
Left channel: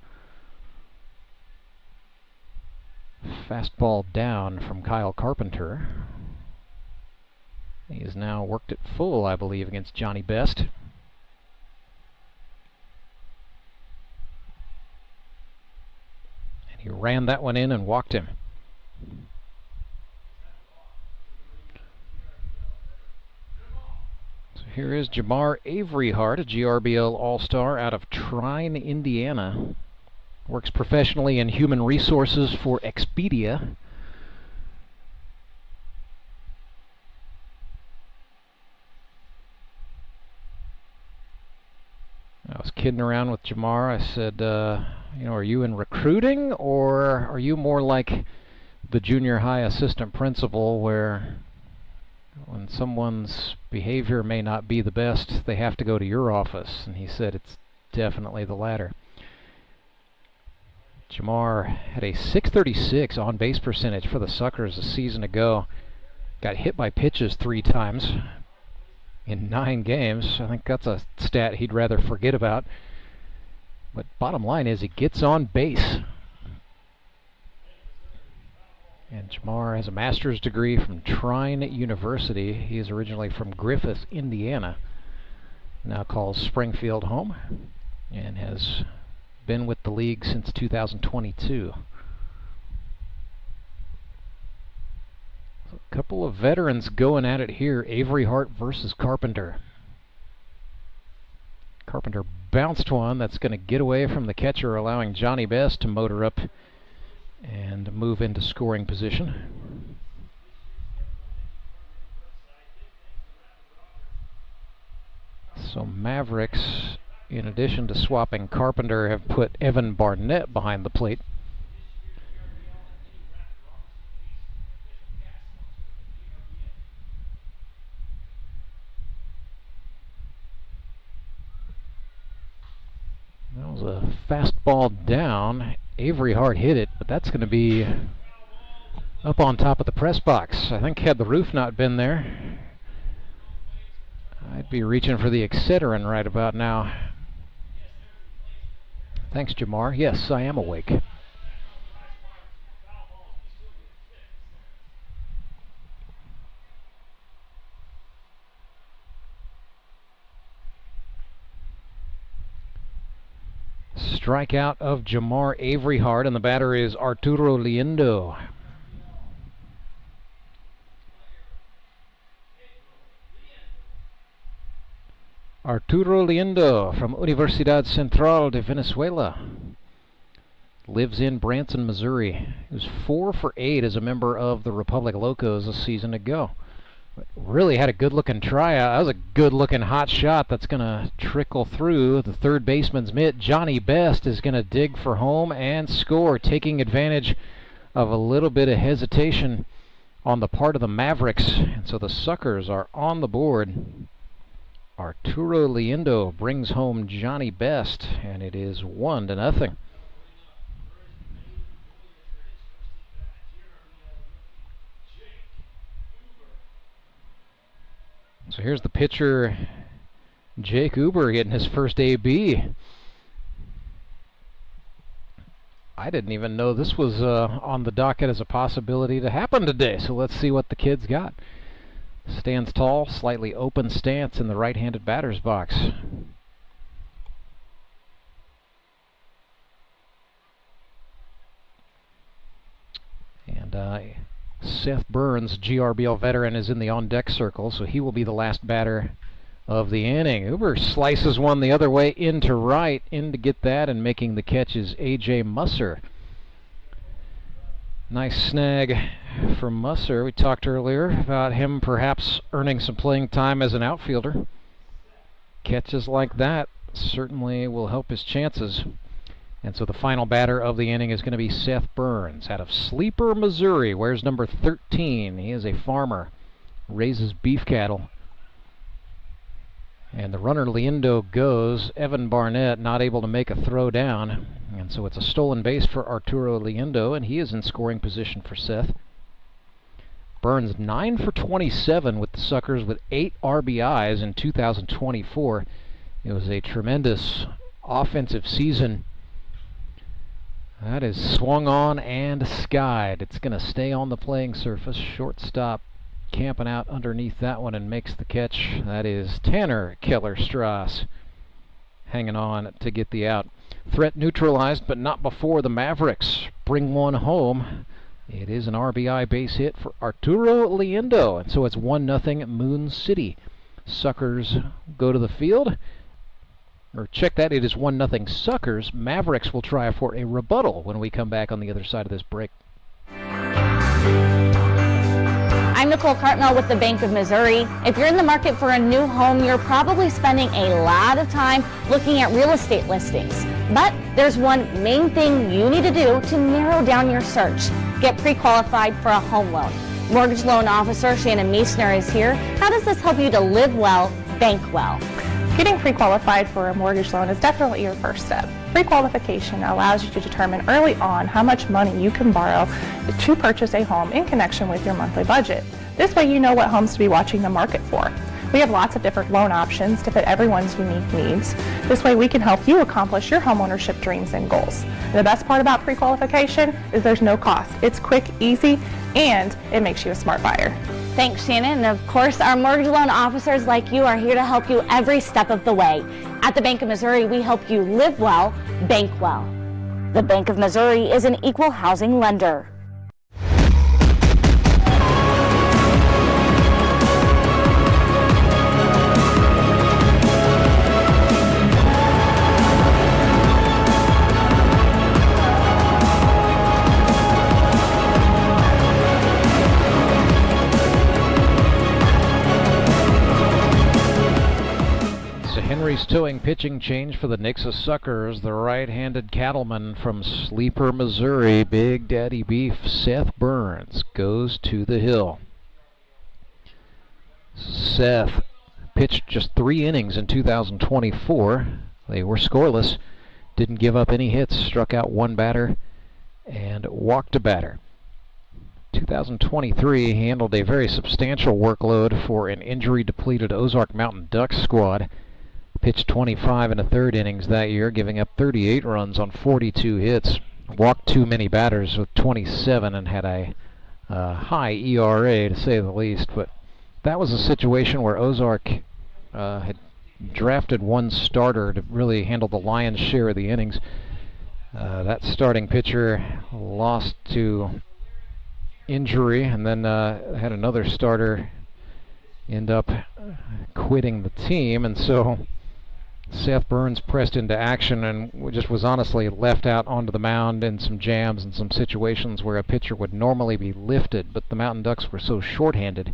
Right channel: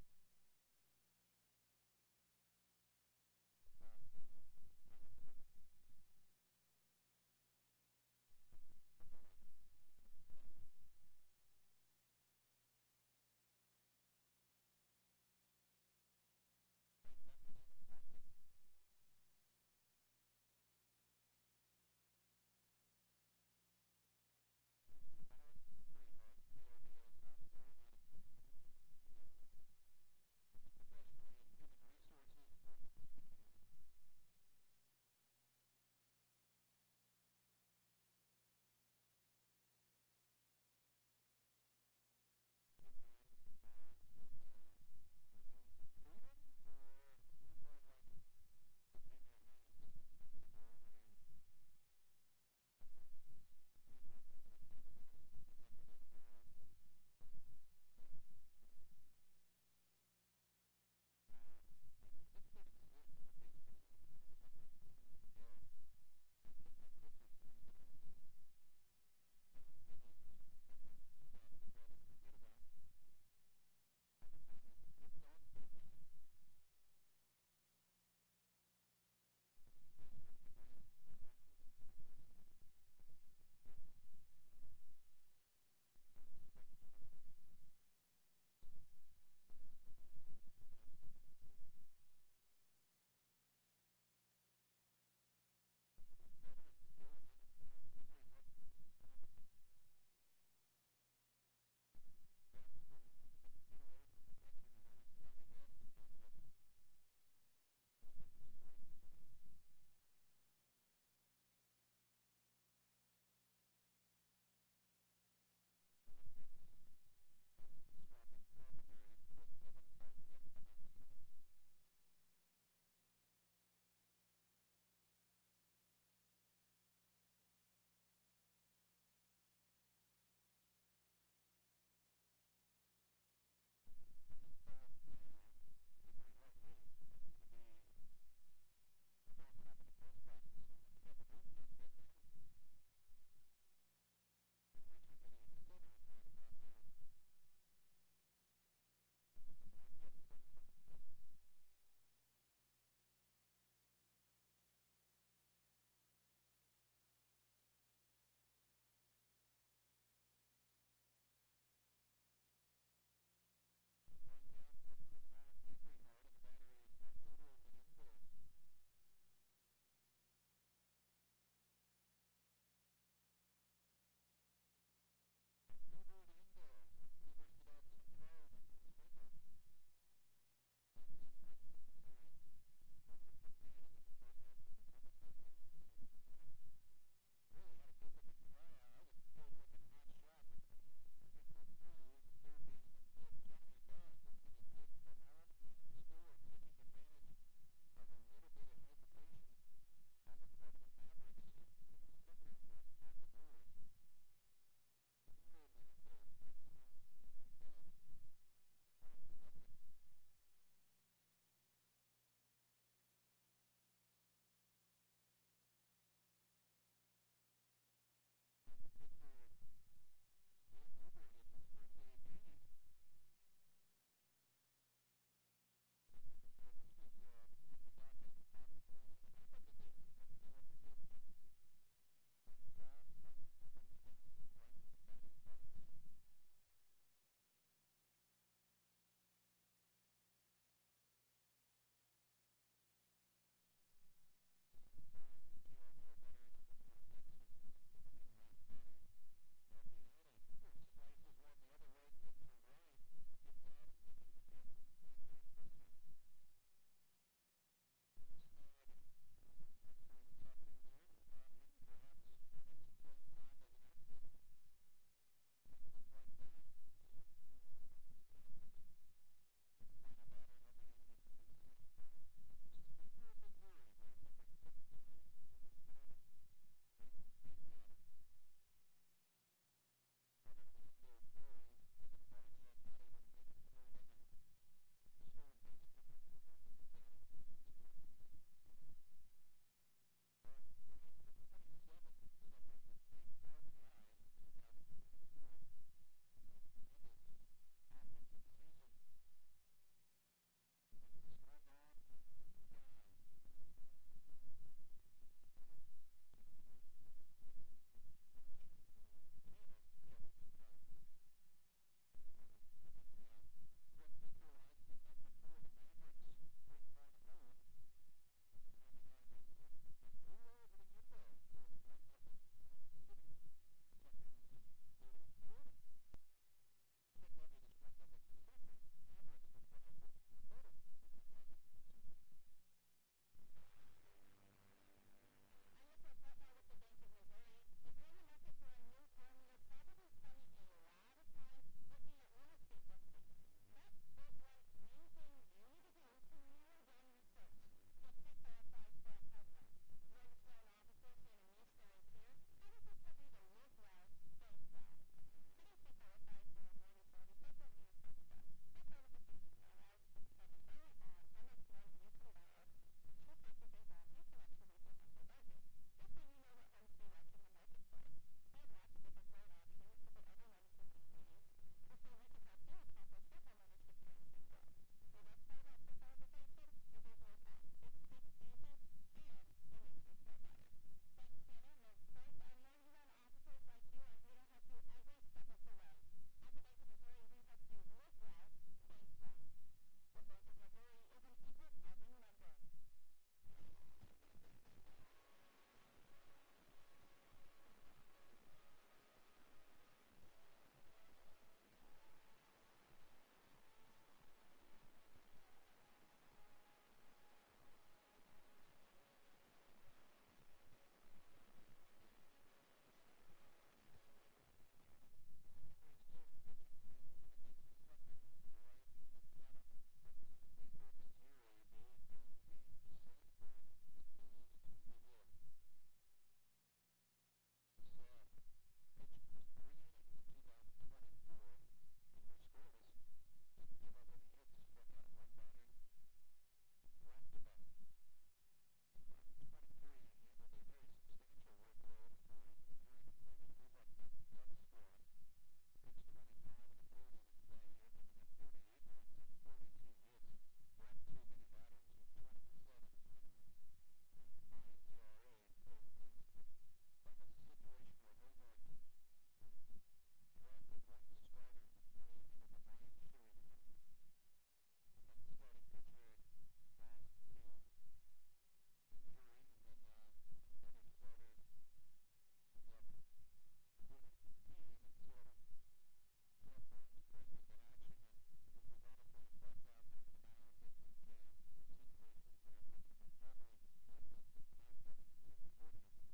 Fastball down from Kyle Carpenter. He has now worked it full, I believe, against Johnny Best. And he ran that one in and walked him. So here is Jamar Averyhart, a GRBL All-Star out of Trine, Indiana. Works professionally in human resources for Expedia. I was kidding around with Jamar. I said, you know, are you in recruiting, or are you more like the junior high assistant principal where when someone's behavior may not be the best, they have to go to your office? And he said it's definitely the latter. Jamar had a .636 on-base percentage for the Suckers a season ago. Got hit by pitches 3 times in 9 games. I think that's a stat he'd rather forget about. But bottom line is he gets on base. And Jamar has a master's degree from Trine University. He is originally from Griffith, Indiana. Now calls Springfield home and has been with the league since 2022. A couple of veterans going at it here. Averyhart versus Carpenter. Carpenter bounced one that's going to get away from the catcher, allowing Johnny Best to motor up and move into scoring position. So Mavericks, in addition to swapping Carpenter, have put Evan Barnett behind the plate. That was a fastball down. Averyhart hit it, but that's going to be up on top of the press box. I think had the roof not been there, I'd be reaching for the Excedrin right about now. Thanks, Jamar. Yes, I am awake. Strikeout of Jamar Averyhart, and the batter is Arturo Liendo. Arturo Liendo from Universidad Central de Venezuela. Lives in Branson, Missouri. He was 4 for 8 as a member of the Republic Locos a season ago. Really had a good-looking tryout. That was a good-looking hot shot that's going to trickle through the third baseman's mitt. Johnny Best is going to dig for home and score, taking advantage of a little bit of hesitation on the part of the Mavericks. And so the Suckers are on the board. Arturo Liendo brings home Johnny Best, and it is 1-0. So here's the pitcher, Jake Uber, getting his first AB. I didn't even know this was on the docket as a possibility to happen today, so let's see what the kid's got. Stands tall, slightly open stance in the right-handed batter's box. And Seth Burns, GRBL veteran, is in the on-deck circle, so he will be the last batter of the inning. Uber slices one the other way into right, in to get that, and making the catch is A.J. Musser. Nice snag from Musser. We talked earlier about him perhaps earning some playing time as an outfielder. Catches like that certainly will help his chances. And so the final batter of the inning is going to be Seth Burns out of Sleeper, Missouri. Wears number 13. He is a farmer, raises beef cattle. And the runner Lindo goes. Evan Barnett not able to make a throw down. And so it's a stolen base for Arturo Lindo, and he is in scoring position for Seth. Burns 9 for 27 with the Suckers with 8 RBIs in 2024. It was a tremendous offensive season. That is swung on and skied. It's going to stay on the playing surface. Shortstop camping out underneath that one and makes the catch. That is Tanner Keller-Strass hanging on to get the out. Threat neutralized, but not before the Mavericks bring one home. It is an RBI base hit for Arturo Lindo, and so it's 1-0 Moon City. Suckers go to the field. Or check that, it is 1-0 Suckers. Mavericks will try for a rebuttal when we come back on the other side of this break. I'm Nicole Cartmel with the Bank of Missouri. If you're in the market for a new home, you're probably spending a lot of time looking at real estate listings. But there's one main thing you need to do to narrow down your search. Get pre-qualified for a home loan. Mortgage loan officer Shannon Meisner is here. How does this help you to live well, bank well? Getting pre-qualified for a mortgage loan is definitely your first step. Pre-qualification allows you to determine early on how much money you can borrow to purchase a home in connection with your monthly budget. This way you know what homes to be watching the market for. We have lots of different loan options to fit everyone's unique needs. This way we can help you accomplish your homeownership dreams and goals. And the best part about pre-qualification is there's no cost. It's quick, easy, and it makes you a smart buyer. Thanks, Shannon. And of course, our mortgage loan officers like you are here to help you every step of the way. At the Bank of Missouri, we help you live well, bank well. The Bank of Missouri is an equal housing lender. Henry's towing pitching change for the Nixa Suckers. The right-handed cattleman from Sleeper, Missouri, Big Daddy Beef, Seth Burns, goes to the hill. Seth pitched just 3 innings in 2024. They were scoreless, didn't give up any hits, struck out 1 batter, and walked a batter. 2023 handled a very substantial workload for an injury-depleted Ozark Mountain Ducks squad. Pitched 25 1/3 innings that year, giving up 38 runs on 42 hits. Walked too many batters with 27 and had a high ERA, to say the least. But that was a situation where Ozark had drafted 1 starter to really handle the lion's share of the innings. That starting pitcher lost to injury, and then had another starter end up quitting the team, and so Seth Burns pressed into action and just was honestly left out onto the mound in some jams and some situations where a pitcher would normally be lifted, but the Mountain Ducks were so shorthanded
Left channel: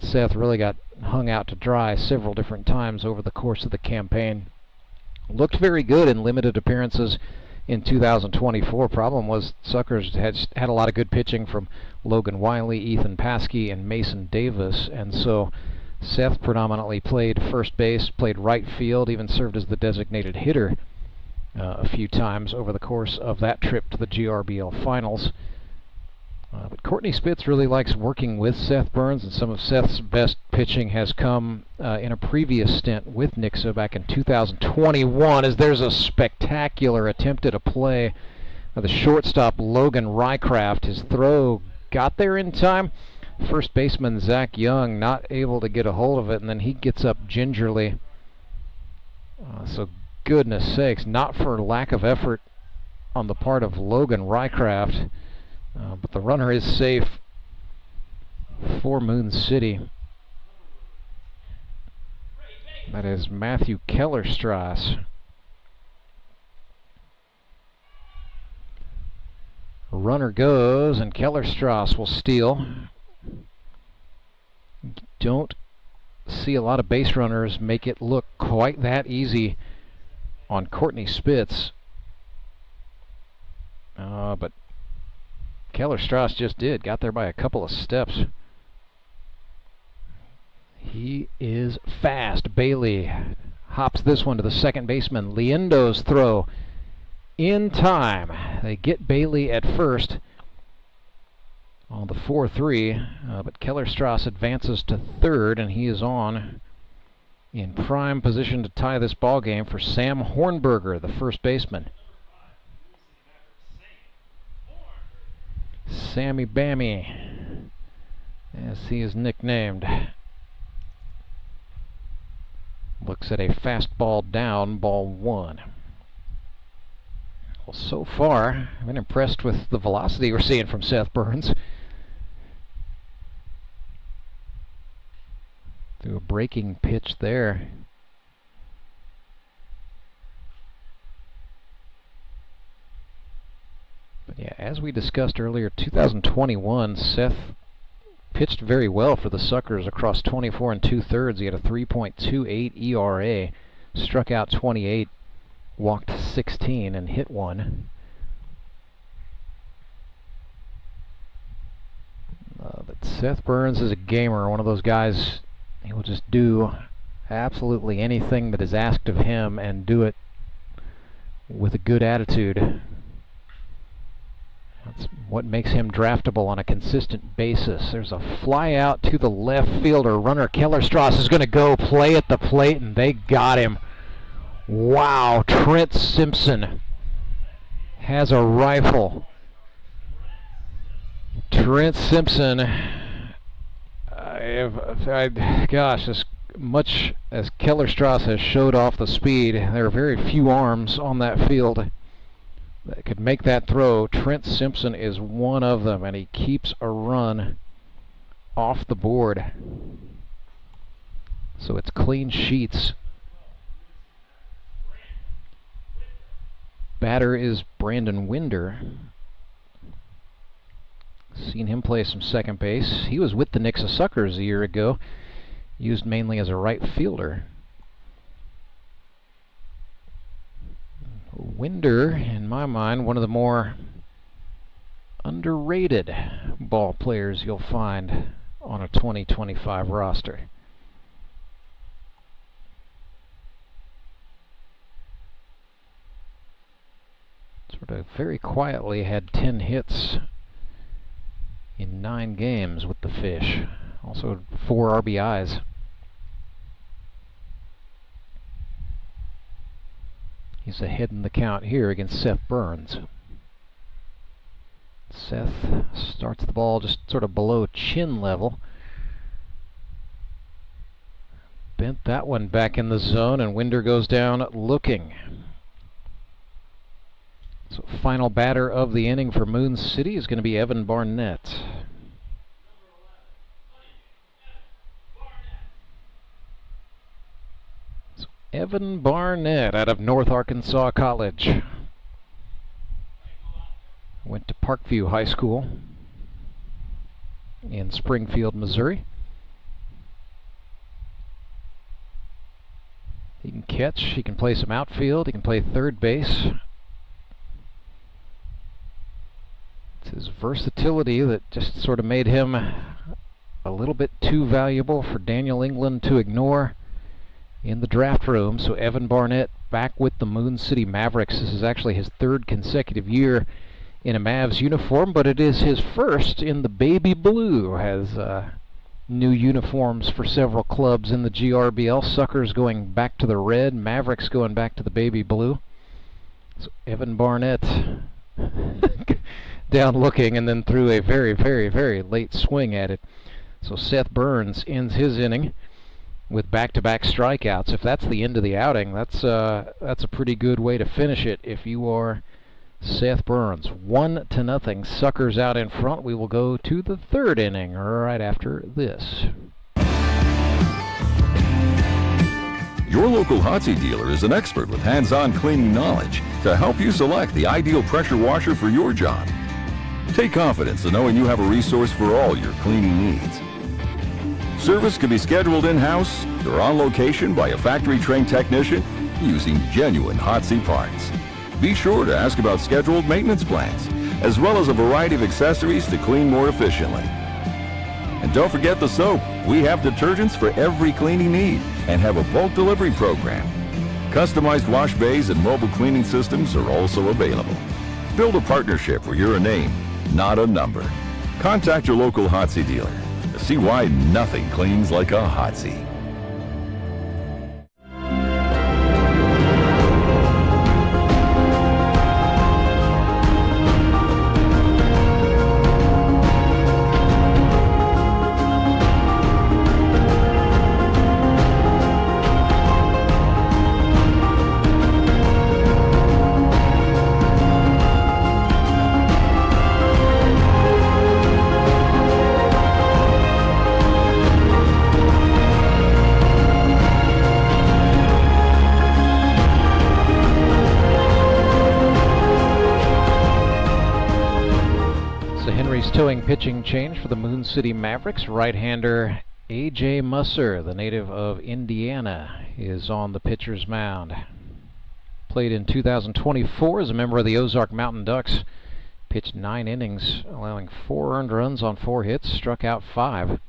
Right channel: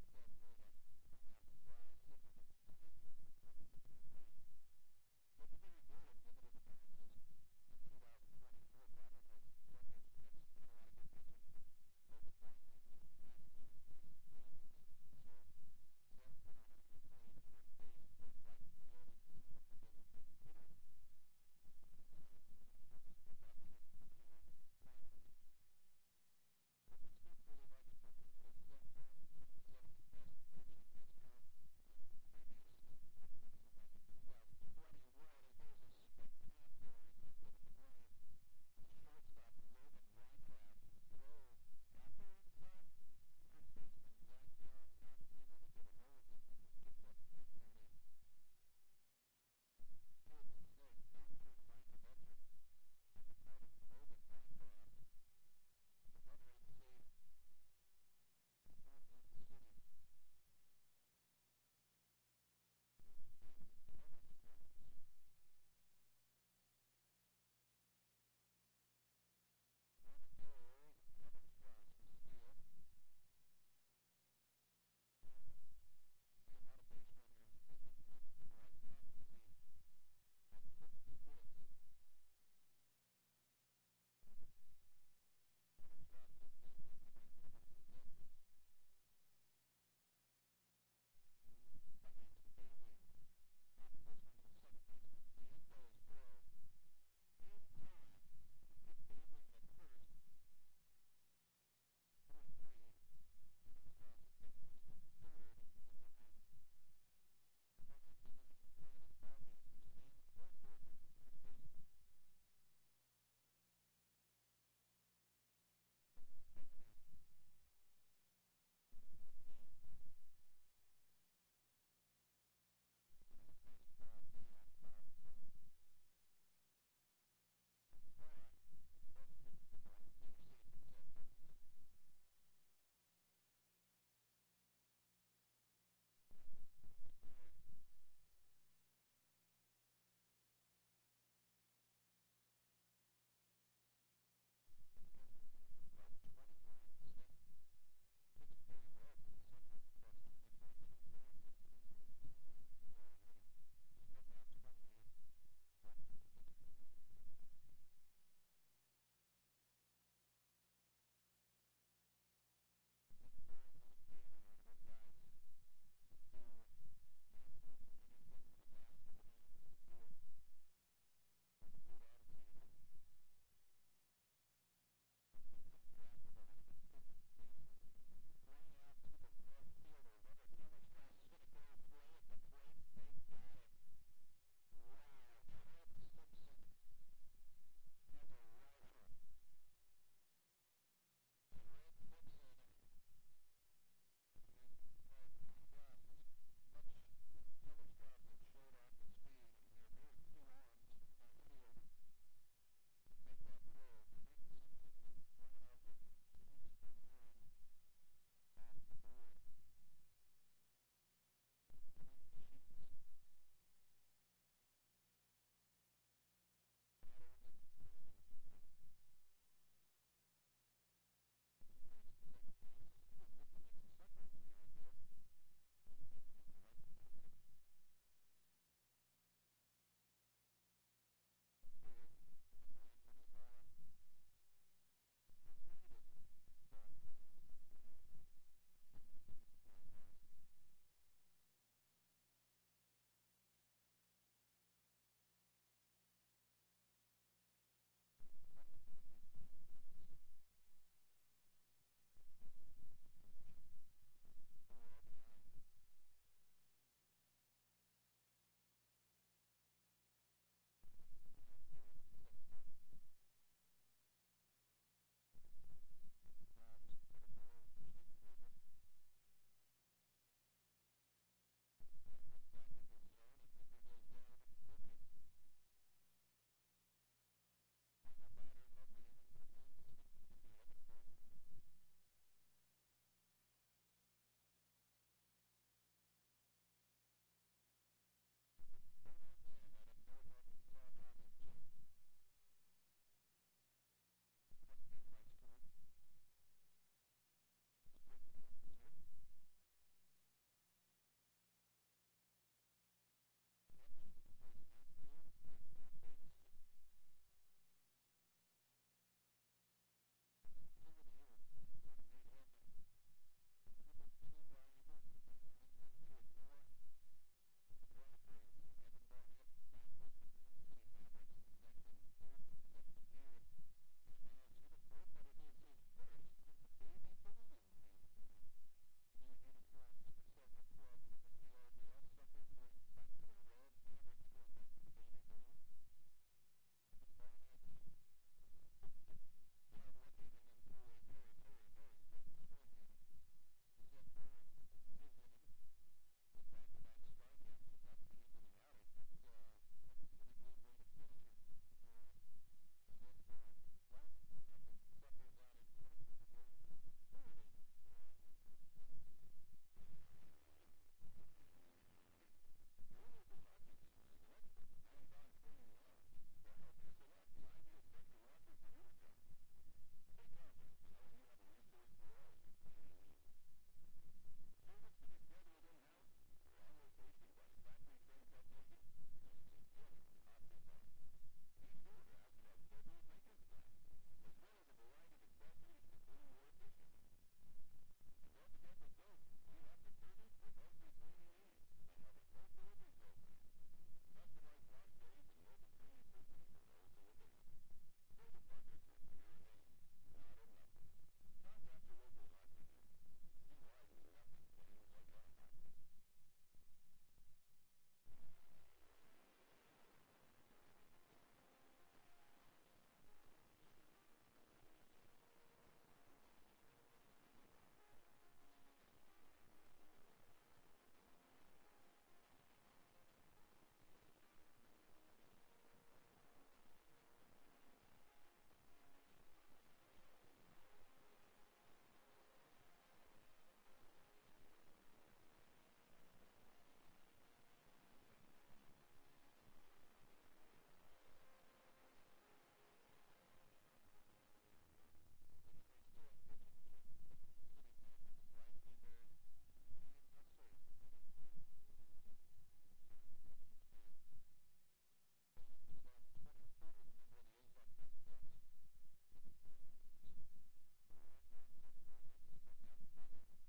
Seth really got hung out to dry several different times over the course of the campaign. Looked very good in limited appearances in 2024. Problem was Suckers had a lot of good pitching from Logan Wiley, Ethan Paskey, and Mason Davis, and so Seth predominantly played first base, played right field, even served as the designated hitter a few times over the course of that trip to the GRBL finals. But Courtney Spitz really likes working with Seth Burns, and some of Seth's best pitching has come in a previous stint with Nixa back in 2021, as there's a spectacular attempt at a play. The shortstop Logan Rycraft, his throw got there in time. First baseman Zach Young not able to get a hold of it, and then he gets up gingerly. So goodness sakes, not for lack of effort on the part of Logan Rycraft, but the runner is safe for Moon City. That is Matthew Keller-Strass. Runner goes, and Keller-Strass will steal. Don't see a lot of base runners make it look quite that easy on Courtney Spitz. But Keller-Strass just did. Got there by a couple of steps. He is fast. Bailey hops this one to the second baseman. Liendo's throw in time. They get Bailey at first on the 4-3, but Kellerstrass advances to third, and he is on in prime position to tie this ball game for Sam Hornberger, the first baseman. Sammy Bammy, as he is nicknamed, looks at a fastball down, ball one. Well, so far, I've been impressed with the velocity we're seeing from Seth Burns. Through a breaking pitch there. But yeah, as we discussed earlier, 2021, Seth pitched very well for the Suckers across 24 2/3. He had a 3.28 ERA, struck out 28, walked 16, and hit one. But Seth Burns is a gamer, one of those guys. He will just do absolutely anything that is asked of him and do it with a good attitude. That's what makes him draftable on a consistent basis. There's a fly out to the left fielder. Runner Kellerstrass is going to go play at the plate, and they got him. Wow, Trent Simpson has a rifle. Trent Simpson, gosh, as much as Kellerstrass has showed off the speed, there are very few arms on that field that could make that throw. Trent Simpson is one of them, and he keeps a run off the board. So it's clean sheets. Batter is Brandon Winder. Seen him play some second base. He was with the Nixa Suckers a year ago, used mainly as a right fielder. Winder, in my mind, one of the more underrated ball players you'll find on a 2025 roster. Sort of very quietly had 10 hits in 9 games with the Fish. Also 4 RBIs. He's ahead in the count here against Seth Burns. Seth starts the ball just sort of below chin level. Bent that one back in the zone, and Winder goes down looking. So final batter of the inning for Moon City is going to be Evan Barnett. So Evan Barnett out of North Arkansas College. Went to Parkview High School in Springfield, Missouri. He can catch, he can play some outfield, he can play third base. His versatility that just sort of made him a little bit too valuable for Daniel England to ignore in the draft room. So Evan Barnett back with the Moon City Mavericks. This is actually his 3rd consecutive year in a Mavs uniform, but it is his first in the baby blue. Has new uniforms for several clubs in the GRBL. Suckers going back to the red, Mavericks going back to the baby blue. So Evan Barnett down looking, and then threw a very, very, very late swing at it. So Seth Burns ends his inning with back-to-back strikeouts. If that's the end of the outing, that's a pretty good way to finish it if you are Seth Burns. 1-0, Suckers out in front. We will go to the 3rd inning right after this. Your local hot seat dealer is an expert with hands-on cleaning knowledge to help you select the ideal pressure washer for your job. Take confidence in knowing you have a resource for all your cleaning needs. Service can be scheduled in-house or on location by a factory-trained technician using genuine hot seat parts. Be sure to ask about scheduled maintenance plans, as well as a variety of accessories to clean more efficiently. And don't forget the soap. We have detergents for every cleaning need and have a bulk delivery program. Customized wash bays and mobile cleaning systems are also available. Build a partnership where you're a name, not a number. Contact your local Hotsy dealer to see why nothing cleans like a Hotsy. Towing pitching change for the Moon City Mavericks. Right-hander A.J. Musser, the native of Indiana, is on the pitcher's mound. Played in 2024 as a member of the Ozark Mountain Ducks. Pitched 9 innings, allowing 4 earned runs on 4 hits, struck out 5.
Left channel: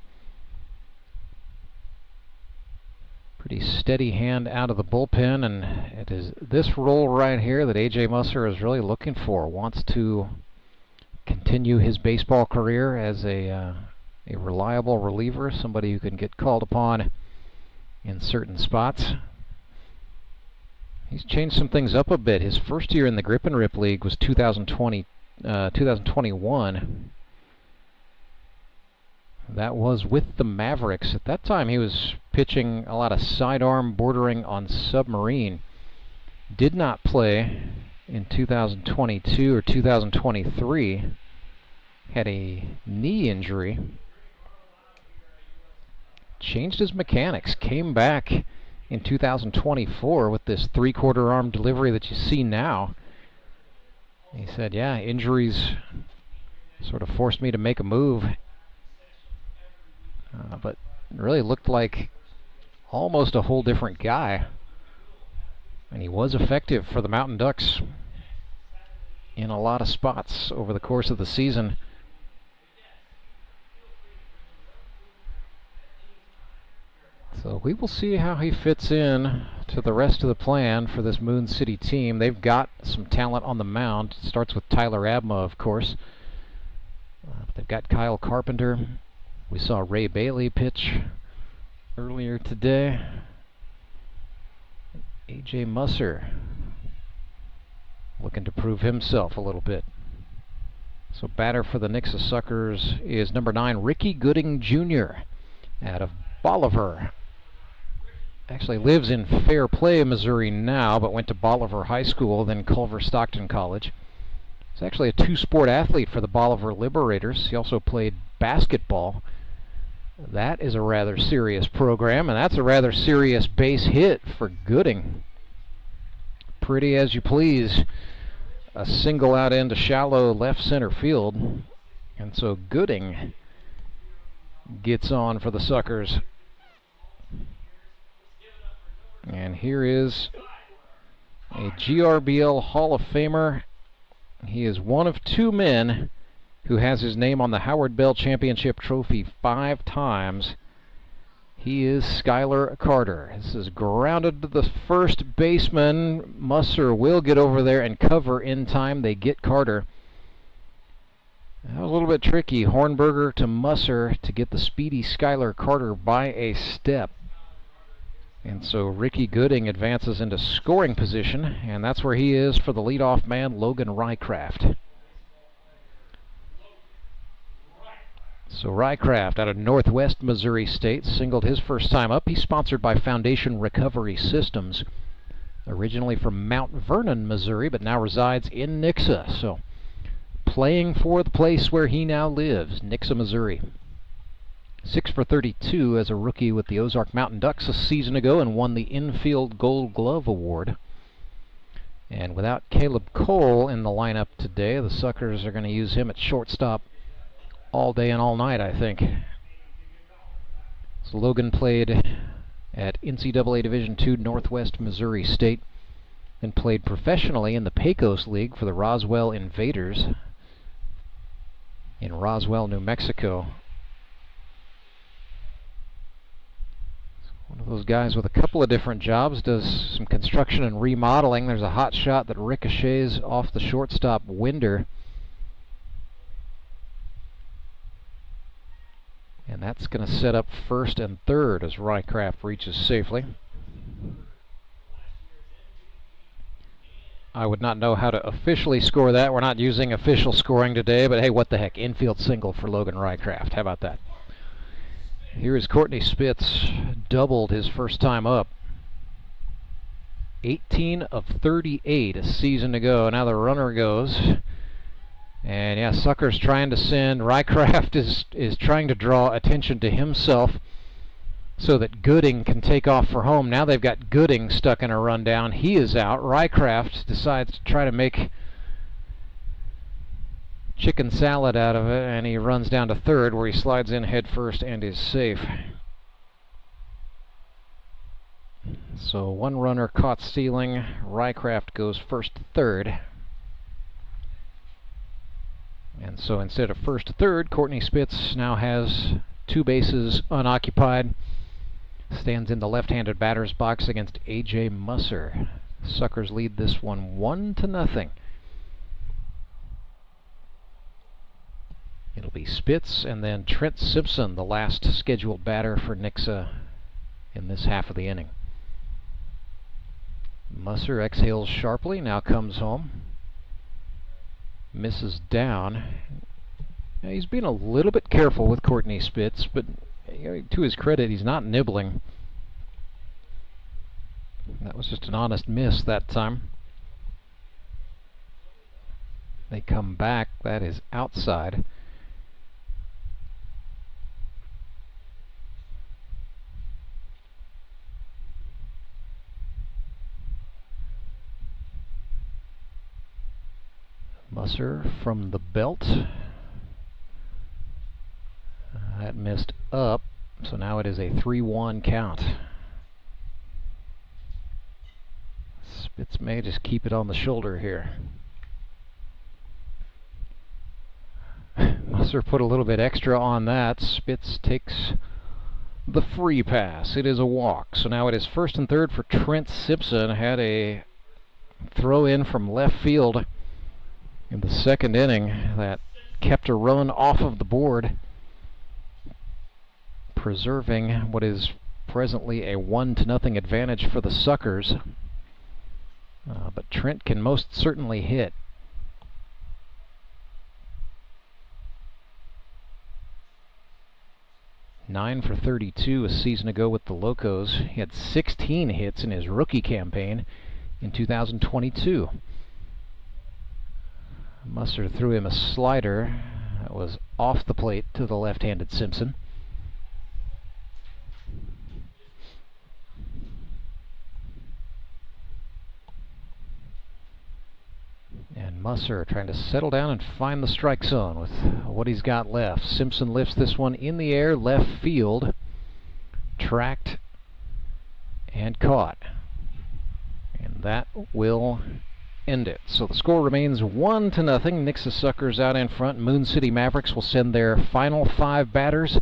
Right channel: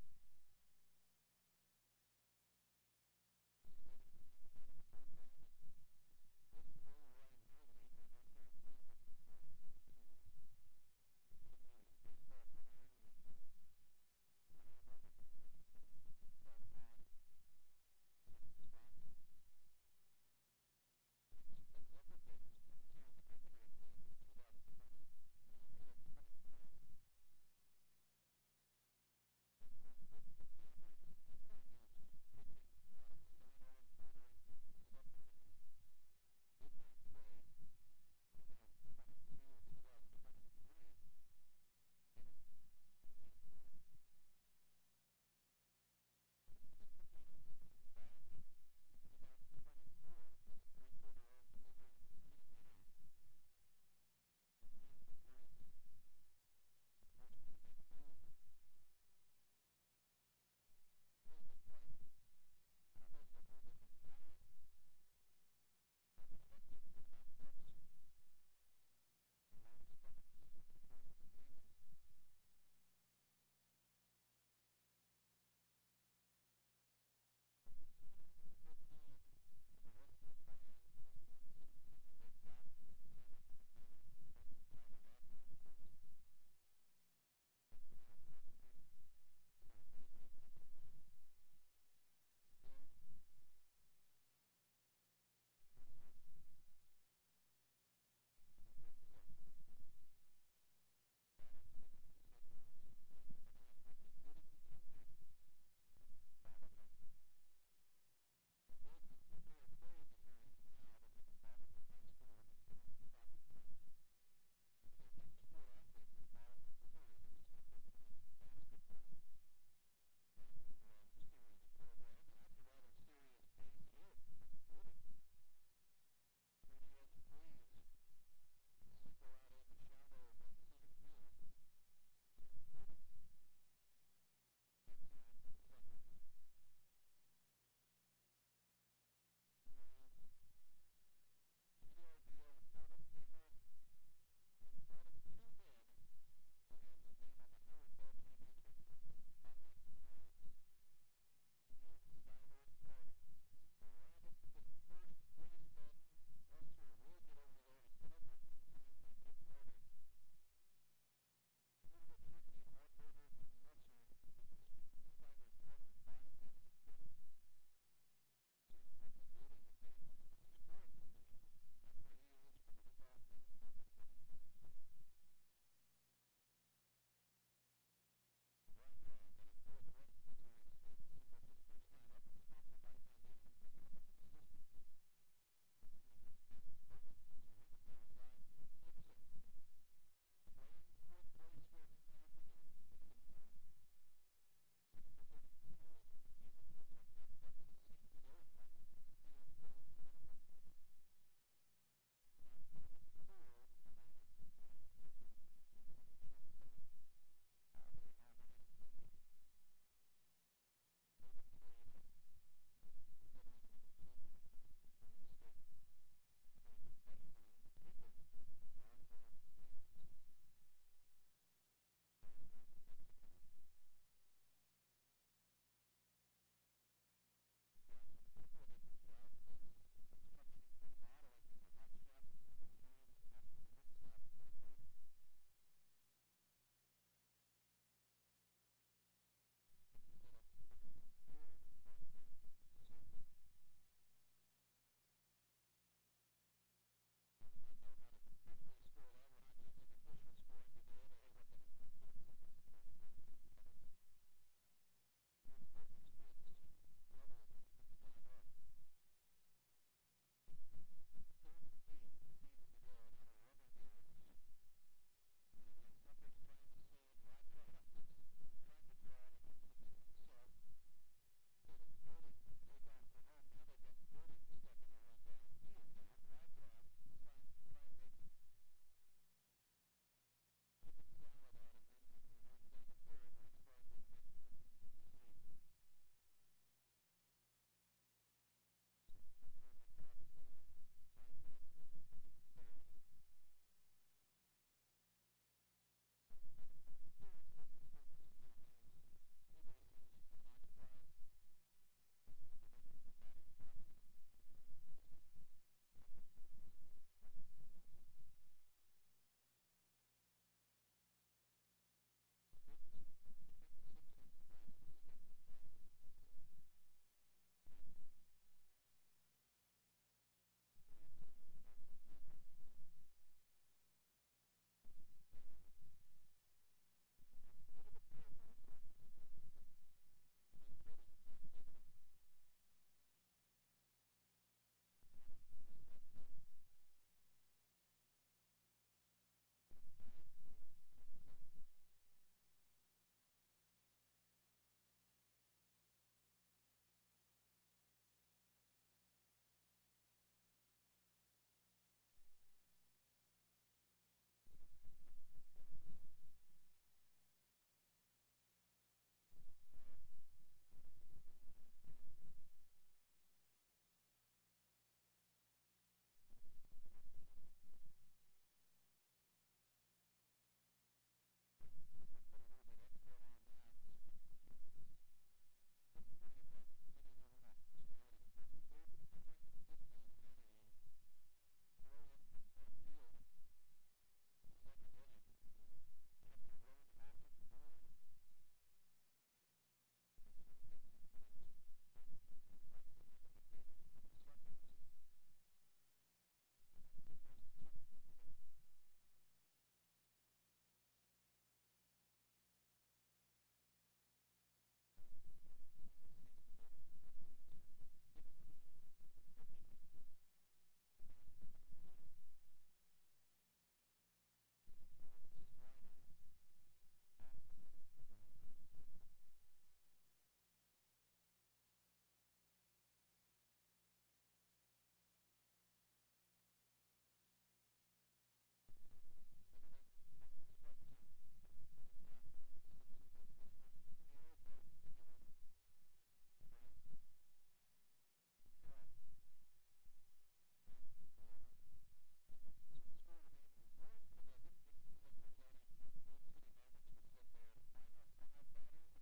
Pretty steady hand out of the bullpen, and it is this role right here that A.J. Musser is really looking for. Wants to continue his baseball career as a reliable reliever, somebody who can get called upon in certain spots. He's changed some things up a bit. His first year in the Grip and Rip League was 2021. That was with the Mavericks. At that time, he was pitching a lot of sidearm bordering on submarine. Did not play in 2022 or 2023. Had a knee injury. Changed his mechanics. Came back in 2024 with this 3/4 arm delivery that you see now. He said, yeah, injuries sort of forced me to make a move. But really looked like almost a whole different guy. And he was effective for the Mountain Ducks in a lot of spots over the course of the season. So we will see how he fits in to the rest of the plan for this Moon City team. They've got some talent on the mound. It starts with Tyler Abma, of course. They've got Kyle Carpenter. We saw Ray Bailey pitch earlier today. A.J. Musser looking to prove himself a little bit. So batter for the Nixa Suckers is number 9, Ricky Gooding Jr. out of Bolivar. Actually lives in Fair Play, Missouri now, but went to Bolivar High School, then Culver Stockton College. He's actually a 2-sport athlete for the Bolivar Liberators. He also played basketball. That is a rather serious program, and that's a rather serious base hit for Gooding. Pretty as you please. A single out into shallow left center field. And so Gooding gets on for the Suckers. And here is a GRBL Hall of Famer. He is one of 2 men who has his name on the Howard Bell Championship Trophy 5 times. He is Skylar Carter. This is grounded to the first baseman. Musser will get over there and cover in time. They get Carter. That was a little bit tricky. Hornberger to Musser to get the speedy Skylar Carter by a step. And so Ricky Gooding advances into scoring position, and that's where he is for the leadoff man, Logan Rycraft. So Rycraft out of Northwest Missouri State singled his first time up. He's sponsored by Foundation Recovery Systems, originally from Mount Vernon, Missouri, but now resides in Nixa. So playing for the place where he now lives, Nixa, Missouri. 6 for 32 as a rookie with the Ozark Mountain Ducks a season ago and won the Infield Gold Glove Award. And without Caleb Cole in the lineup today, the Suckers are going to use him at shortstop all day and all night, I think. So Logan played at NCAA Division II Northwest Missouri State, then played professionally in the Pecos League for the Roswell Invaders in Roswell, New Mexico. guys with a couple of different jobs, does some construction and remodeling. There's a hot shot that ricochets off the shortstop Winder. And that's going to set up first and third as Rycraft reaches safely. I would not know how to officially score that. We're not using official scoring today, but hey, what the heck. Infield single for Logan Rycraft. How about that? Here is Courtney Spitz, doubled his first time up. 18 of 38, a season to go. Now the runner goes. And yeah, Sucker's trying to send. Rycraft is trying to draw attention to himself so that Gooding can take off for home. Now they've got Gooding stuck in a rundown. He is out. Rycraft decides to try to make chicken salad out of it, and he runs down to third where he slides in head first and is safe. So one runner caught stealing. Rycraft goes first to third. And so instead of first to third, Courtney Spitz now has two bases unoccupied. Stands in the left-handed batter's box against A.J. Musser. Suckers lead this one 1-0. It'll be Spitz and then Trent Simpson, the last scheduled batter for Nixa in this half of the inning. Musser exhales sharply, now comes home. Misses down. Now, he's being a little bit careful with Courtney Spitz, but to his credit, he's not nibbling. That was just an honest miss that time. They come back. That is outside. Musser from the belt. That missed up, so now it is a 3-1 count. Spitz may just keep it on the shoulder here. Musser put a little bit extra on that. Spitz takes the free pass. It is a walk. So now it is first and third for Trent Simpson. Had a throw in from left field in the second inning that kept a run off of the board, preserving what is presently a 1-0 advantage for the Suckers. But Trent can most certainly hit. Nine for 32 a season ago with the Locos. He had 16 hits in his rookie campaign in 2022. Musser threw him a slider that was off the plate to the left-handed Simpson. And Musser trying to settle down and find the strike zone with what he's got left. Simpson lifts this one in the air, left field, tracked and caught. And that will end it. So the score remains 1-0. Nixa Suckers out in front. Moon City Mavericks will send their final 5 batters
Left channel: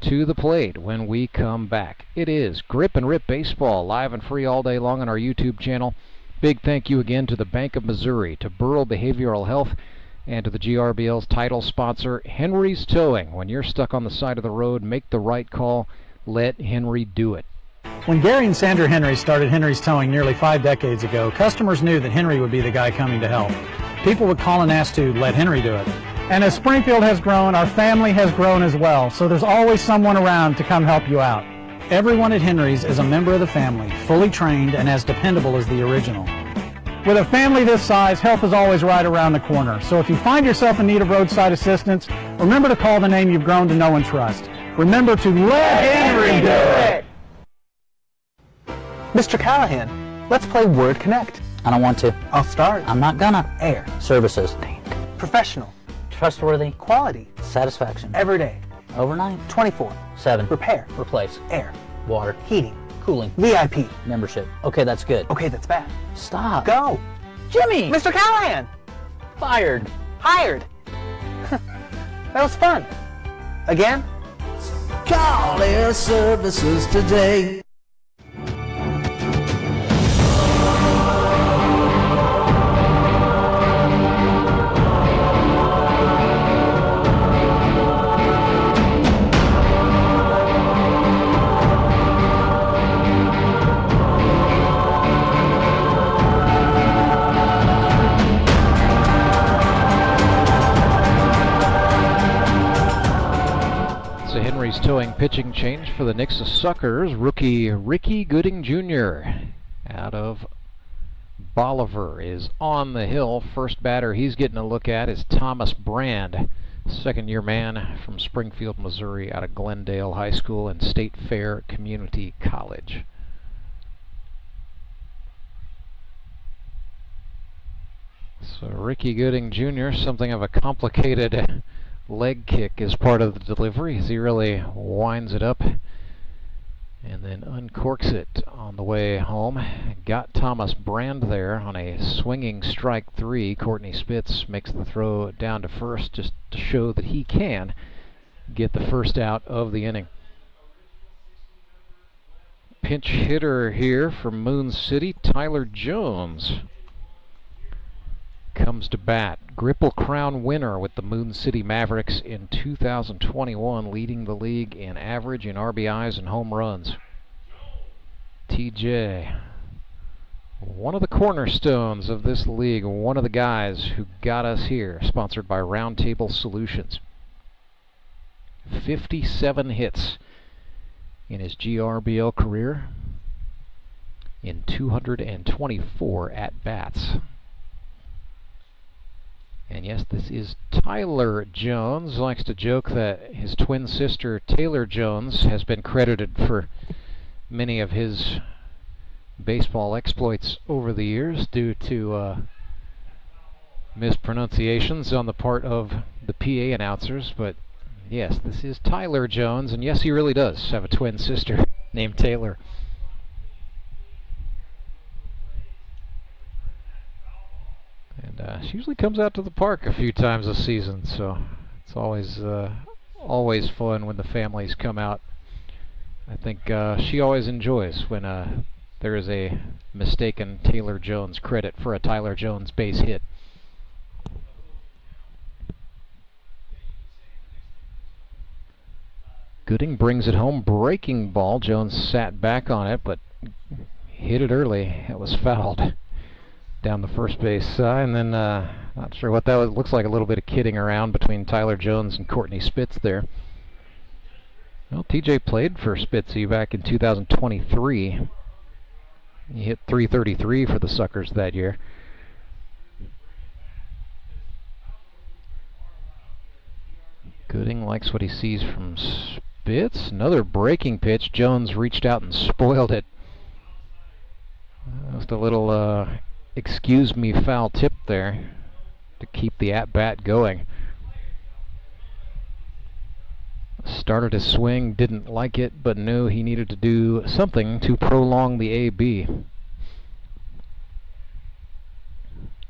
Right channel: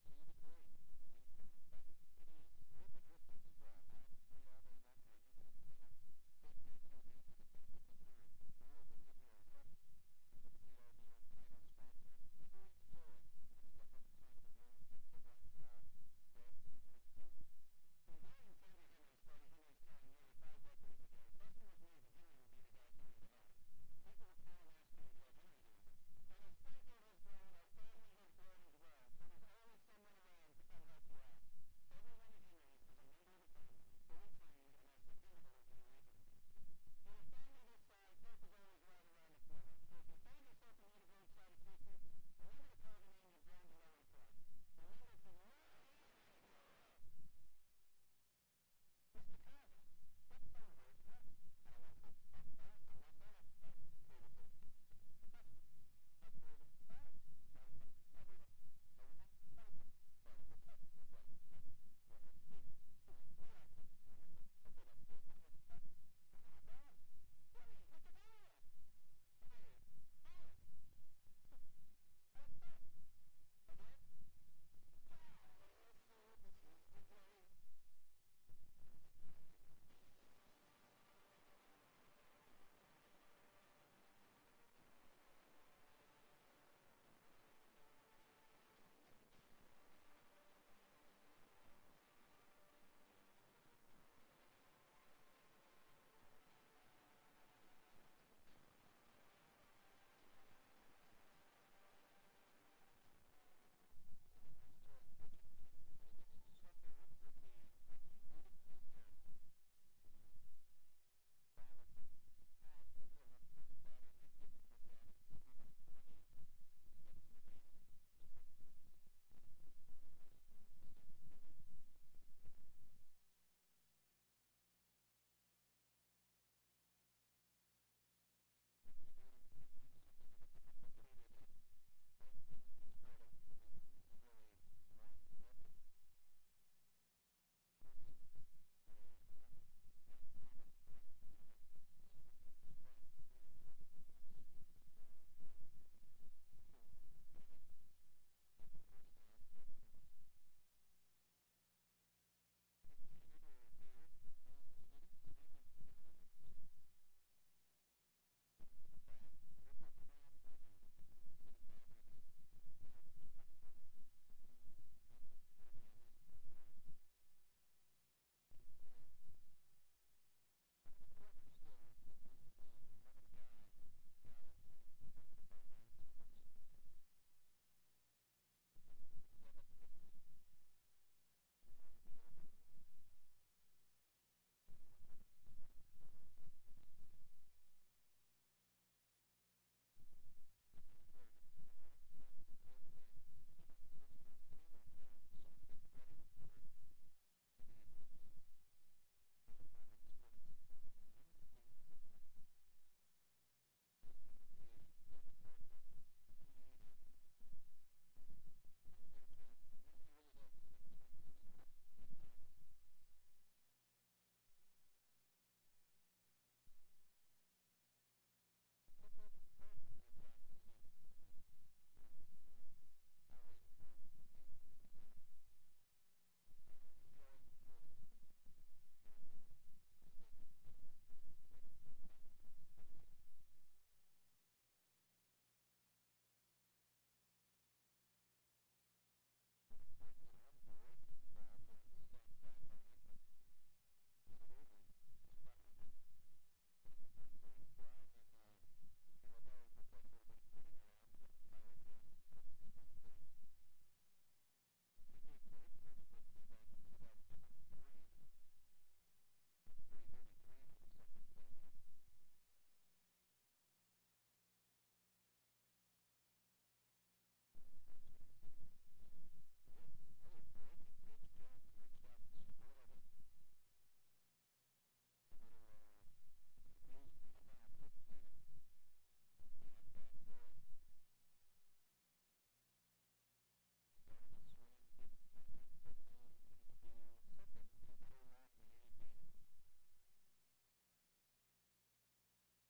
to the plate when we come back. It is Grip and Rip Baseball, live and free all day long on our YouTube channel. Big thank you again to the Bank of Missouri, to Burrell Behavioral Health, and to the GRBL's title sponsor, Henry's Towing. When you're stuck on the side of the road, make the right call. Let Henry do it. When Gary and Sandra Henry started Henry's Towing nearly 5 decades ago, customers knew that Henry would be the guy coming to help. People would call and ask to let Henry do it. And as Springfield has grown, our family has grown as well, so there's always someone around to come help you out. Everyone at Henry's is a member of the family, fully trained and as dependable as the original. With a family this size, help is always right around the corner. So if you find yourself in need of roadside assistance, remember to call the name you've grown to know and trust. Remember to let Henry do it! Mr. Callahan, let's play Word Connect. I don't want to. I'll start. I'm not gonna. Air. Services. Professional. Trustworthy. Quality. Satisfaction. Every day. Overnight. 24/7. Repair. Replace. Air. Water. Heating. Cooling. VIP. Membership. Okay, that's good. Okay, that's bad. Stop. Go. Jimmy! Mr. Callahan! Fired. Hired. That was fun. Again? Call Air Services today. a Henry's Towing pitching change for the Nixa Suckers. Rookie Ricky Gooding Jr. out of Bolivar is on the hill. First batter he's getting a look at is Thomas Brand, second-year man from Springfield, Missouri, out of Glendale High School and State Fair Community College. So Ricky Gooding Jr., something of a complicated leg kick as part of the delivery as he really winds it up and then uncorks it on the way home. Got Thomas Brand there on a swinging strike three. Courtney Spitz makes the throw down to first just to show that he can get the first out of the inning. Pinch hitter here from Moon City, Tyler Jones comes to bat. Gripple Crown winner with the Moon City Mavericks in 2021, leading the league in average, in RBIs, and home runs. TJ, one of the cornerstones of this league, one of the guys who got us here, sponsored by Roundtable Solutions. 57 hits in his GRBL career in 224 at-bats. And yes, this is Tyler Jones. Likes to joke that his twin sister, Taylor Jones, has been credited for many of his baseball exploits over the years due to mispronunciations on the part of the PA announcers. But yes, this is Tyler Jones, and yes, he really does have a twin sister named Taylor. And she usually comes out to the park a few times a season, so it's always fun when the families come out. I think she always enjoys when there is a mistaken Taylor Jones credit for a Tyler Jones base hit. Gooding brings it home, breaking ball. Jones sat back on it, but hit it early. It was fouled down the first base side, and then not sure what that was. Looks like a little bit of kidding around between Tyler Jones and Courtney Spitz there. Well, TJ played for Spitzy back in 2023. He hit .333 for the Suckers that year. Gooding likes what he sees from Spitz. Another breaking pitch. Jones reached out and spoiled it. Just a little excuse me foul tip there to keep the at-bat going. Started his swing, didn't like it, but knew he needed to do something to prolong the AB.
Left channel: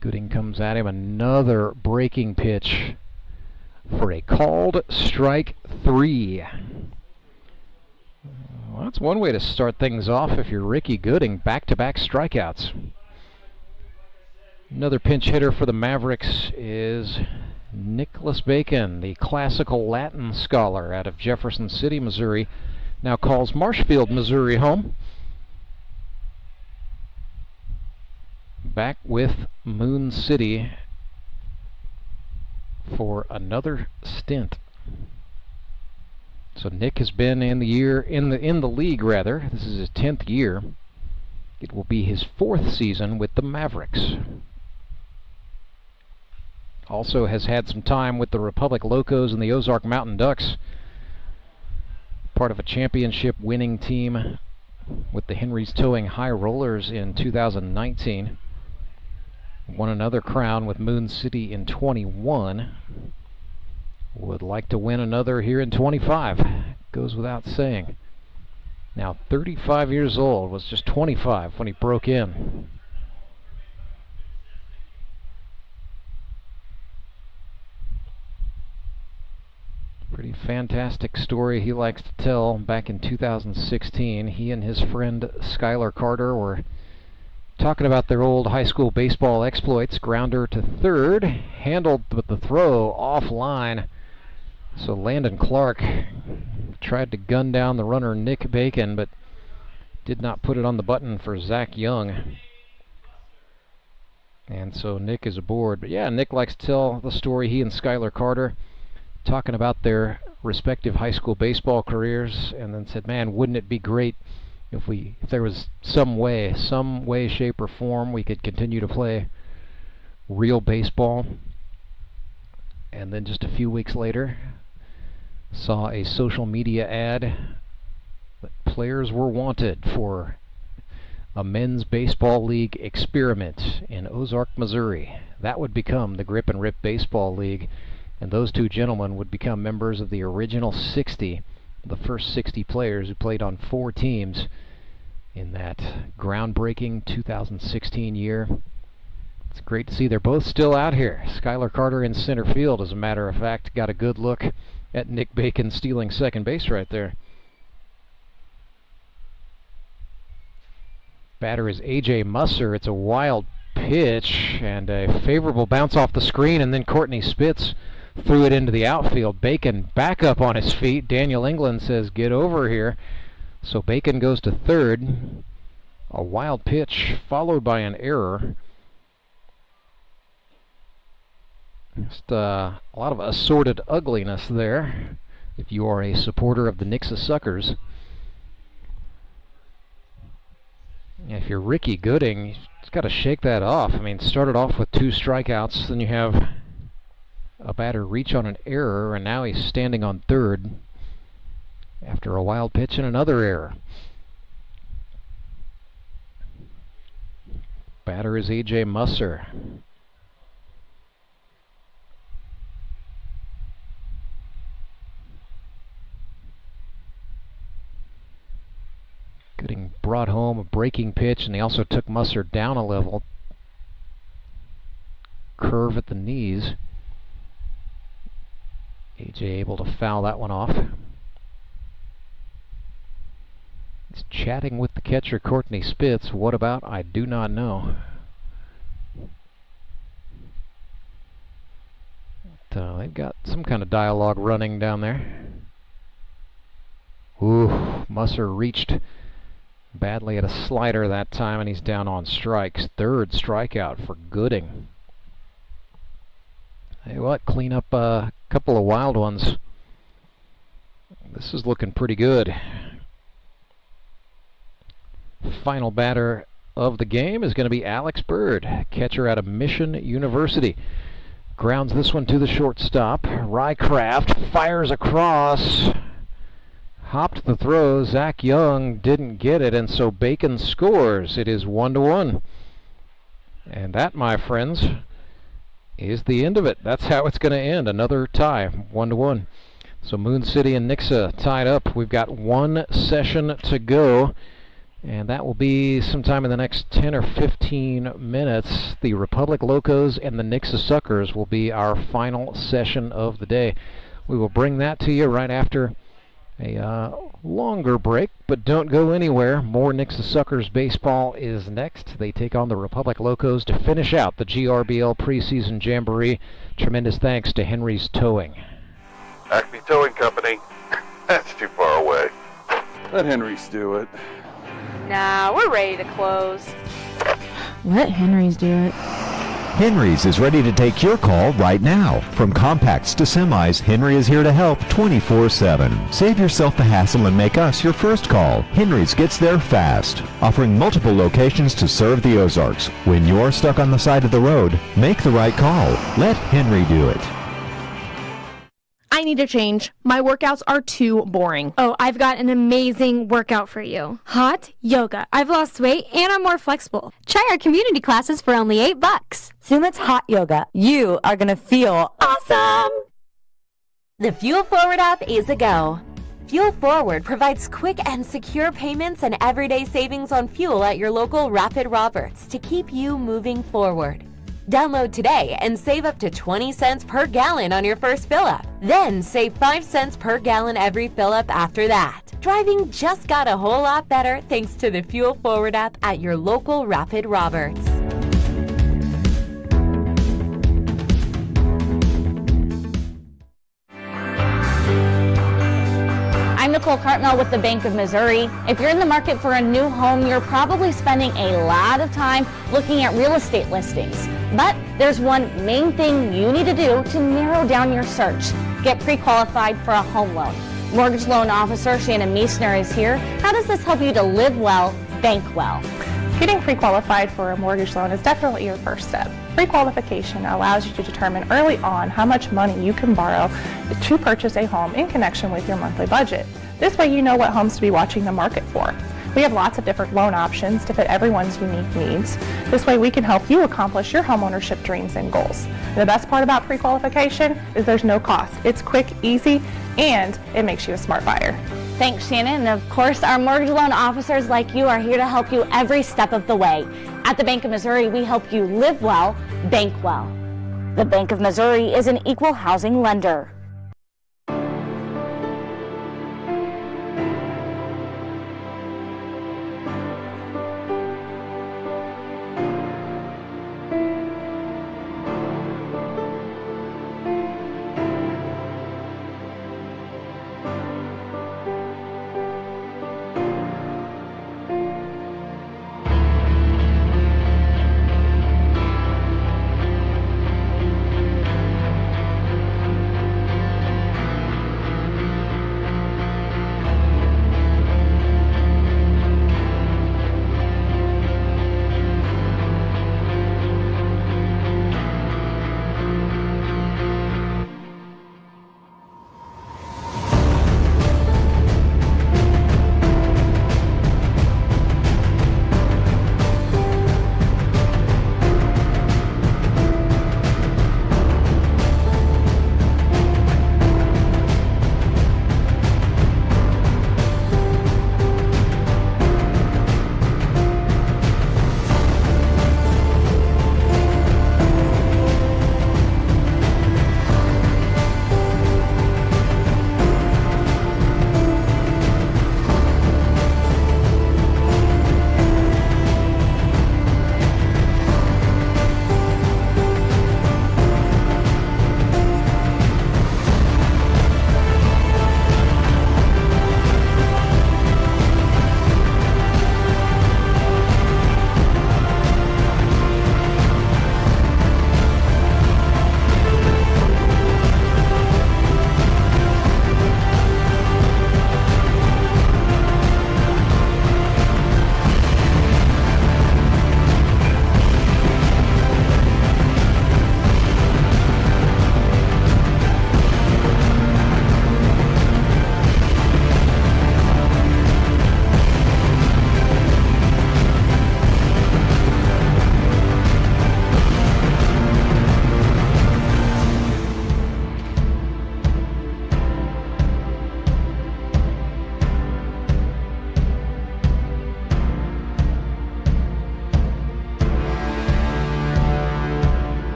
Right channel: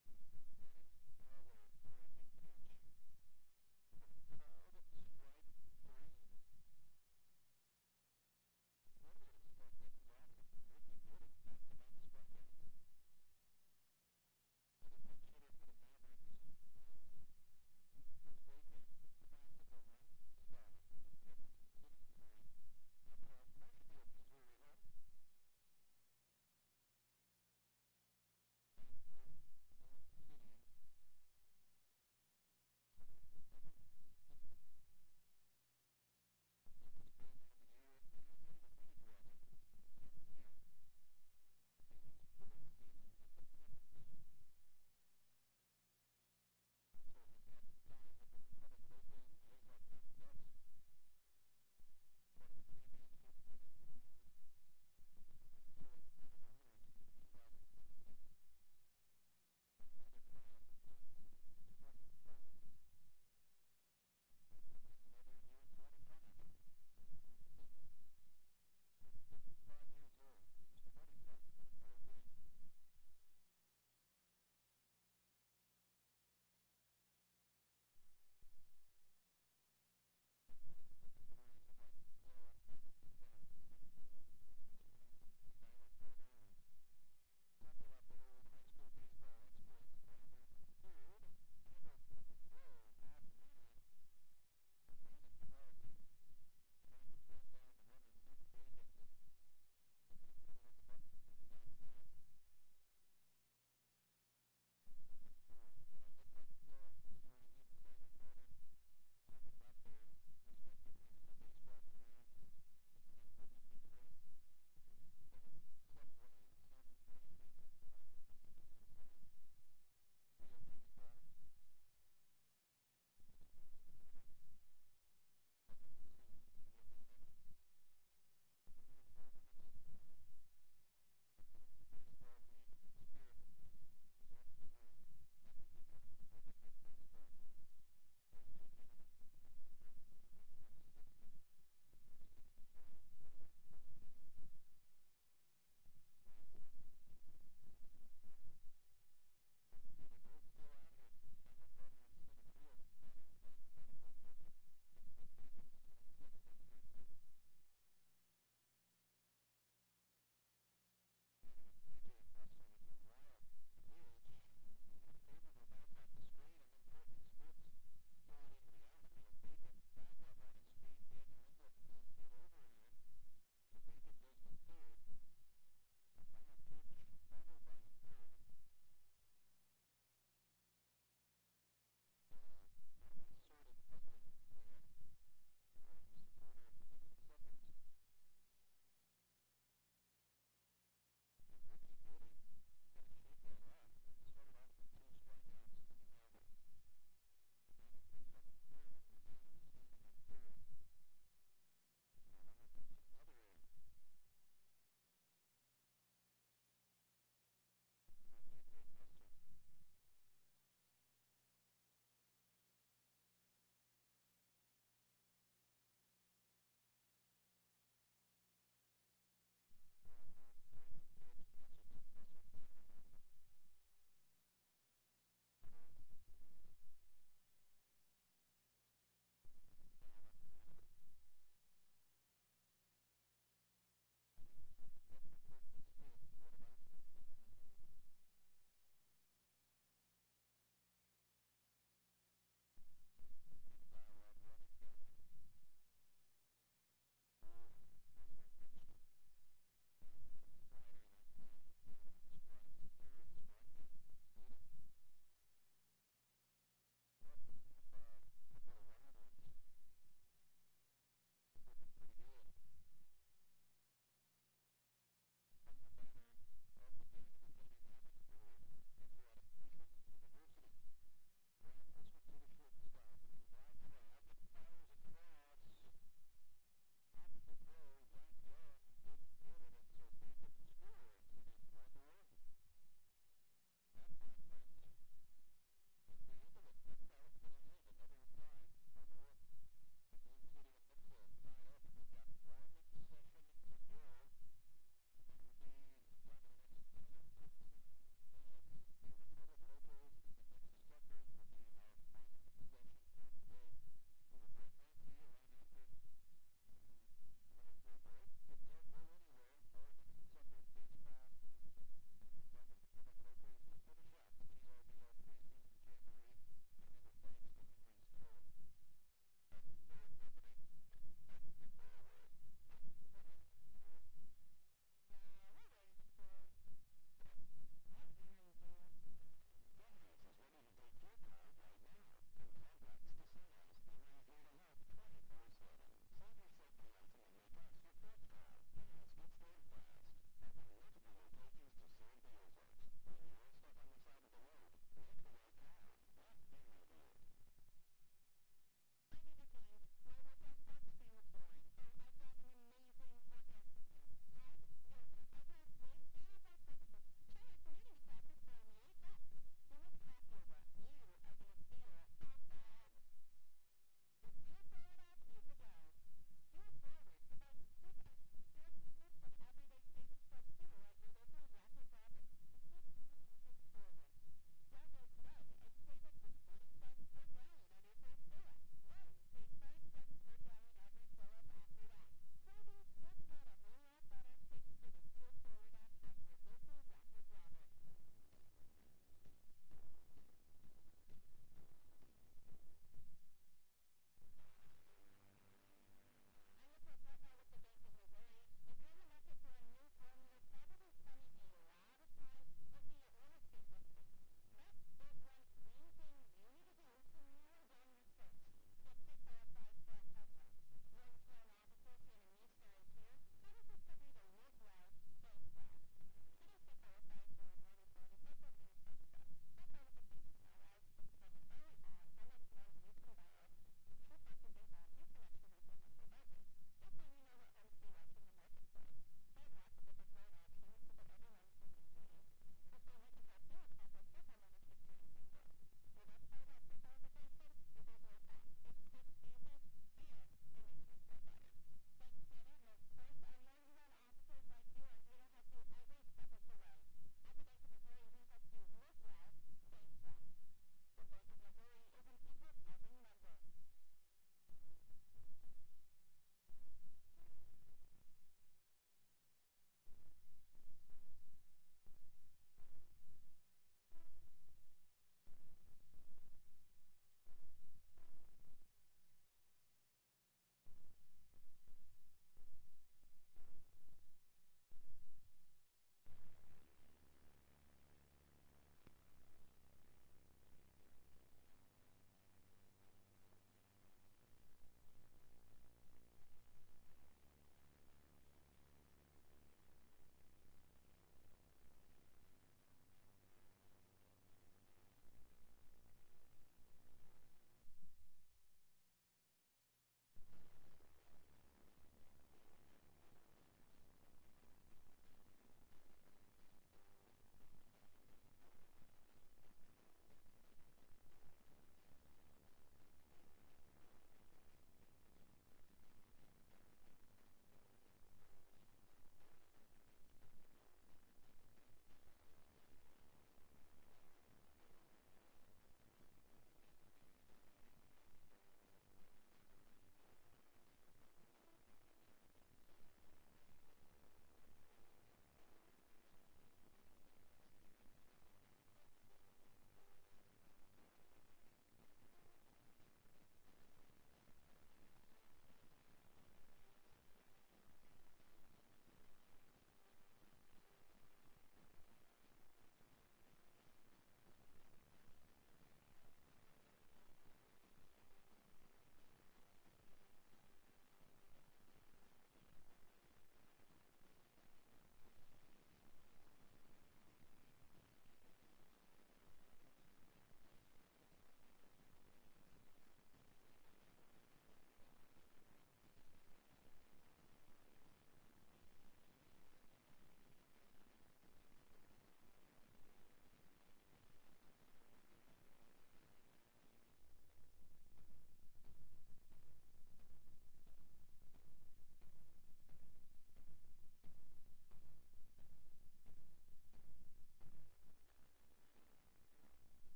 Gooding comes at him, another breaking pitch for a called strike three. Well, that's one way to start things off if you're Ricky Gooding. Back-to-back strikeouts. Another pinch hitter for the Mavericks is Nicholas Bacon, the classical Latin scholar out of Jefferson City, Missouri. Now calls Marshfield, Missouri home. Back with Moon City for another stint. So Nick has been in the league rather. This is his 10th year. It will be his 4th season with the Mavericks. Also has had some time with the Republic Locos and the Ozark Mountain Ducks. Part of a championship winning team with the Henry's Towing High Rollers in 2019. Won another crown with Moon City in 21. Would like to win another here in 25. Goes without saying. Now 35 years old, was just 25 when he broke in. Pretty fantastic story he likes to tell. Back in 2016, he and his friend Skylar Carter were talking about their old high school baseball exploits. Grounder to third, handled with the throw offline. So Landon Clark tried to gun down the runner Nick Bacon, but did not put it on the button for Zach Young. And so Nick is aboard. But yeah, Nick likes to tell the story. He and Skylar Carter talking about their respective high school baseball careers, and then said, man, wouldn't it be great if there was some way, shape, or form we could continue to play real baseball. And then just a few weeks later, saw a social media ad that players were wanted for a men's baseball league experiment in Ozark, Missouri. That would become the Grip and Rip Baseball League, and those two gentlemen would become members of the original 60, the first 60 players who played on 4 teams in that groundbreaking 2016 year. It's great to see they're both still out here. Skylar Carter in center field, as a matter of fact, got a good look at Nick Bacon stealing second base right there. Batter is A.J. Musser. It's a wild pitch and a favorable bounce off the screen, and then Courtney Spitz threw it into the outfield. Bacon back up on his feet. Daniel England says, get over here. So Bacon goes to third. A wild pitch followed by an error. Just a lot of assorted ugliness there if you are a supporter of the Nixa Suckers. If you're Ricky Gooding, you just got to shake that off. I mean, started off with 2 strikeouts, then you have a batter reach on an error, and now he's standing on third after a wild pitch and another error. Batter is A.J. Musser. Gooding brought home a breaking pitch, and he also took Musser down a level. Curve at the knees. A.J. able to foul that one off. He's chatting with the catcher, Courtney Spitz. What about? I do not know. But, they've got some kind of dialogue running down there. Ooh, Musser reached badly at a slider that time, and he's down on strikes. Third strikeout for Gooding. Hey, what? Clean up a couple of wild ones. This is looking pretty good. Final batter of the game is going to be Alex Bird, catcher out of Mission University. Grounds this one to the shortstop. Rycraft fires across. Hopped the throw. Zach Young didn't get it, and so Bacon scores. It is 1-1. And that, my friends, is the end of it. That's how it's going to end. Another tie, 1-1. So Moon City and Nixa tied up. We've got 1 session to go, and that will be sometime in the next 10 or 15 minutes. The Republic Locos and the Nixa Suckers will be our final session of the day. We will bring that to you right after a longer break, but don't go anywhere. More Nixa Suckers baseball is next. They take on the Republic Locos to finish out the GRBL preseason jamboree. Tremendous thanks to Henry's Towing. Acme Towing Company. That's too far away. Let Henry's do it. Nah, we're ready to close. Let Henry's do it. Henry's is ready to take your call right now. From compacts to semis, Henry is here to help 24/7. Save yourself the hassle and make us your first call. Henry's gets there fast, offering multiple locations to serve the Ozarks. When you're stuck on the side of the road, make the right call. Let Henry do it. I need a change. My workouts are too boring. Oh, I've got an amazing workout for you. Hot yoga. I've lost weight and I'm more flexible. Try our community classes for only $8. Sumit's Hot Yoga. You are going to feel awesome! The Fuel Forward app is a go. Fuel Forward provides quick and secure payments and everyday savings on fuel at your local Rapid Roberts to keep you moving forward. Download today and save up to 20 cents per gallon on your first fill-up. Then save 5 cents per gallon every fill-up after that. Driving just got a whole lot better thanks to the Fuel Forward app at your local Rapid Roberts. I'm Nicole Cartmel with the Bank of Missouri. If you're in the market for a new home, you're probably spending a lot of time looking at real estate listings. But there's one main thing you need to do to narrow down your search. get pre-qualified for a home loan. Mortgage loan officer Shannon Meissner is here. How does this help you to live well, bank well? Getting pre-qualified for a mortgage loan is definitely your first step. Pre-qualification allows you to determine early on how much money you can borrow to purchase a home in connection with your monthly budget. This way you know what homes to be watching the market for. We have lots of different loan options to fit everyone's unique needs. This way we can help you accomplish your homeownership dreams and goals. And the best part about pre-qualification is there's no cost. It's quick, easy, and it makes you a smart buyer. Thanks, Shannon. And of course, our mortgage loan officers like you are here to help you every step of the way. At the Bank of Missouri, we help you live well, bank well. The Bank of Missouri is an equal housing lender.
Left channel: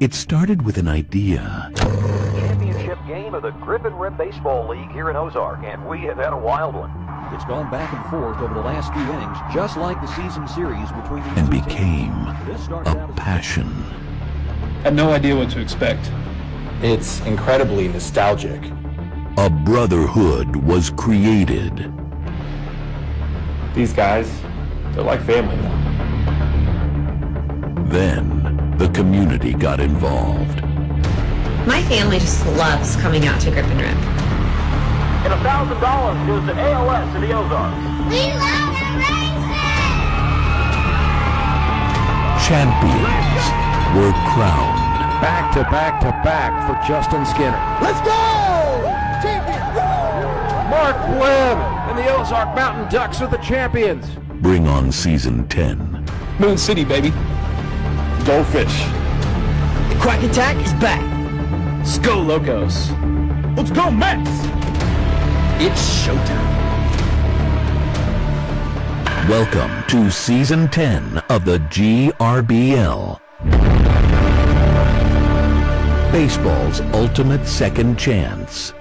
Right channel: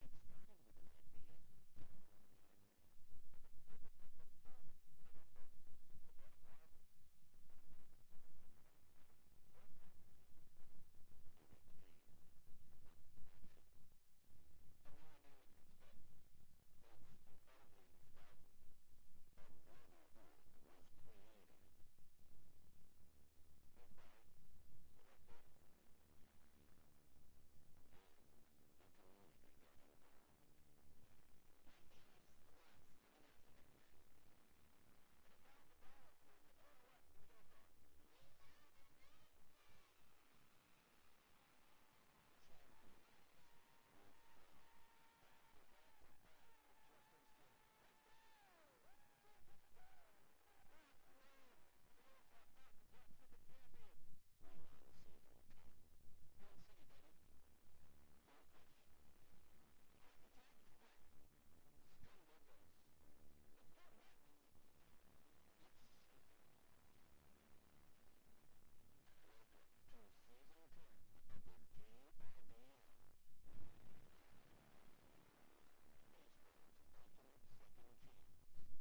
It started with an idea. Championship game of the Grip and Rip Baseball League here in Ozark, and we have had a wild one. It's gone back and forth over the last few innings, just like the season series between these And two became a passion. Had no idea what to expect. It's incredibly nostalgic. A brotherhood was created. These guys, they're like family now. Then the community got involved. My family just loves coming out to Grip and Rip. And $1,000 goes to ALS in the Ozarks. We love the Champions were crowned. Back to back to back for Justin Skinner. Let's go! Champion! Mark Webb and the Ozark Mountain Ducks are the champions. Bring on season 10. Moon City, baby. Goldfish. The Quack Attack is back. Let's go, Locos. Let's go, Mets! It's showtime. Welcome to season 10 of the GRBL. Baseball's ultimate second chance.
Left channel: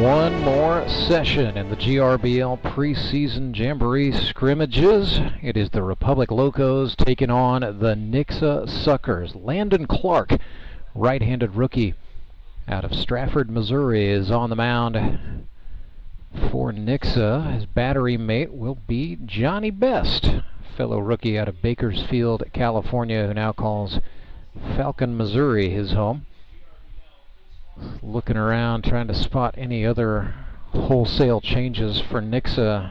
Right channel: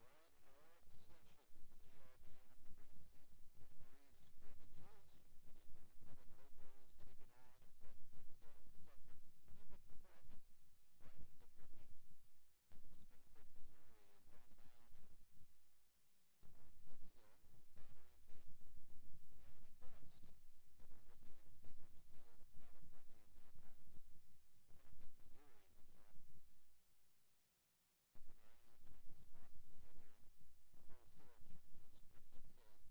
One more session in the GRBL preseason jamboree scrimmages. It is the Republic Locos taking on the Nixa Suckers. Landon Clark, right-handed rookie out of Stratford, Missouri, is on the mound for Nixa. His battery mate will be Johnny Best, fellow rookie out of Bakersfield, California, who now calls Falcon, Missouri his home. Looking around, trying to spot any other wholesale changes for Nixa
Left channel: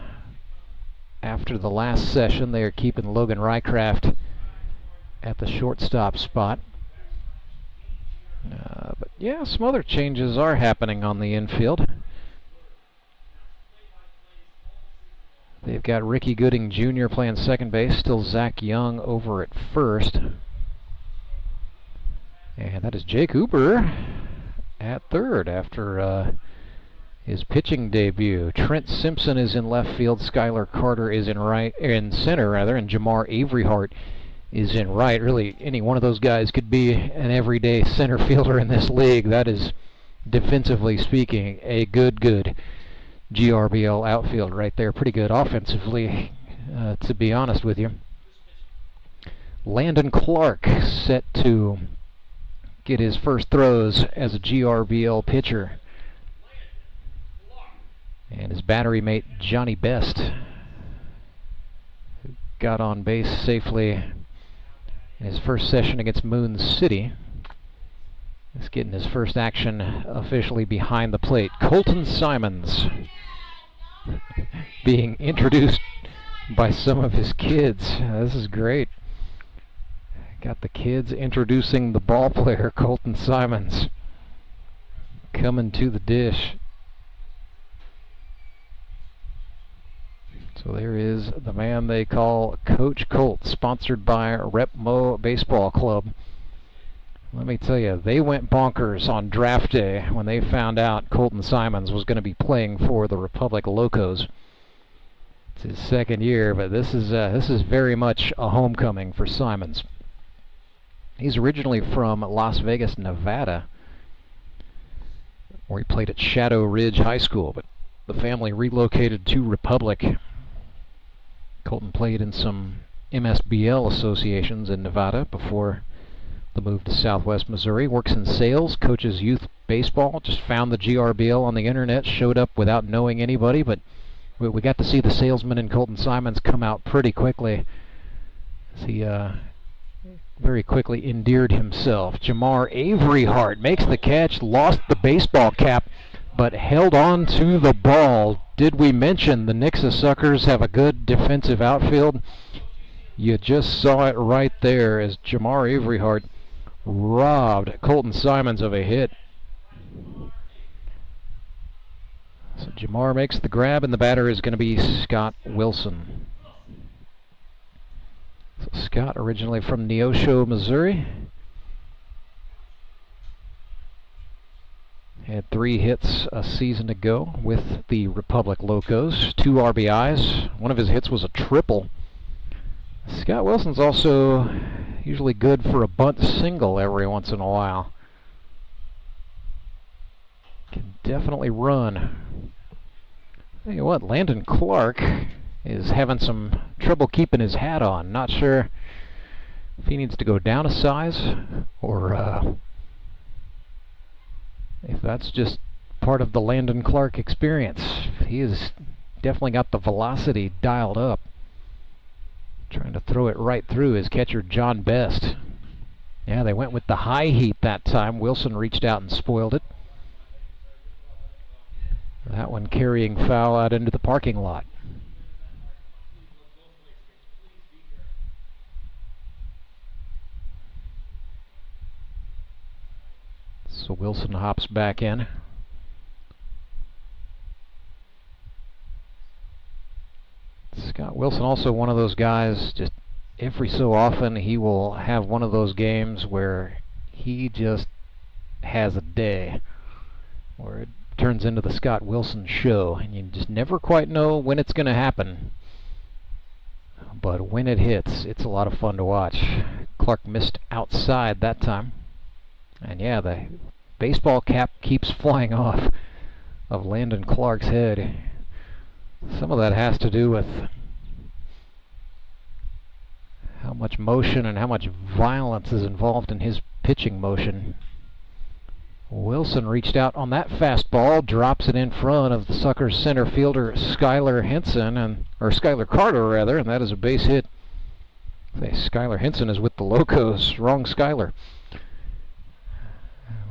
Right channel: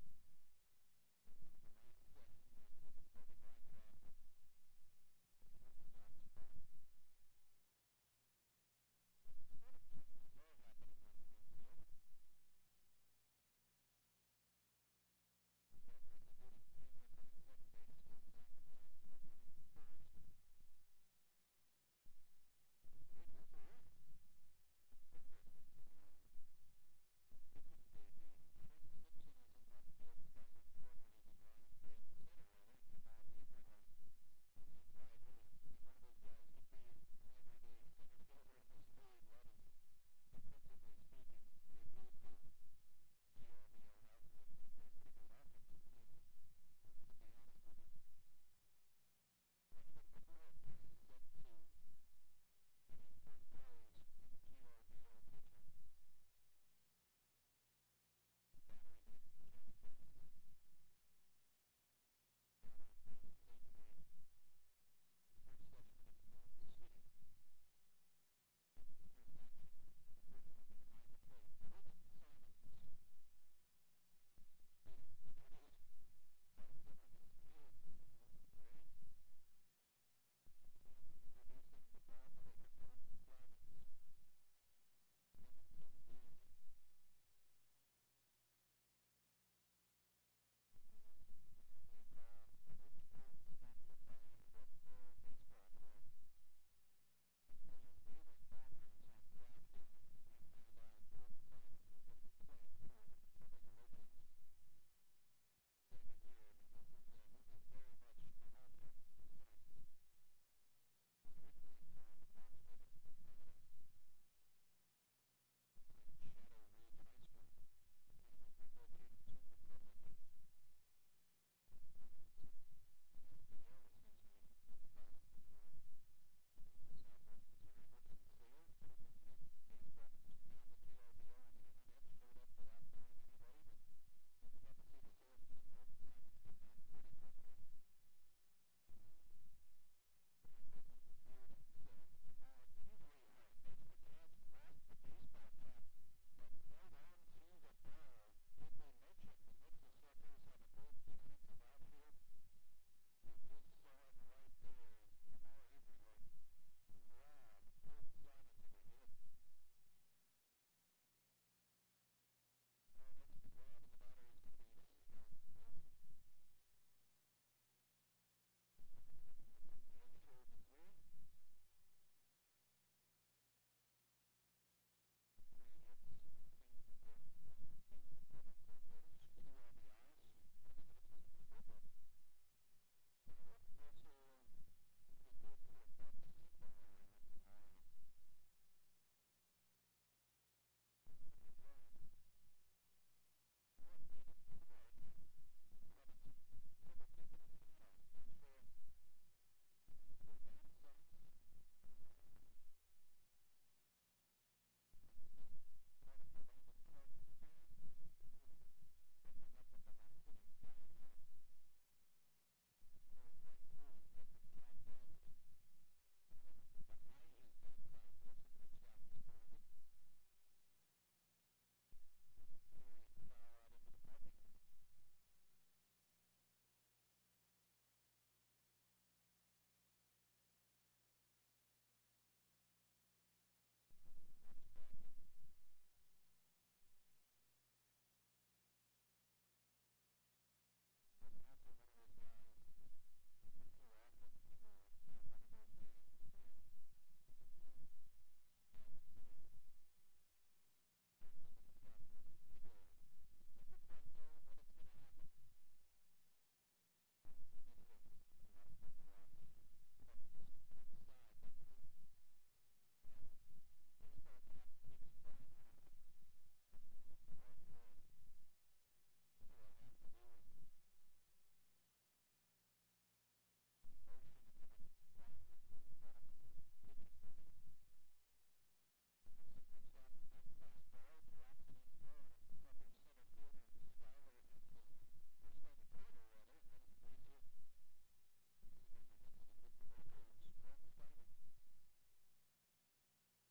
after the last session. They are keeping Logan Rycraft at the shortstop spot. But yeah, some other changes are happening on the infield. They've got Ricky Gooding Jr. playing second base, still Zach Young over at first. And that is Jake Uber at third after his pitching debut. Trent Simpson is in left field, Skylar Carter is in center, and Jamar Averyhart is in right. Really, any one of those guys could be an everyday center fielder in this league. That is, defensively speaking, a good GRBL outfield right there. Pretty good offensively, to be honest with you. Landon Clark set to get his first throws as a GRBL pitcher. And his battery mate, Johnny Best, got on base safely in his first session against Moon City. He's getting his first action officially behind the plate. Colton Simons being introduced by some of his kids. This is great. Got the kids introducing the ball player, Colton Simons, coming to the dish. So there is the man they call Coach Colt, sponsored by Repmo Baseball Club. Let me tell you, they went bonkers on draft day when they found out Colton Simons was going to be playing for the Republic Locos. It's his second year, but this is very much a homecoming for Simons. He's originally from Las Vegas, Nevada, where he played at Shadow Ridge High School, but the family relocated to Republic. Colton played in some MSBL associations in Nevada before the move to Southwest Missouri. Works in sales, coaches youth baseball, just found the GRBL on the internet, showed up without knowing anybody, but we got to see the salesman in Colton Simons come out pretty quickly, as he very quickly endeared himself. Jamar Averyhart makes the catch, lost the baseball cap, but held on to the ball. Did we mention the Nixa Suckers have a good defensive outfield? You just saw it right there as Jamar Averyhart robbed Colton Simons of a hit. So Jamar makes the grab, and the batter is going to be Scott Wilson. So Scott, originally from Neosho, Missouri, had 3 hits a season ago with the Republic Locos, 2 RBIs. One of his hits was a triple. Scott Wilson's also usually good for a bunt single every once in a while. Can definitely run. Tell you what, Landon Clark is having some trouble keeping his hat on. Not sure if he needs to go down a size or if that's just part of the Landon Clark experience. He has definitely got the velocity dialed up. Trying to throw it right through his catcher, John Best. Yeah, they went with the high heat that time. Wilson reached out and spoiled it. That one carrying foul out into the parking lot. So Wilson hops back in. Scott Wilson also one of those guys, just every so often he will have one of those games where he just has a day where it turns into the Scott Wilson show, and you just never quite know when it's going to happen. But when it hits, it's a lot of fun to watch. Clark missed outside that time. And yeah, the baseball cap keeps flying off of Landon Clark's head. Some of that has to do with how much motion and how much violence is involved in his pitching motion. Wilson reached out on that fastball, drops it in front of the Suckers center fielder Skylar Carter rather, and that is a base hit. Skylar Henson is with the Locos, wrong Skylar.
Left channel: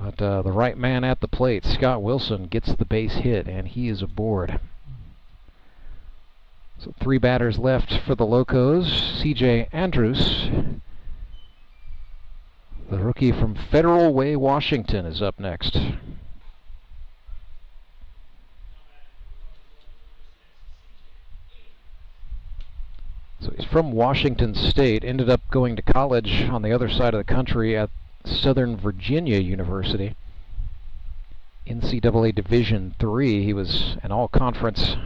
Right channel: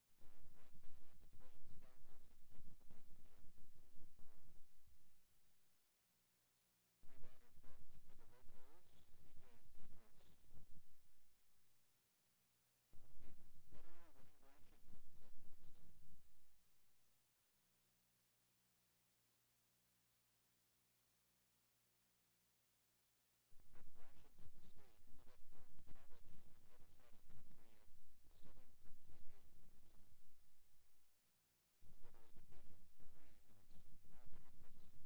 But the right man at the plate, Scott Wilson, gets the base hit, and he is aboard. So 3 batters left for the Locos. C.J. Andrews, the rookie from Federal Way, Washington, is up next. So he's from Washington State, ended up going to college on the other side of the country at Southern Virginia University. NCAA Division III, he was an all-conference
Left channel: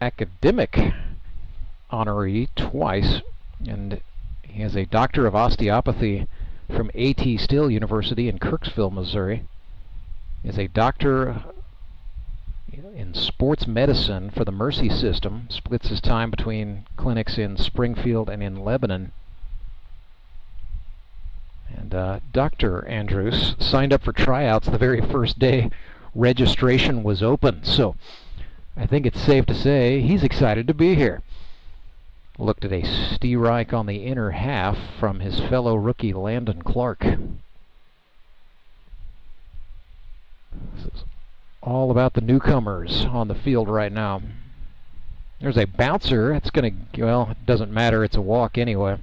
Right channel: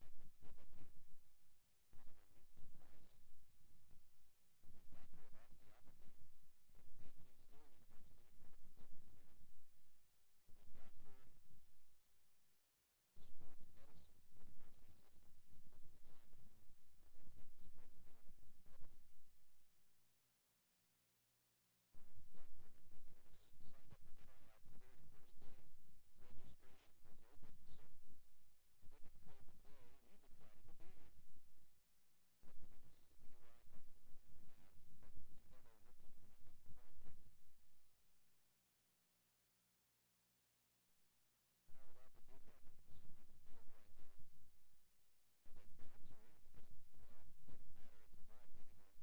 academic honoree twice, and he has a doctor of osteopathy from A.T. Still University in Kirksville, Missouri. He is a doctor in sports medicine for the Mercy System, splits his time between clinics in Springfield and in Lebanon. And Dr. Andrews signed up for tryouts the very first day registration was open, so I think it's safe to say he's excited to be here. Looked at a strike on the inner half from his fellow rookie Landon Clark. This is all about the newcomers on the field right now. There's a bouncer. It's going to, well, it doesn't matter. It's a walk anyway.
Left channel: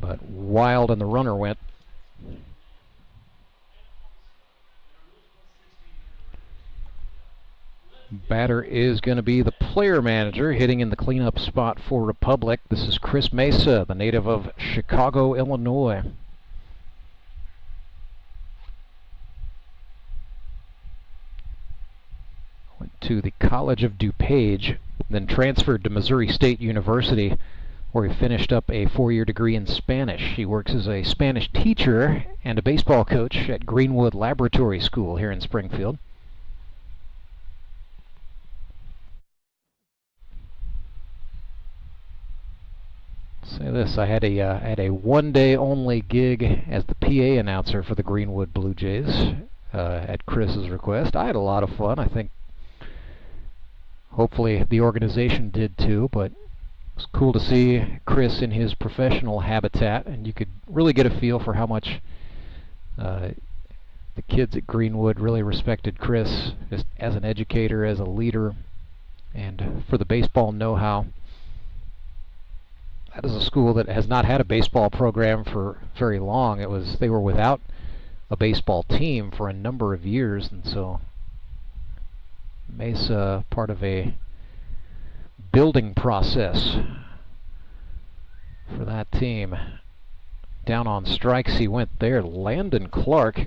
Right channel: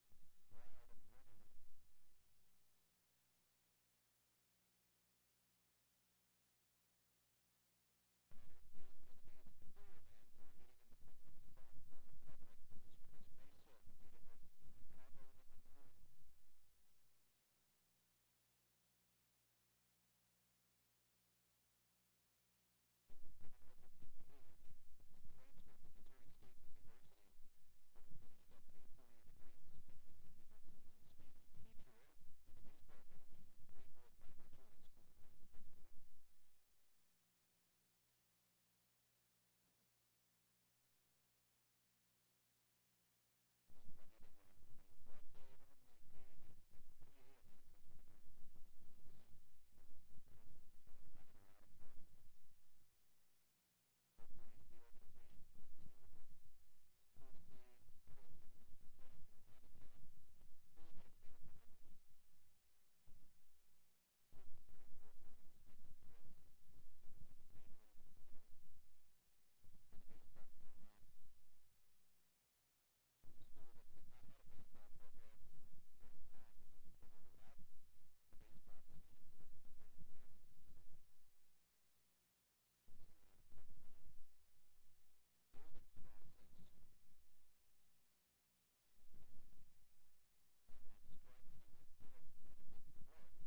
But wild, and the runner went. Batter is going to be the player manager, hitting in the cleanup spot for Republic. This is Chris Mesa, the native of Chicago, Illinois. Went to the College of DuPage, then transferred to Missouri State University where he finished up a 4-year degree in Spanish. He works as a Spanish teacher and a baseball coach at Greenwood Laboratory School here in Springfield. Say this, I had a one-day only gig as the PA announcer for the Greenwood Blue Jays at Chris's request. I had a lot of fun. I think hopefully the organization did too, but it was cool to see Chris in his professional habitat, and you could really get a feel for how much the kids at Greenwood really respected Chris just as an educator, as a leader, and for the baseball know-how. That is a school that has not had a baseball program for very long. They were without a baseball team for a number of years, and so Mesa part of a building process for that team. Down on strikes he went there. Landon Clark,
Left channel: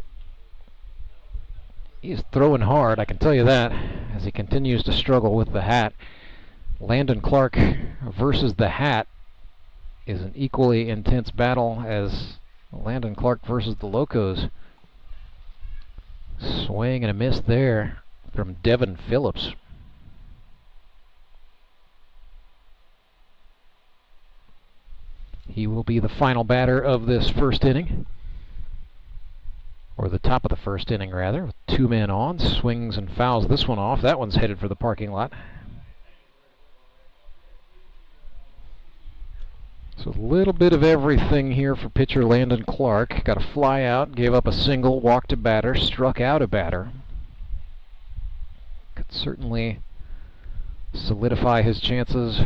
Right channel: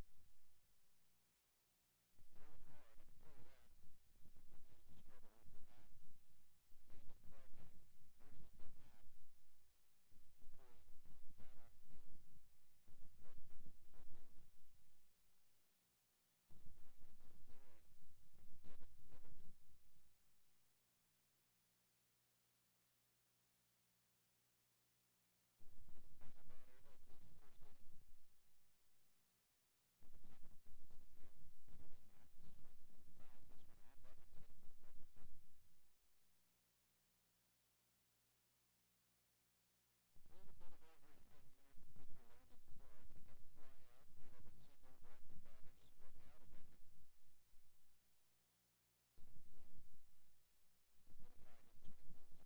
he's throwing hard, I can tell you that, as he continues to struggle with the hat. Landon Clark versus the hat is an equally intense battle as Landon Clark versus the Locos. Swing and a miss there from Devin Phillips. He will be the final batter of this first inning, or the top of the first inning rather, with 2 men on. Swings and fouls this one off. That one's headed for the parking lot. So a little bit of everything here for pitcher Landon Clark. Got a fly out, gave up a single, walked a batter, struck out a batter. Could certainly solidify his chances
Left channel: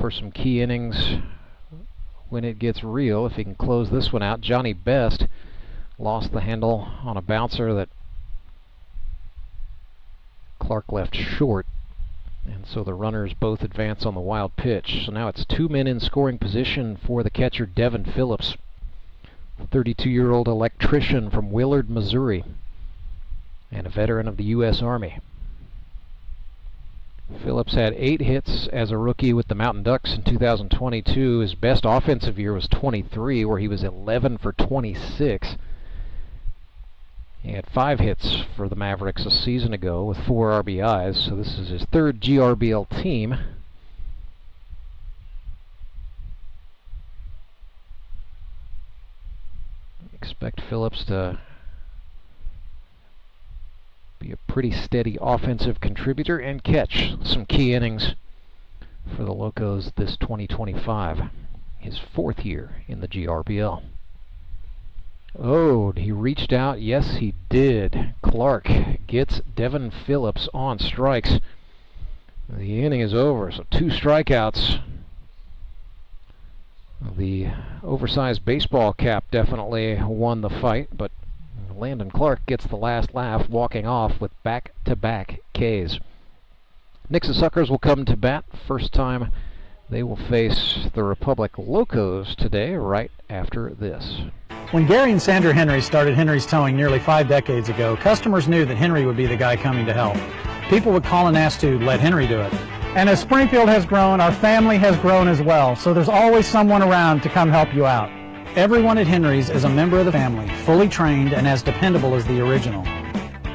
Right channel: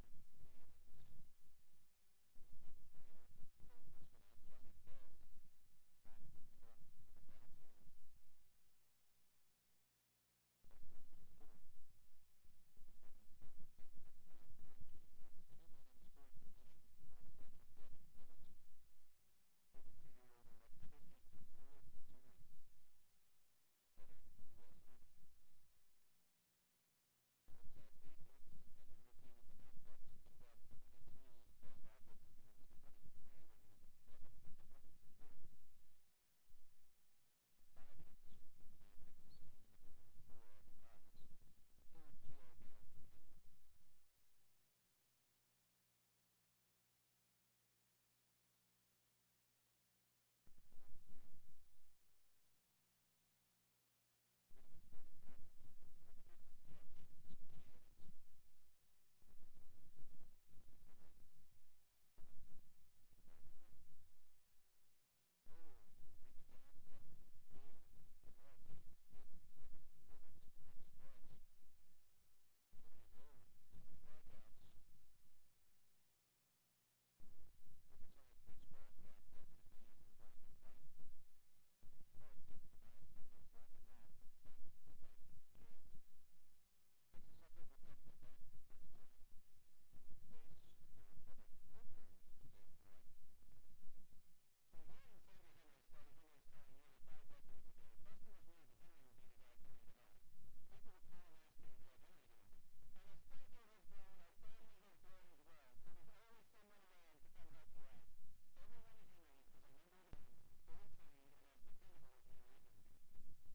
for some key innings when it gets real, if he can close this one out. Johnny Best lost the handle on a bouncer that Clark left short. And so the runners both advance on the wild pitch. So now it's 2 men in scoring position for the catcher, Devin Phillips, a 32-year-old electrician from Willard, Missouri, and a veteran of the U.S. Army. Phillips had 8 hits as a rookie with the Mountain Ducks in 2022. His best offensive year was 23, where he was 11 for 26. He had 5 hits for the Mavericks a season ago with 4 RBIs, so this is his 3rd GRBL team. Expect Phillips to be a pretty steady offensive contributor and catch some key innings for the Locos this 2025, his 4th year in the GRBL. Oh, he reached out. Yes, he did. Clark gets Devin Phillips on strikes. The inning is over, so 2 strikeouts. The oversized baseball cap definitely won the fight, but Landon Clark gets the last laugh, walking off with back-to-back Ks. Nixa Suckers will come to bat. First time they will face the Republic Locos today, right after this. When Gary and Sandra Henry started Henry's Towing nearly 5 decades ago, customers knew that Henry would be the guy coming to help. People would call and ask to let Henry do it. And as Springfield has grown, our family has grown as well, so there's always someone around to come help you out. Everyone at Henry's is a member of the family, fully trained and as dependable as the original.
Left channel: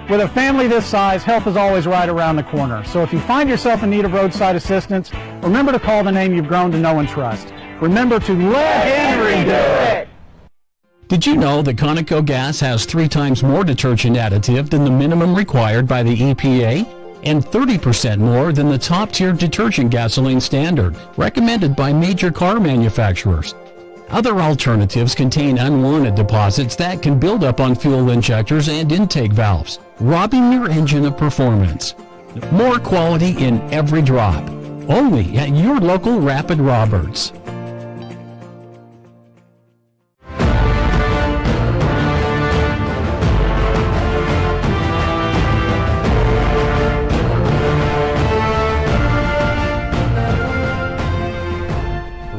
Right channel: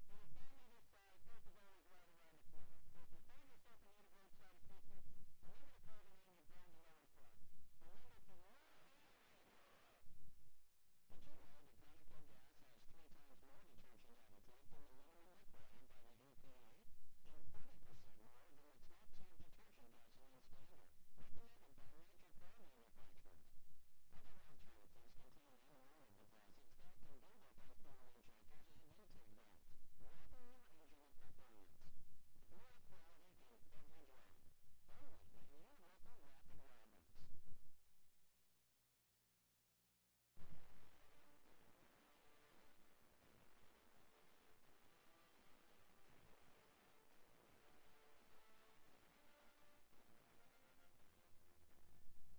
With a family this size, help is always right around the corner. So if you find yourself in need of roadside assistance, remember to call the name you've grown to know and trust. Remember to let Henry do it! Did you know that Conoco gas has 3 times more detergent additive than the minimum required by the EPA? And 30% more than the top-tier detergent gasoline standard, recommended by major car manufacturers. Other alternatives contain unwanted deposits that can build up on fuel injectors and intake valves, robbing your engine of performance. More quality in every drop. Only at your local Rapid Roberts.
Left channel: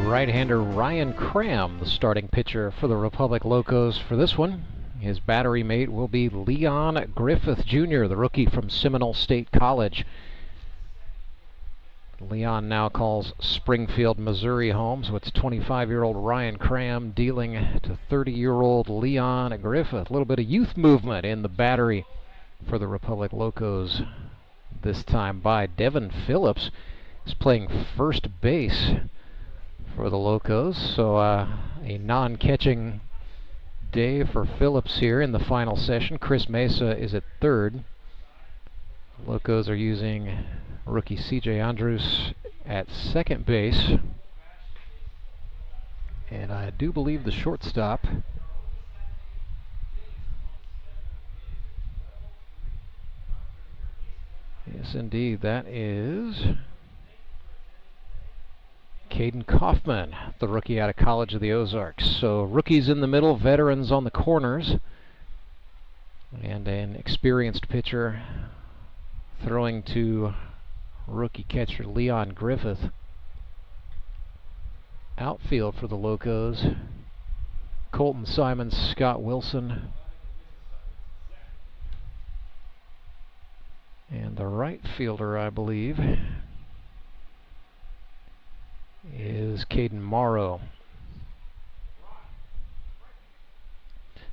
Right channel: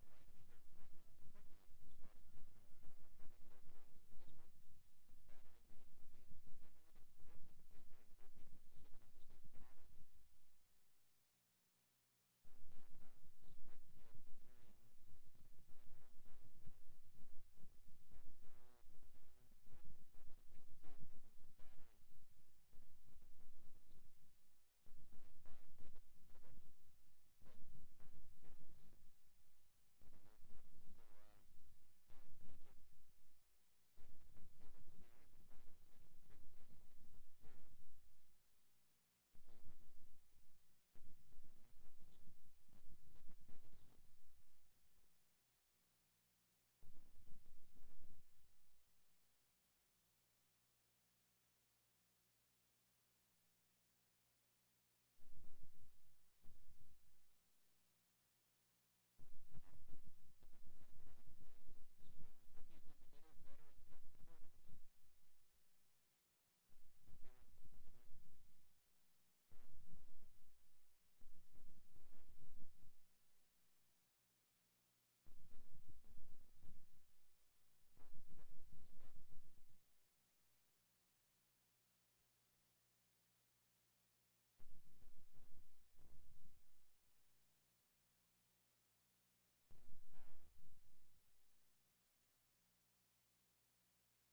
Right-hander Ryan Cram, the starting pitcher for the Republic Locos for this one. His battery mate will be Leon Griffith Jr., the rookie from Seminole State College. Leon now calls Springfield, Missouri home, so it's 25-year-old Ryan Cram dealing to 30-year-old Leon Griffith. A little bit of youth movement in the battery for the Republic Locos this time by Devin Phillips. He's playing first base for the Locos, so a non-catching day for Phillips here in the final session. Chris Mesa is at third. Locos are using rookie C.J. Andrews at second base. And I do believe the shortstop yes, indeed, that is Caden Kaufman, the rookie out of College of the Ozarks. So rookies in the middle, veterans on the corners, and an experienced pitcher throwing to rookie catcher Leon Griffith. Outfield for the Locos, Colton Simons, Scott Wilson, and the right fielder, I believe, is Caden Morrow.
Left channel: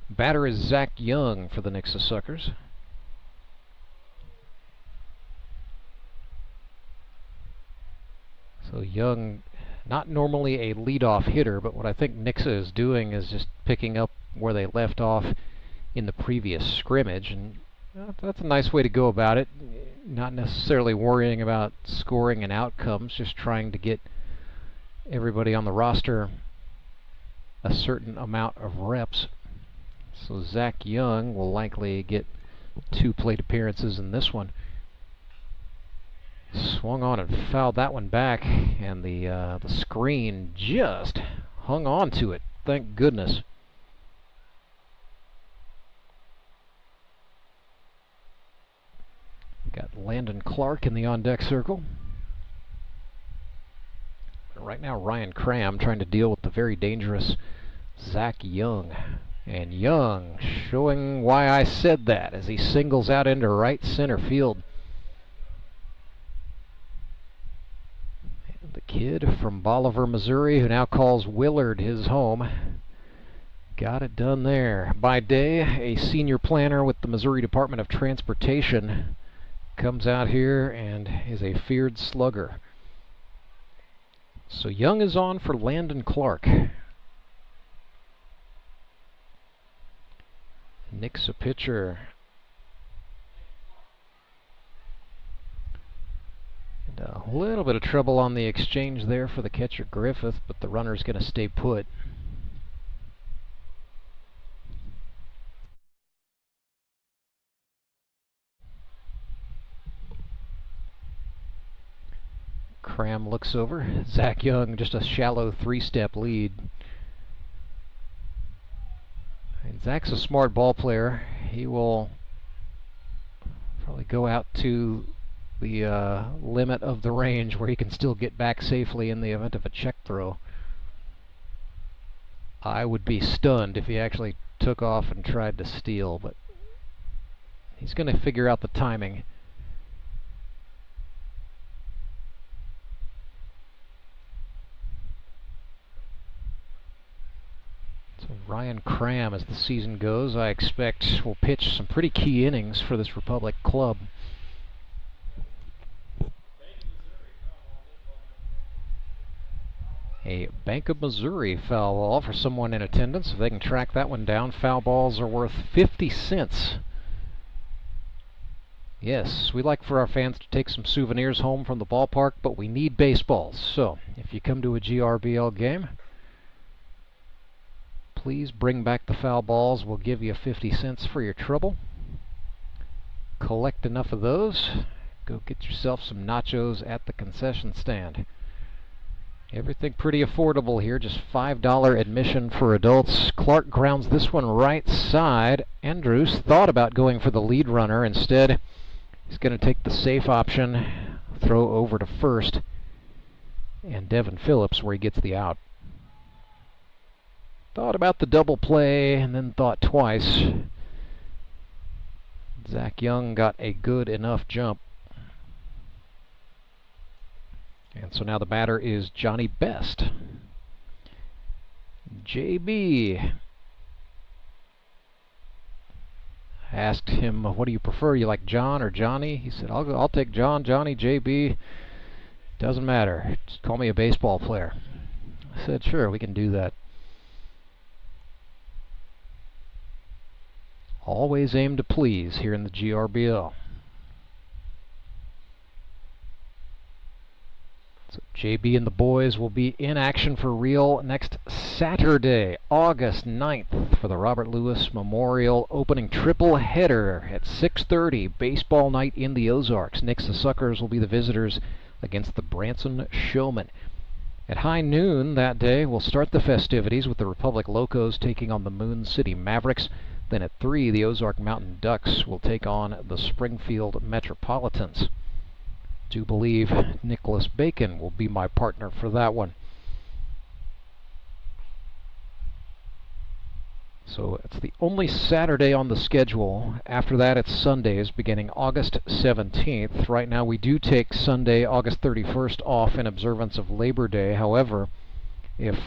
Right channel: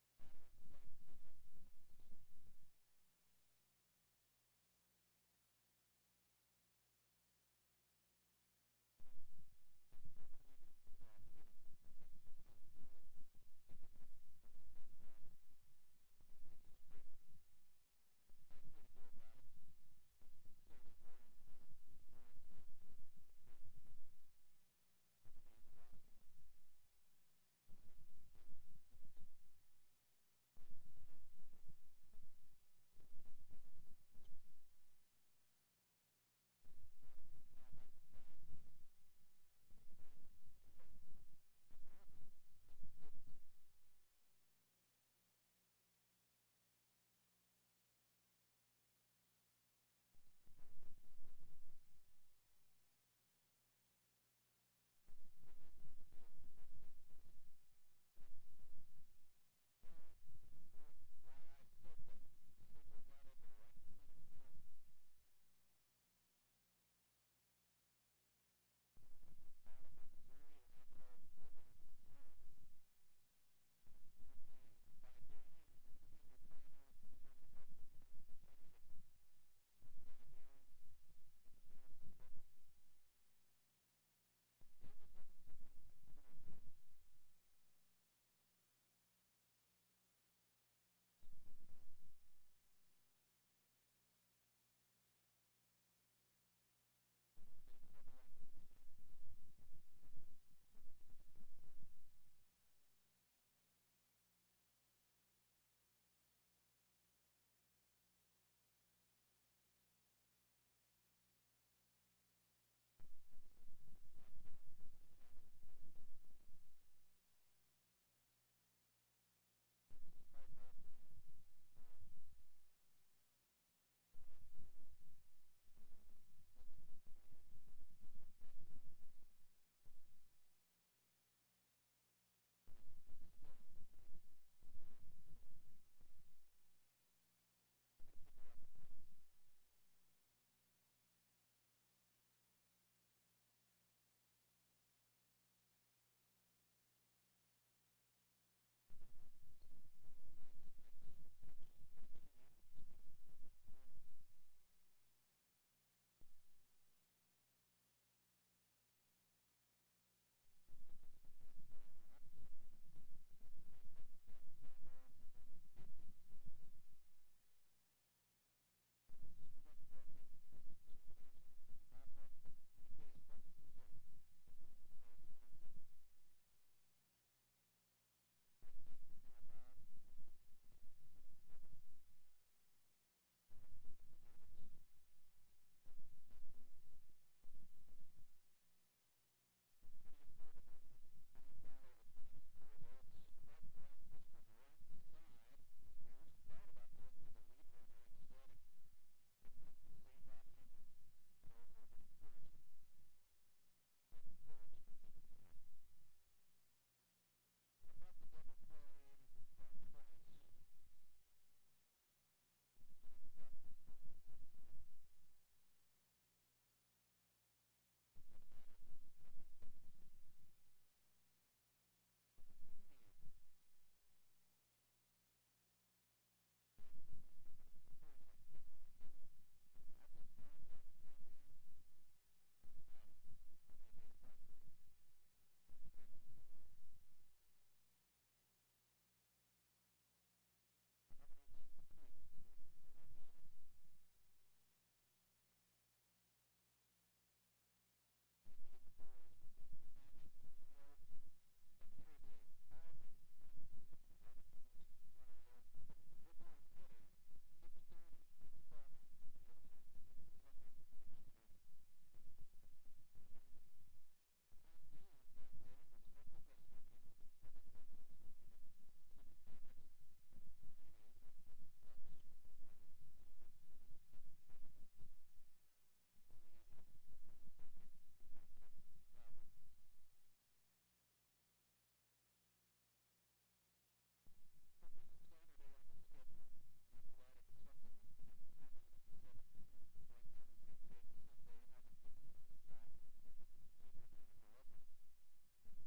Batter is Zach Young for the Nixa Suckers. So Young, not normally a leadoff hitter, but what I think Nixa is doing is just picking up where they left off in the previous scrimmage, and that's a nice way to go about it. Not necessarily worrying about scoring and outcomes, just trying to get everybody on the roster a certain amount of reps. So Zach Young will likely get 2 plate appearances in this one. Swung on and fouled that one back, and the screen just hung on to it. Thank goodness. Got Landon Clark in the on-deck circle. Right now, Ryan Cram trying to deal with the very dangerous Zach Young. And Young showing why I said that as he singles out into right center field. And the kid from Bolivar, Missouri, who now calls Willard his home, got it done there. By day, a senior planner with the Missouri Department of Transportation comes out here and is a feared slugger. So Young is on for Landon Clark. Nixa pitcher. And a little bit of trouble on the exchange there for the catcher Griffith, but the runner's going to stay put. Cram looks over. Zach Young, just a shallow 3-step lead. And Zach's a smart ball player. He will probably go out to the limit of the range where he can still get back safely in the event of a check throw. I would be stunned if he actually took off and tried to steal, but he's going to figure out the timing. Ryan Cram, as the season goes, I expect will pitch some pretty key innings for this Republic club. A Bank of Missouri foul ball for someone in attendance. If they can track that one down, foul balls are worth 50 cents. Yes, we like for our fans to take some souvenirs home from the ballpark, but we need baseballs. So, if you come to a GRBL game, please bring back the foul balls. We'll give you 50 cents for your trouble. Collect enough of those. Go get yourself some nachos at the concession stand. Everything pretty affordable here, just $5 admission for adults. Clark grounds this one right side. Andrews thought about going for the lead runner. Instead, he's going to take the safe option, throw over to first, and Devin Phillips where he gets the out. Thought about the double play and then thought twice. Zach Young got a good enough jump. And so now the batter is Johnny Best. JB asked him, what do you prefer? You like John or Johnny? He said, I'll take John, Johnny, JB. Doesn't matter. Just call me a baseball player. I said, sure, we can do that. Always aim to please here in the GRBL. So JB and the boys will be in action for real next Saturday, August 9th, for the Robert Lewis Memorial opening triple header at 6:30, baseball night in the Ozarks. Nixa Suckers will be the visitors against the Branson Showmen. At high noon that day, we'll start the festivities with the Republic Locos taking on the Moon City Mavericks. Then at 3, the Ozark Mountain Ducks will take on the Springfield Metropolitans. Do believe Nicholas Bacon will be my partner for that one. So it's the only Saturday on the schedule. After that, it's Sundays beginning August 17th. Right now, we do take Sunday, August 31st off in observance of Labor Day. However, if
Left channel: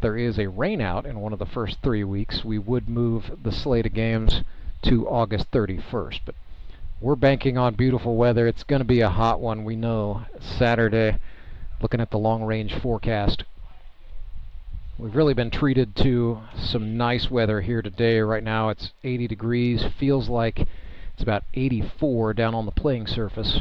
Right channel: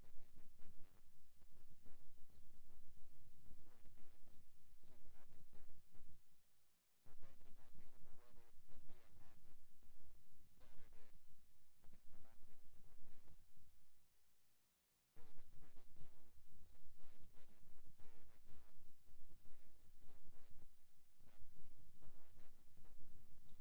there is a rainout in one of the first 3 weeks, we would move the slate of games to August 31st. But we're banking on beautiful weather. It's going to be a hot one, we know. Saturday, looking at the long-range forecast, we've really been treated to some nice weather here today. Right now it's 80 degrees. Feels like it's about 84 down on the playing surface.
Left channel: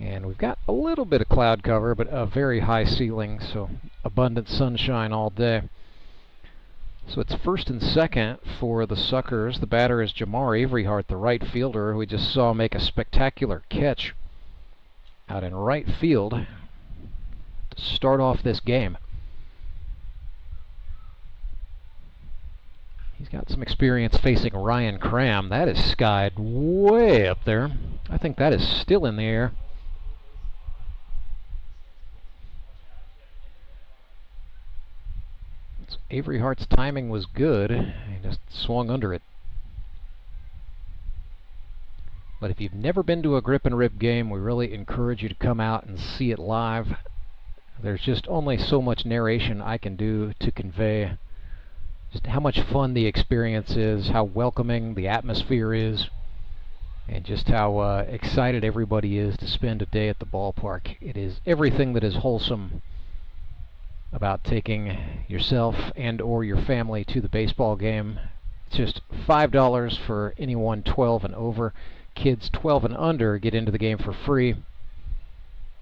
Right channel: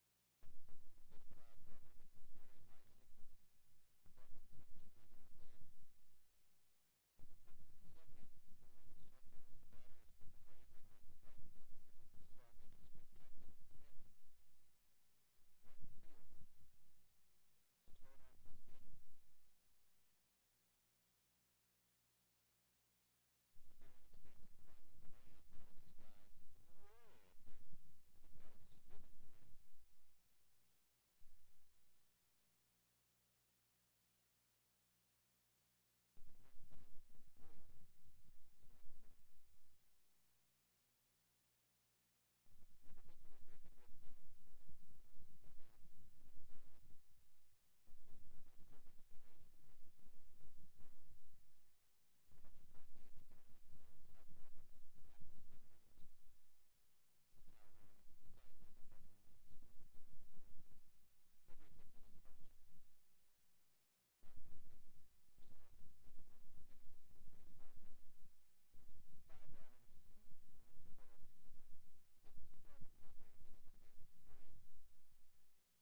And we've got a little bit of cloud cover, but a very high ceiling, so abundant sunshine all day. So it's first and second for the Suckers. The batter is Jamar Averyhart, the right fielder, who we just saw make a spectacular catch out in right field to start off this game. He's got some experience facing Ryan Cram. That is skied way up there. I think that is still in the air. Averyhart's timing was good. He just swung under it. But if you've never been to a grip and rip game, we really encourage you to come out and see it live. There's just only so much narration I can do to convey just how much fun the experience is, how welcoming the atmosphere is, and just how excited everybody is to spend a day at the ballpark. It is everything that is wholesome about taking yourself and or your family to the baseball game. It's just $5 for anyone 12 and over. Kids 12 and under get into the game for free.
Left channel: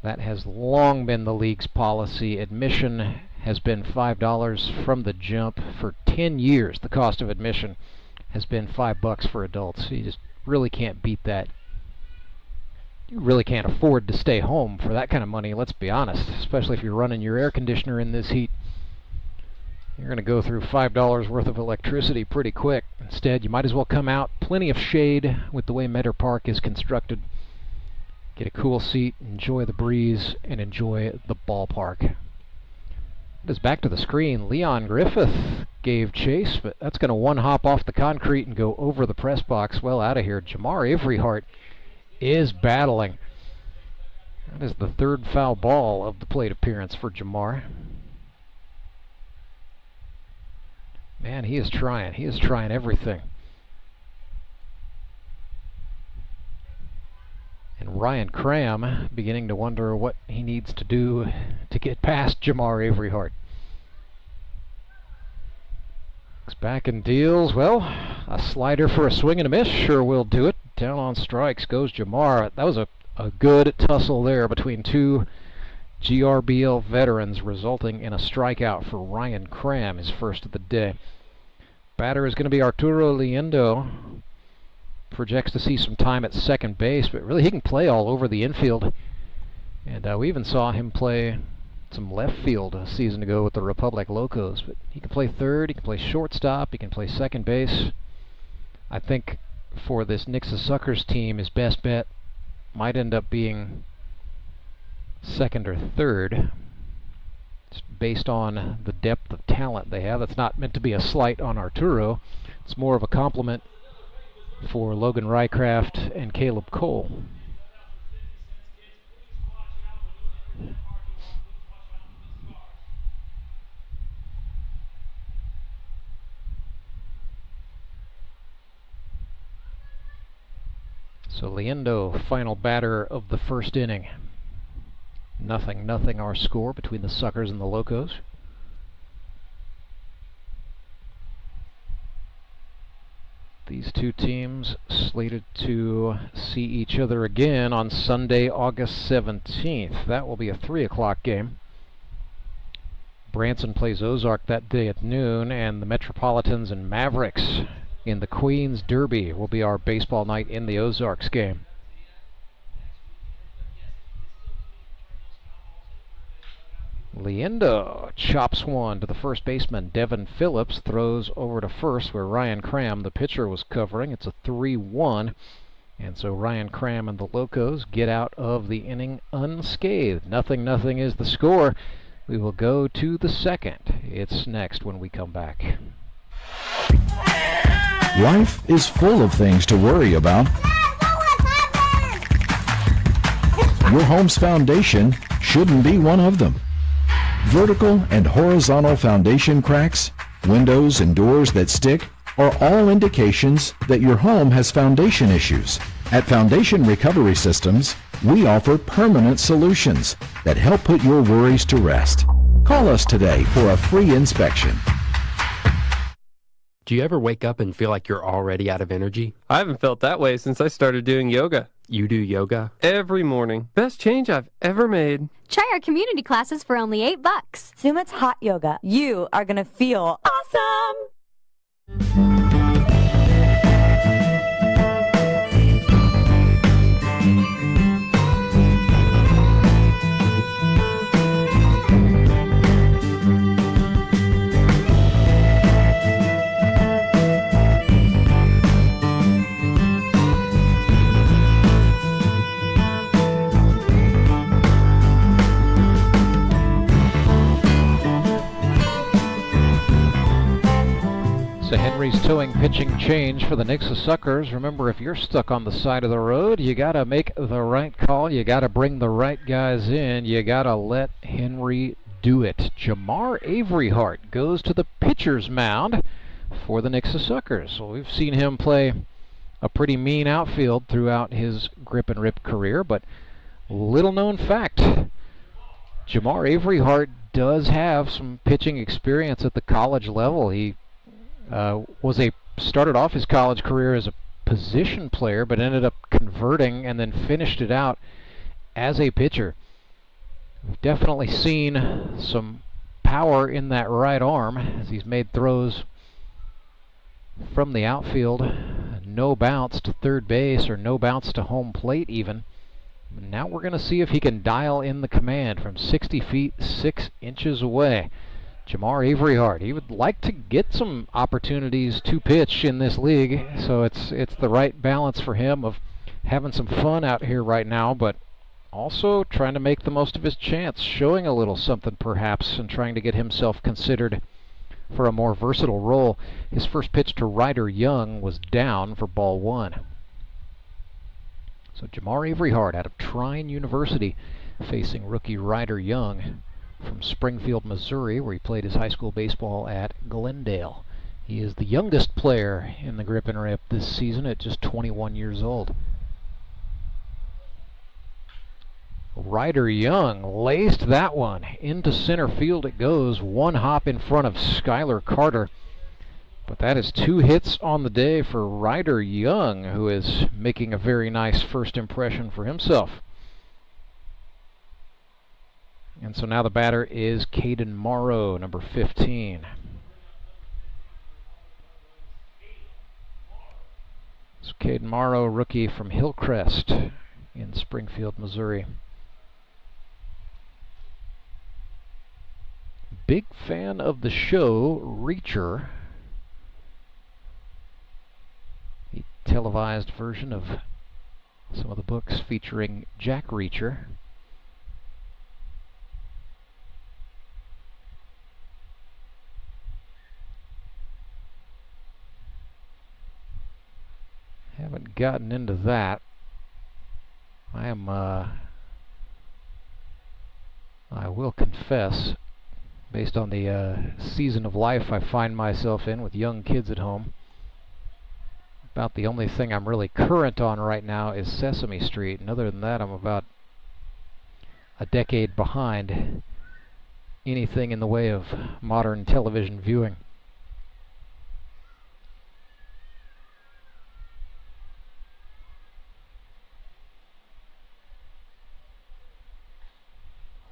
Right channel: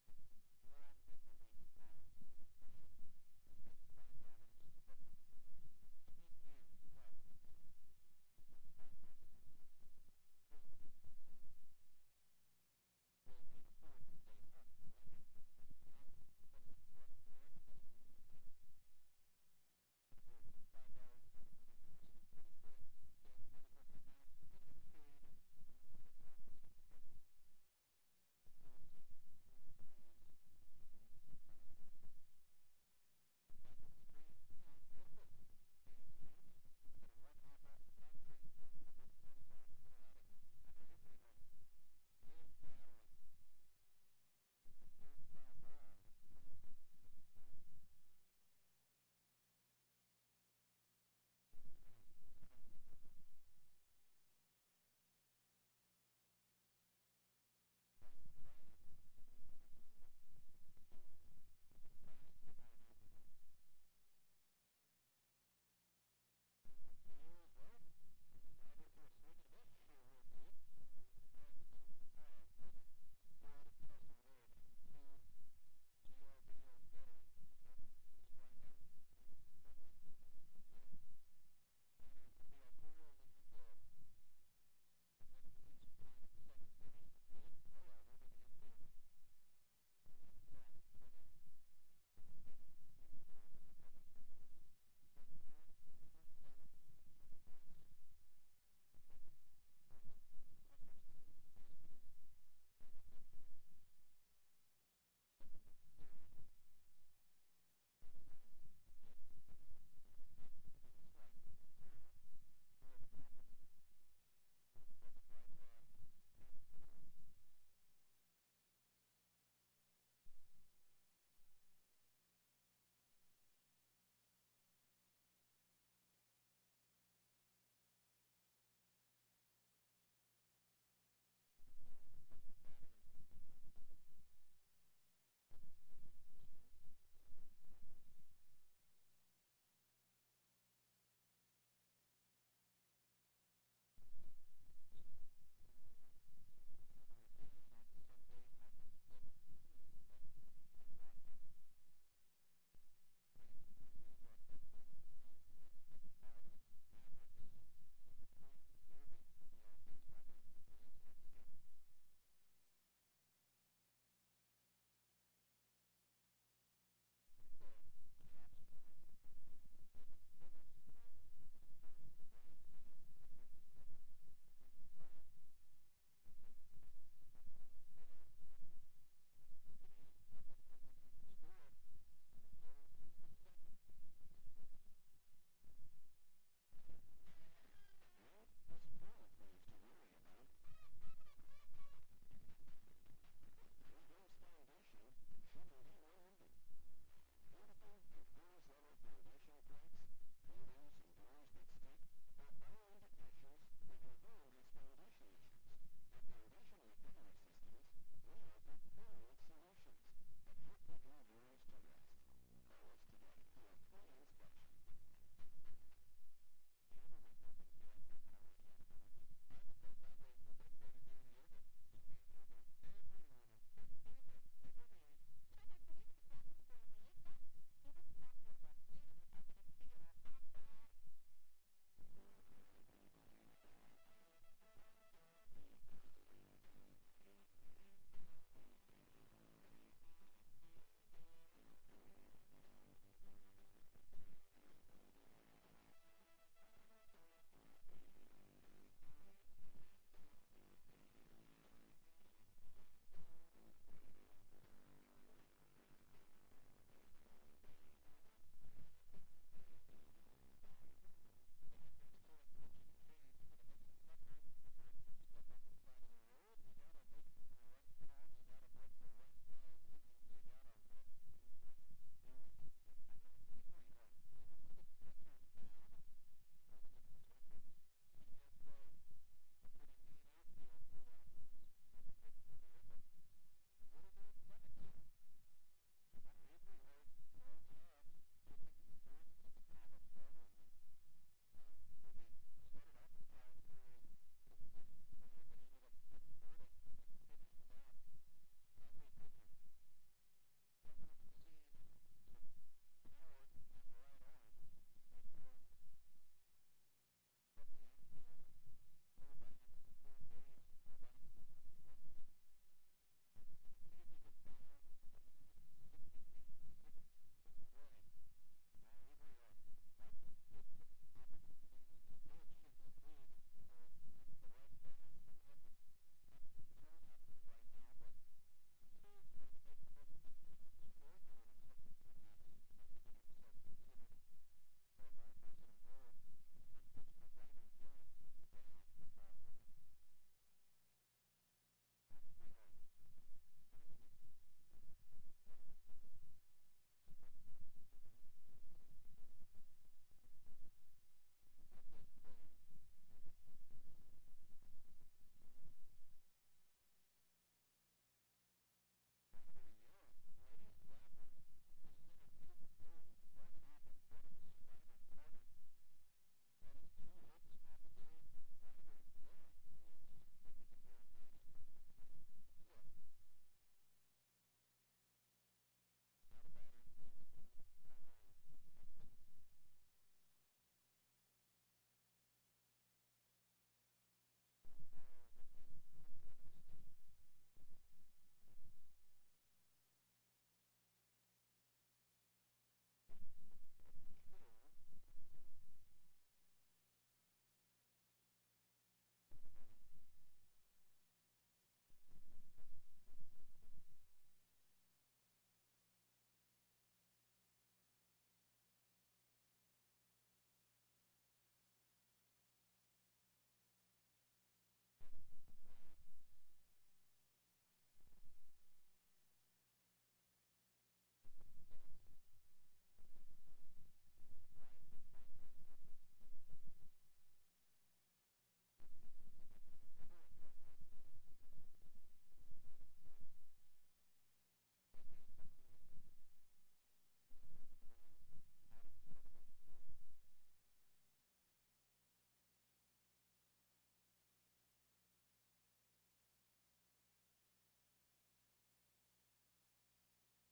That has long been the league's policy. Admission has been $5 from the jump for 10 years. The cost of admission has been $5 for adults. You just really can't beat that. You really can't afford to stay home for that kind of money, let's be honest, especially if you're running your air conditioner in this heat. You're going to go through $5 worth of electricity pretty quick. Instead, you might as well come out. Plenty of shade with the way Meador Park is constructed. Get a cool seat, enjoy the breeze, and enjoy the ballpark. It is back to the screen. Leon Griffith gave chase, but that's going to one-hop off the concrete and go over the press box. Well out of here. Jamar Averyhart is battling. That is the third foul ball of the plate appearance for Jamar. Man, he is trying. He is trying everything. And Ryan Cram beginning to wonder what he needs to do to get past Jamar Averyhart. Looks back and deals. Well, a slider for a swing and a miss sure will do it. Down on strikes goes Jamar. That was a good tussle there between two GRBL veterans, resulting in a strikeout for Ryan Cram, his first of the day. Batter is going to be Arturo Liendo. Projects to see some time at second base, but really he can play all over the infield. And we even saw him play some left field a season ago with the Republic Locos. But he can play third, he can play shortstop, he can play second base. I think for this Nixa Suckers team, his best bet might end up being second or third. It's based on the depth of talent they have. That's not meant to be a slight on Arturo. It's more of a compliment for Logan Rycraft and Caleb Cole. So Liendo, final batter of the first inning. 0-0 our score between the Suckers and the Locos. These two teams slated to see each other again on Sunday, August 17th. That will be a 3 o'clock game. Branson plays Ozark that day at noon, and the Metropolitans and Mavericks in the Queen's Derby will be our baseball night in the Ozarks game. Liendo chops one to the first baseman. Devin Phillips throws over to first where Ryan Cram, the pitcher, was covering. It's a 3-1. And so Ryan Cram and the Locos get out of the inning unscathed. 0-0 is the score. We will go to the second. It's next when we come back. Life is full of things to worry about. Your home's foundation shouldn't be one of them. Vertical and horizontal foundation cracks, windows and doors that stick are all indications that your home has foundation issues. At Foundation Recovery Systems, we offer permanent solutions that help put your worries to rest. Call us today for a free inspection. Do you ever wake up and feel like you're already out of energy? I haven't felt that way since I started doing yoga. You do yoga? Every morning. Best change I've ever made. Try our community classes for only $8. Sumit's hot yoga. You are going to feel awesome! So Henry's towing pitching change for the Nixa Suckers. Remember, if you're stuck on the side of the road, you got to make the right call. You got to bring the right guys in. You got to let Henry do it. Jamar Averyhart goes to the pitcher's mound for the Nixa Suckers. So we've seen him play a pretty mean outfield throughout his grip and rip career, but little known fact, Jamar Averyhart does have some pitching experience at the college level. He started off his college career as a position player, but ended up converting and then finished it out as a pitcher. We've definitely seen some power in that right arm as he's made throws from the outfield. No bounce to third base or no bounce to home plate even. Now we're going to see if he can dial in the command from 60 feet 6 inches away. Jamar Averyhart, he would like to get some opportunities to pitch in this league, so it's the right balance for him of having some fun out here right now, but also trying to make the most of his chance, showing a little something perhaps, and trying to get himself considered for a more versatile role. His first pitch to Ryder Young was down for ball one. So Jamar Averyhart out of Trine University facing rookie Ryder Young from Springfield, Missouri, where he played his high school baseball at Glendale. He is the youngest player in the grip and rip this season at just 21 years old. Ryder Young laced that one into center field. It goes one hop in front of Skylar Carter. But that is 2 hits on the day for Ryder Young, who is making a very nice first impression for himself. And so now the batter is Caden Morrow, number 15. So Caden Morrow, rookie from Hillcrest in Springfield, Missouri. Big fan of the show Reacher, the televised version of some of the books featuring Jack Reacher. Haven't gotten into that. I will confess, based on the season of life I find myself in with young kids at home, About the only thing I'm really current on right now is Sesame Street, and other than that, I'm about a decade behind anything in the way of modern television viewing.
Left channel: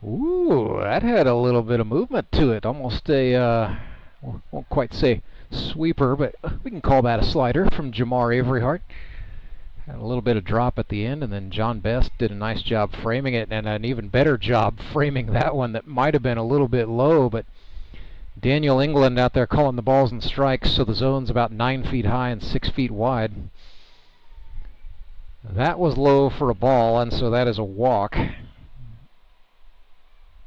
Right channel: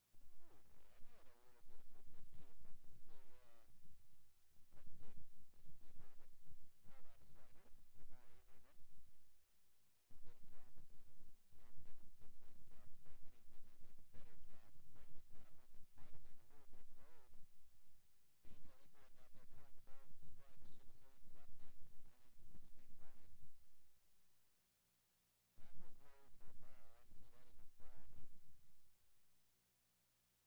Ooh, that had a little bit of movement to it. Almost a, won't quite say sweeper, but we can call that a slider from Jamar Averyhart. Had a little bit of drop at the end, and then John Best did a nice job framing it, and an even better job framing that one that might have been a little bit low, but Daniel England out there calling the balls and strikes, so the zone's about 9 feet high and 6 feet wide. That was low for a ball, and so that is a walk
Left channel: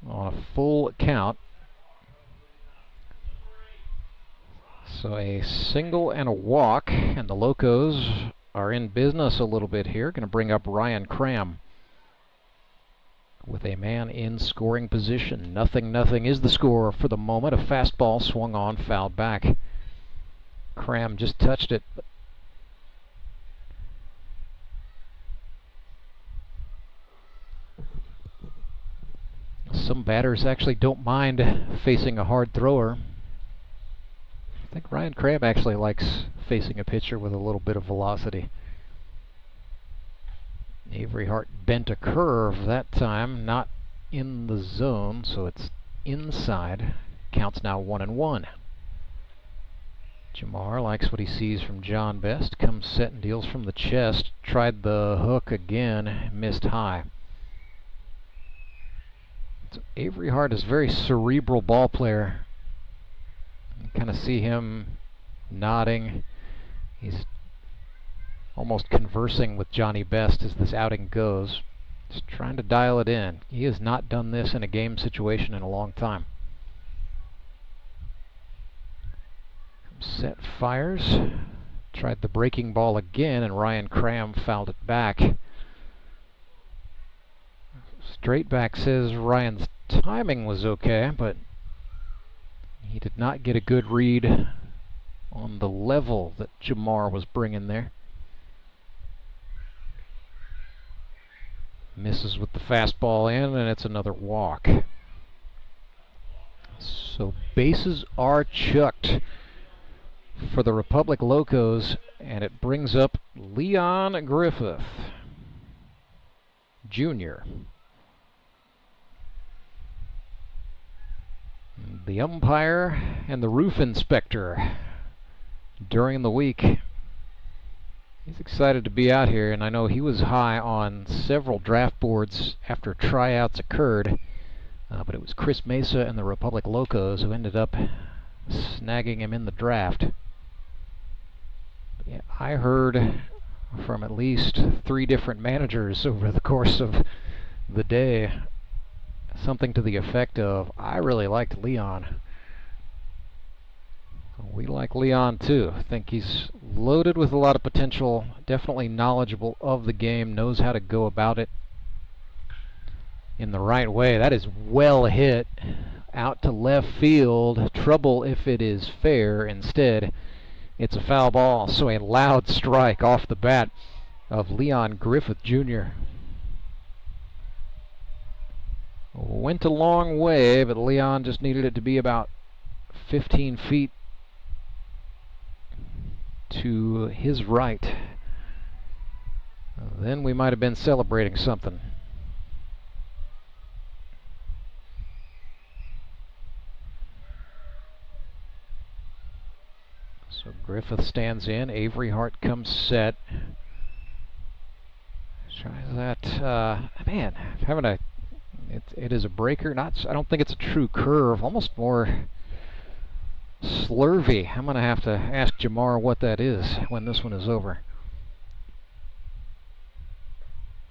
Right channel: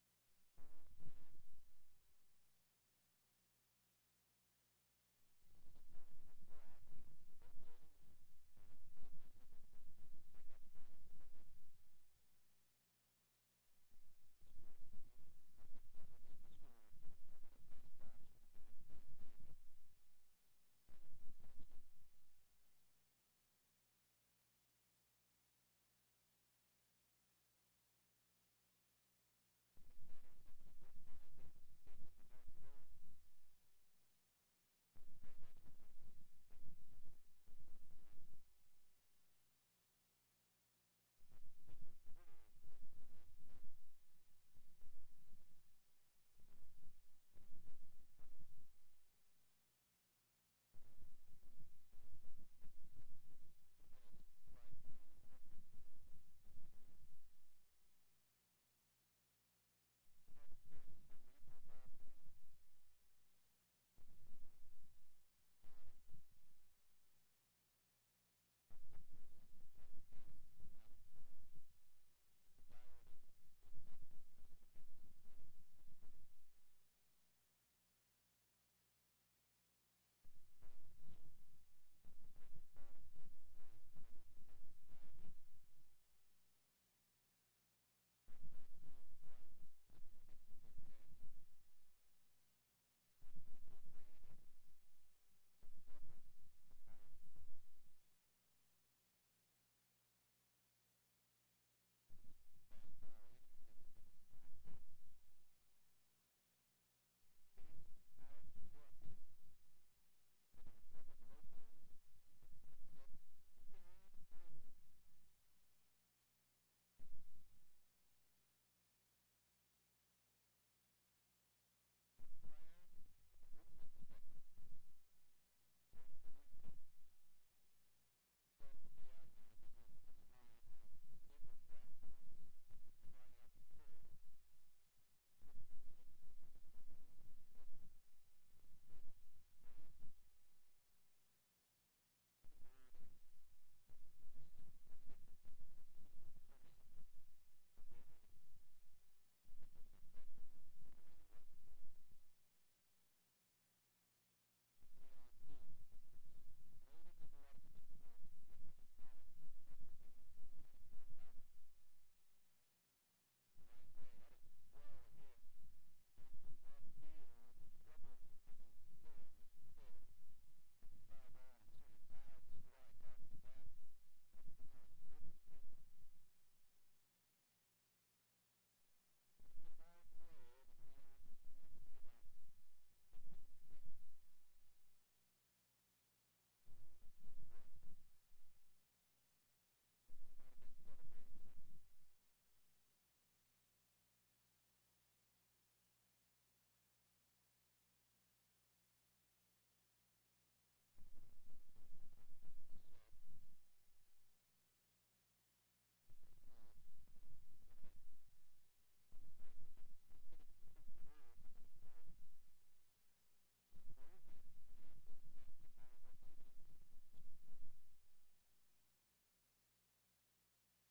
on a full count. So a single and a walk, and the Locos are in business a little bit here. Going to bring up Ryan Cram with a man in scoring position. 0-0 is the score for the moment. A fastball swung on, fouled back. Cram just touched it. Some batters actually don't mind facing a hard thrower. I think Ryan Cram actually likes facing a pitcher with a little bit of velocity. Averyhart bent a curve that time, not in the zone, so it's inside. Counts now 1-1. Jamar likes what he sees from John Best. Comes set and deals from the chest. Tried the hook again, missed high. So Averyhart is a very cerebral ball player. You kind of see him nodding. He's almost conversing with Johnny Best as this outing goes. Just trying to dial it in. He has not done this in a game situation in a long time. Set fires. Tried the breaking ball again, and Ryan Cram fouled it back. Straight back says Ryan's timing was okay, but he did not get a good read on the level that Jamar was bringing there. Misses with the fastball in, and it's another walk. So bases are chucked for the Republic Locos, and it brings up Leon Griffith Jr. The umpire and the roof inspector during the week. He's excited to be out here, and I know he was high on several draft boards after tryouts occurred, but it was Chris Mesa and the Republic Locos who ended up snagging him in the draft. Yeah, I heard from at least 3 different managers over the course of the day something to the effect of, I really liked Leon. We like Leon too. I think he's loaded with a lot of potential, definitely knowledgeable of the game, knows how to go about it in the right way. That is well hit out to left field. Trouble if it is fair. Instead, it's a foul ball, so a loud strike off the bat of Leon Griffith Jr. Went a long way, but Leon just needed it to be about 15 feet to his right. Then we might have been celebrating something. So Griffith stands in, Averyhart comes set. Tries that, man, having a, it is a breaker, I don't think it's a true curve, almost more slurvy. I'm going to have to ask Jamar what that is when this one is over.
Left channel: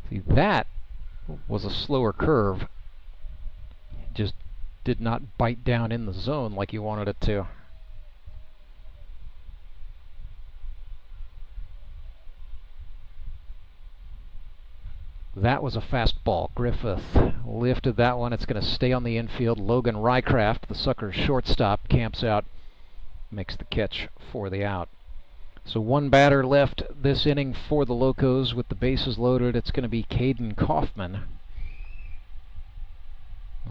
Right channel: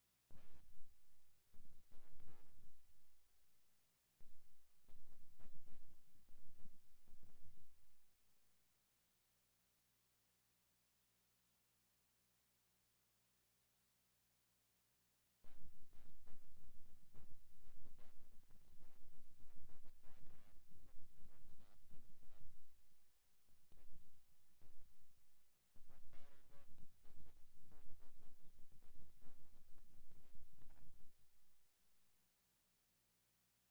See, that was a slower curve. It just did not bite down in the zone like you wanted it to. That was a fastball. Griffith lifted that one. It's going to stay on the infield. Logan Rycraft, the Suckers shortstop, camps out, makes the catch for the out. So one batter left this inning for the Locos with the bases loaded. It's going to be Caden Kaufman,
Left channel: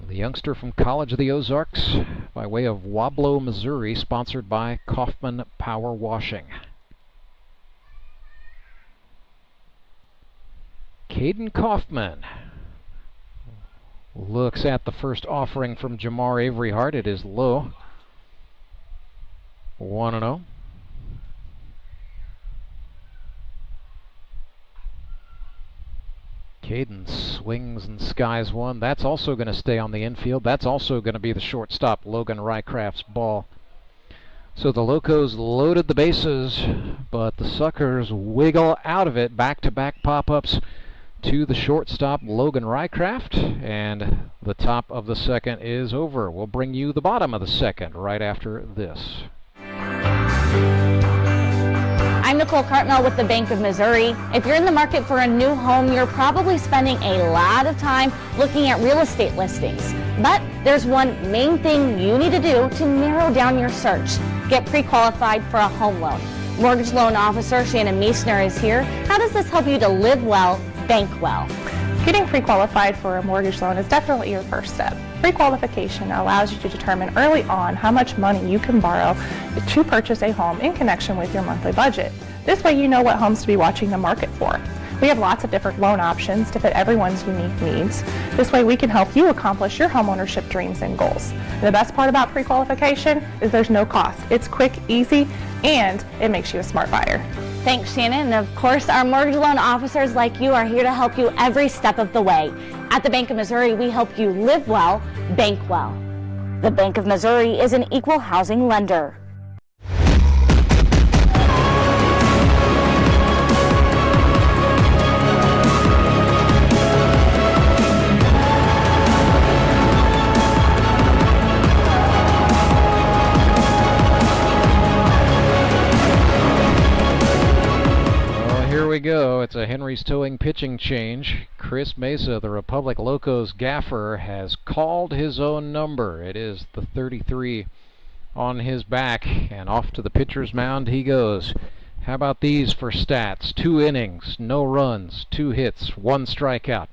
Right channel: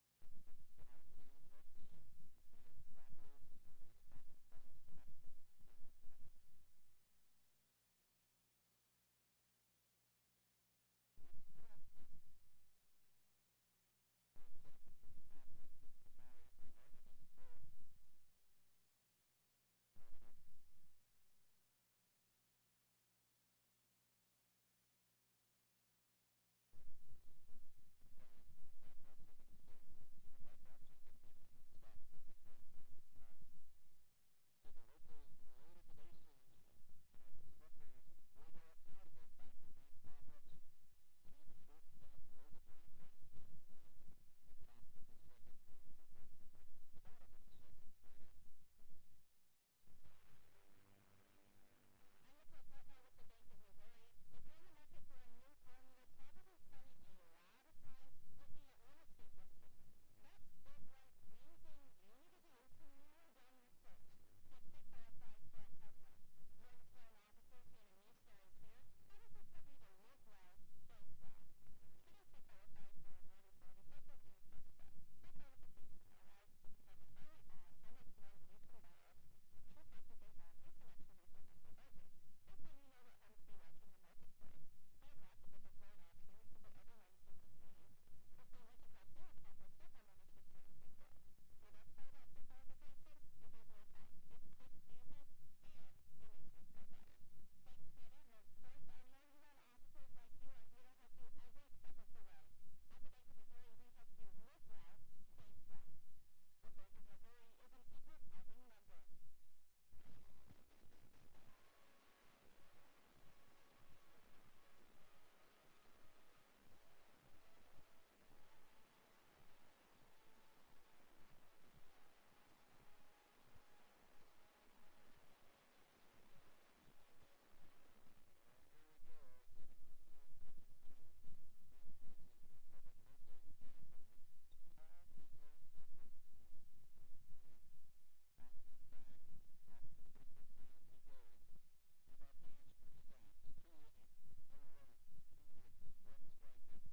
the youngster from College of the Ozarks, by way of Wablo, Missouri, sponsored by Kaufman Power Washing. Caden Kaufman looks at the first offering from Jamar Averyhart. It is low. 1-0. Caden swings and skies one. That's also going to stay on the infield. That's also going to be the shortstop, Logan Rycraft's ball. So the Locos loaded the bases, but the Suckers wiggle out of it. Back-to-back pop-ups to the shortstop, Logan Rycraft, and the top of the second is over. We'll bring you the bottom of the second right after this. I'm Nicole Cartmel with the Bank of Missouri. If you're in the market for a new home, you're probably spending a lot of time looking at real estate listings. But there's one main thing you need to do to narrow down your search. Get pre-qualified for a home loan. Mortgage loan officer Shannon Meisner is here. How does this help you to live well, bank well? Getting pre-qualified for a mortgage loan is definitely your first step. Pre-qualification allows you to determine early on how much money you can borrow to purchase a home in connection with your monthly budget. This way you know what homes to be watching the market for. We have lots of different loan options to fit everyone's unique needs. This way we can help you accomplish your homeownership dreams and goals. And the best part about pre-qualification is there's no cost. It's quick, easy, and it makes you a smart buyer. Thanks, Shannon. And of course, our mortgage loan officers like you are here to help you every step of the way. At the Bank of Missouri, we help you live well, bank well. The Bank of Missouri is an equal housing lender. We go. It's a Henry's Towing pitching change. Chris Mesa, the Republic Locos gaffer, has called his own number. It is the 33 on his back, and off to the pitcher's mound he goes. How about these for stats? 2 innings, no runs, 2 hits, 1 strikeout.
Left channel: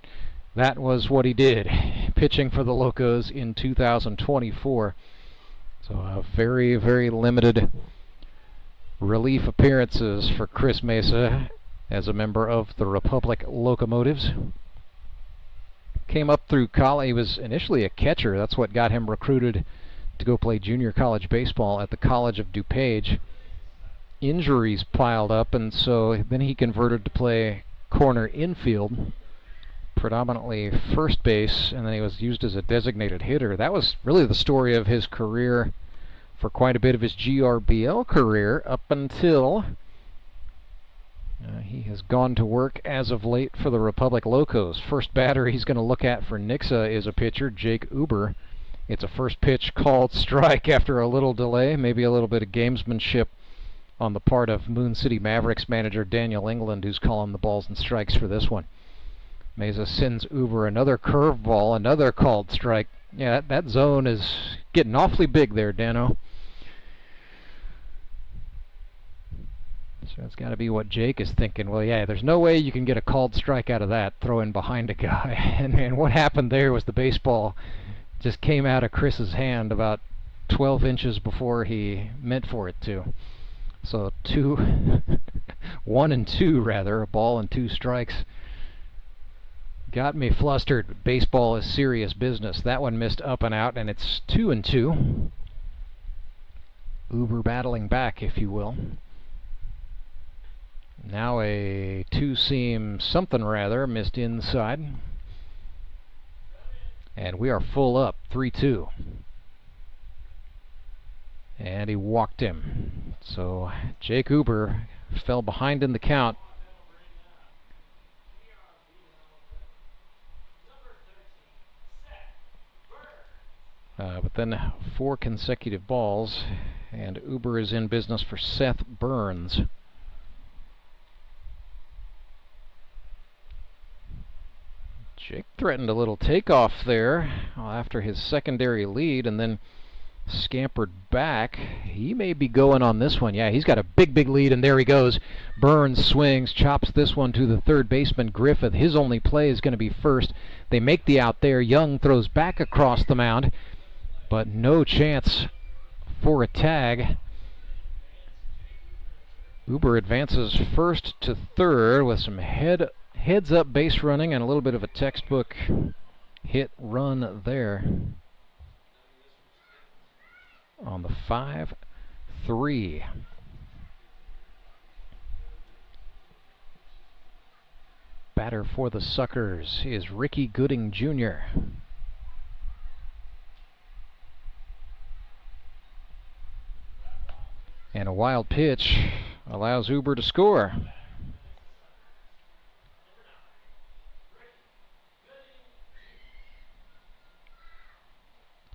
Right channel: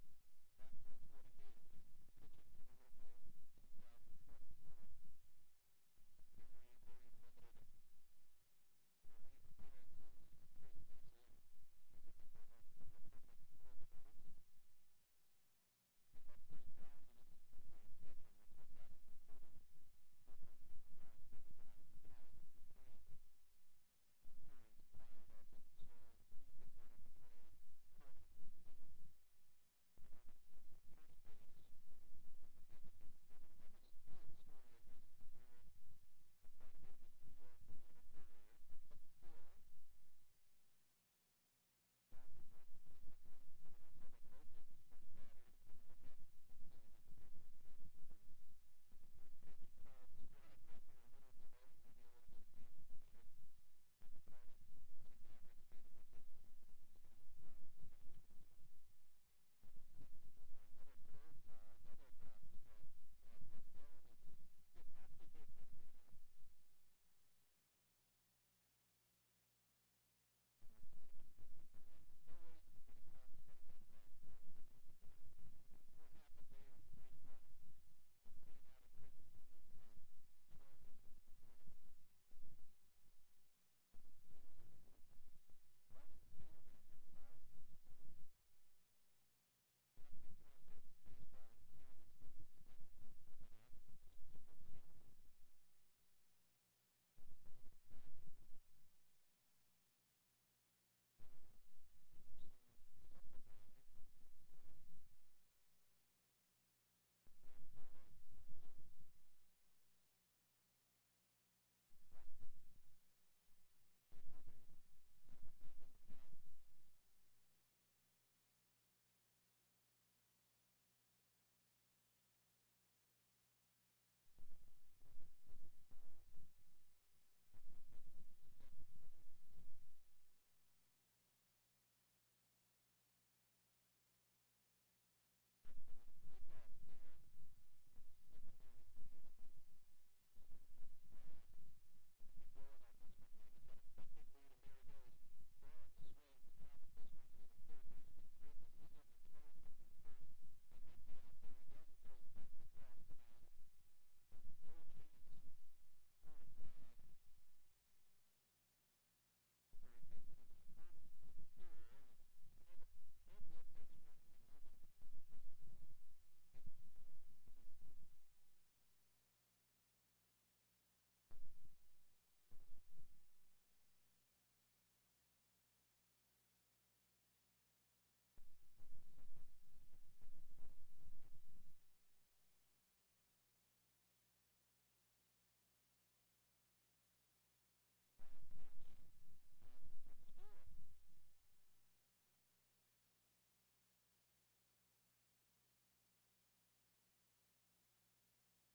That was what he did, pitching for the Locos in 2024. So a very, very limited relief appearances for Chris Mesa as a member of the Republic Locomotives. Came up through college. He was initially a catcher. That's what got him recruited to go play junior college baseball at the College of DuPage. Injuries piled up, and so then he converted to play corner infield, predominantly first base, and then he was used as a designated hitter. That was really the story of his career for quite a bit of his GRBL career up until he has gone to work as of late for the Republic Locos. First batter he's going to look at for Nixa is a pitcher, Jake Uber. It's a first pitch called strike after a little delay, maybe a little bit of gamesmanship on the part of Moon City Mavericks manager Daniel England, who's calling the balls and strikes for this one. Mesa sends Uber another curveball, another called strike. Yeah, that zone is getting awfully big there, Dano. So it's got to be what Jake is thinking. Well, yeah, there's no way you can get a called strike out of that, throwing behind a guy. And what happened there was the baseball just came out of Chris's hand about 12 inches before he meant for it to. So 1 and 2 rather, a ball and 2 strikes. Got me flustered. Baseball is serious business. That one missed up and out, and it's 2 and 2. Uber battling back, if you will. Now a 2-seam something rather, missed inside. And we are full up, 3-2. And he walked him. So Jake Uber fell behind in the count. But then 4 consecutive balls, and Uber is in business for Seth Burns. Jake threatened a little takeoff there after his secondary lead, and then scampered back. He may be going on this one. Yeah, he's got a big lead, and there he goes. Burns swings, chops this one to the third baseman, Griffith. His only play is going to be first. They make the out there. Young throws back across the mound, but no chance for a tag. Uber advances first to third with some heads-up base running and a little bit of a textbook hit run there. On the 5-3. Batter for the Suckers is Ricky Gooding Jr. And a wild pitch allows Uber to score.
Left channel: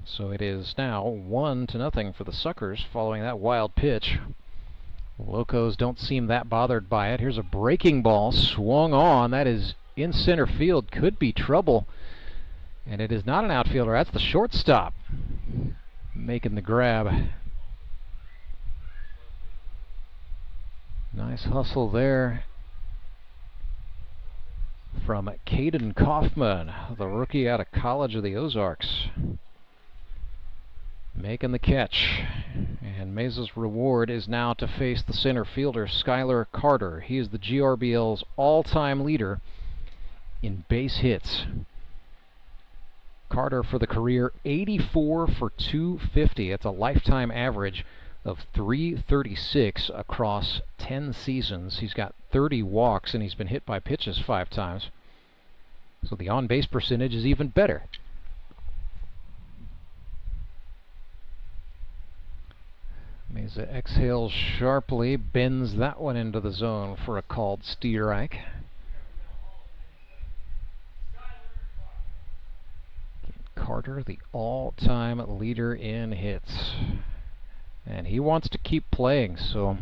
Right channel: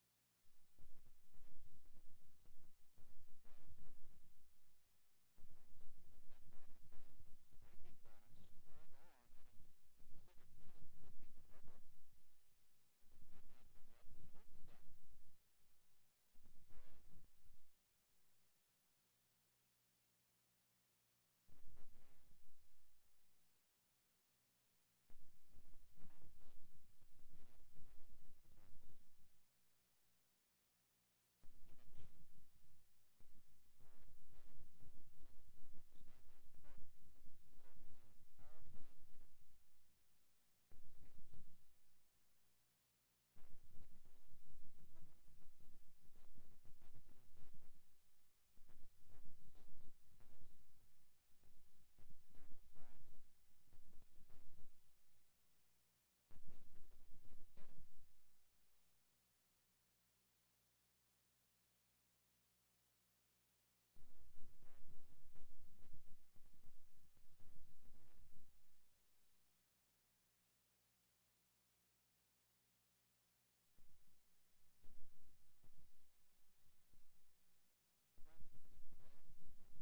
So it is now 1-0 for the Suckers following that wild pitch. Locos don't seem that bothered by it. Here's a breaking ball swung on. That is in center field. Could be trouble. And it is not an outfielder. That's the shortstop making the grab. Nice hustle there from Caden Kaufman, the rookie out of College of the Ozarks. Making the catch, and Mesa's reward is now to face the center fielder, Skylar Carter. He is the GRBL's all-time leader in base hits. Carter for the career, 84 for 250. It's a lifetime average of 336 across 10 seasons. He's got 30 walks, and he's been hit by pitches 5 times. So the on-base percentage is even better. Mesa exhales sharply, bends that one into the zone for a called strike. Carter, the all-time leader in hits. And he wants to keep playing, so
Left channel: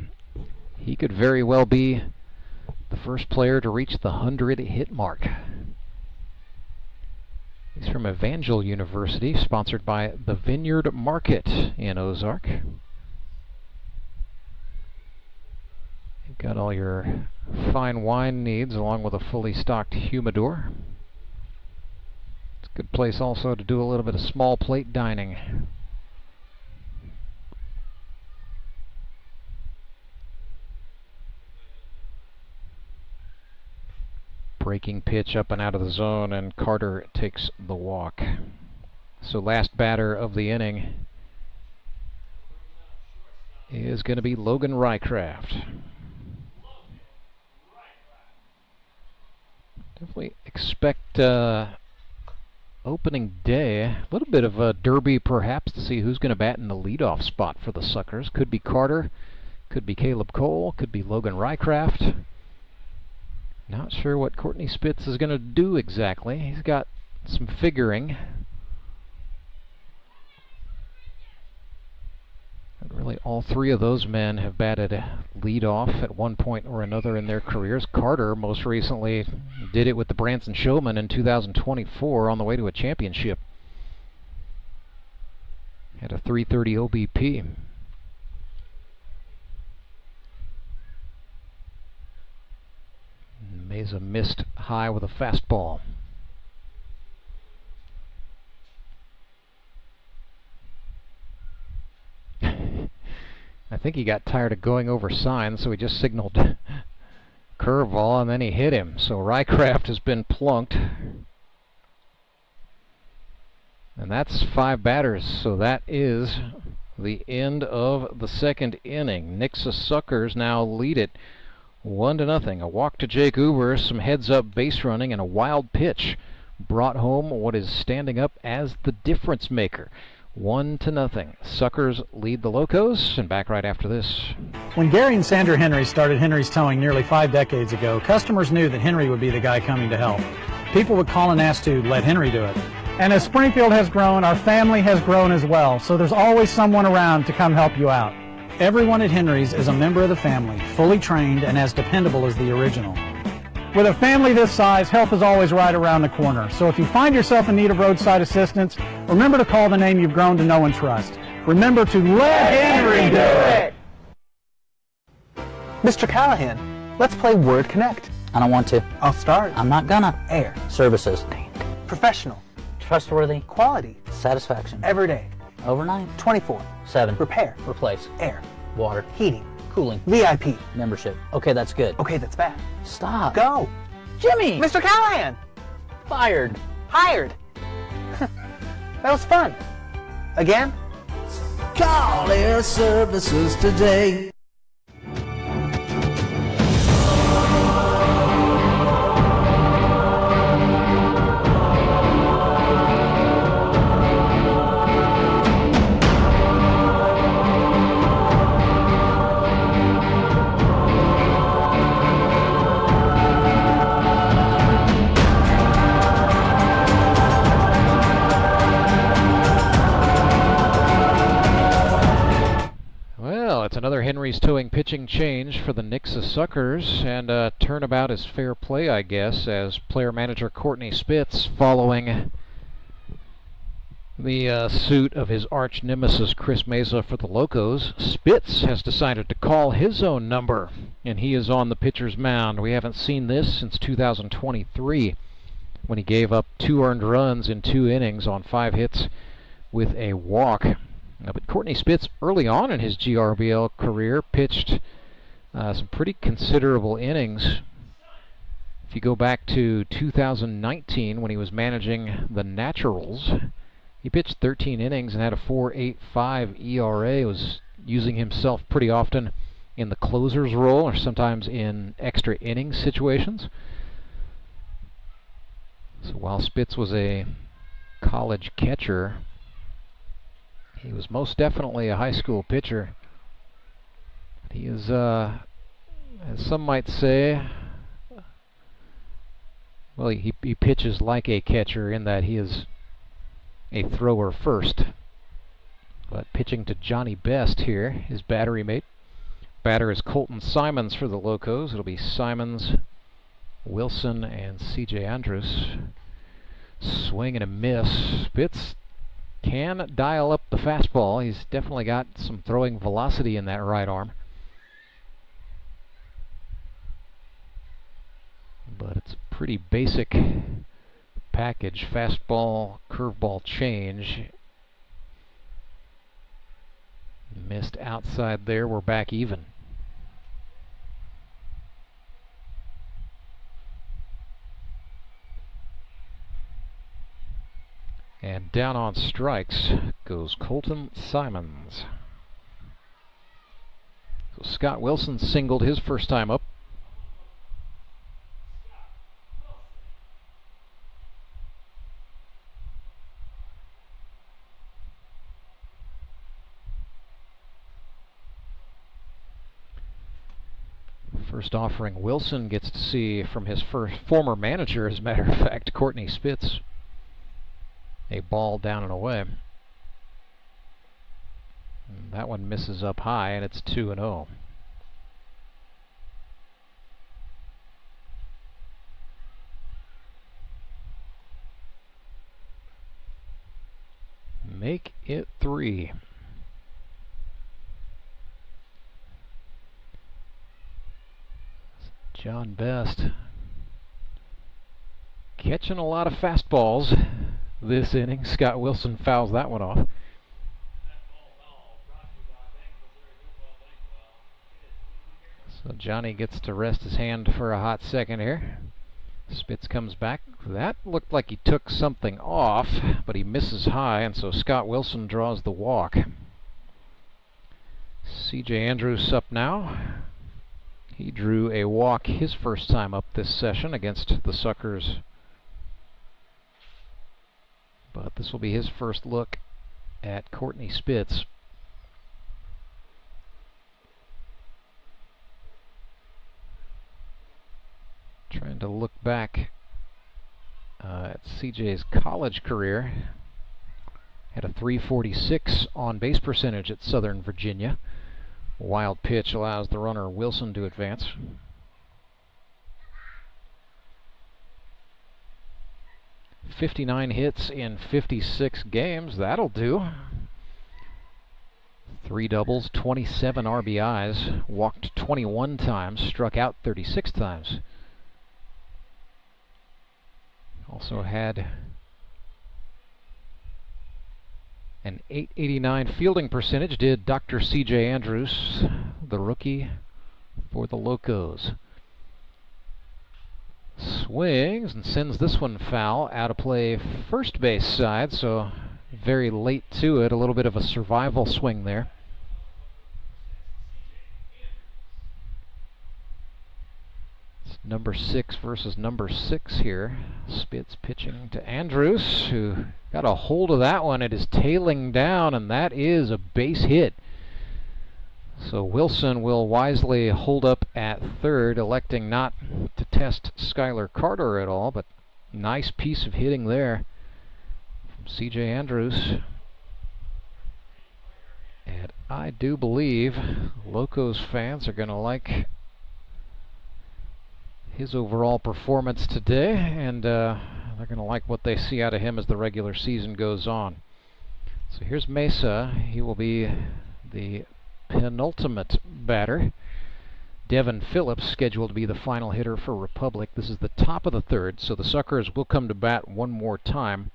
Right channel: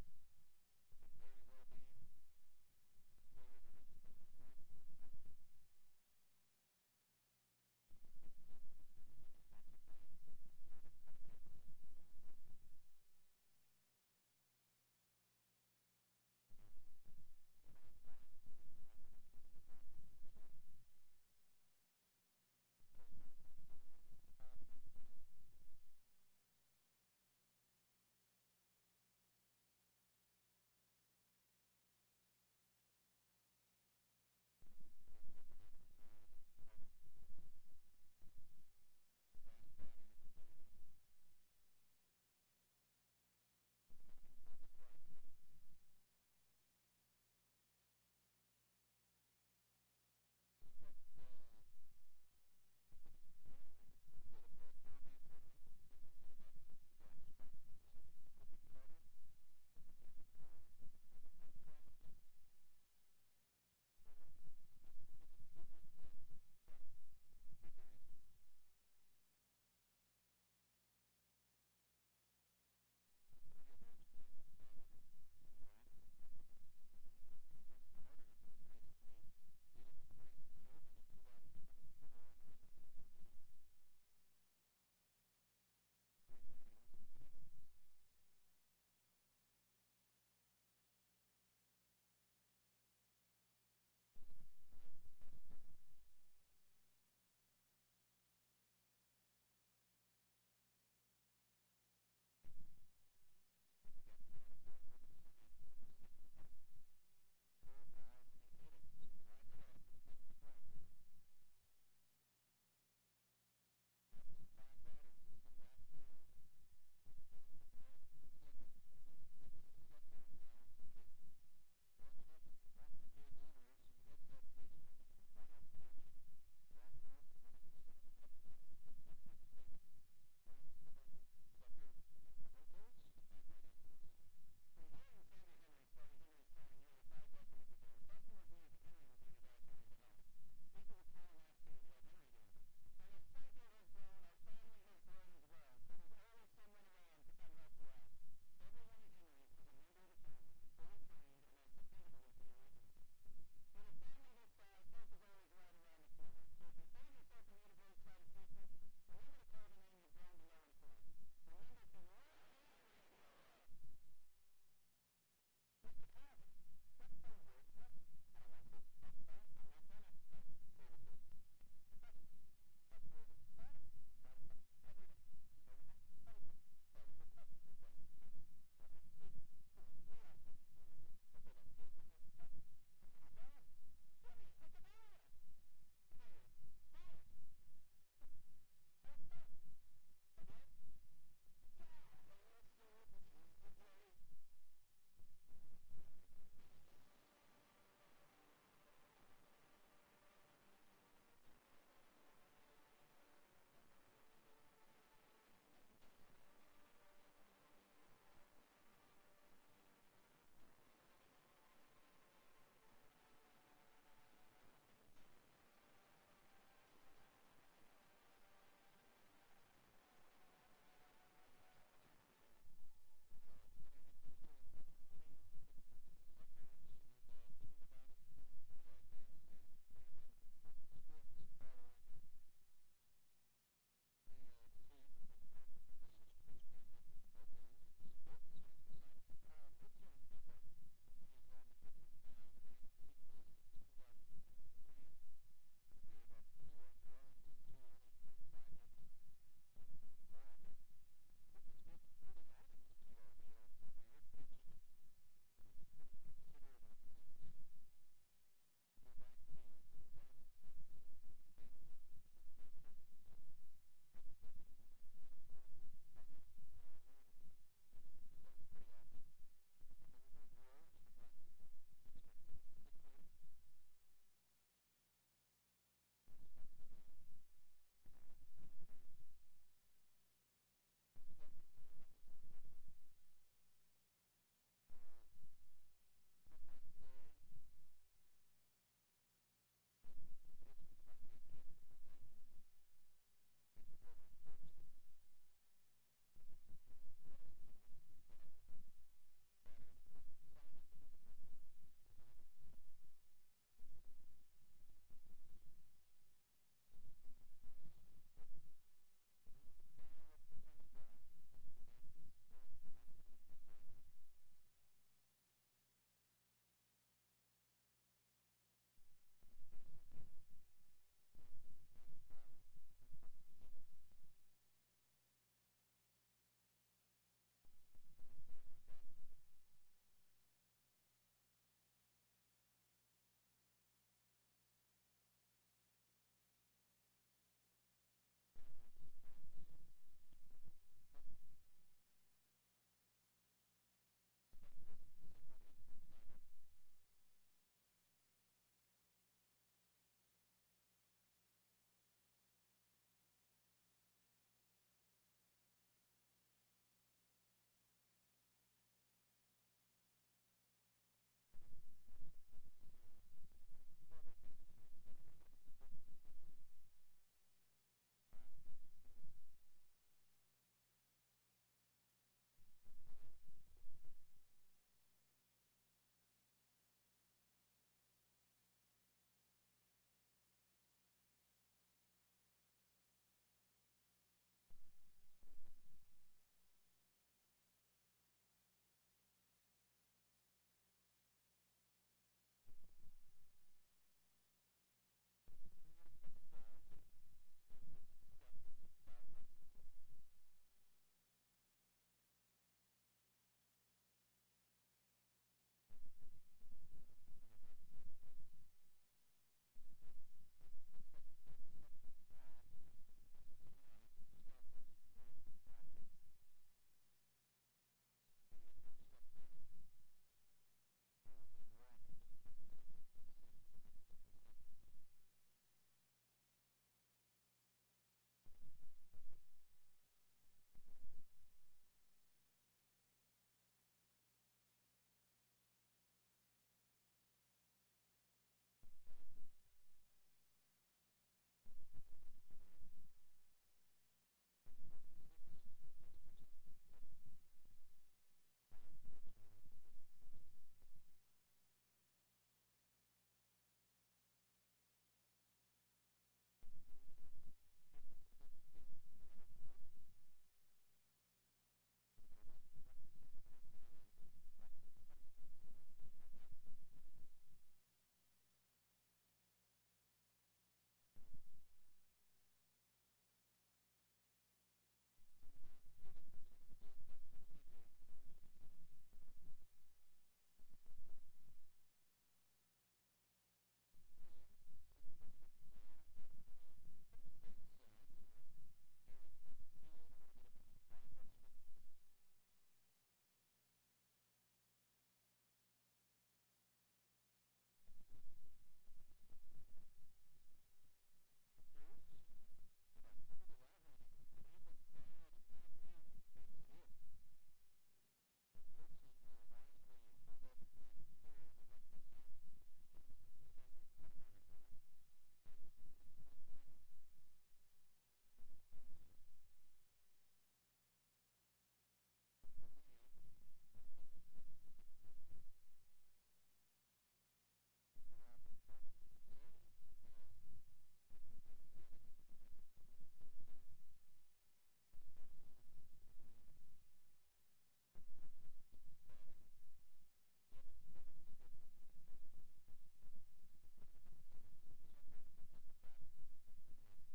he could very well be the first player to reach the 100-hit mark. He's from Evangel University, sponsored by the Vineyard Market in Ozark. Got all your fine wine needs along with a fully stocked humidor. It's a good place also to do a little bit of small plate dining. Breaking pitch up and out of the zone, and Carter takes the walk. So last batter of the inning is going to be Logan Rycraft. Definitely expect opening day, a little bit of a derby perhaps to see who's going to bat in the leadoff spot for the Suckers. Could be Carter, could be Caleb Cole, could be Logan Rycraft. Not sure what Courtney Spitz is going to do exactly. He's got some figuring. And really, all three of those men have batted leadoff at one point or another in their careers. Carter most recently did it with the Branson Showmen in 2024 on the way to a championship. Had a .330 OBP. Mesa missed high with a fastball. I think he got tired of going over signs, so he just signaled curveball, and then he hit him. So Rycraft has been plunked. And that's 5 batters, so that is the end of the second inning. Nixa Suckers now lead it 1-0. A walk to Jake Uber, some heads-up base running, and a wild pitch brought home what is standing up as the difference maker. 1-0. Suckers lead the Locos, and back right after this. When Gary and Sandra Henry started Henry's Towing nearly 5 decades ago, customers knew that Henry would be the guy coming to help. People would call and ask to let Henry do it. And as Springfield has grown, our family has grown as well, so there's always someone around to come help you out. Everyone at Henry's is a member of the family, fully trained and as dependable as the original. With a family this size, help is always right around the corner. So if you find yourself in need of roadside assistance, remember to call the name you've grown to know and trust. Remember to let Henry do it. Mr. Callahan, let's play Word Connect. I don't want to. I'll start. I'm not gonna. Air. Services. Professional. Trustworthy. Quality. Satisfaction. Everyday. Overnight. 24/7. Repair. Replace. Air. Water. Heating. Cooling. VIP. Membership. Okay, that's good. Okay, that's bad. Stop. Go. Jimmy! Mr. Callahan! Fired. Hired. That was fun. Again? Call Air Services today. It's another Henry's Towing pitching change for the Nixa Suckers, and turnabout is fair play, I guess, as player manager Courtney Spitz, following the suit of his arch nemesis Chris Meza for the Locos, Spitz has decided to call his own number, and he is on the pitcher's mound. We haven't seen this since 2023, when he gave up 2 earned runs in 2 innings on 5 hits with a walk. But Courtney Spitz, early on in his GRBL career, pitched some pretty considerable innings. If you go back to 2019, when he was managing the Naturals, he pitched 13 innings and had a 4.85 ERA. Was using himself pretty often in the closer's role, or sometimes in extra innings situations. So while Spitz was a college catcher, he was most definitely a high school pitcher. He is, as some might say, well, he pitches like a catcher in that he is a thrower first. But pitching to Johnny Best here, his battery mate. Batter is Colton Simons for the Locos. It'll be Simons, Wilson, and C.J. Andrews. Swing and a miss. Spitz can dial up the fastball. He's definitely got some throwing velocity in that right arm. But it's a pretty basic package. Fastball, curveball change. Missed outside there. We're back even. And down on strikes goes Colton Simons. So Scott Wilson singled his first time up. First offering Wilson gets to see from his former manager, as a matter of fact, Courtney Spitz. A ball down and away. And that one misses up high, and it's 2-0. Make it 3. John Best catching a lot of fastballs this inning. Scott Wilson fouls that one off. So Johnny gets to rest his hand for a hot second here. Spitz comes back. That looked like he took something off, but he misses high, and so Scott Wilson draws the walk. C.J. Andrews up now. He drew a walk his first time up this session against the Suckers. But this will be his first look at Courtney Spitz. Trying to look back at CJ's college career. Had a .346 on base percentage at Southern Virginia. Wild pitch allows the runner Wilson to advance. .59 hits in 56 games. That'll do. 3 doubles, 27 RBIs, walked 21 times, struck out 36 times. Also had an .889 fielding percentage, did Dr. C.J. Andrews, the rookie for the Locos. Swings and sends this one foul, out of play first base side, so very late to it, a little bit of a survival swing there. It's number 6 versus number 6 here. Spitz pitching to Andrews, who got a hold of that one. It is tailing down, and that is a base hit. So Wilson will wisely hold up at third, electing not to test Skylar Carter at all, but nice piece of hitting there from C.J. Andrews. And I do believe Locos fans are going to like his overall performance today, and they're going to like what they see out of him as the regular season goes on. So here's Mesa. He will be the penultimate batter. Devin Phillips scheduled to be the final hitter for Republic. This is the top of the third, so the Suckers will come to bat one more time.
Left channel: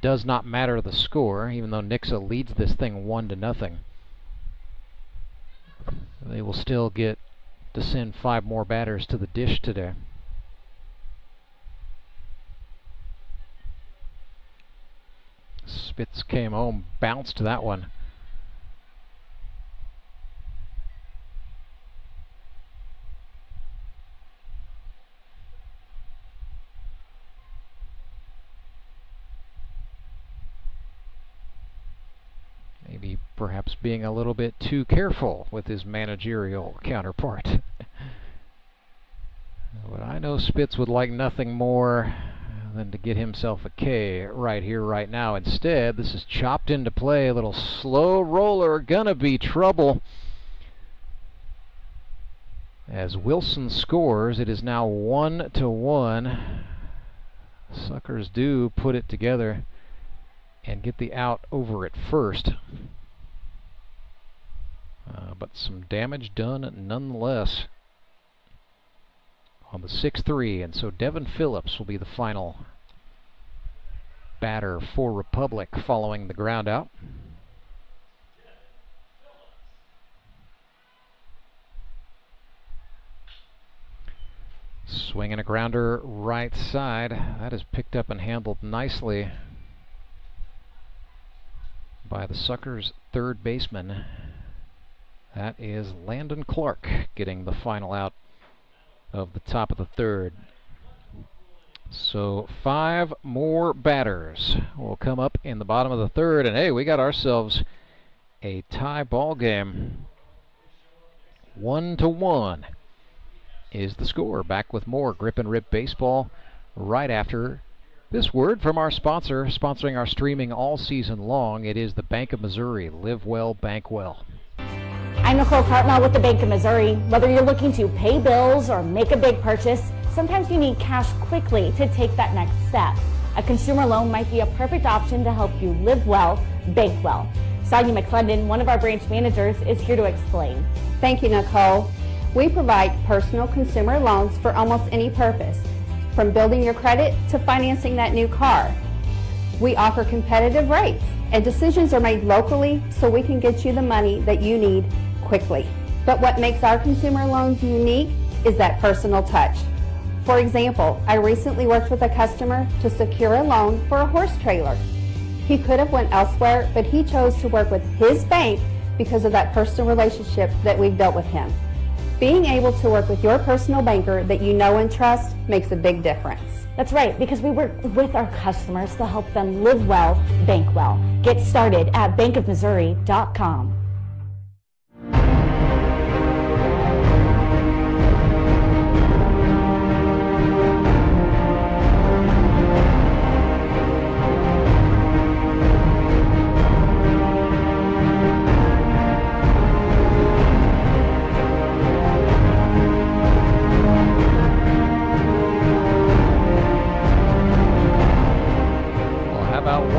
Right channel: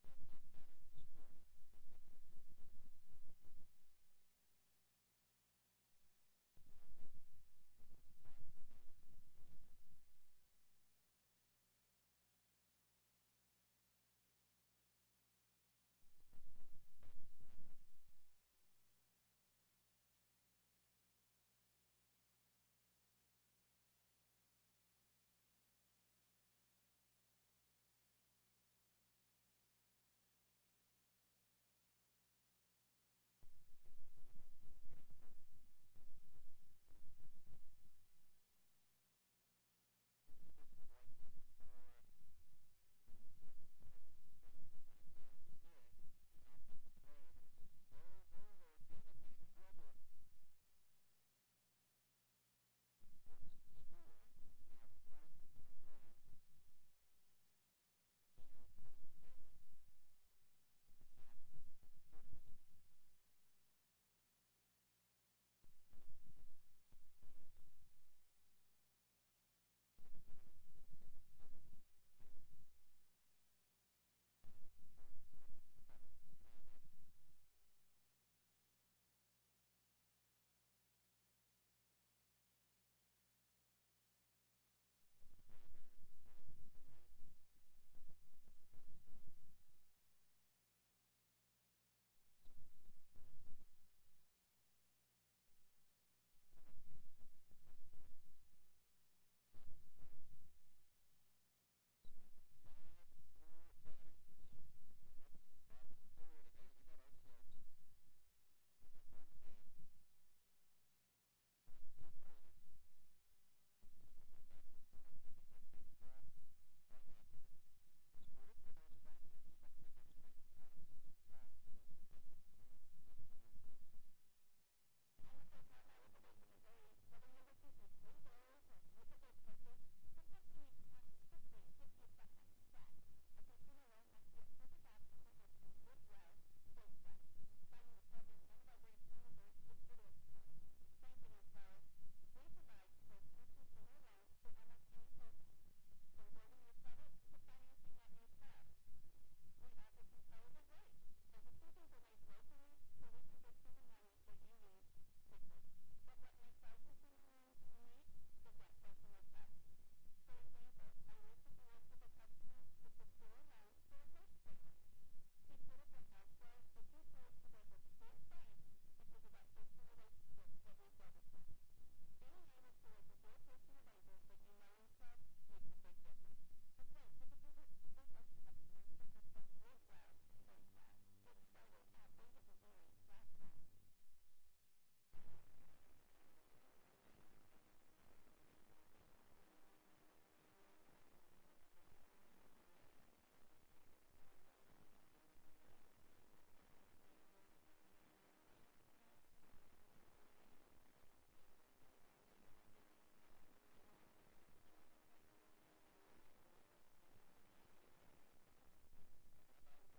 Does not matter the score, even though Nixa leads this thing 1-0. They will still get to send 5 more batters to the dish today. Spitz came home, bounced that one. Maybe perhaps being a little bit too careful with his managerial counterpart. But I know Spitz would like nothing more than to get himself a K right here, right now. Instead, this is chopped into play. A little slow roller, gonna be trouble. As Wilson scores, it is now 1-1. Suckers do put it together and get the out over at first. But some damage done nonetheless on the 6-3, and so Devin Phillips will be the final batter for Republic following the ground out. Swinging a grounder right side. That is picked up and handled nicely by the Suckers' third baseman. That is Landon Clark getting the final out of the top of the third. So 5 more batters will come up in the bottom of the third, and hey, we got ourselves a tie ball game. 1-1 is the score. Back with more Grip and Rip Baseball right after this word from our sponsor, sponsoring our streaming all season long. It is the Bank of Missouri. Live well, bank well. I'm Nicole Cartmel with the Bank of Missouri. Whether you're looking to pay bills or make a big purchase, sometimes you need cash quickly to take that next step. A consumer loan might be a perfect option to help you live well, bank well. Sonia McClendon, one of our branch managers, is here to explain. Thank you, Nicole. We provide personal consumer loans for almost any purpose, from building your credit to financing that new car. We offer competitive rates, and decisions are made locally so we can get you the money that you need quickly. But what makes our consumer loans unique is that personal touch. For example, I recently worked with a customer to secure a loan for a horse trailer. He could have went elsewhere, but he chose to work with his bank because of that personal relationship that we've built with him. Being able to work with your personal banker that you know and trust makes a big difference. That's right, because we work with our customers to help them live well, bank well. Get started at bankofmissouri.com.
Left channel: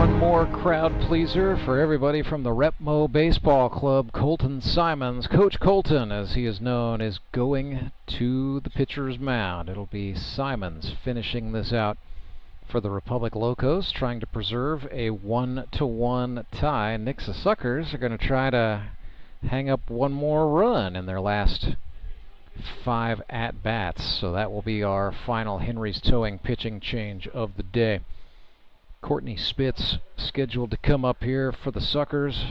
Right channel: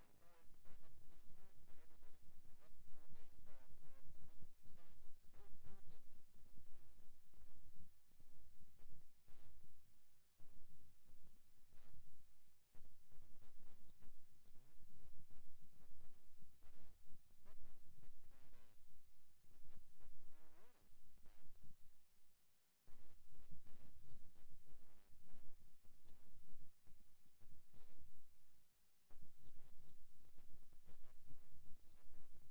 one more crowd pleaser for everybody from the Repmo Baseball Club. Colton Simons, Coach Colton as he is known, is going to the pitcher's mound. It'll be Simons finishing this out for the Republic Locos, trying to preserve a 1-1 tie. Nixa Suckers are going to try to hang up one more run in their last 5 at-bats. So that will be our final Henry's Towing pitching change of the day. Courtney Spitz scheduled to come up here for the Suckers.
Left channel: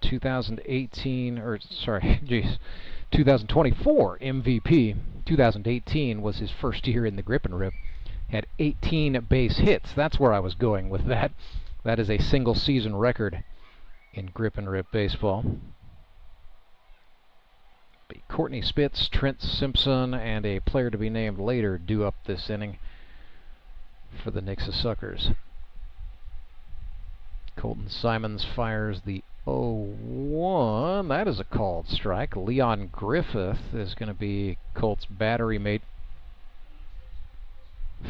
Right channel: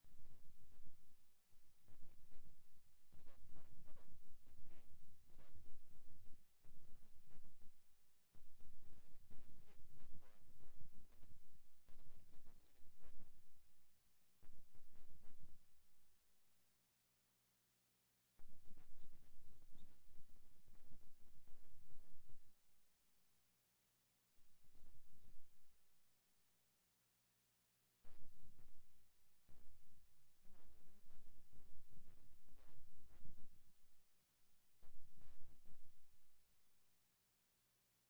2024 MVP. 2018 was his first year in the Grip and Rip. Had 18 base hits. That's where I was going with that. That is a single season record in Grip and Rip baseball. Courtney Spitz, Trent Simpson, and a player to be named later due up this inning for the Nixa Suckers. Colton Simons fires the 0-1. That is a called strike. Leon Griffith is going to be Colt's battery mate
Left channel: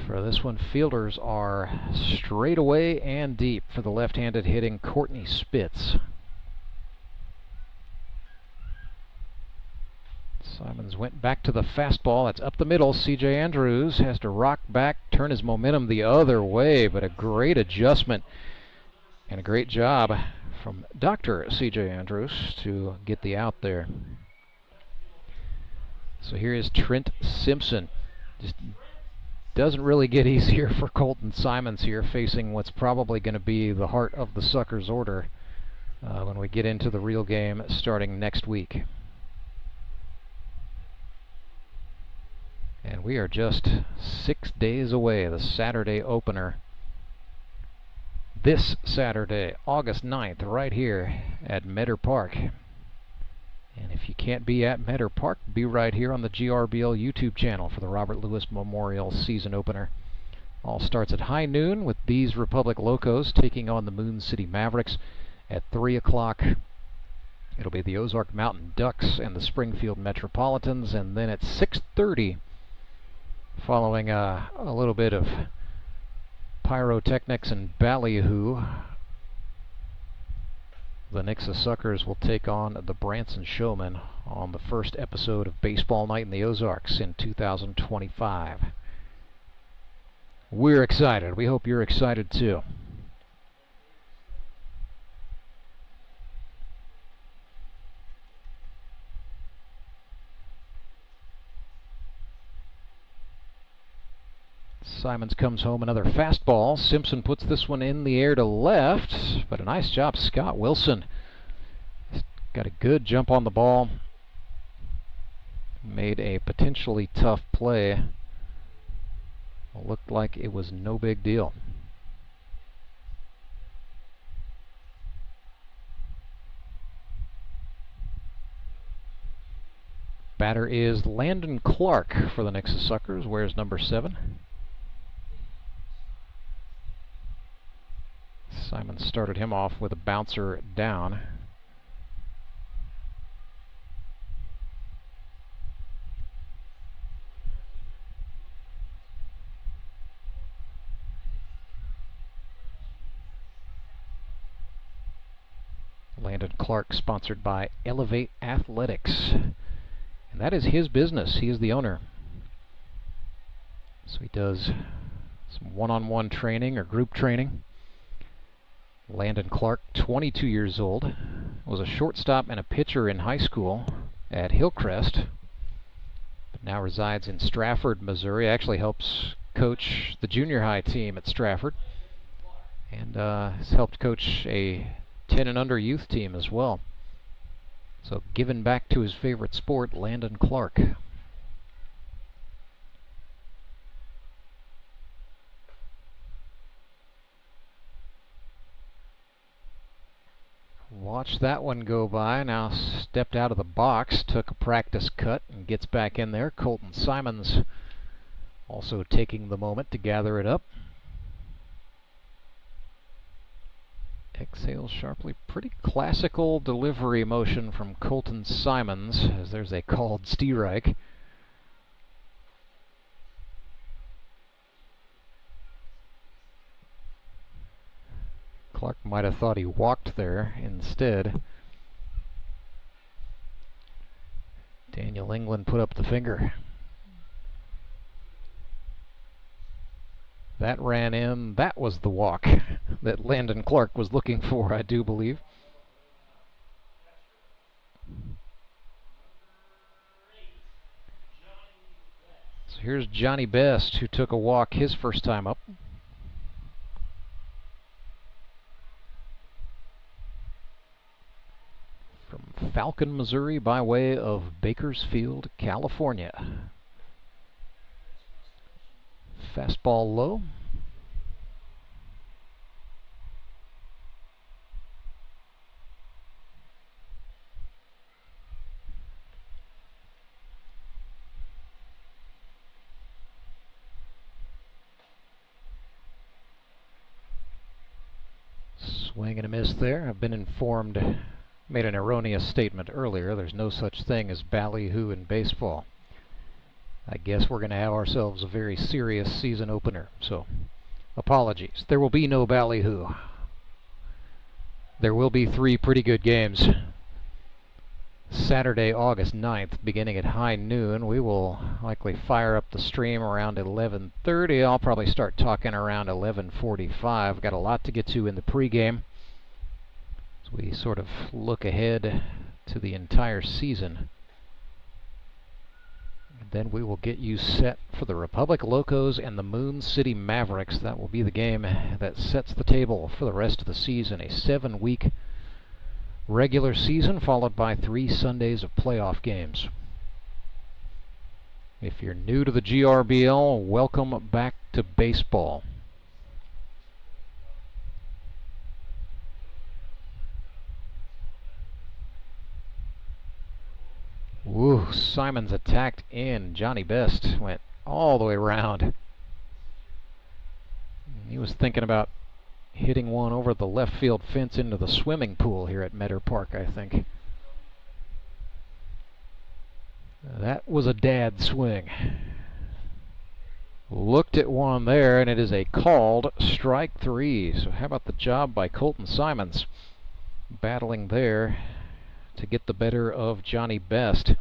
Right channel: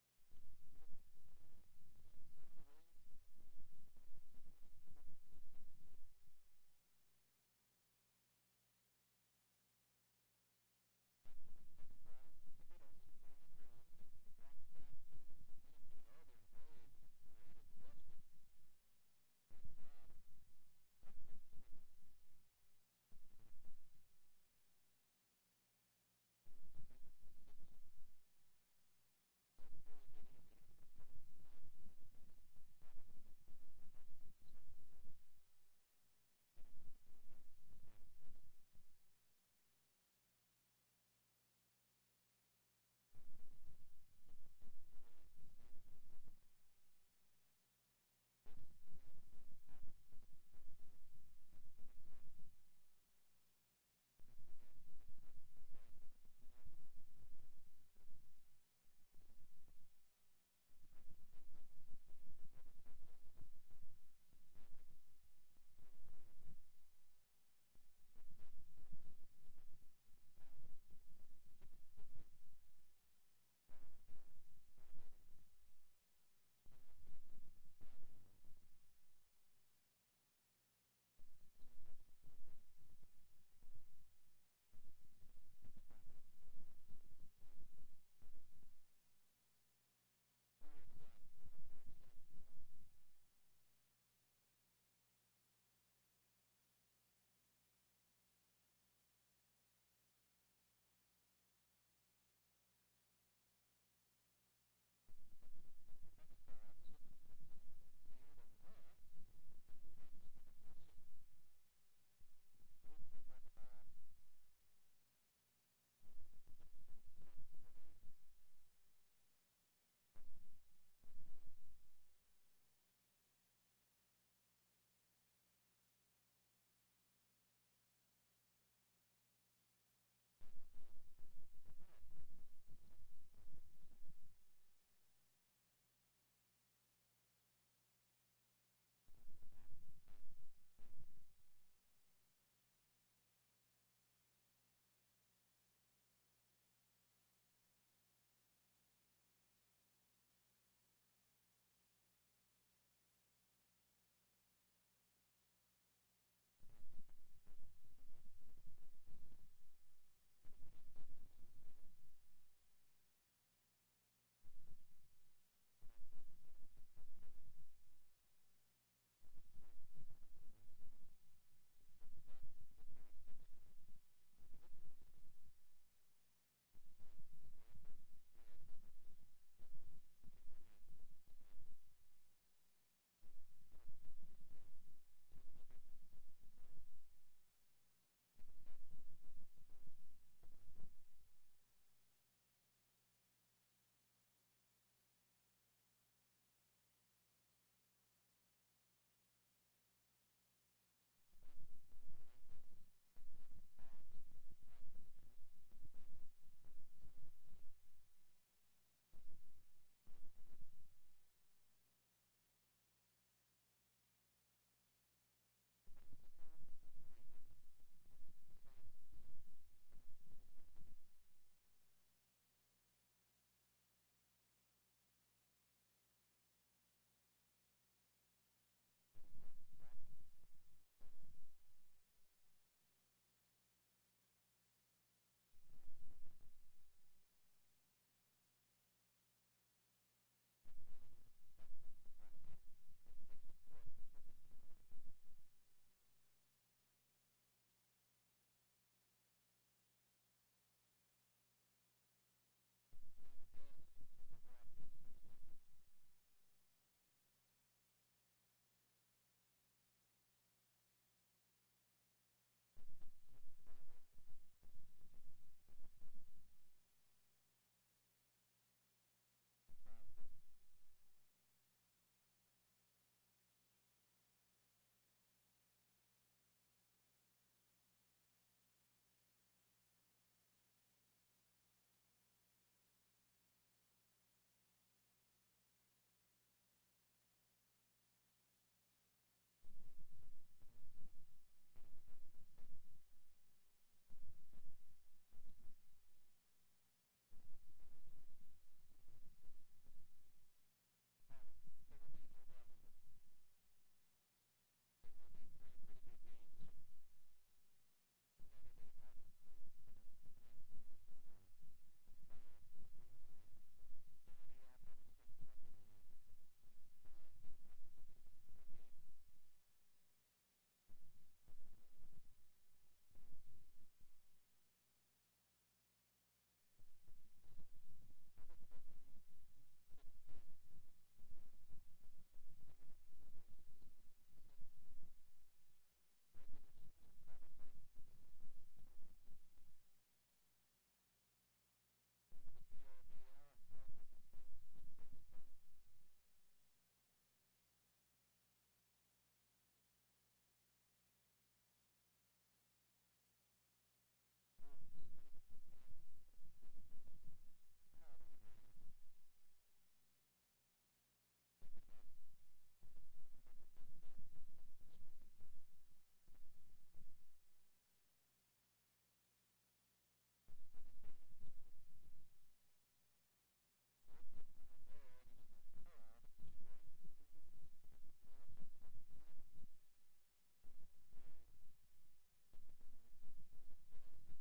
for this one. Fielders are straight away and deep for the left-handed hitting Courtney Spitz. Simons went back to the fastball. That's up the middle. C.J. Andrews has to rock back, turn his momentum the other way, but a great adjustment and a great job from Dr. C.J. Andrews to get the out there. So here is Trent Simpson. Just doesn't really get easier for Colton Simons here, facing what's probably going to be the heart of the Suckers order when we get into the real game starting next week. And we are just 6 days away, the Saturday opener. This Saturday, August 9th, right here at Meador Park. And if you can't be at Meador Park, be right here on the GRBL YouTube channel for the Robert Lewis Memorial season opener. All starts at high noon with these Republic Locos taking on the Moon City Mavericks at 3 o'clock. It'll be the Ozark Mountain Ducks and the Springfield Metropolitans, and then at 6:30, following a little bit of pyrotechnics and ballyhoo, the Nixa Suckers will take on the Branson Showmen on the first episode of Baseball Night in the Ozarks in 2025. We're excited. We hope you're excited too. Simons comes home another fastball. Simpson puts this one in the air to left, but a nice job, Scott Wilson. Got a good jump on the ball. Made a potentially tough play. Looked like it was no big deal. Batter is Landon Clark for the Nixa Suckers. Wears number 7. Simon started him off with a bouncer down. Landon Clark, sponsored by Elevate Athletics. And that is his business. He is the owner. So he does some one-on-one training or group training. Landon Clark, 22 years old, was a shortstop and a pitcher in high school at Hillcrest, but now resides in Strafford, Missouri. Actually helps coach the junior high team at Strafford, and has helped coach a 10 and under youth team as well. So giving back to his favorite sport, Landon Clark. Watch that one go by. Now stepped out of the box, took a practice cut, and gets back in there. Colton Simons also taking the moment to gather it up. Exhales sharply. Pretty classical delivery motion from Colton Simons, as there's a called strike. Might have thought he walked there instead. Daniel England put up the finger. That ran in. That was the walk that Landon Clark was looking for, I do believe. So here's Johnny Best, who took a walk his first time up. From Falcon, Missouri, by way of Bakersfield, California. Fastball low. Swing and a miss there. I've been informed, made an erroneous statement earlier. There's no such thing as ballyhoo in baseball. I guess we're going to have ourselves a very serious season opener, so apologies. There will be no ballyhoo. There will be 3 pretty good games. Saturday, August 9th, beginning at high noon. We will likely fire up the stream around 11:30. I'll probably start talking around 11:45. Got a lot to get to in the pregame as we sort of look ahead to the entire season. Then we will get you set for the Republic Locos and the Moon City Mavericks. That will be the game that sets the table for the rest of the season. A 7-week regular season followed by 3 Sundays of playoff games. If you're new to the GRBL, welcome back to baseball. Woo, Simons attacked in. Johnny Best went all the way around. He was thinking about hitting one over the left field fence into the swimming pool here at Meador Park, I think. That was a dad swing. Looked at one there, and it is a called strike 3. So how about the job by Colton Simons? Battling there to get the better of Johnny Best.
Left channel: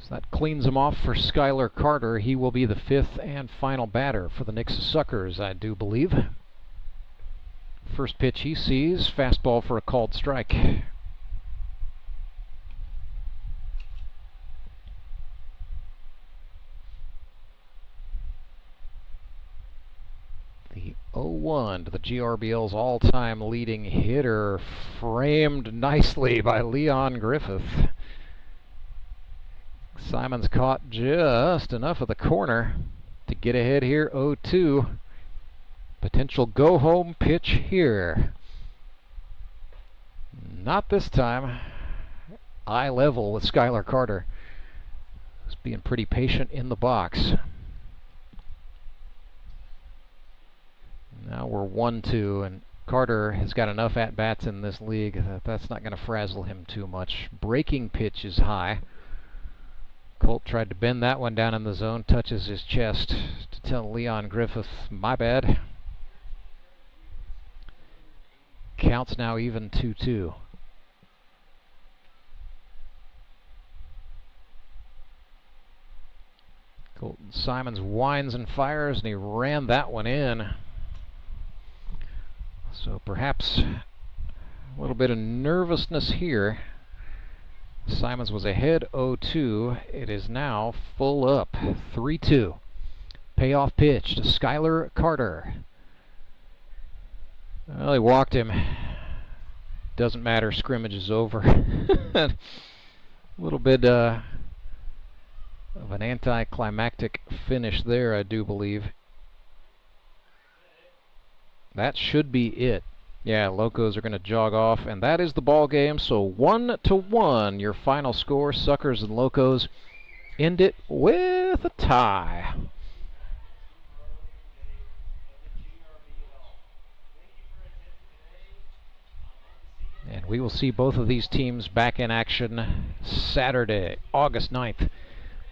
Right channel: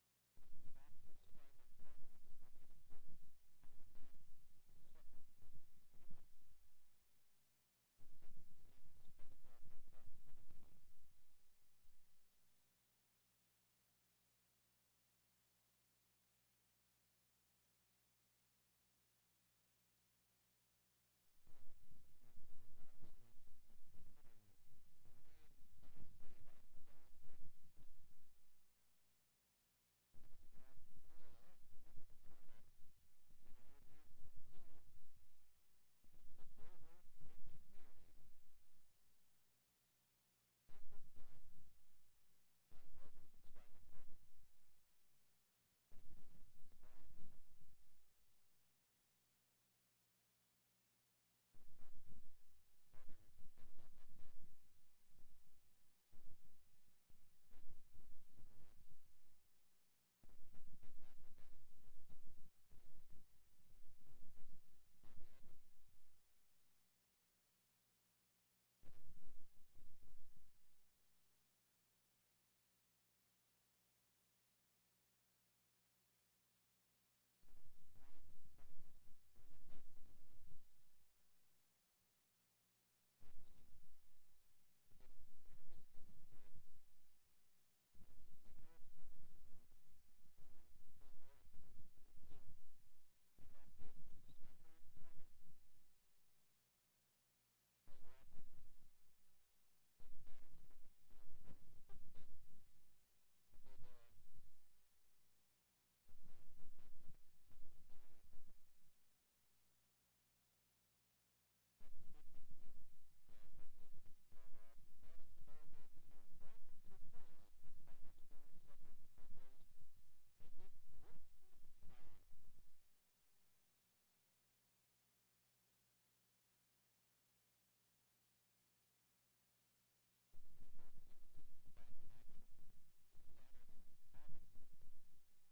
So that cleans him off for Skylar Carter. He will be the 5th and final batter for the Nixa Suckers, I do believe. First pitch he sees, fastball for a called strike. The 0-1 to the GRBL's all-time leading hitter, framed nicely by Leon Griffith. Simons caught just enough of the corner to get ahead here, 0-2. Potential go-home pitch here. Not this time. Eye level with Skylar Carter. He's being pretty patient in the box. Now we're 1-2, and Carter has got enough at-bats in this league that that's not going to frazzle him too much. Breaking pitch is high. Colt tried to bend that one down in the zone, touches his chest to tell Leon Griffith, my bad. Counts now even 2-2. Colton Simons winds and fires, and he ran that one in. So perhaps a little bit of nervousness here. Simons was ahead 0-2. It is now full up 3-2. Payoff pitch to Skylar Carter. Well, he walked him. Doesn't matter, scrimmage is over. A little bit of an anticlimactic finish there, I do believe. That should be it. Yeah, Locos are going to jog off, and that is the ball game. So 1-1, your final score. Suckers and Locos end it with a tie. And And we will see both of these teams back in action Saturday, August 9th.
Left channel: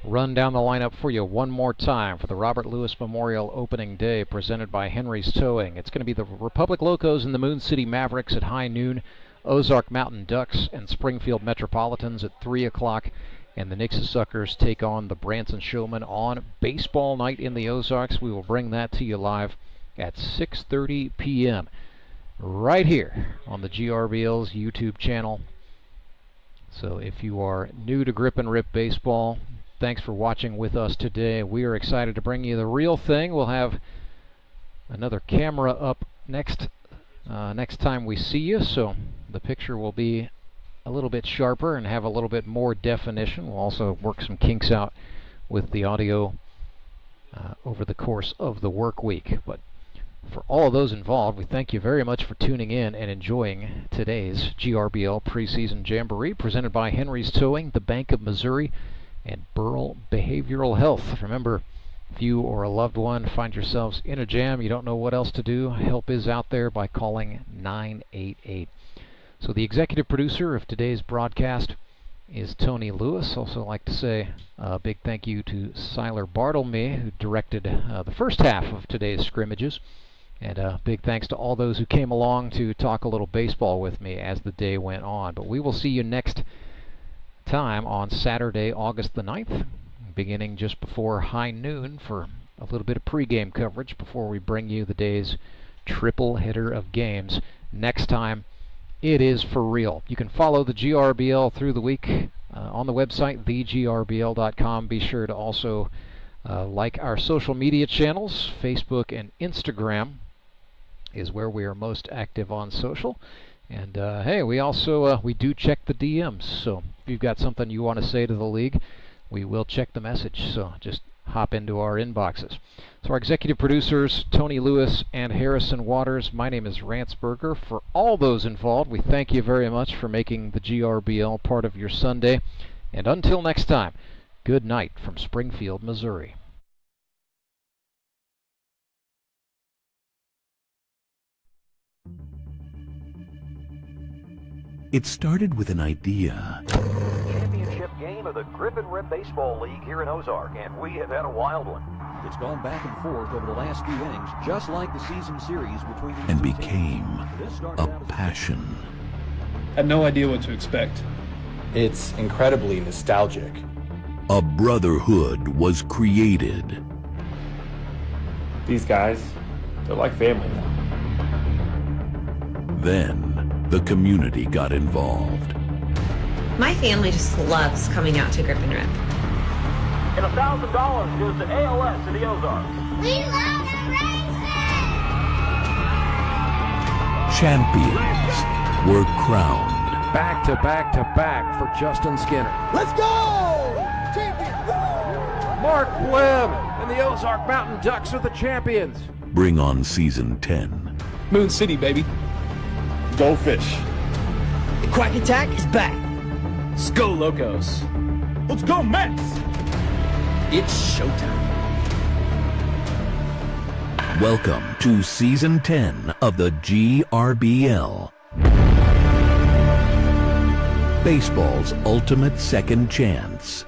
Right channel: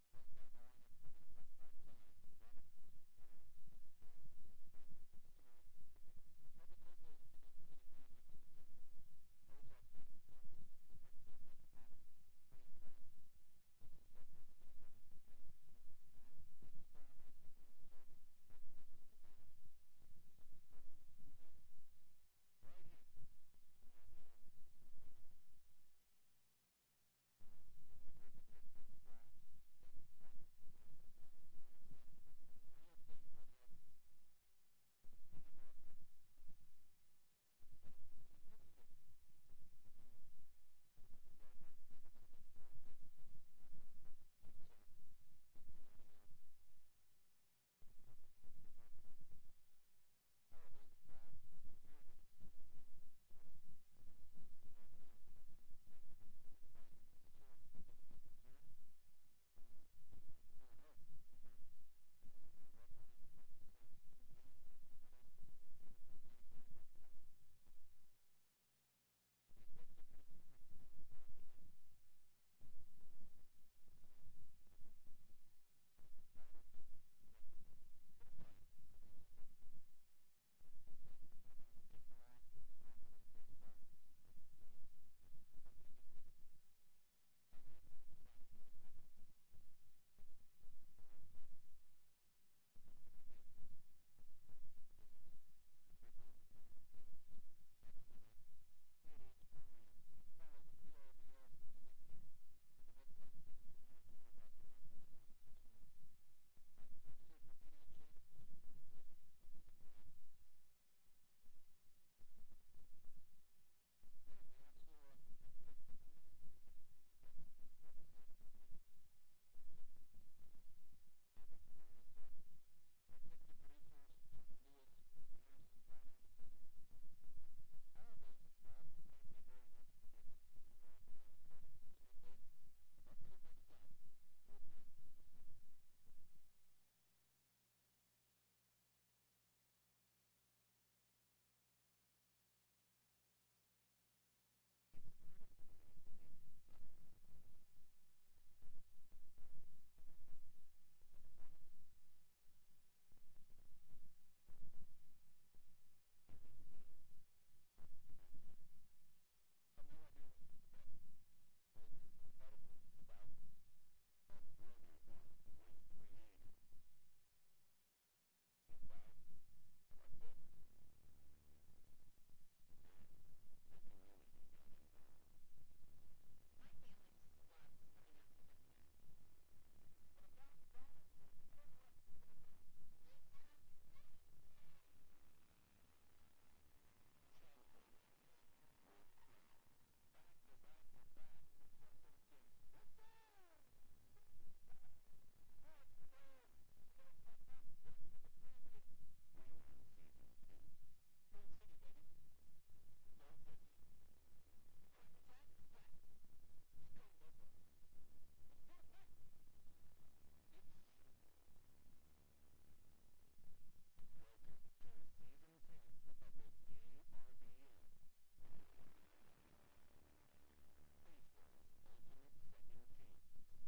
Run down the lineup for you one more time for the Robert Lewis Memorial Opening Day presented by Henry's Towing. It's going to be the Republic Locos and the Moon City Mavericks at high noon, Ozark Mountain Ducks and Springfield Metropolitans at 3 o'clock, and the Nixa Suckers take on the Branson Showmen on baseball night in the Ozarks. We will bring that to you live at 6:30 p.m. right here on the GRBL's YouTube channel. So if you are new to Grip and Rip Baseball, thanks for watching with us today. We are excited to bring you the real thing. We'll have another camera up next time we see you, so the picture will be a little bit sharper and have a little bit more definition. We'll also work some kinks out with the audio over the course of the work week. But for all of those involved, we thank you very much for tuning in and enjoying today's GRBL Preseason Jamboree presented by Henry's Towing, the Bank of Missouri, and Burl Behavioral Health. Remember, if you or a loved one find yourselves in a jam, you don't know what else to do, help is out there by calling 988. So the executive producer of today's broadcast is Tony Lewis. Also like to say a big thank you to Seiler Bartelme, who directed the first half of today's scrimmages. And big thanks to all those who came along to talk a little baseball with me as the day went on. But we will see you next time on Saturday, August the 9th, beginning just before high noon for a little bit of pregame coverage before we bring you the day's triple header of games. Next time, it is for real. You can follow the GRBL through the week on the website, thegbrbl.com. Be sure to also like our social media channels. Facebook and Instagram is where we are most active on social. And hey, we also we do check the DMs, so if you've got something you want to say to the league, we will check the message, so just hop into our inboxes. So our executive producers, Tony Lewis and Harrison Waters, my name is Rance Berger. For all those involved, we thank you very much for making the GRBL part of your Sunday, and until next time, good night from Springfield, Missouri. It started with an idea. Championship game of the Grip and Rip Baseball League here in Ozark, and we have had a wild one. It's gone back and forth over the last few innings, just like the season series between these And two became teams. a passion. Had no idea what to expect. It's incredibly nostalgic. A brotherhood was created. These guys, they're like family now. Then the community got involved. My family just loves coming out to Grip and Rip. And $1,000 goes to ALS in the Ozarks. We love the Rangers! Champions were crowned. Back to back to back for Justin Skinner. Let's go! Champions! Mark Webb and the Ozark Mountain Ducks are the champions. Bring on season 10. Moon City, baby. Go Fish. The Quack Attack is back. Let's go Locos. Let's go Mets! It's showtime. Welcome to season 10 of the GRBL. Baseball's ultimate second chance.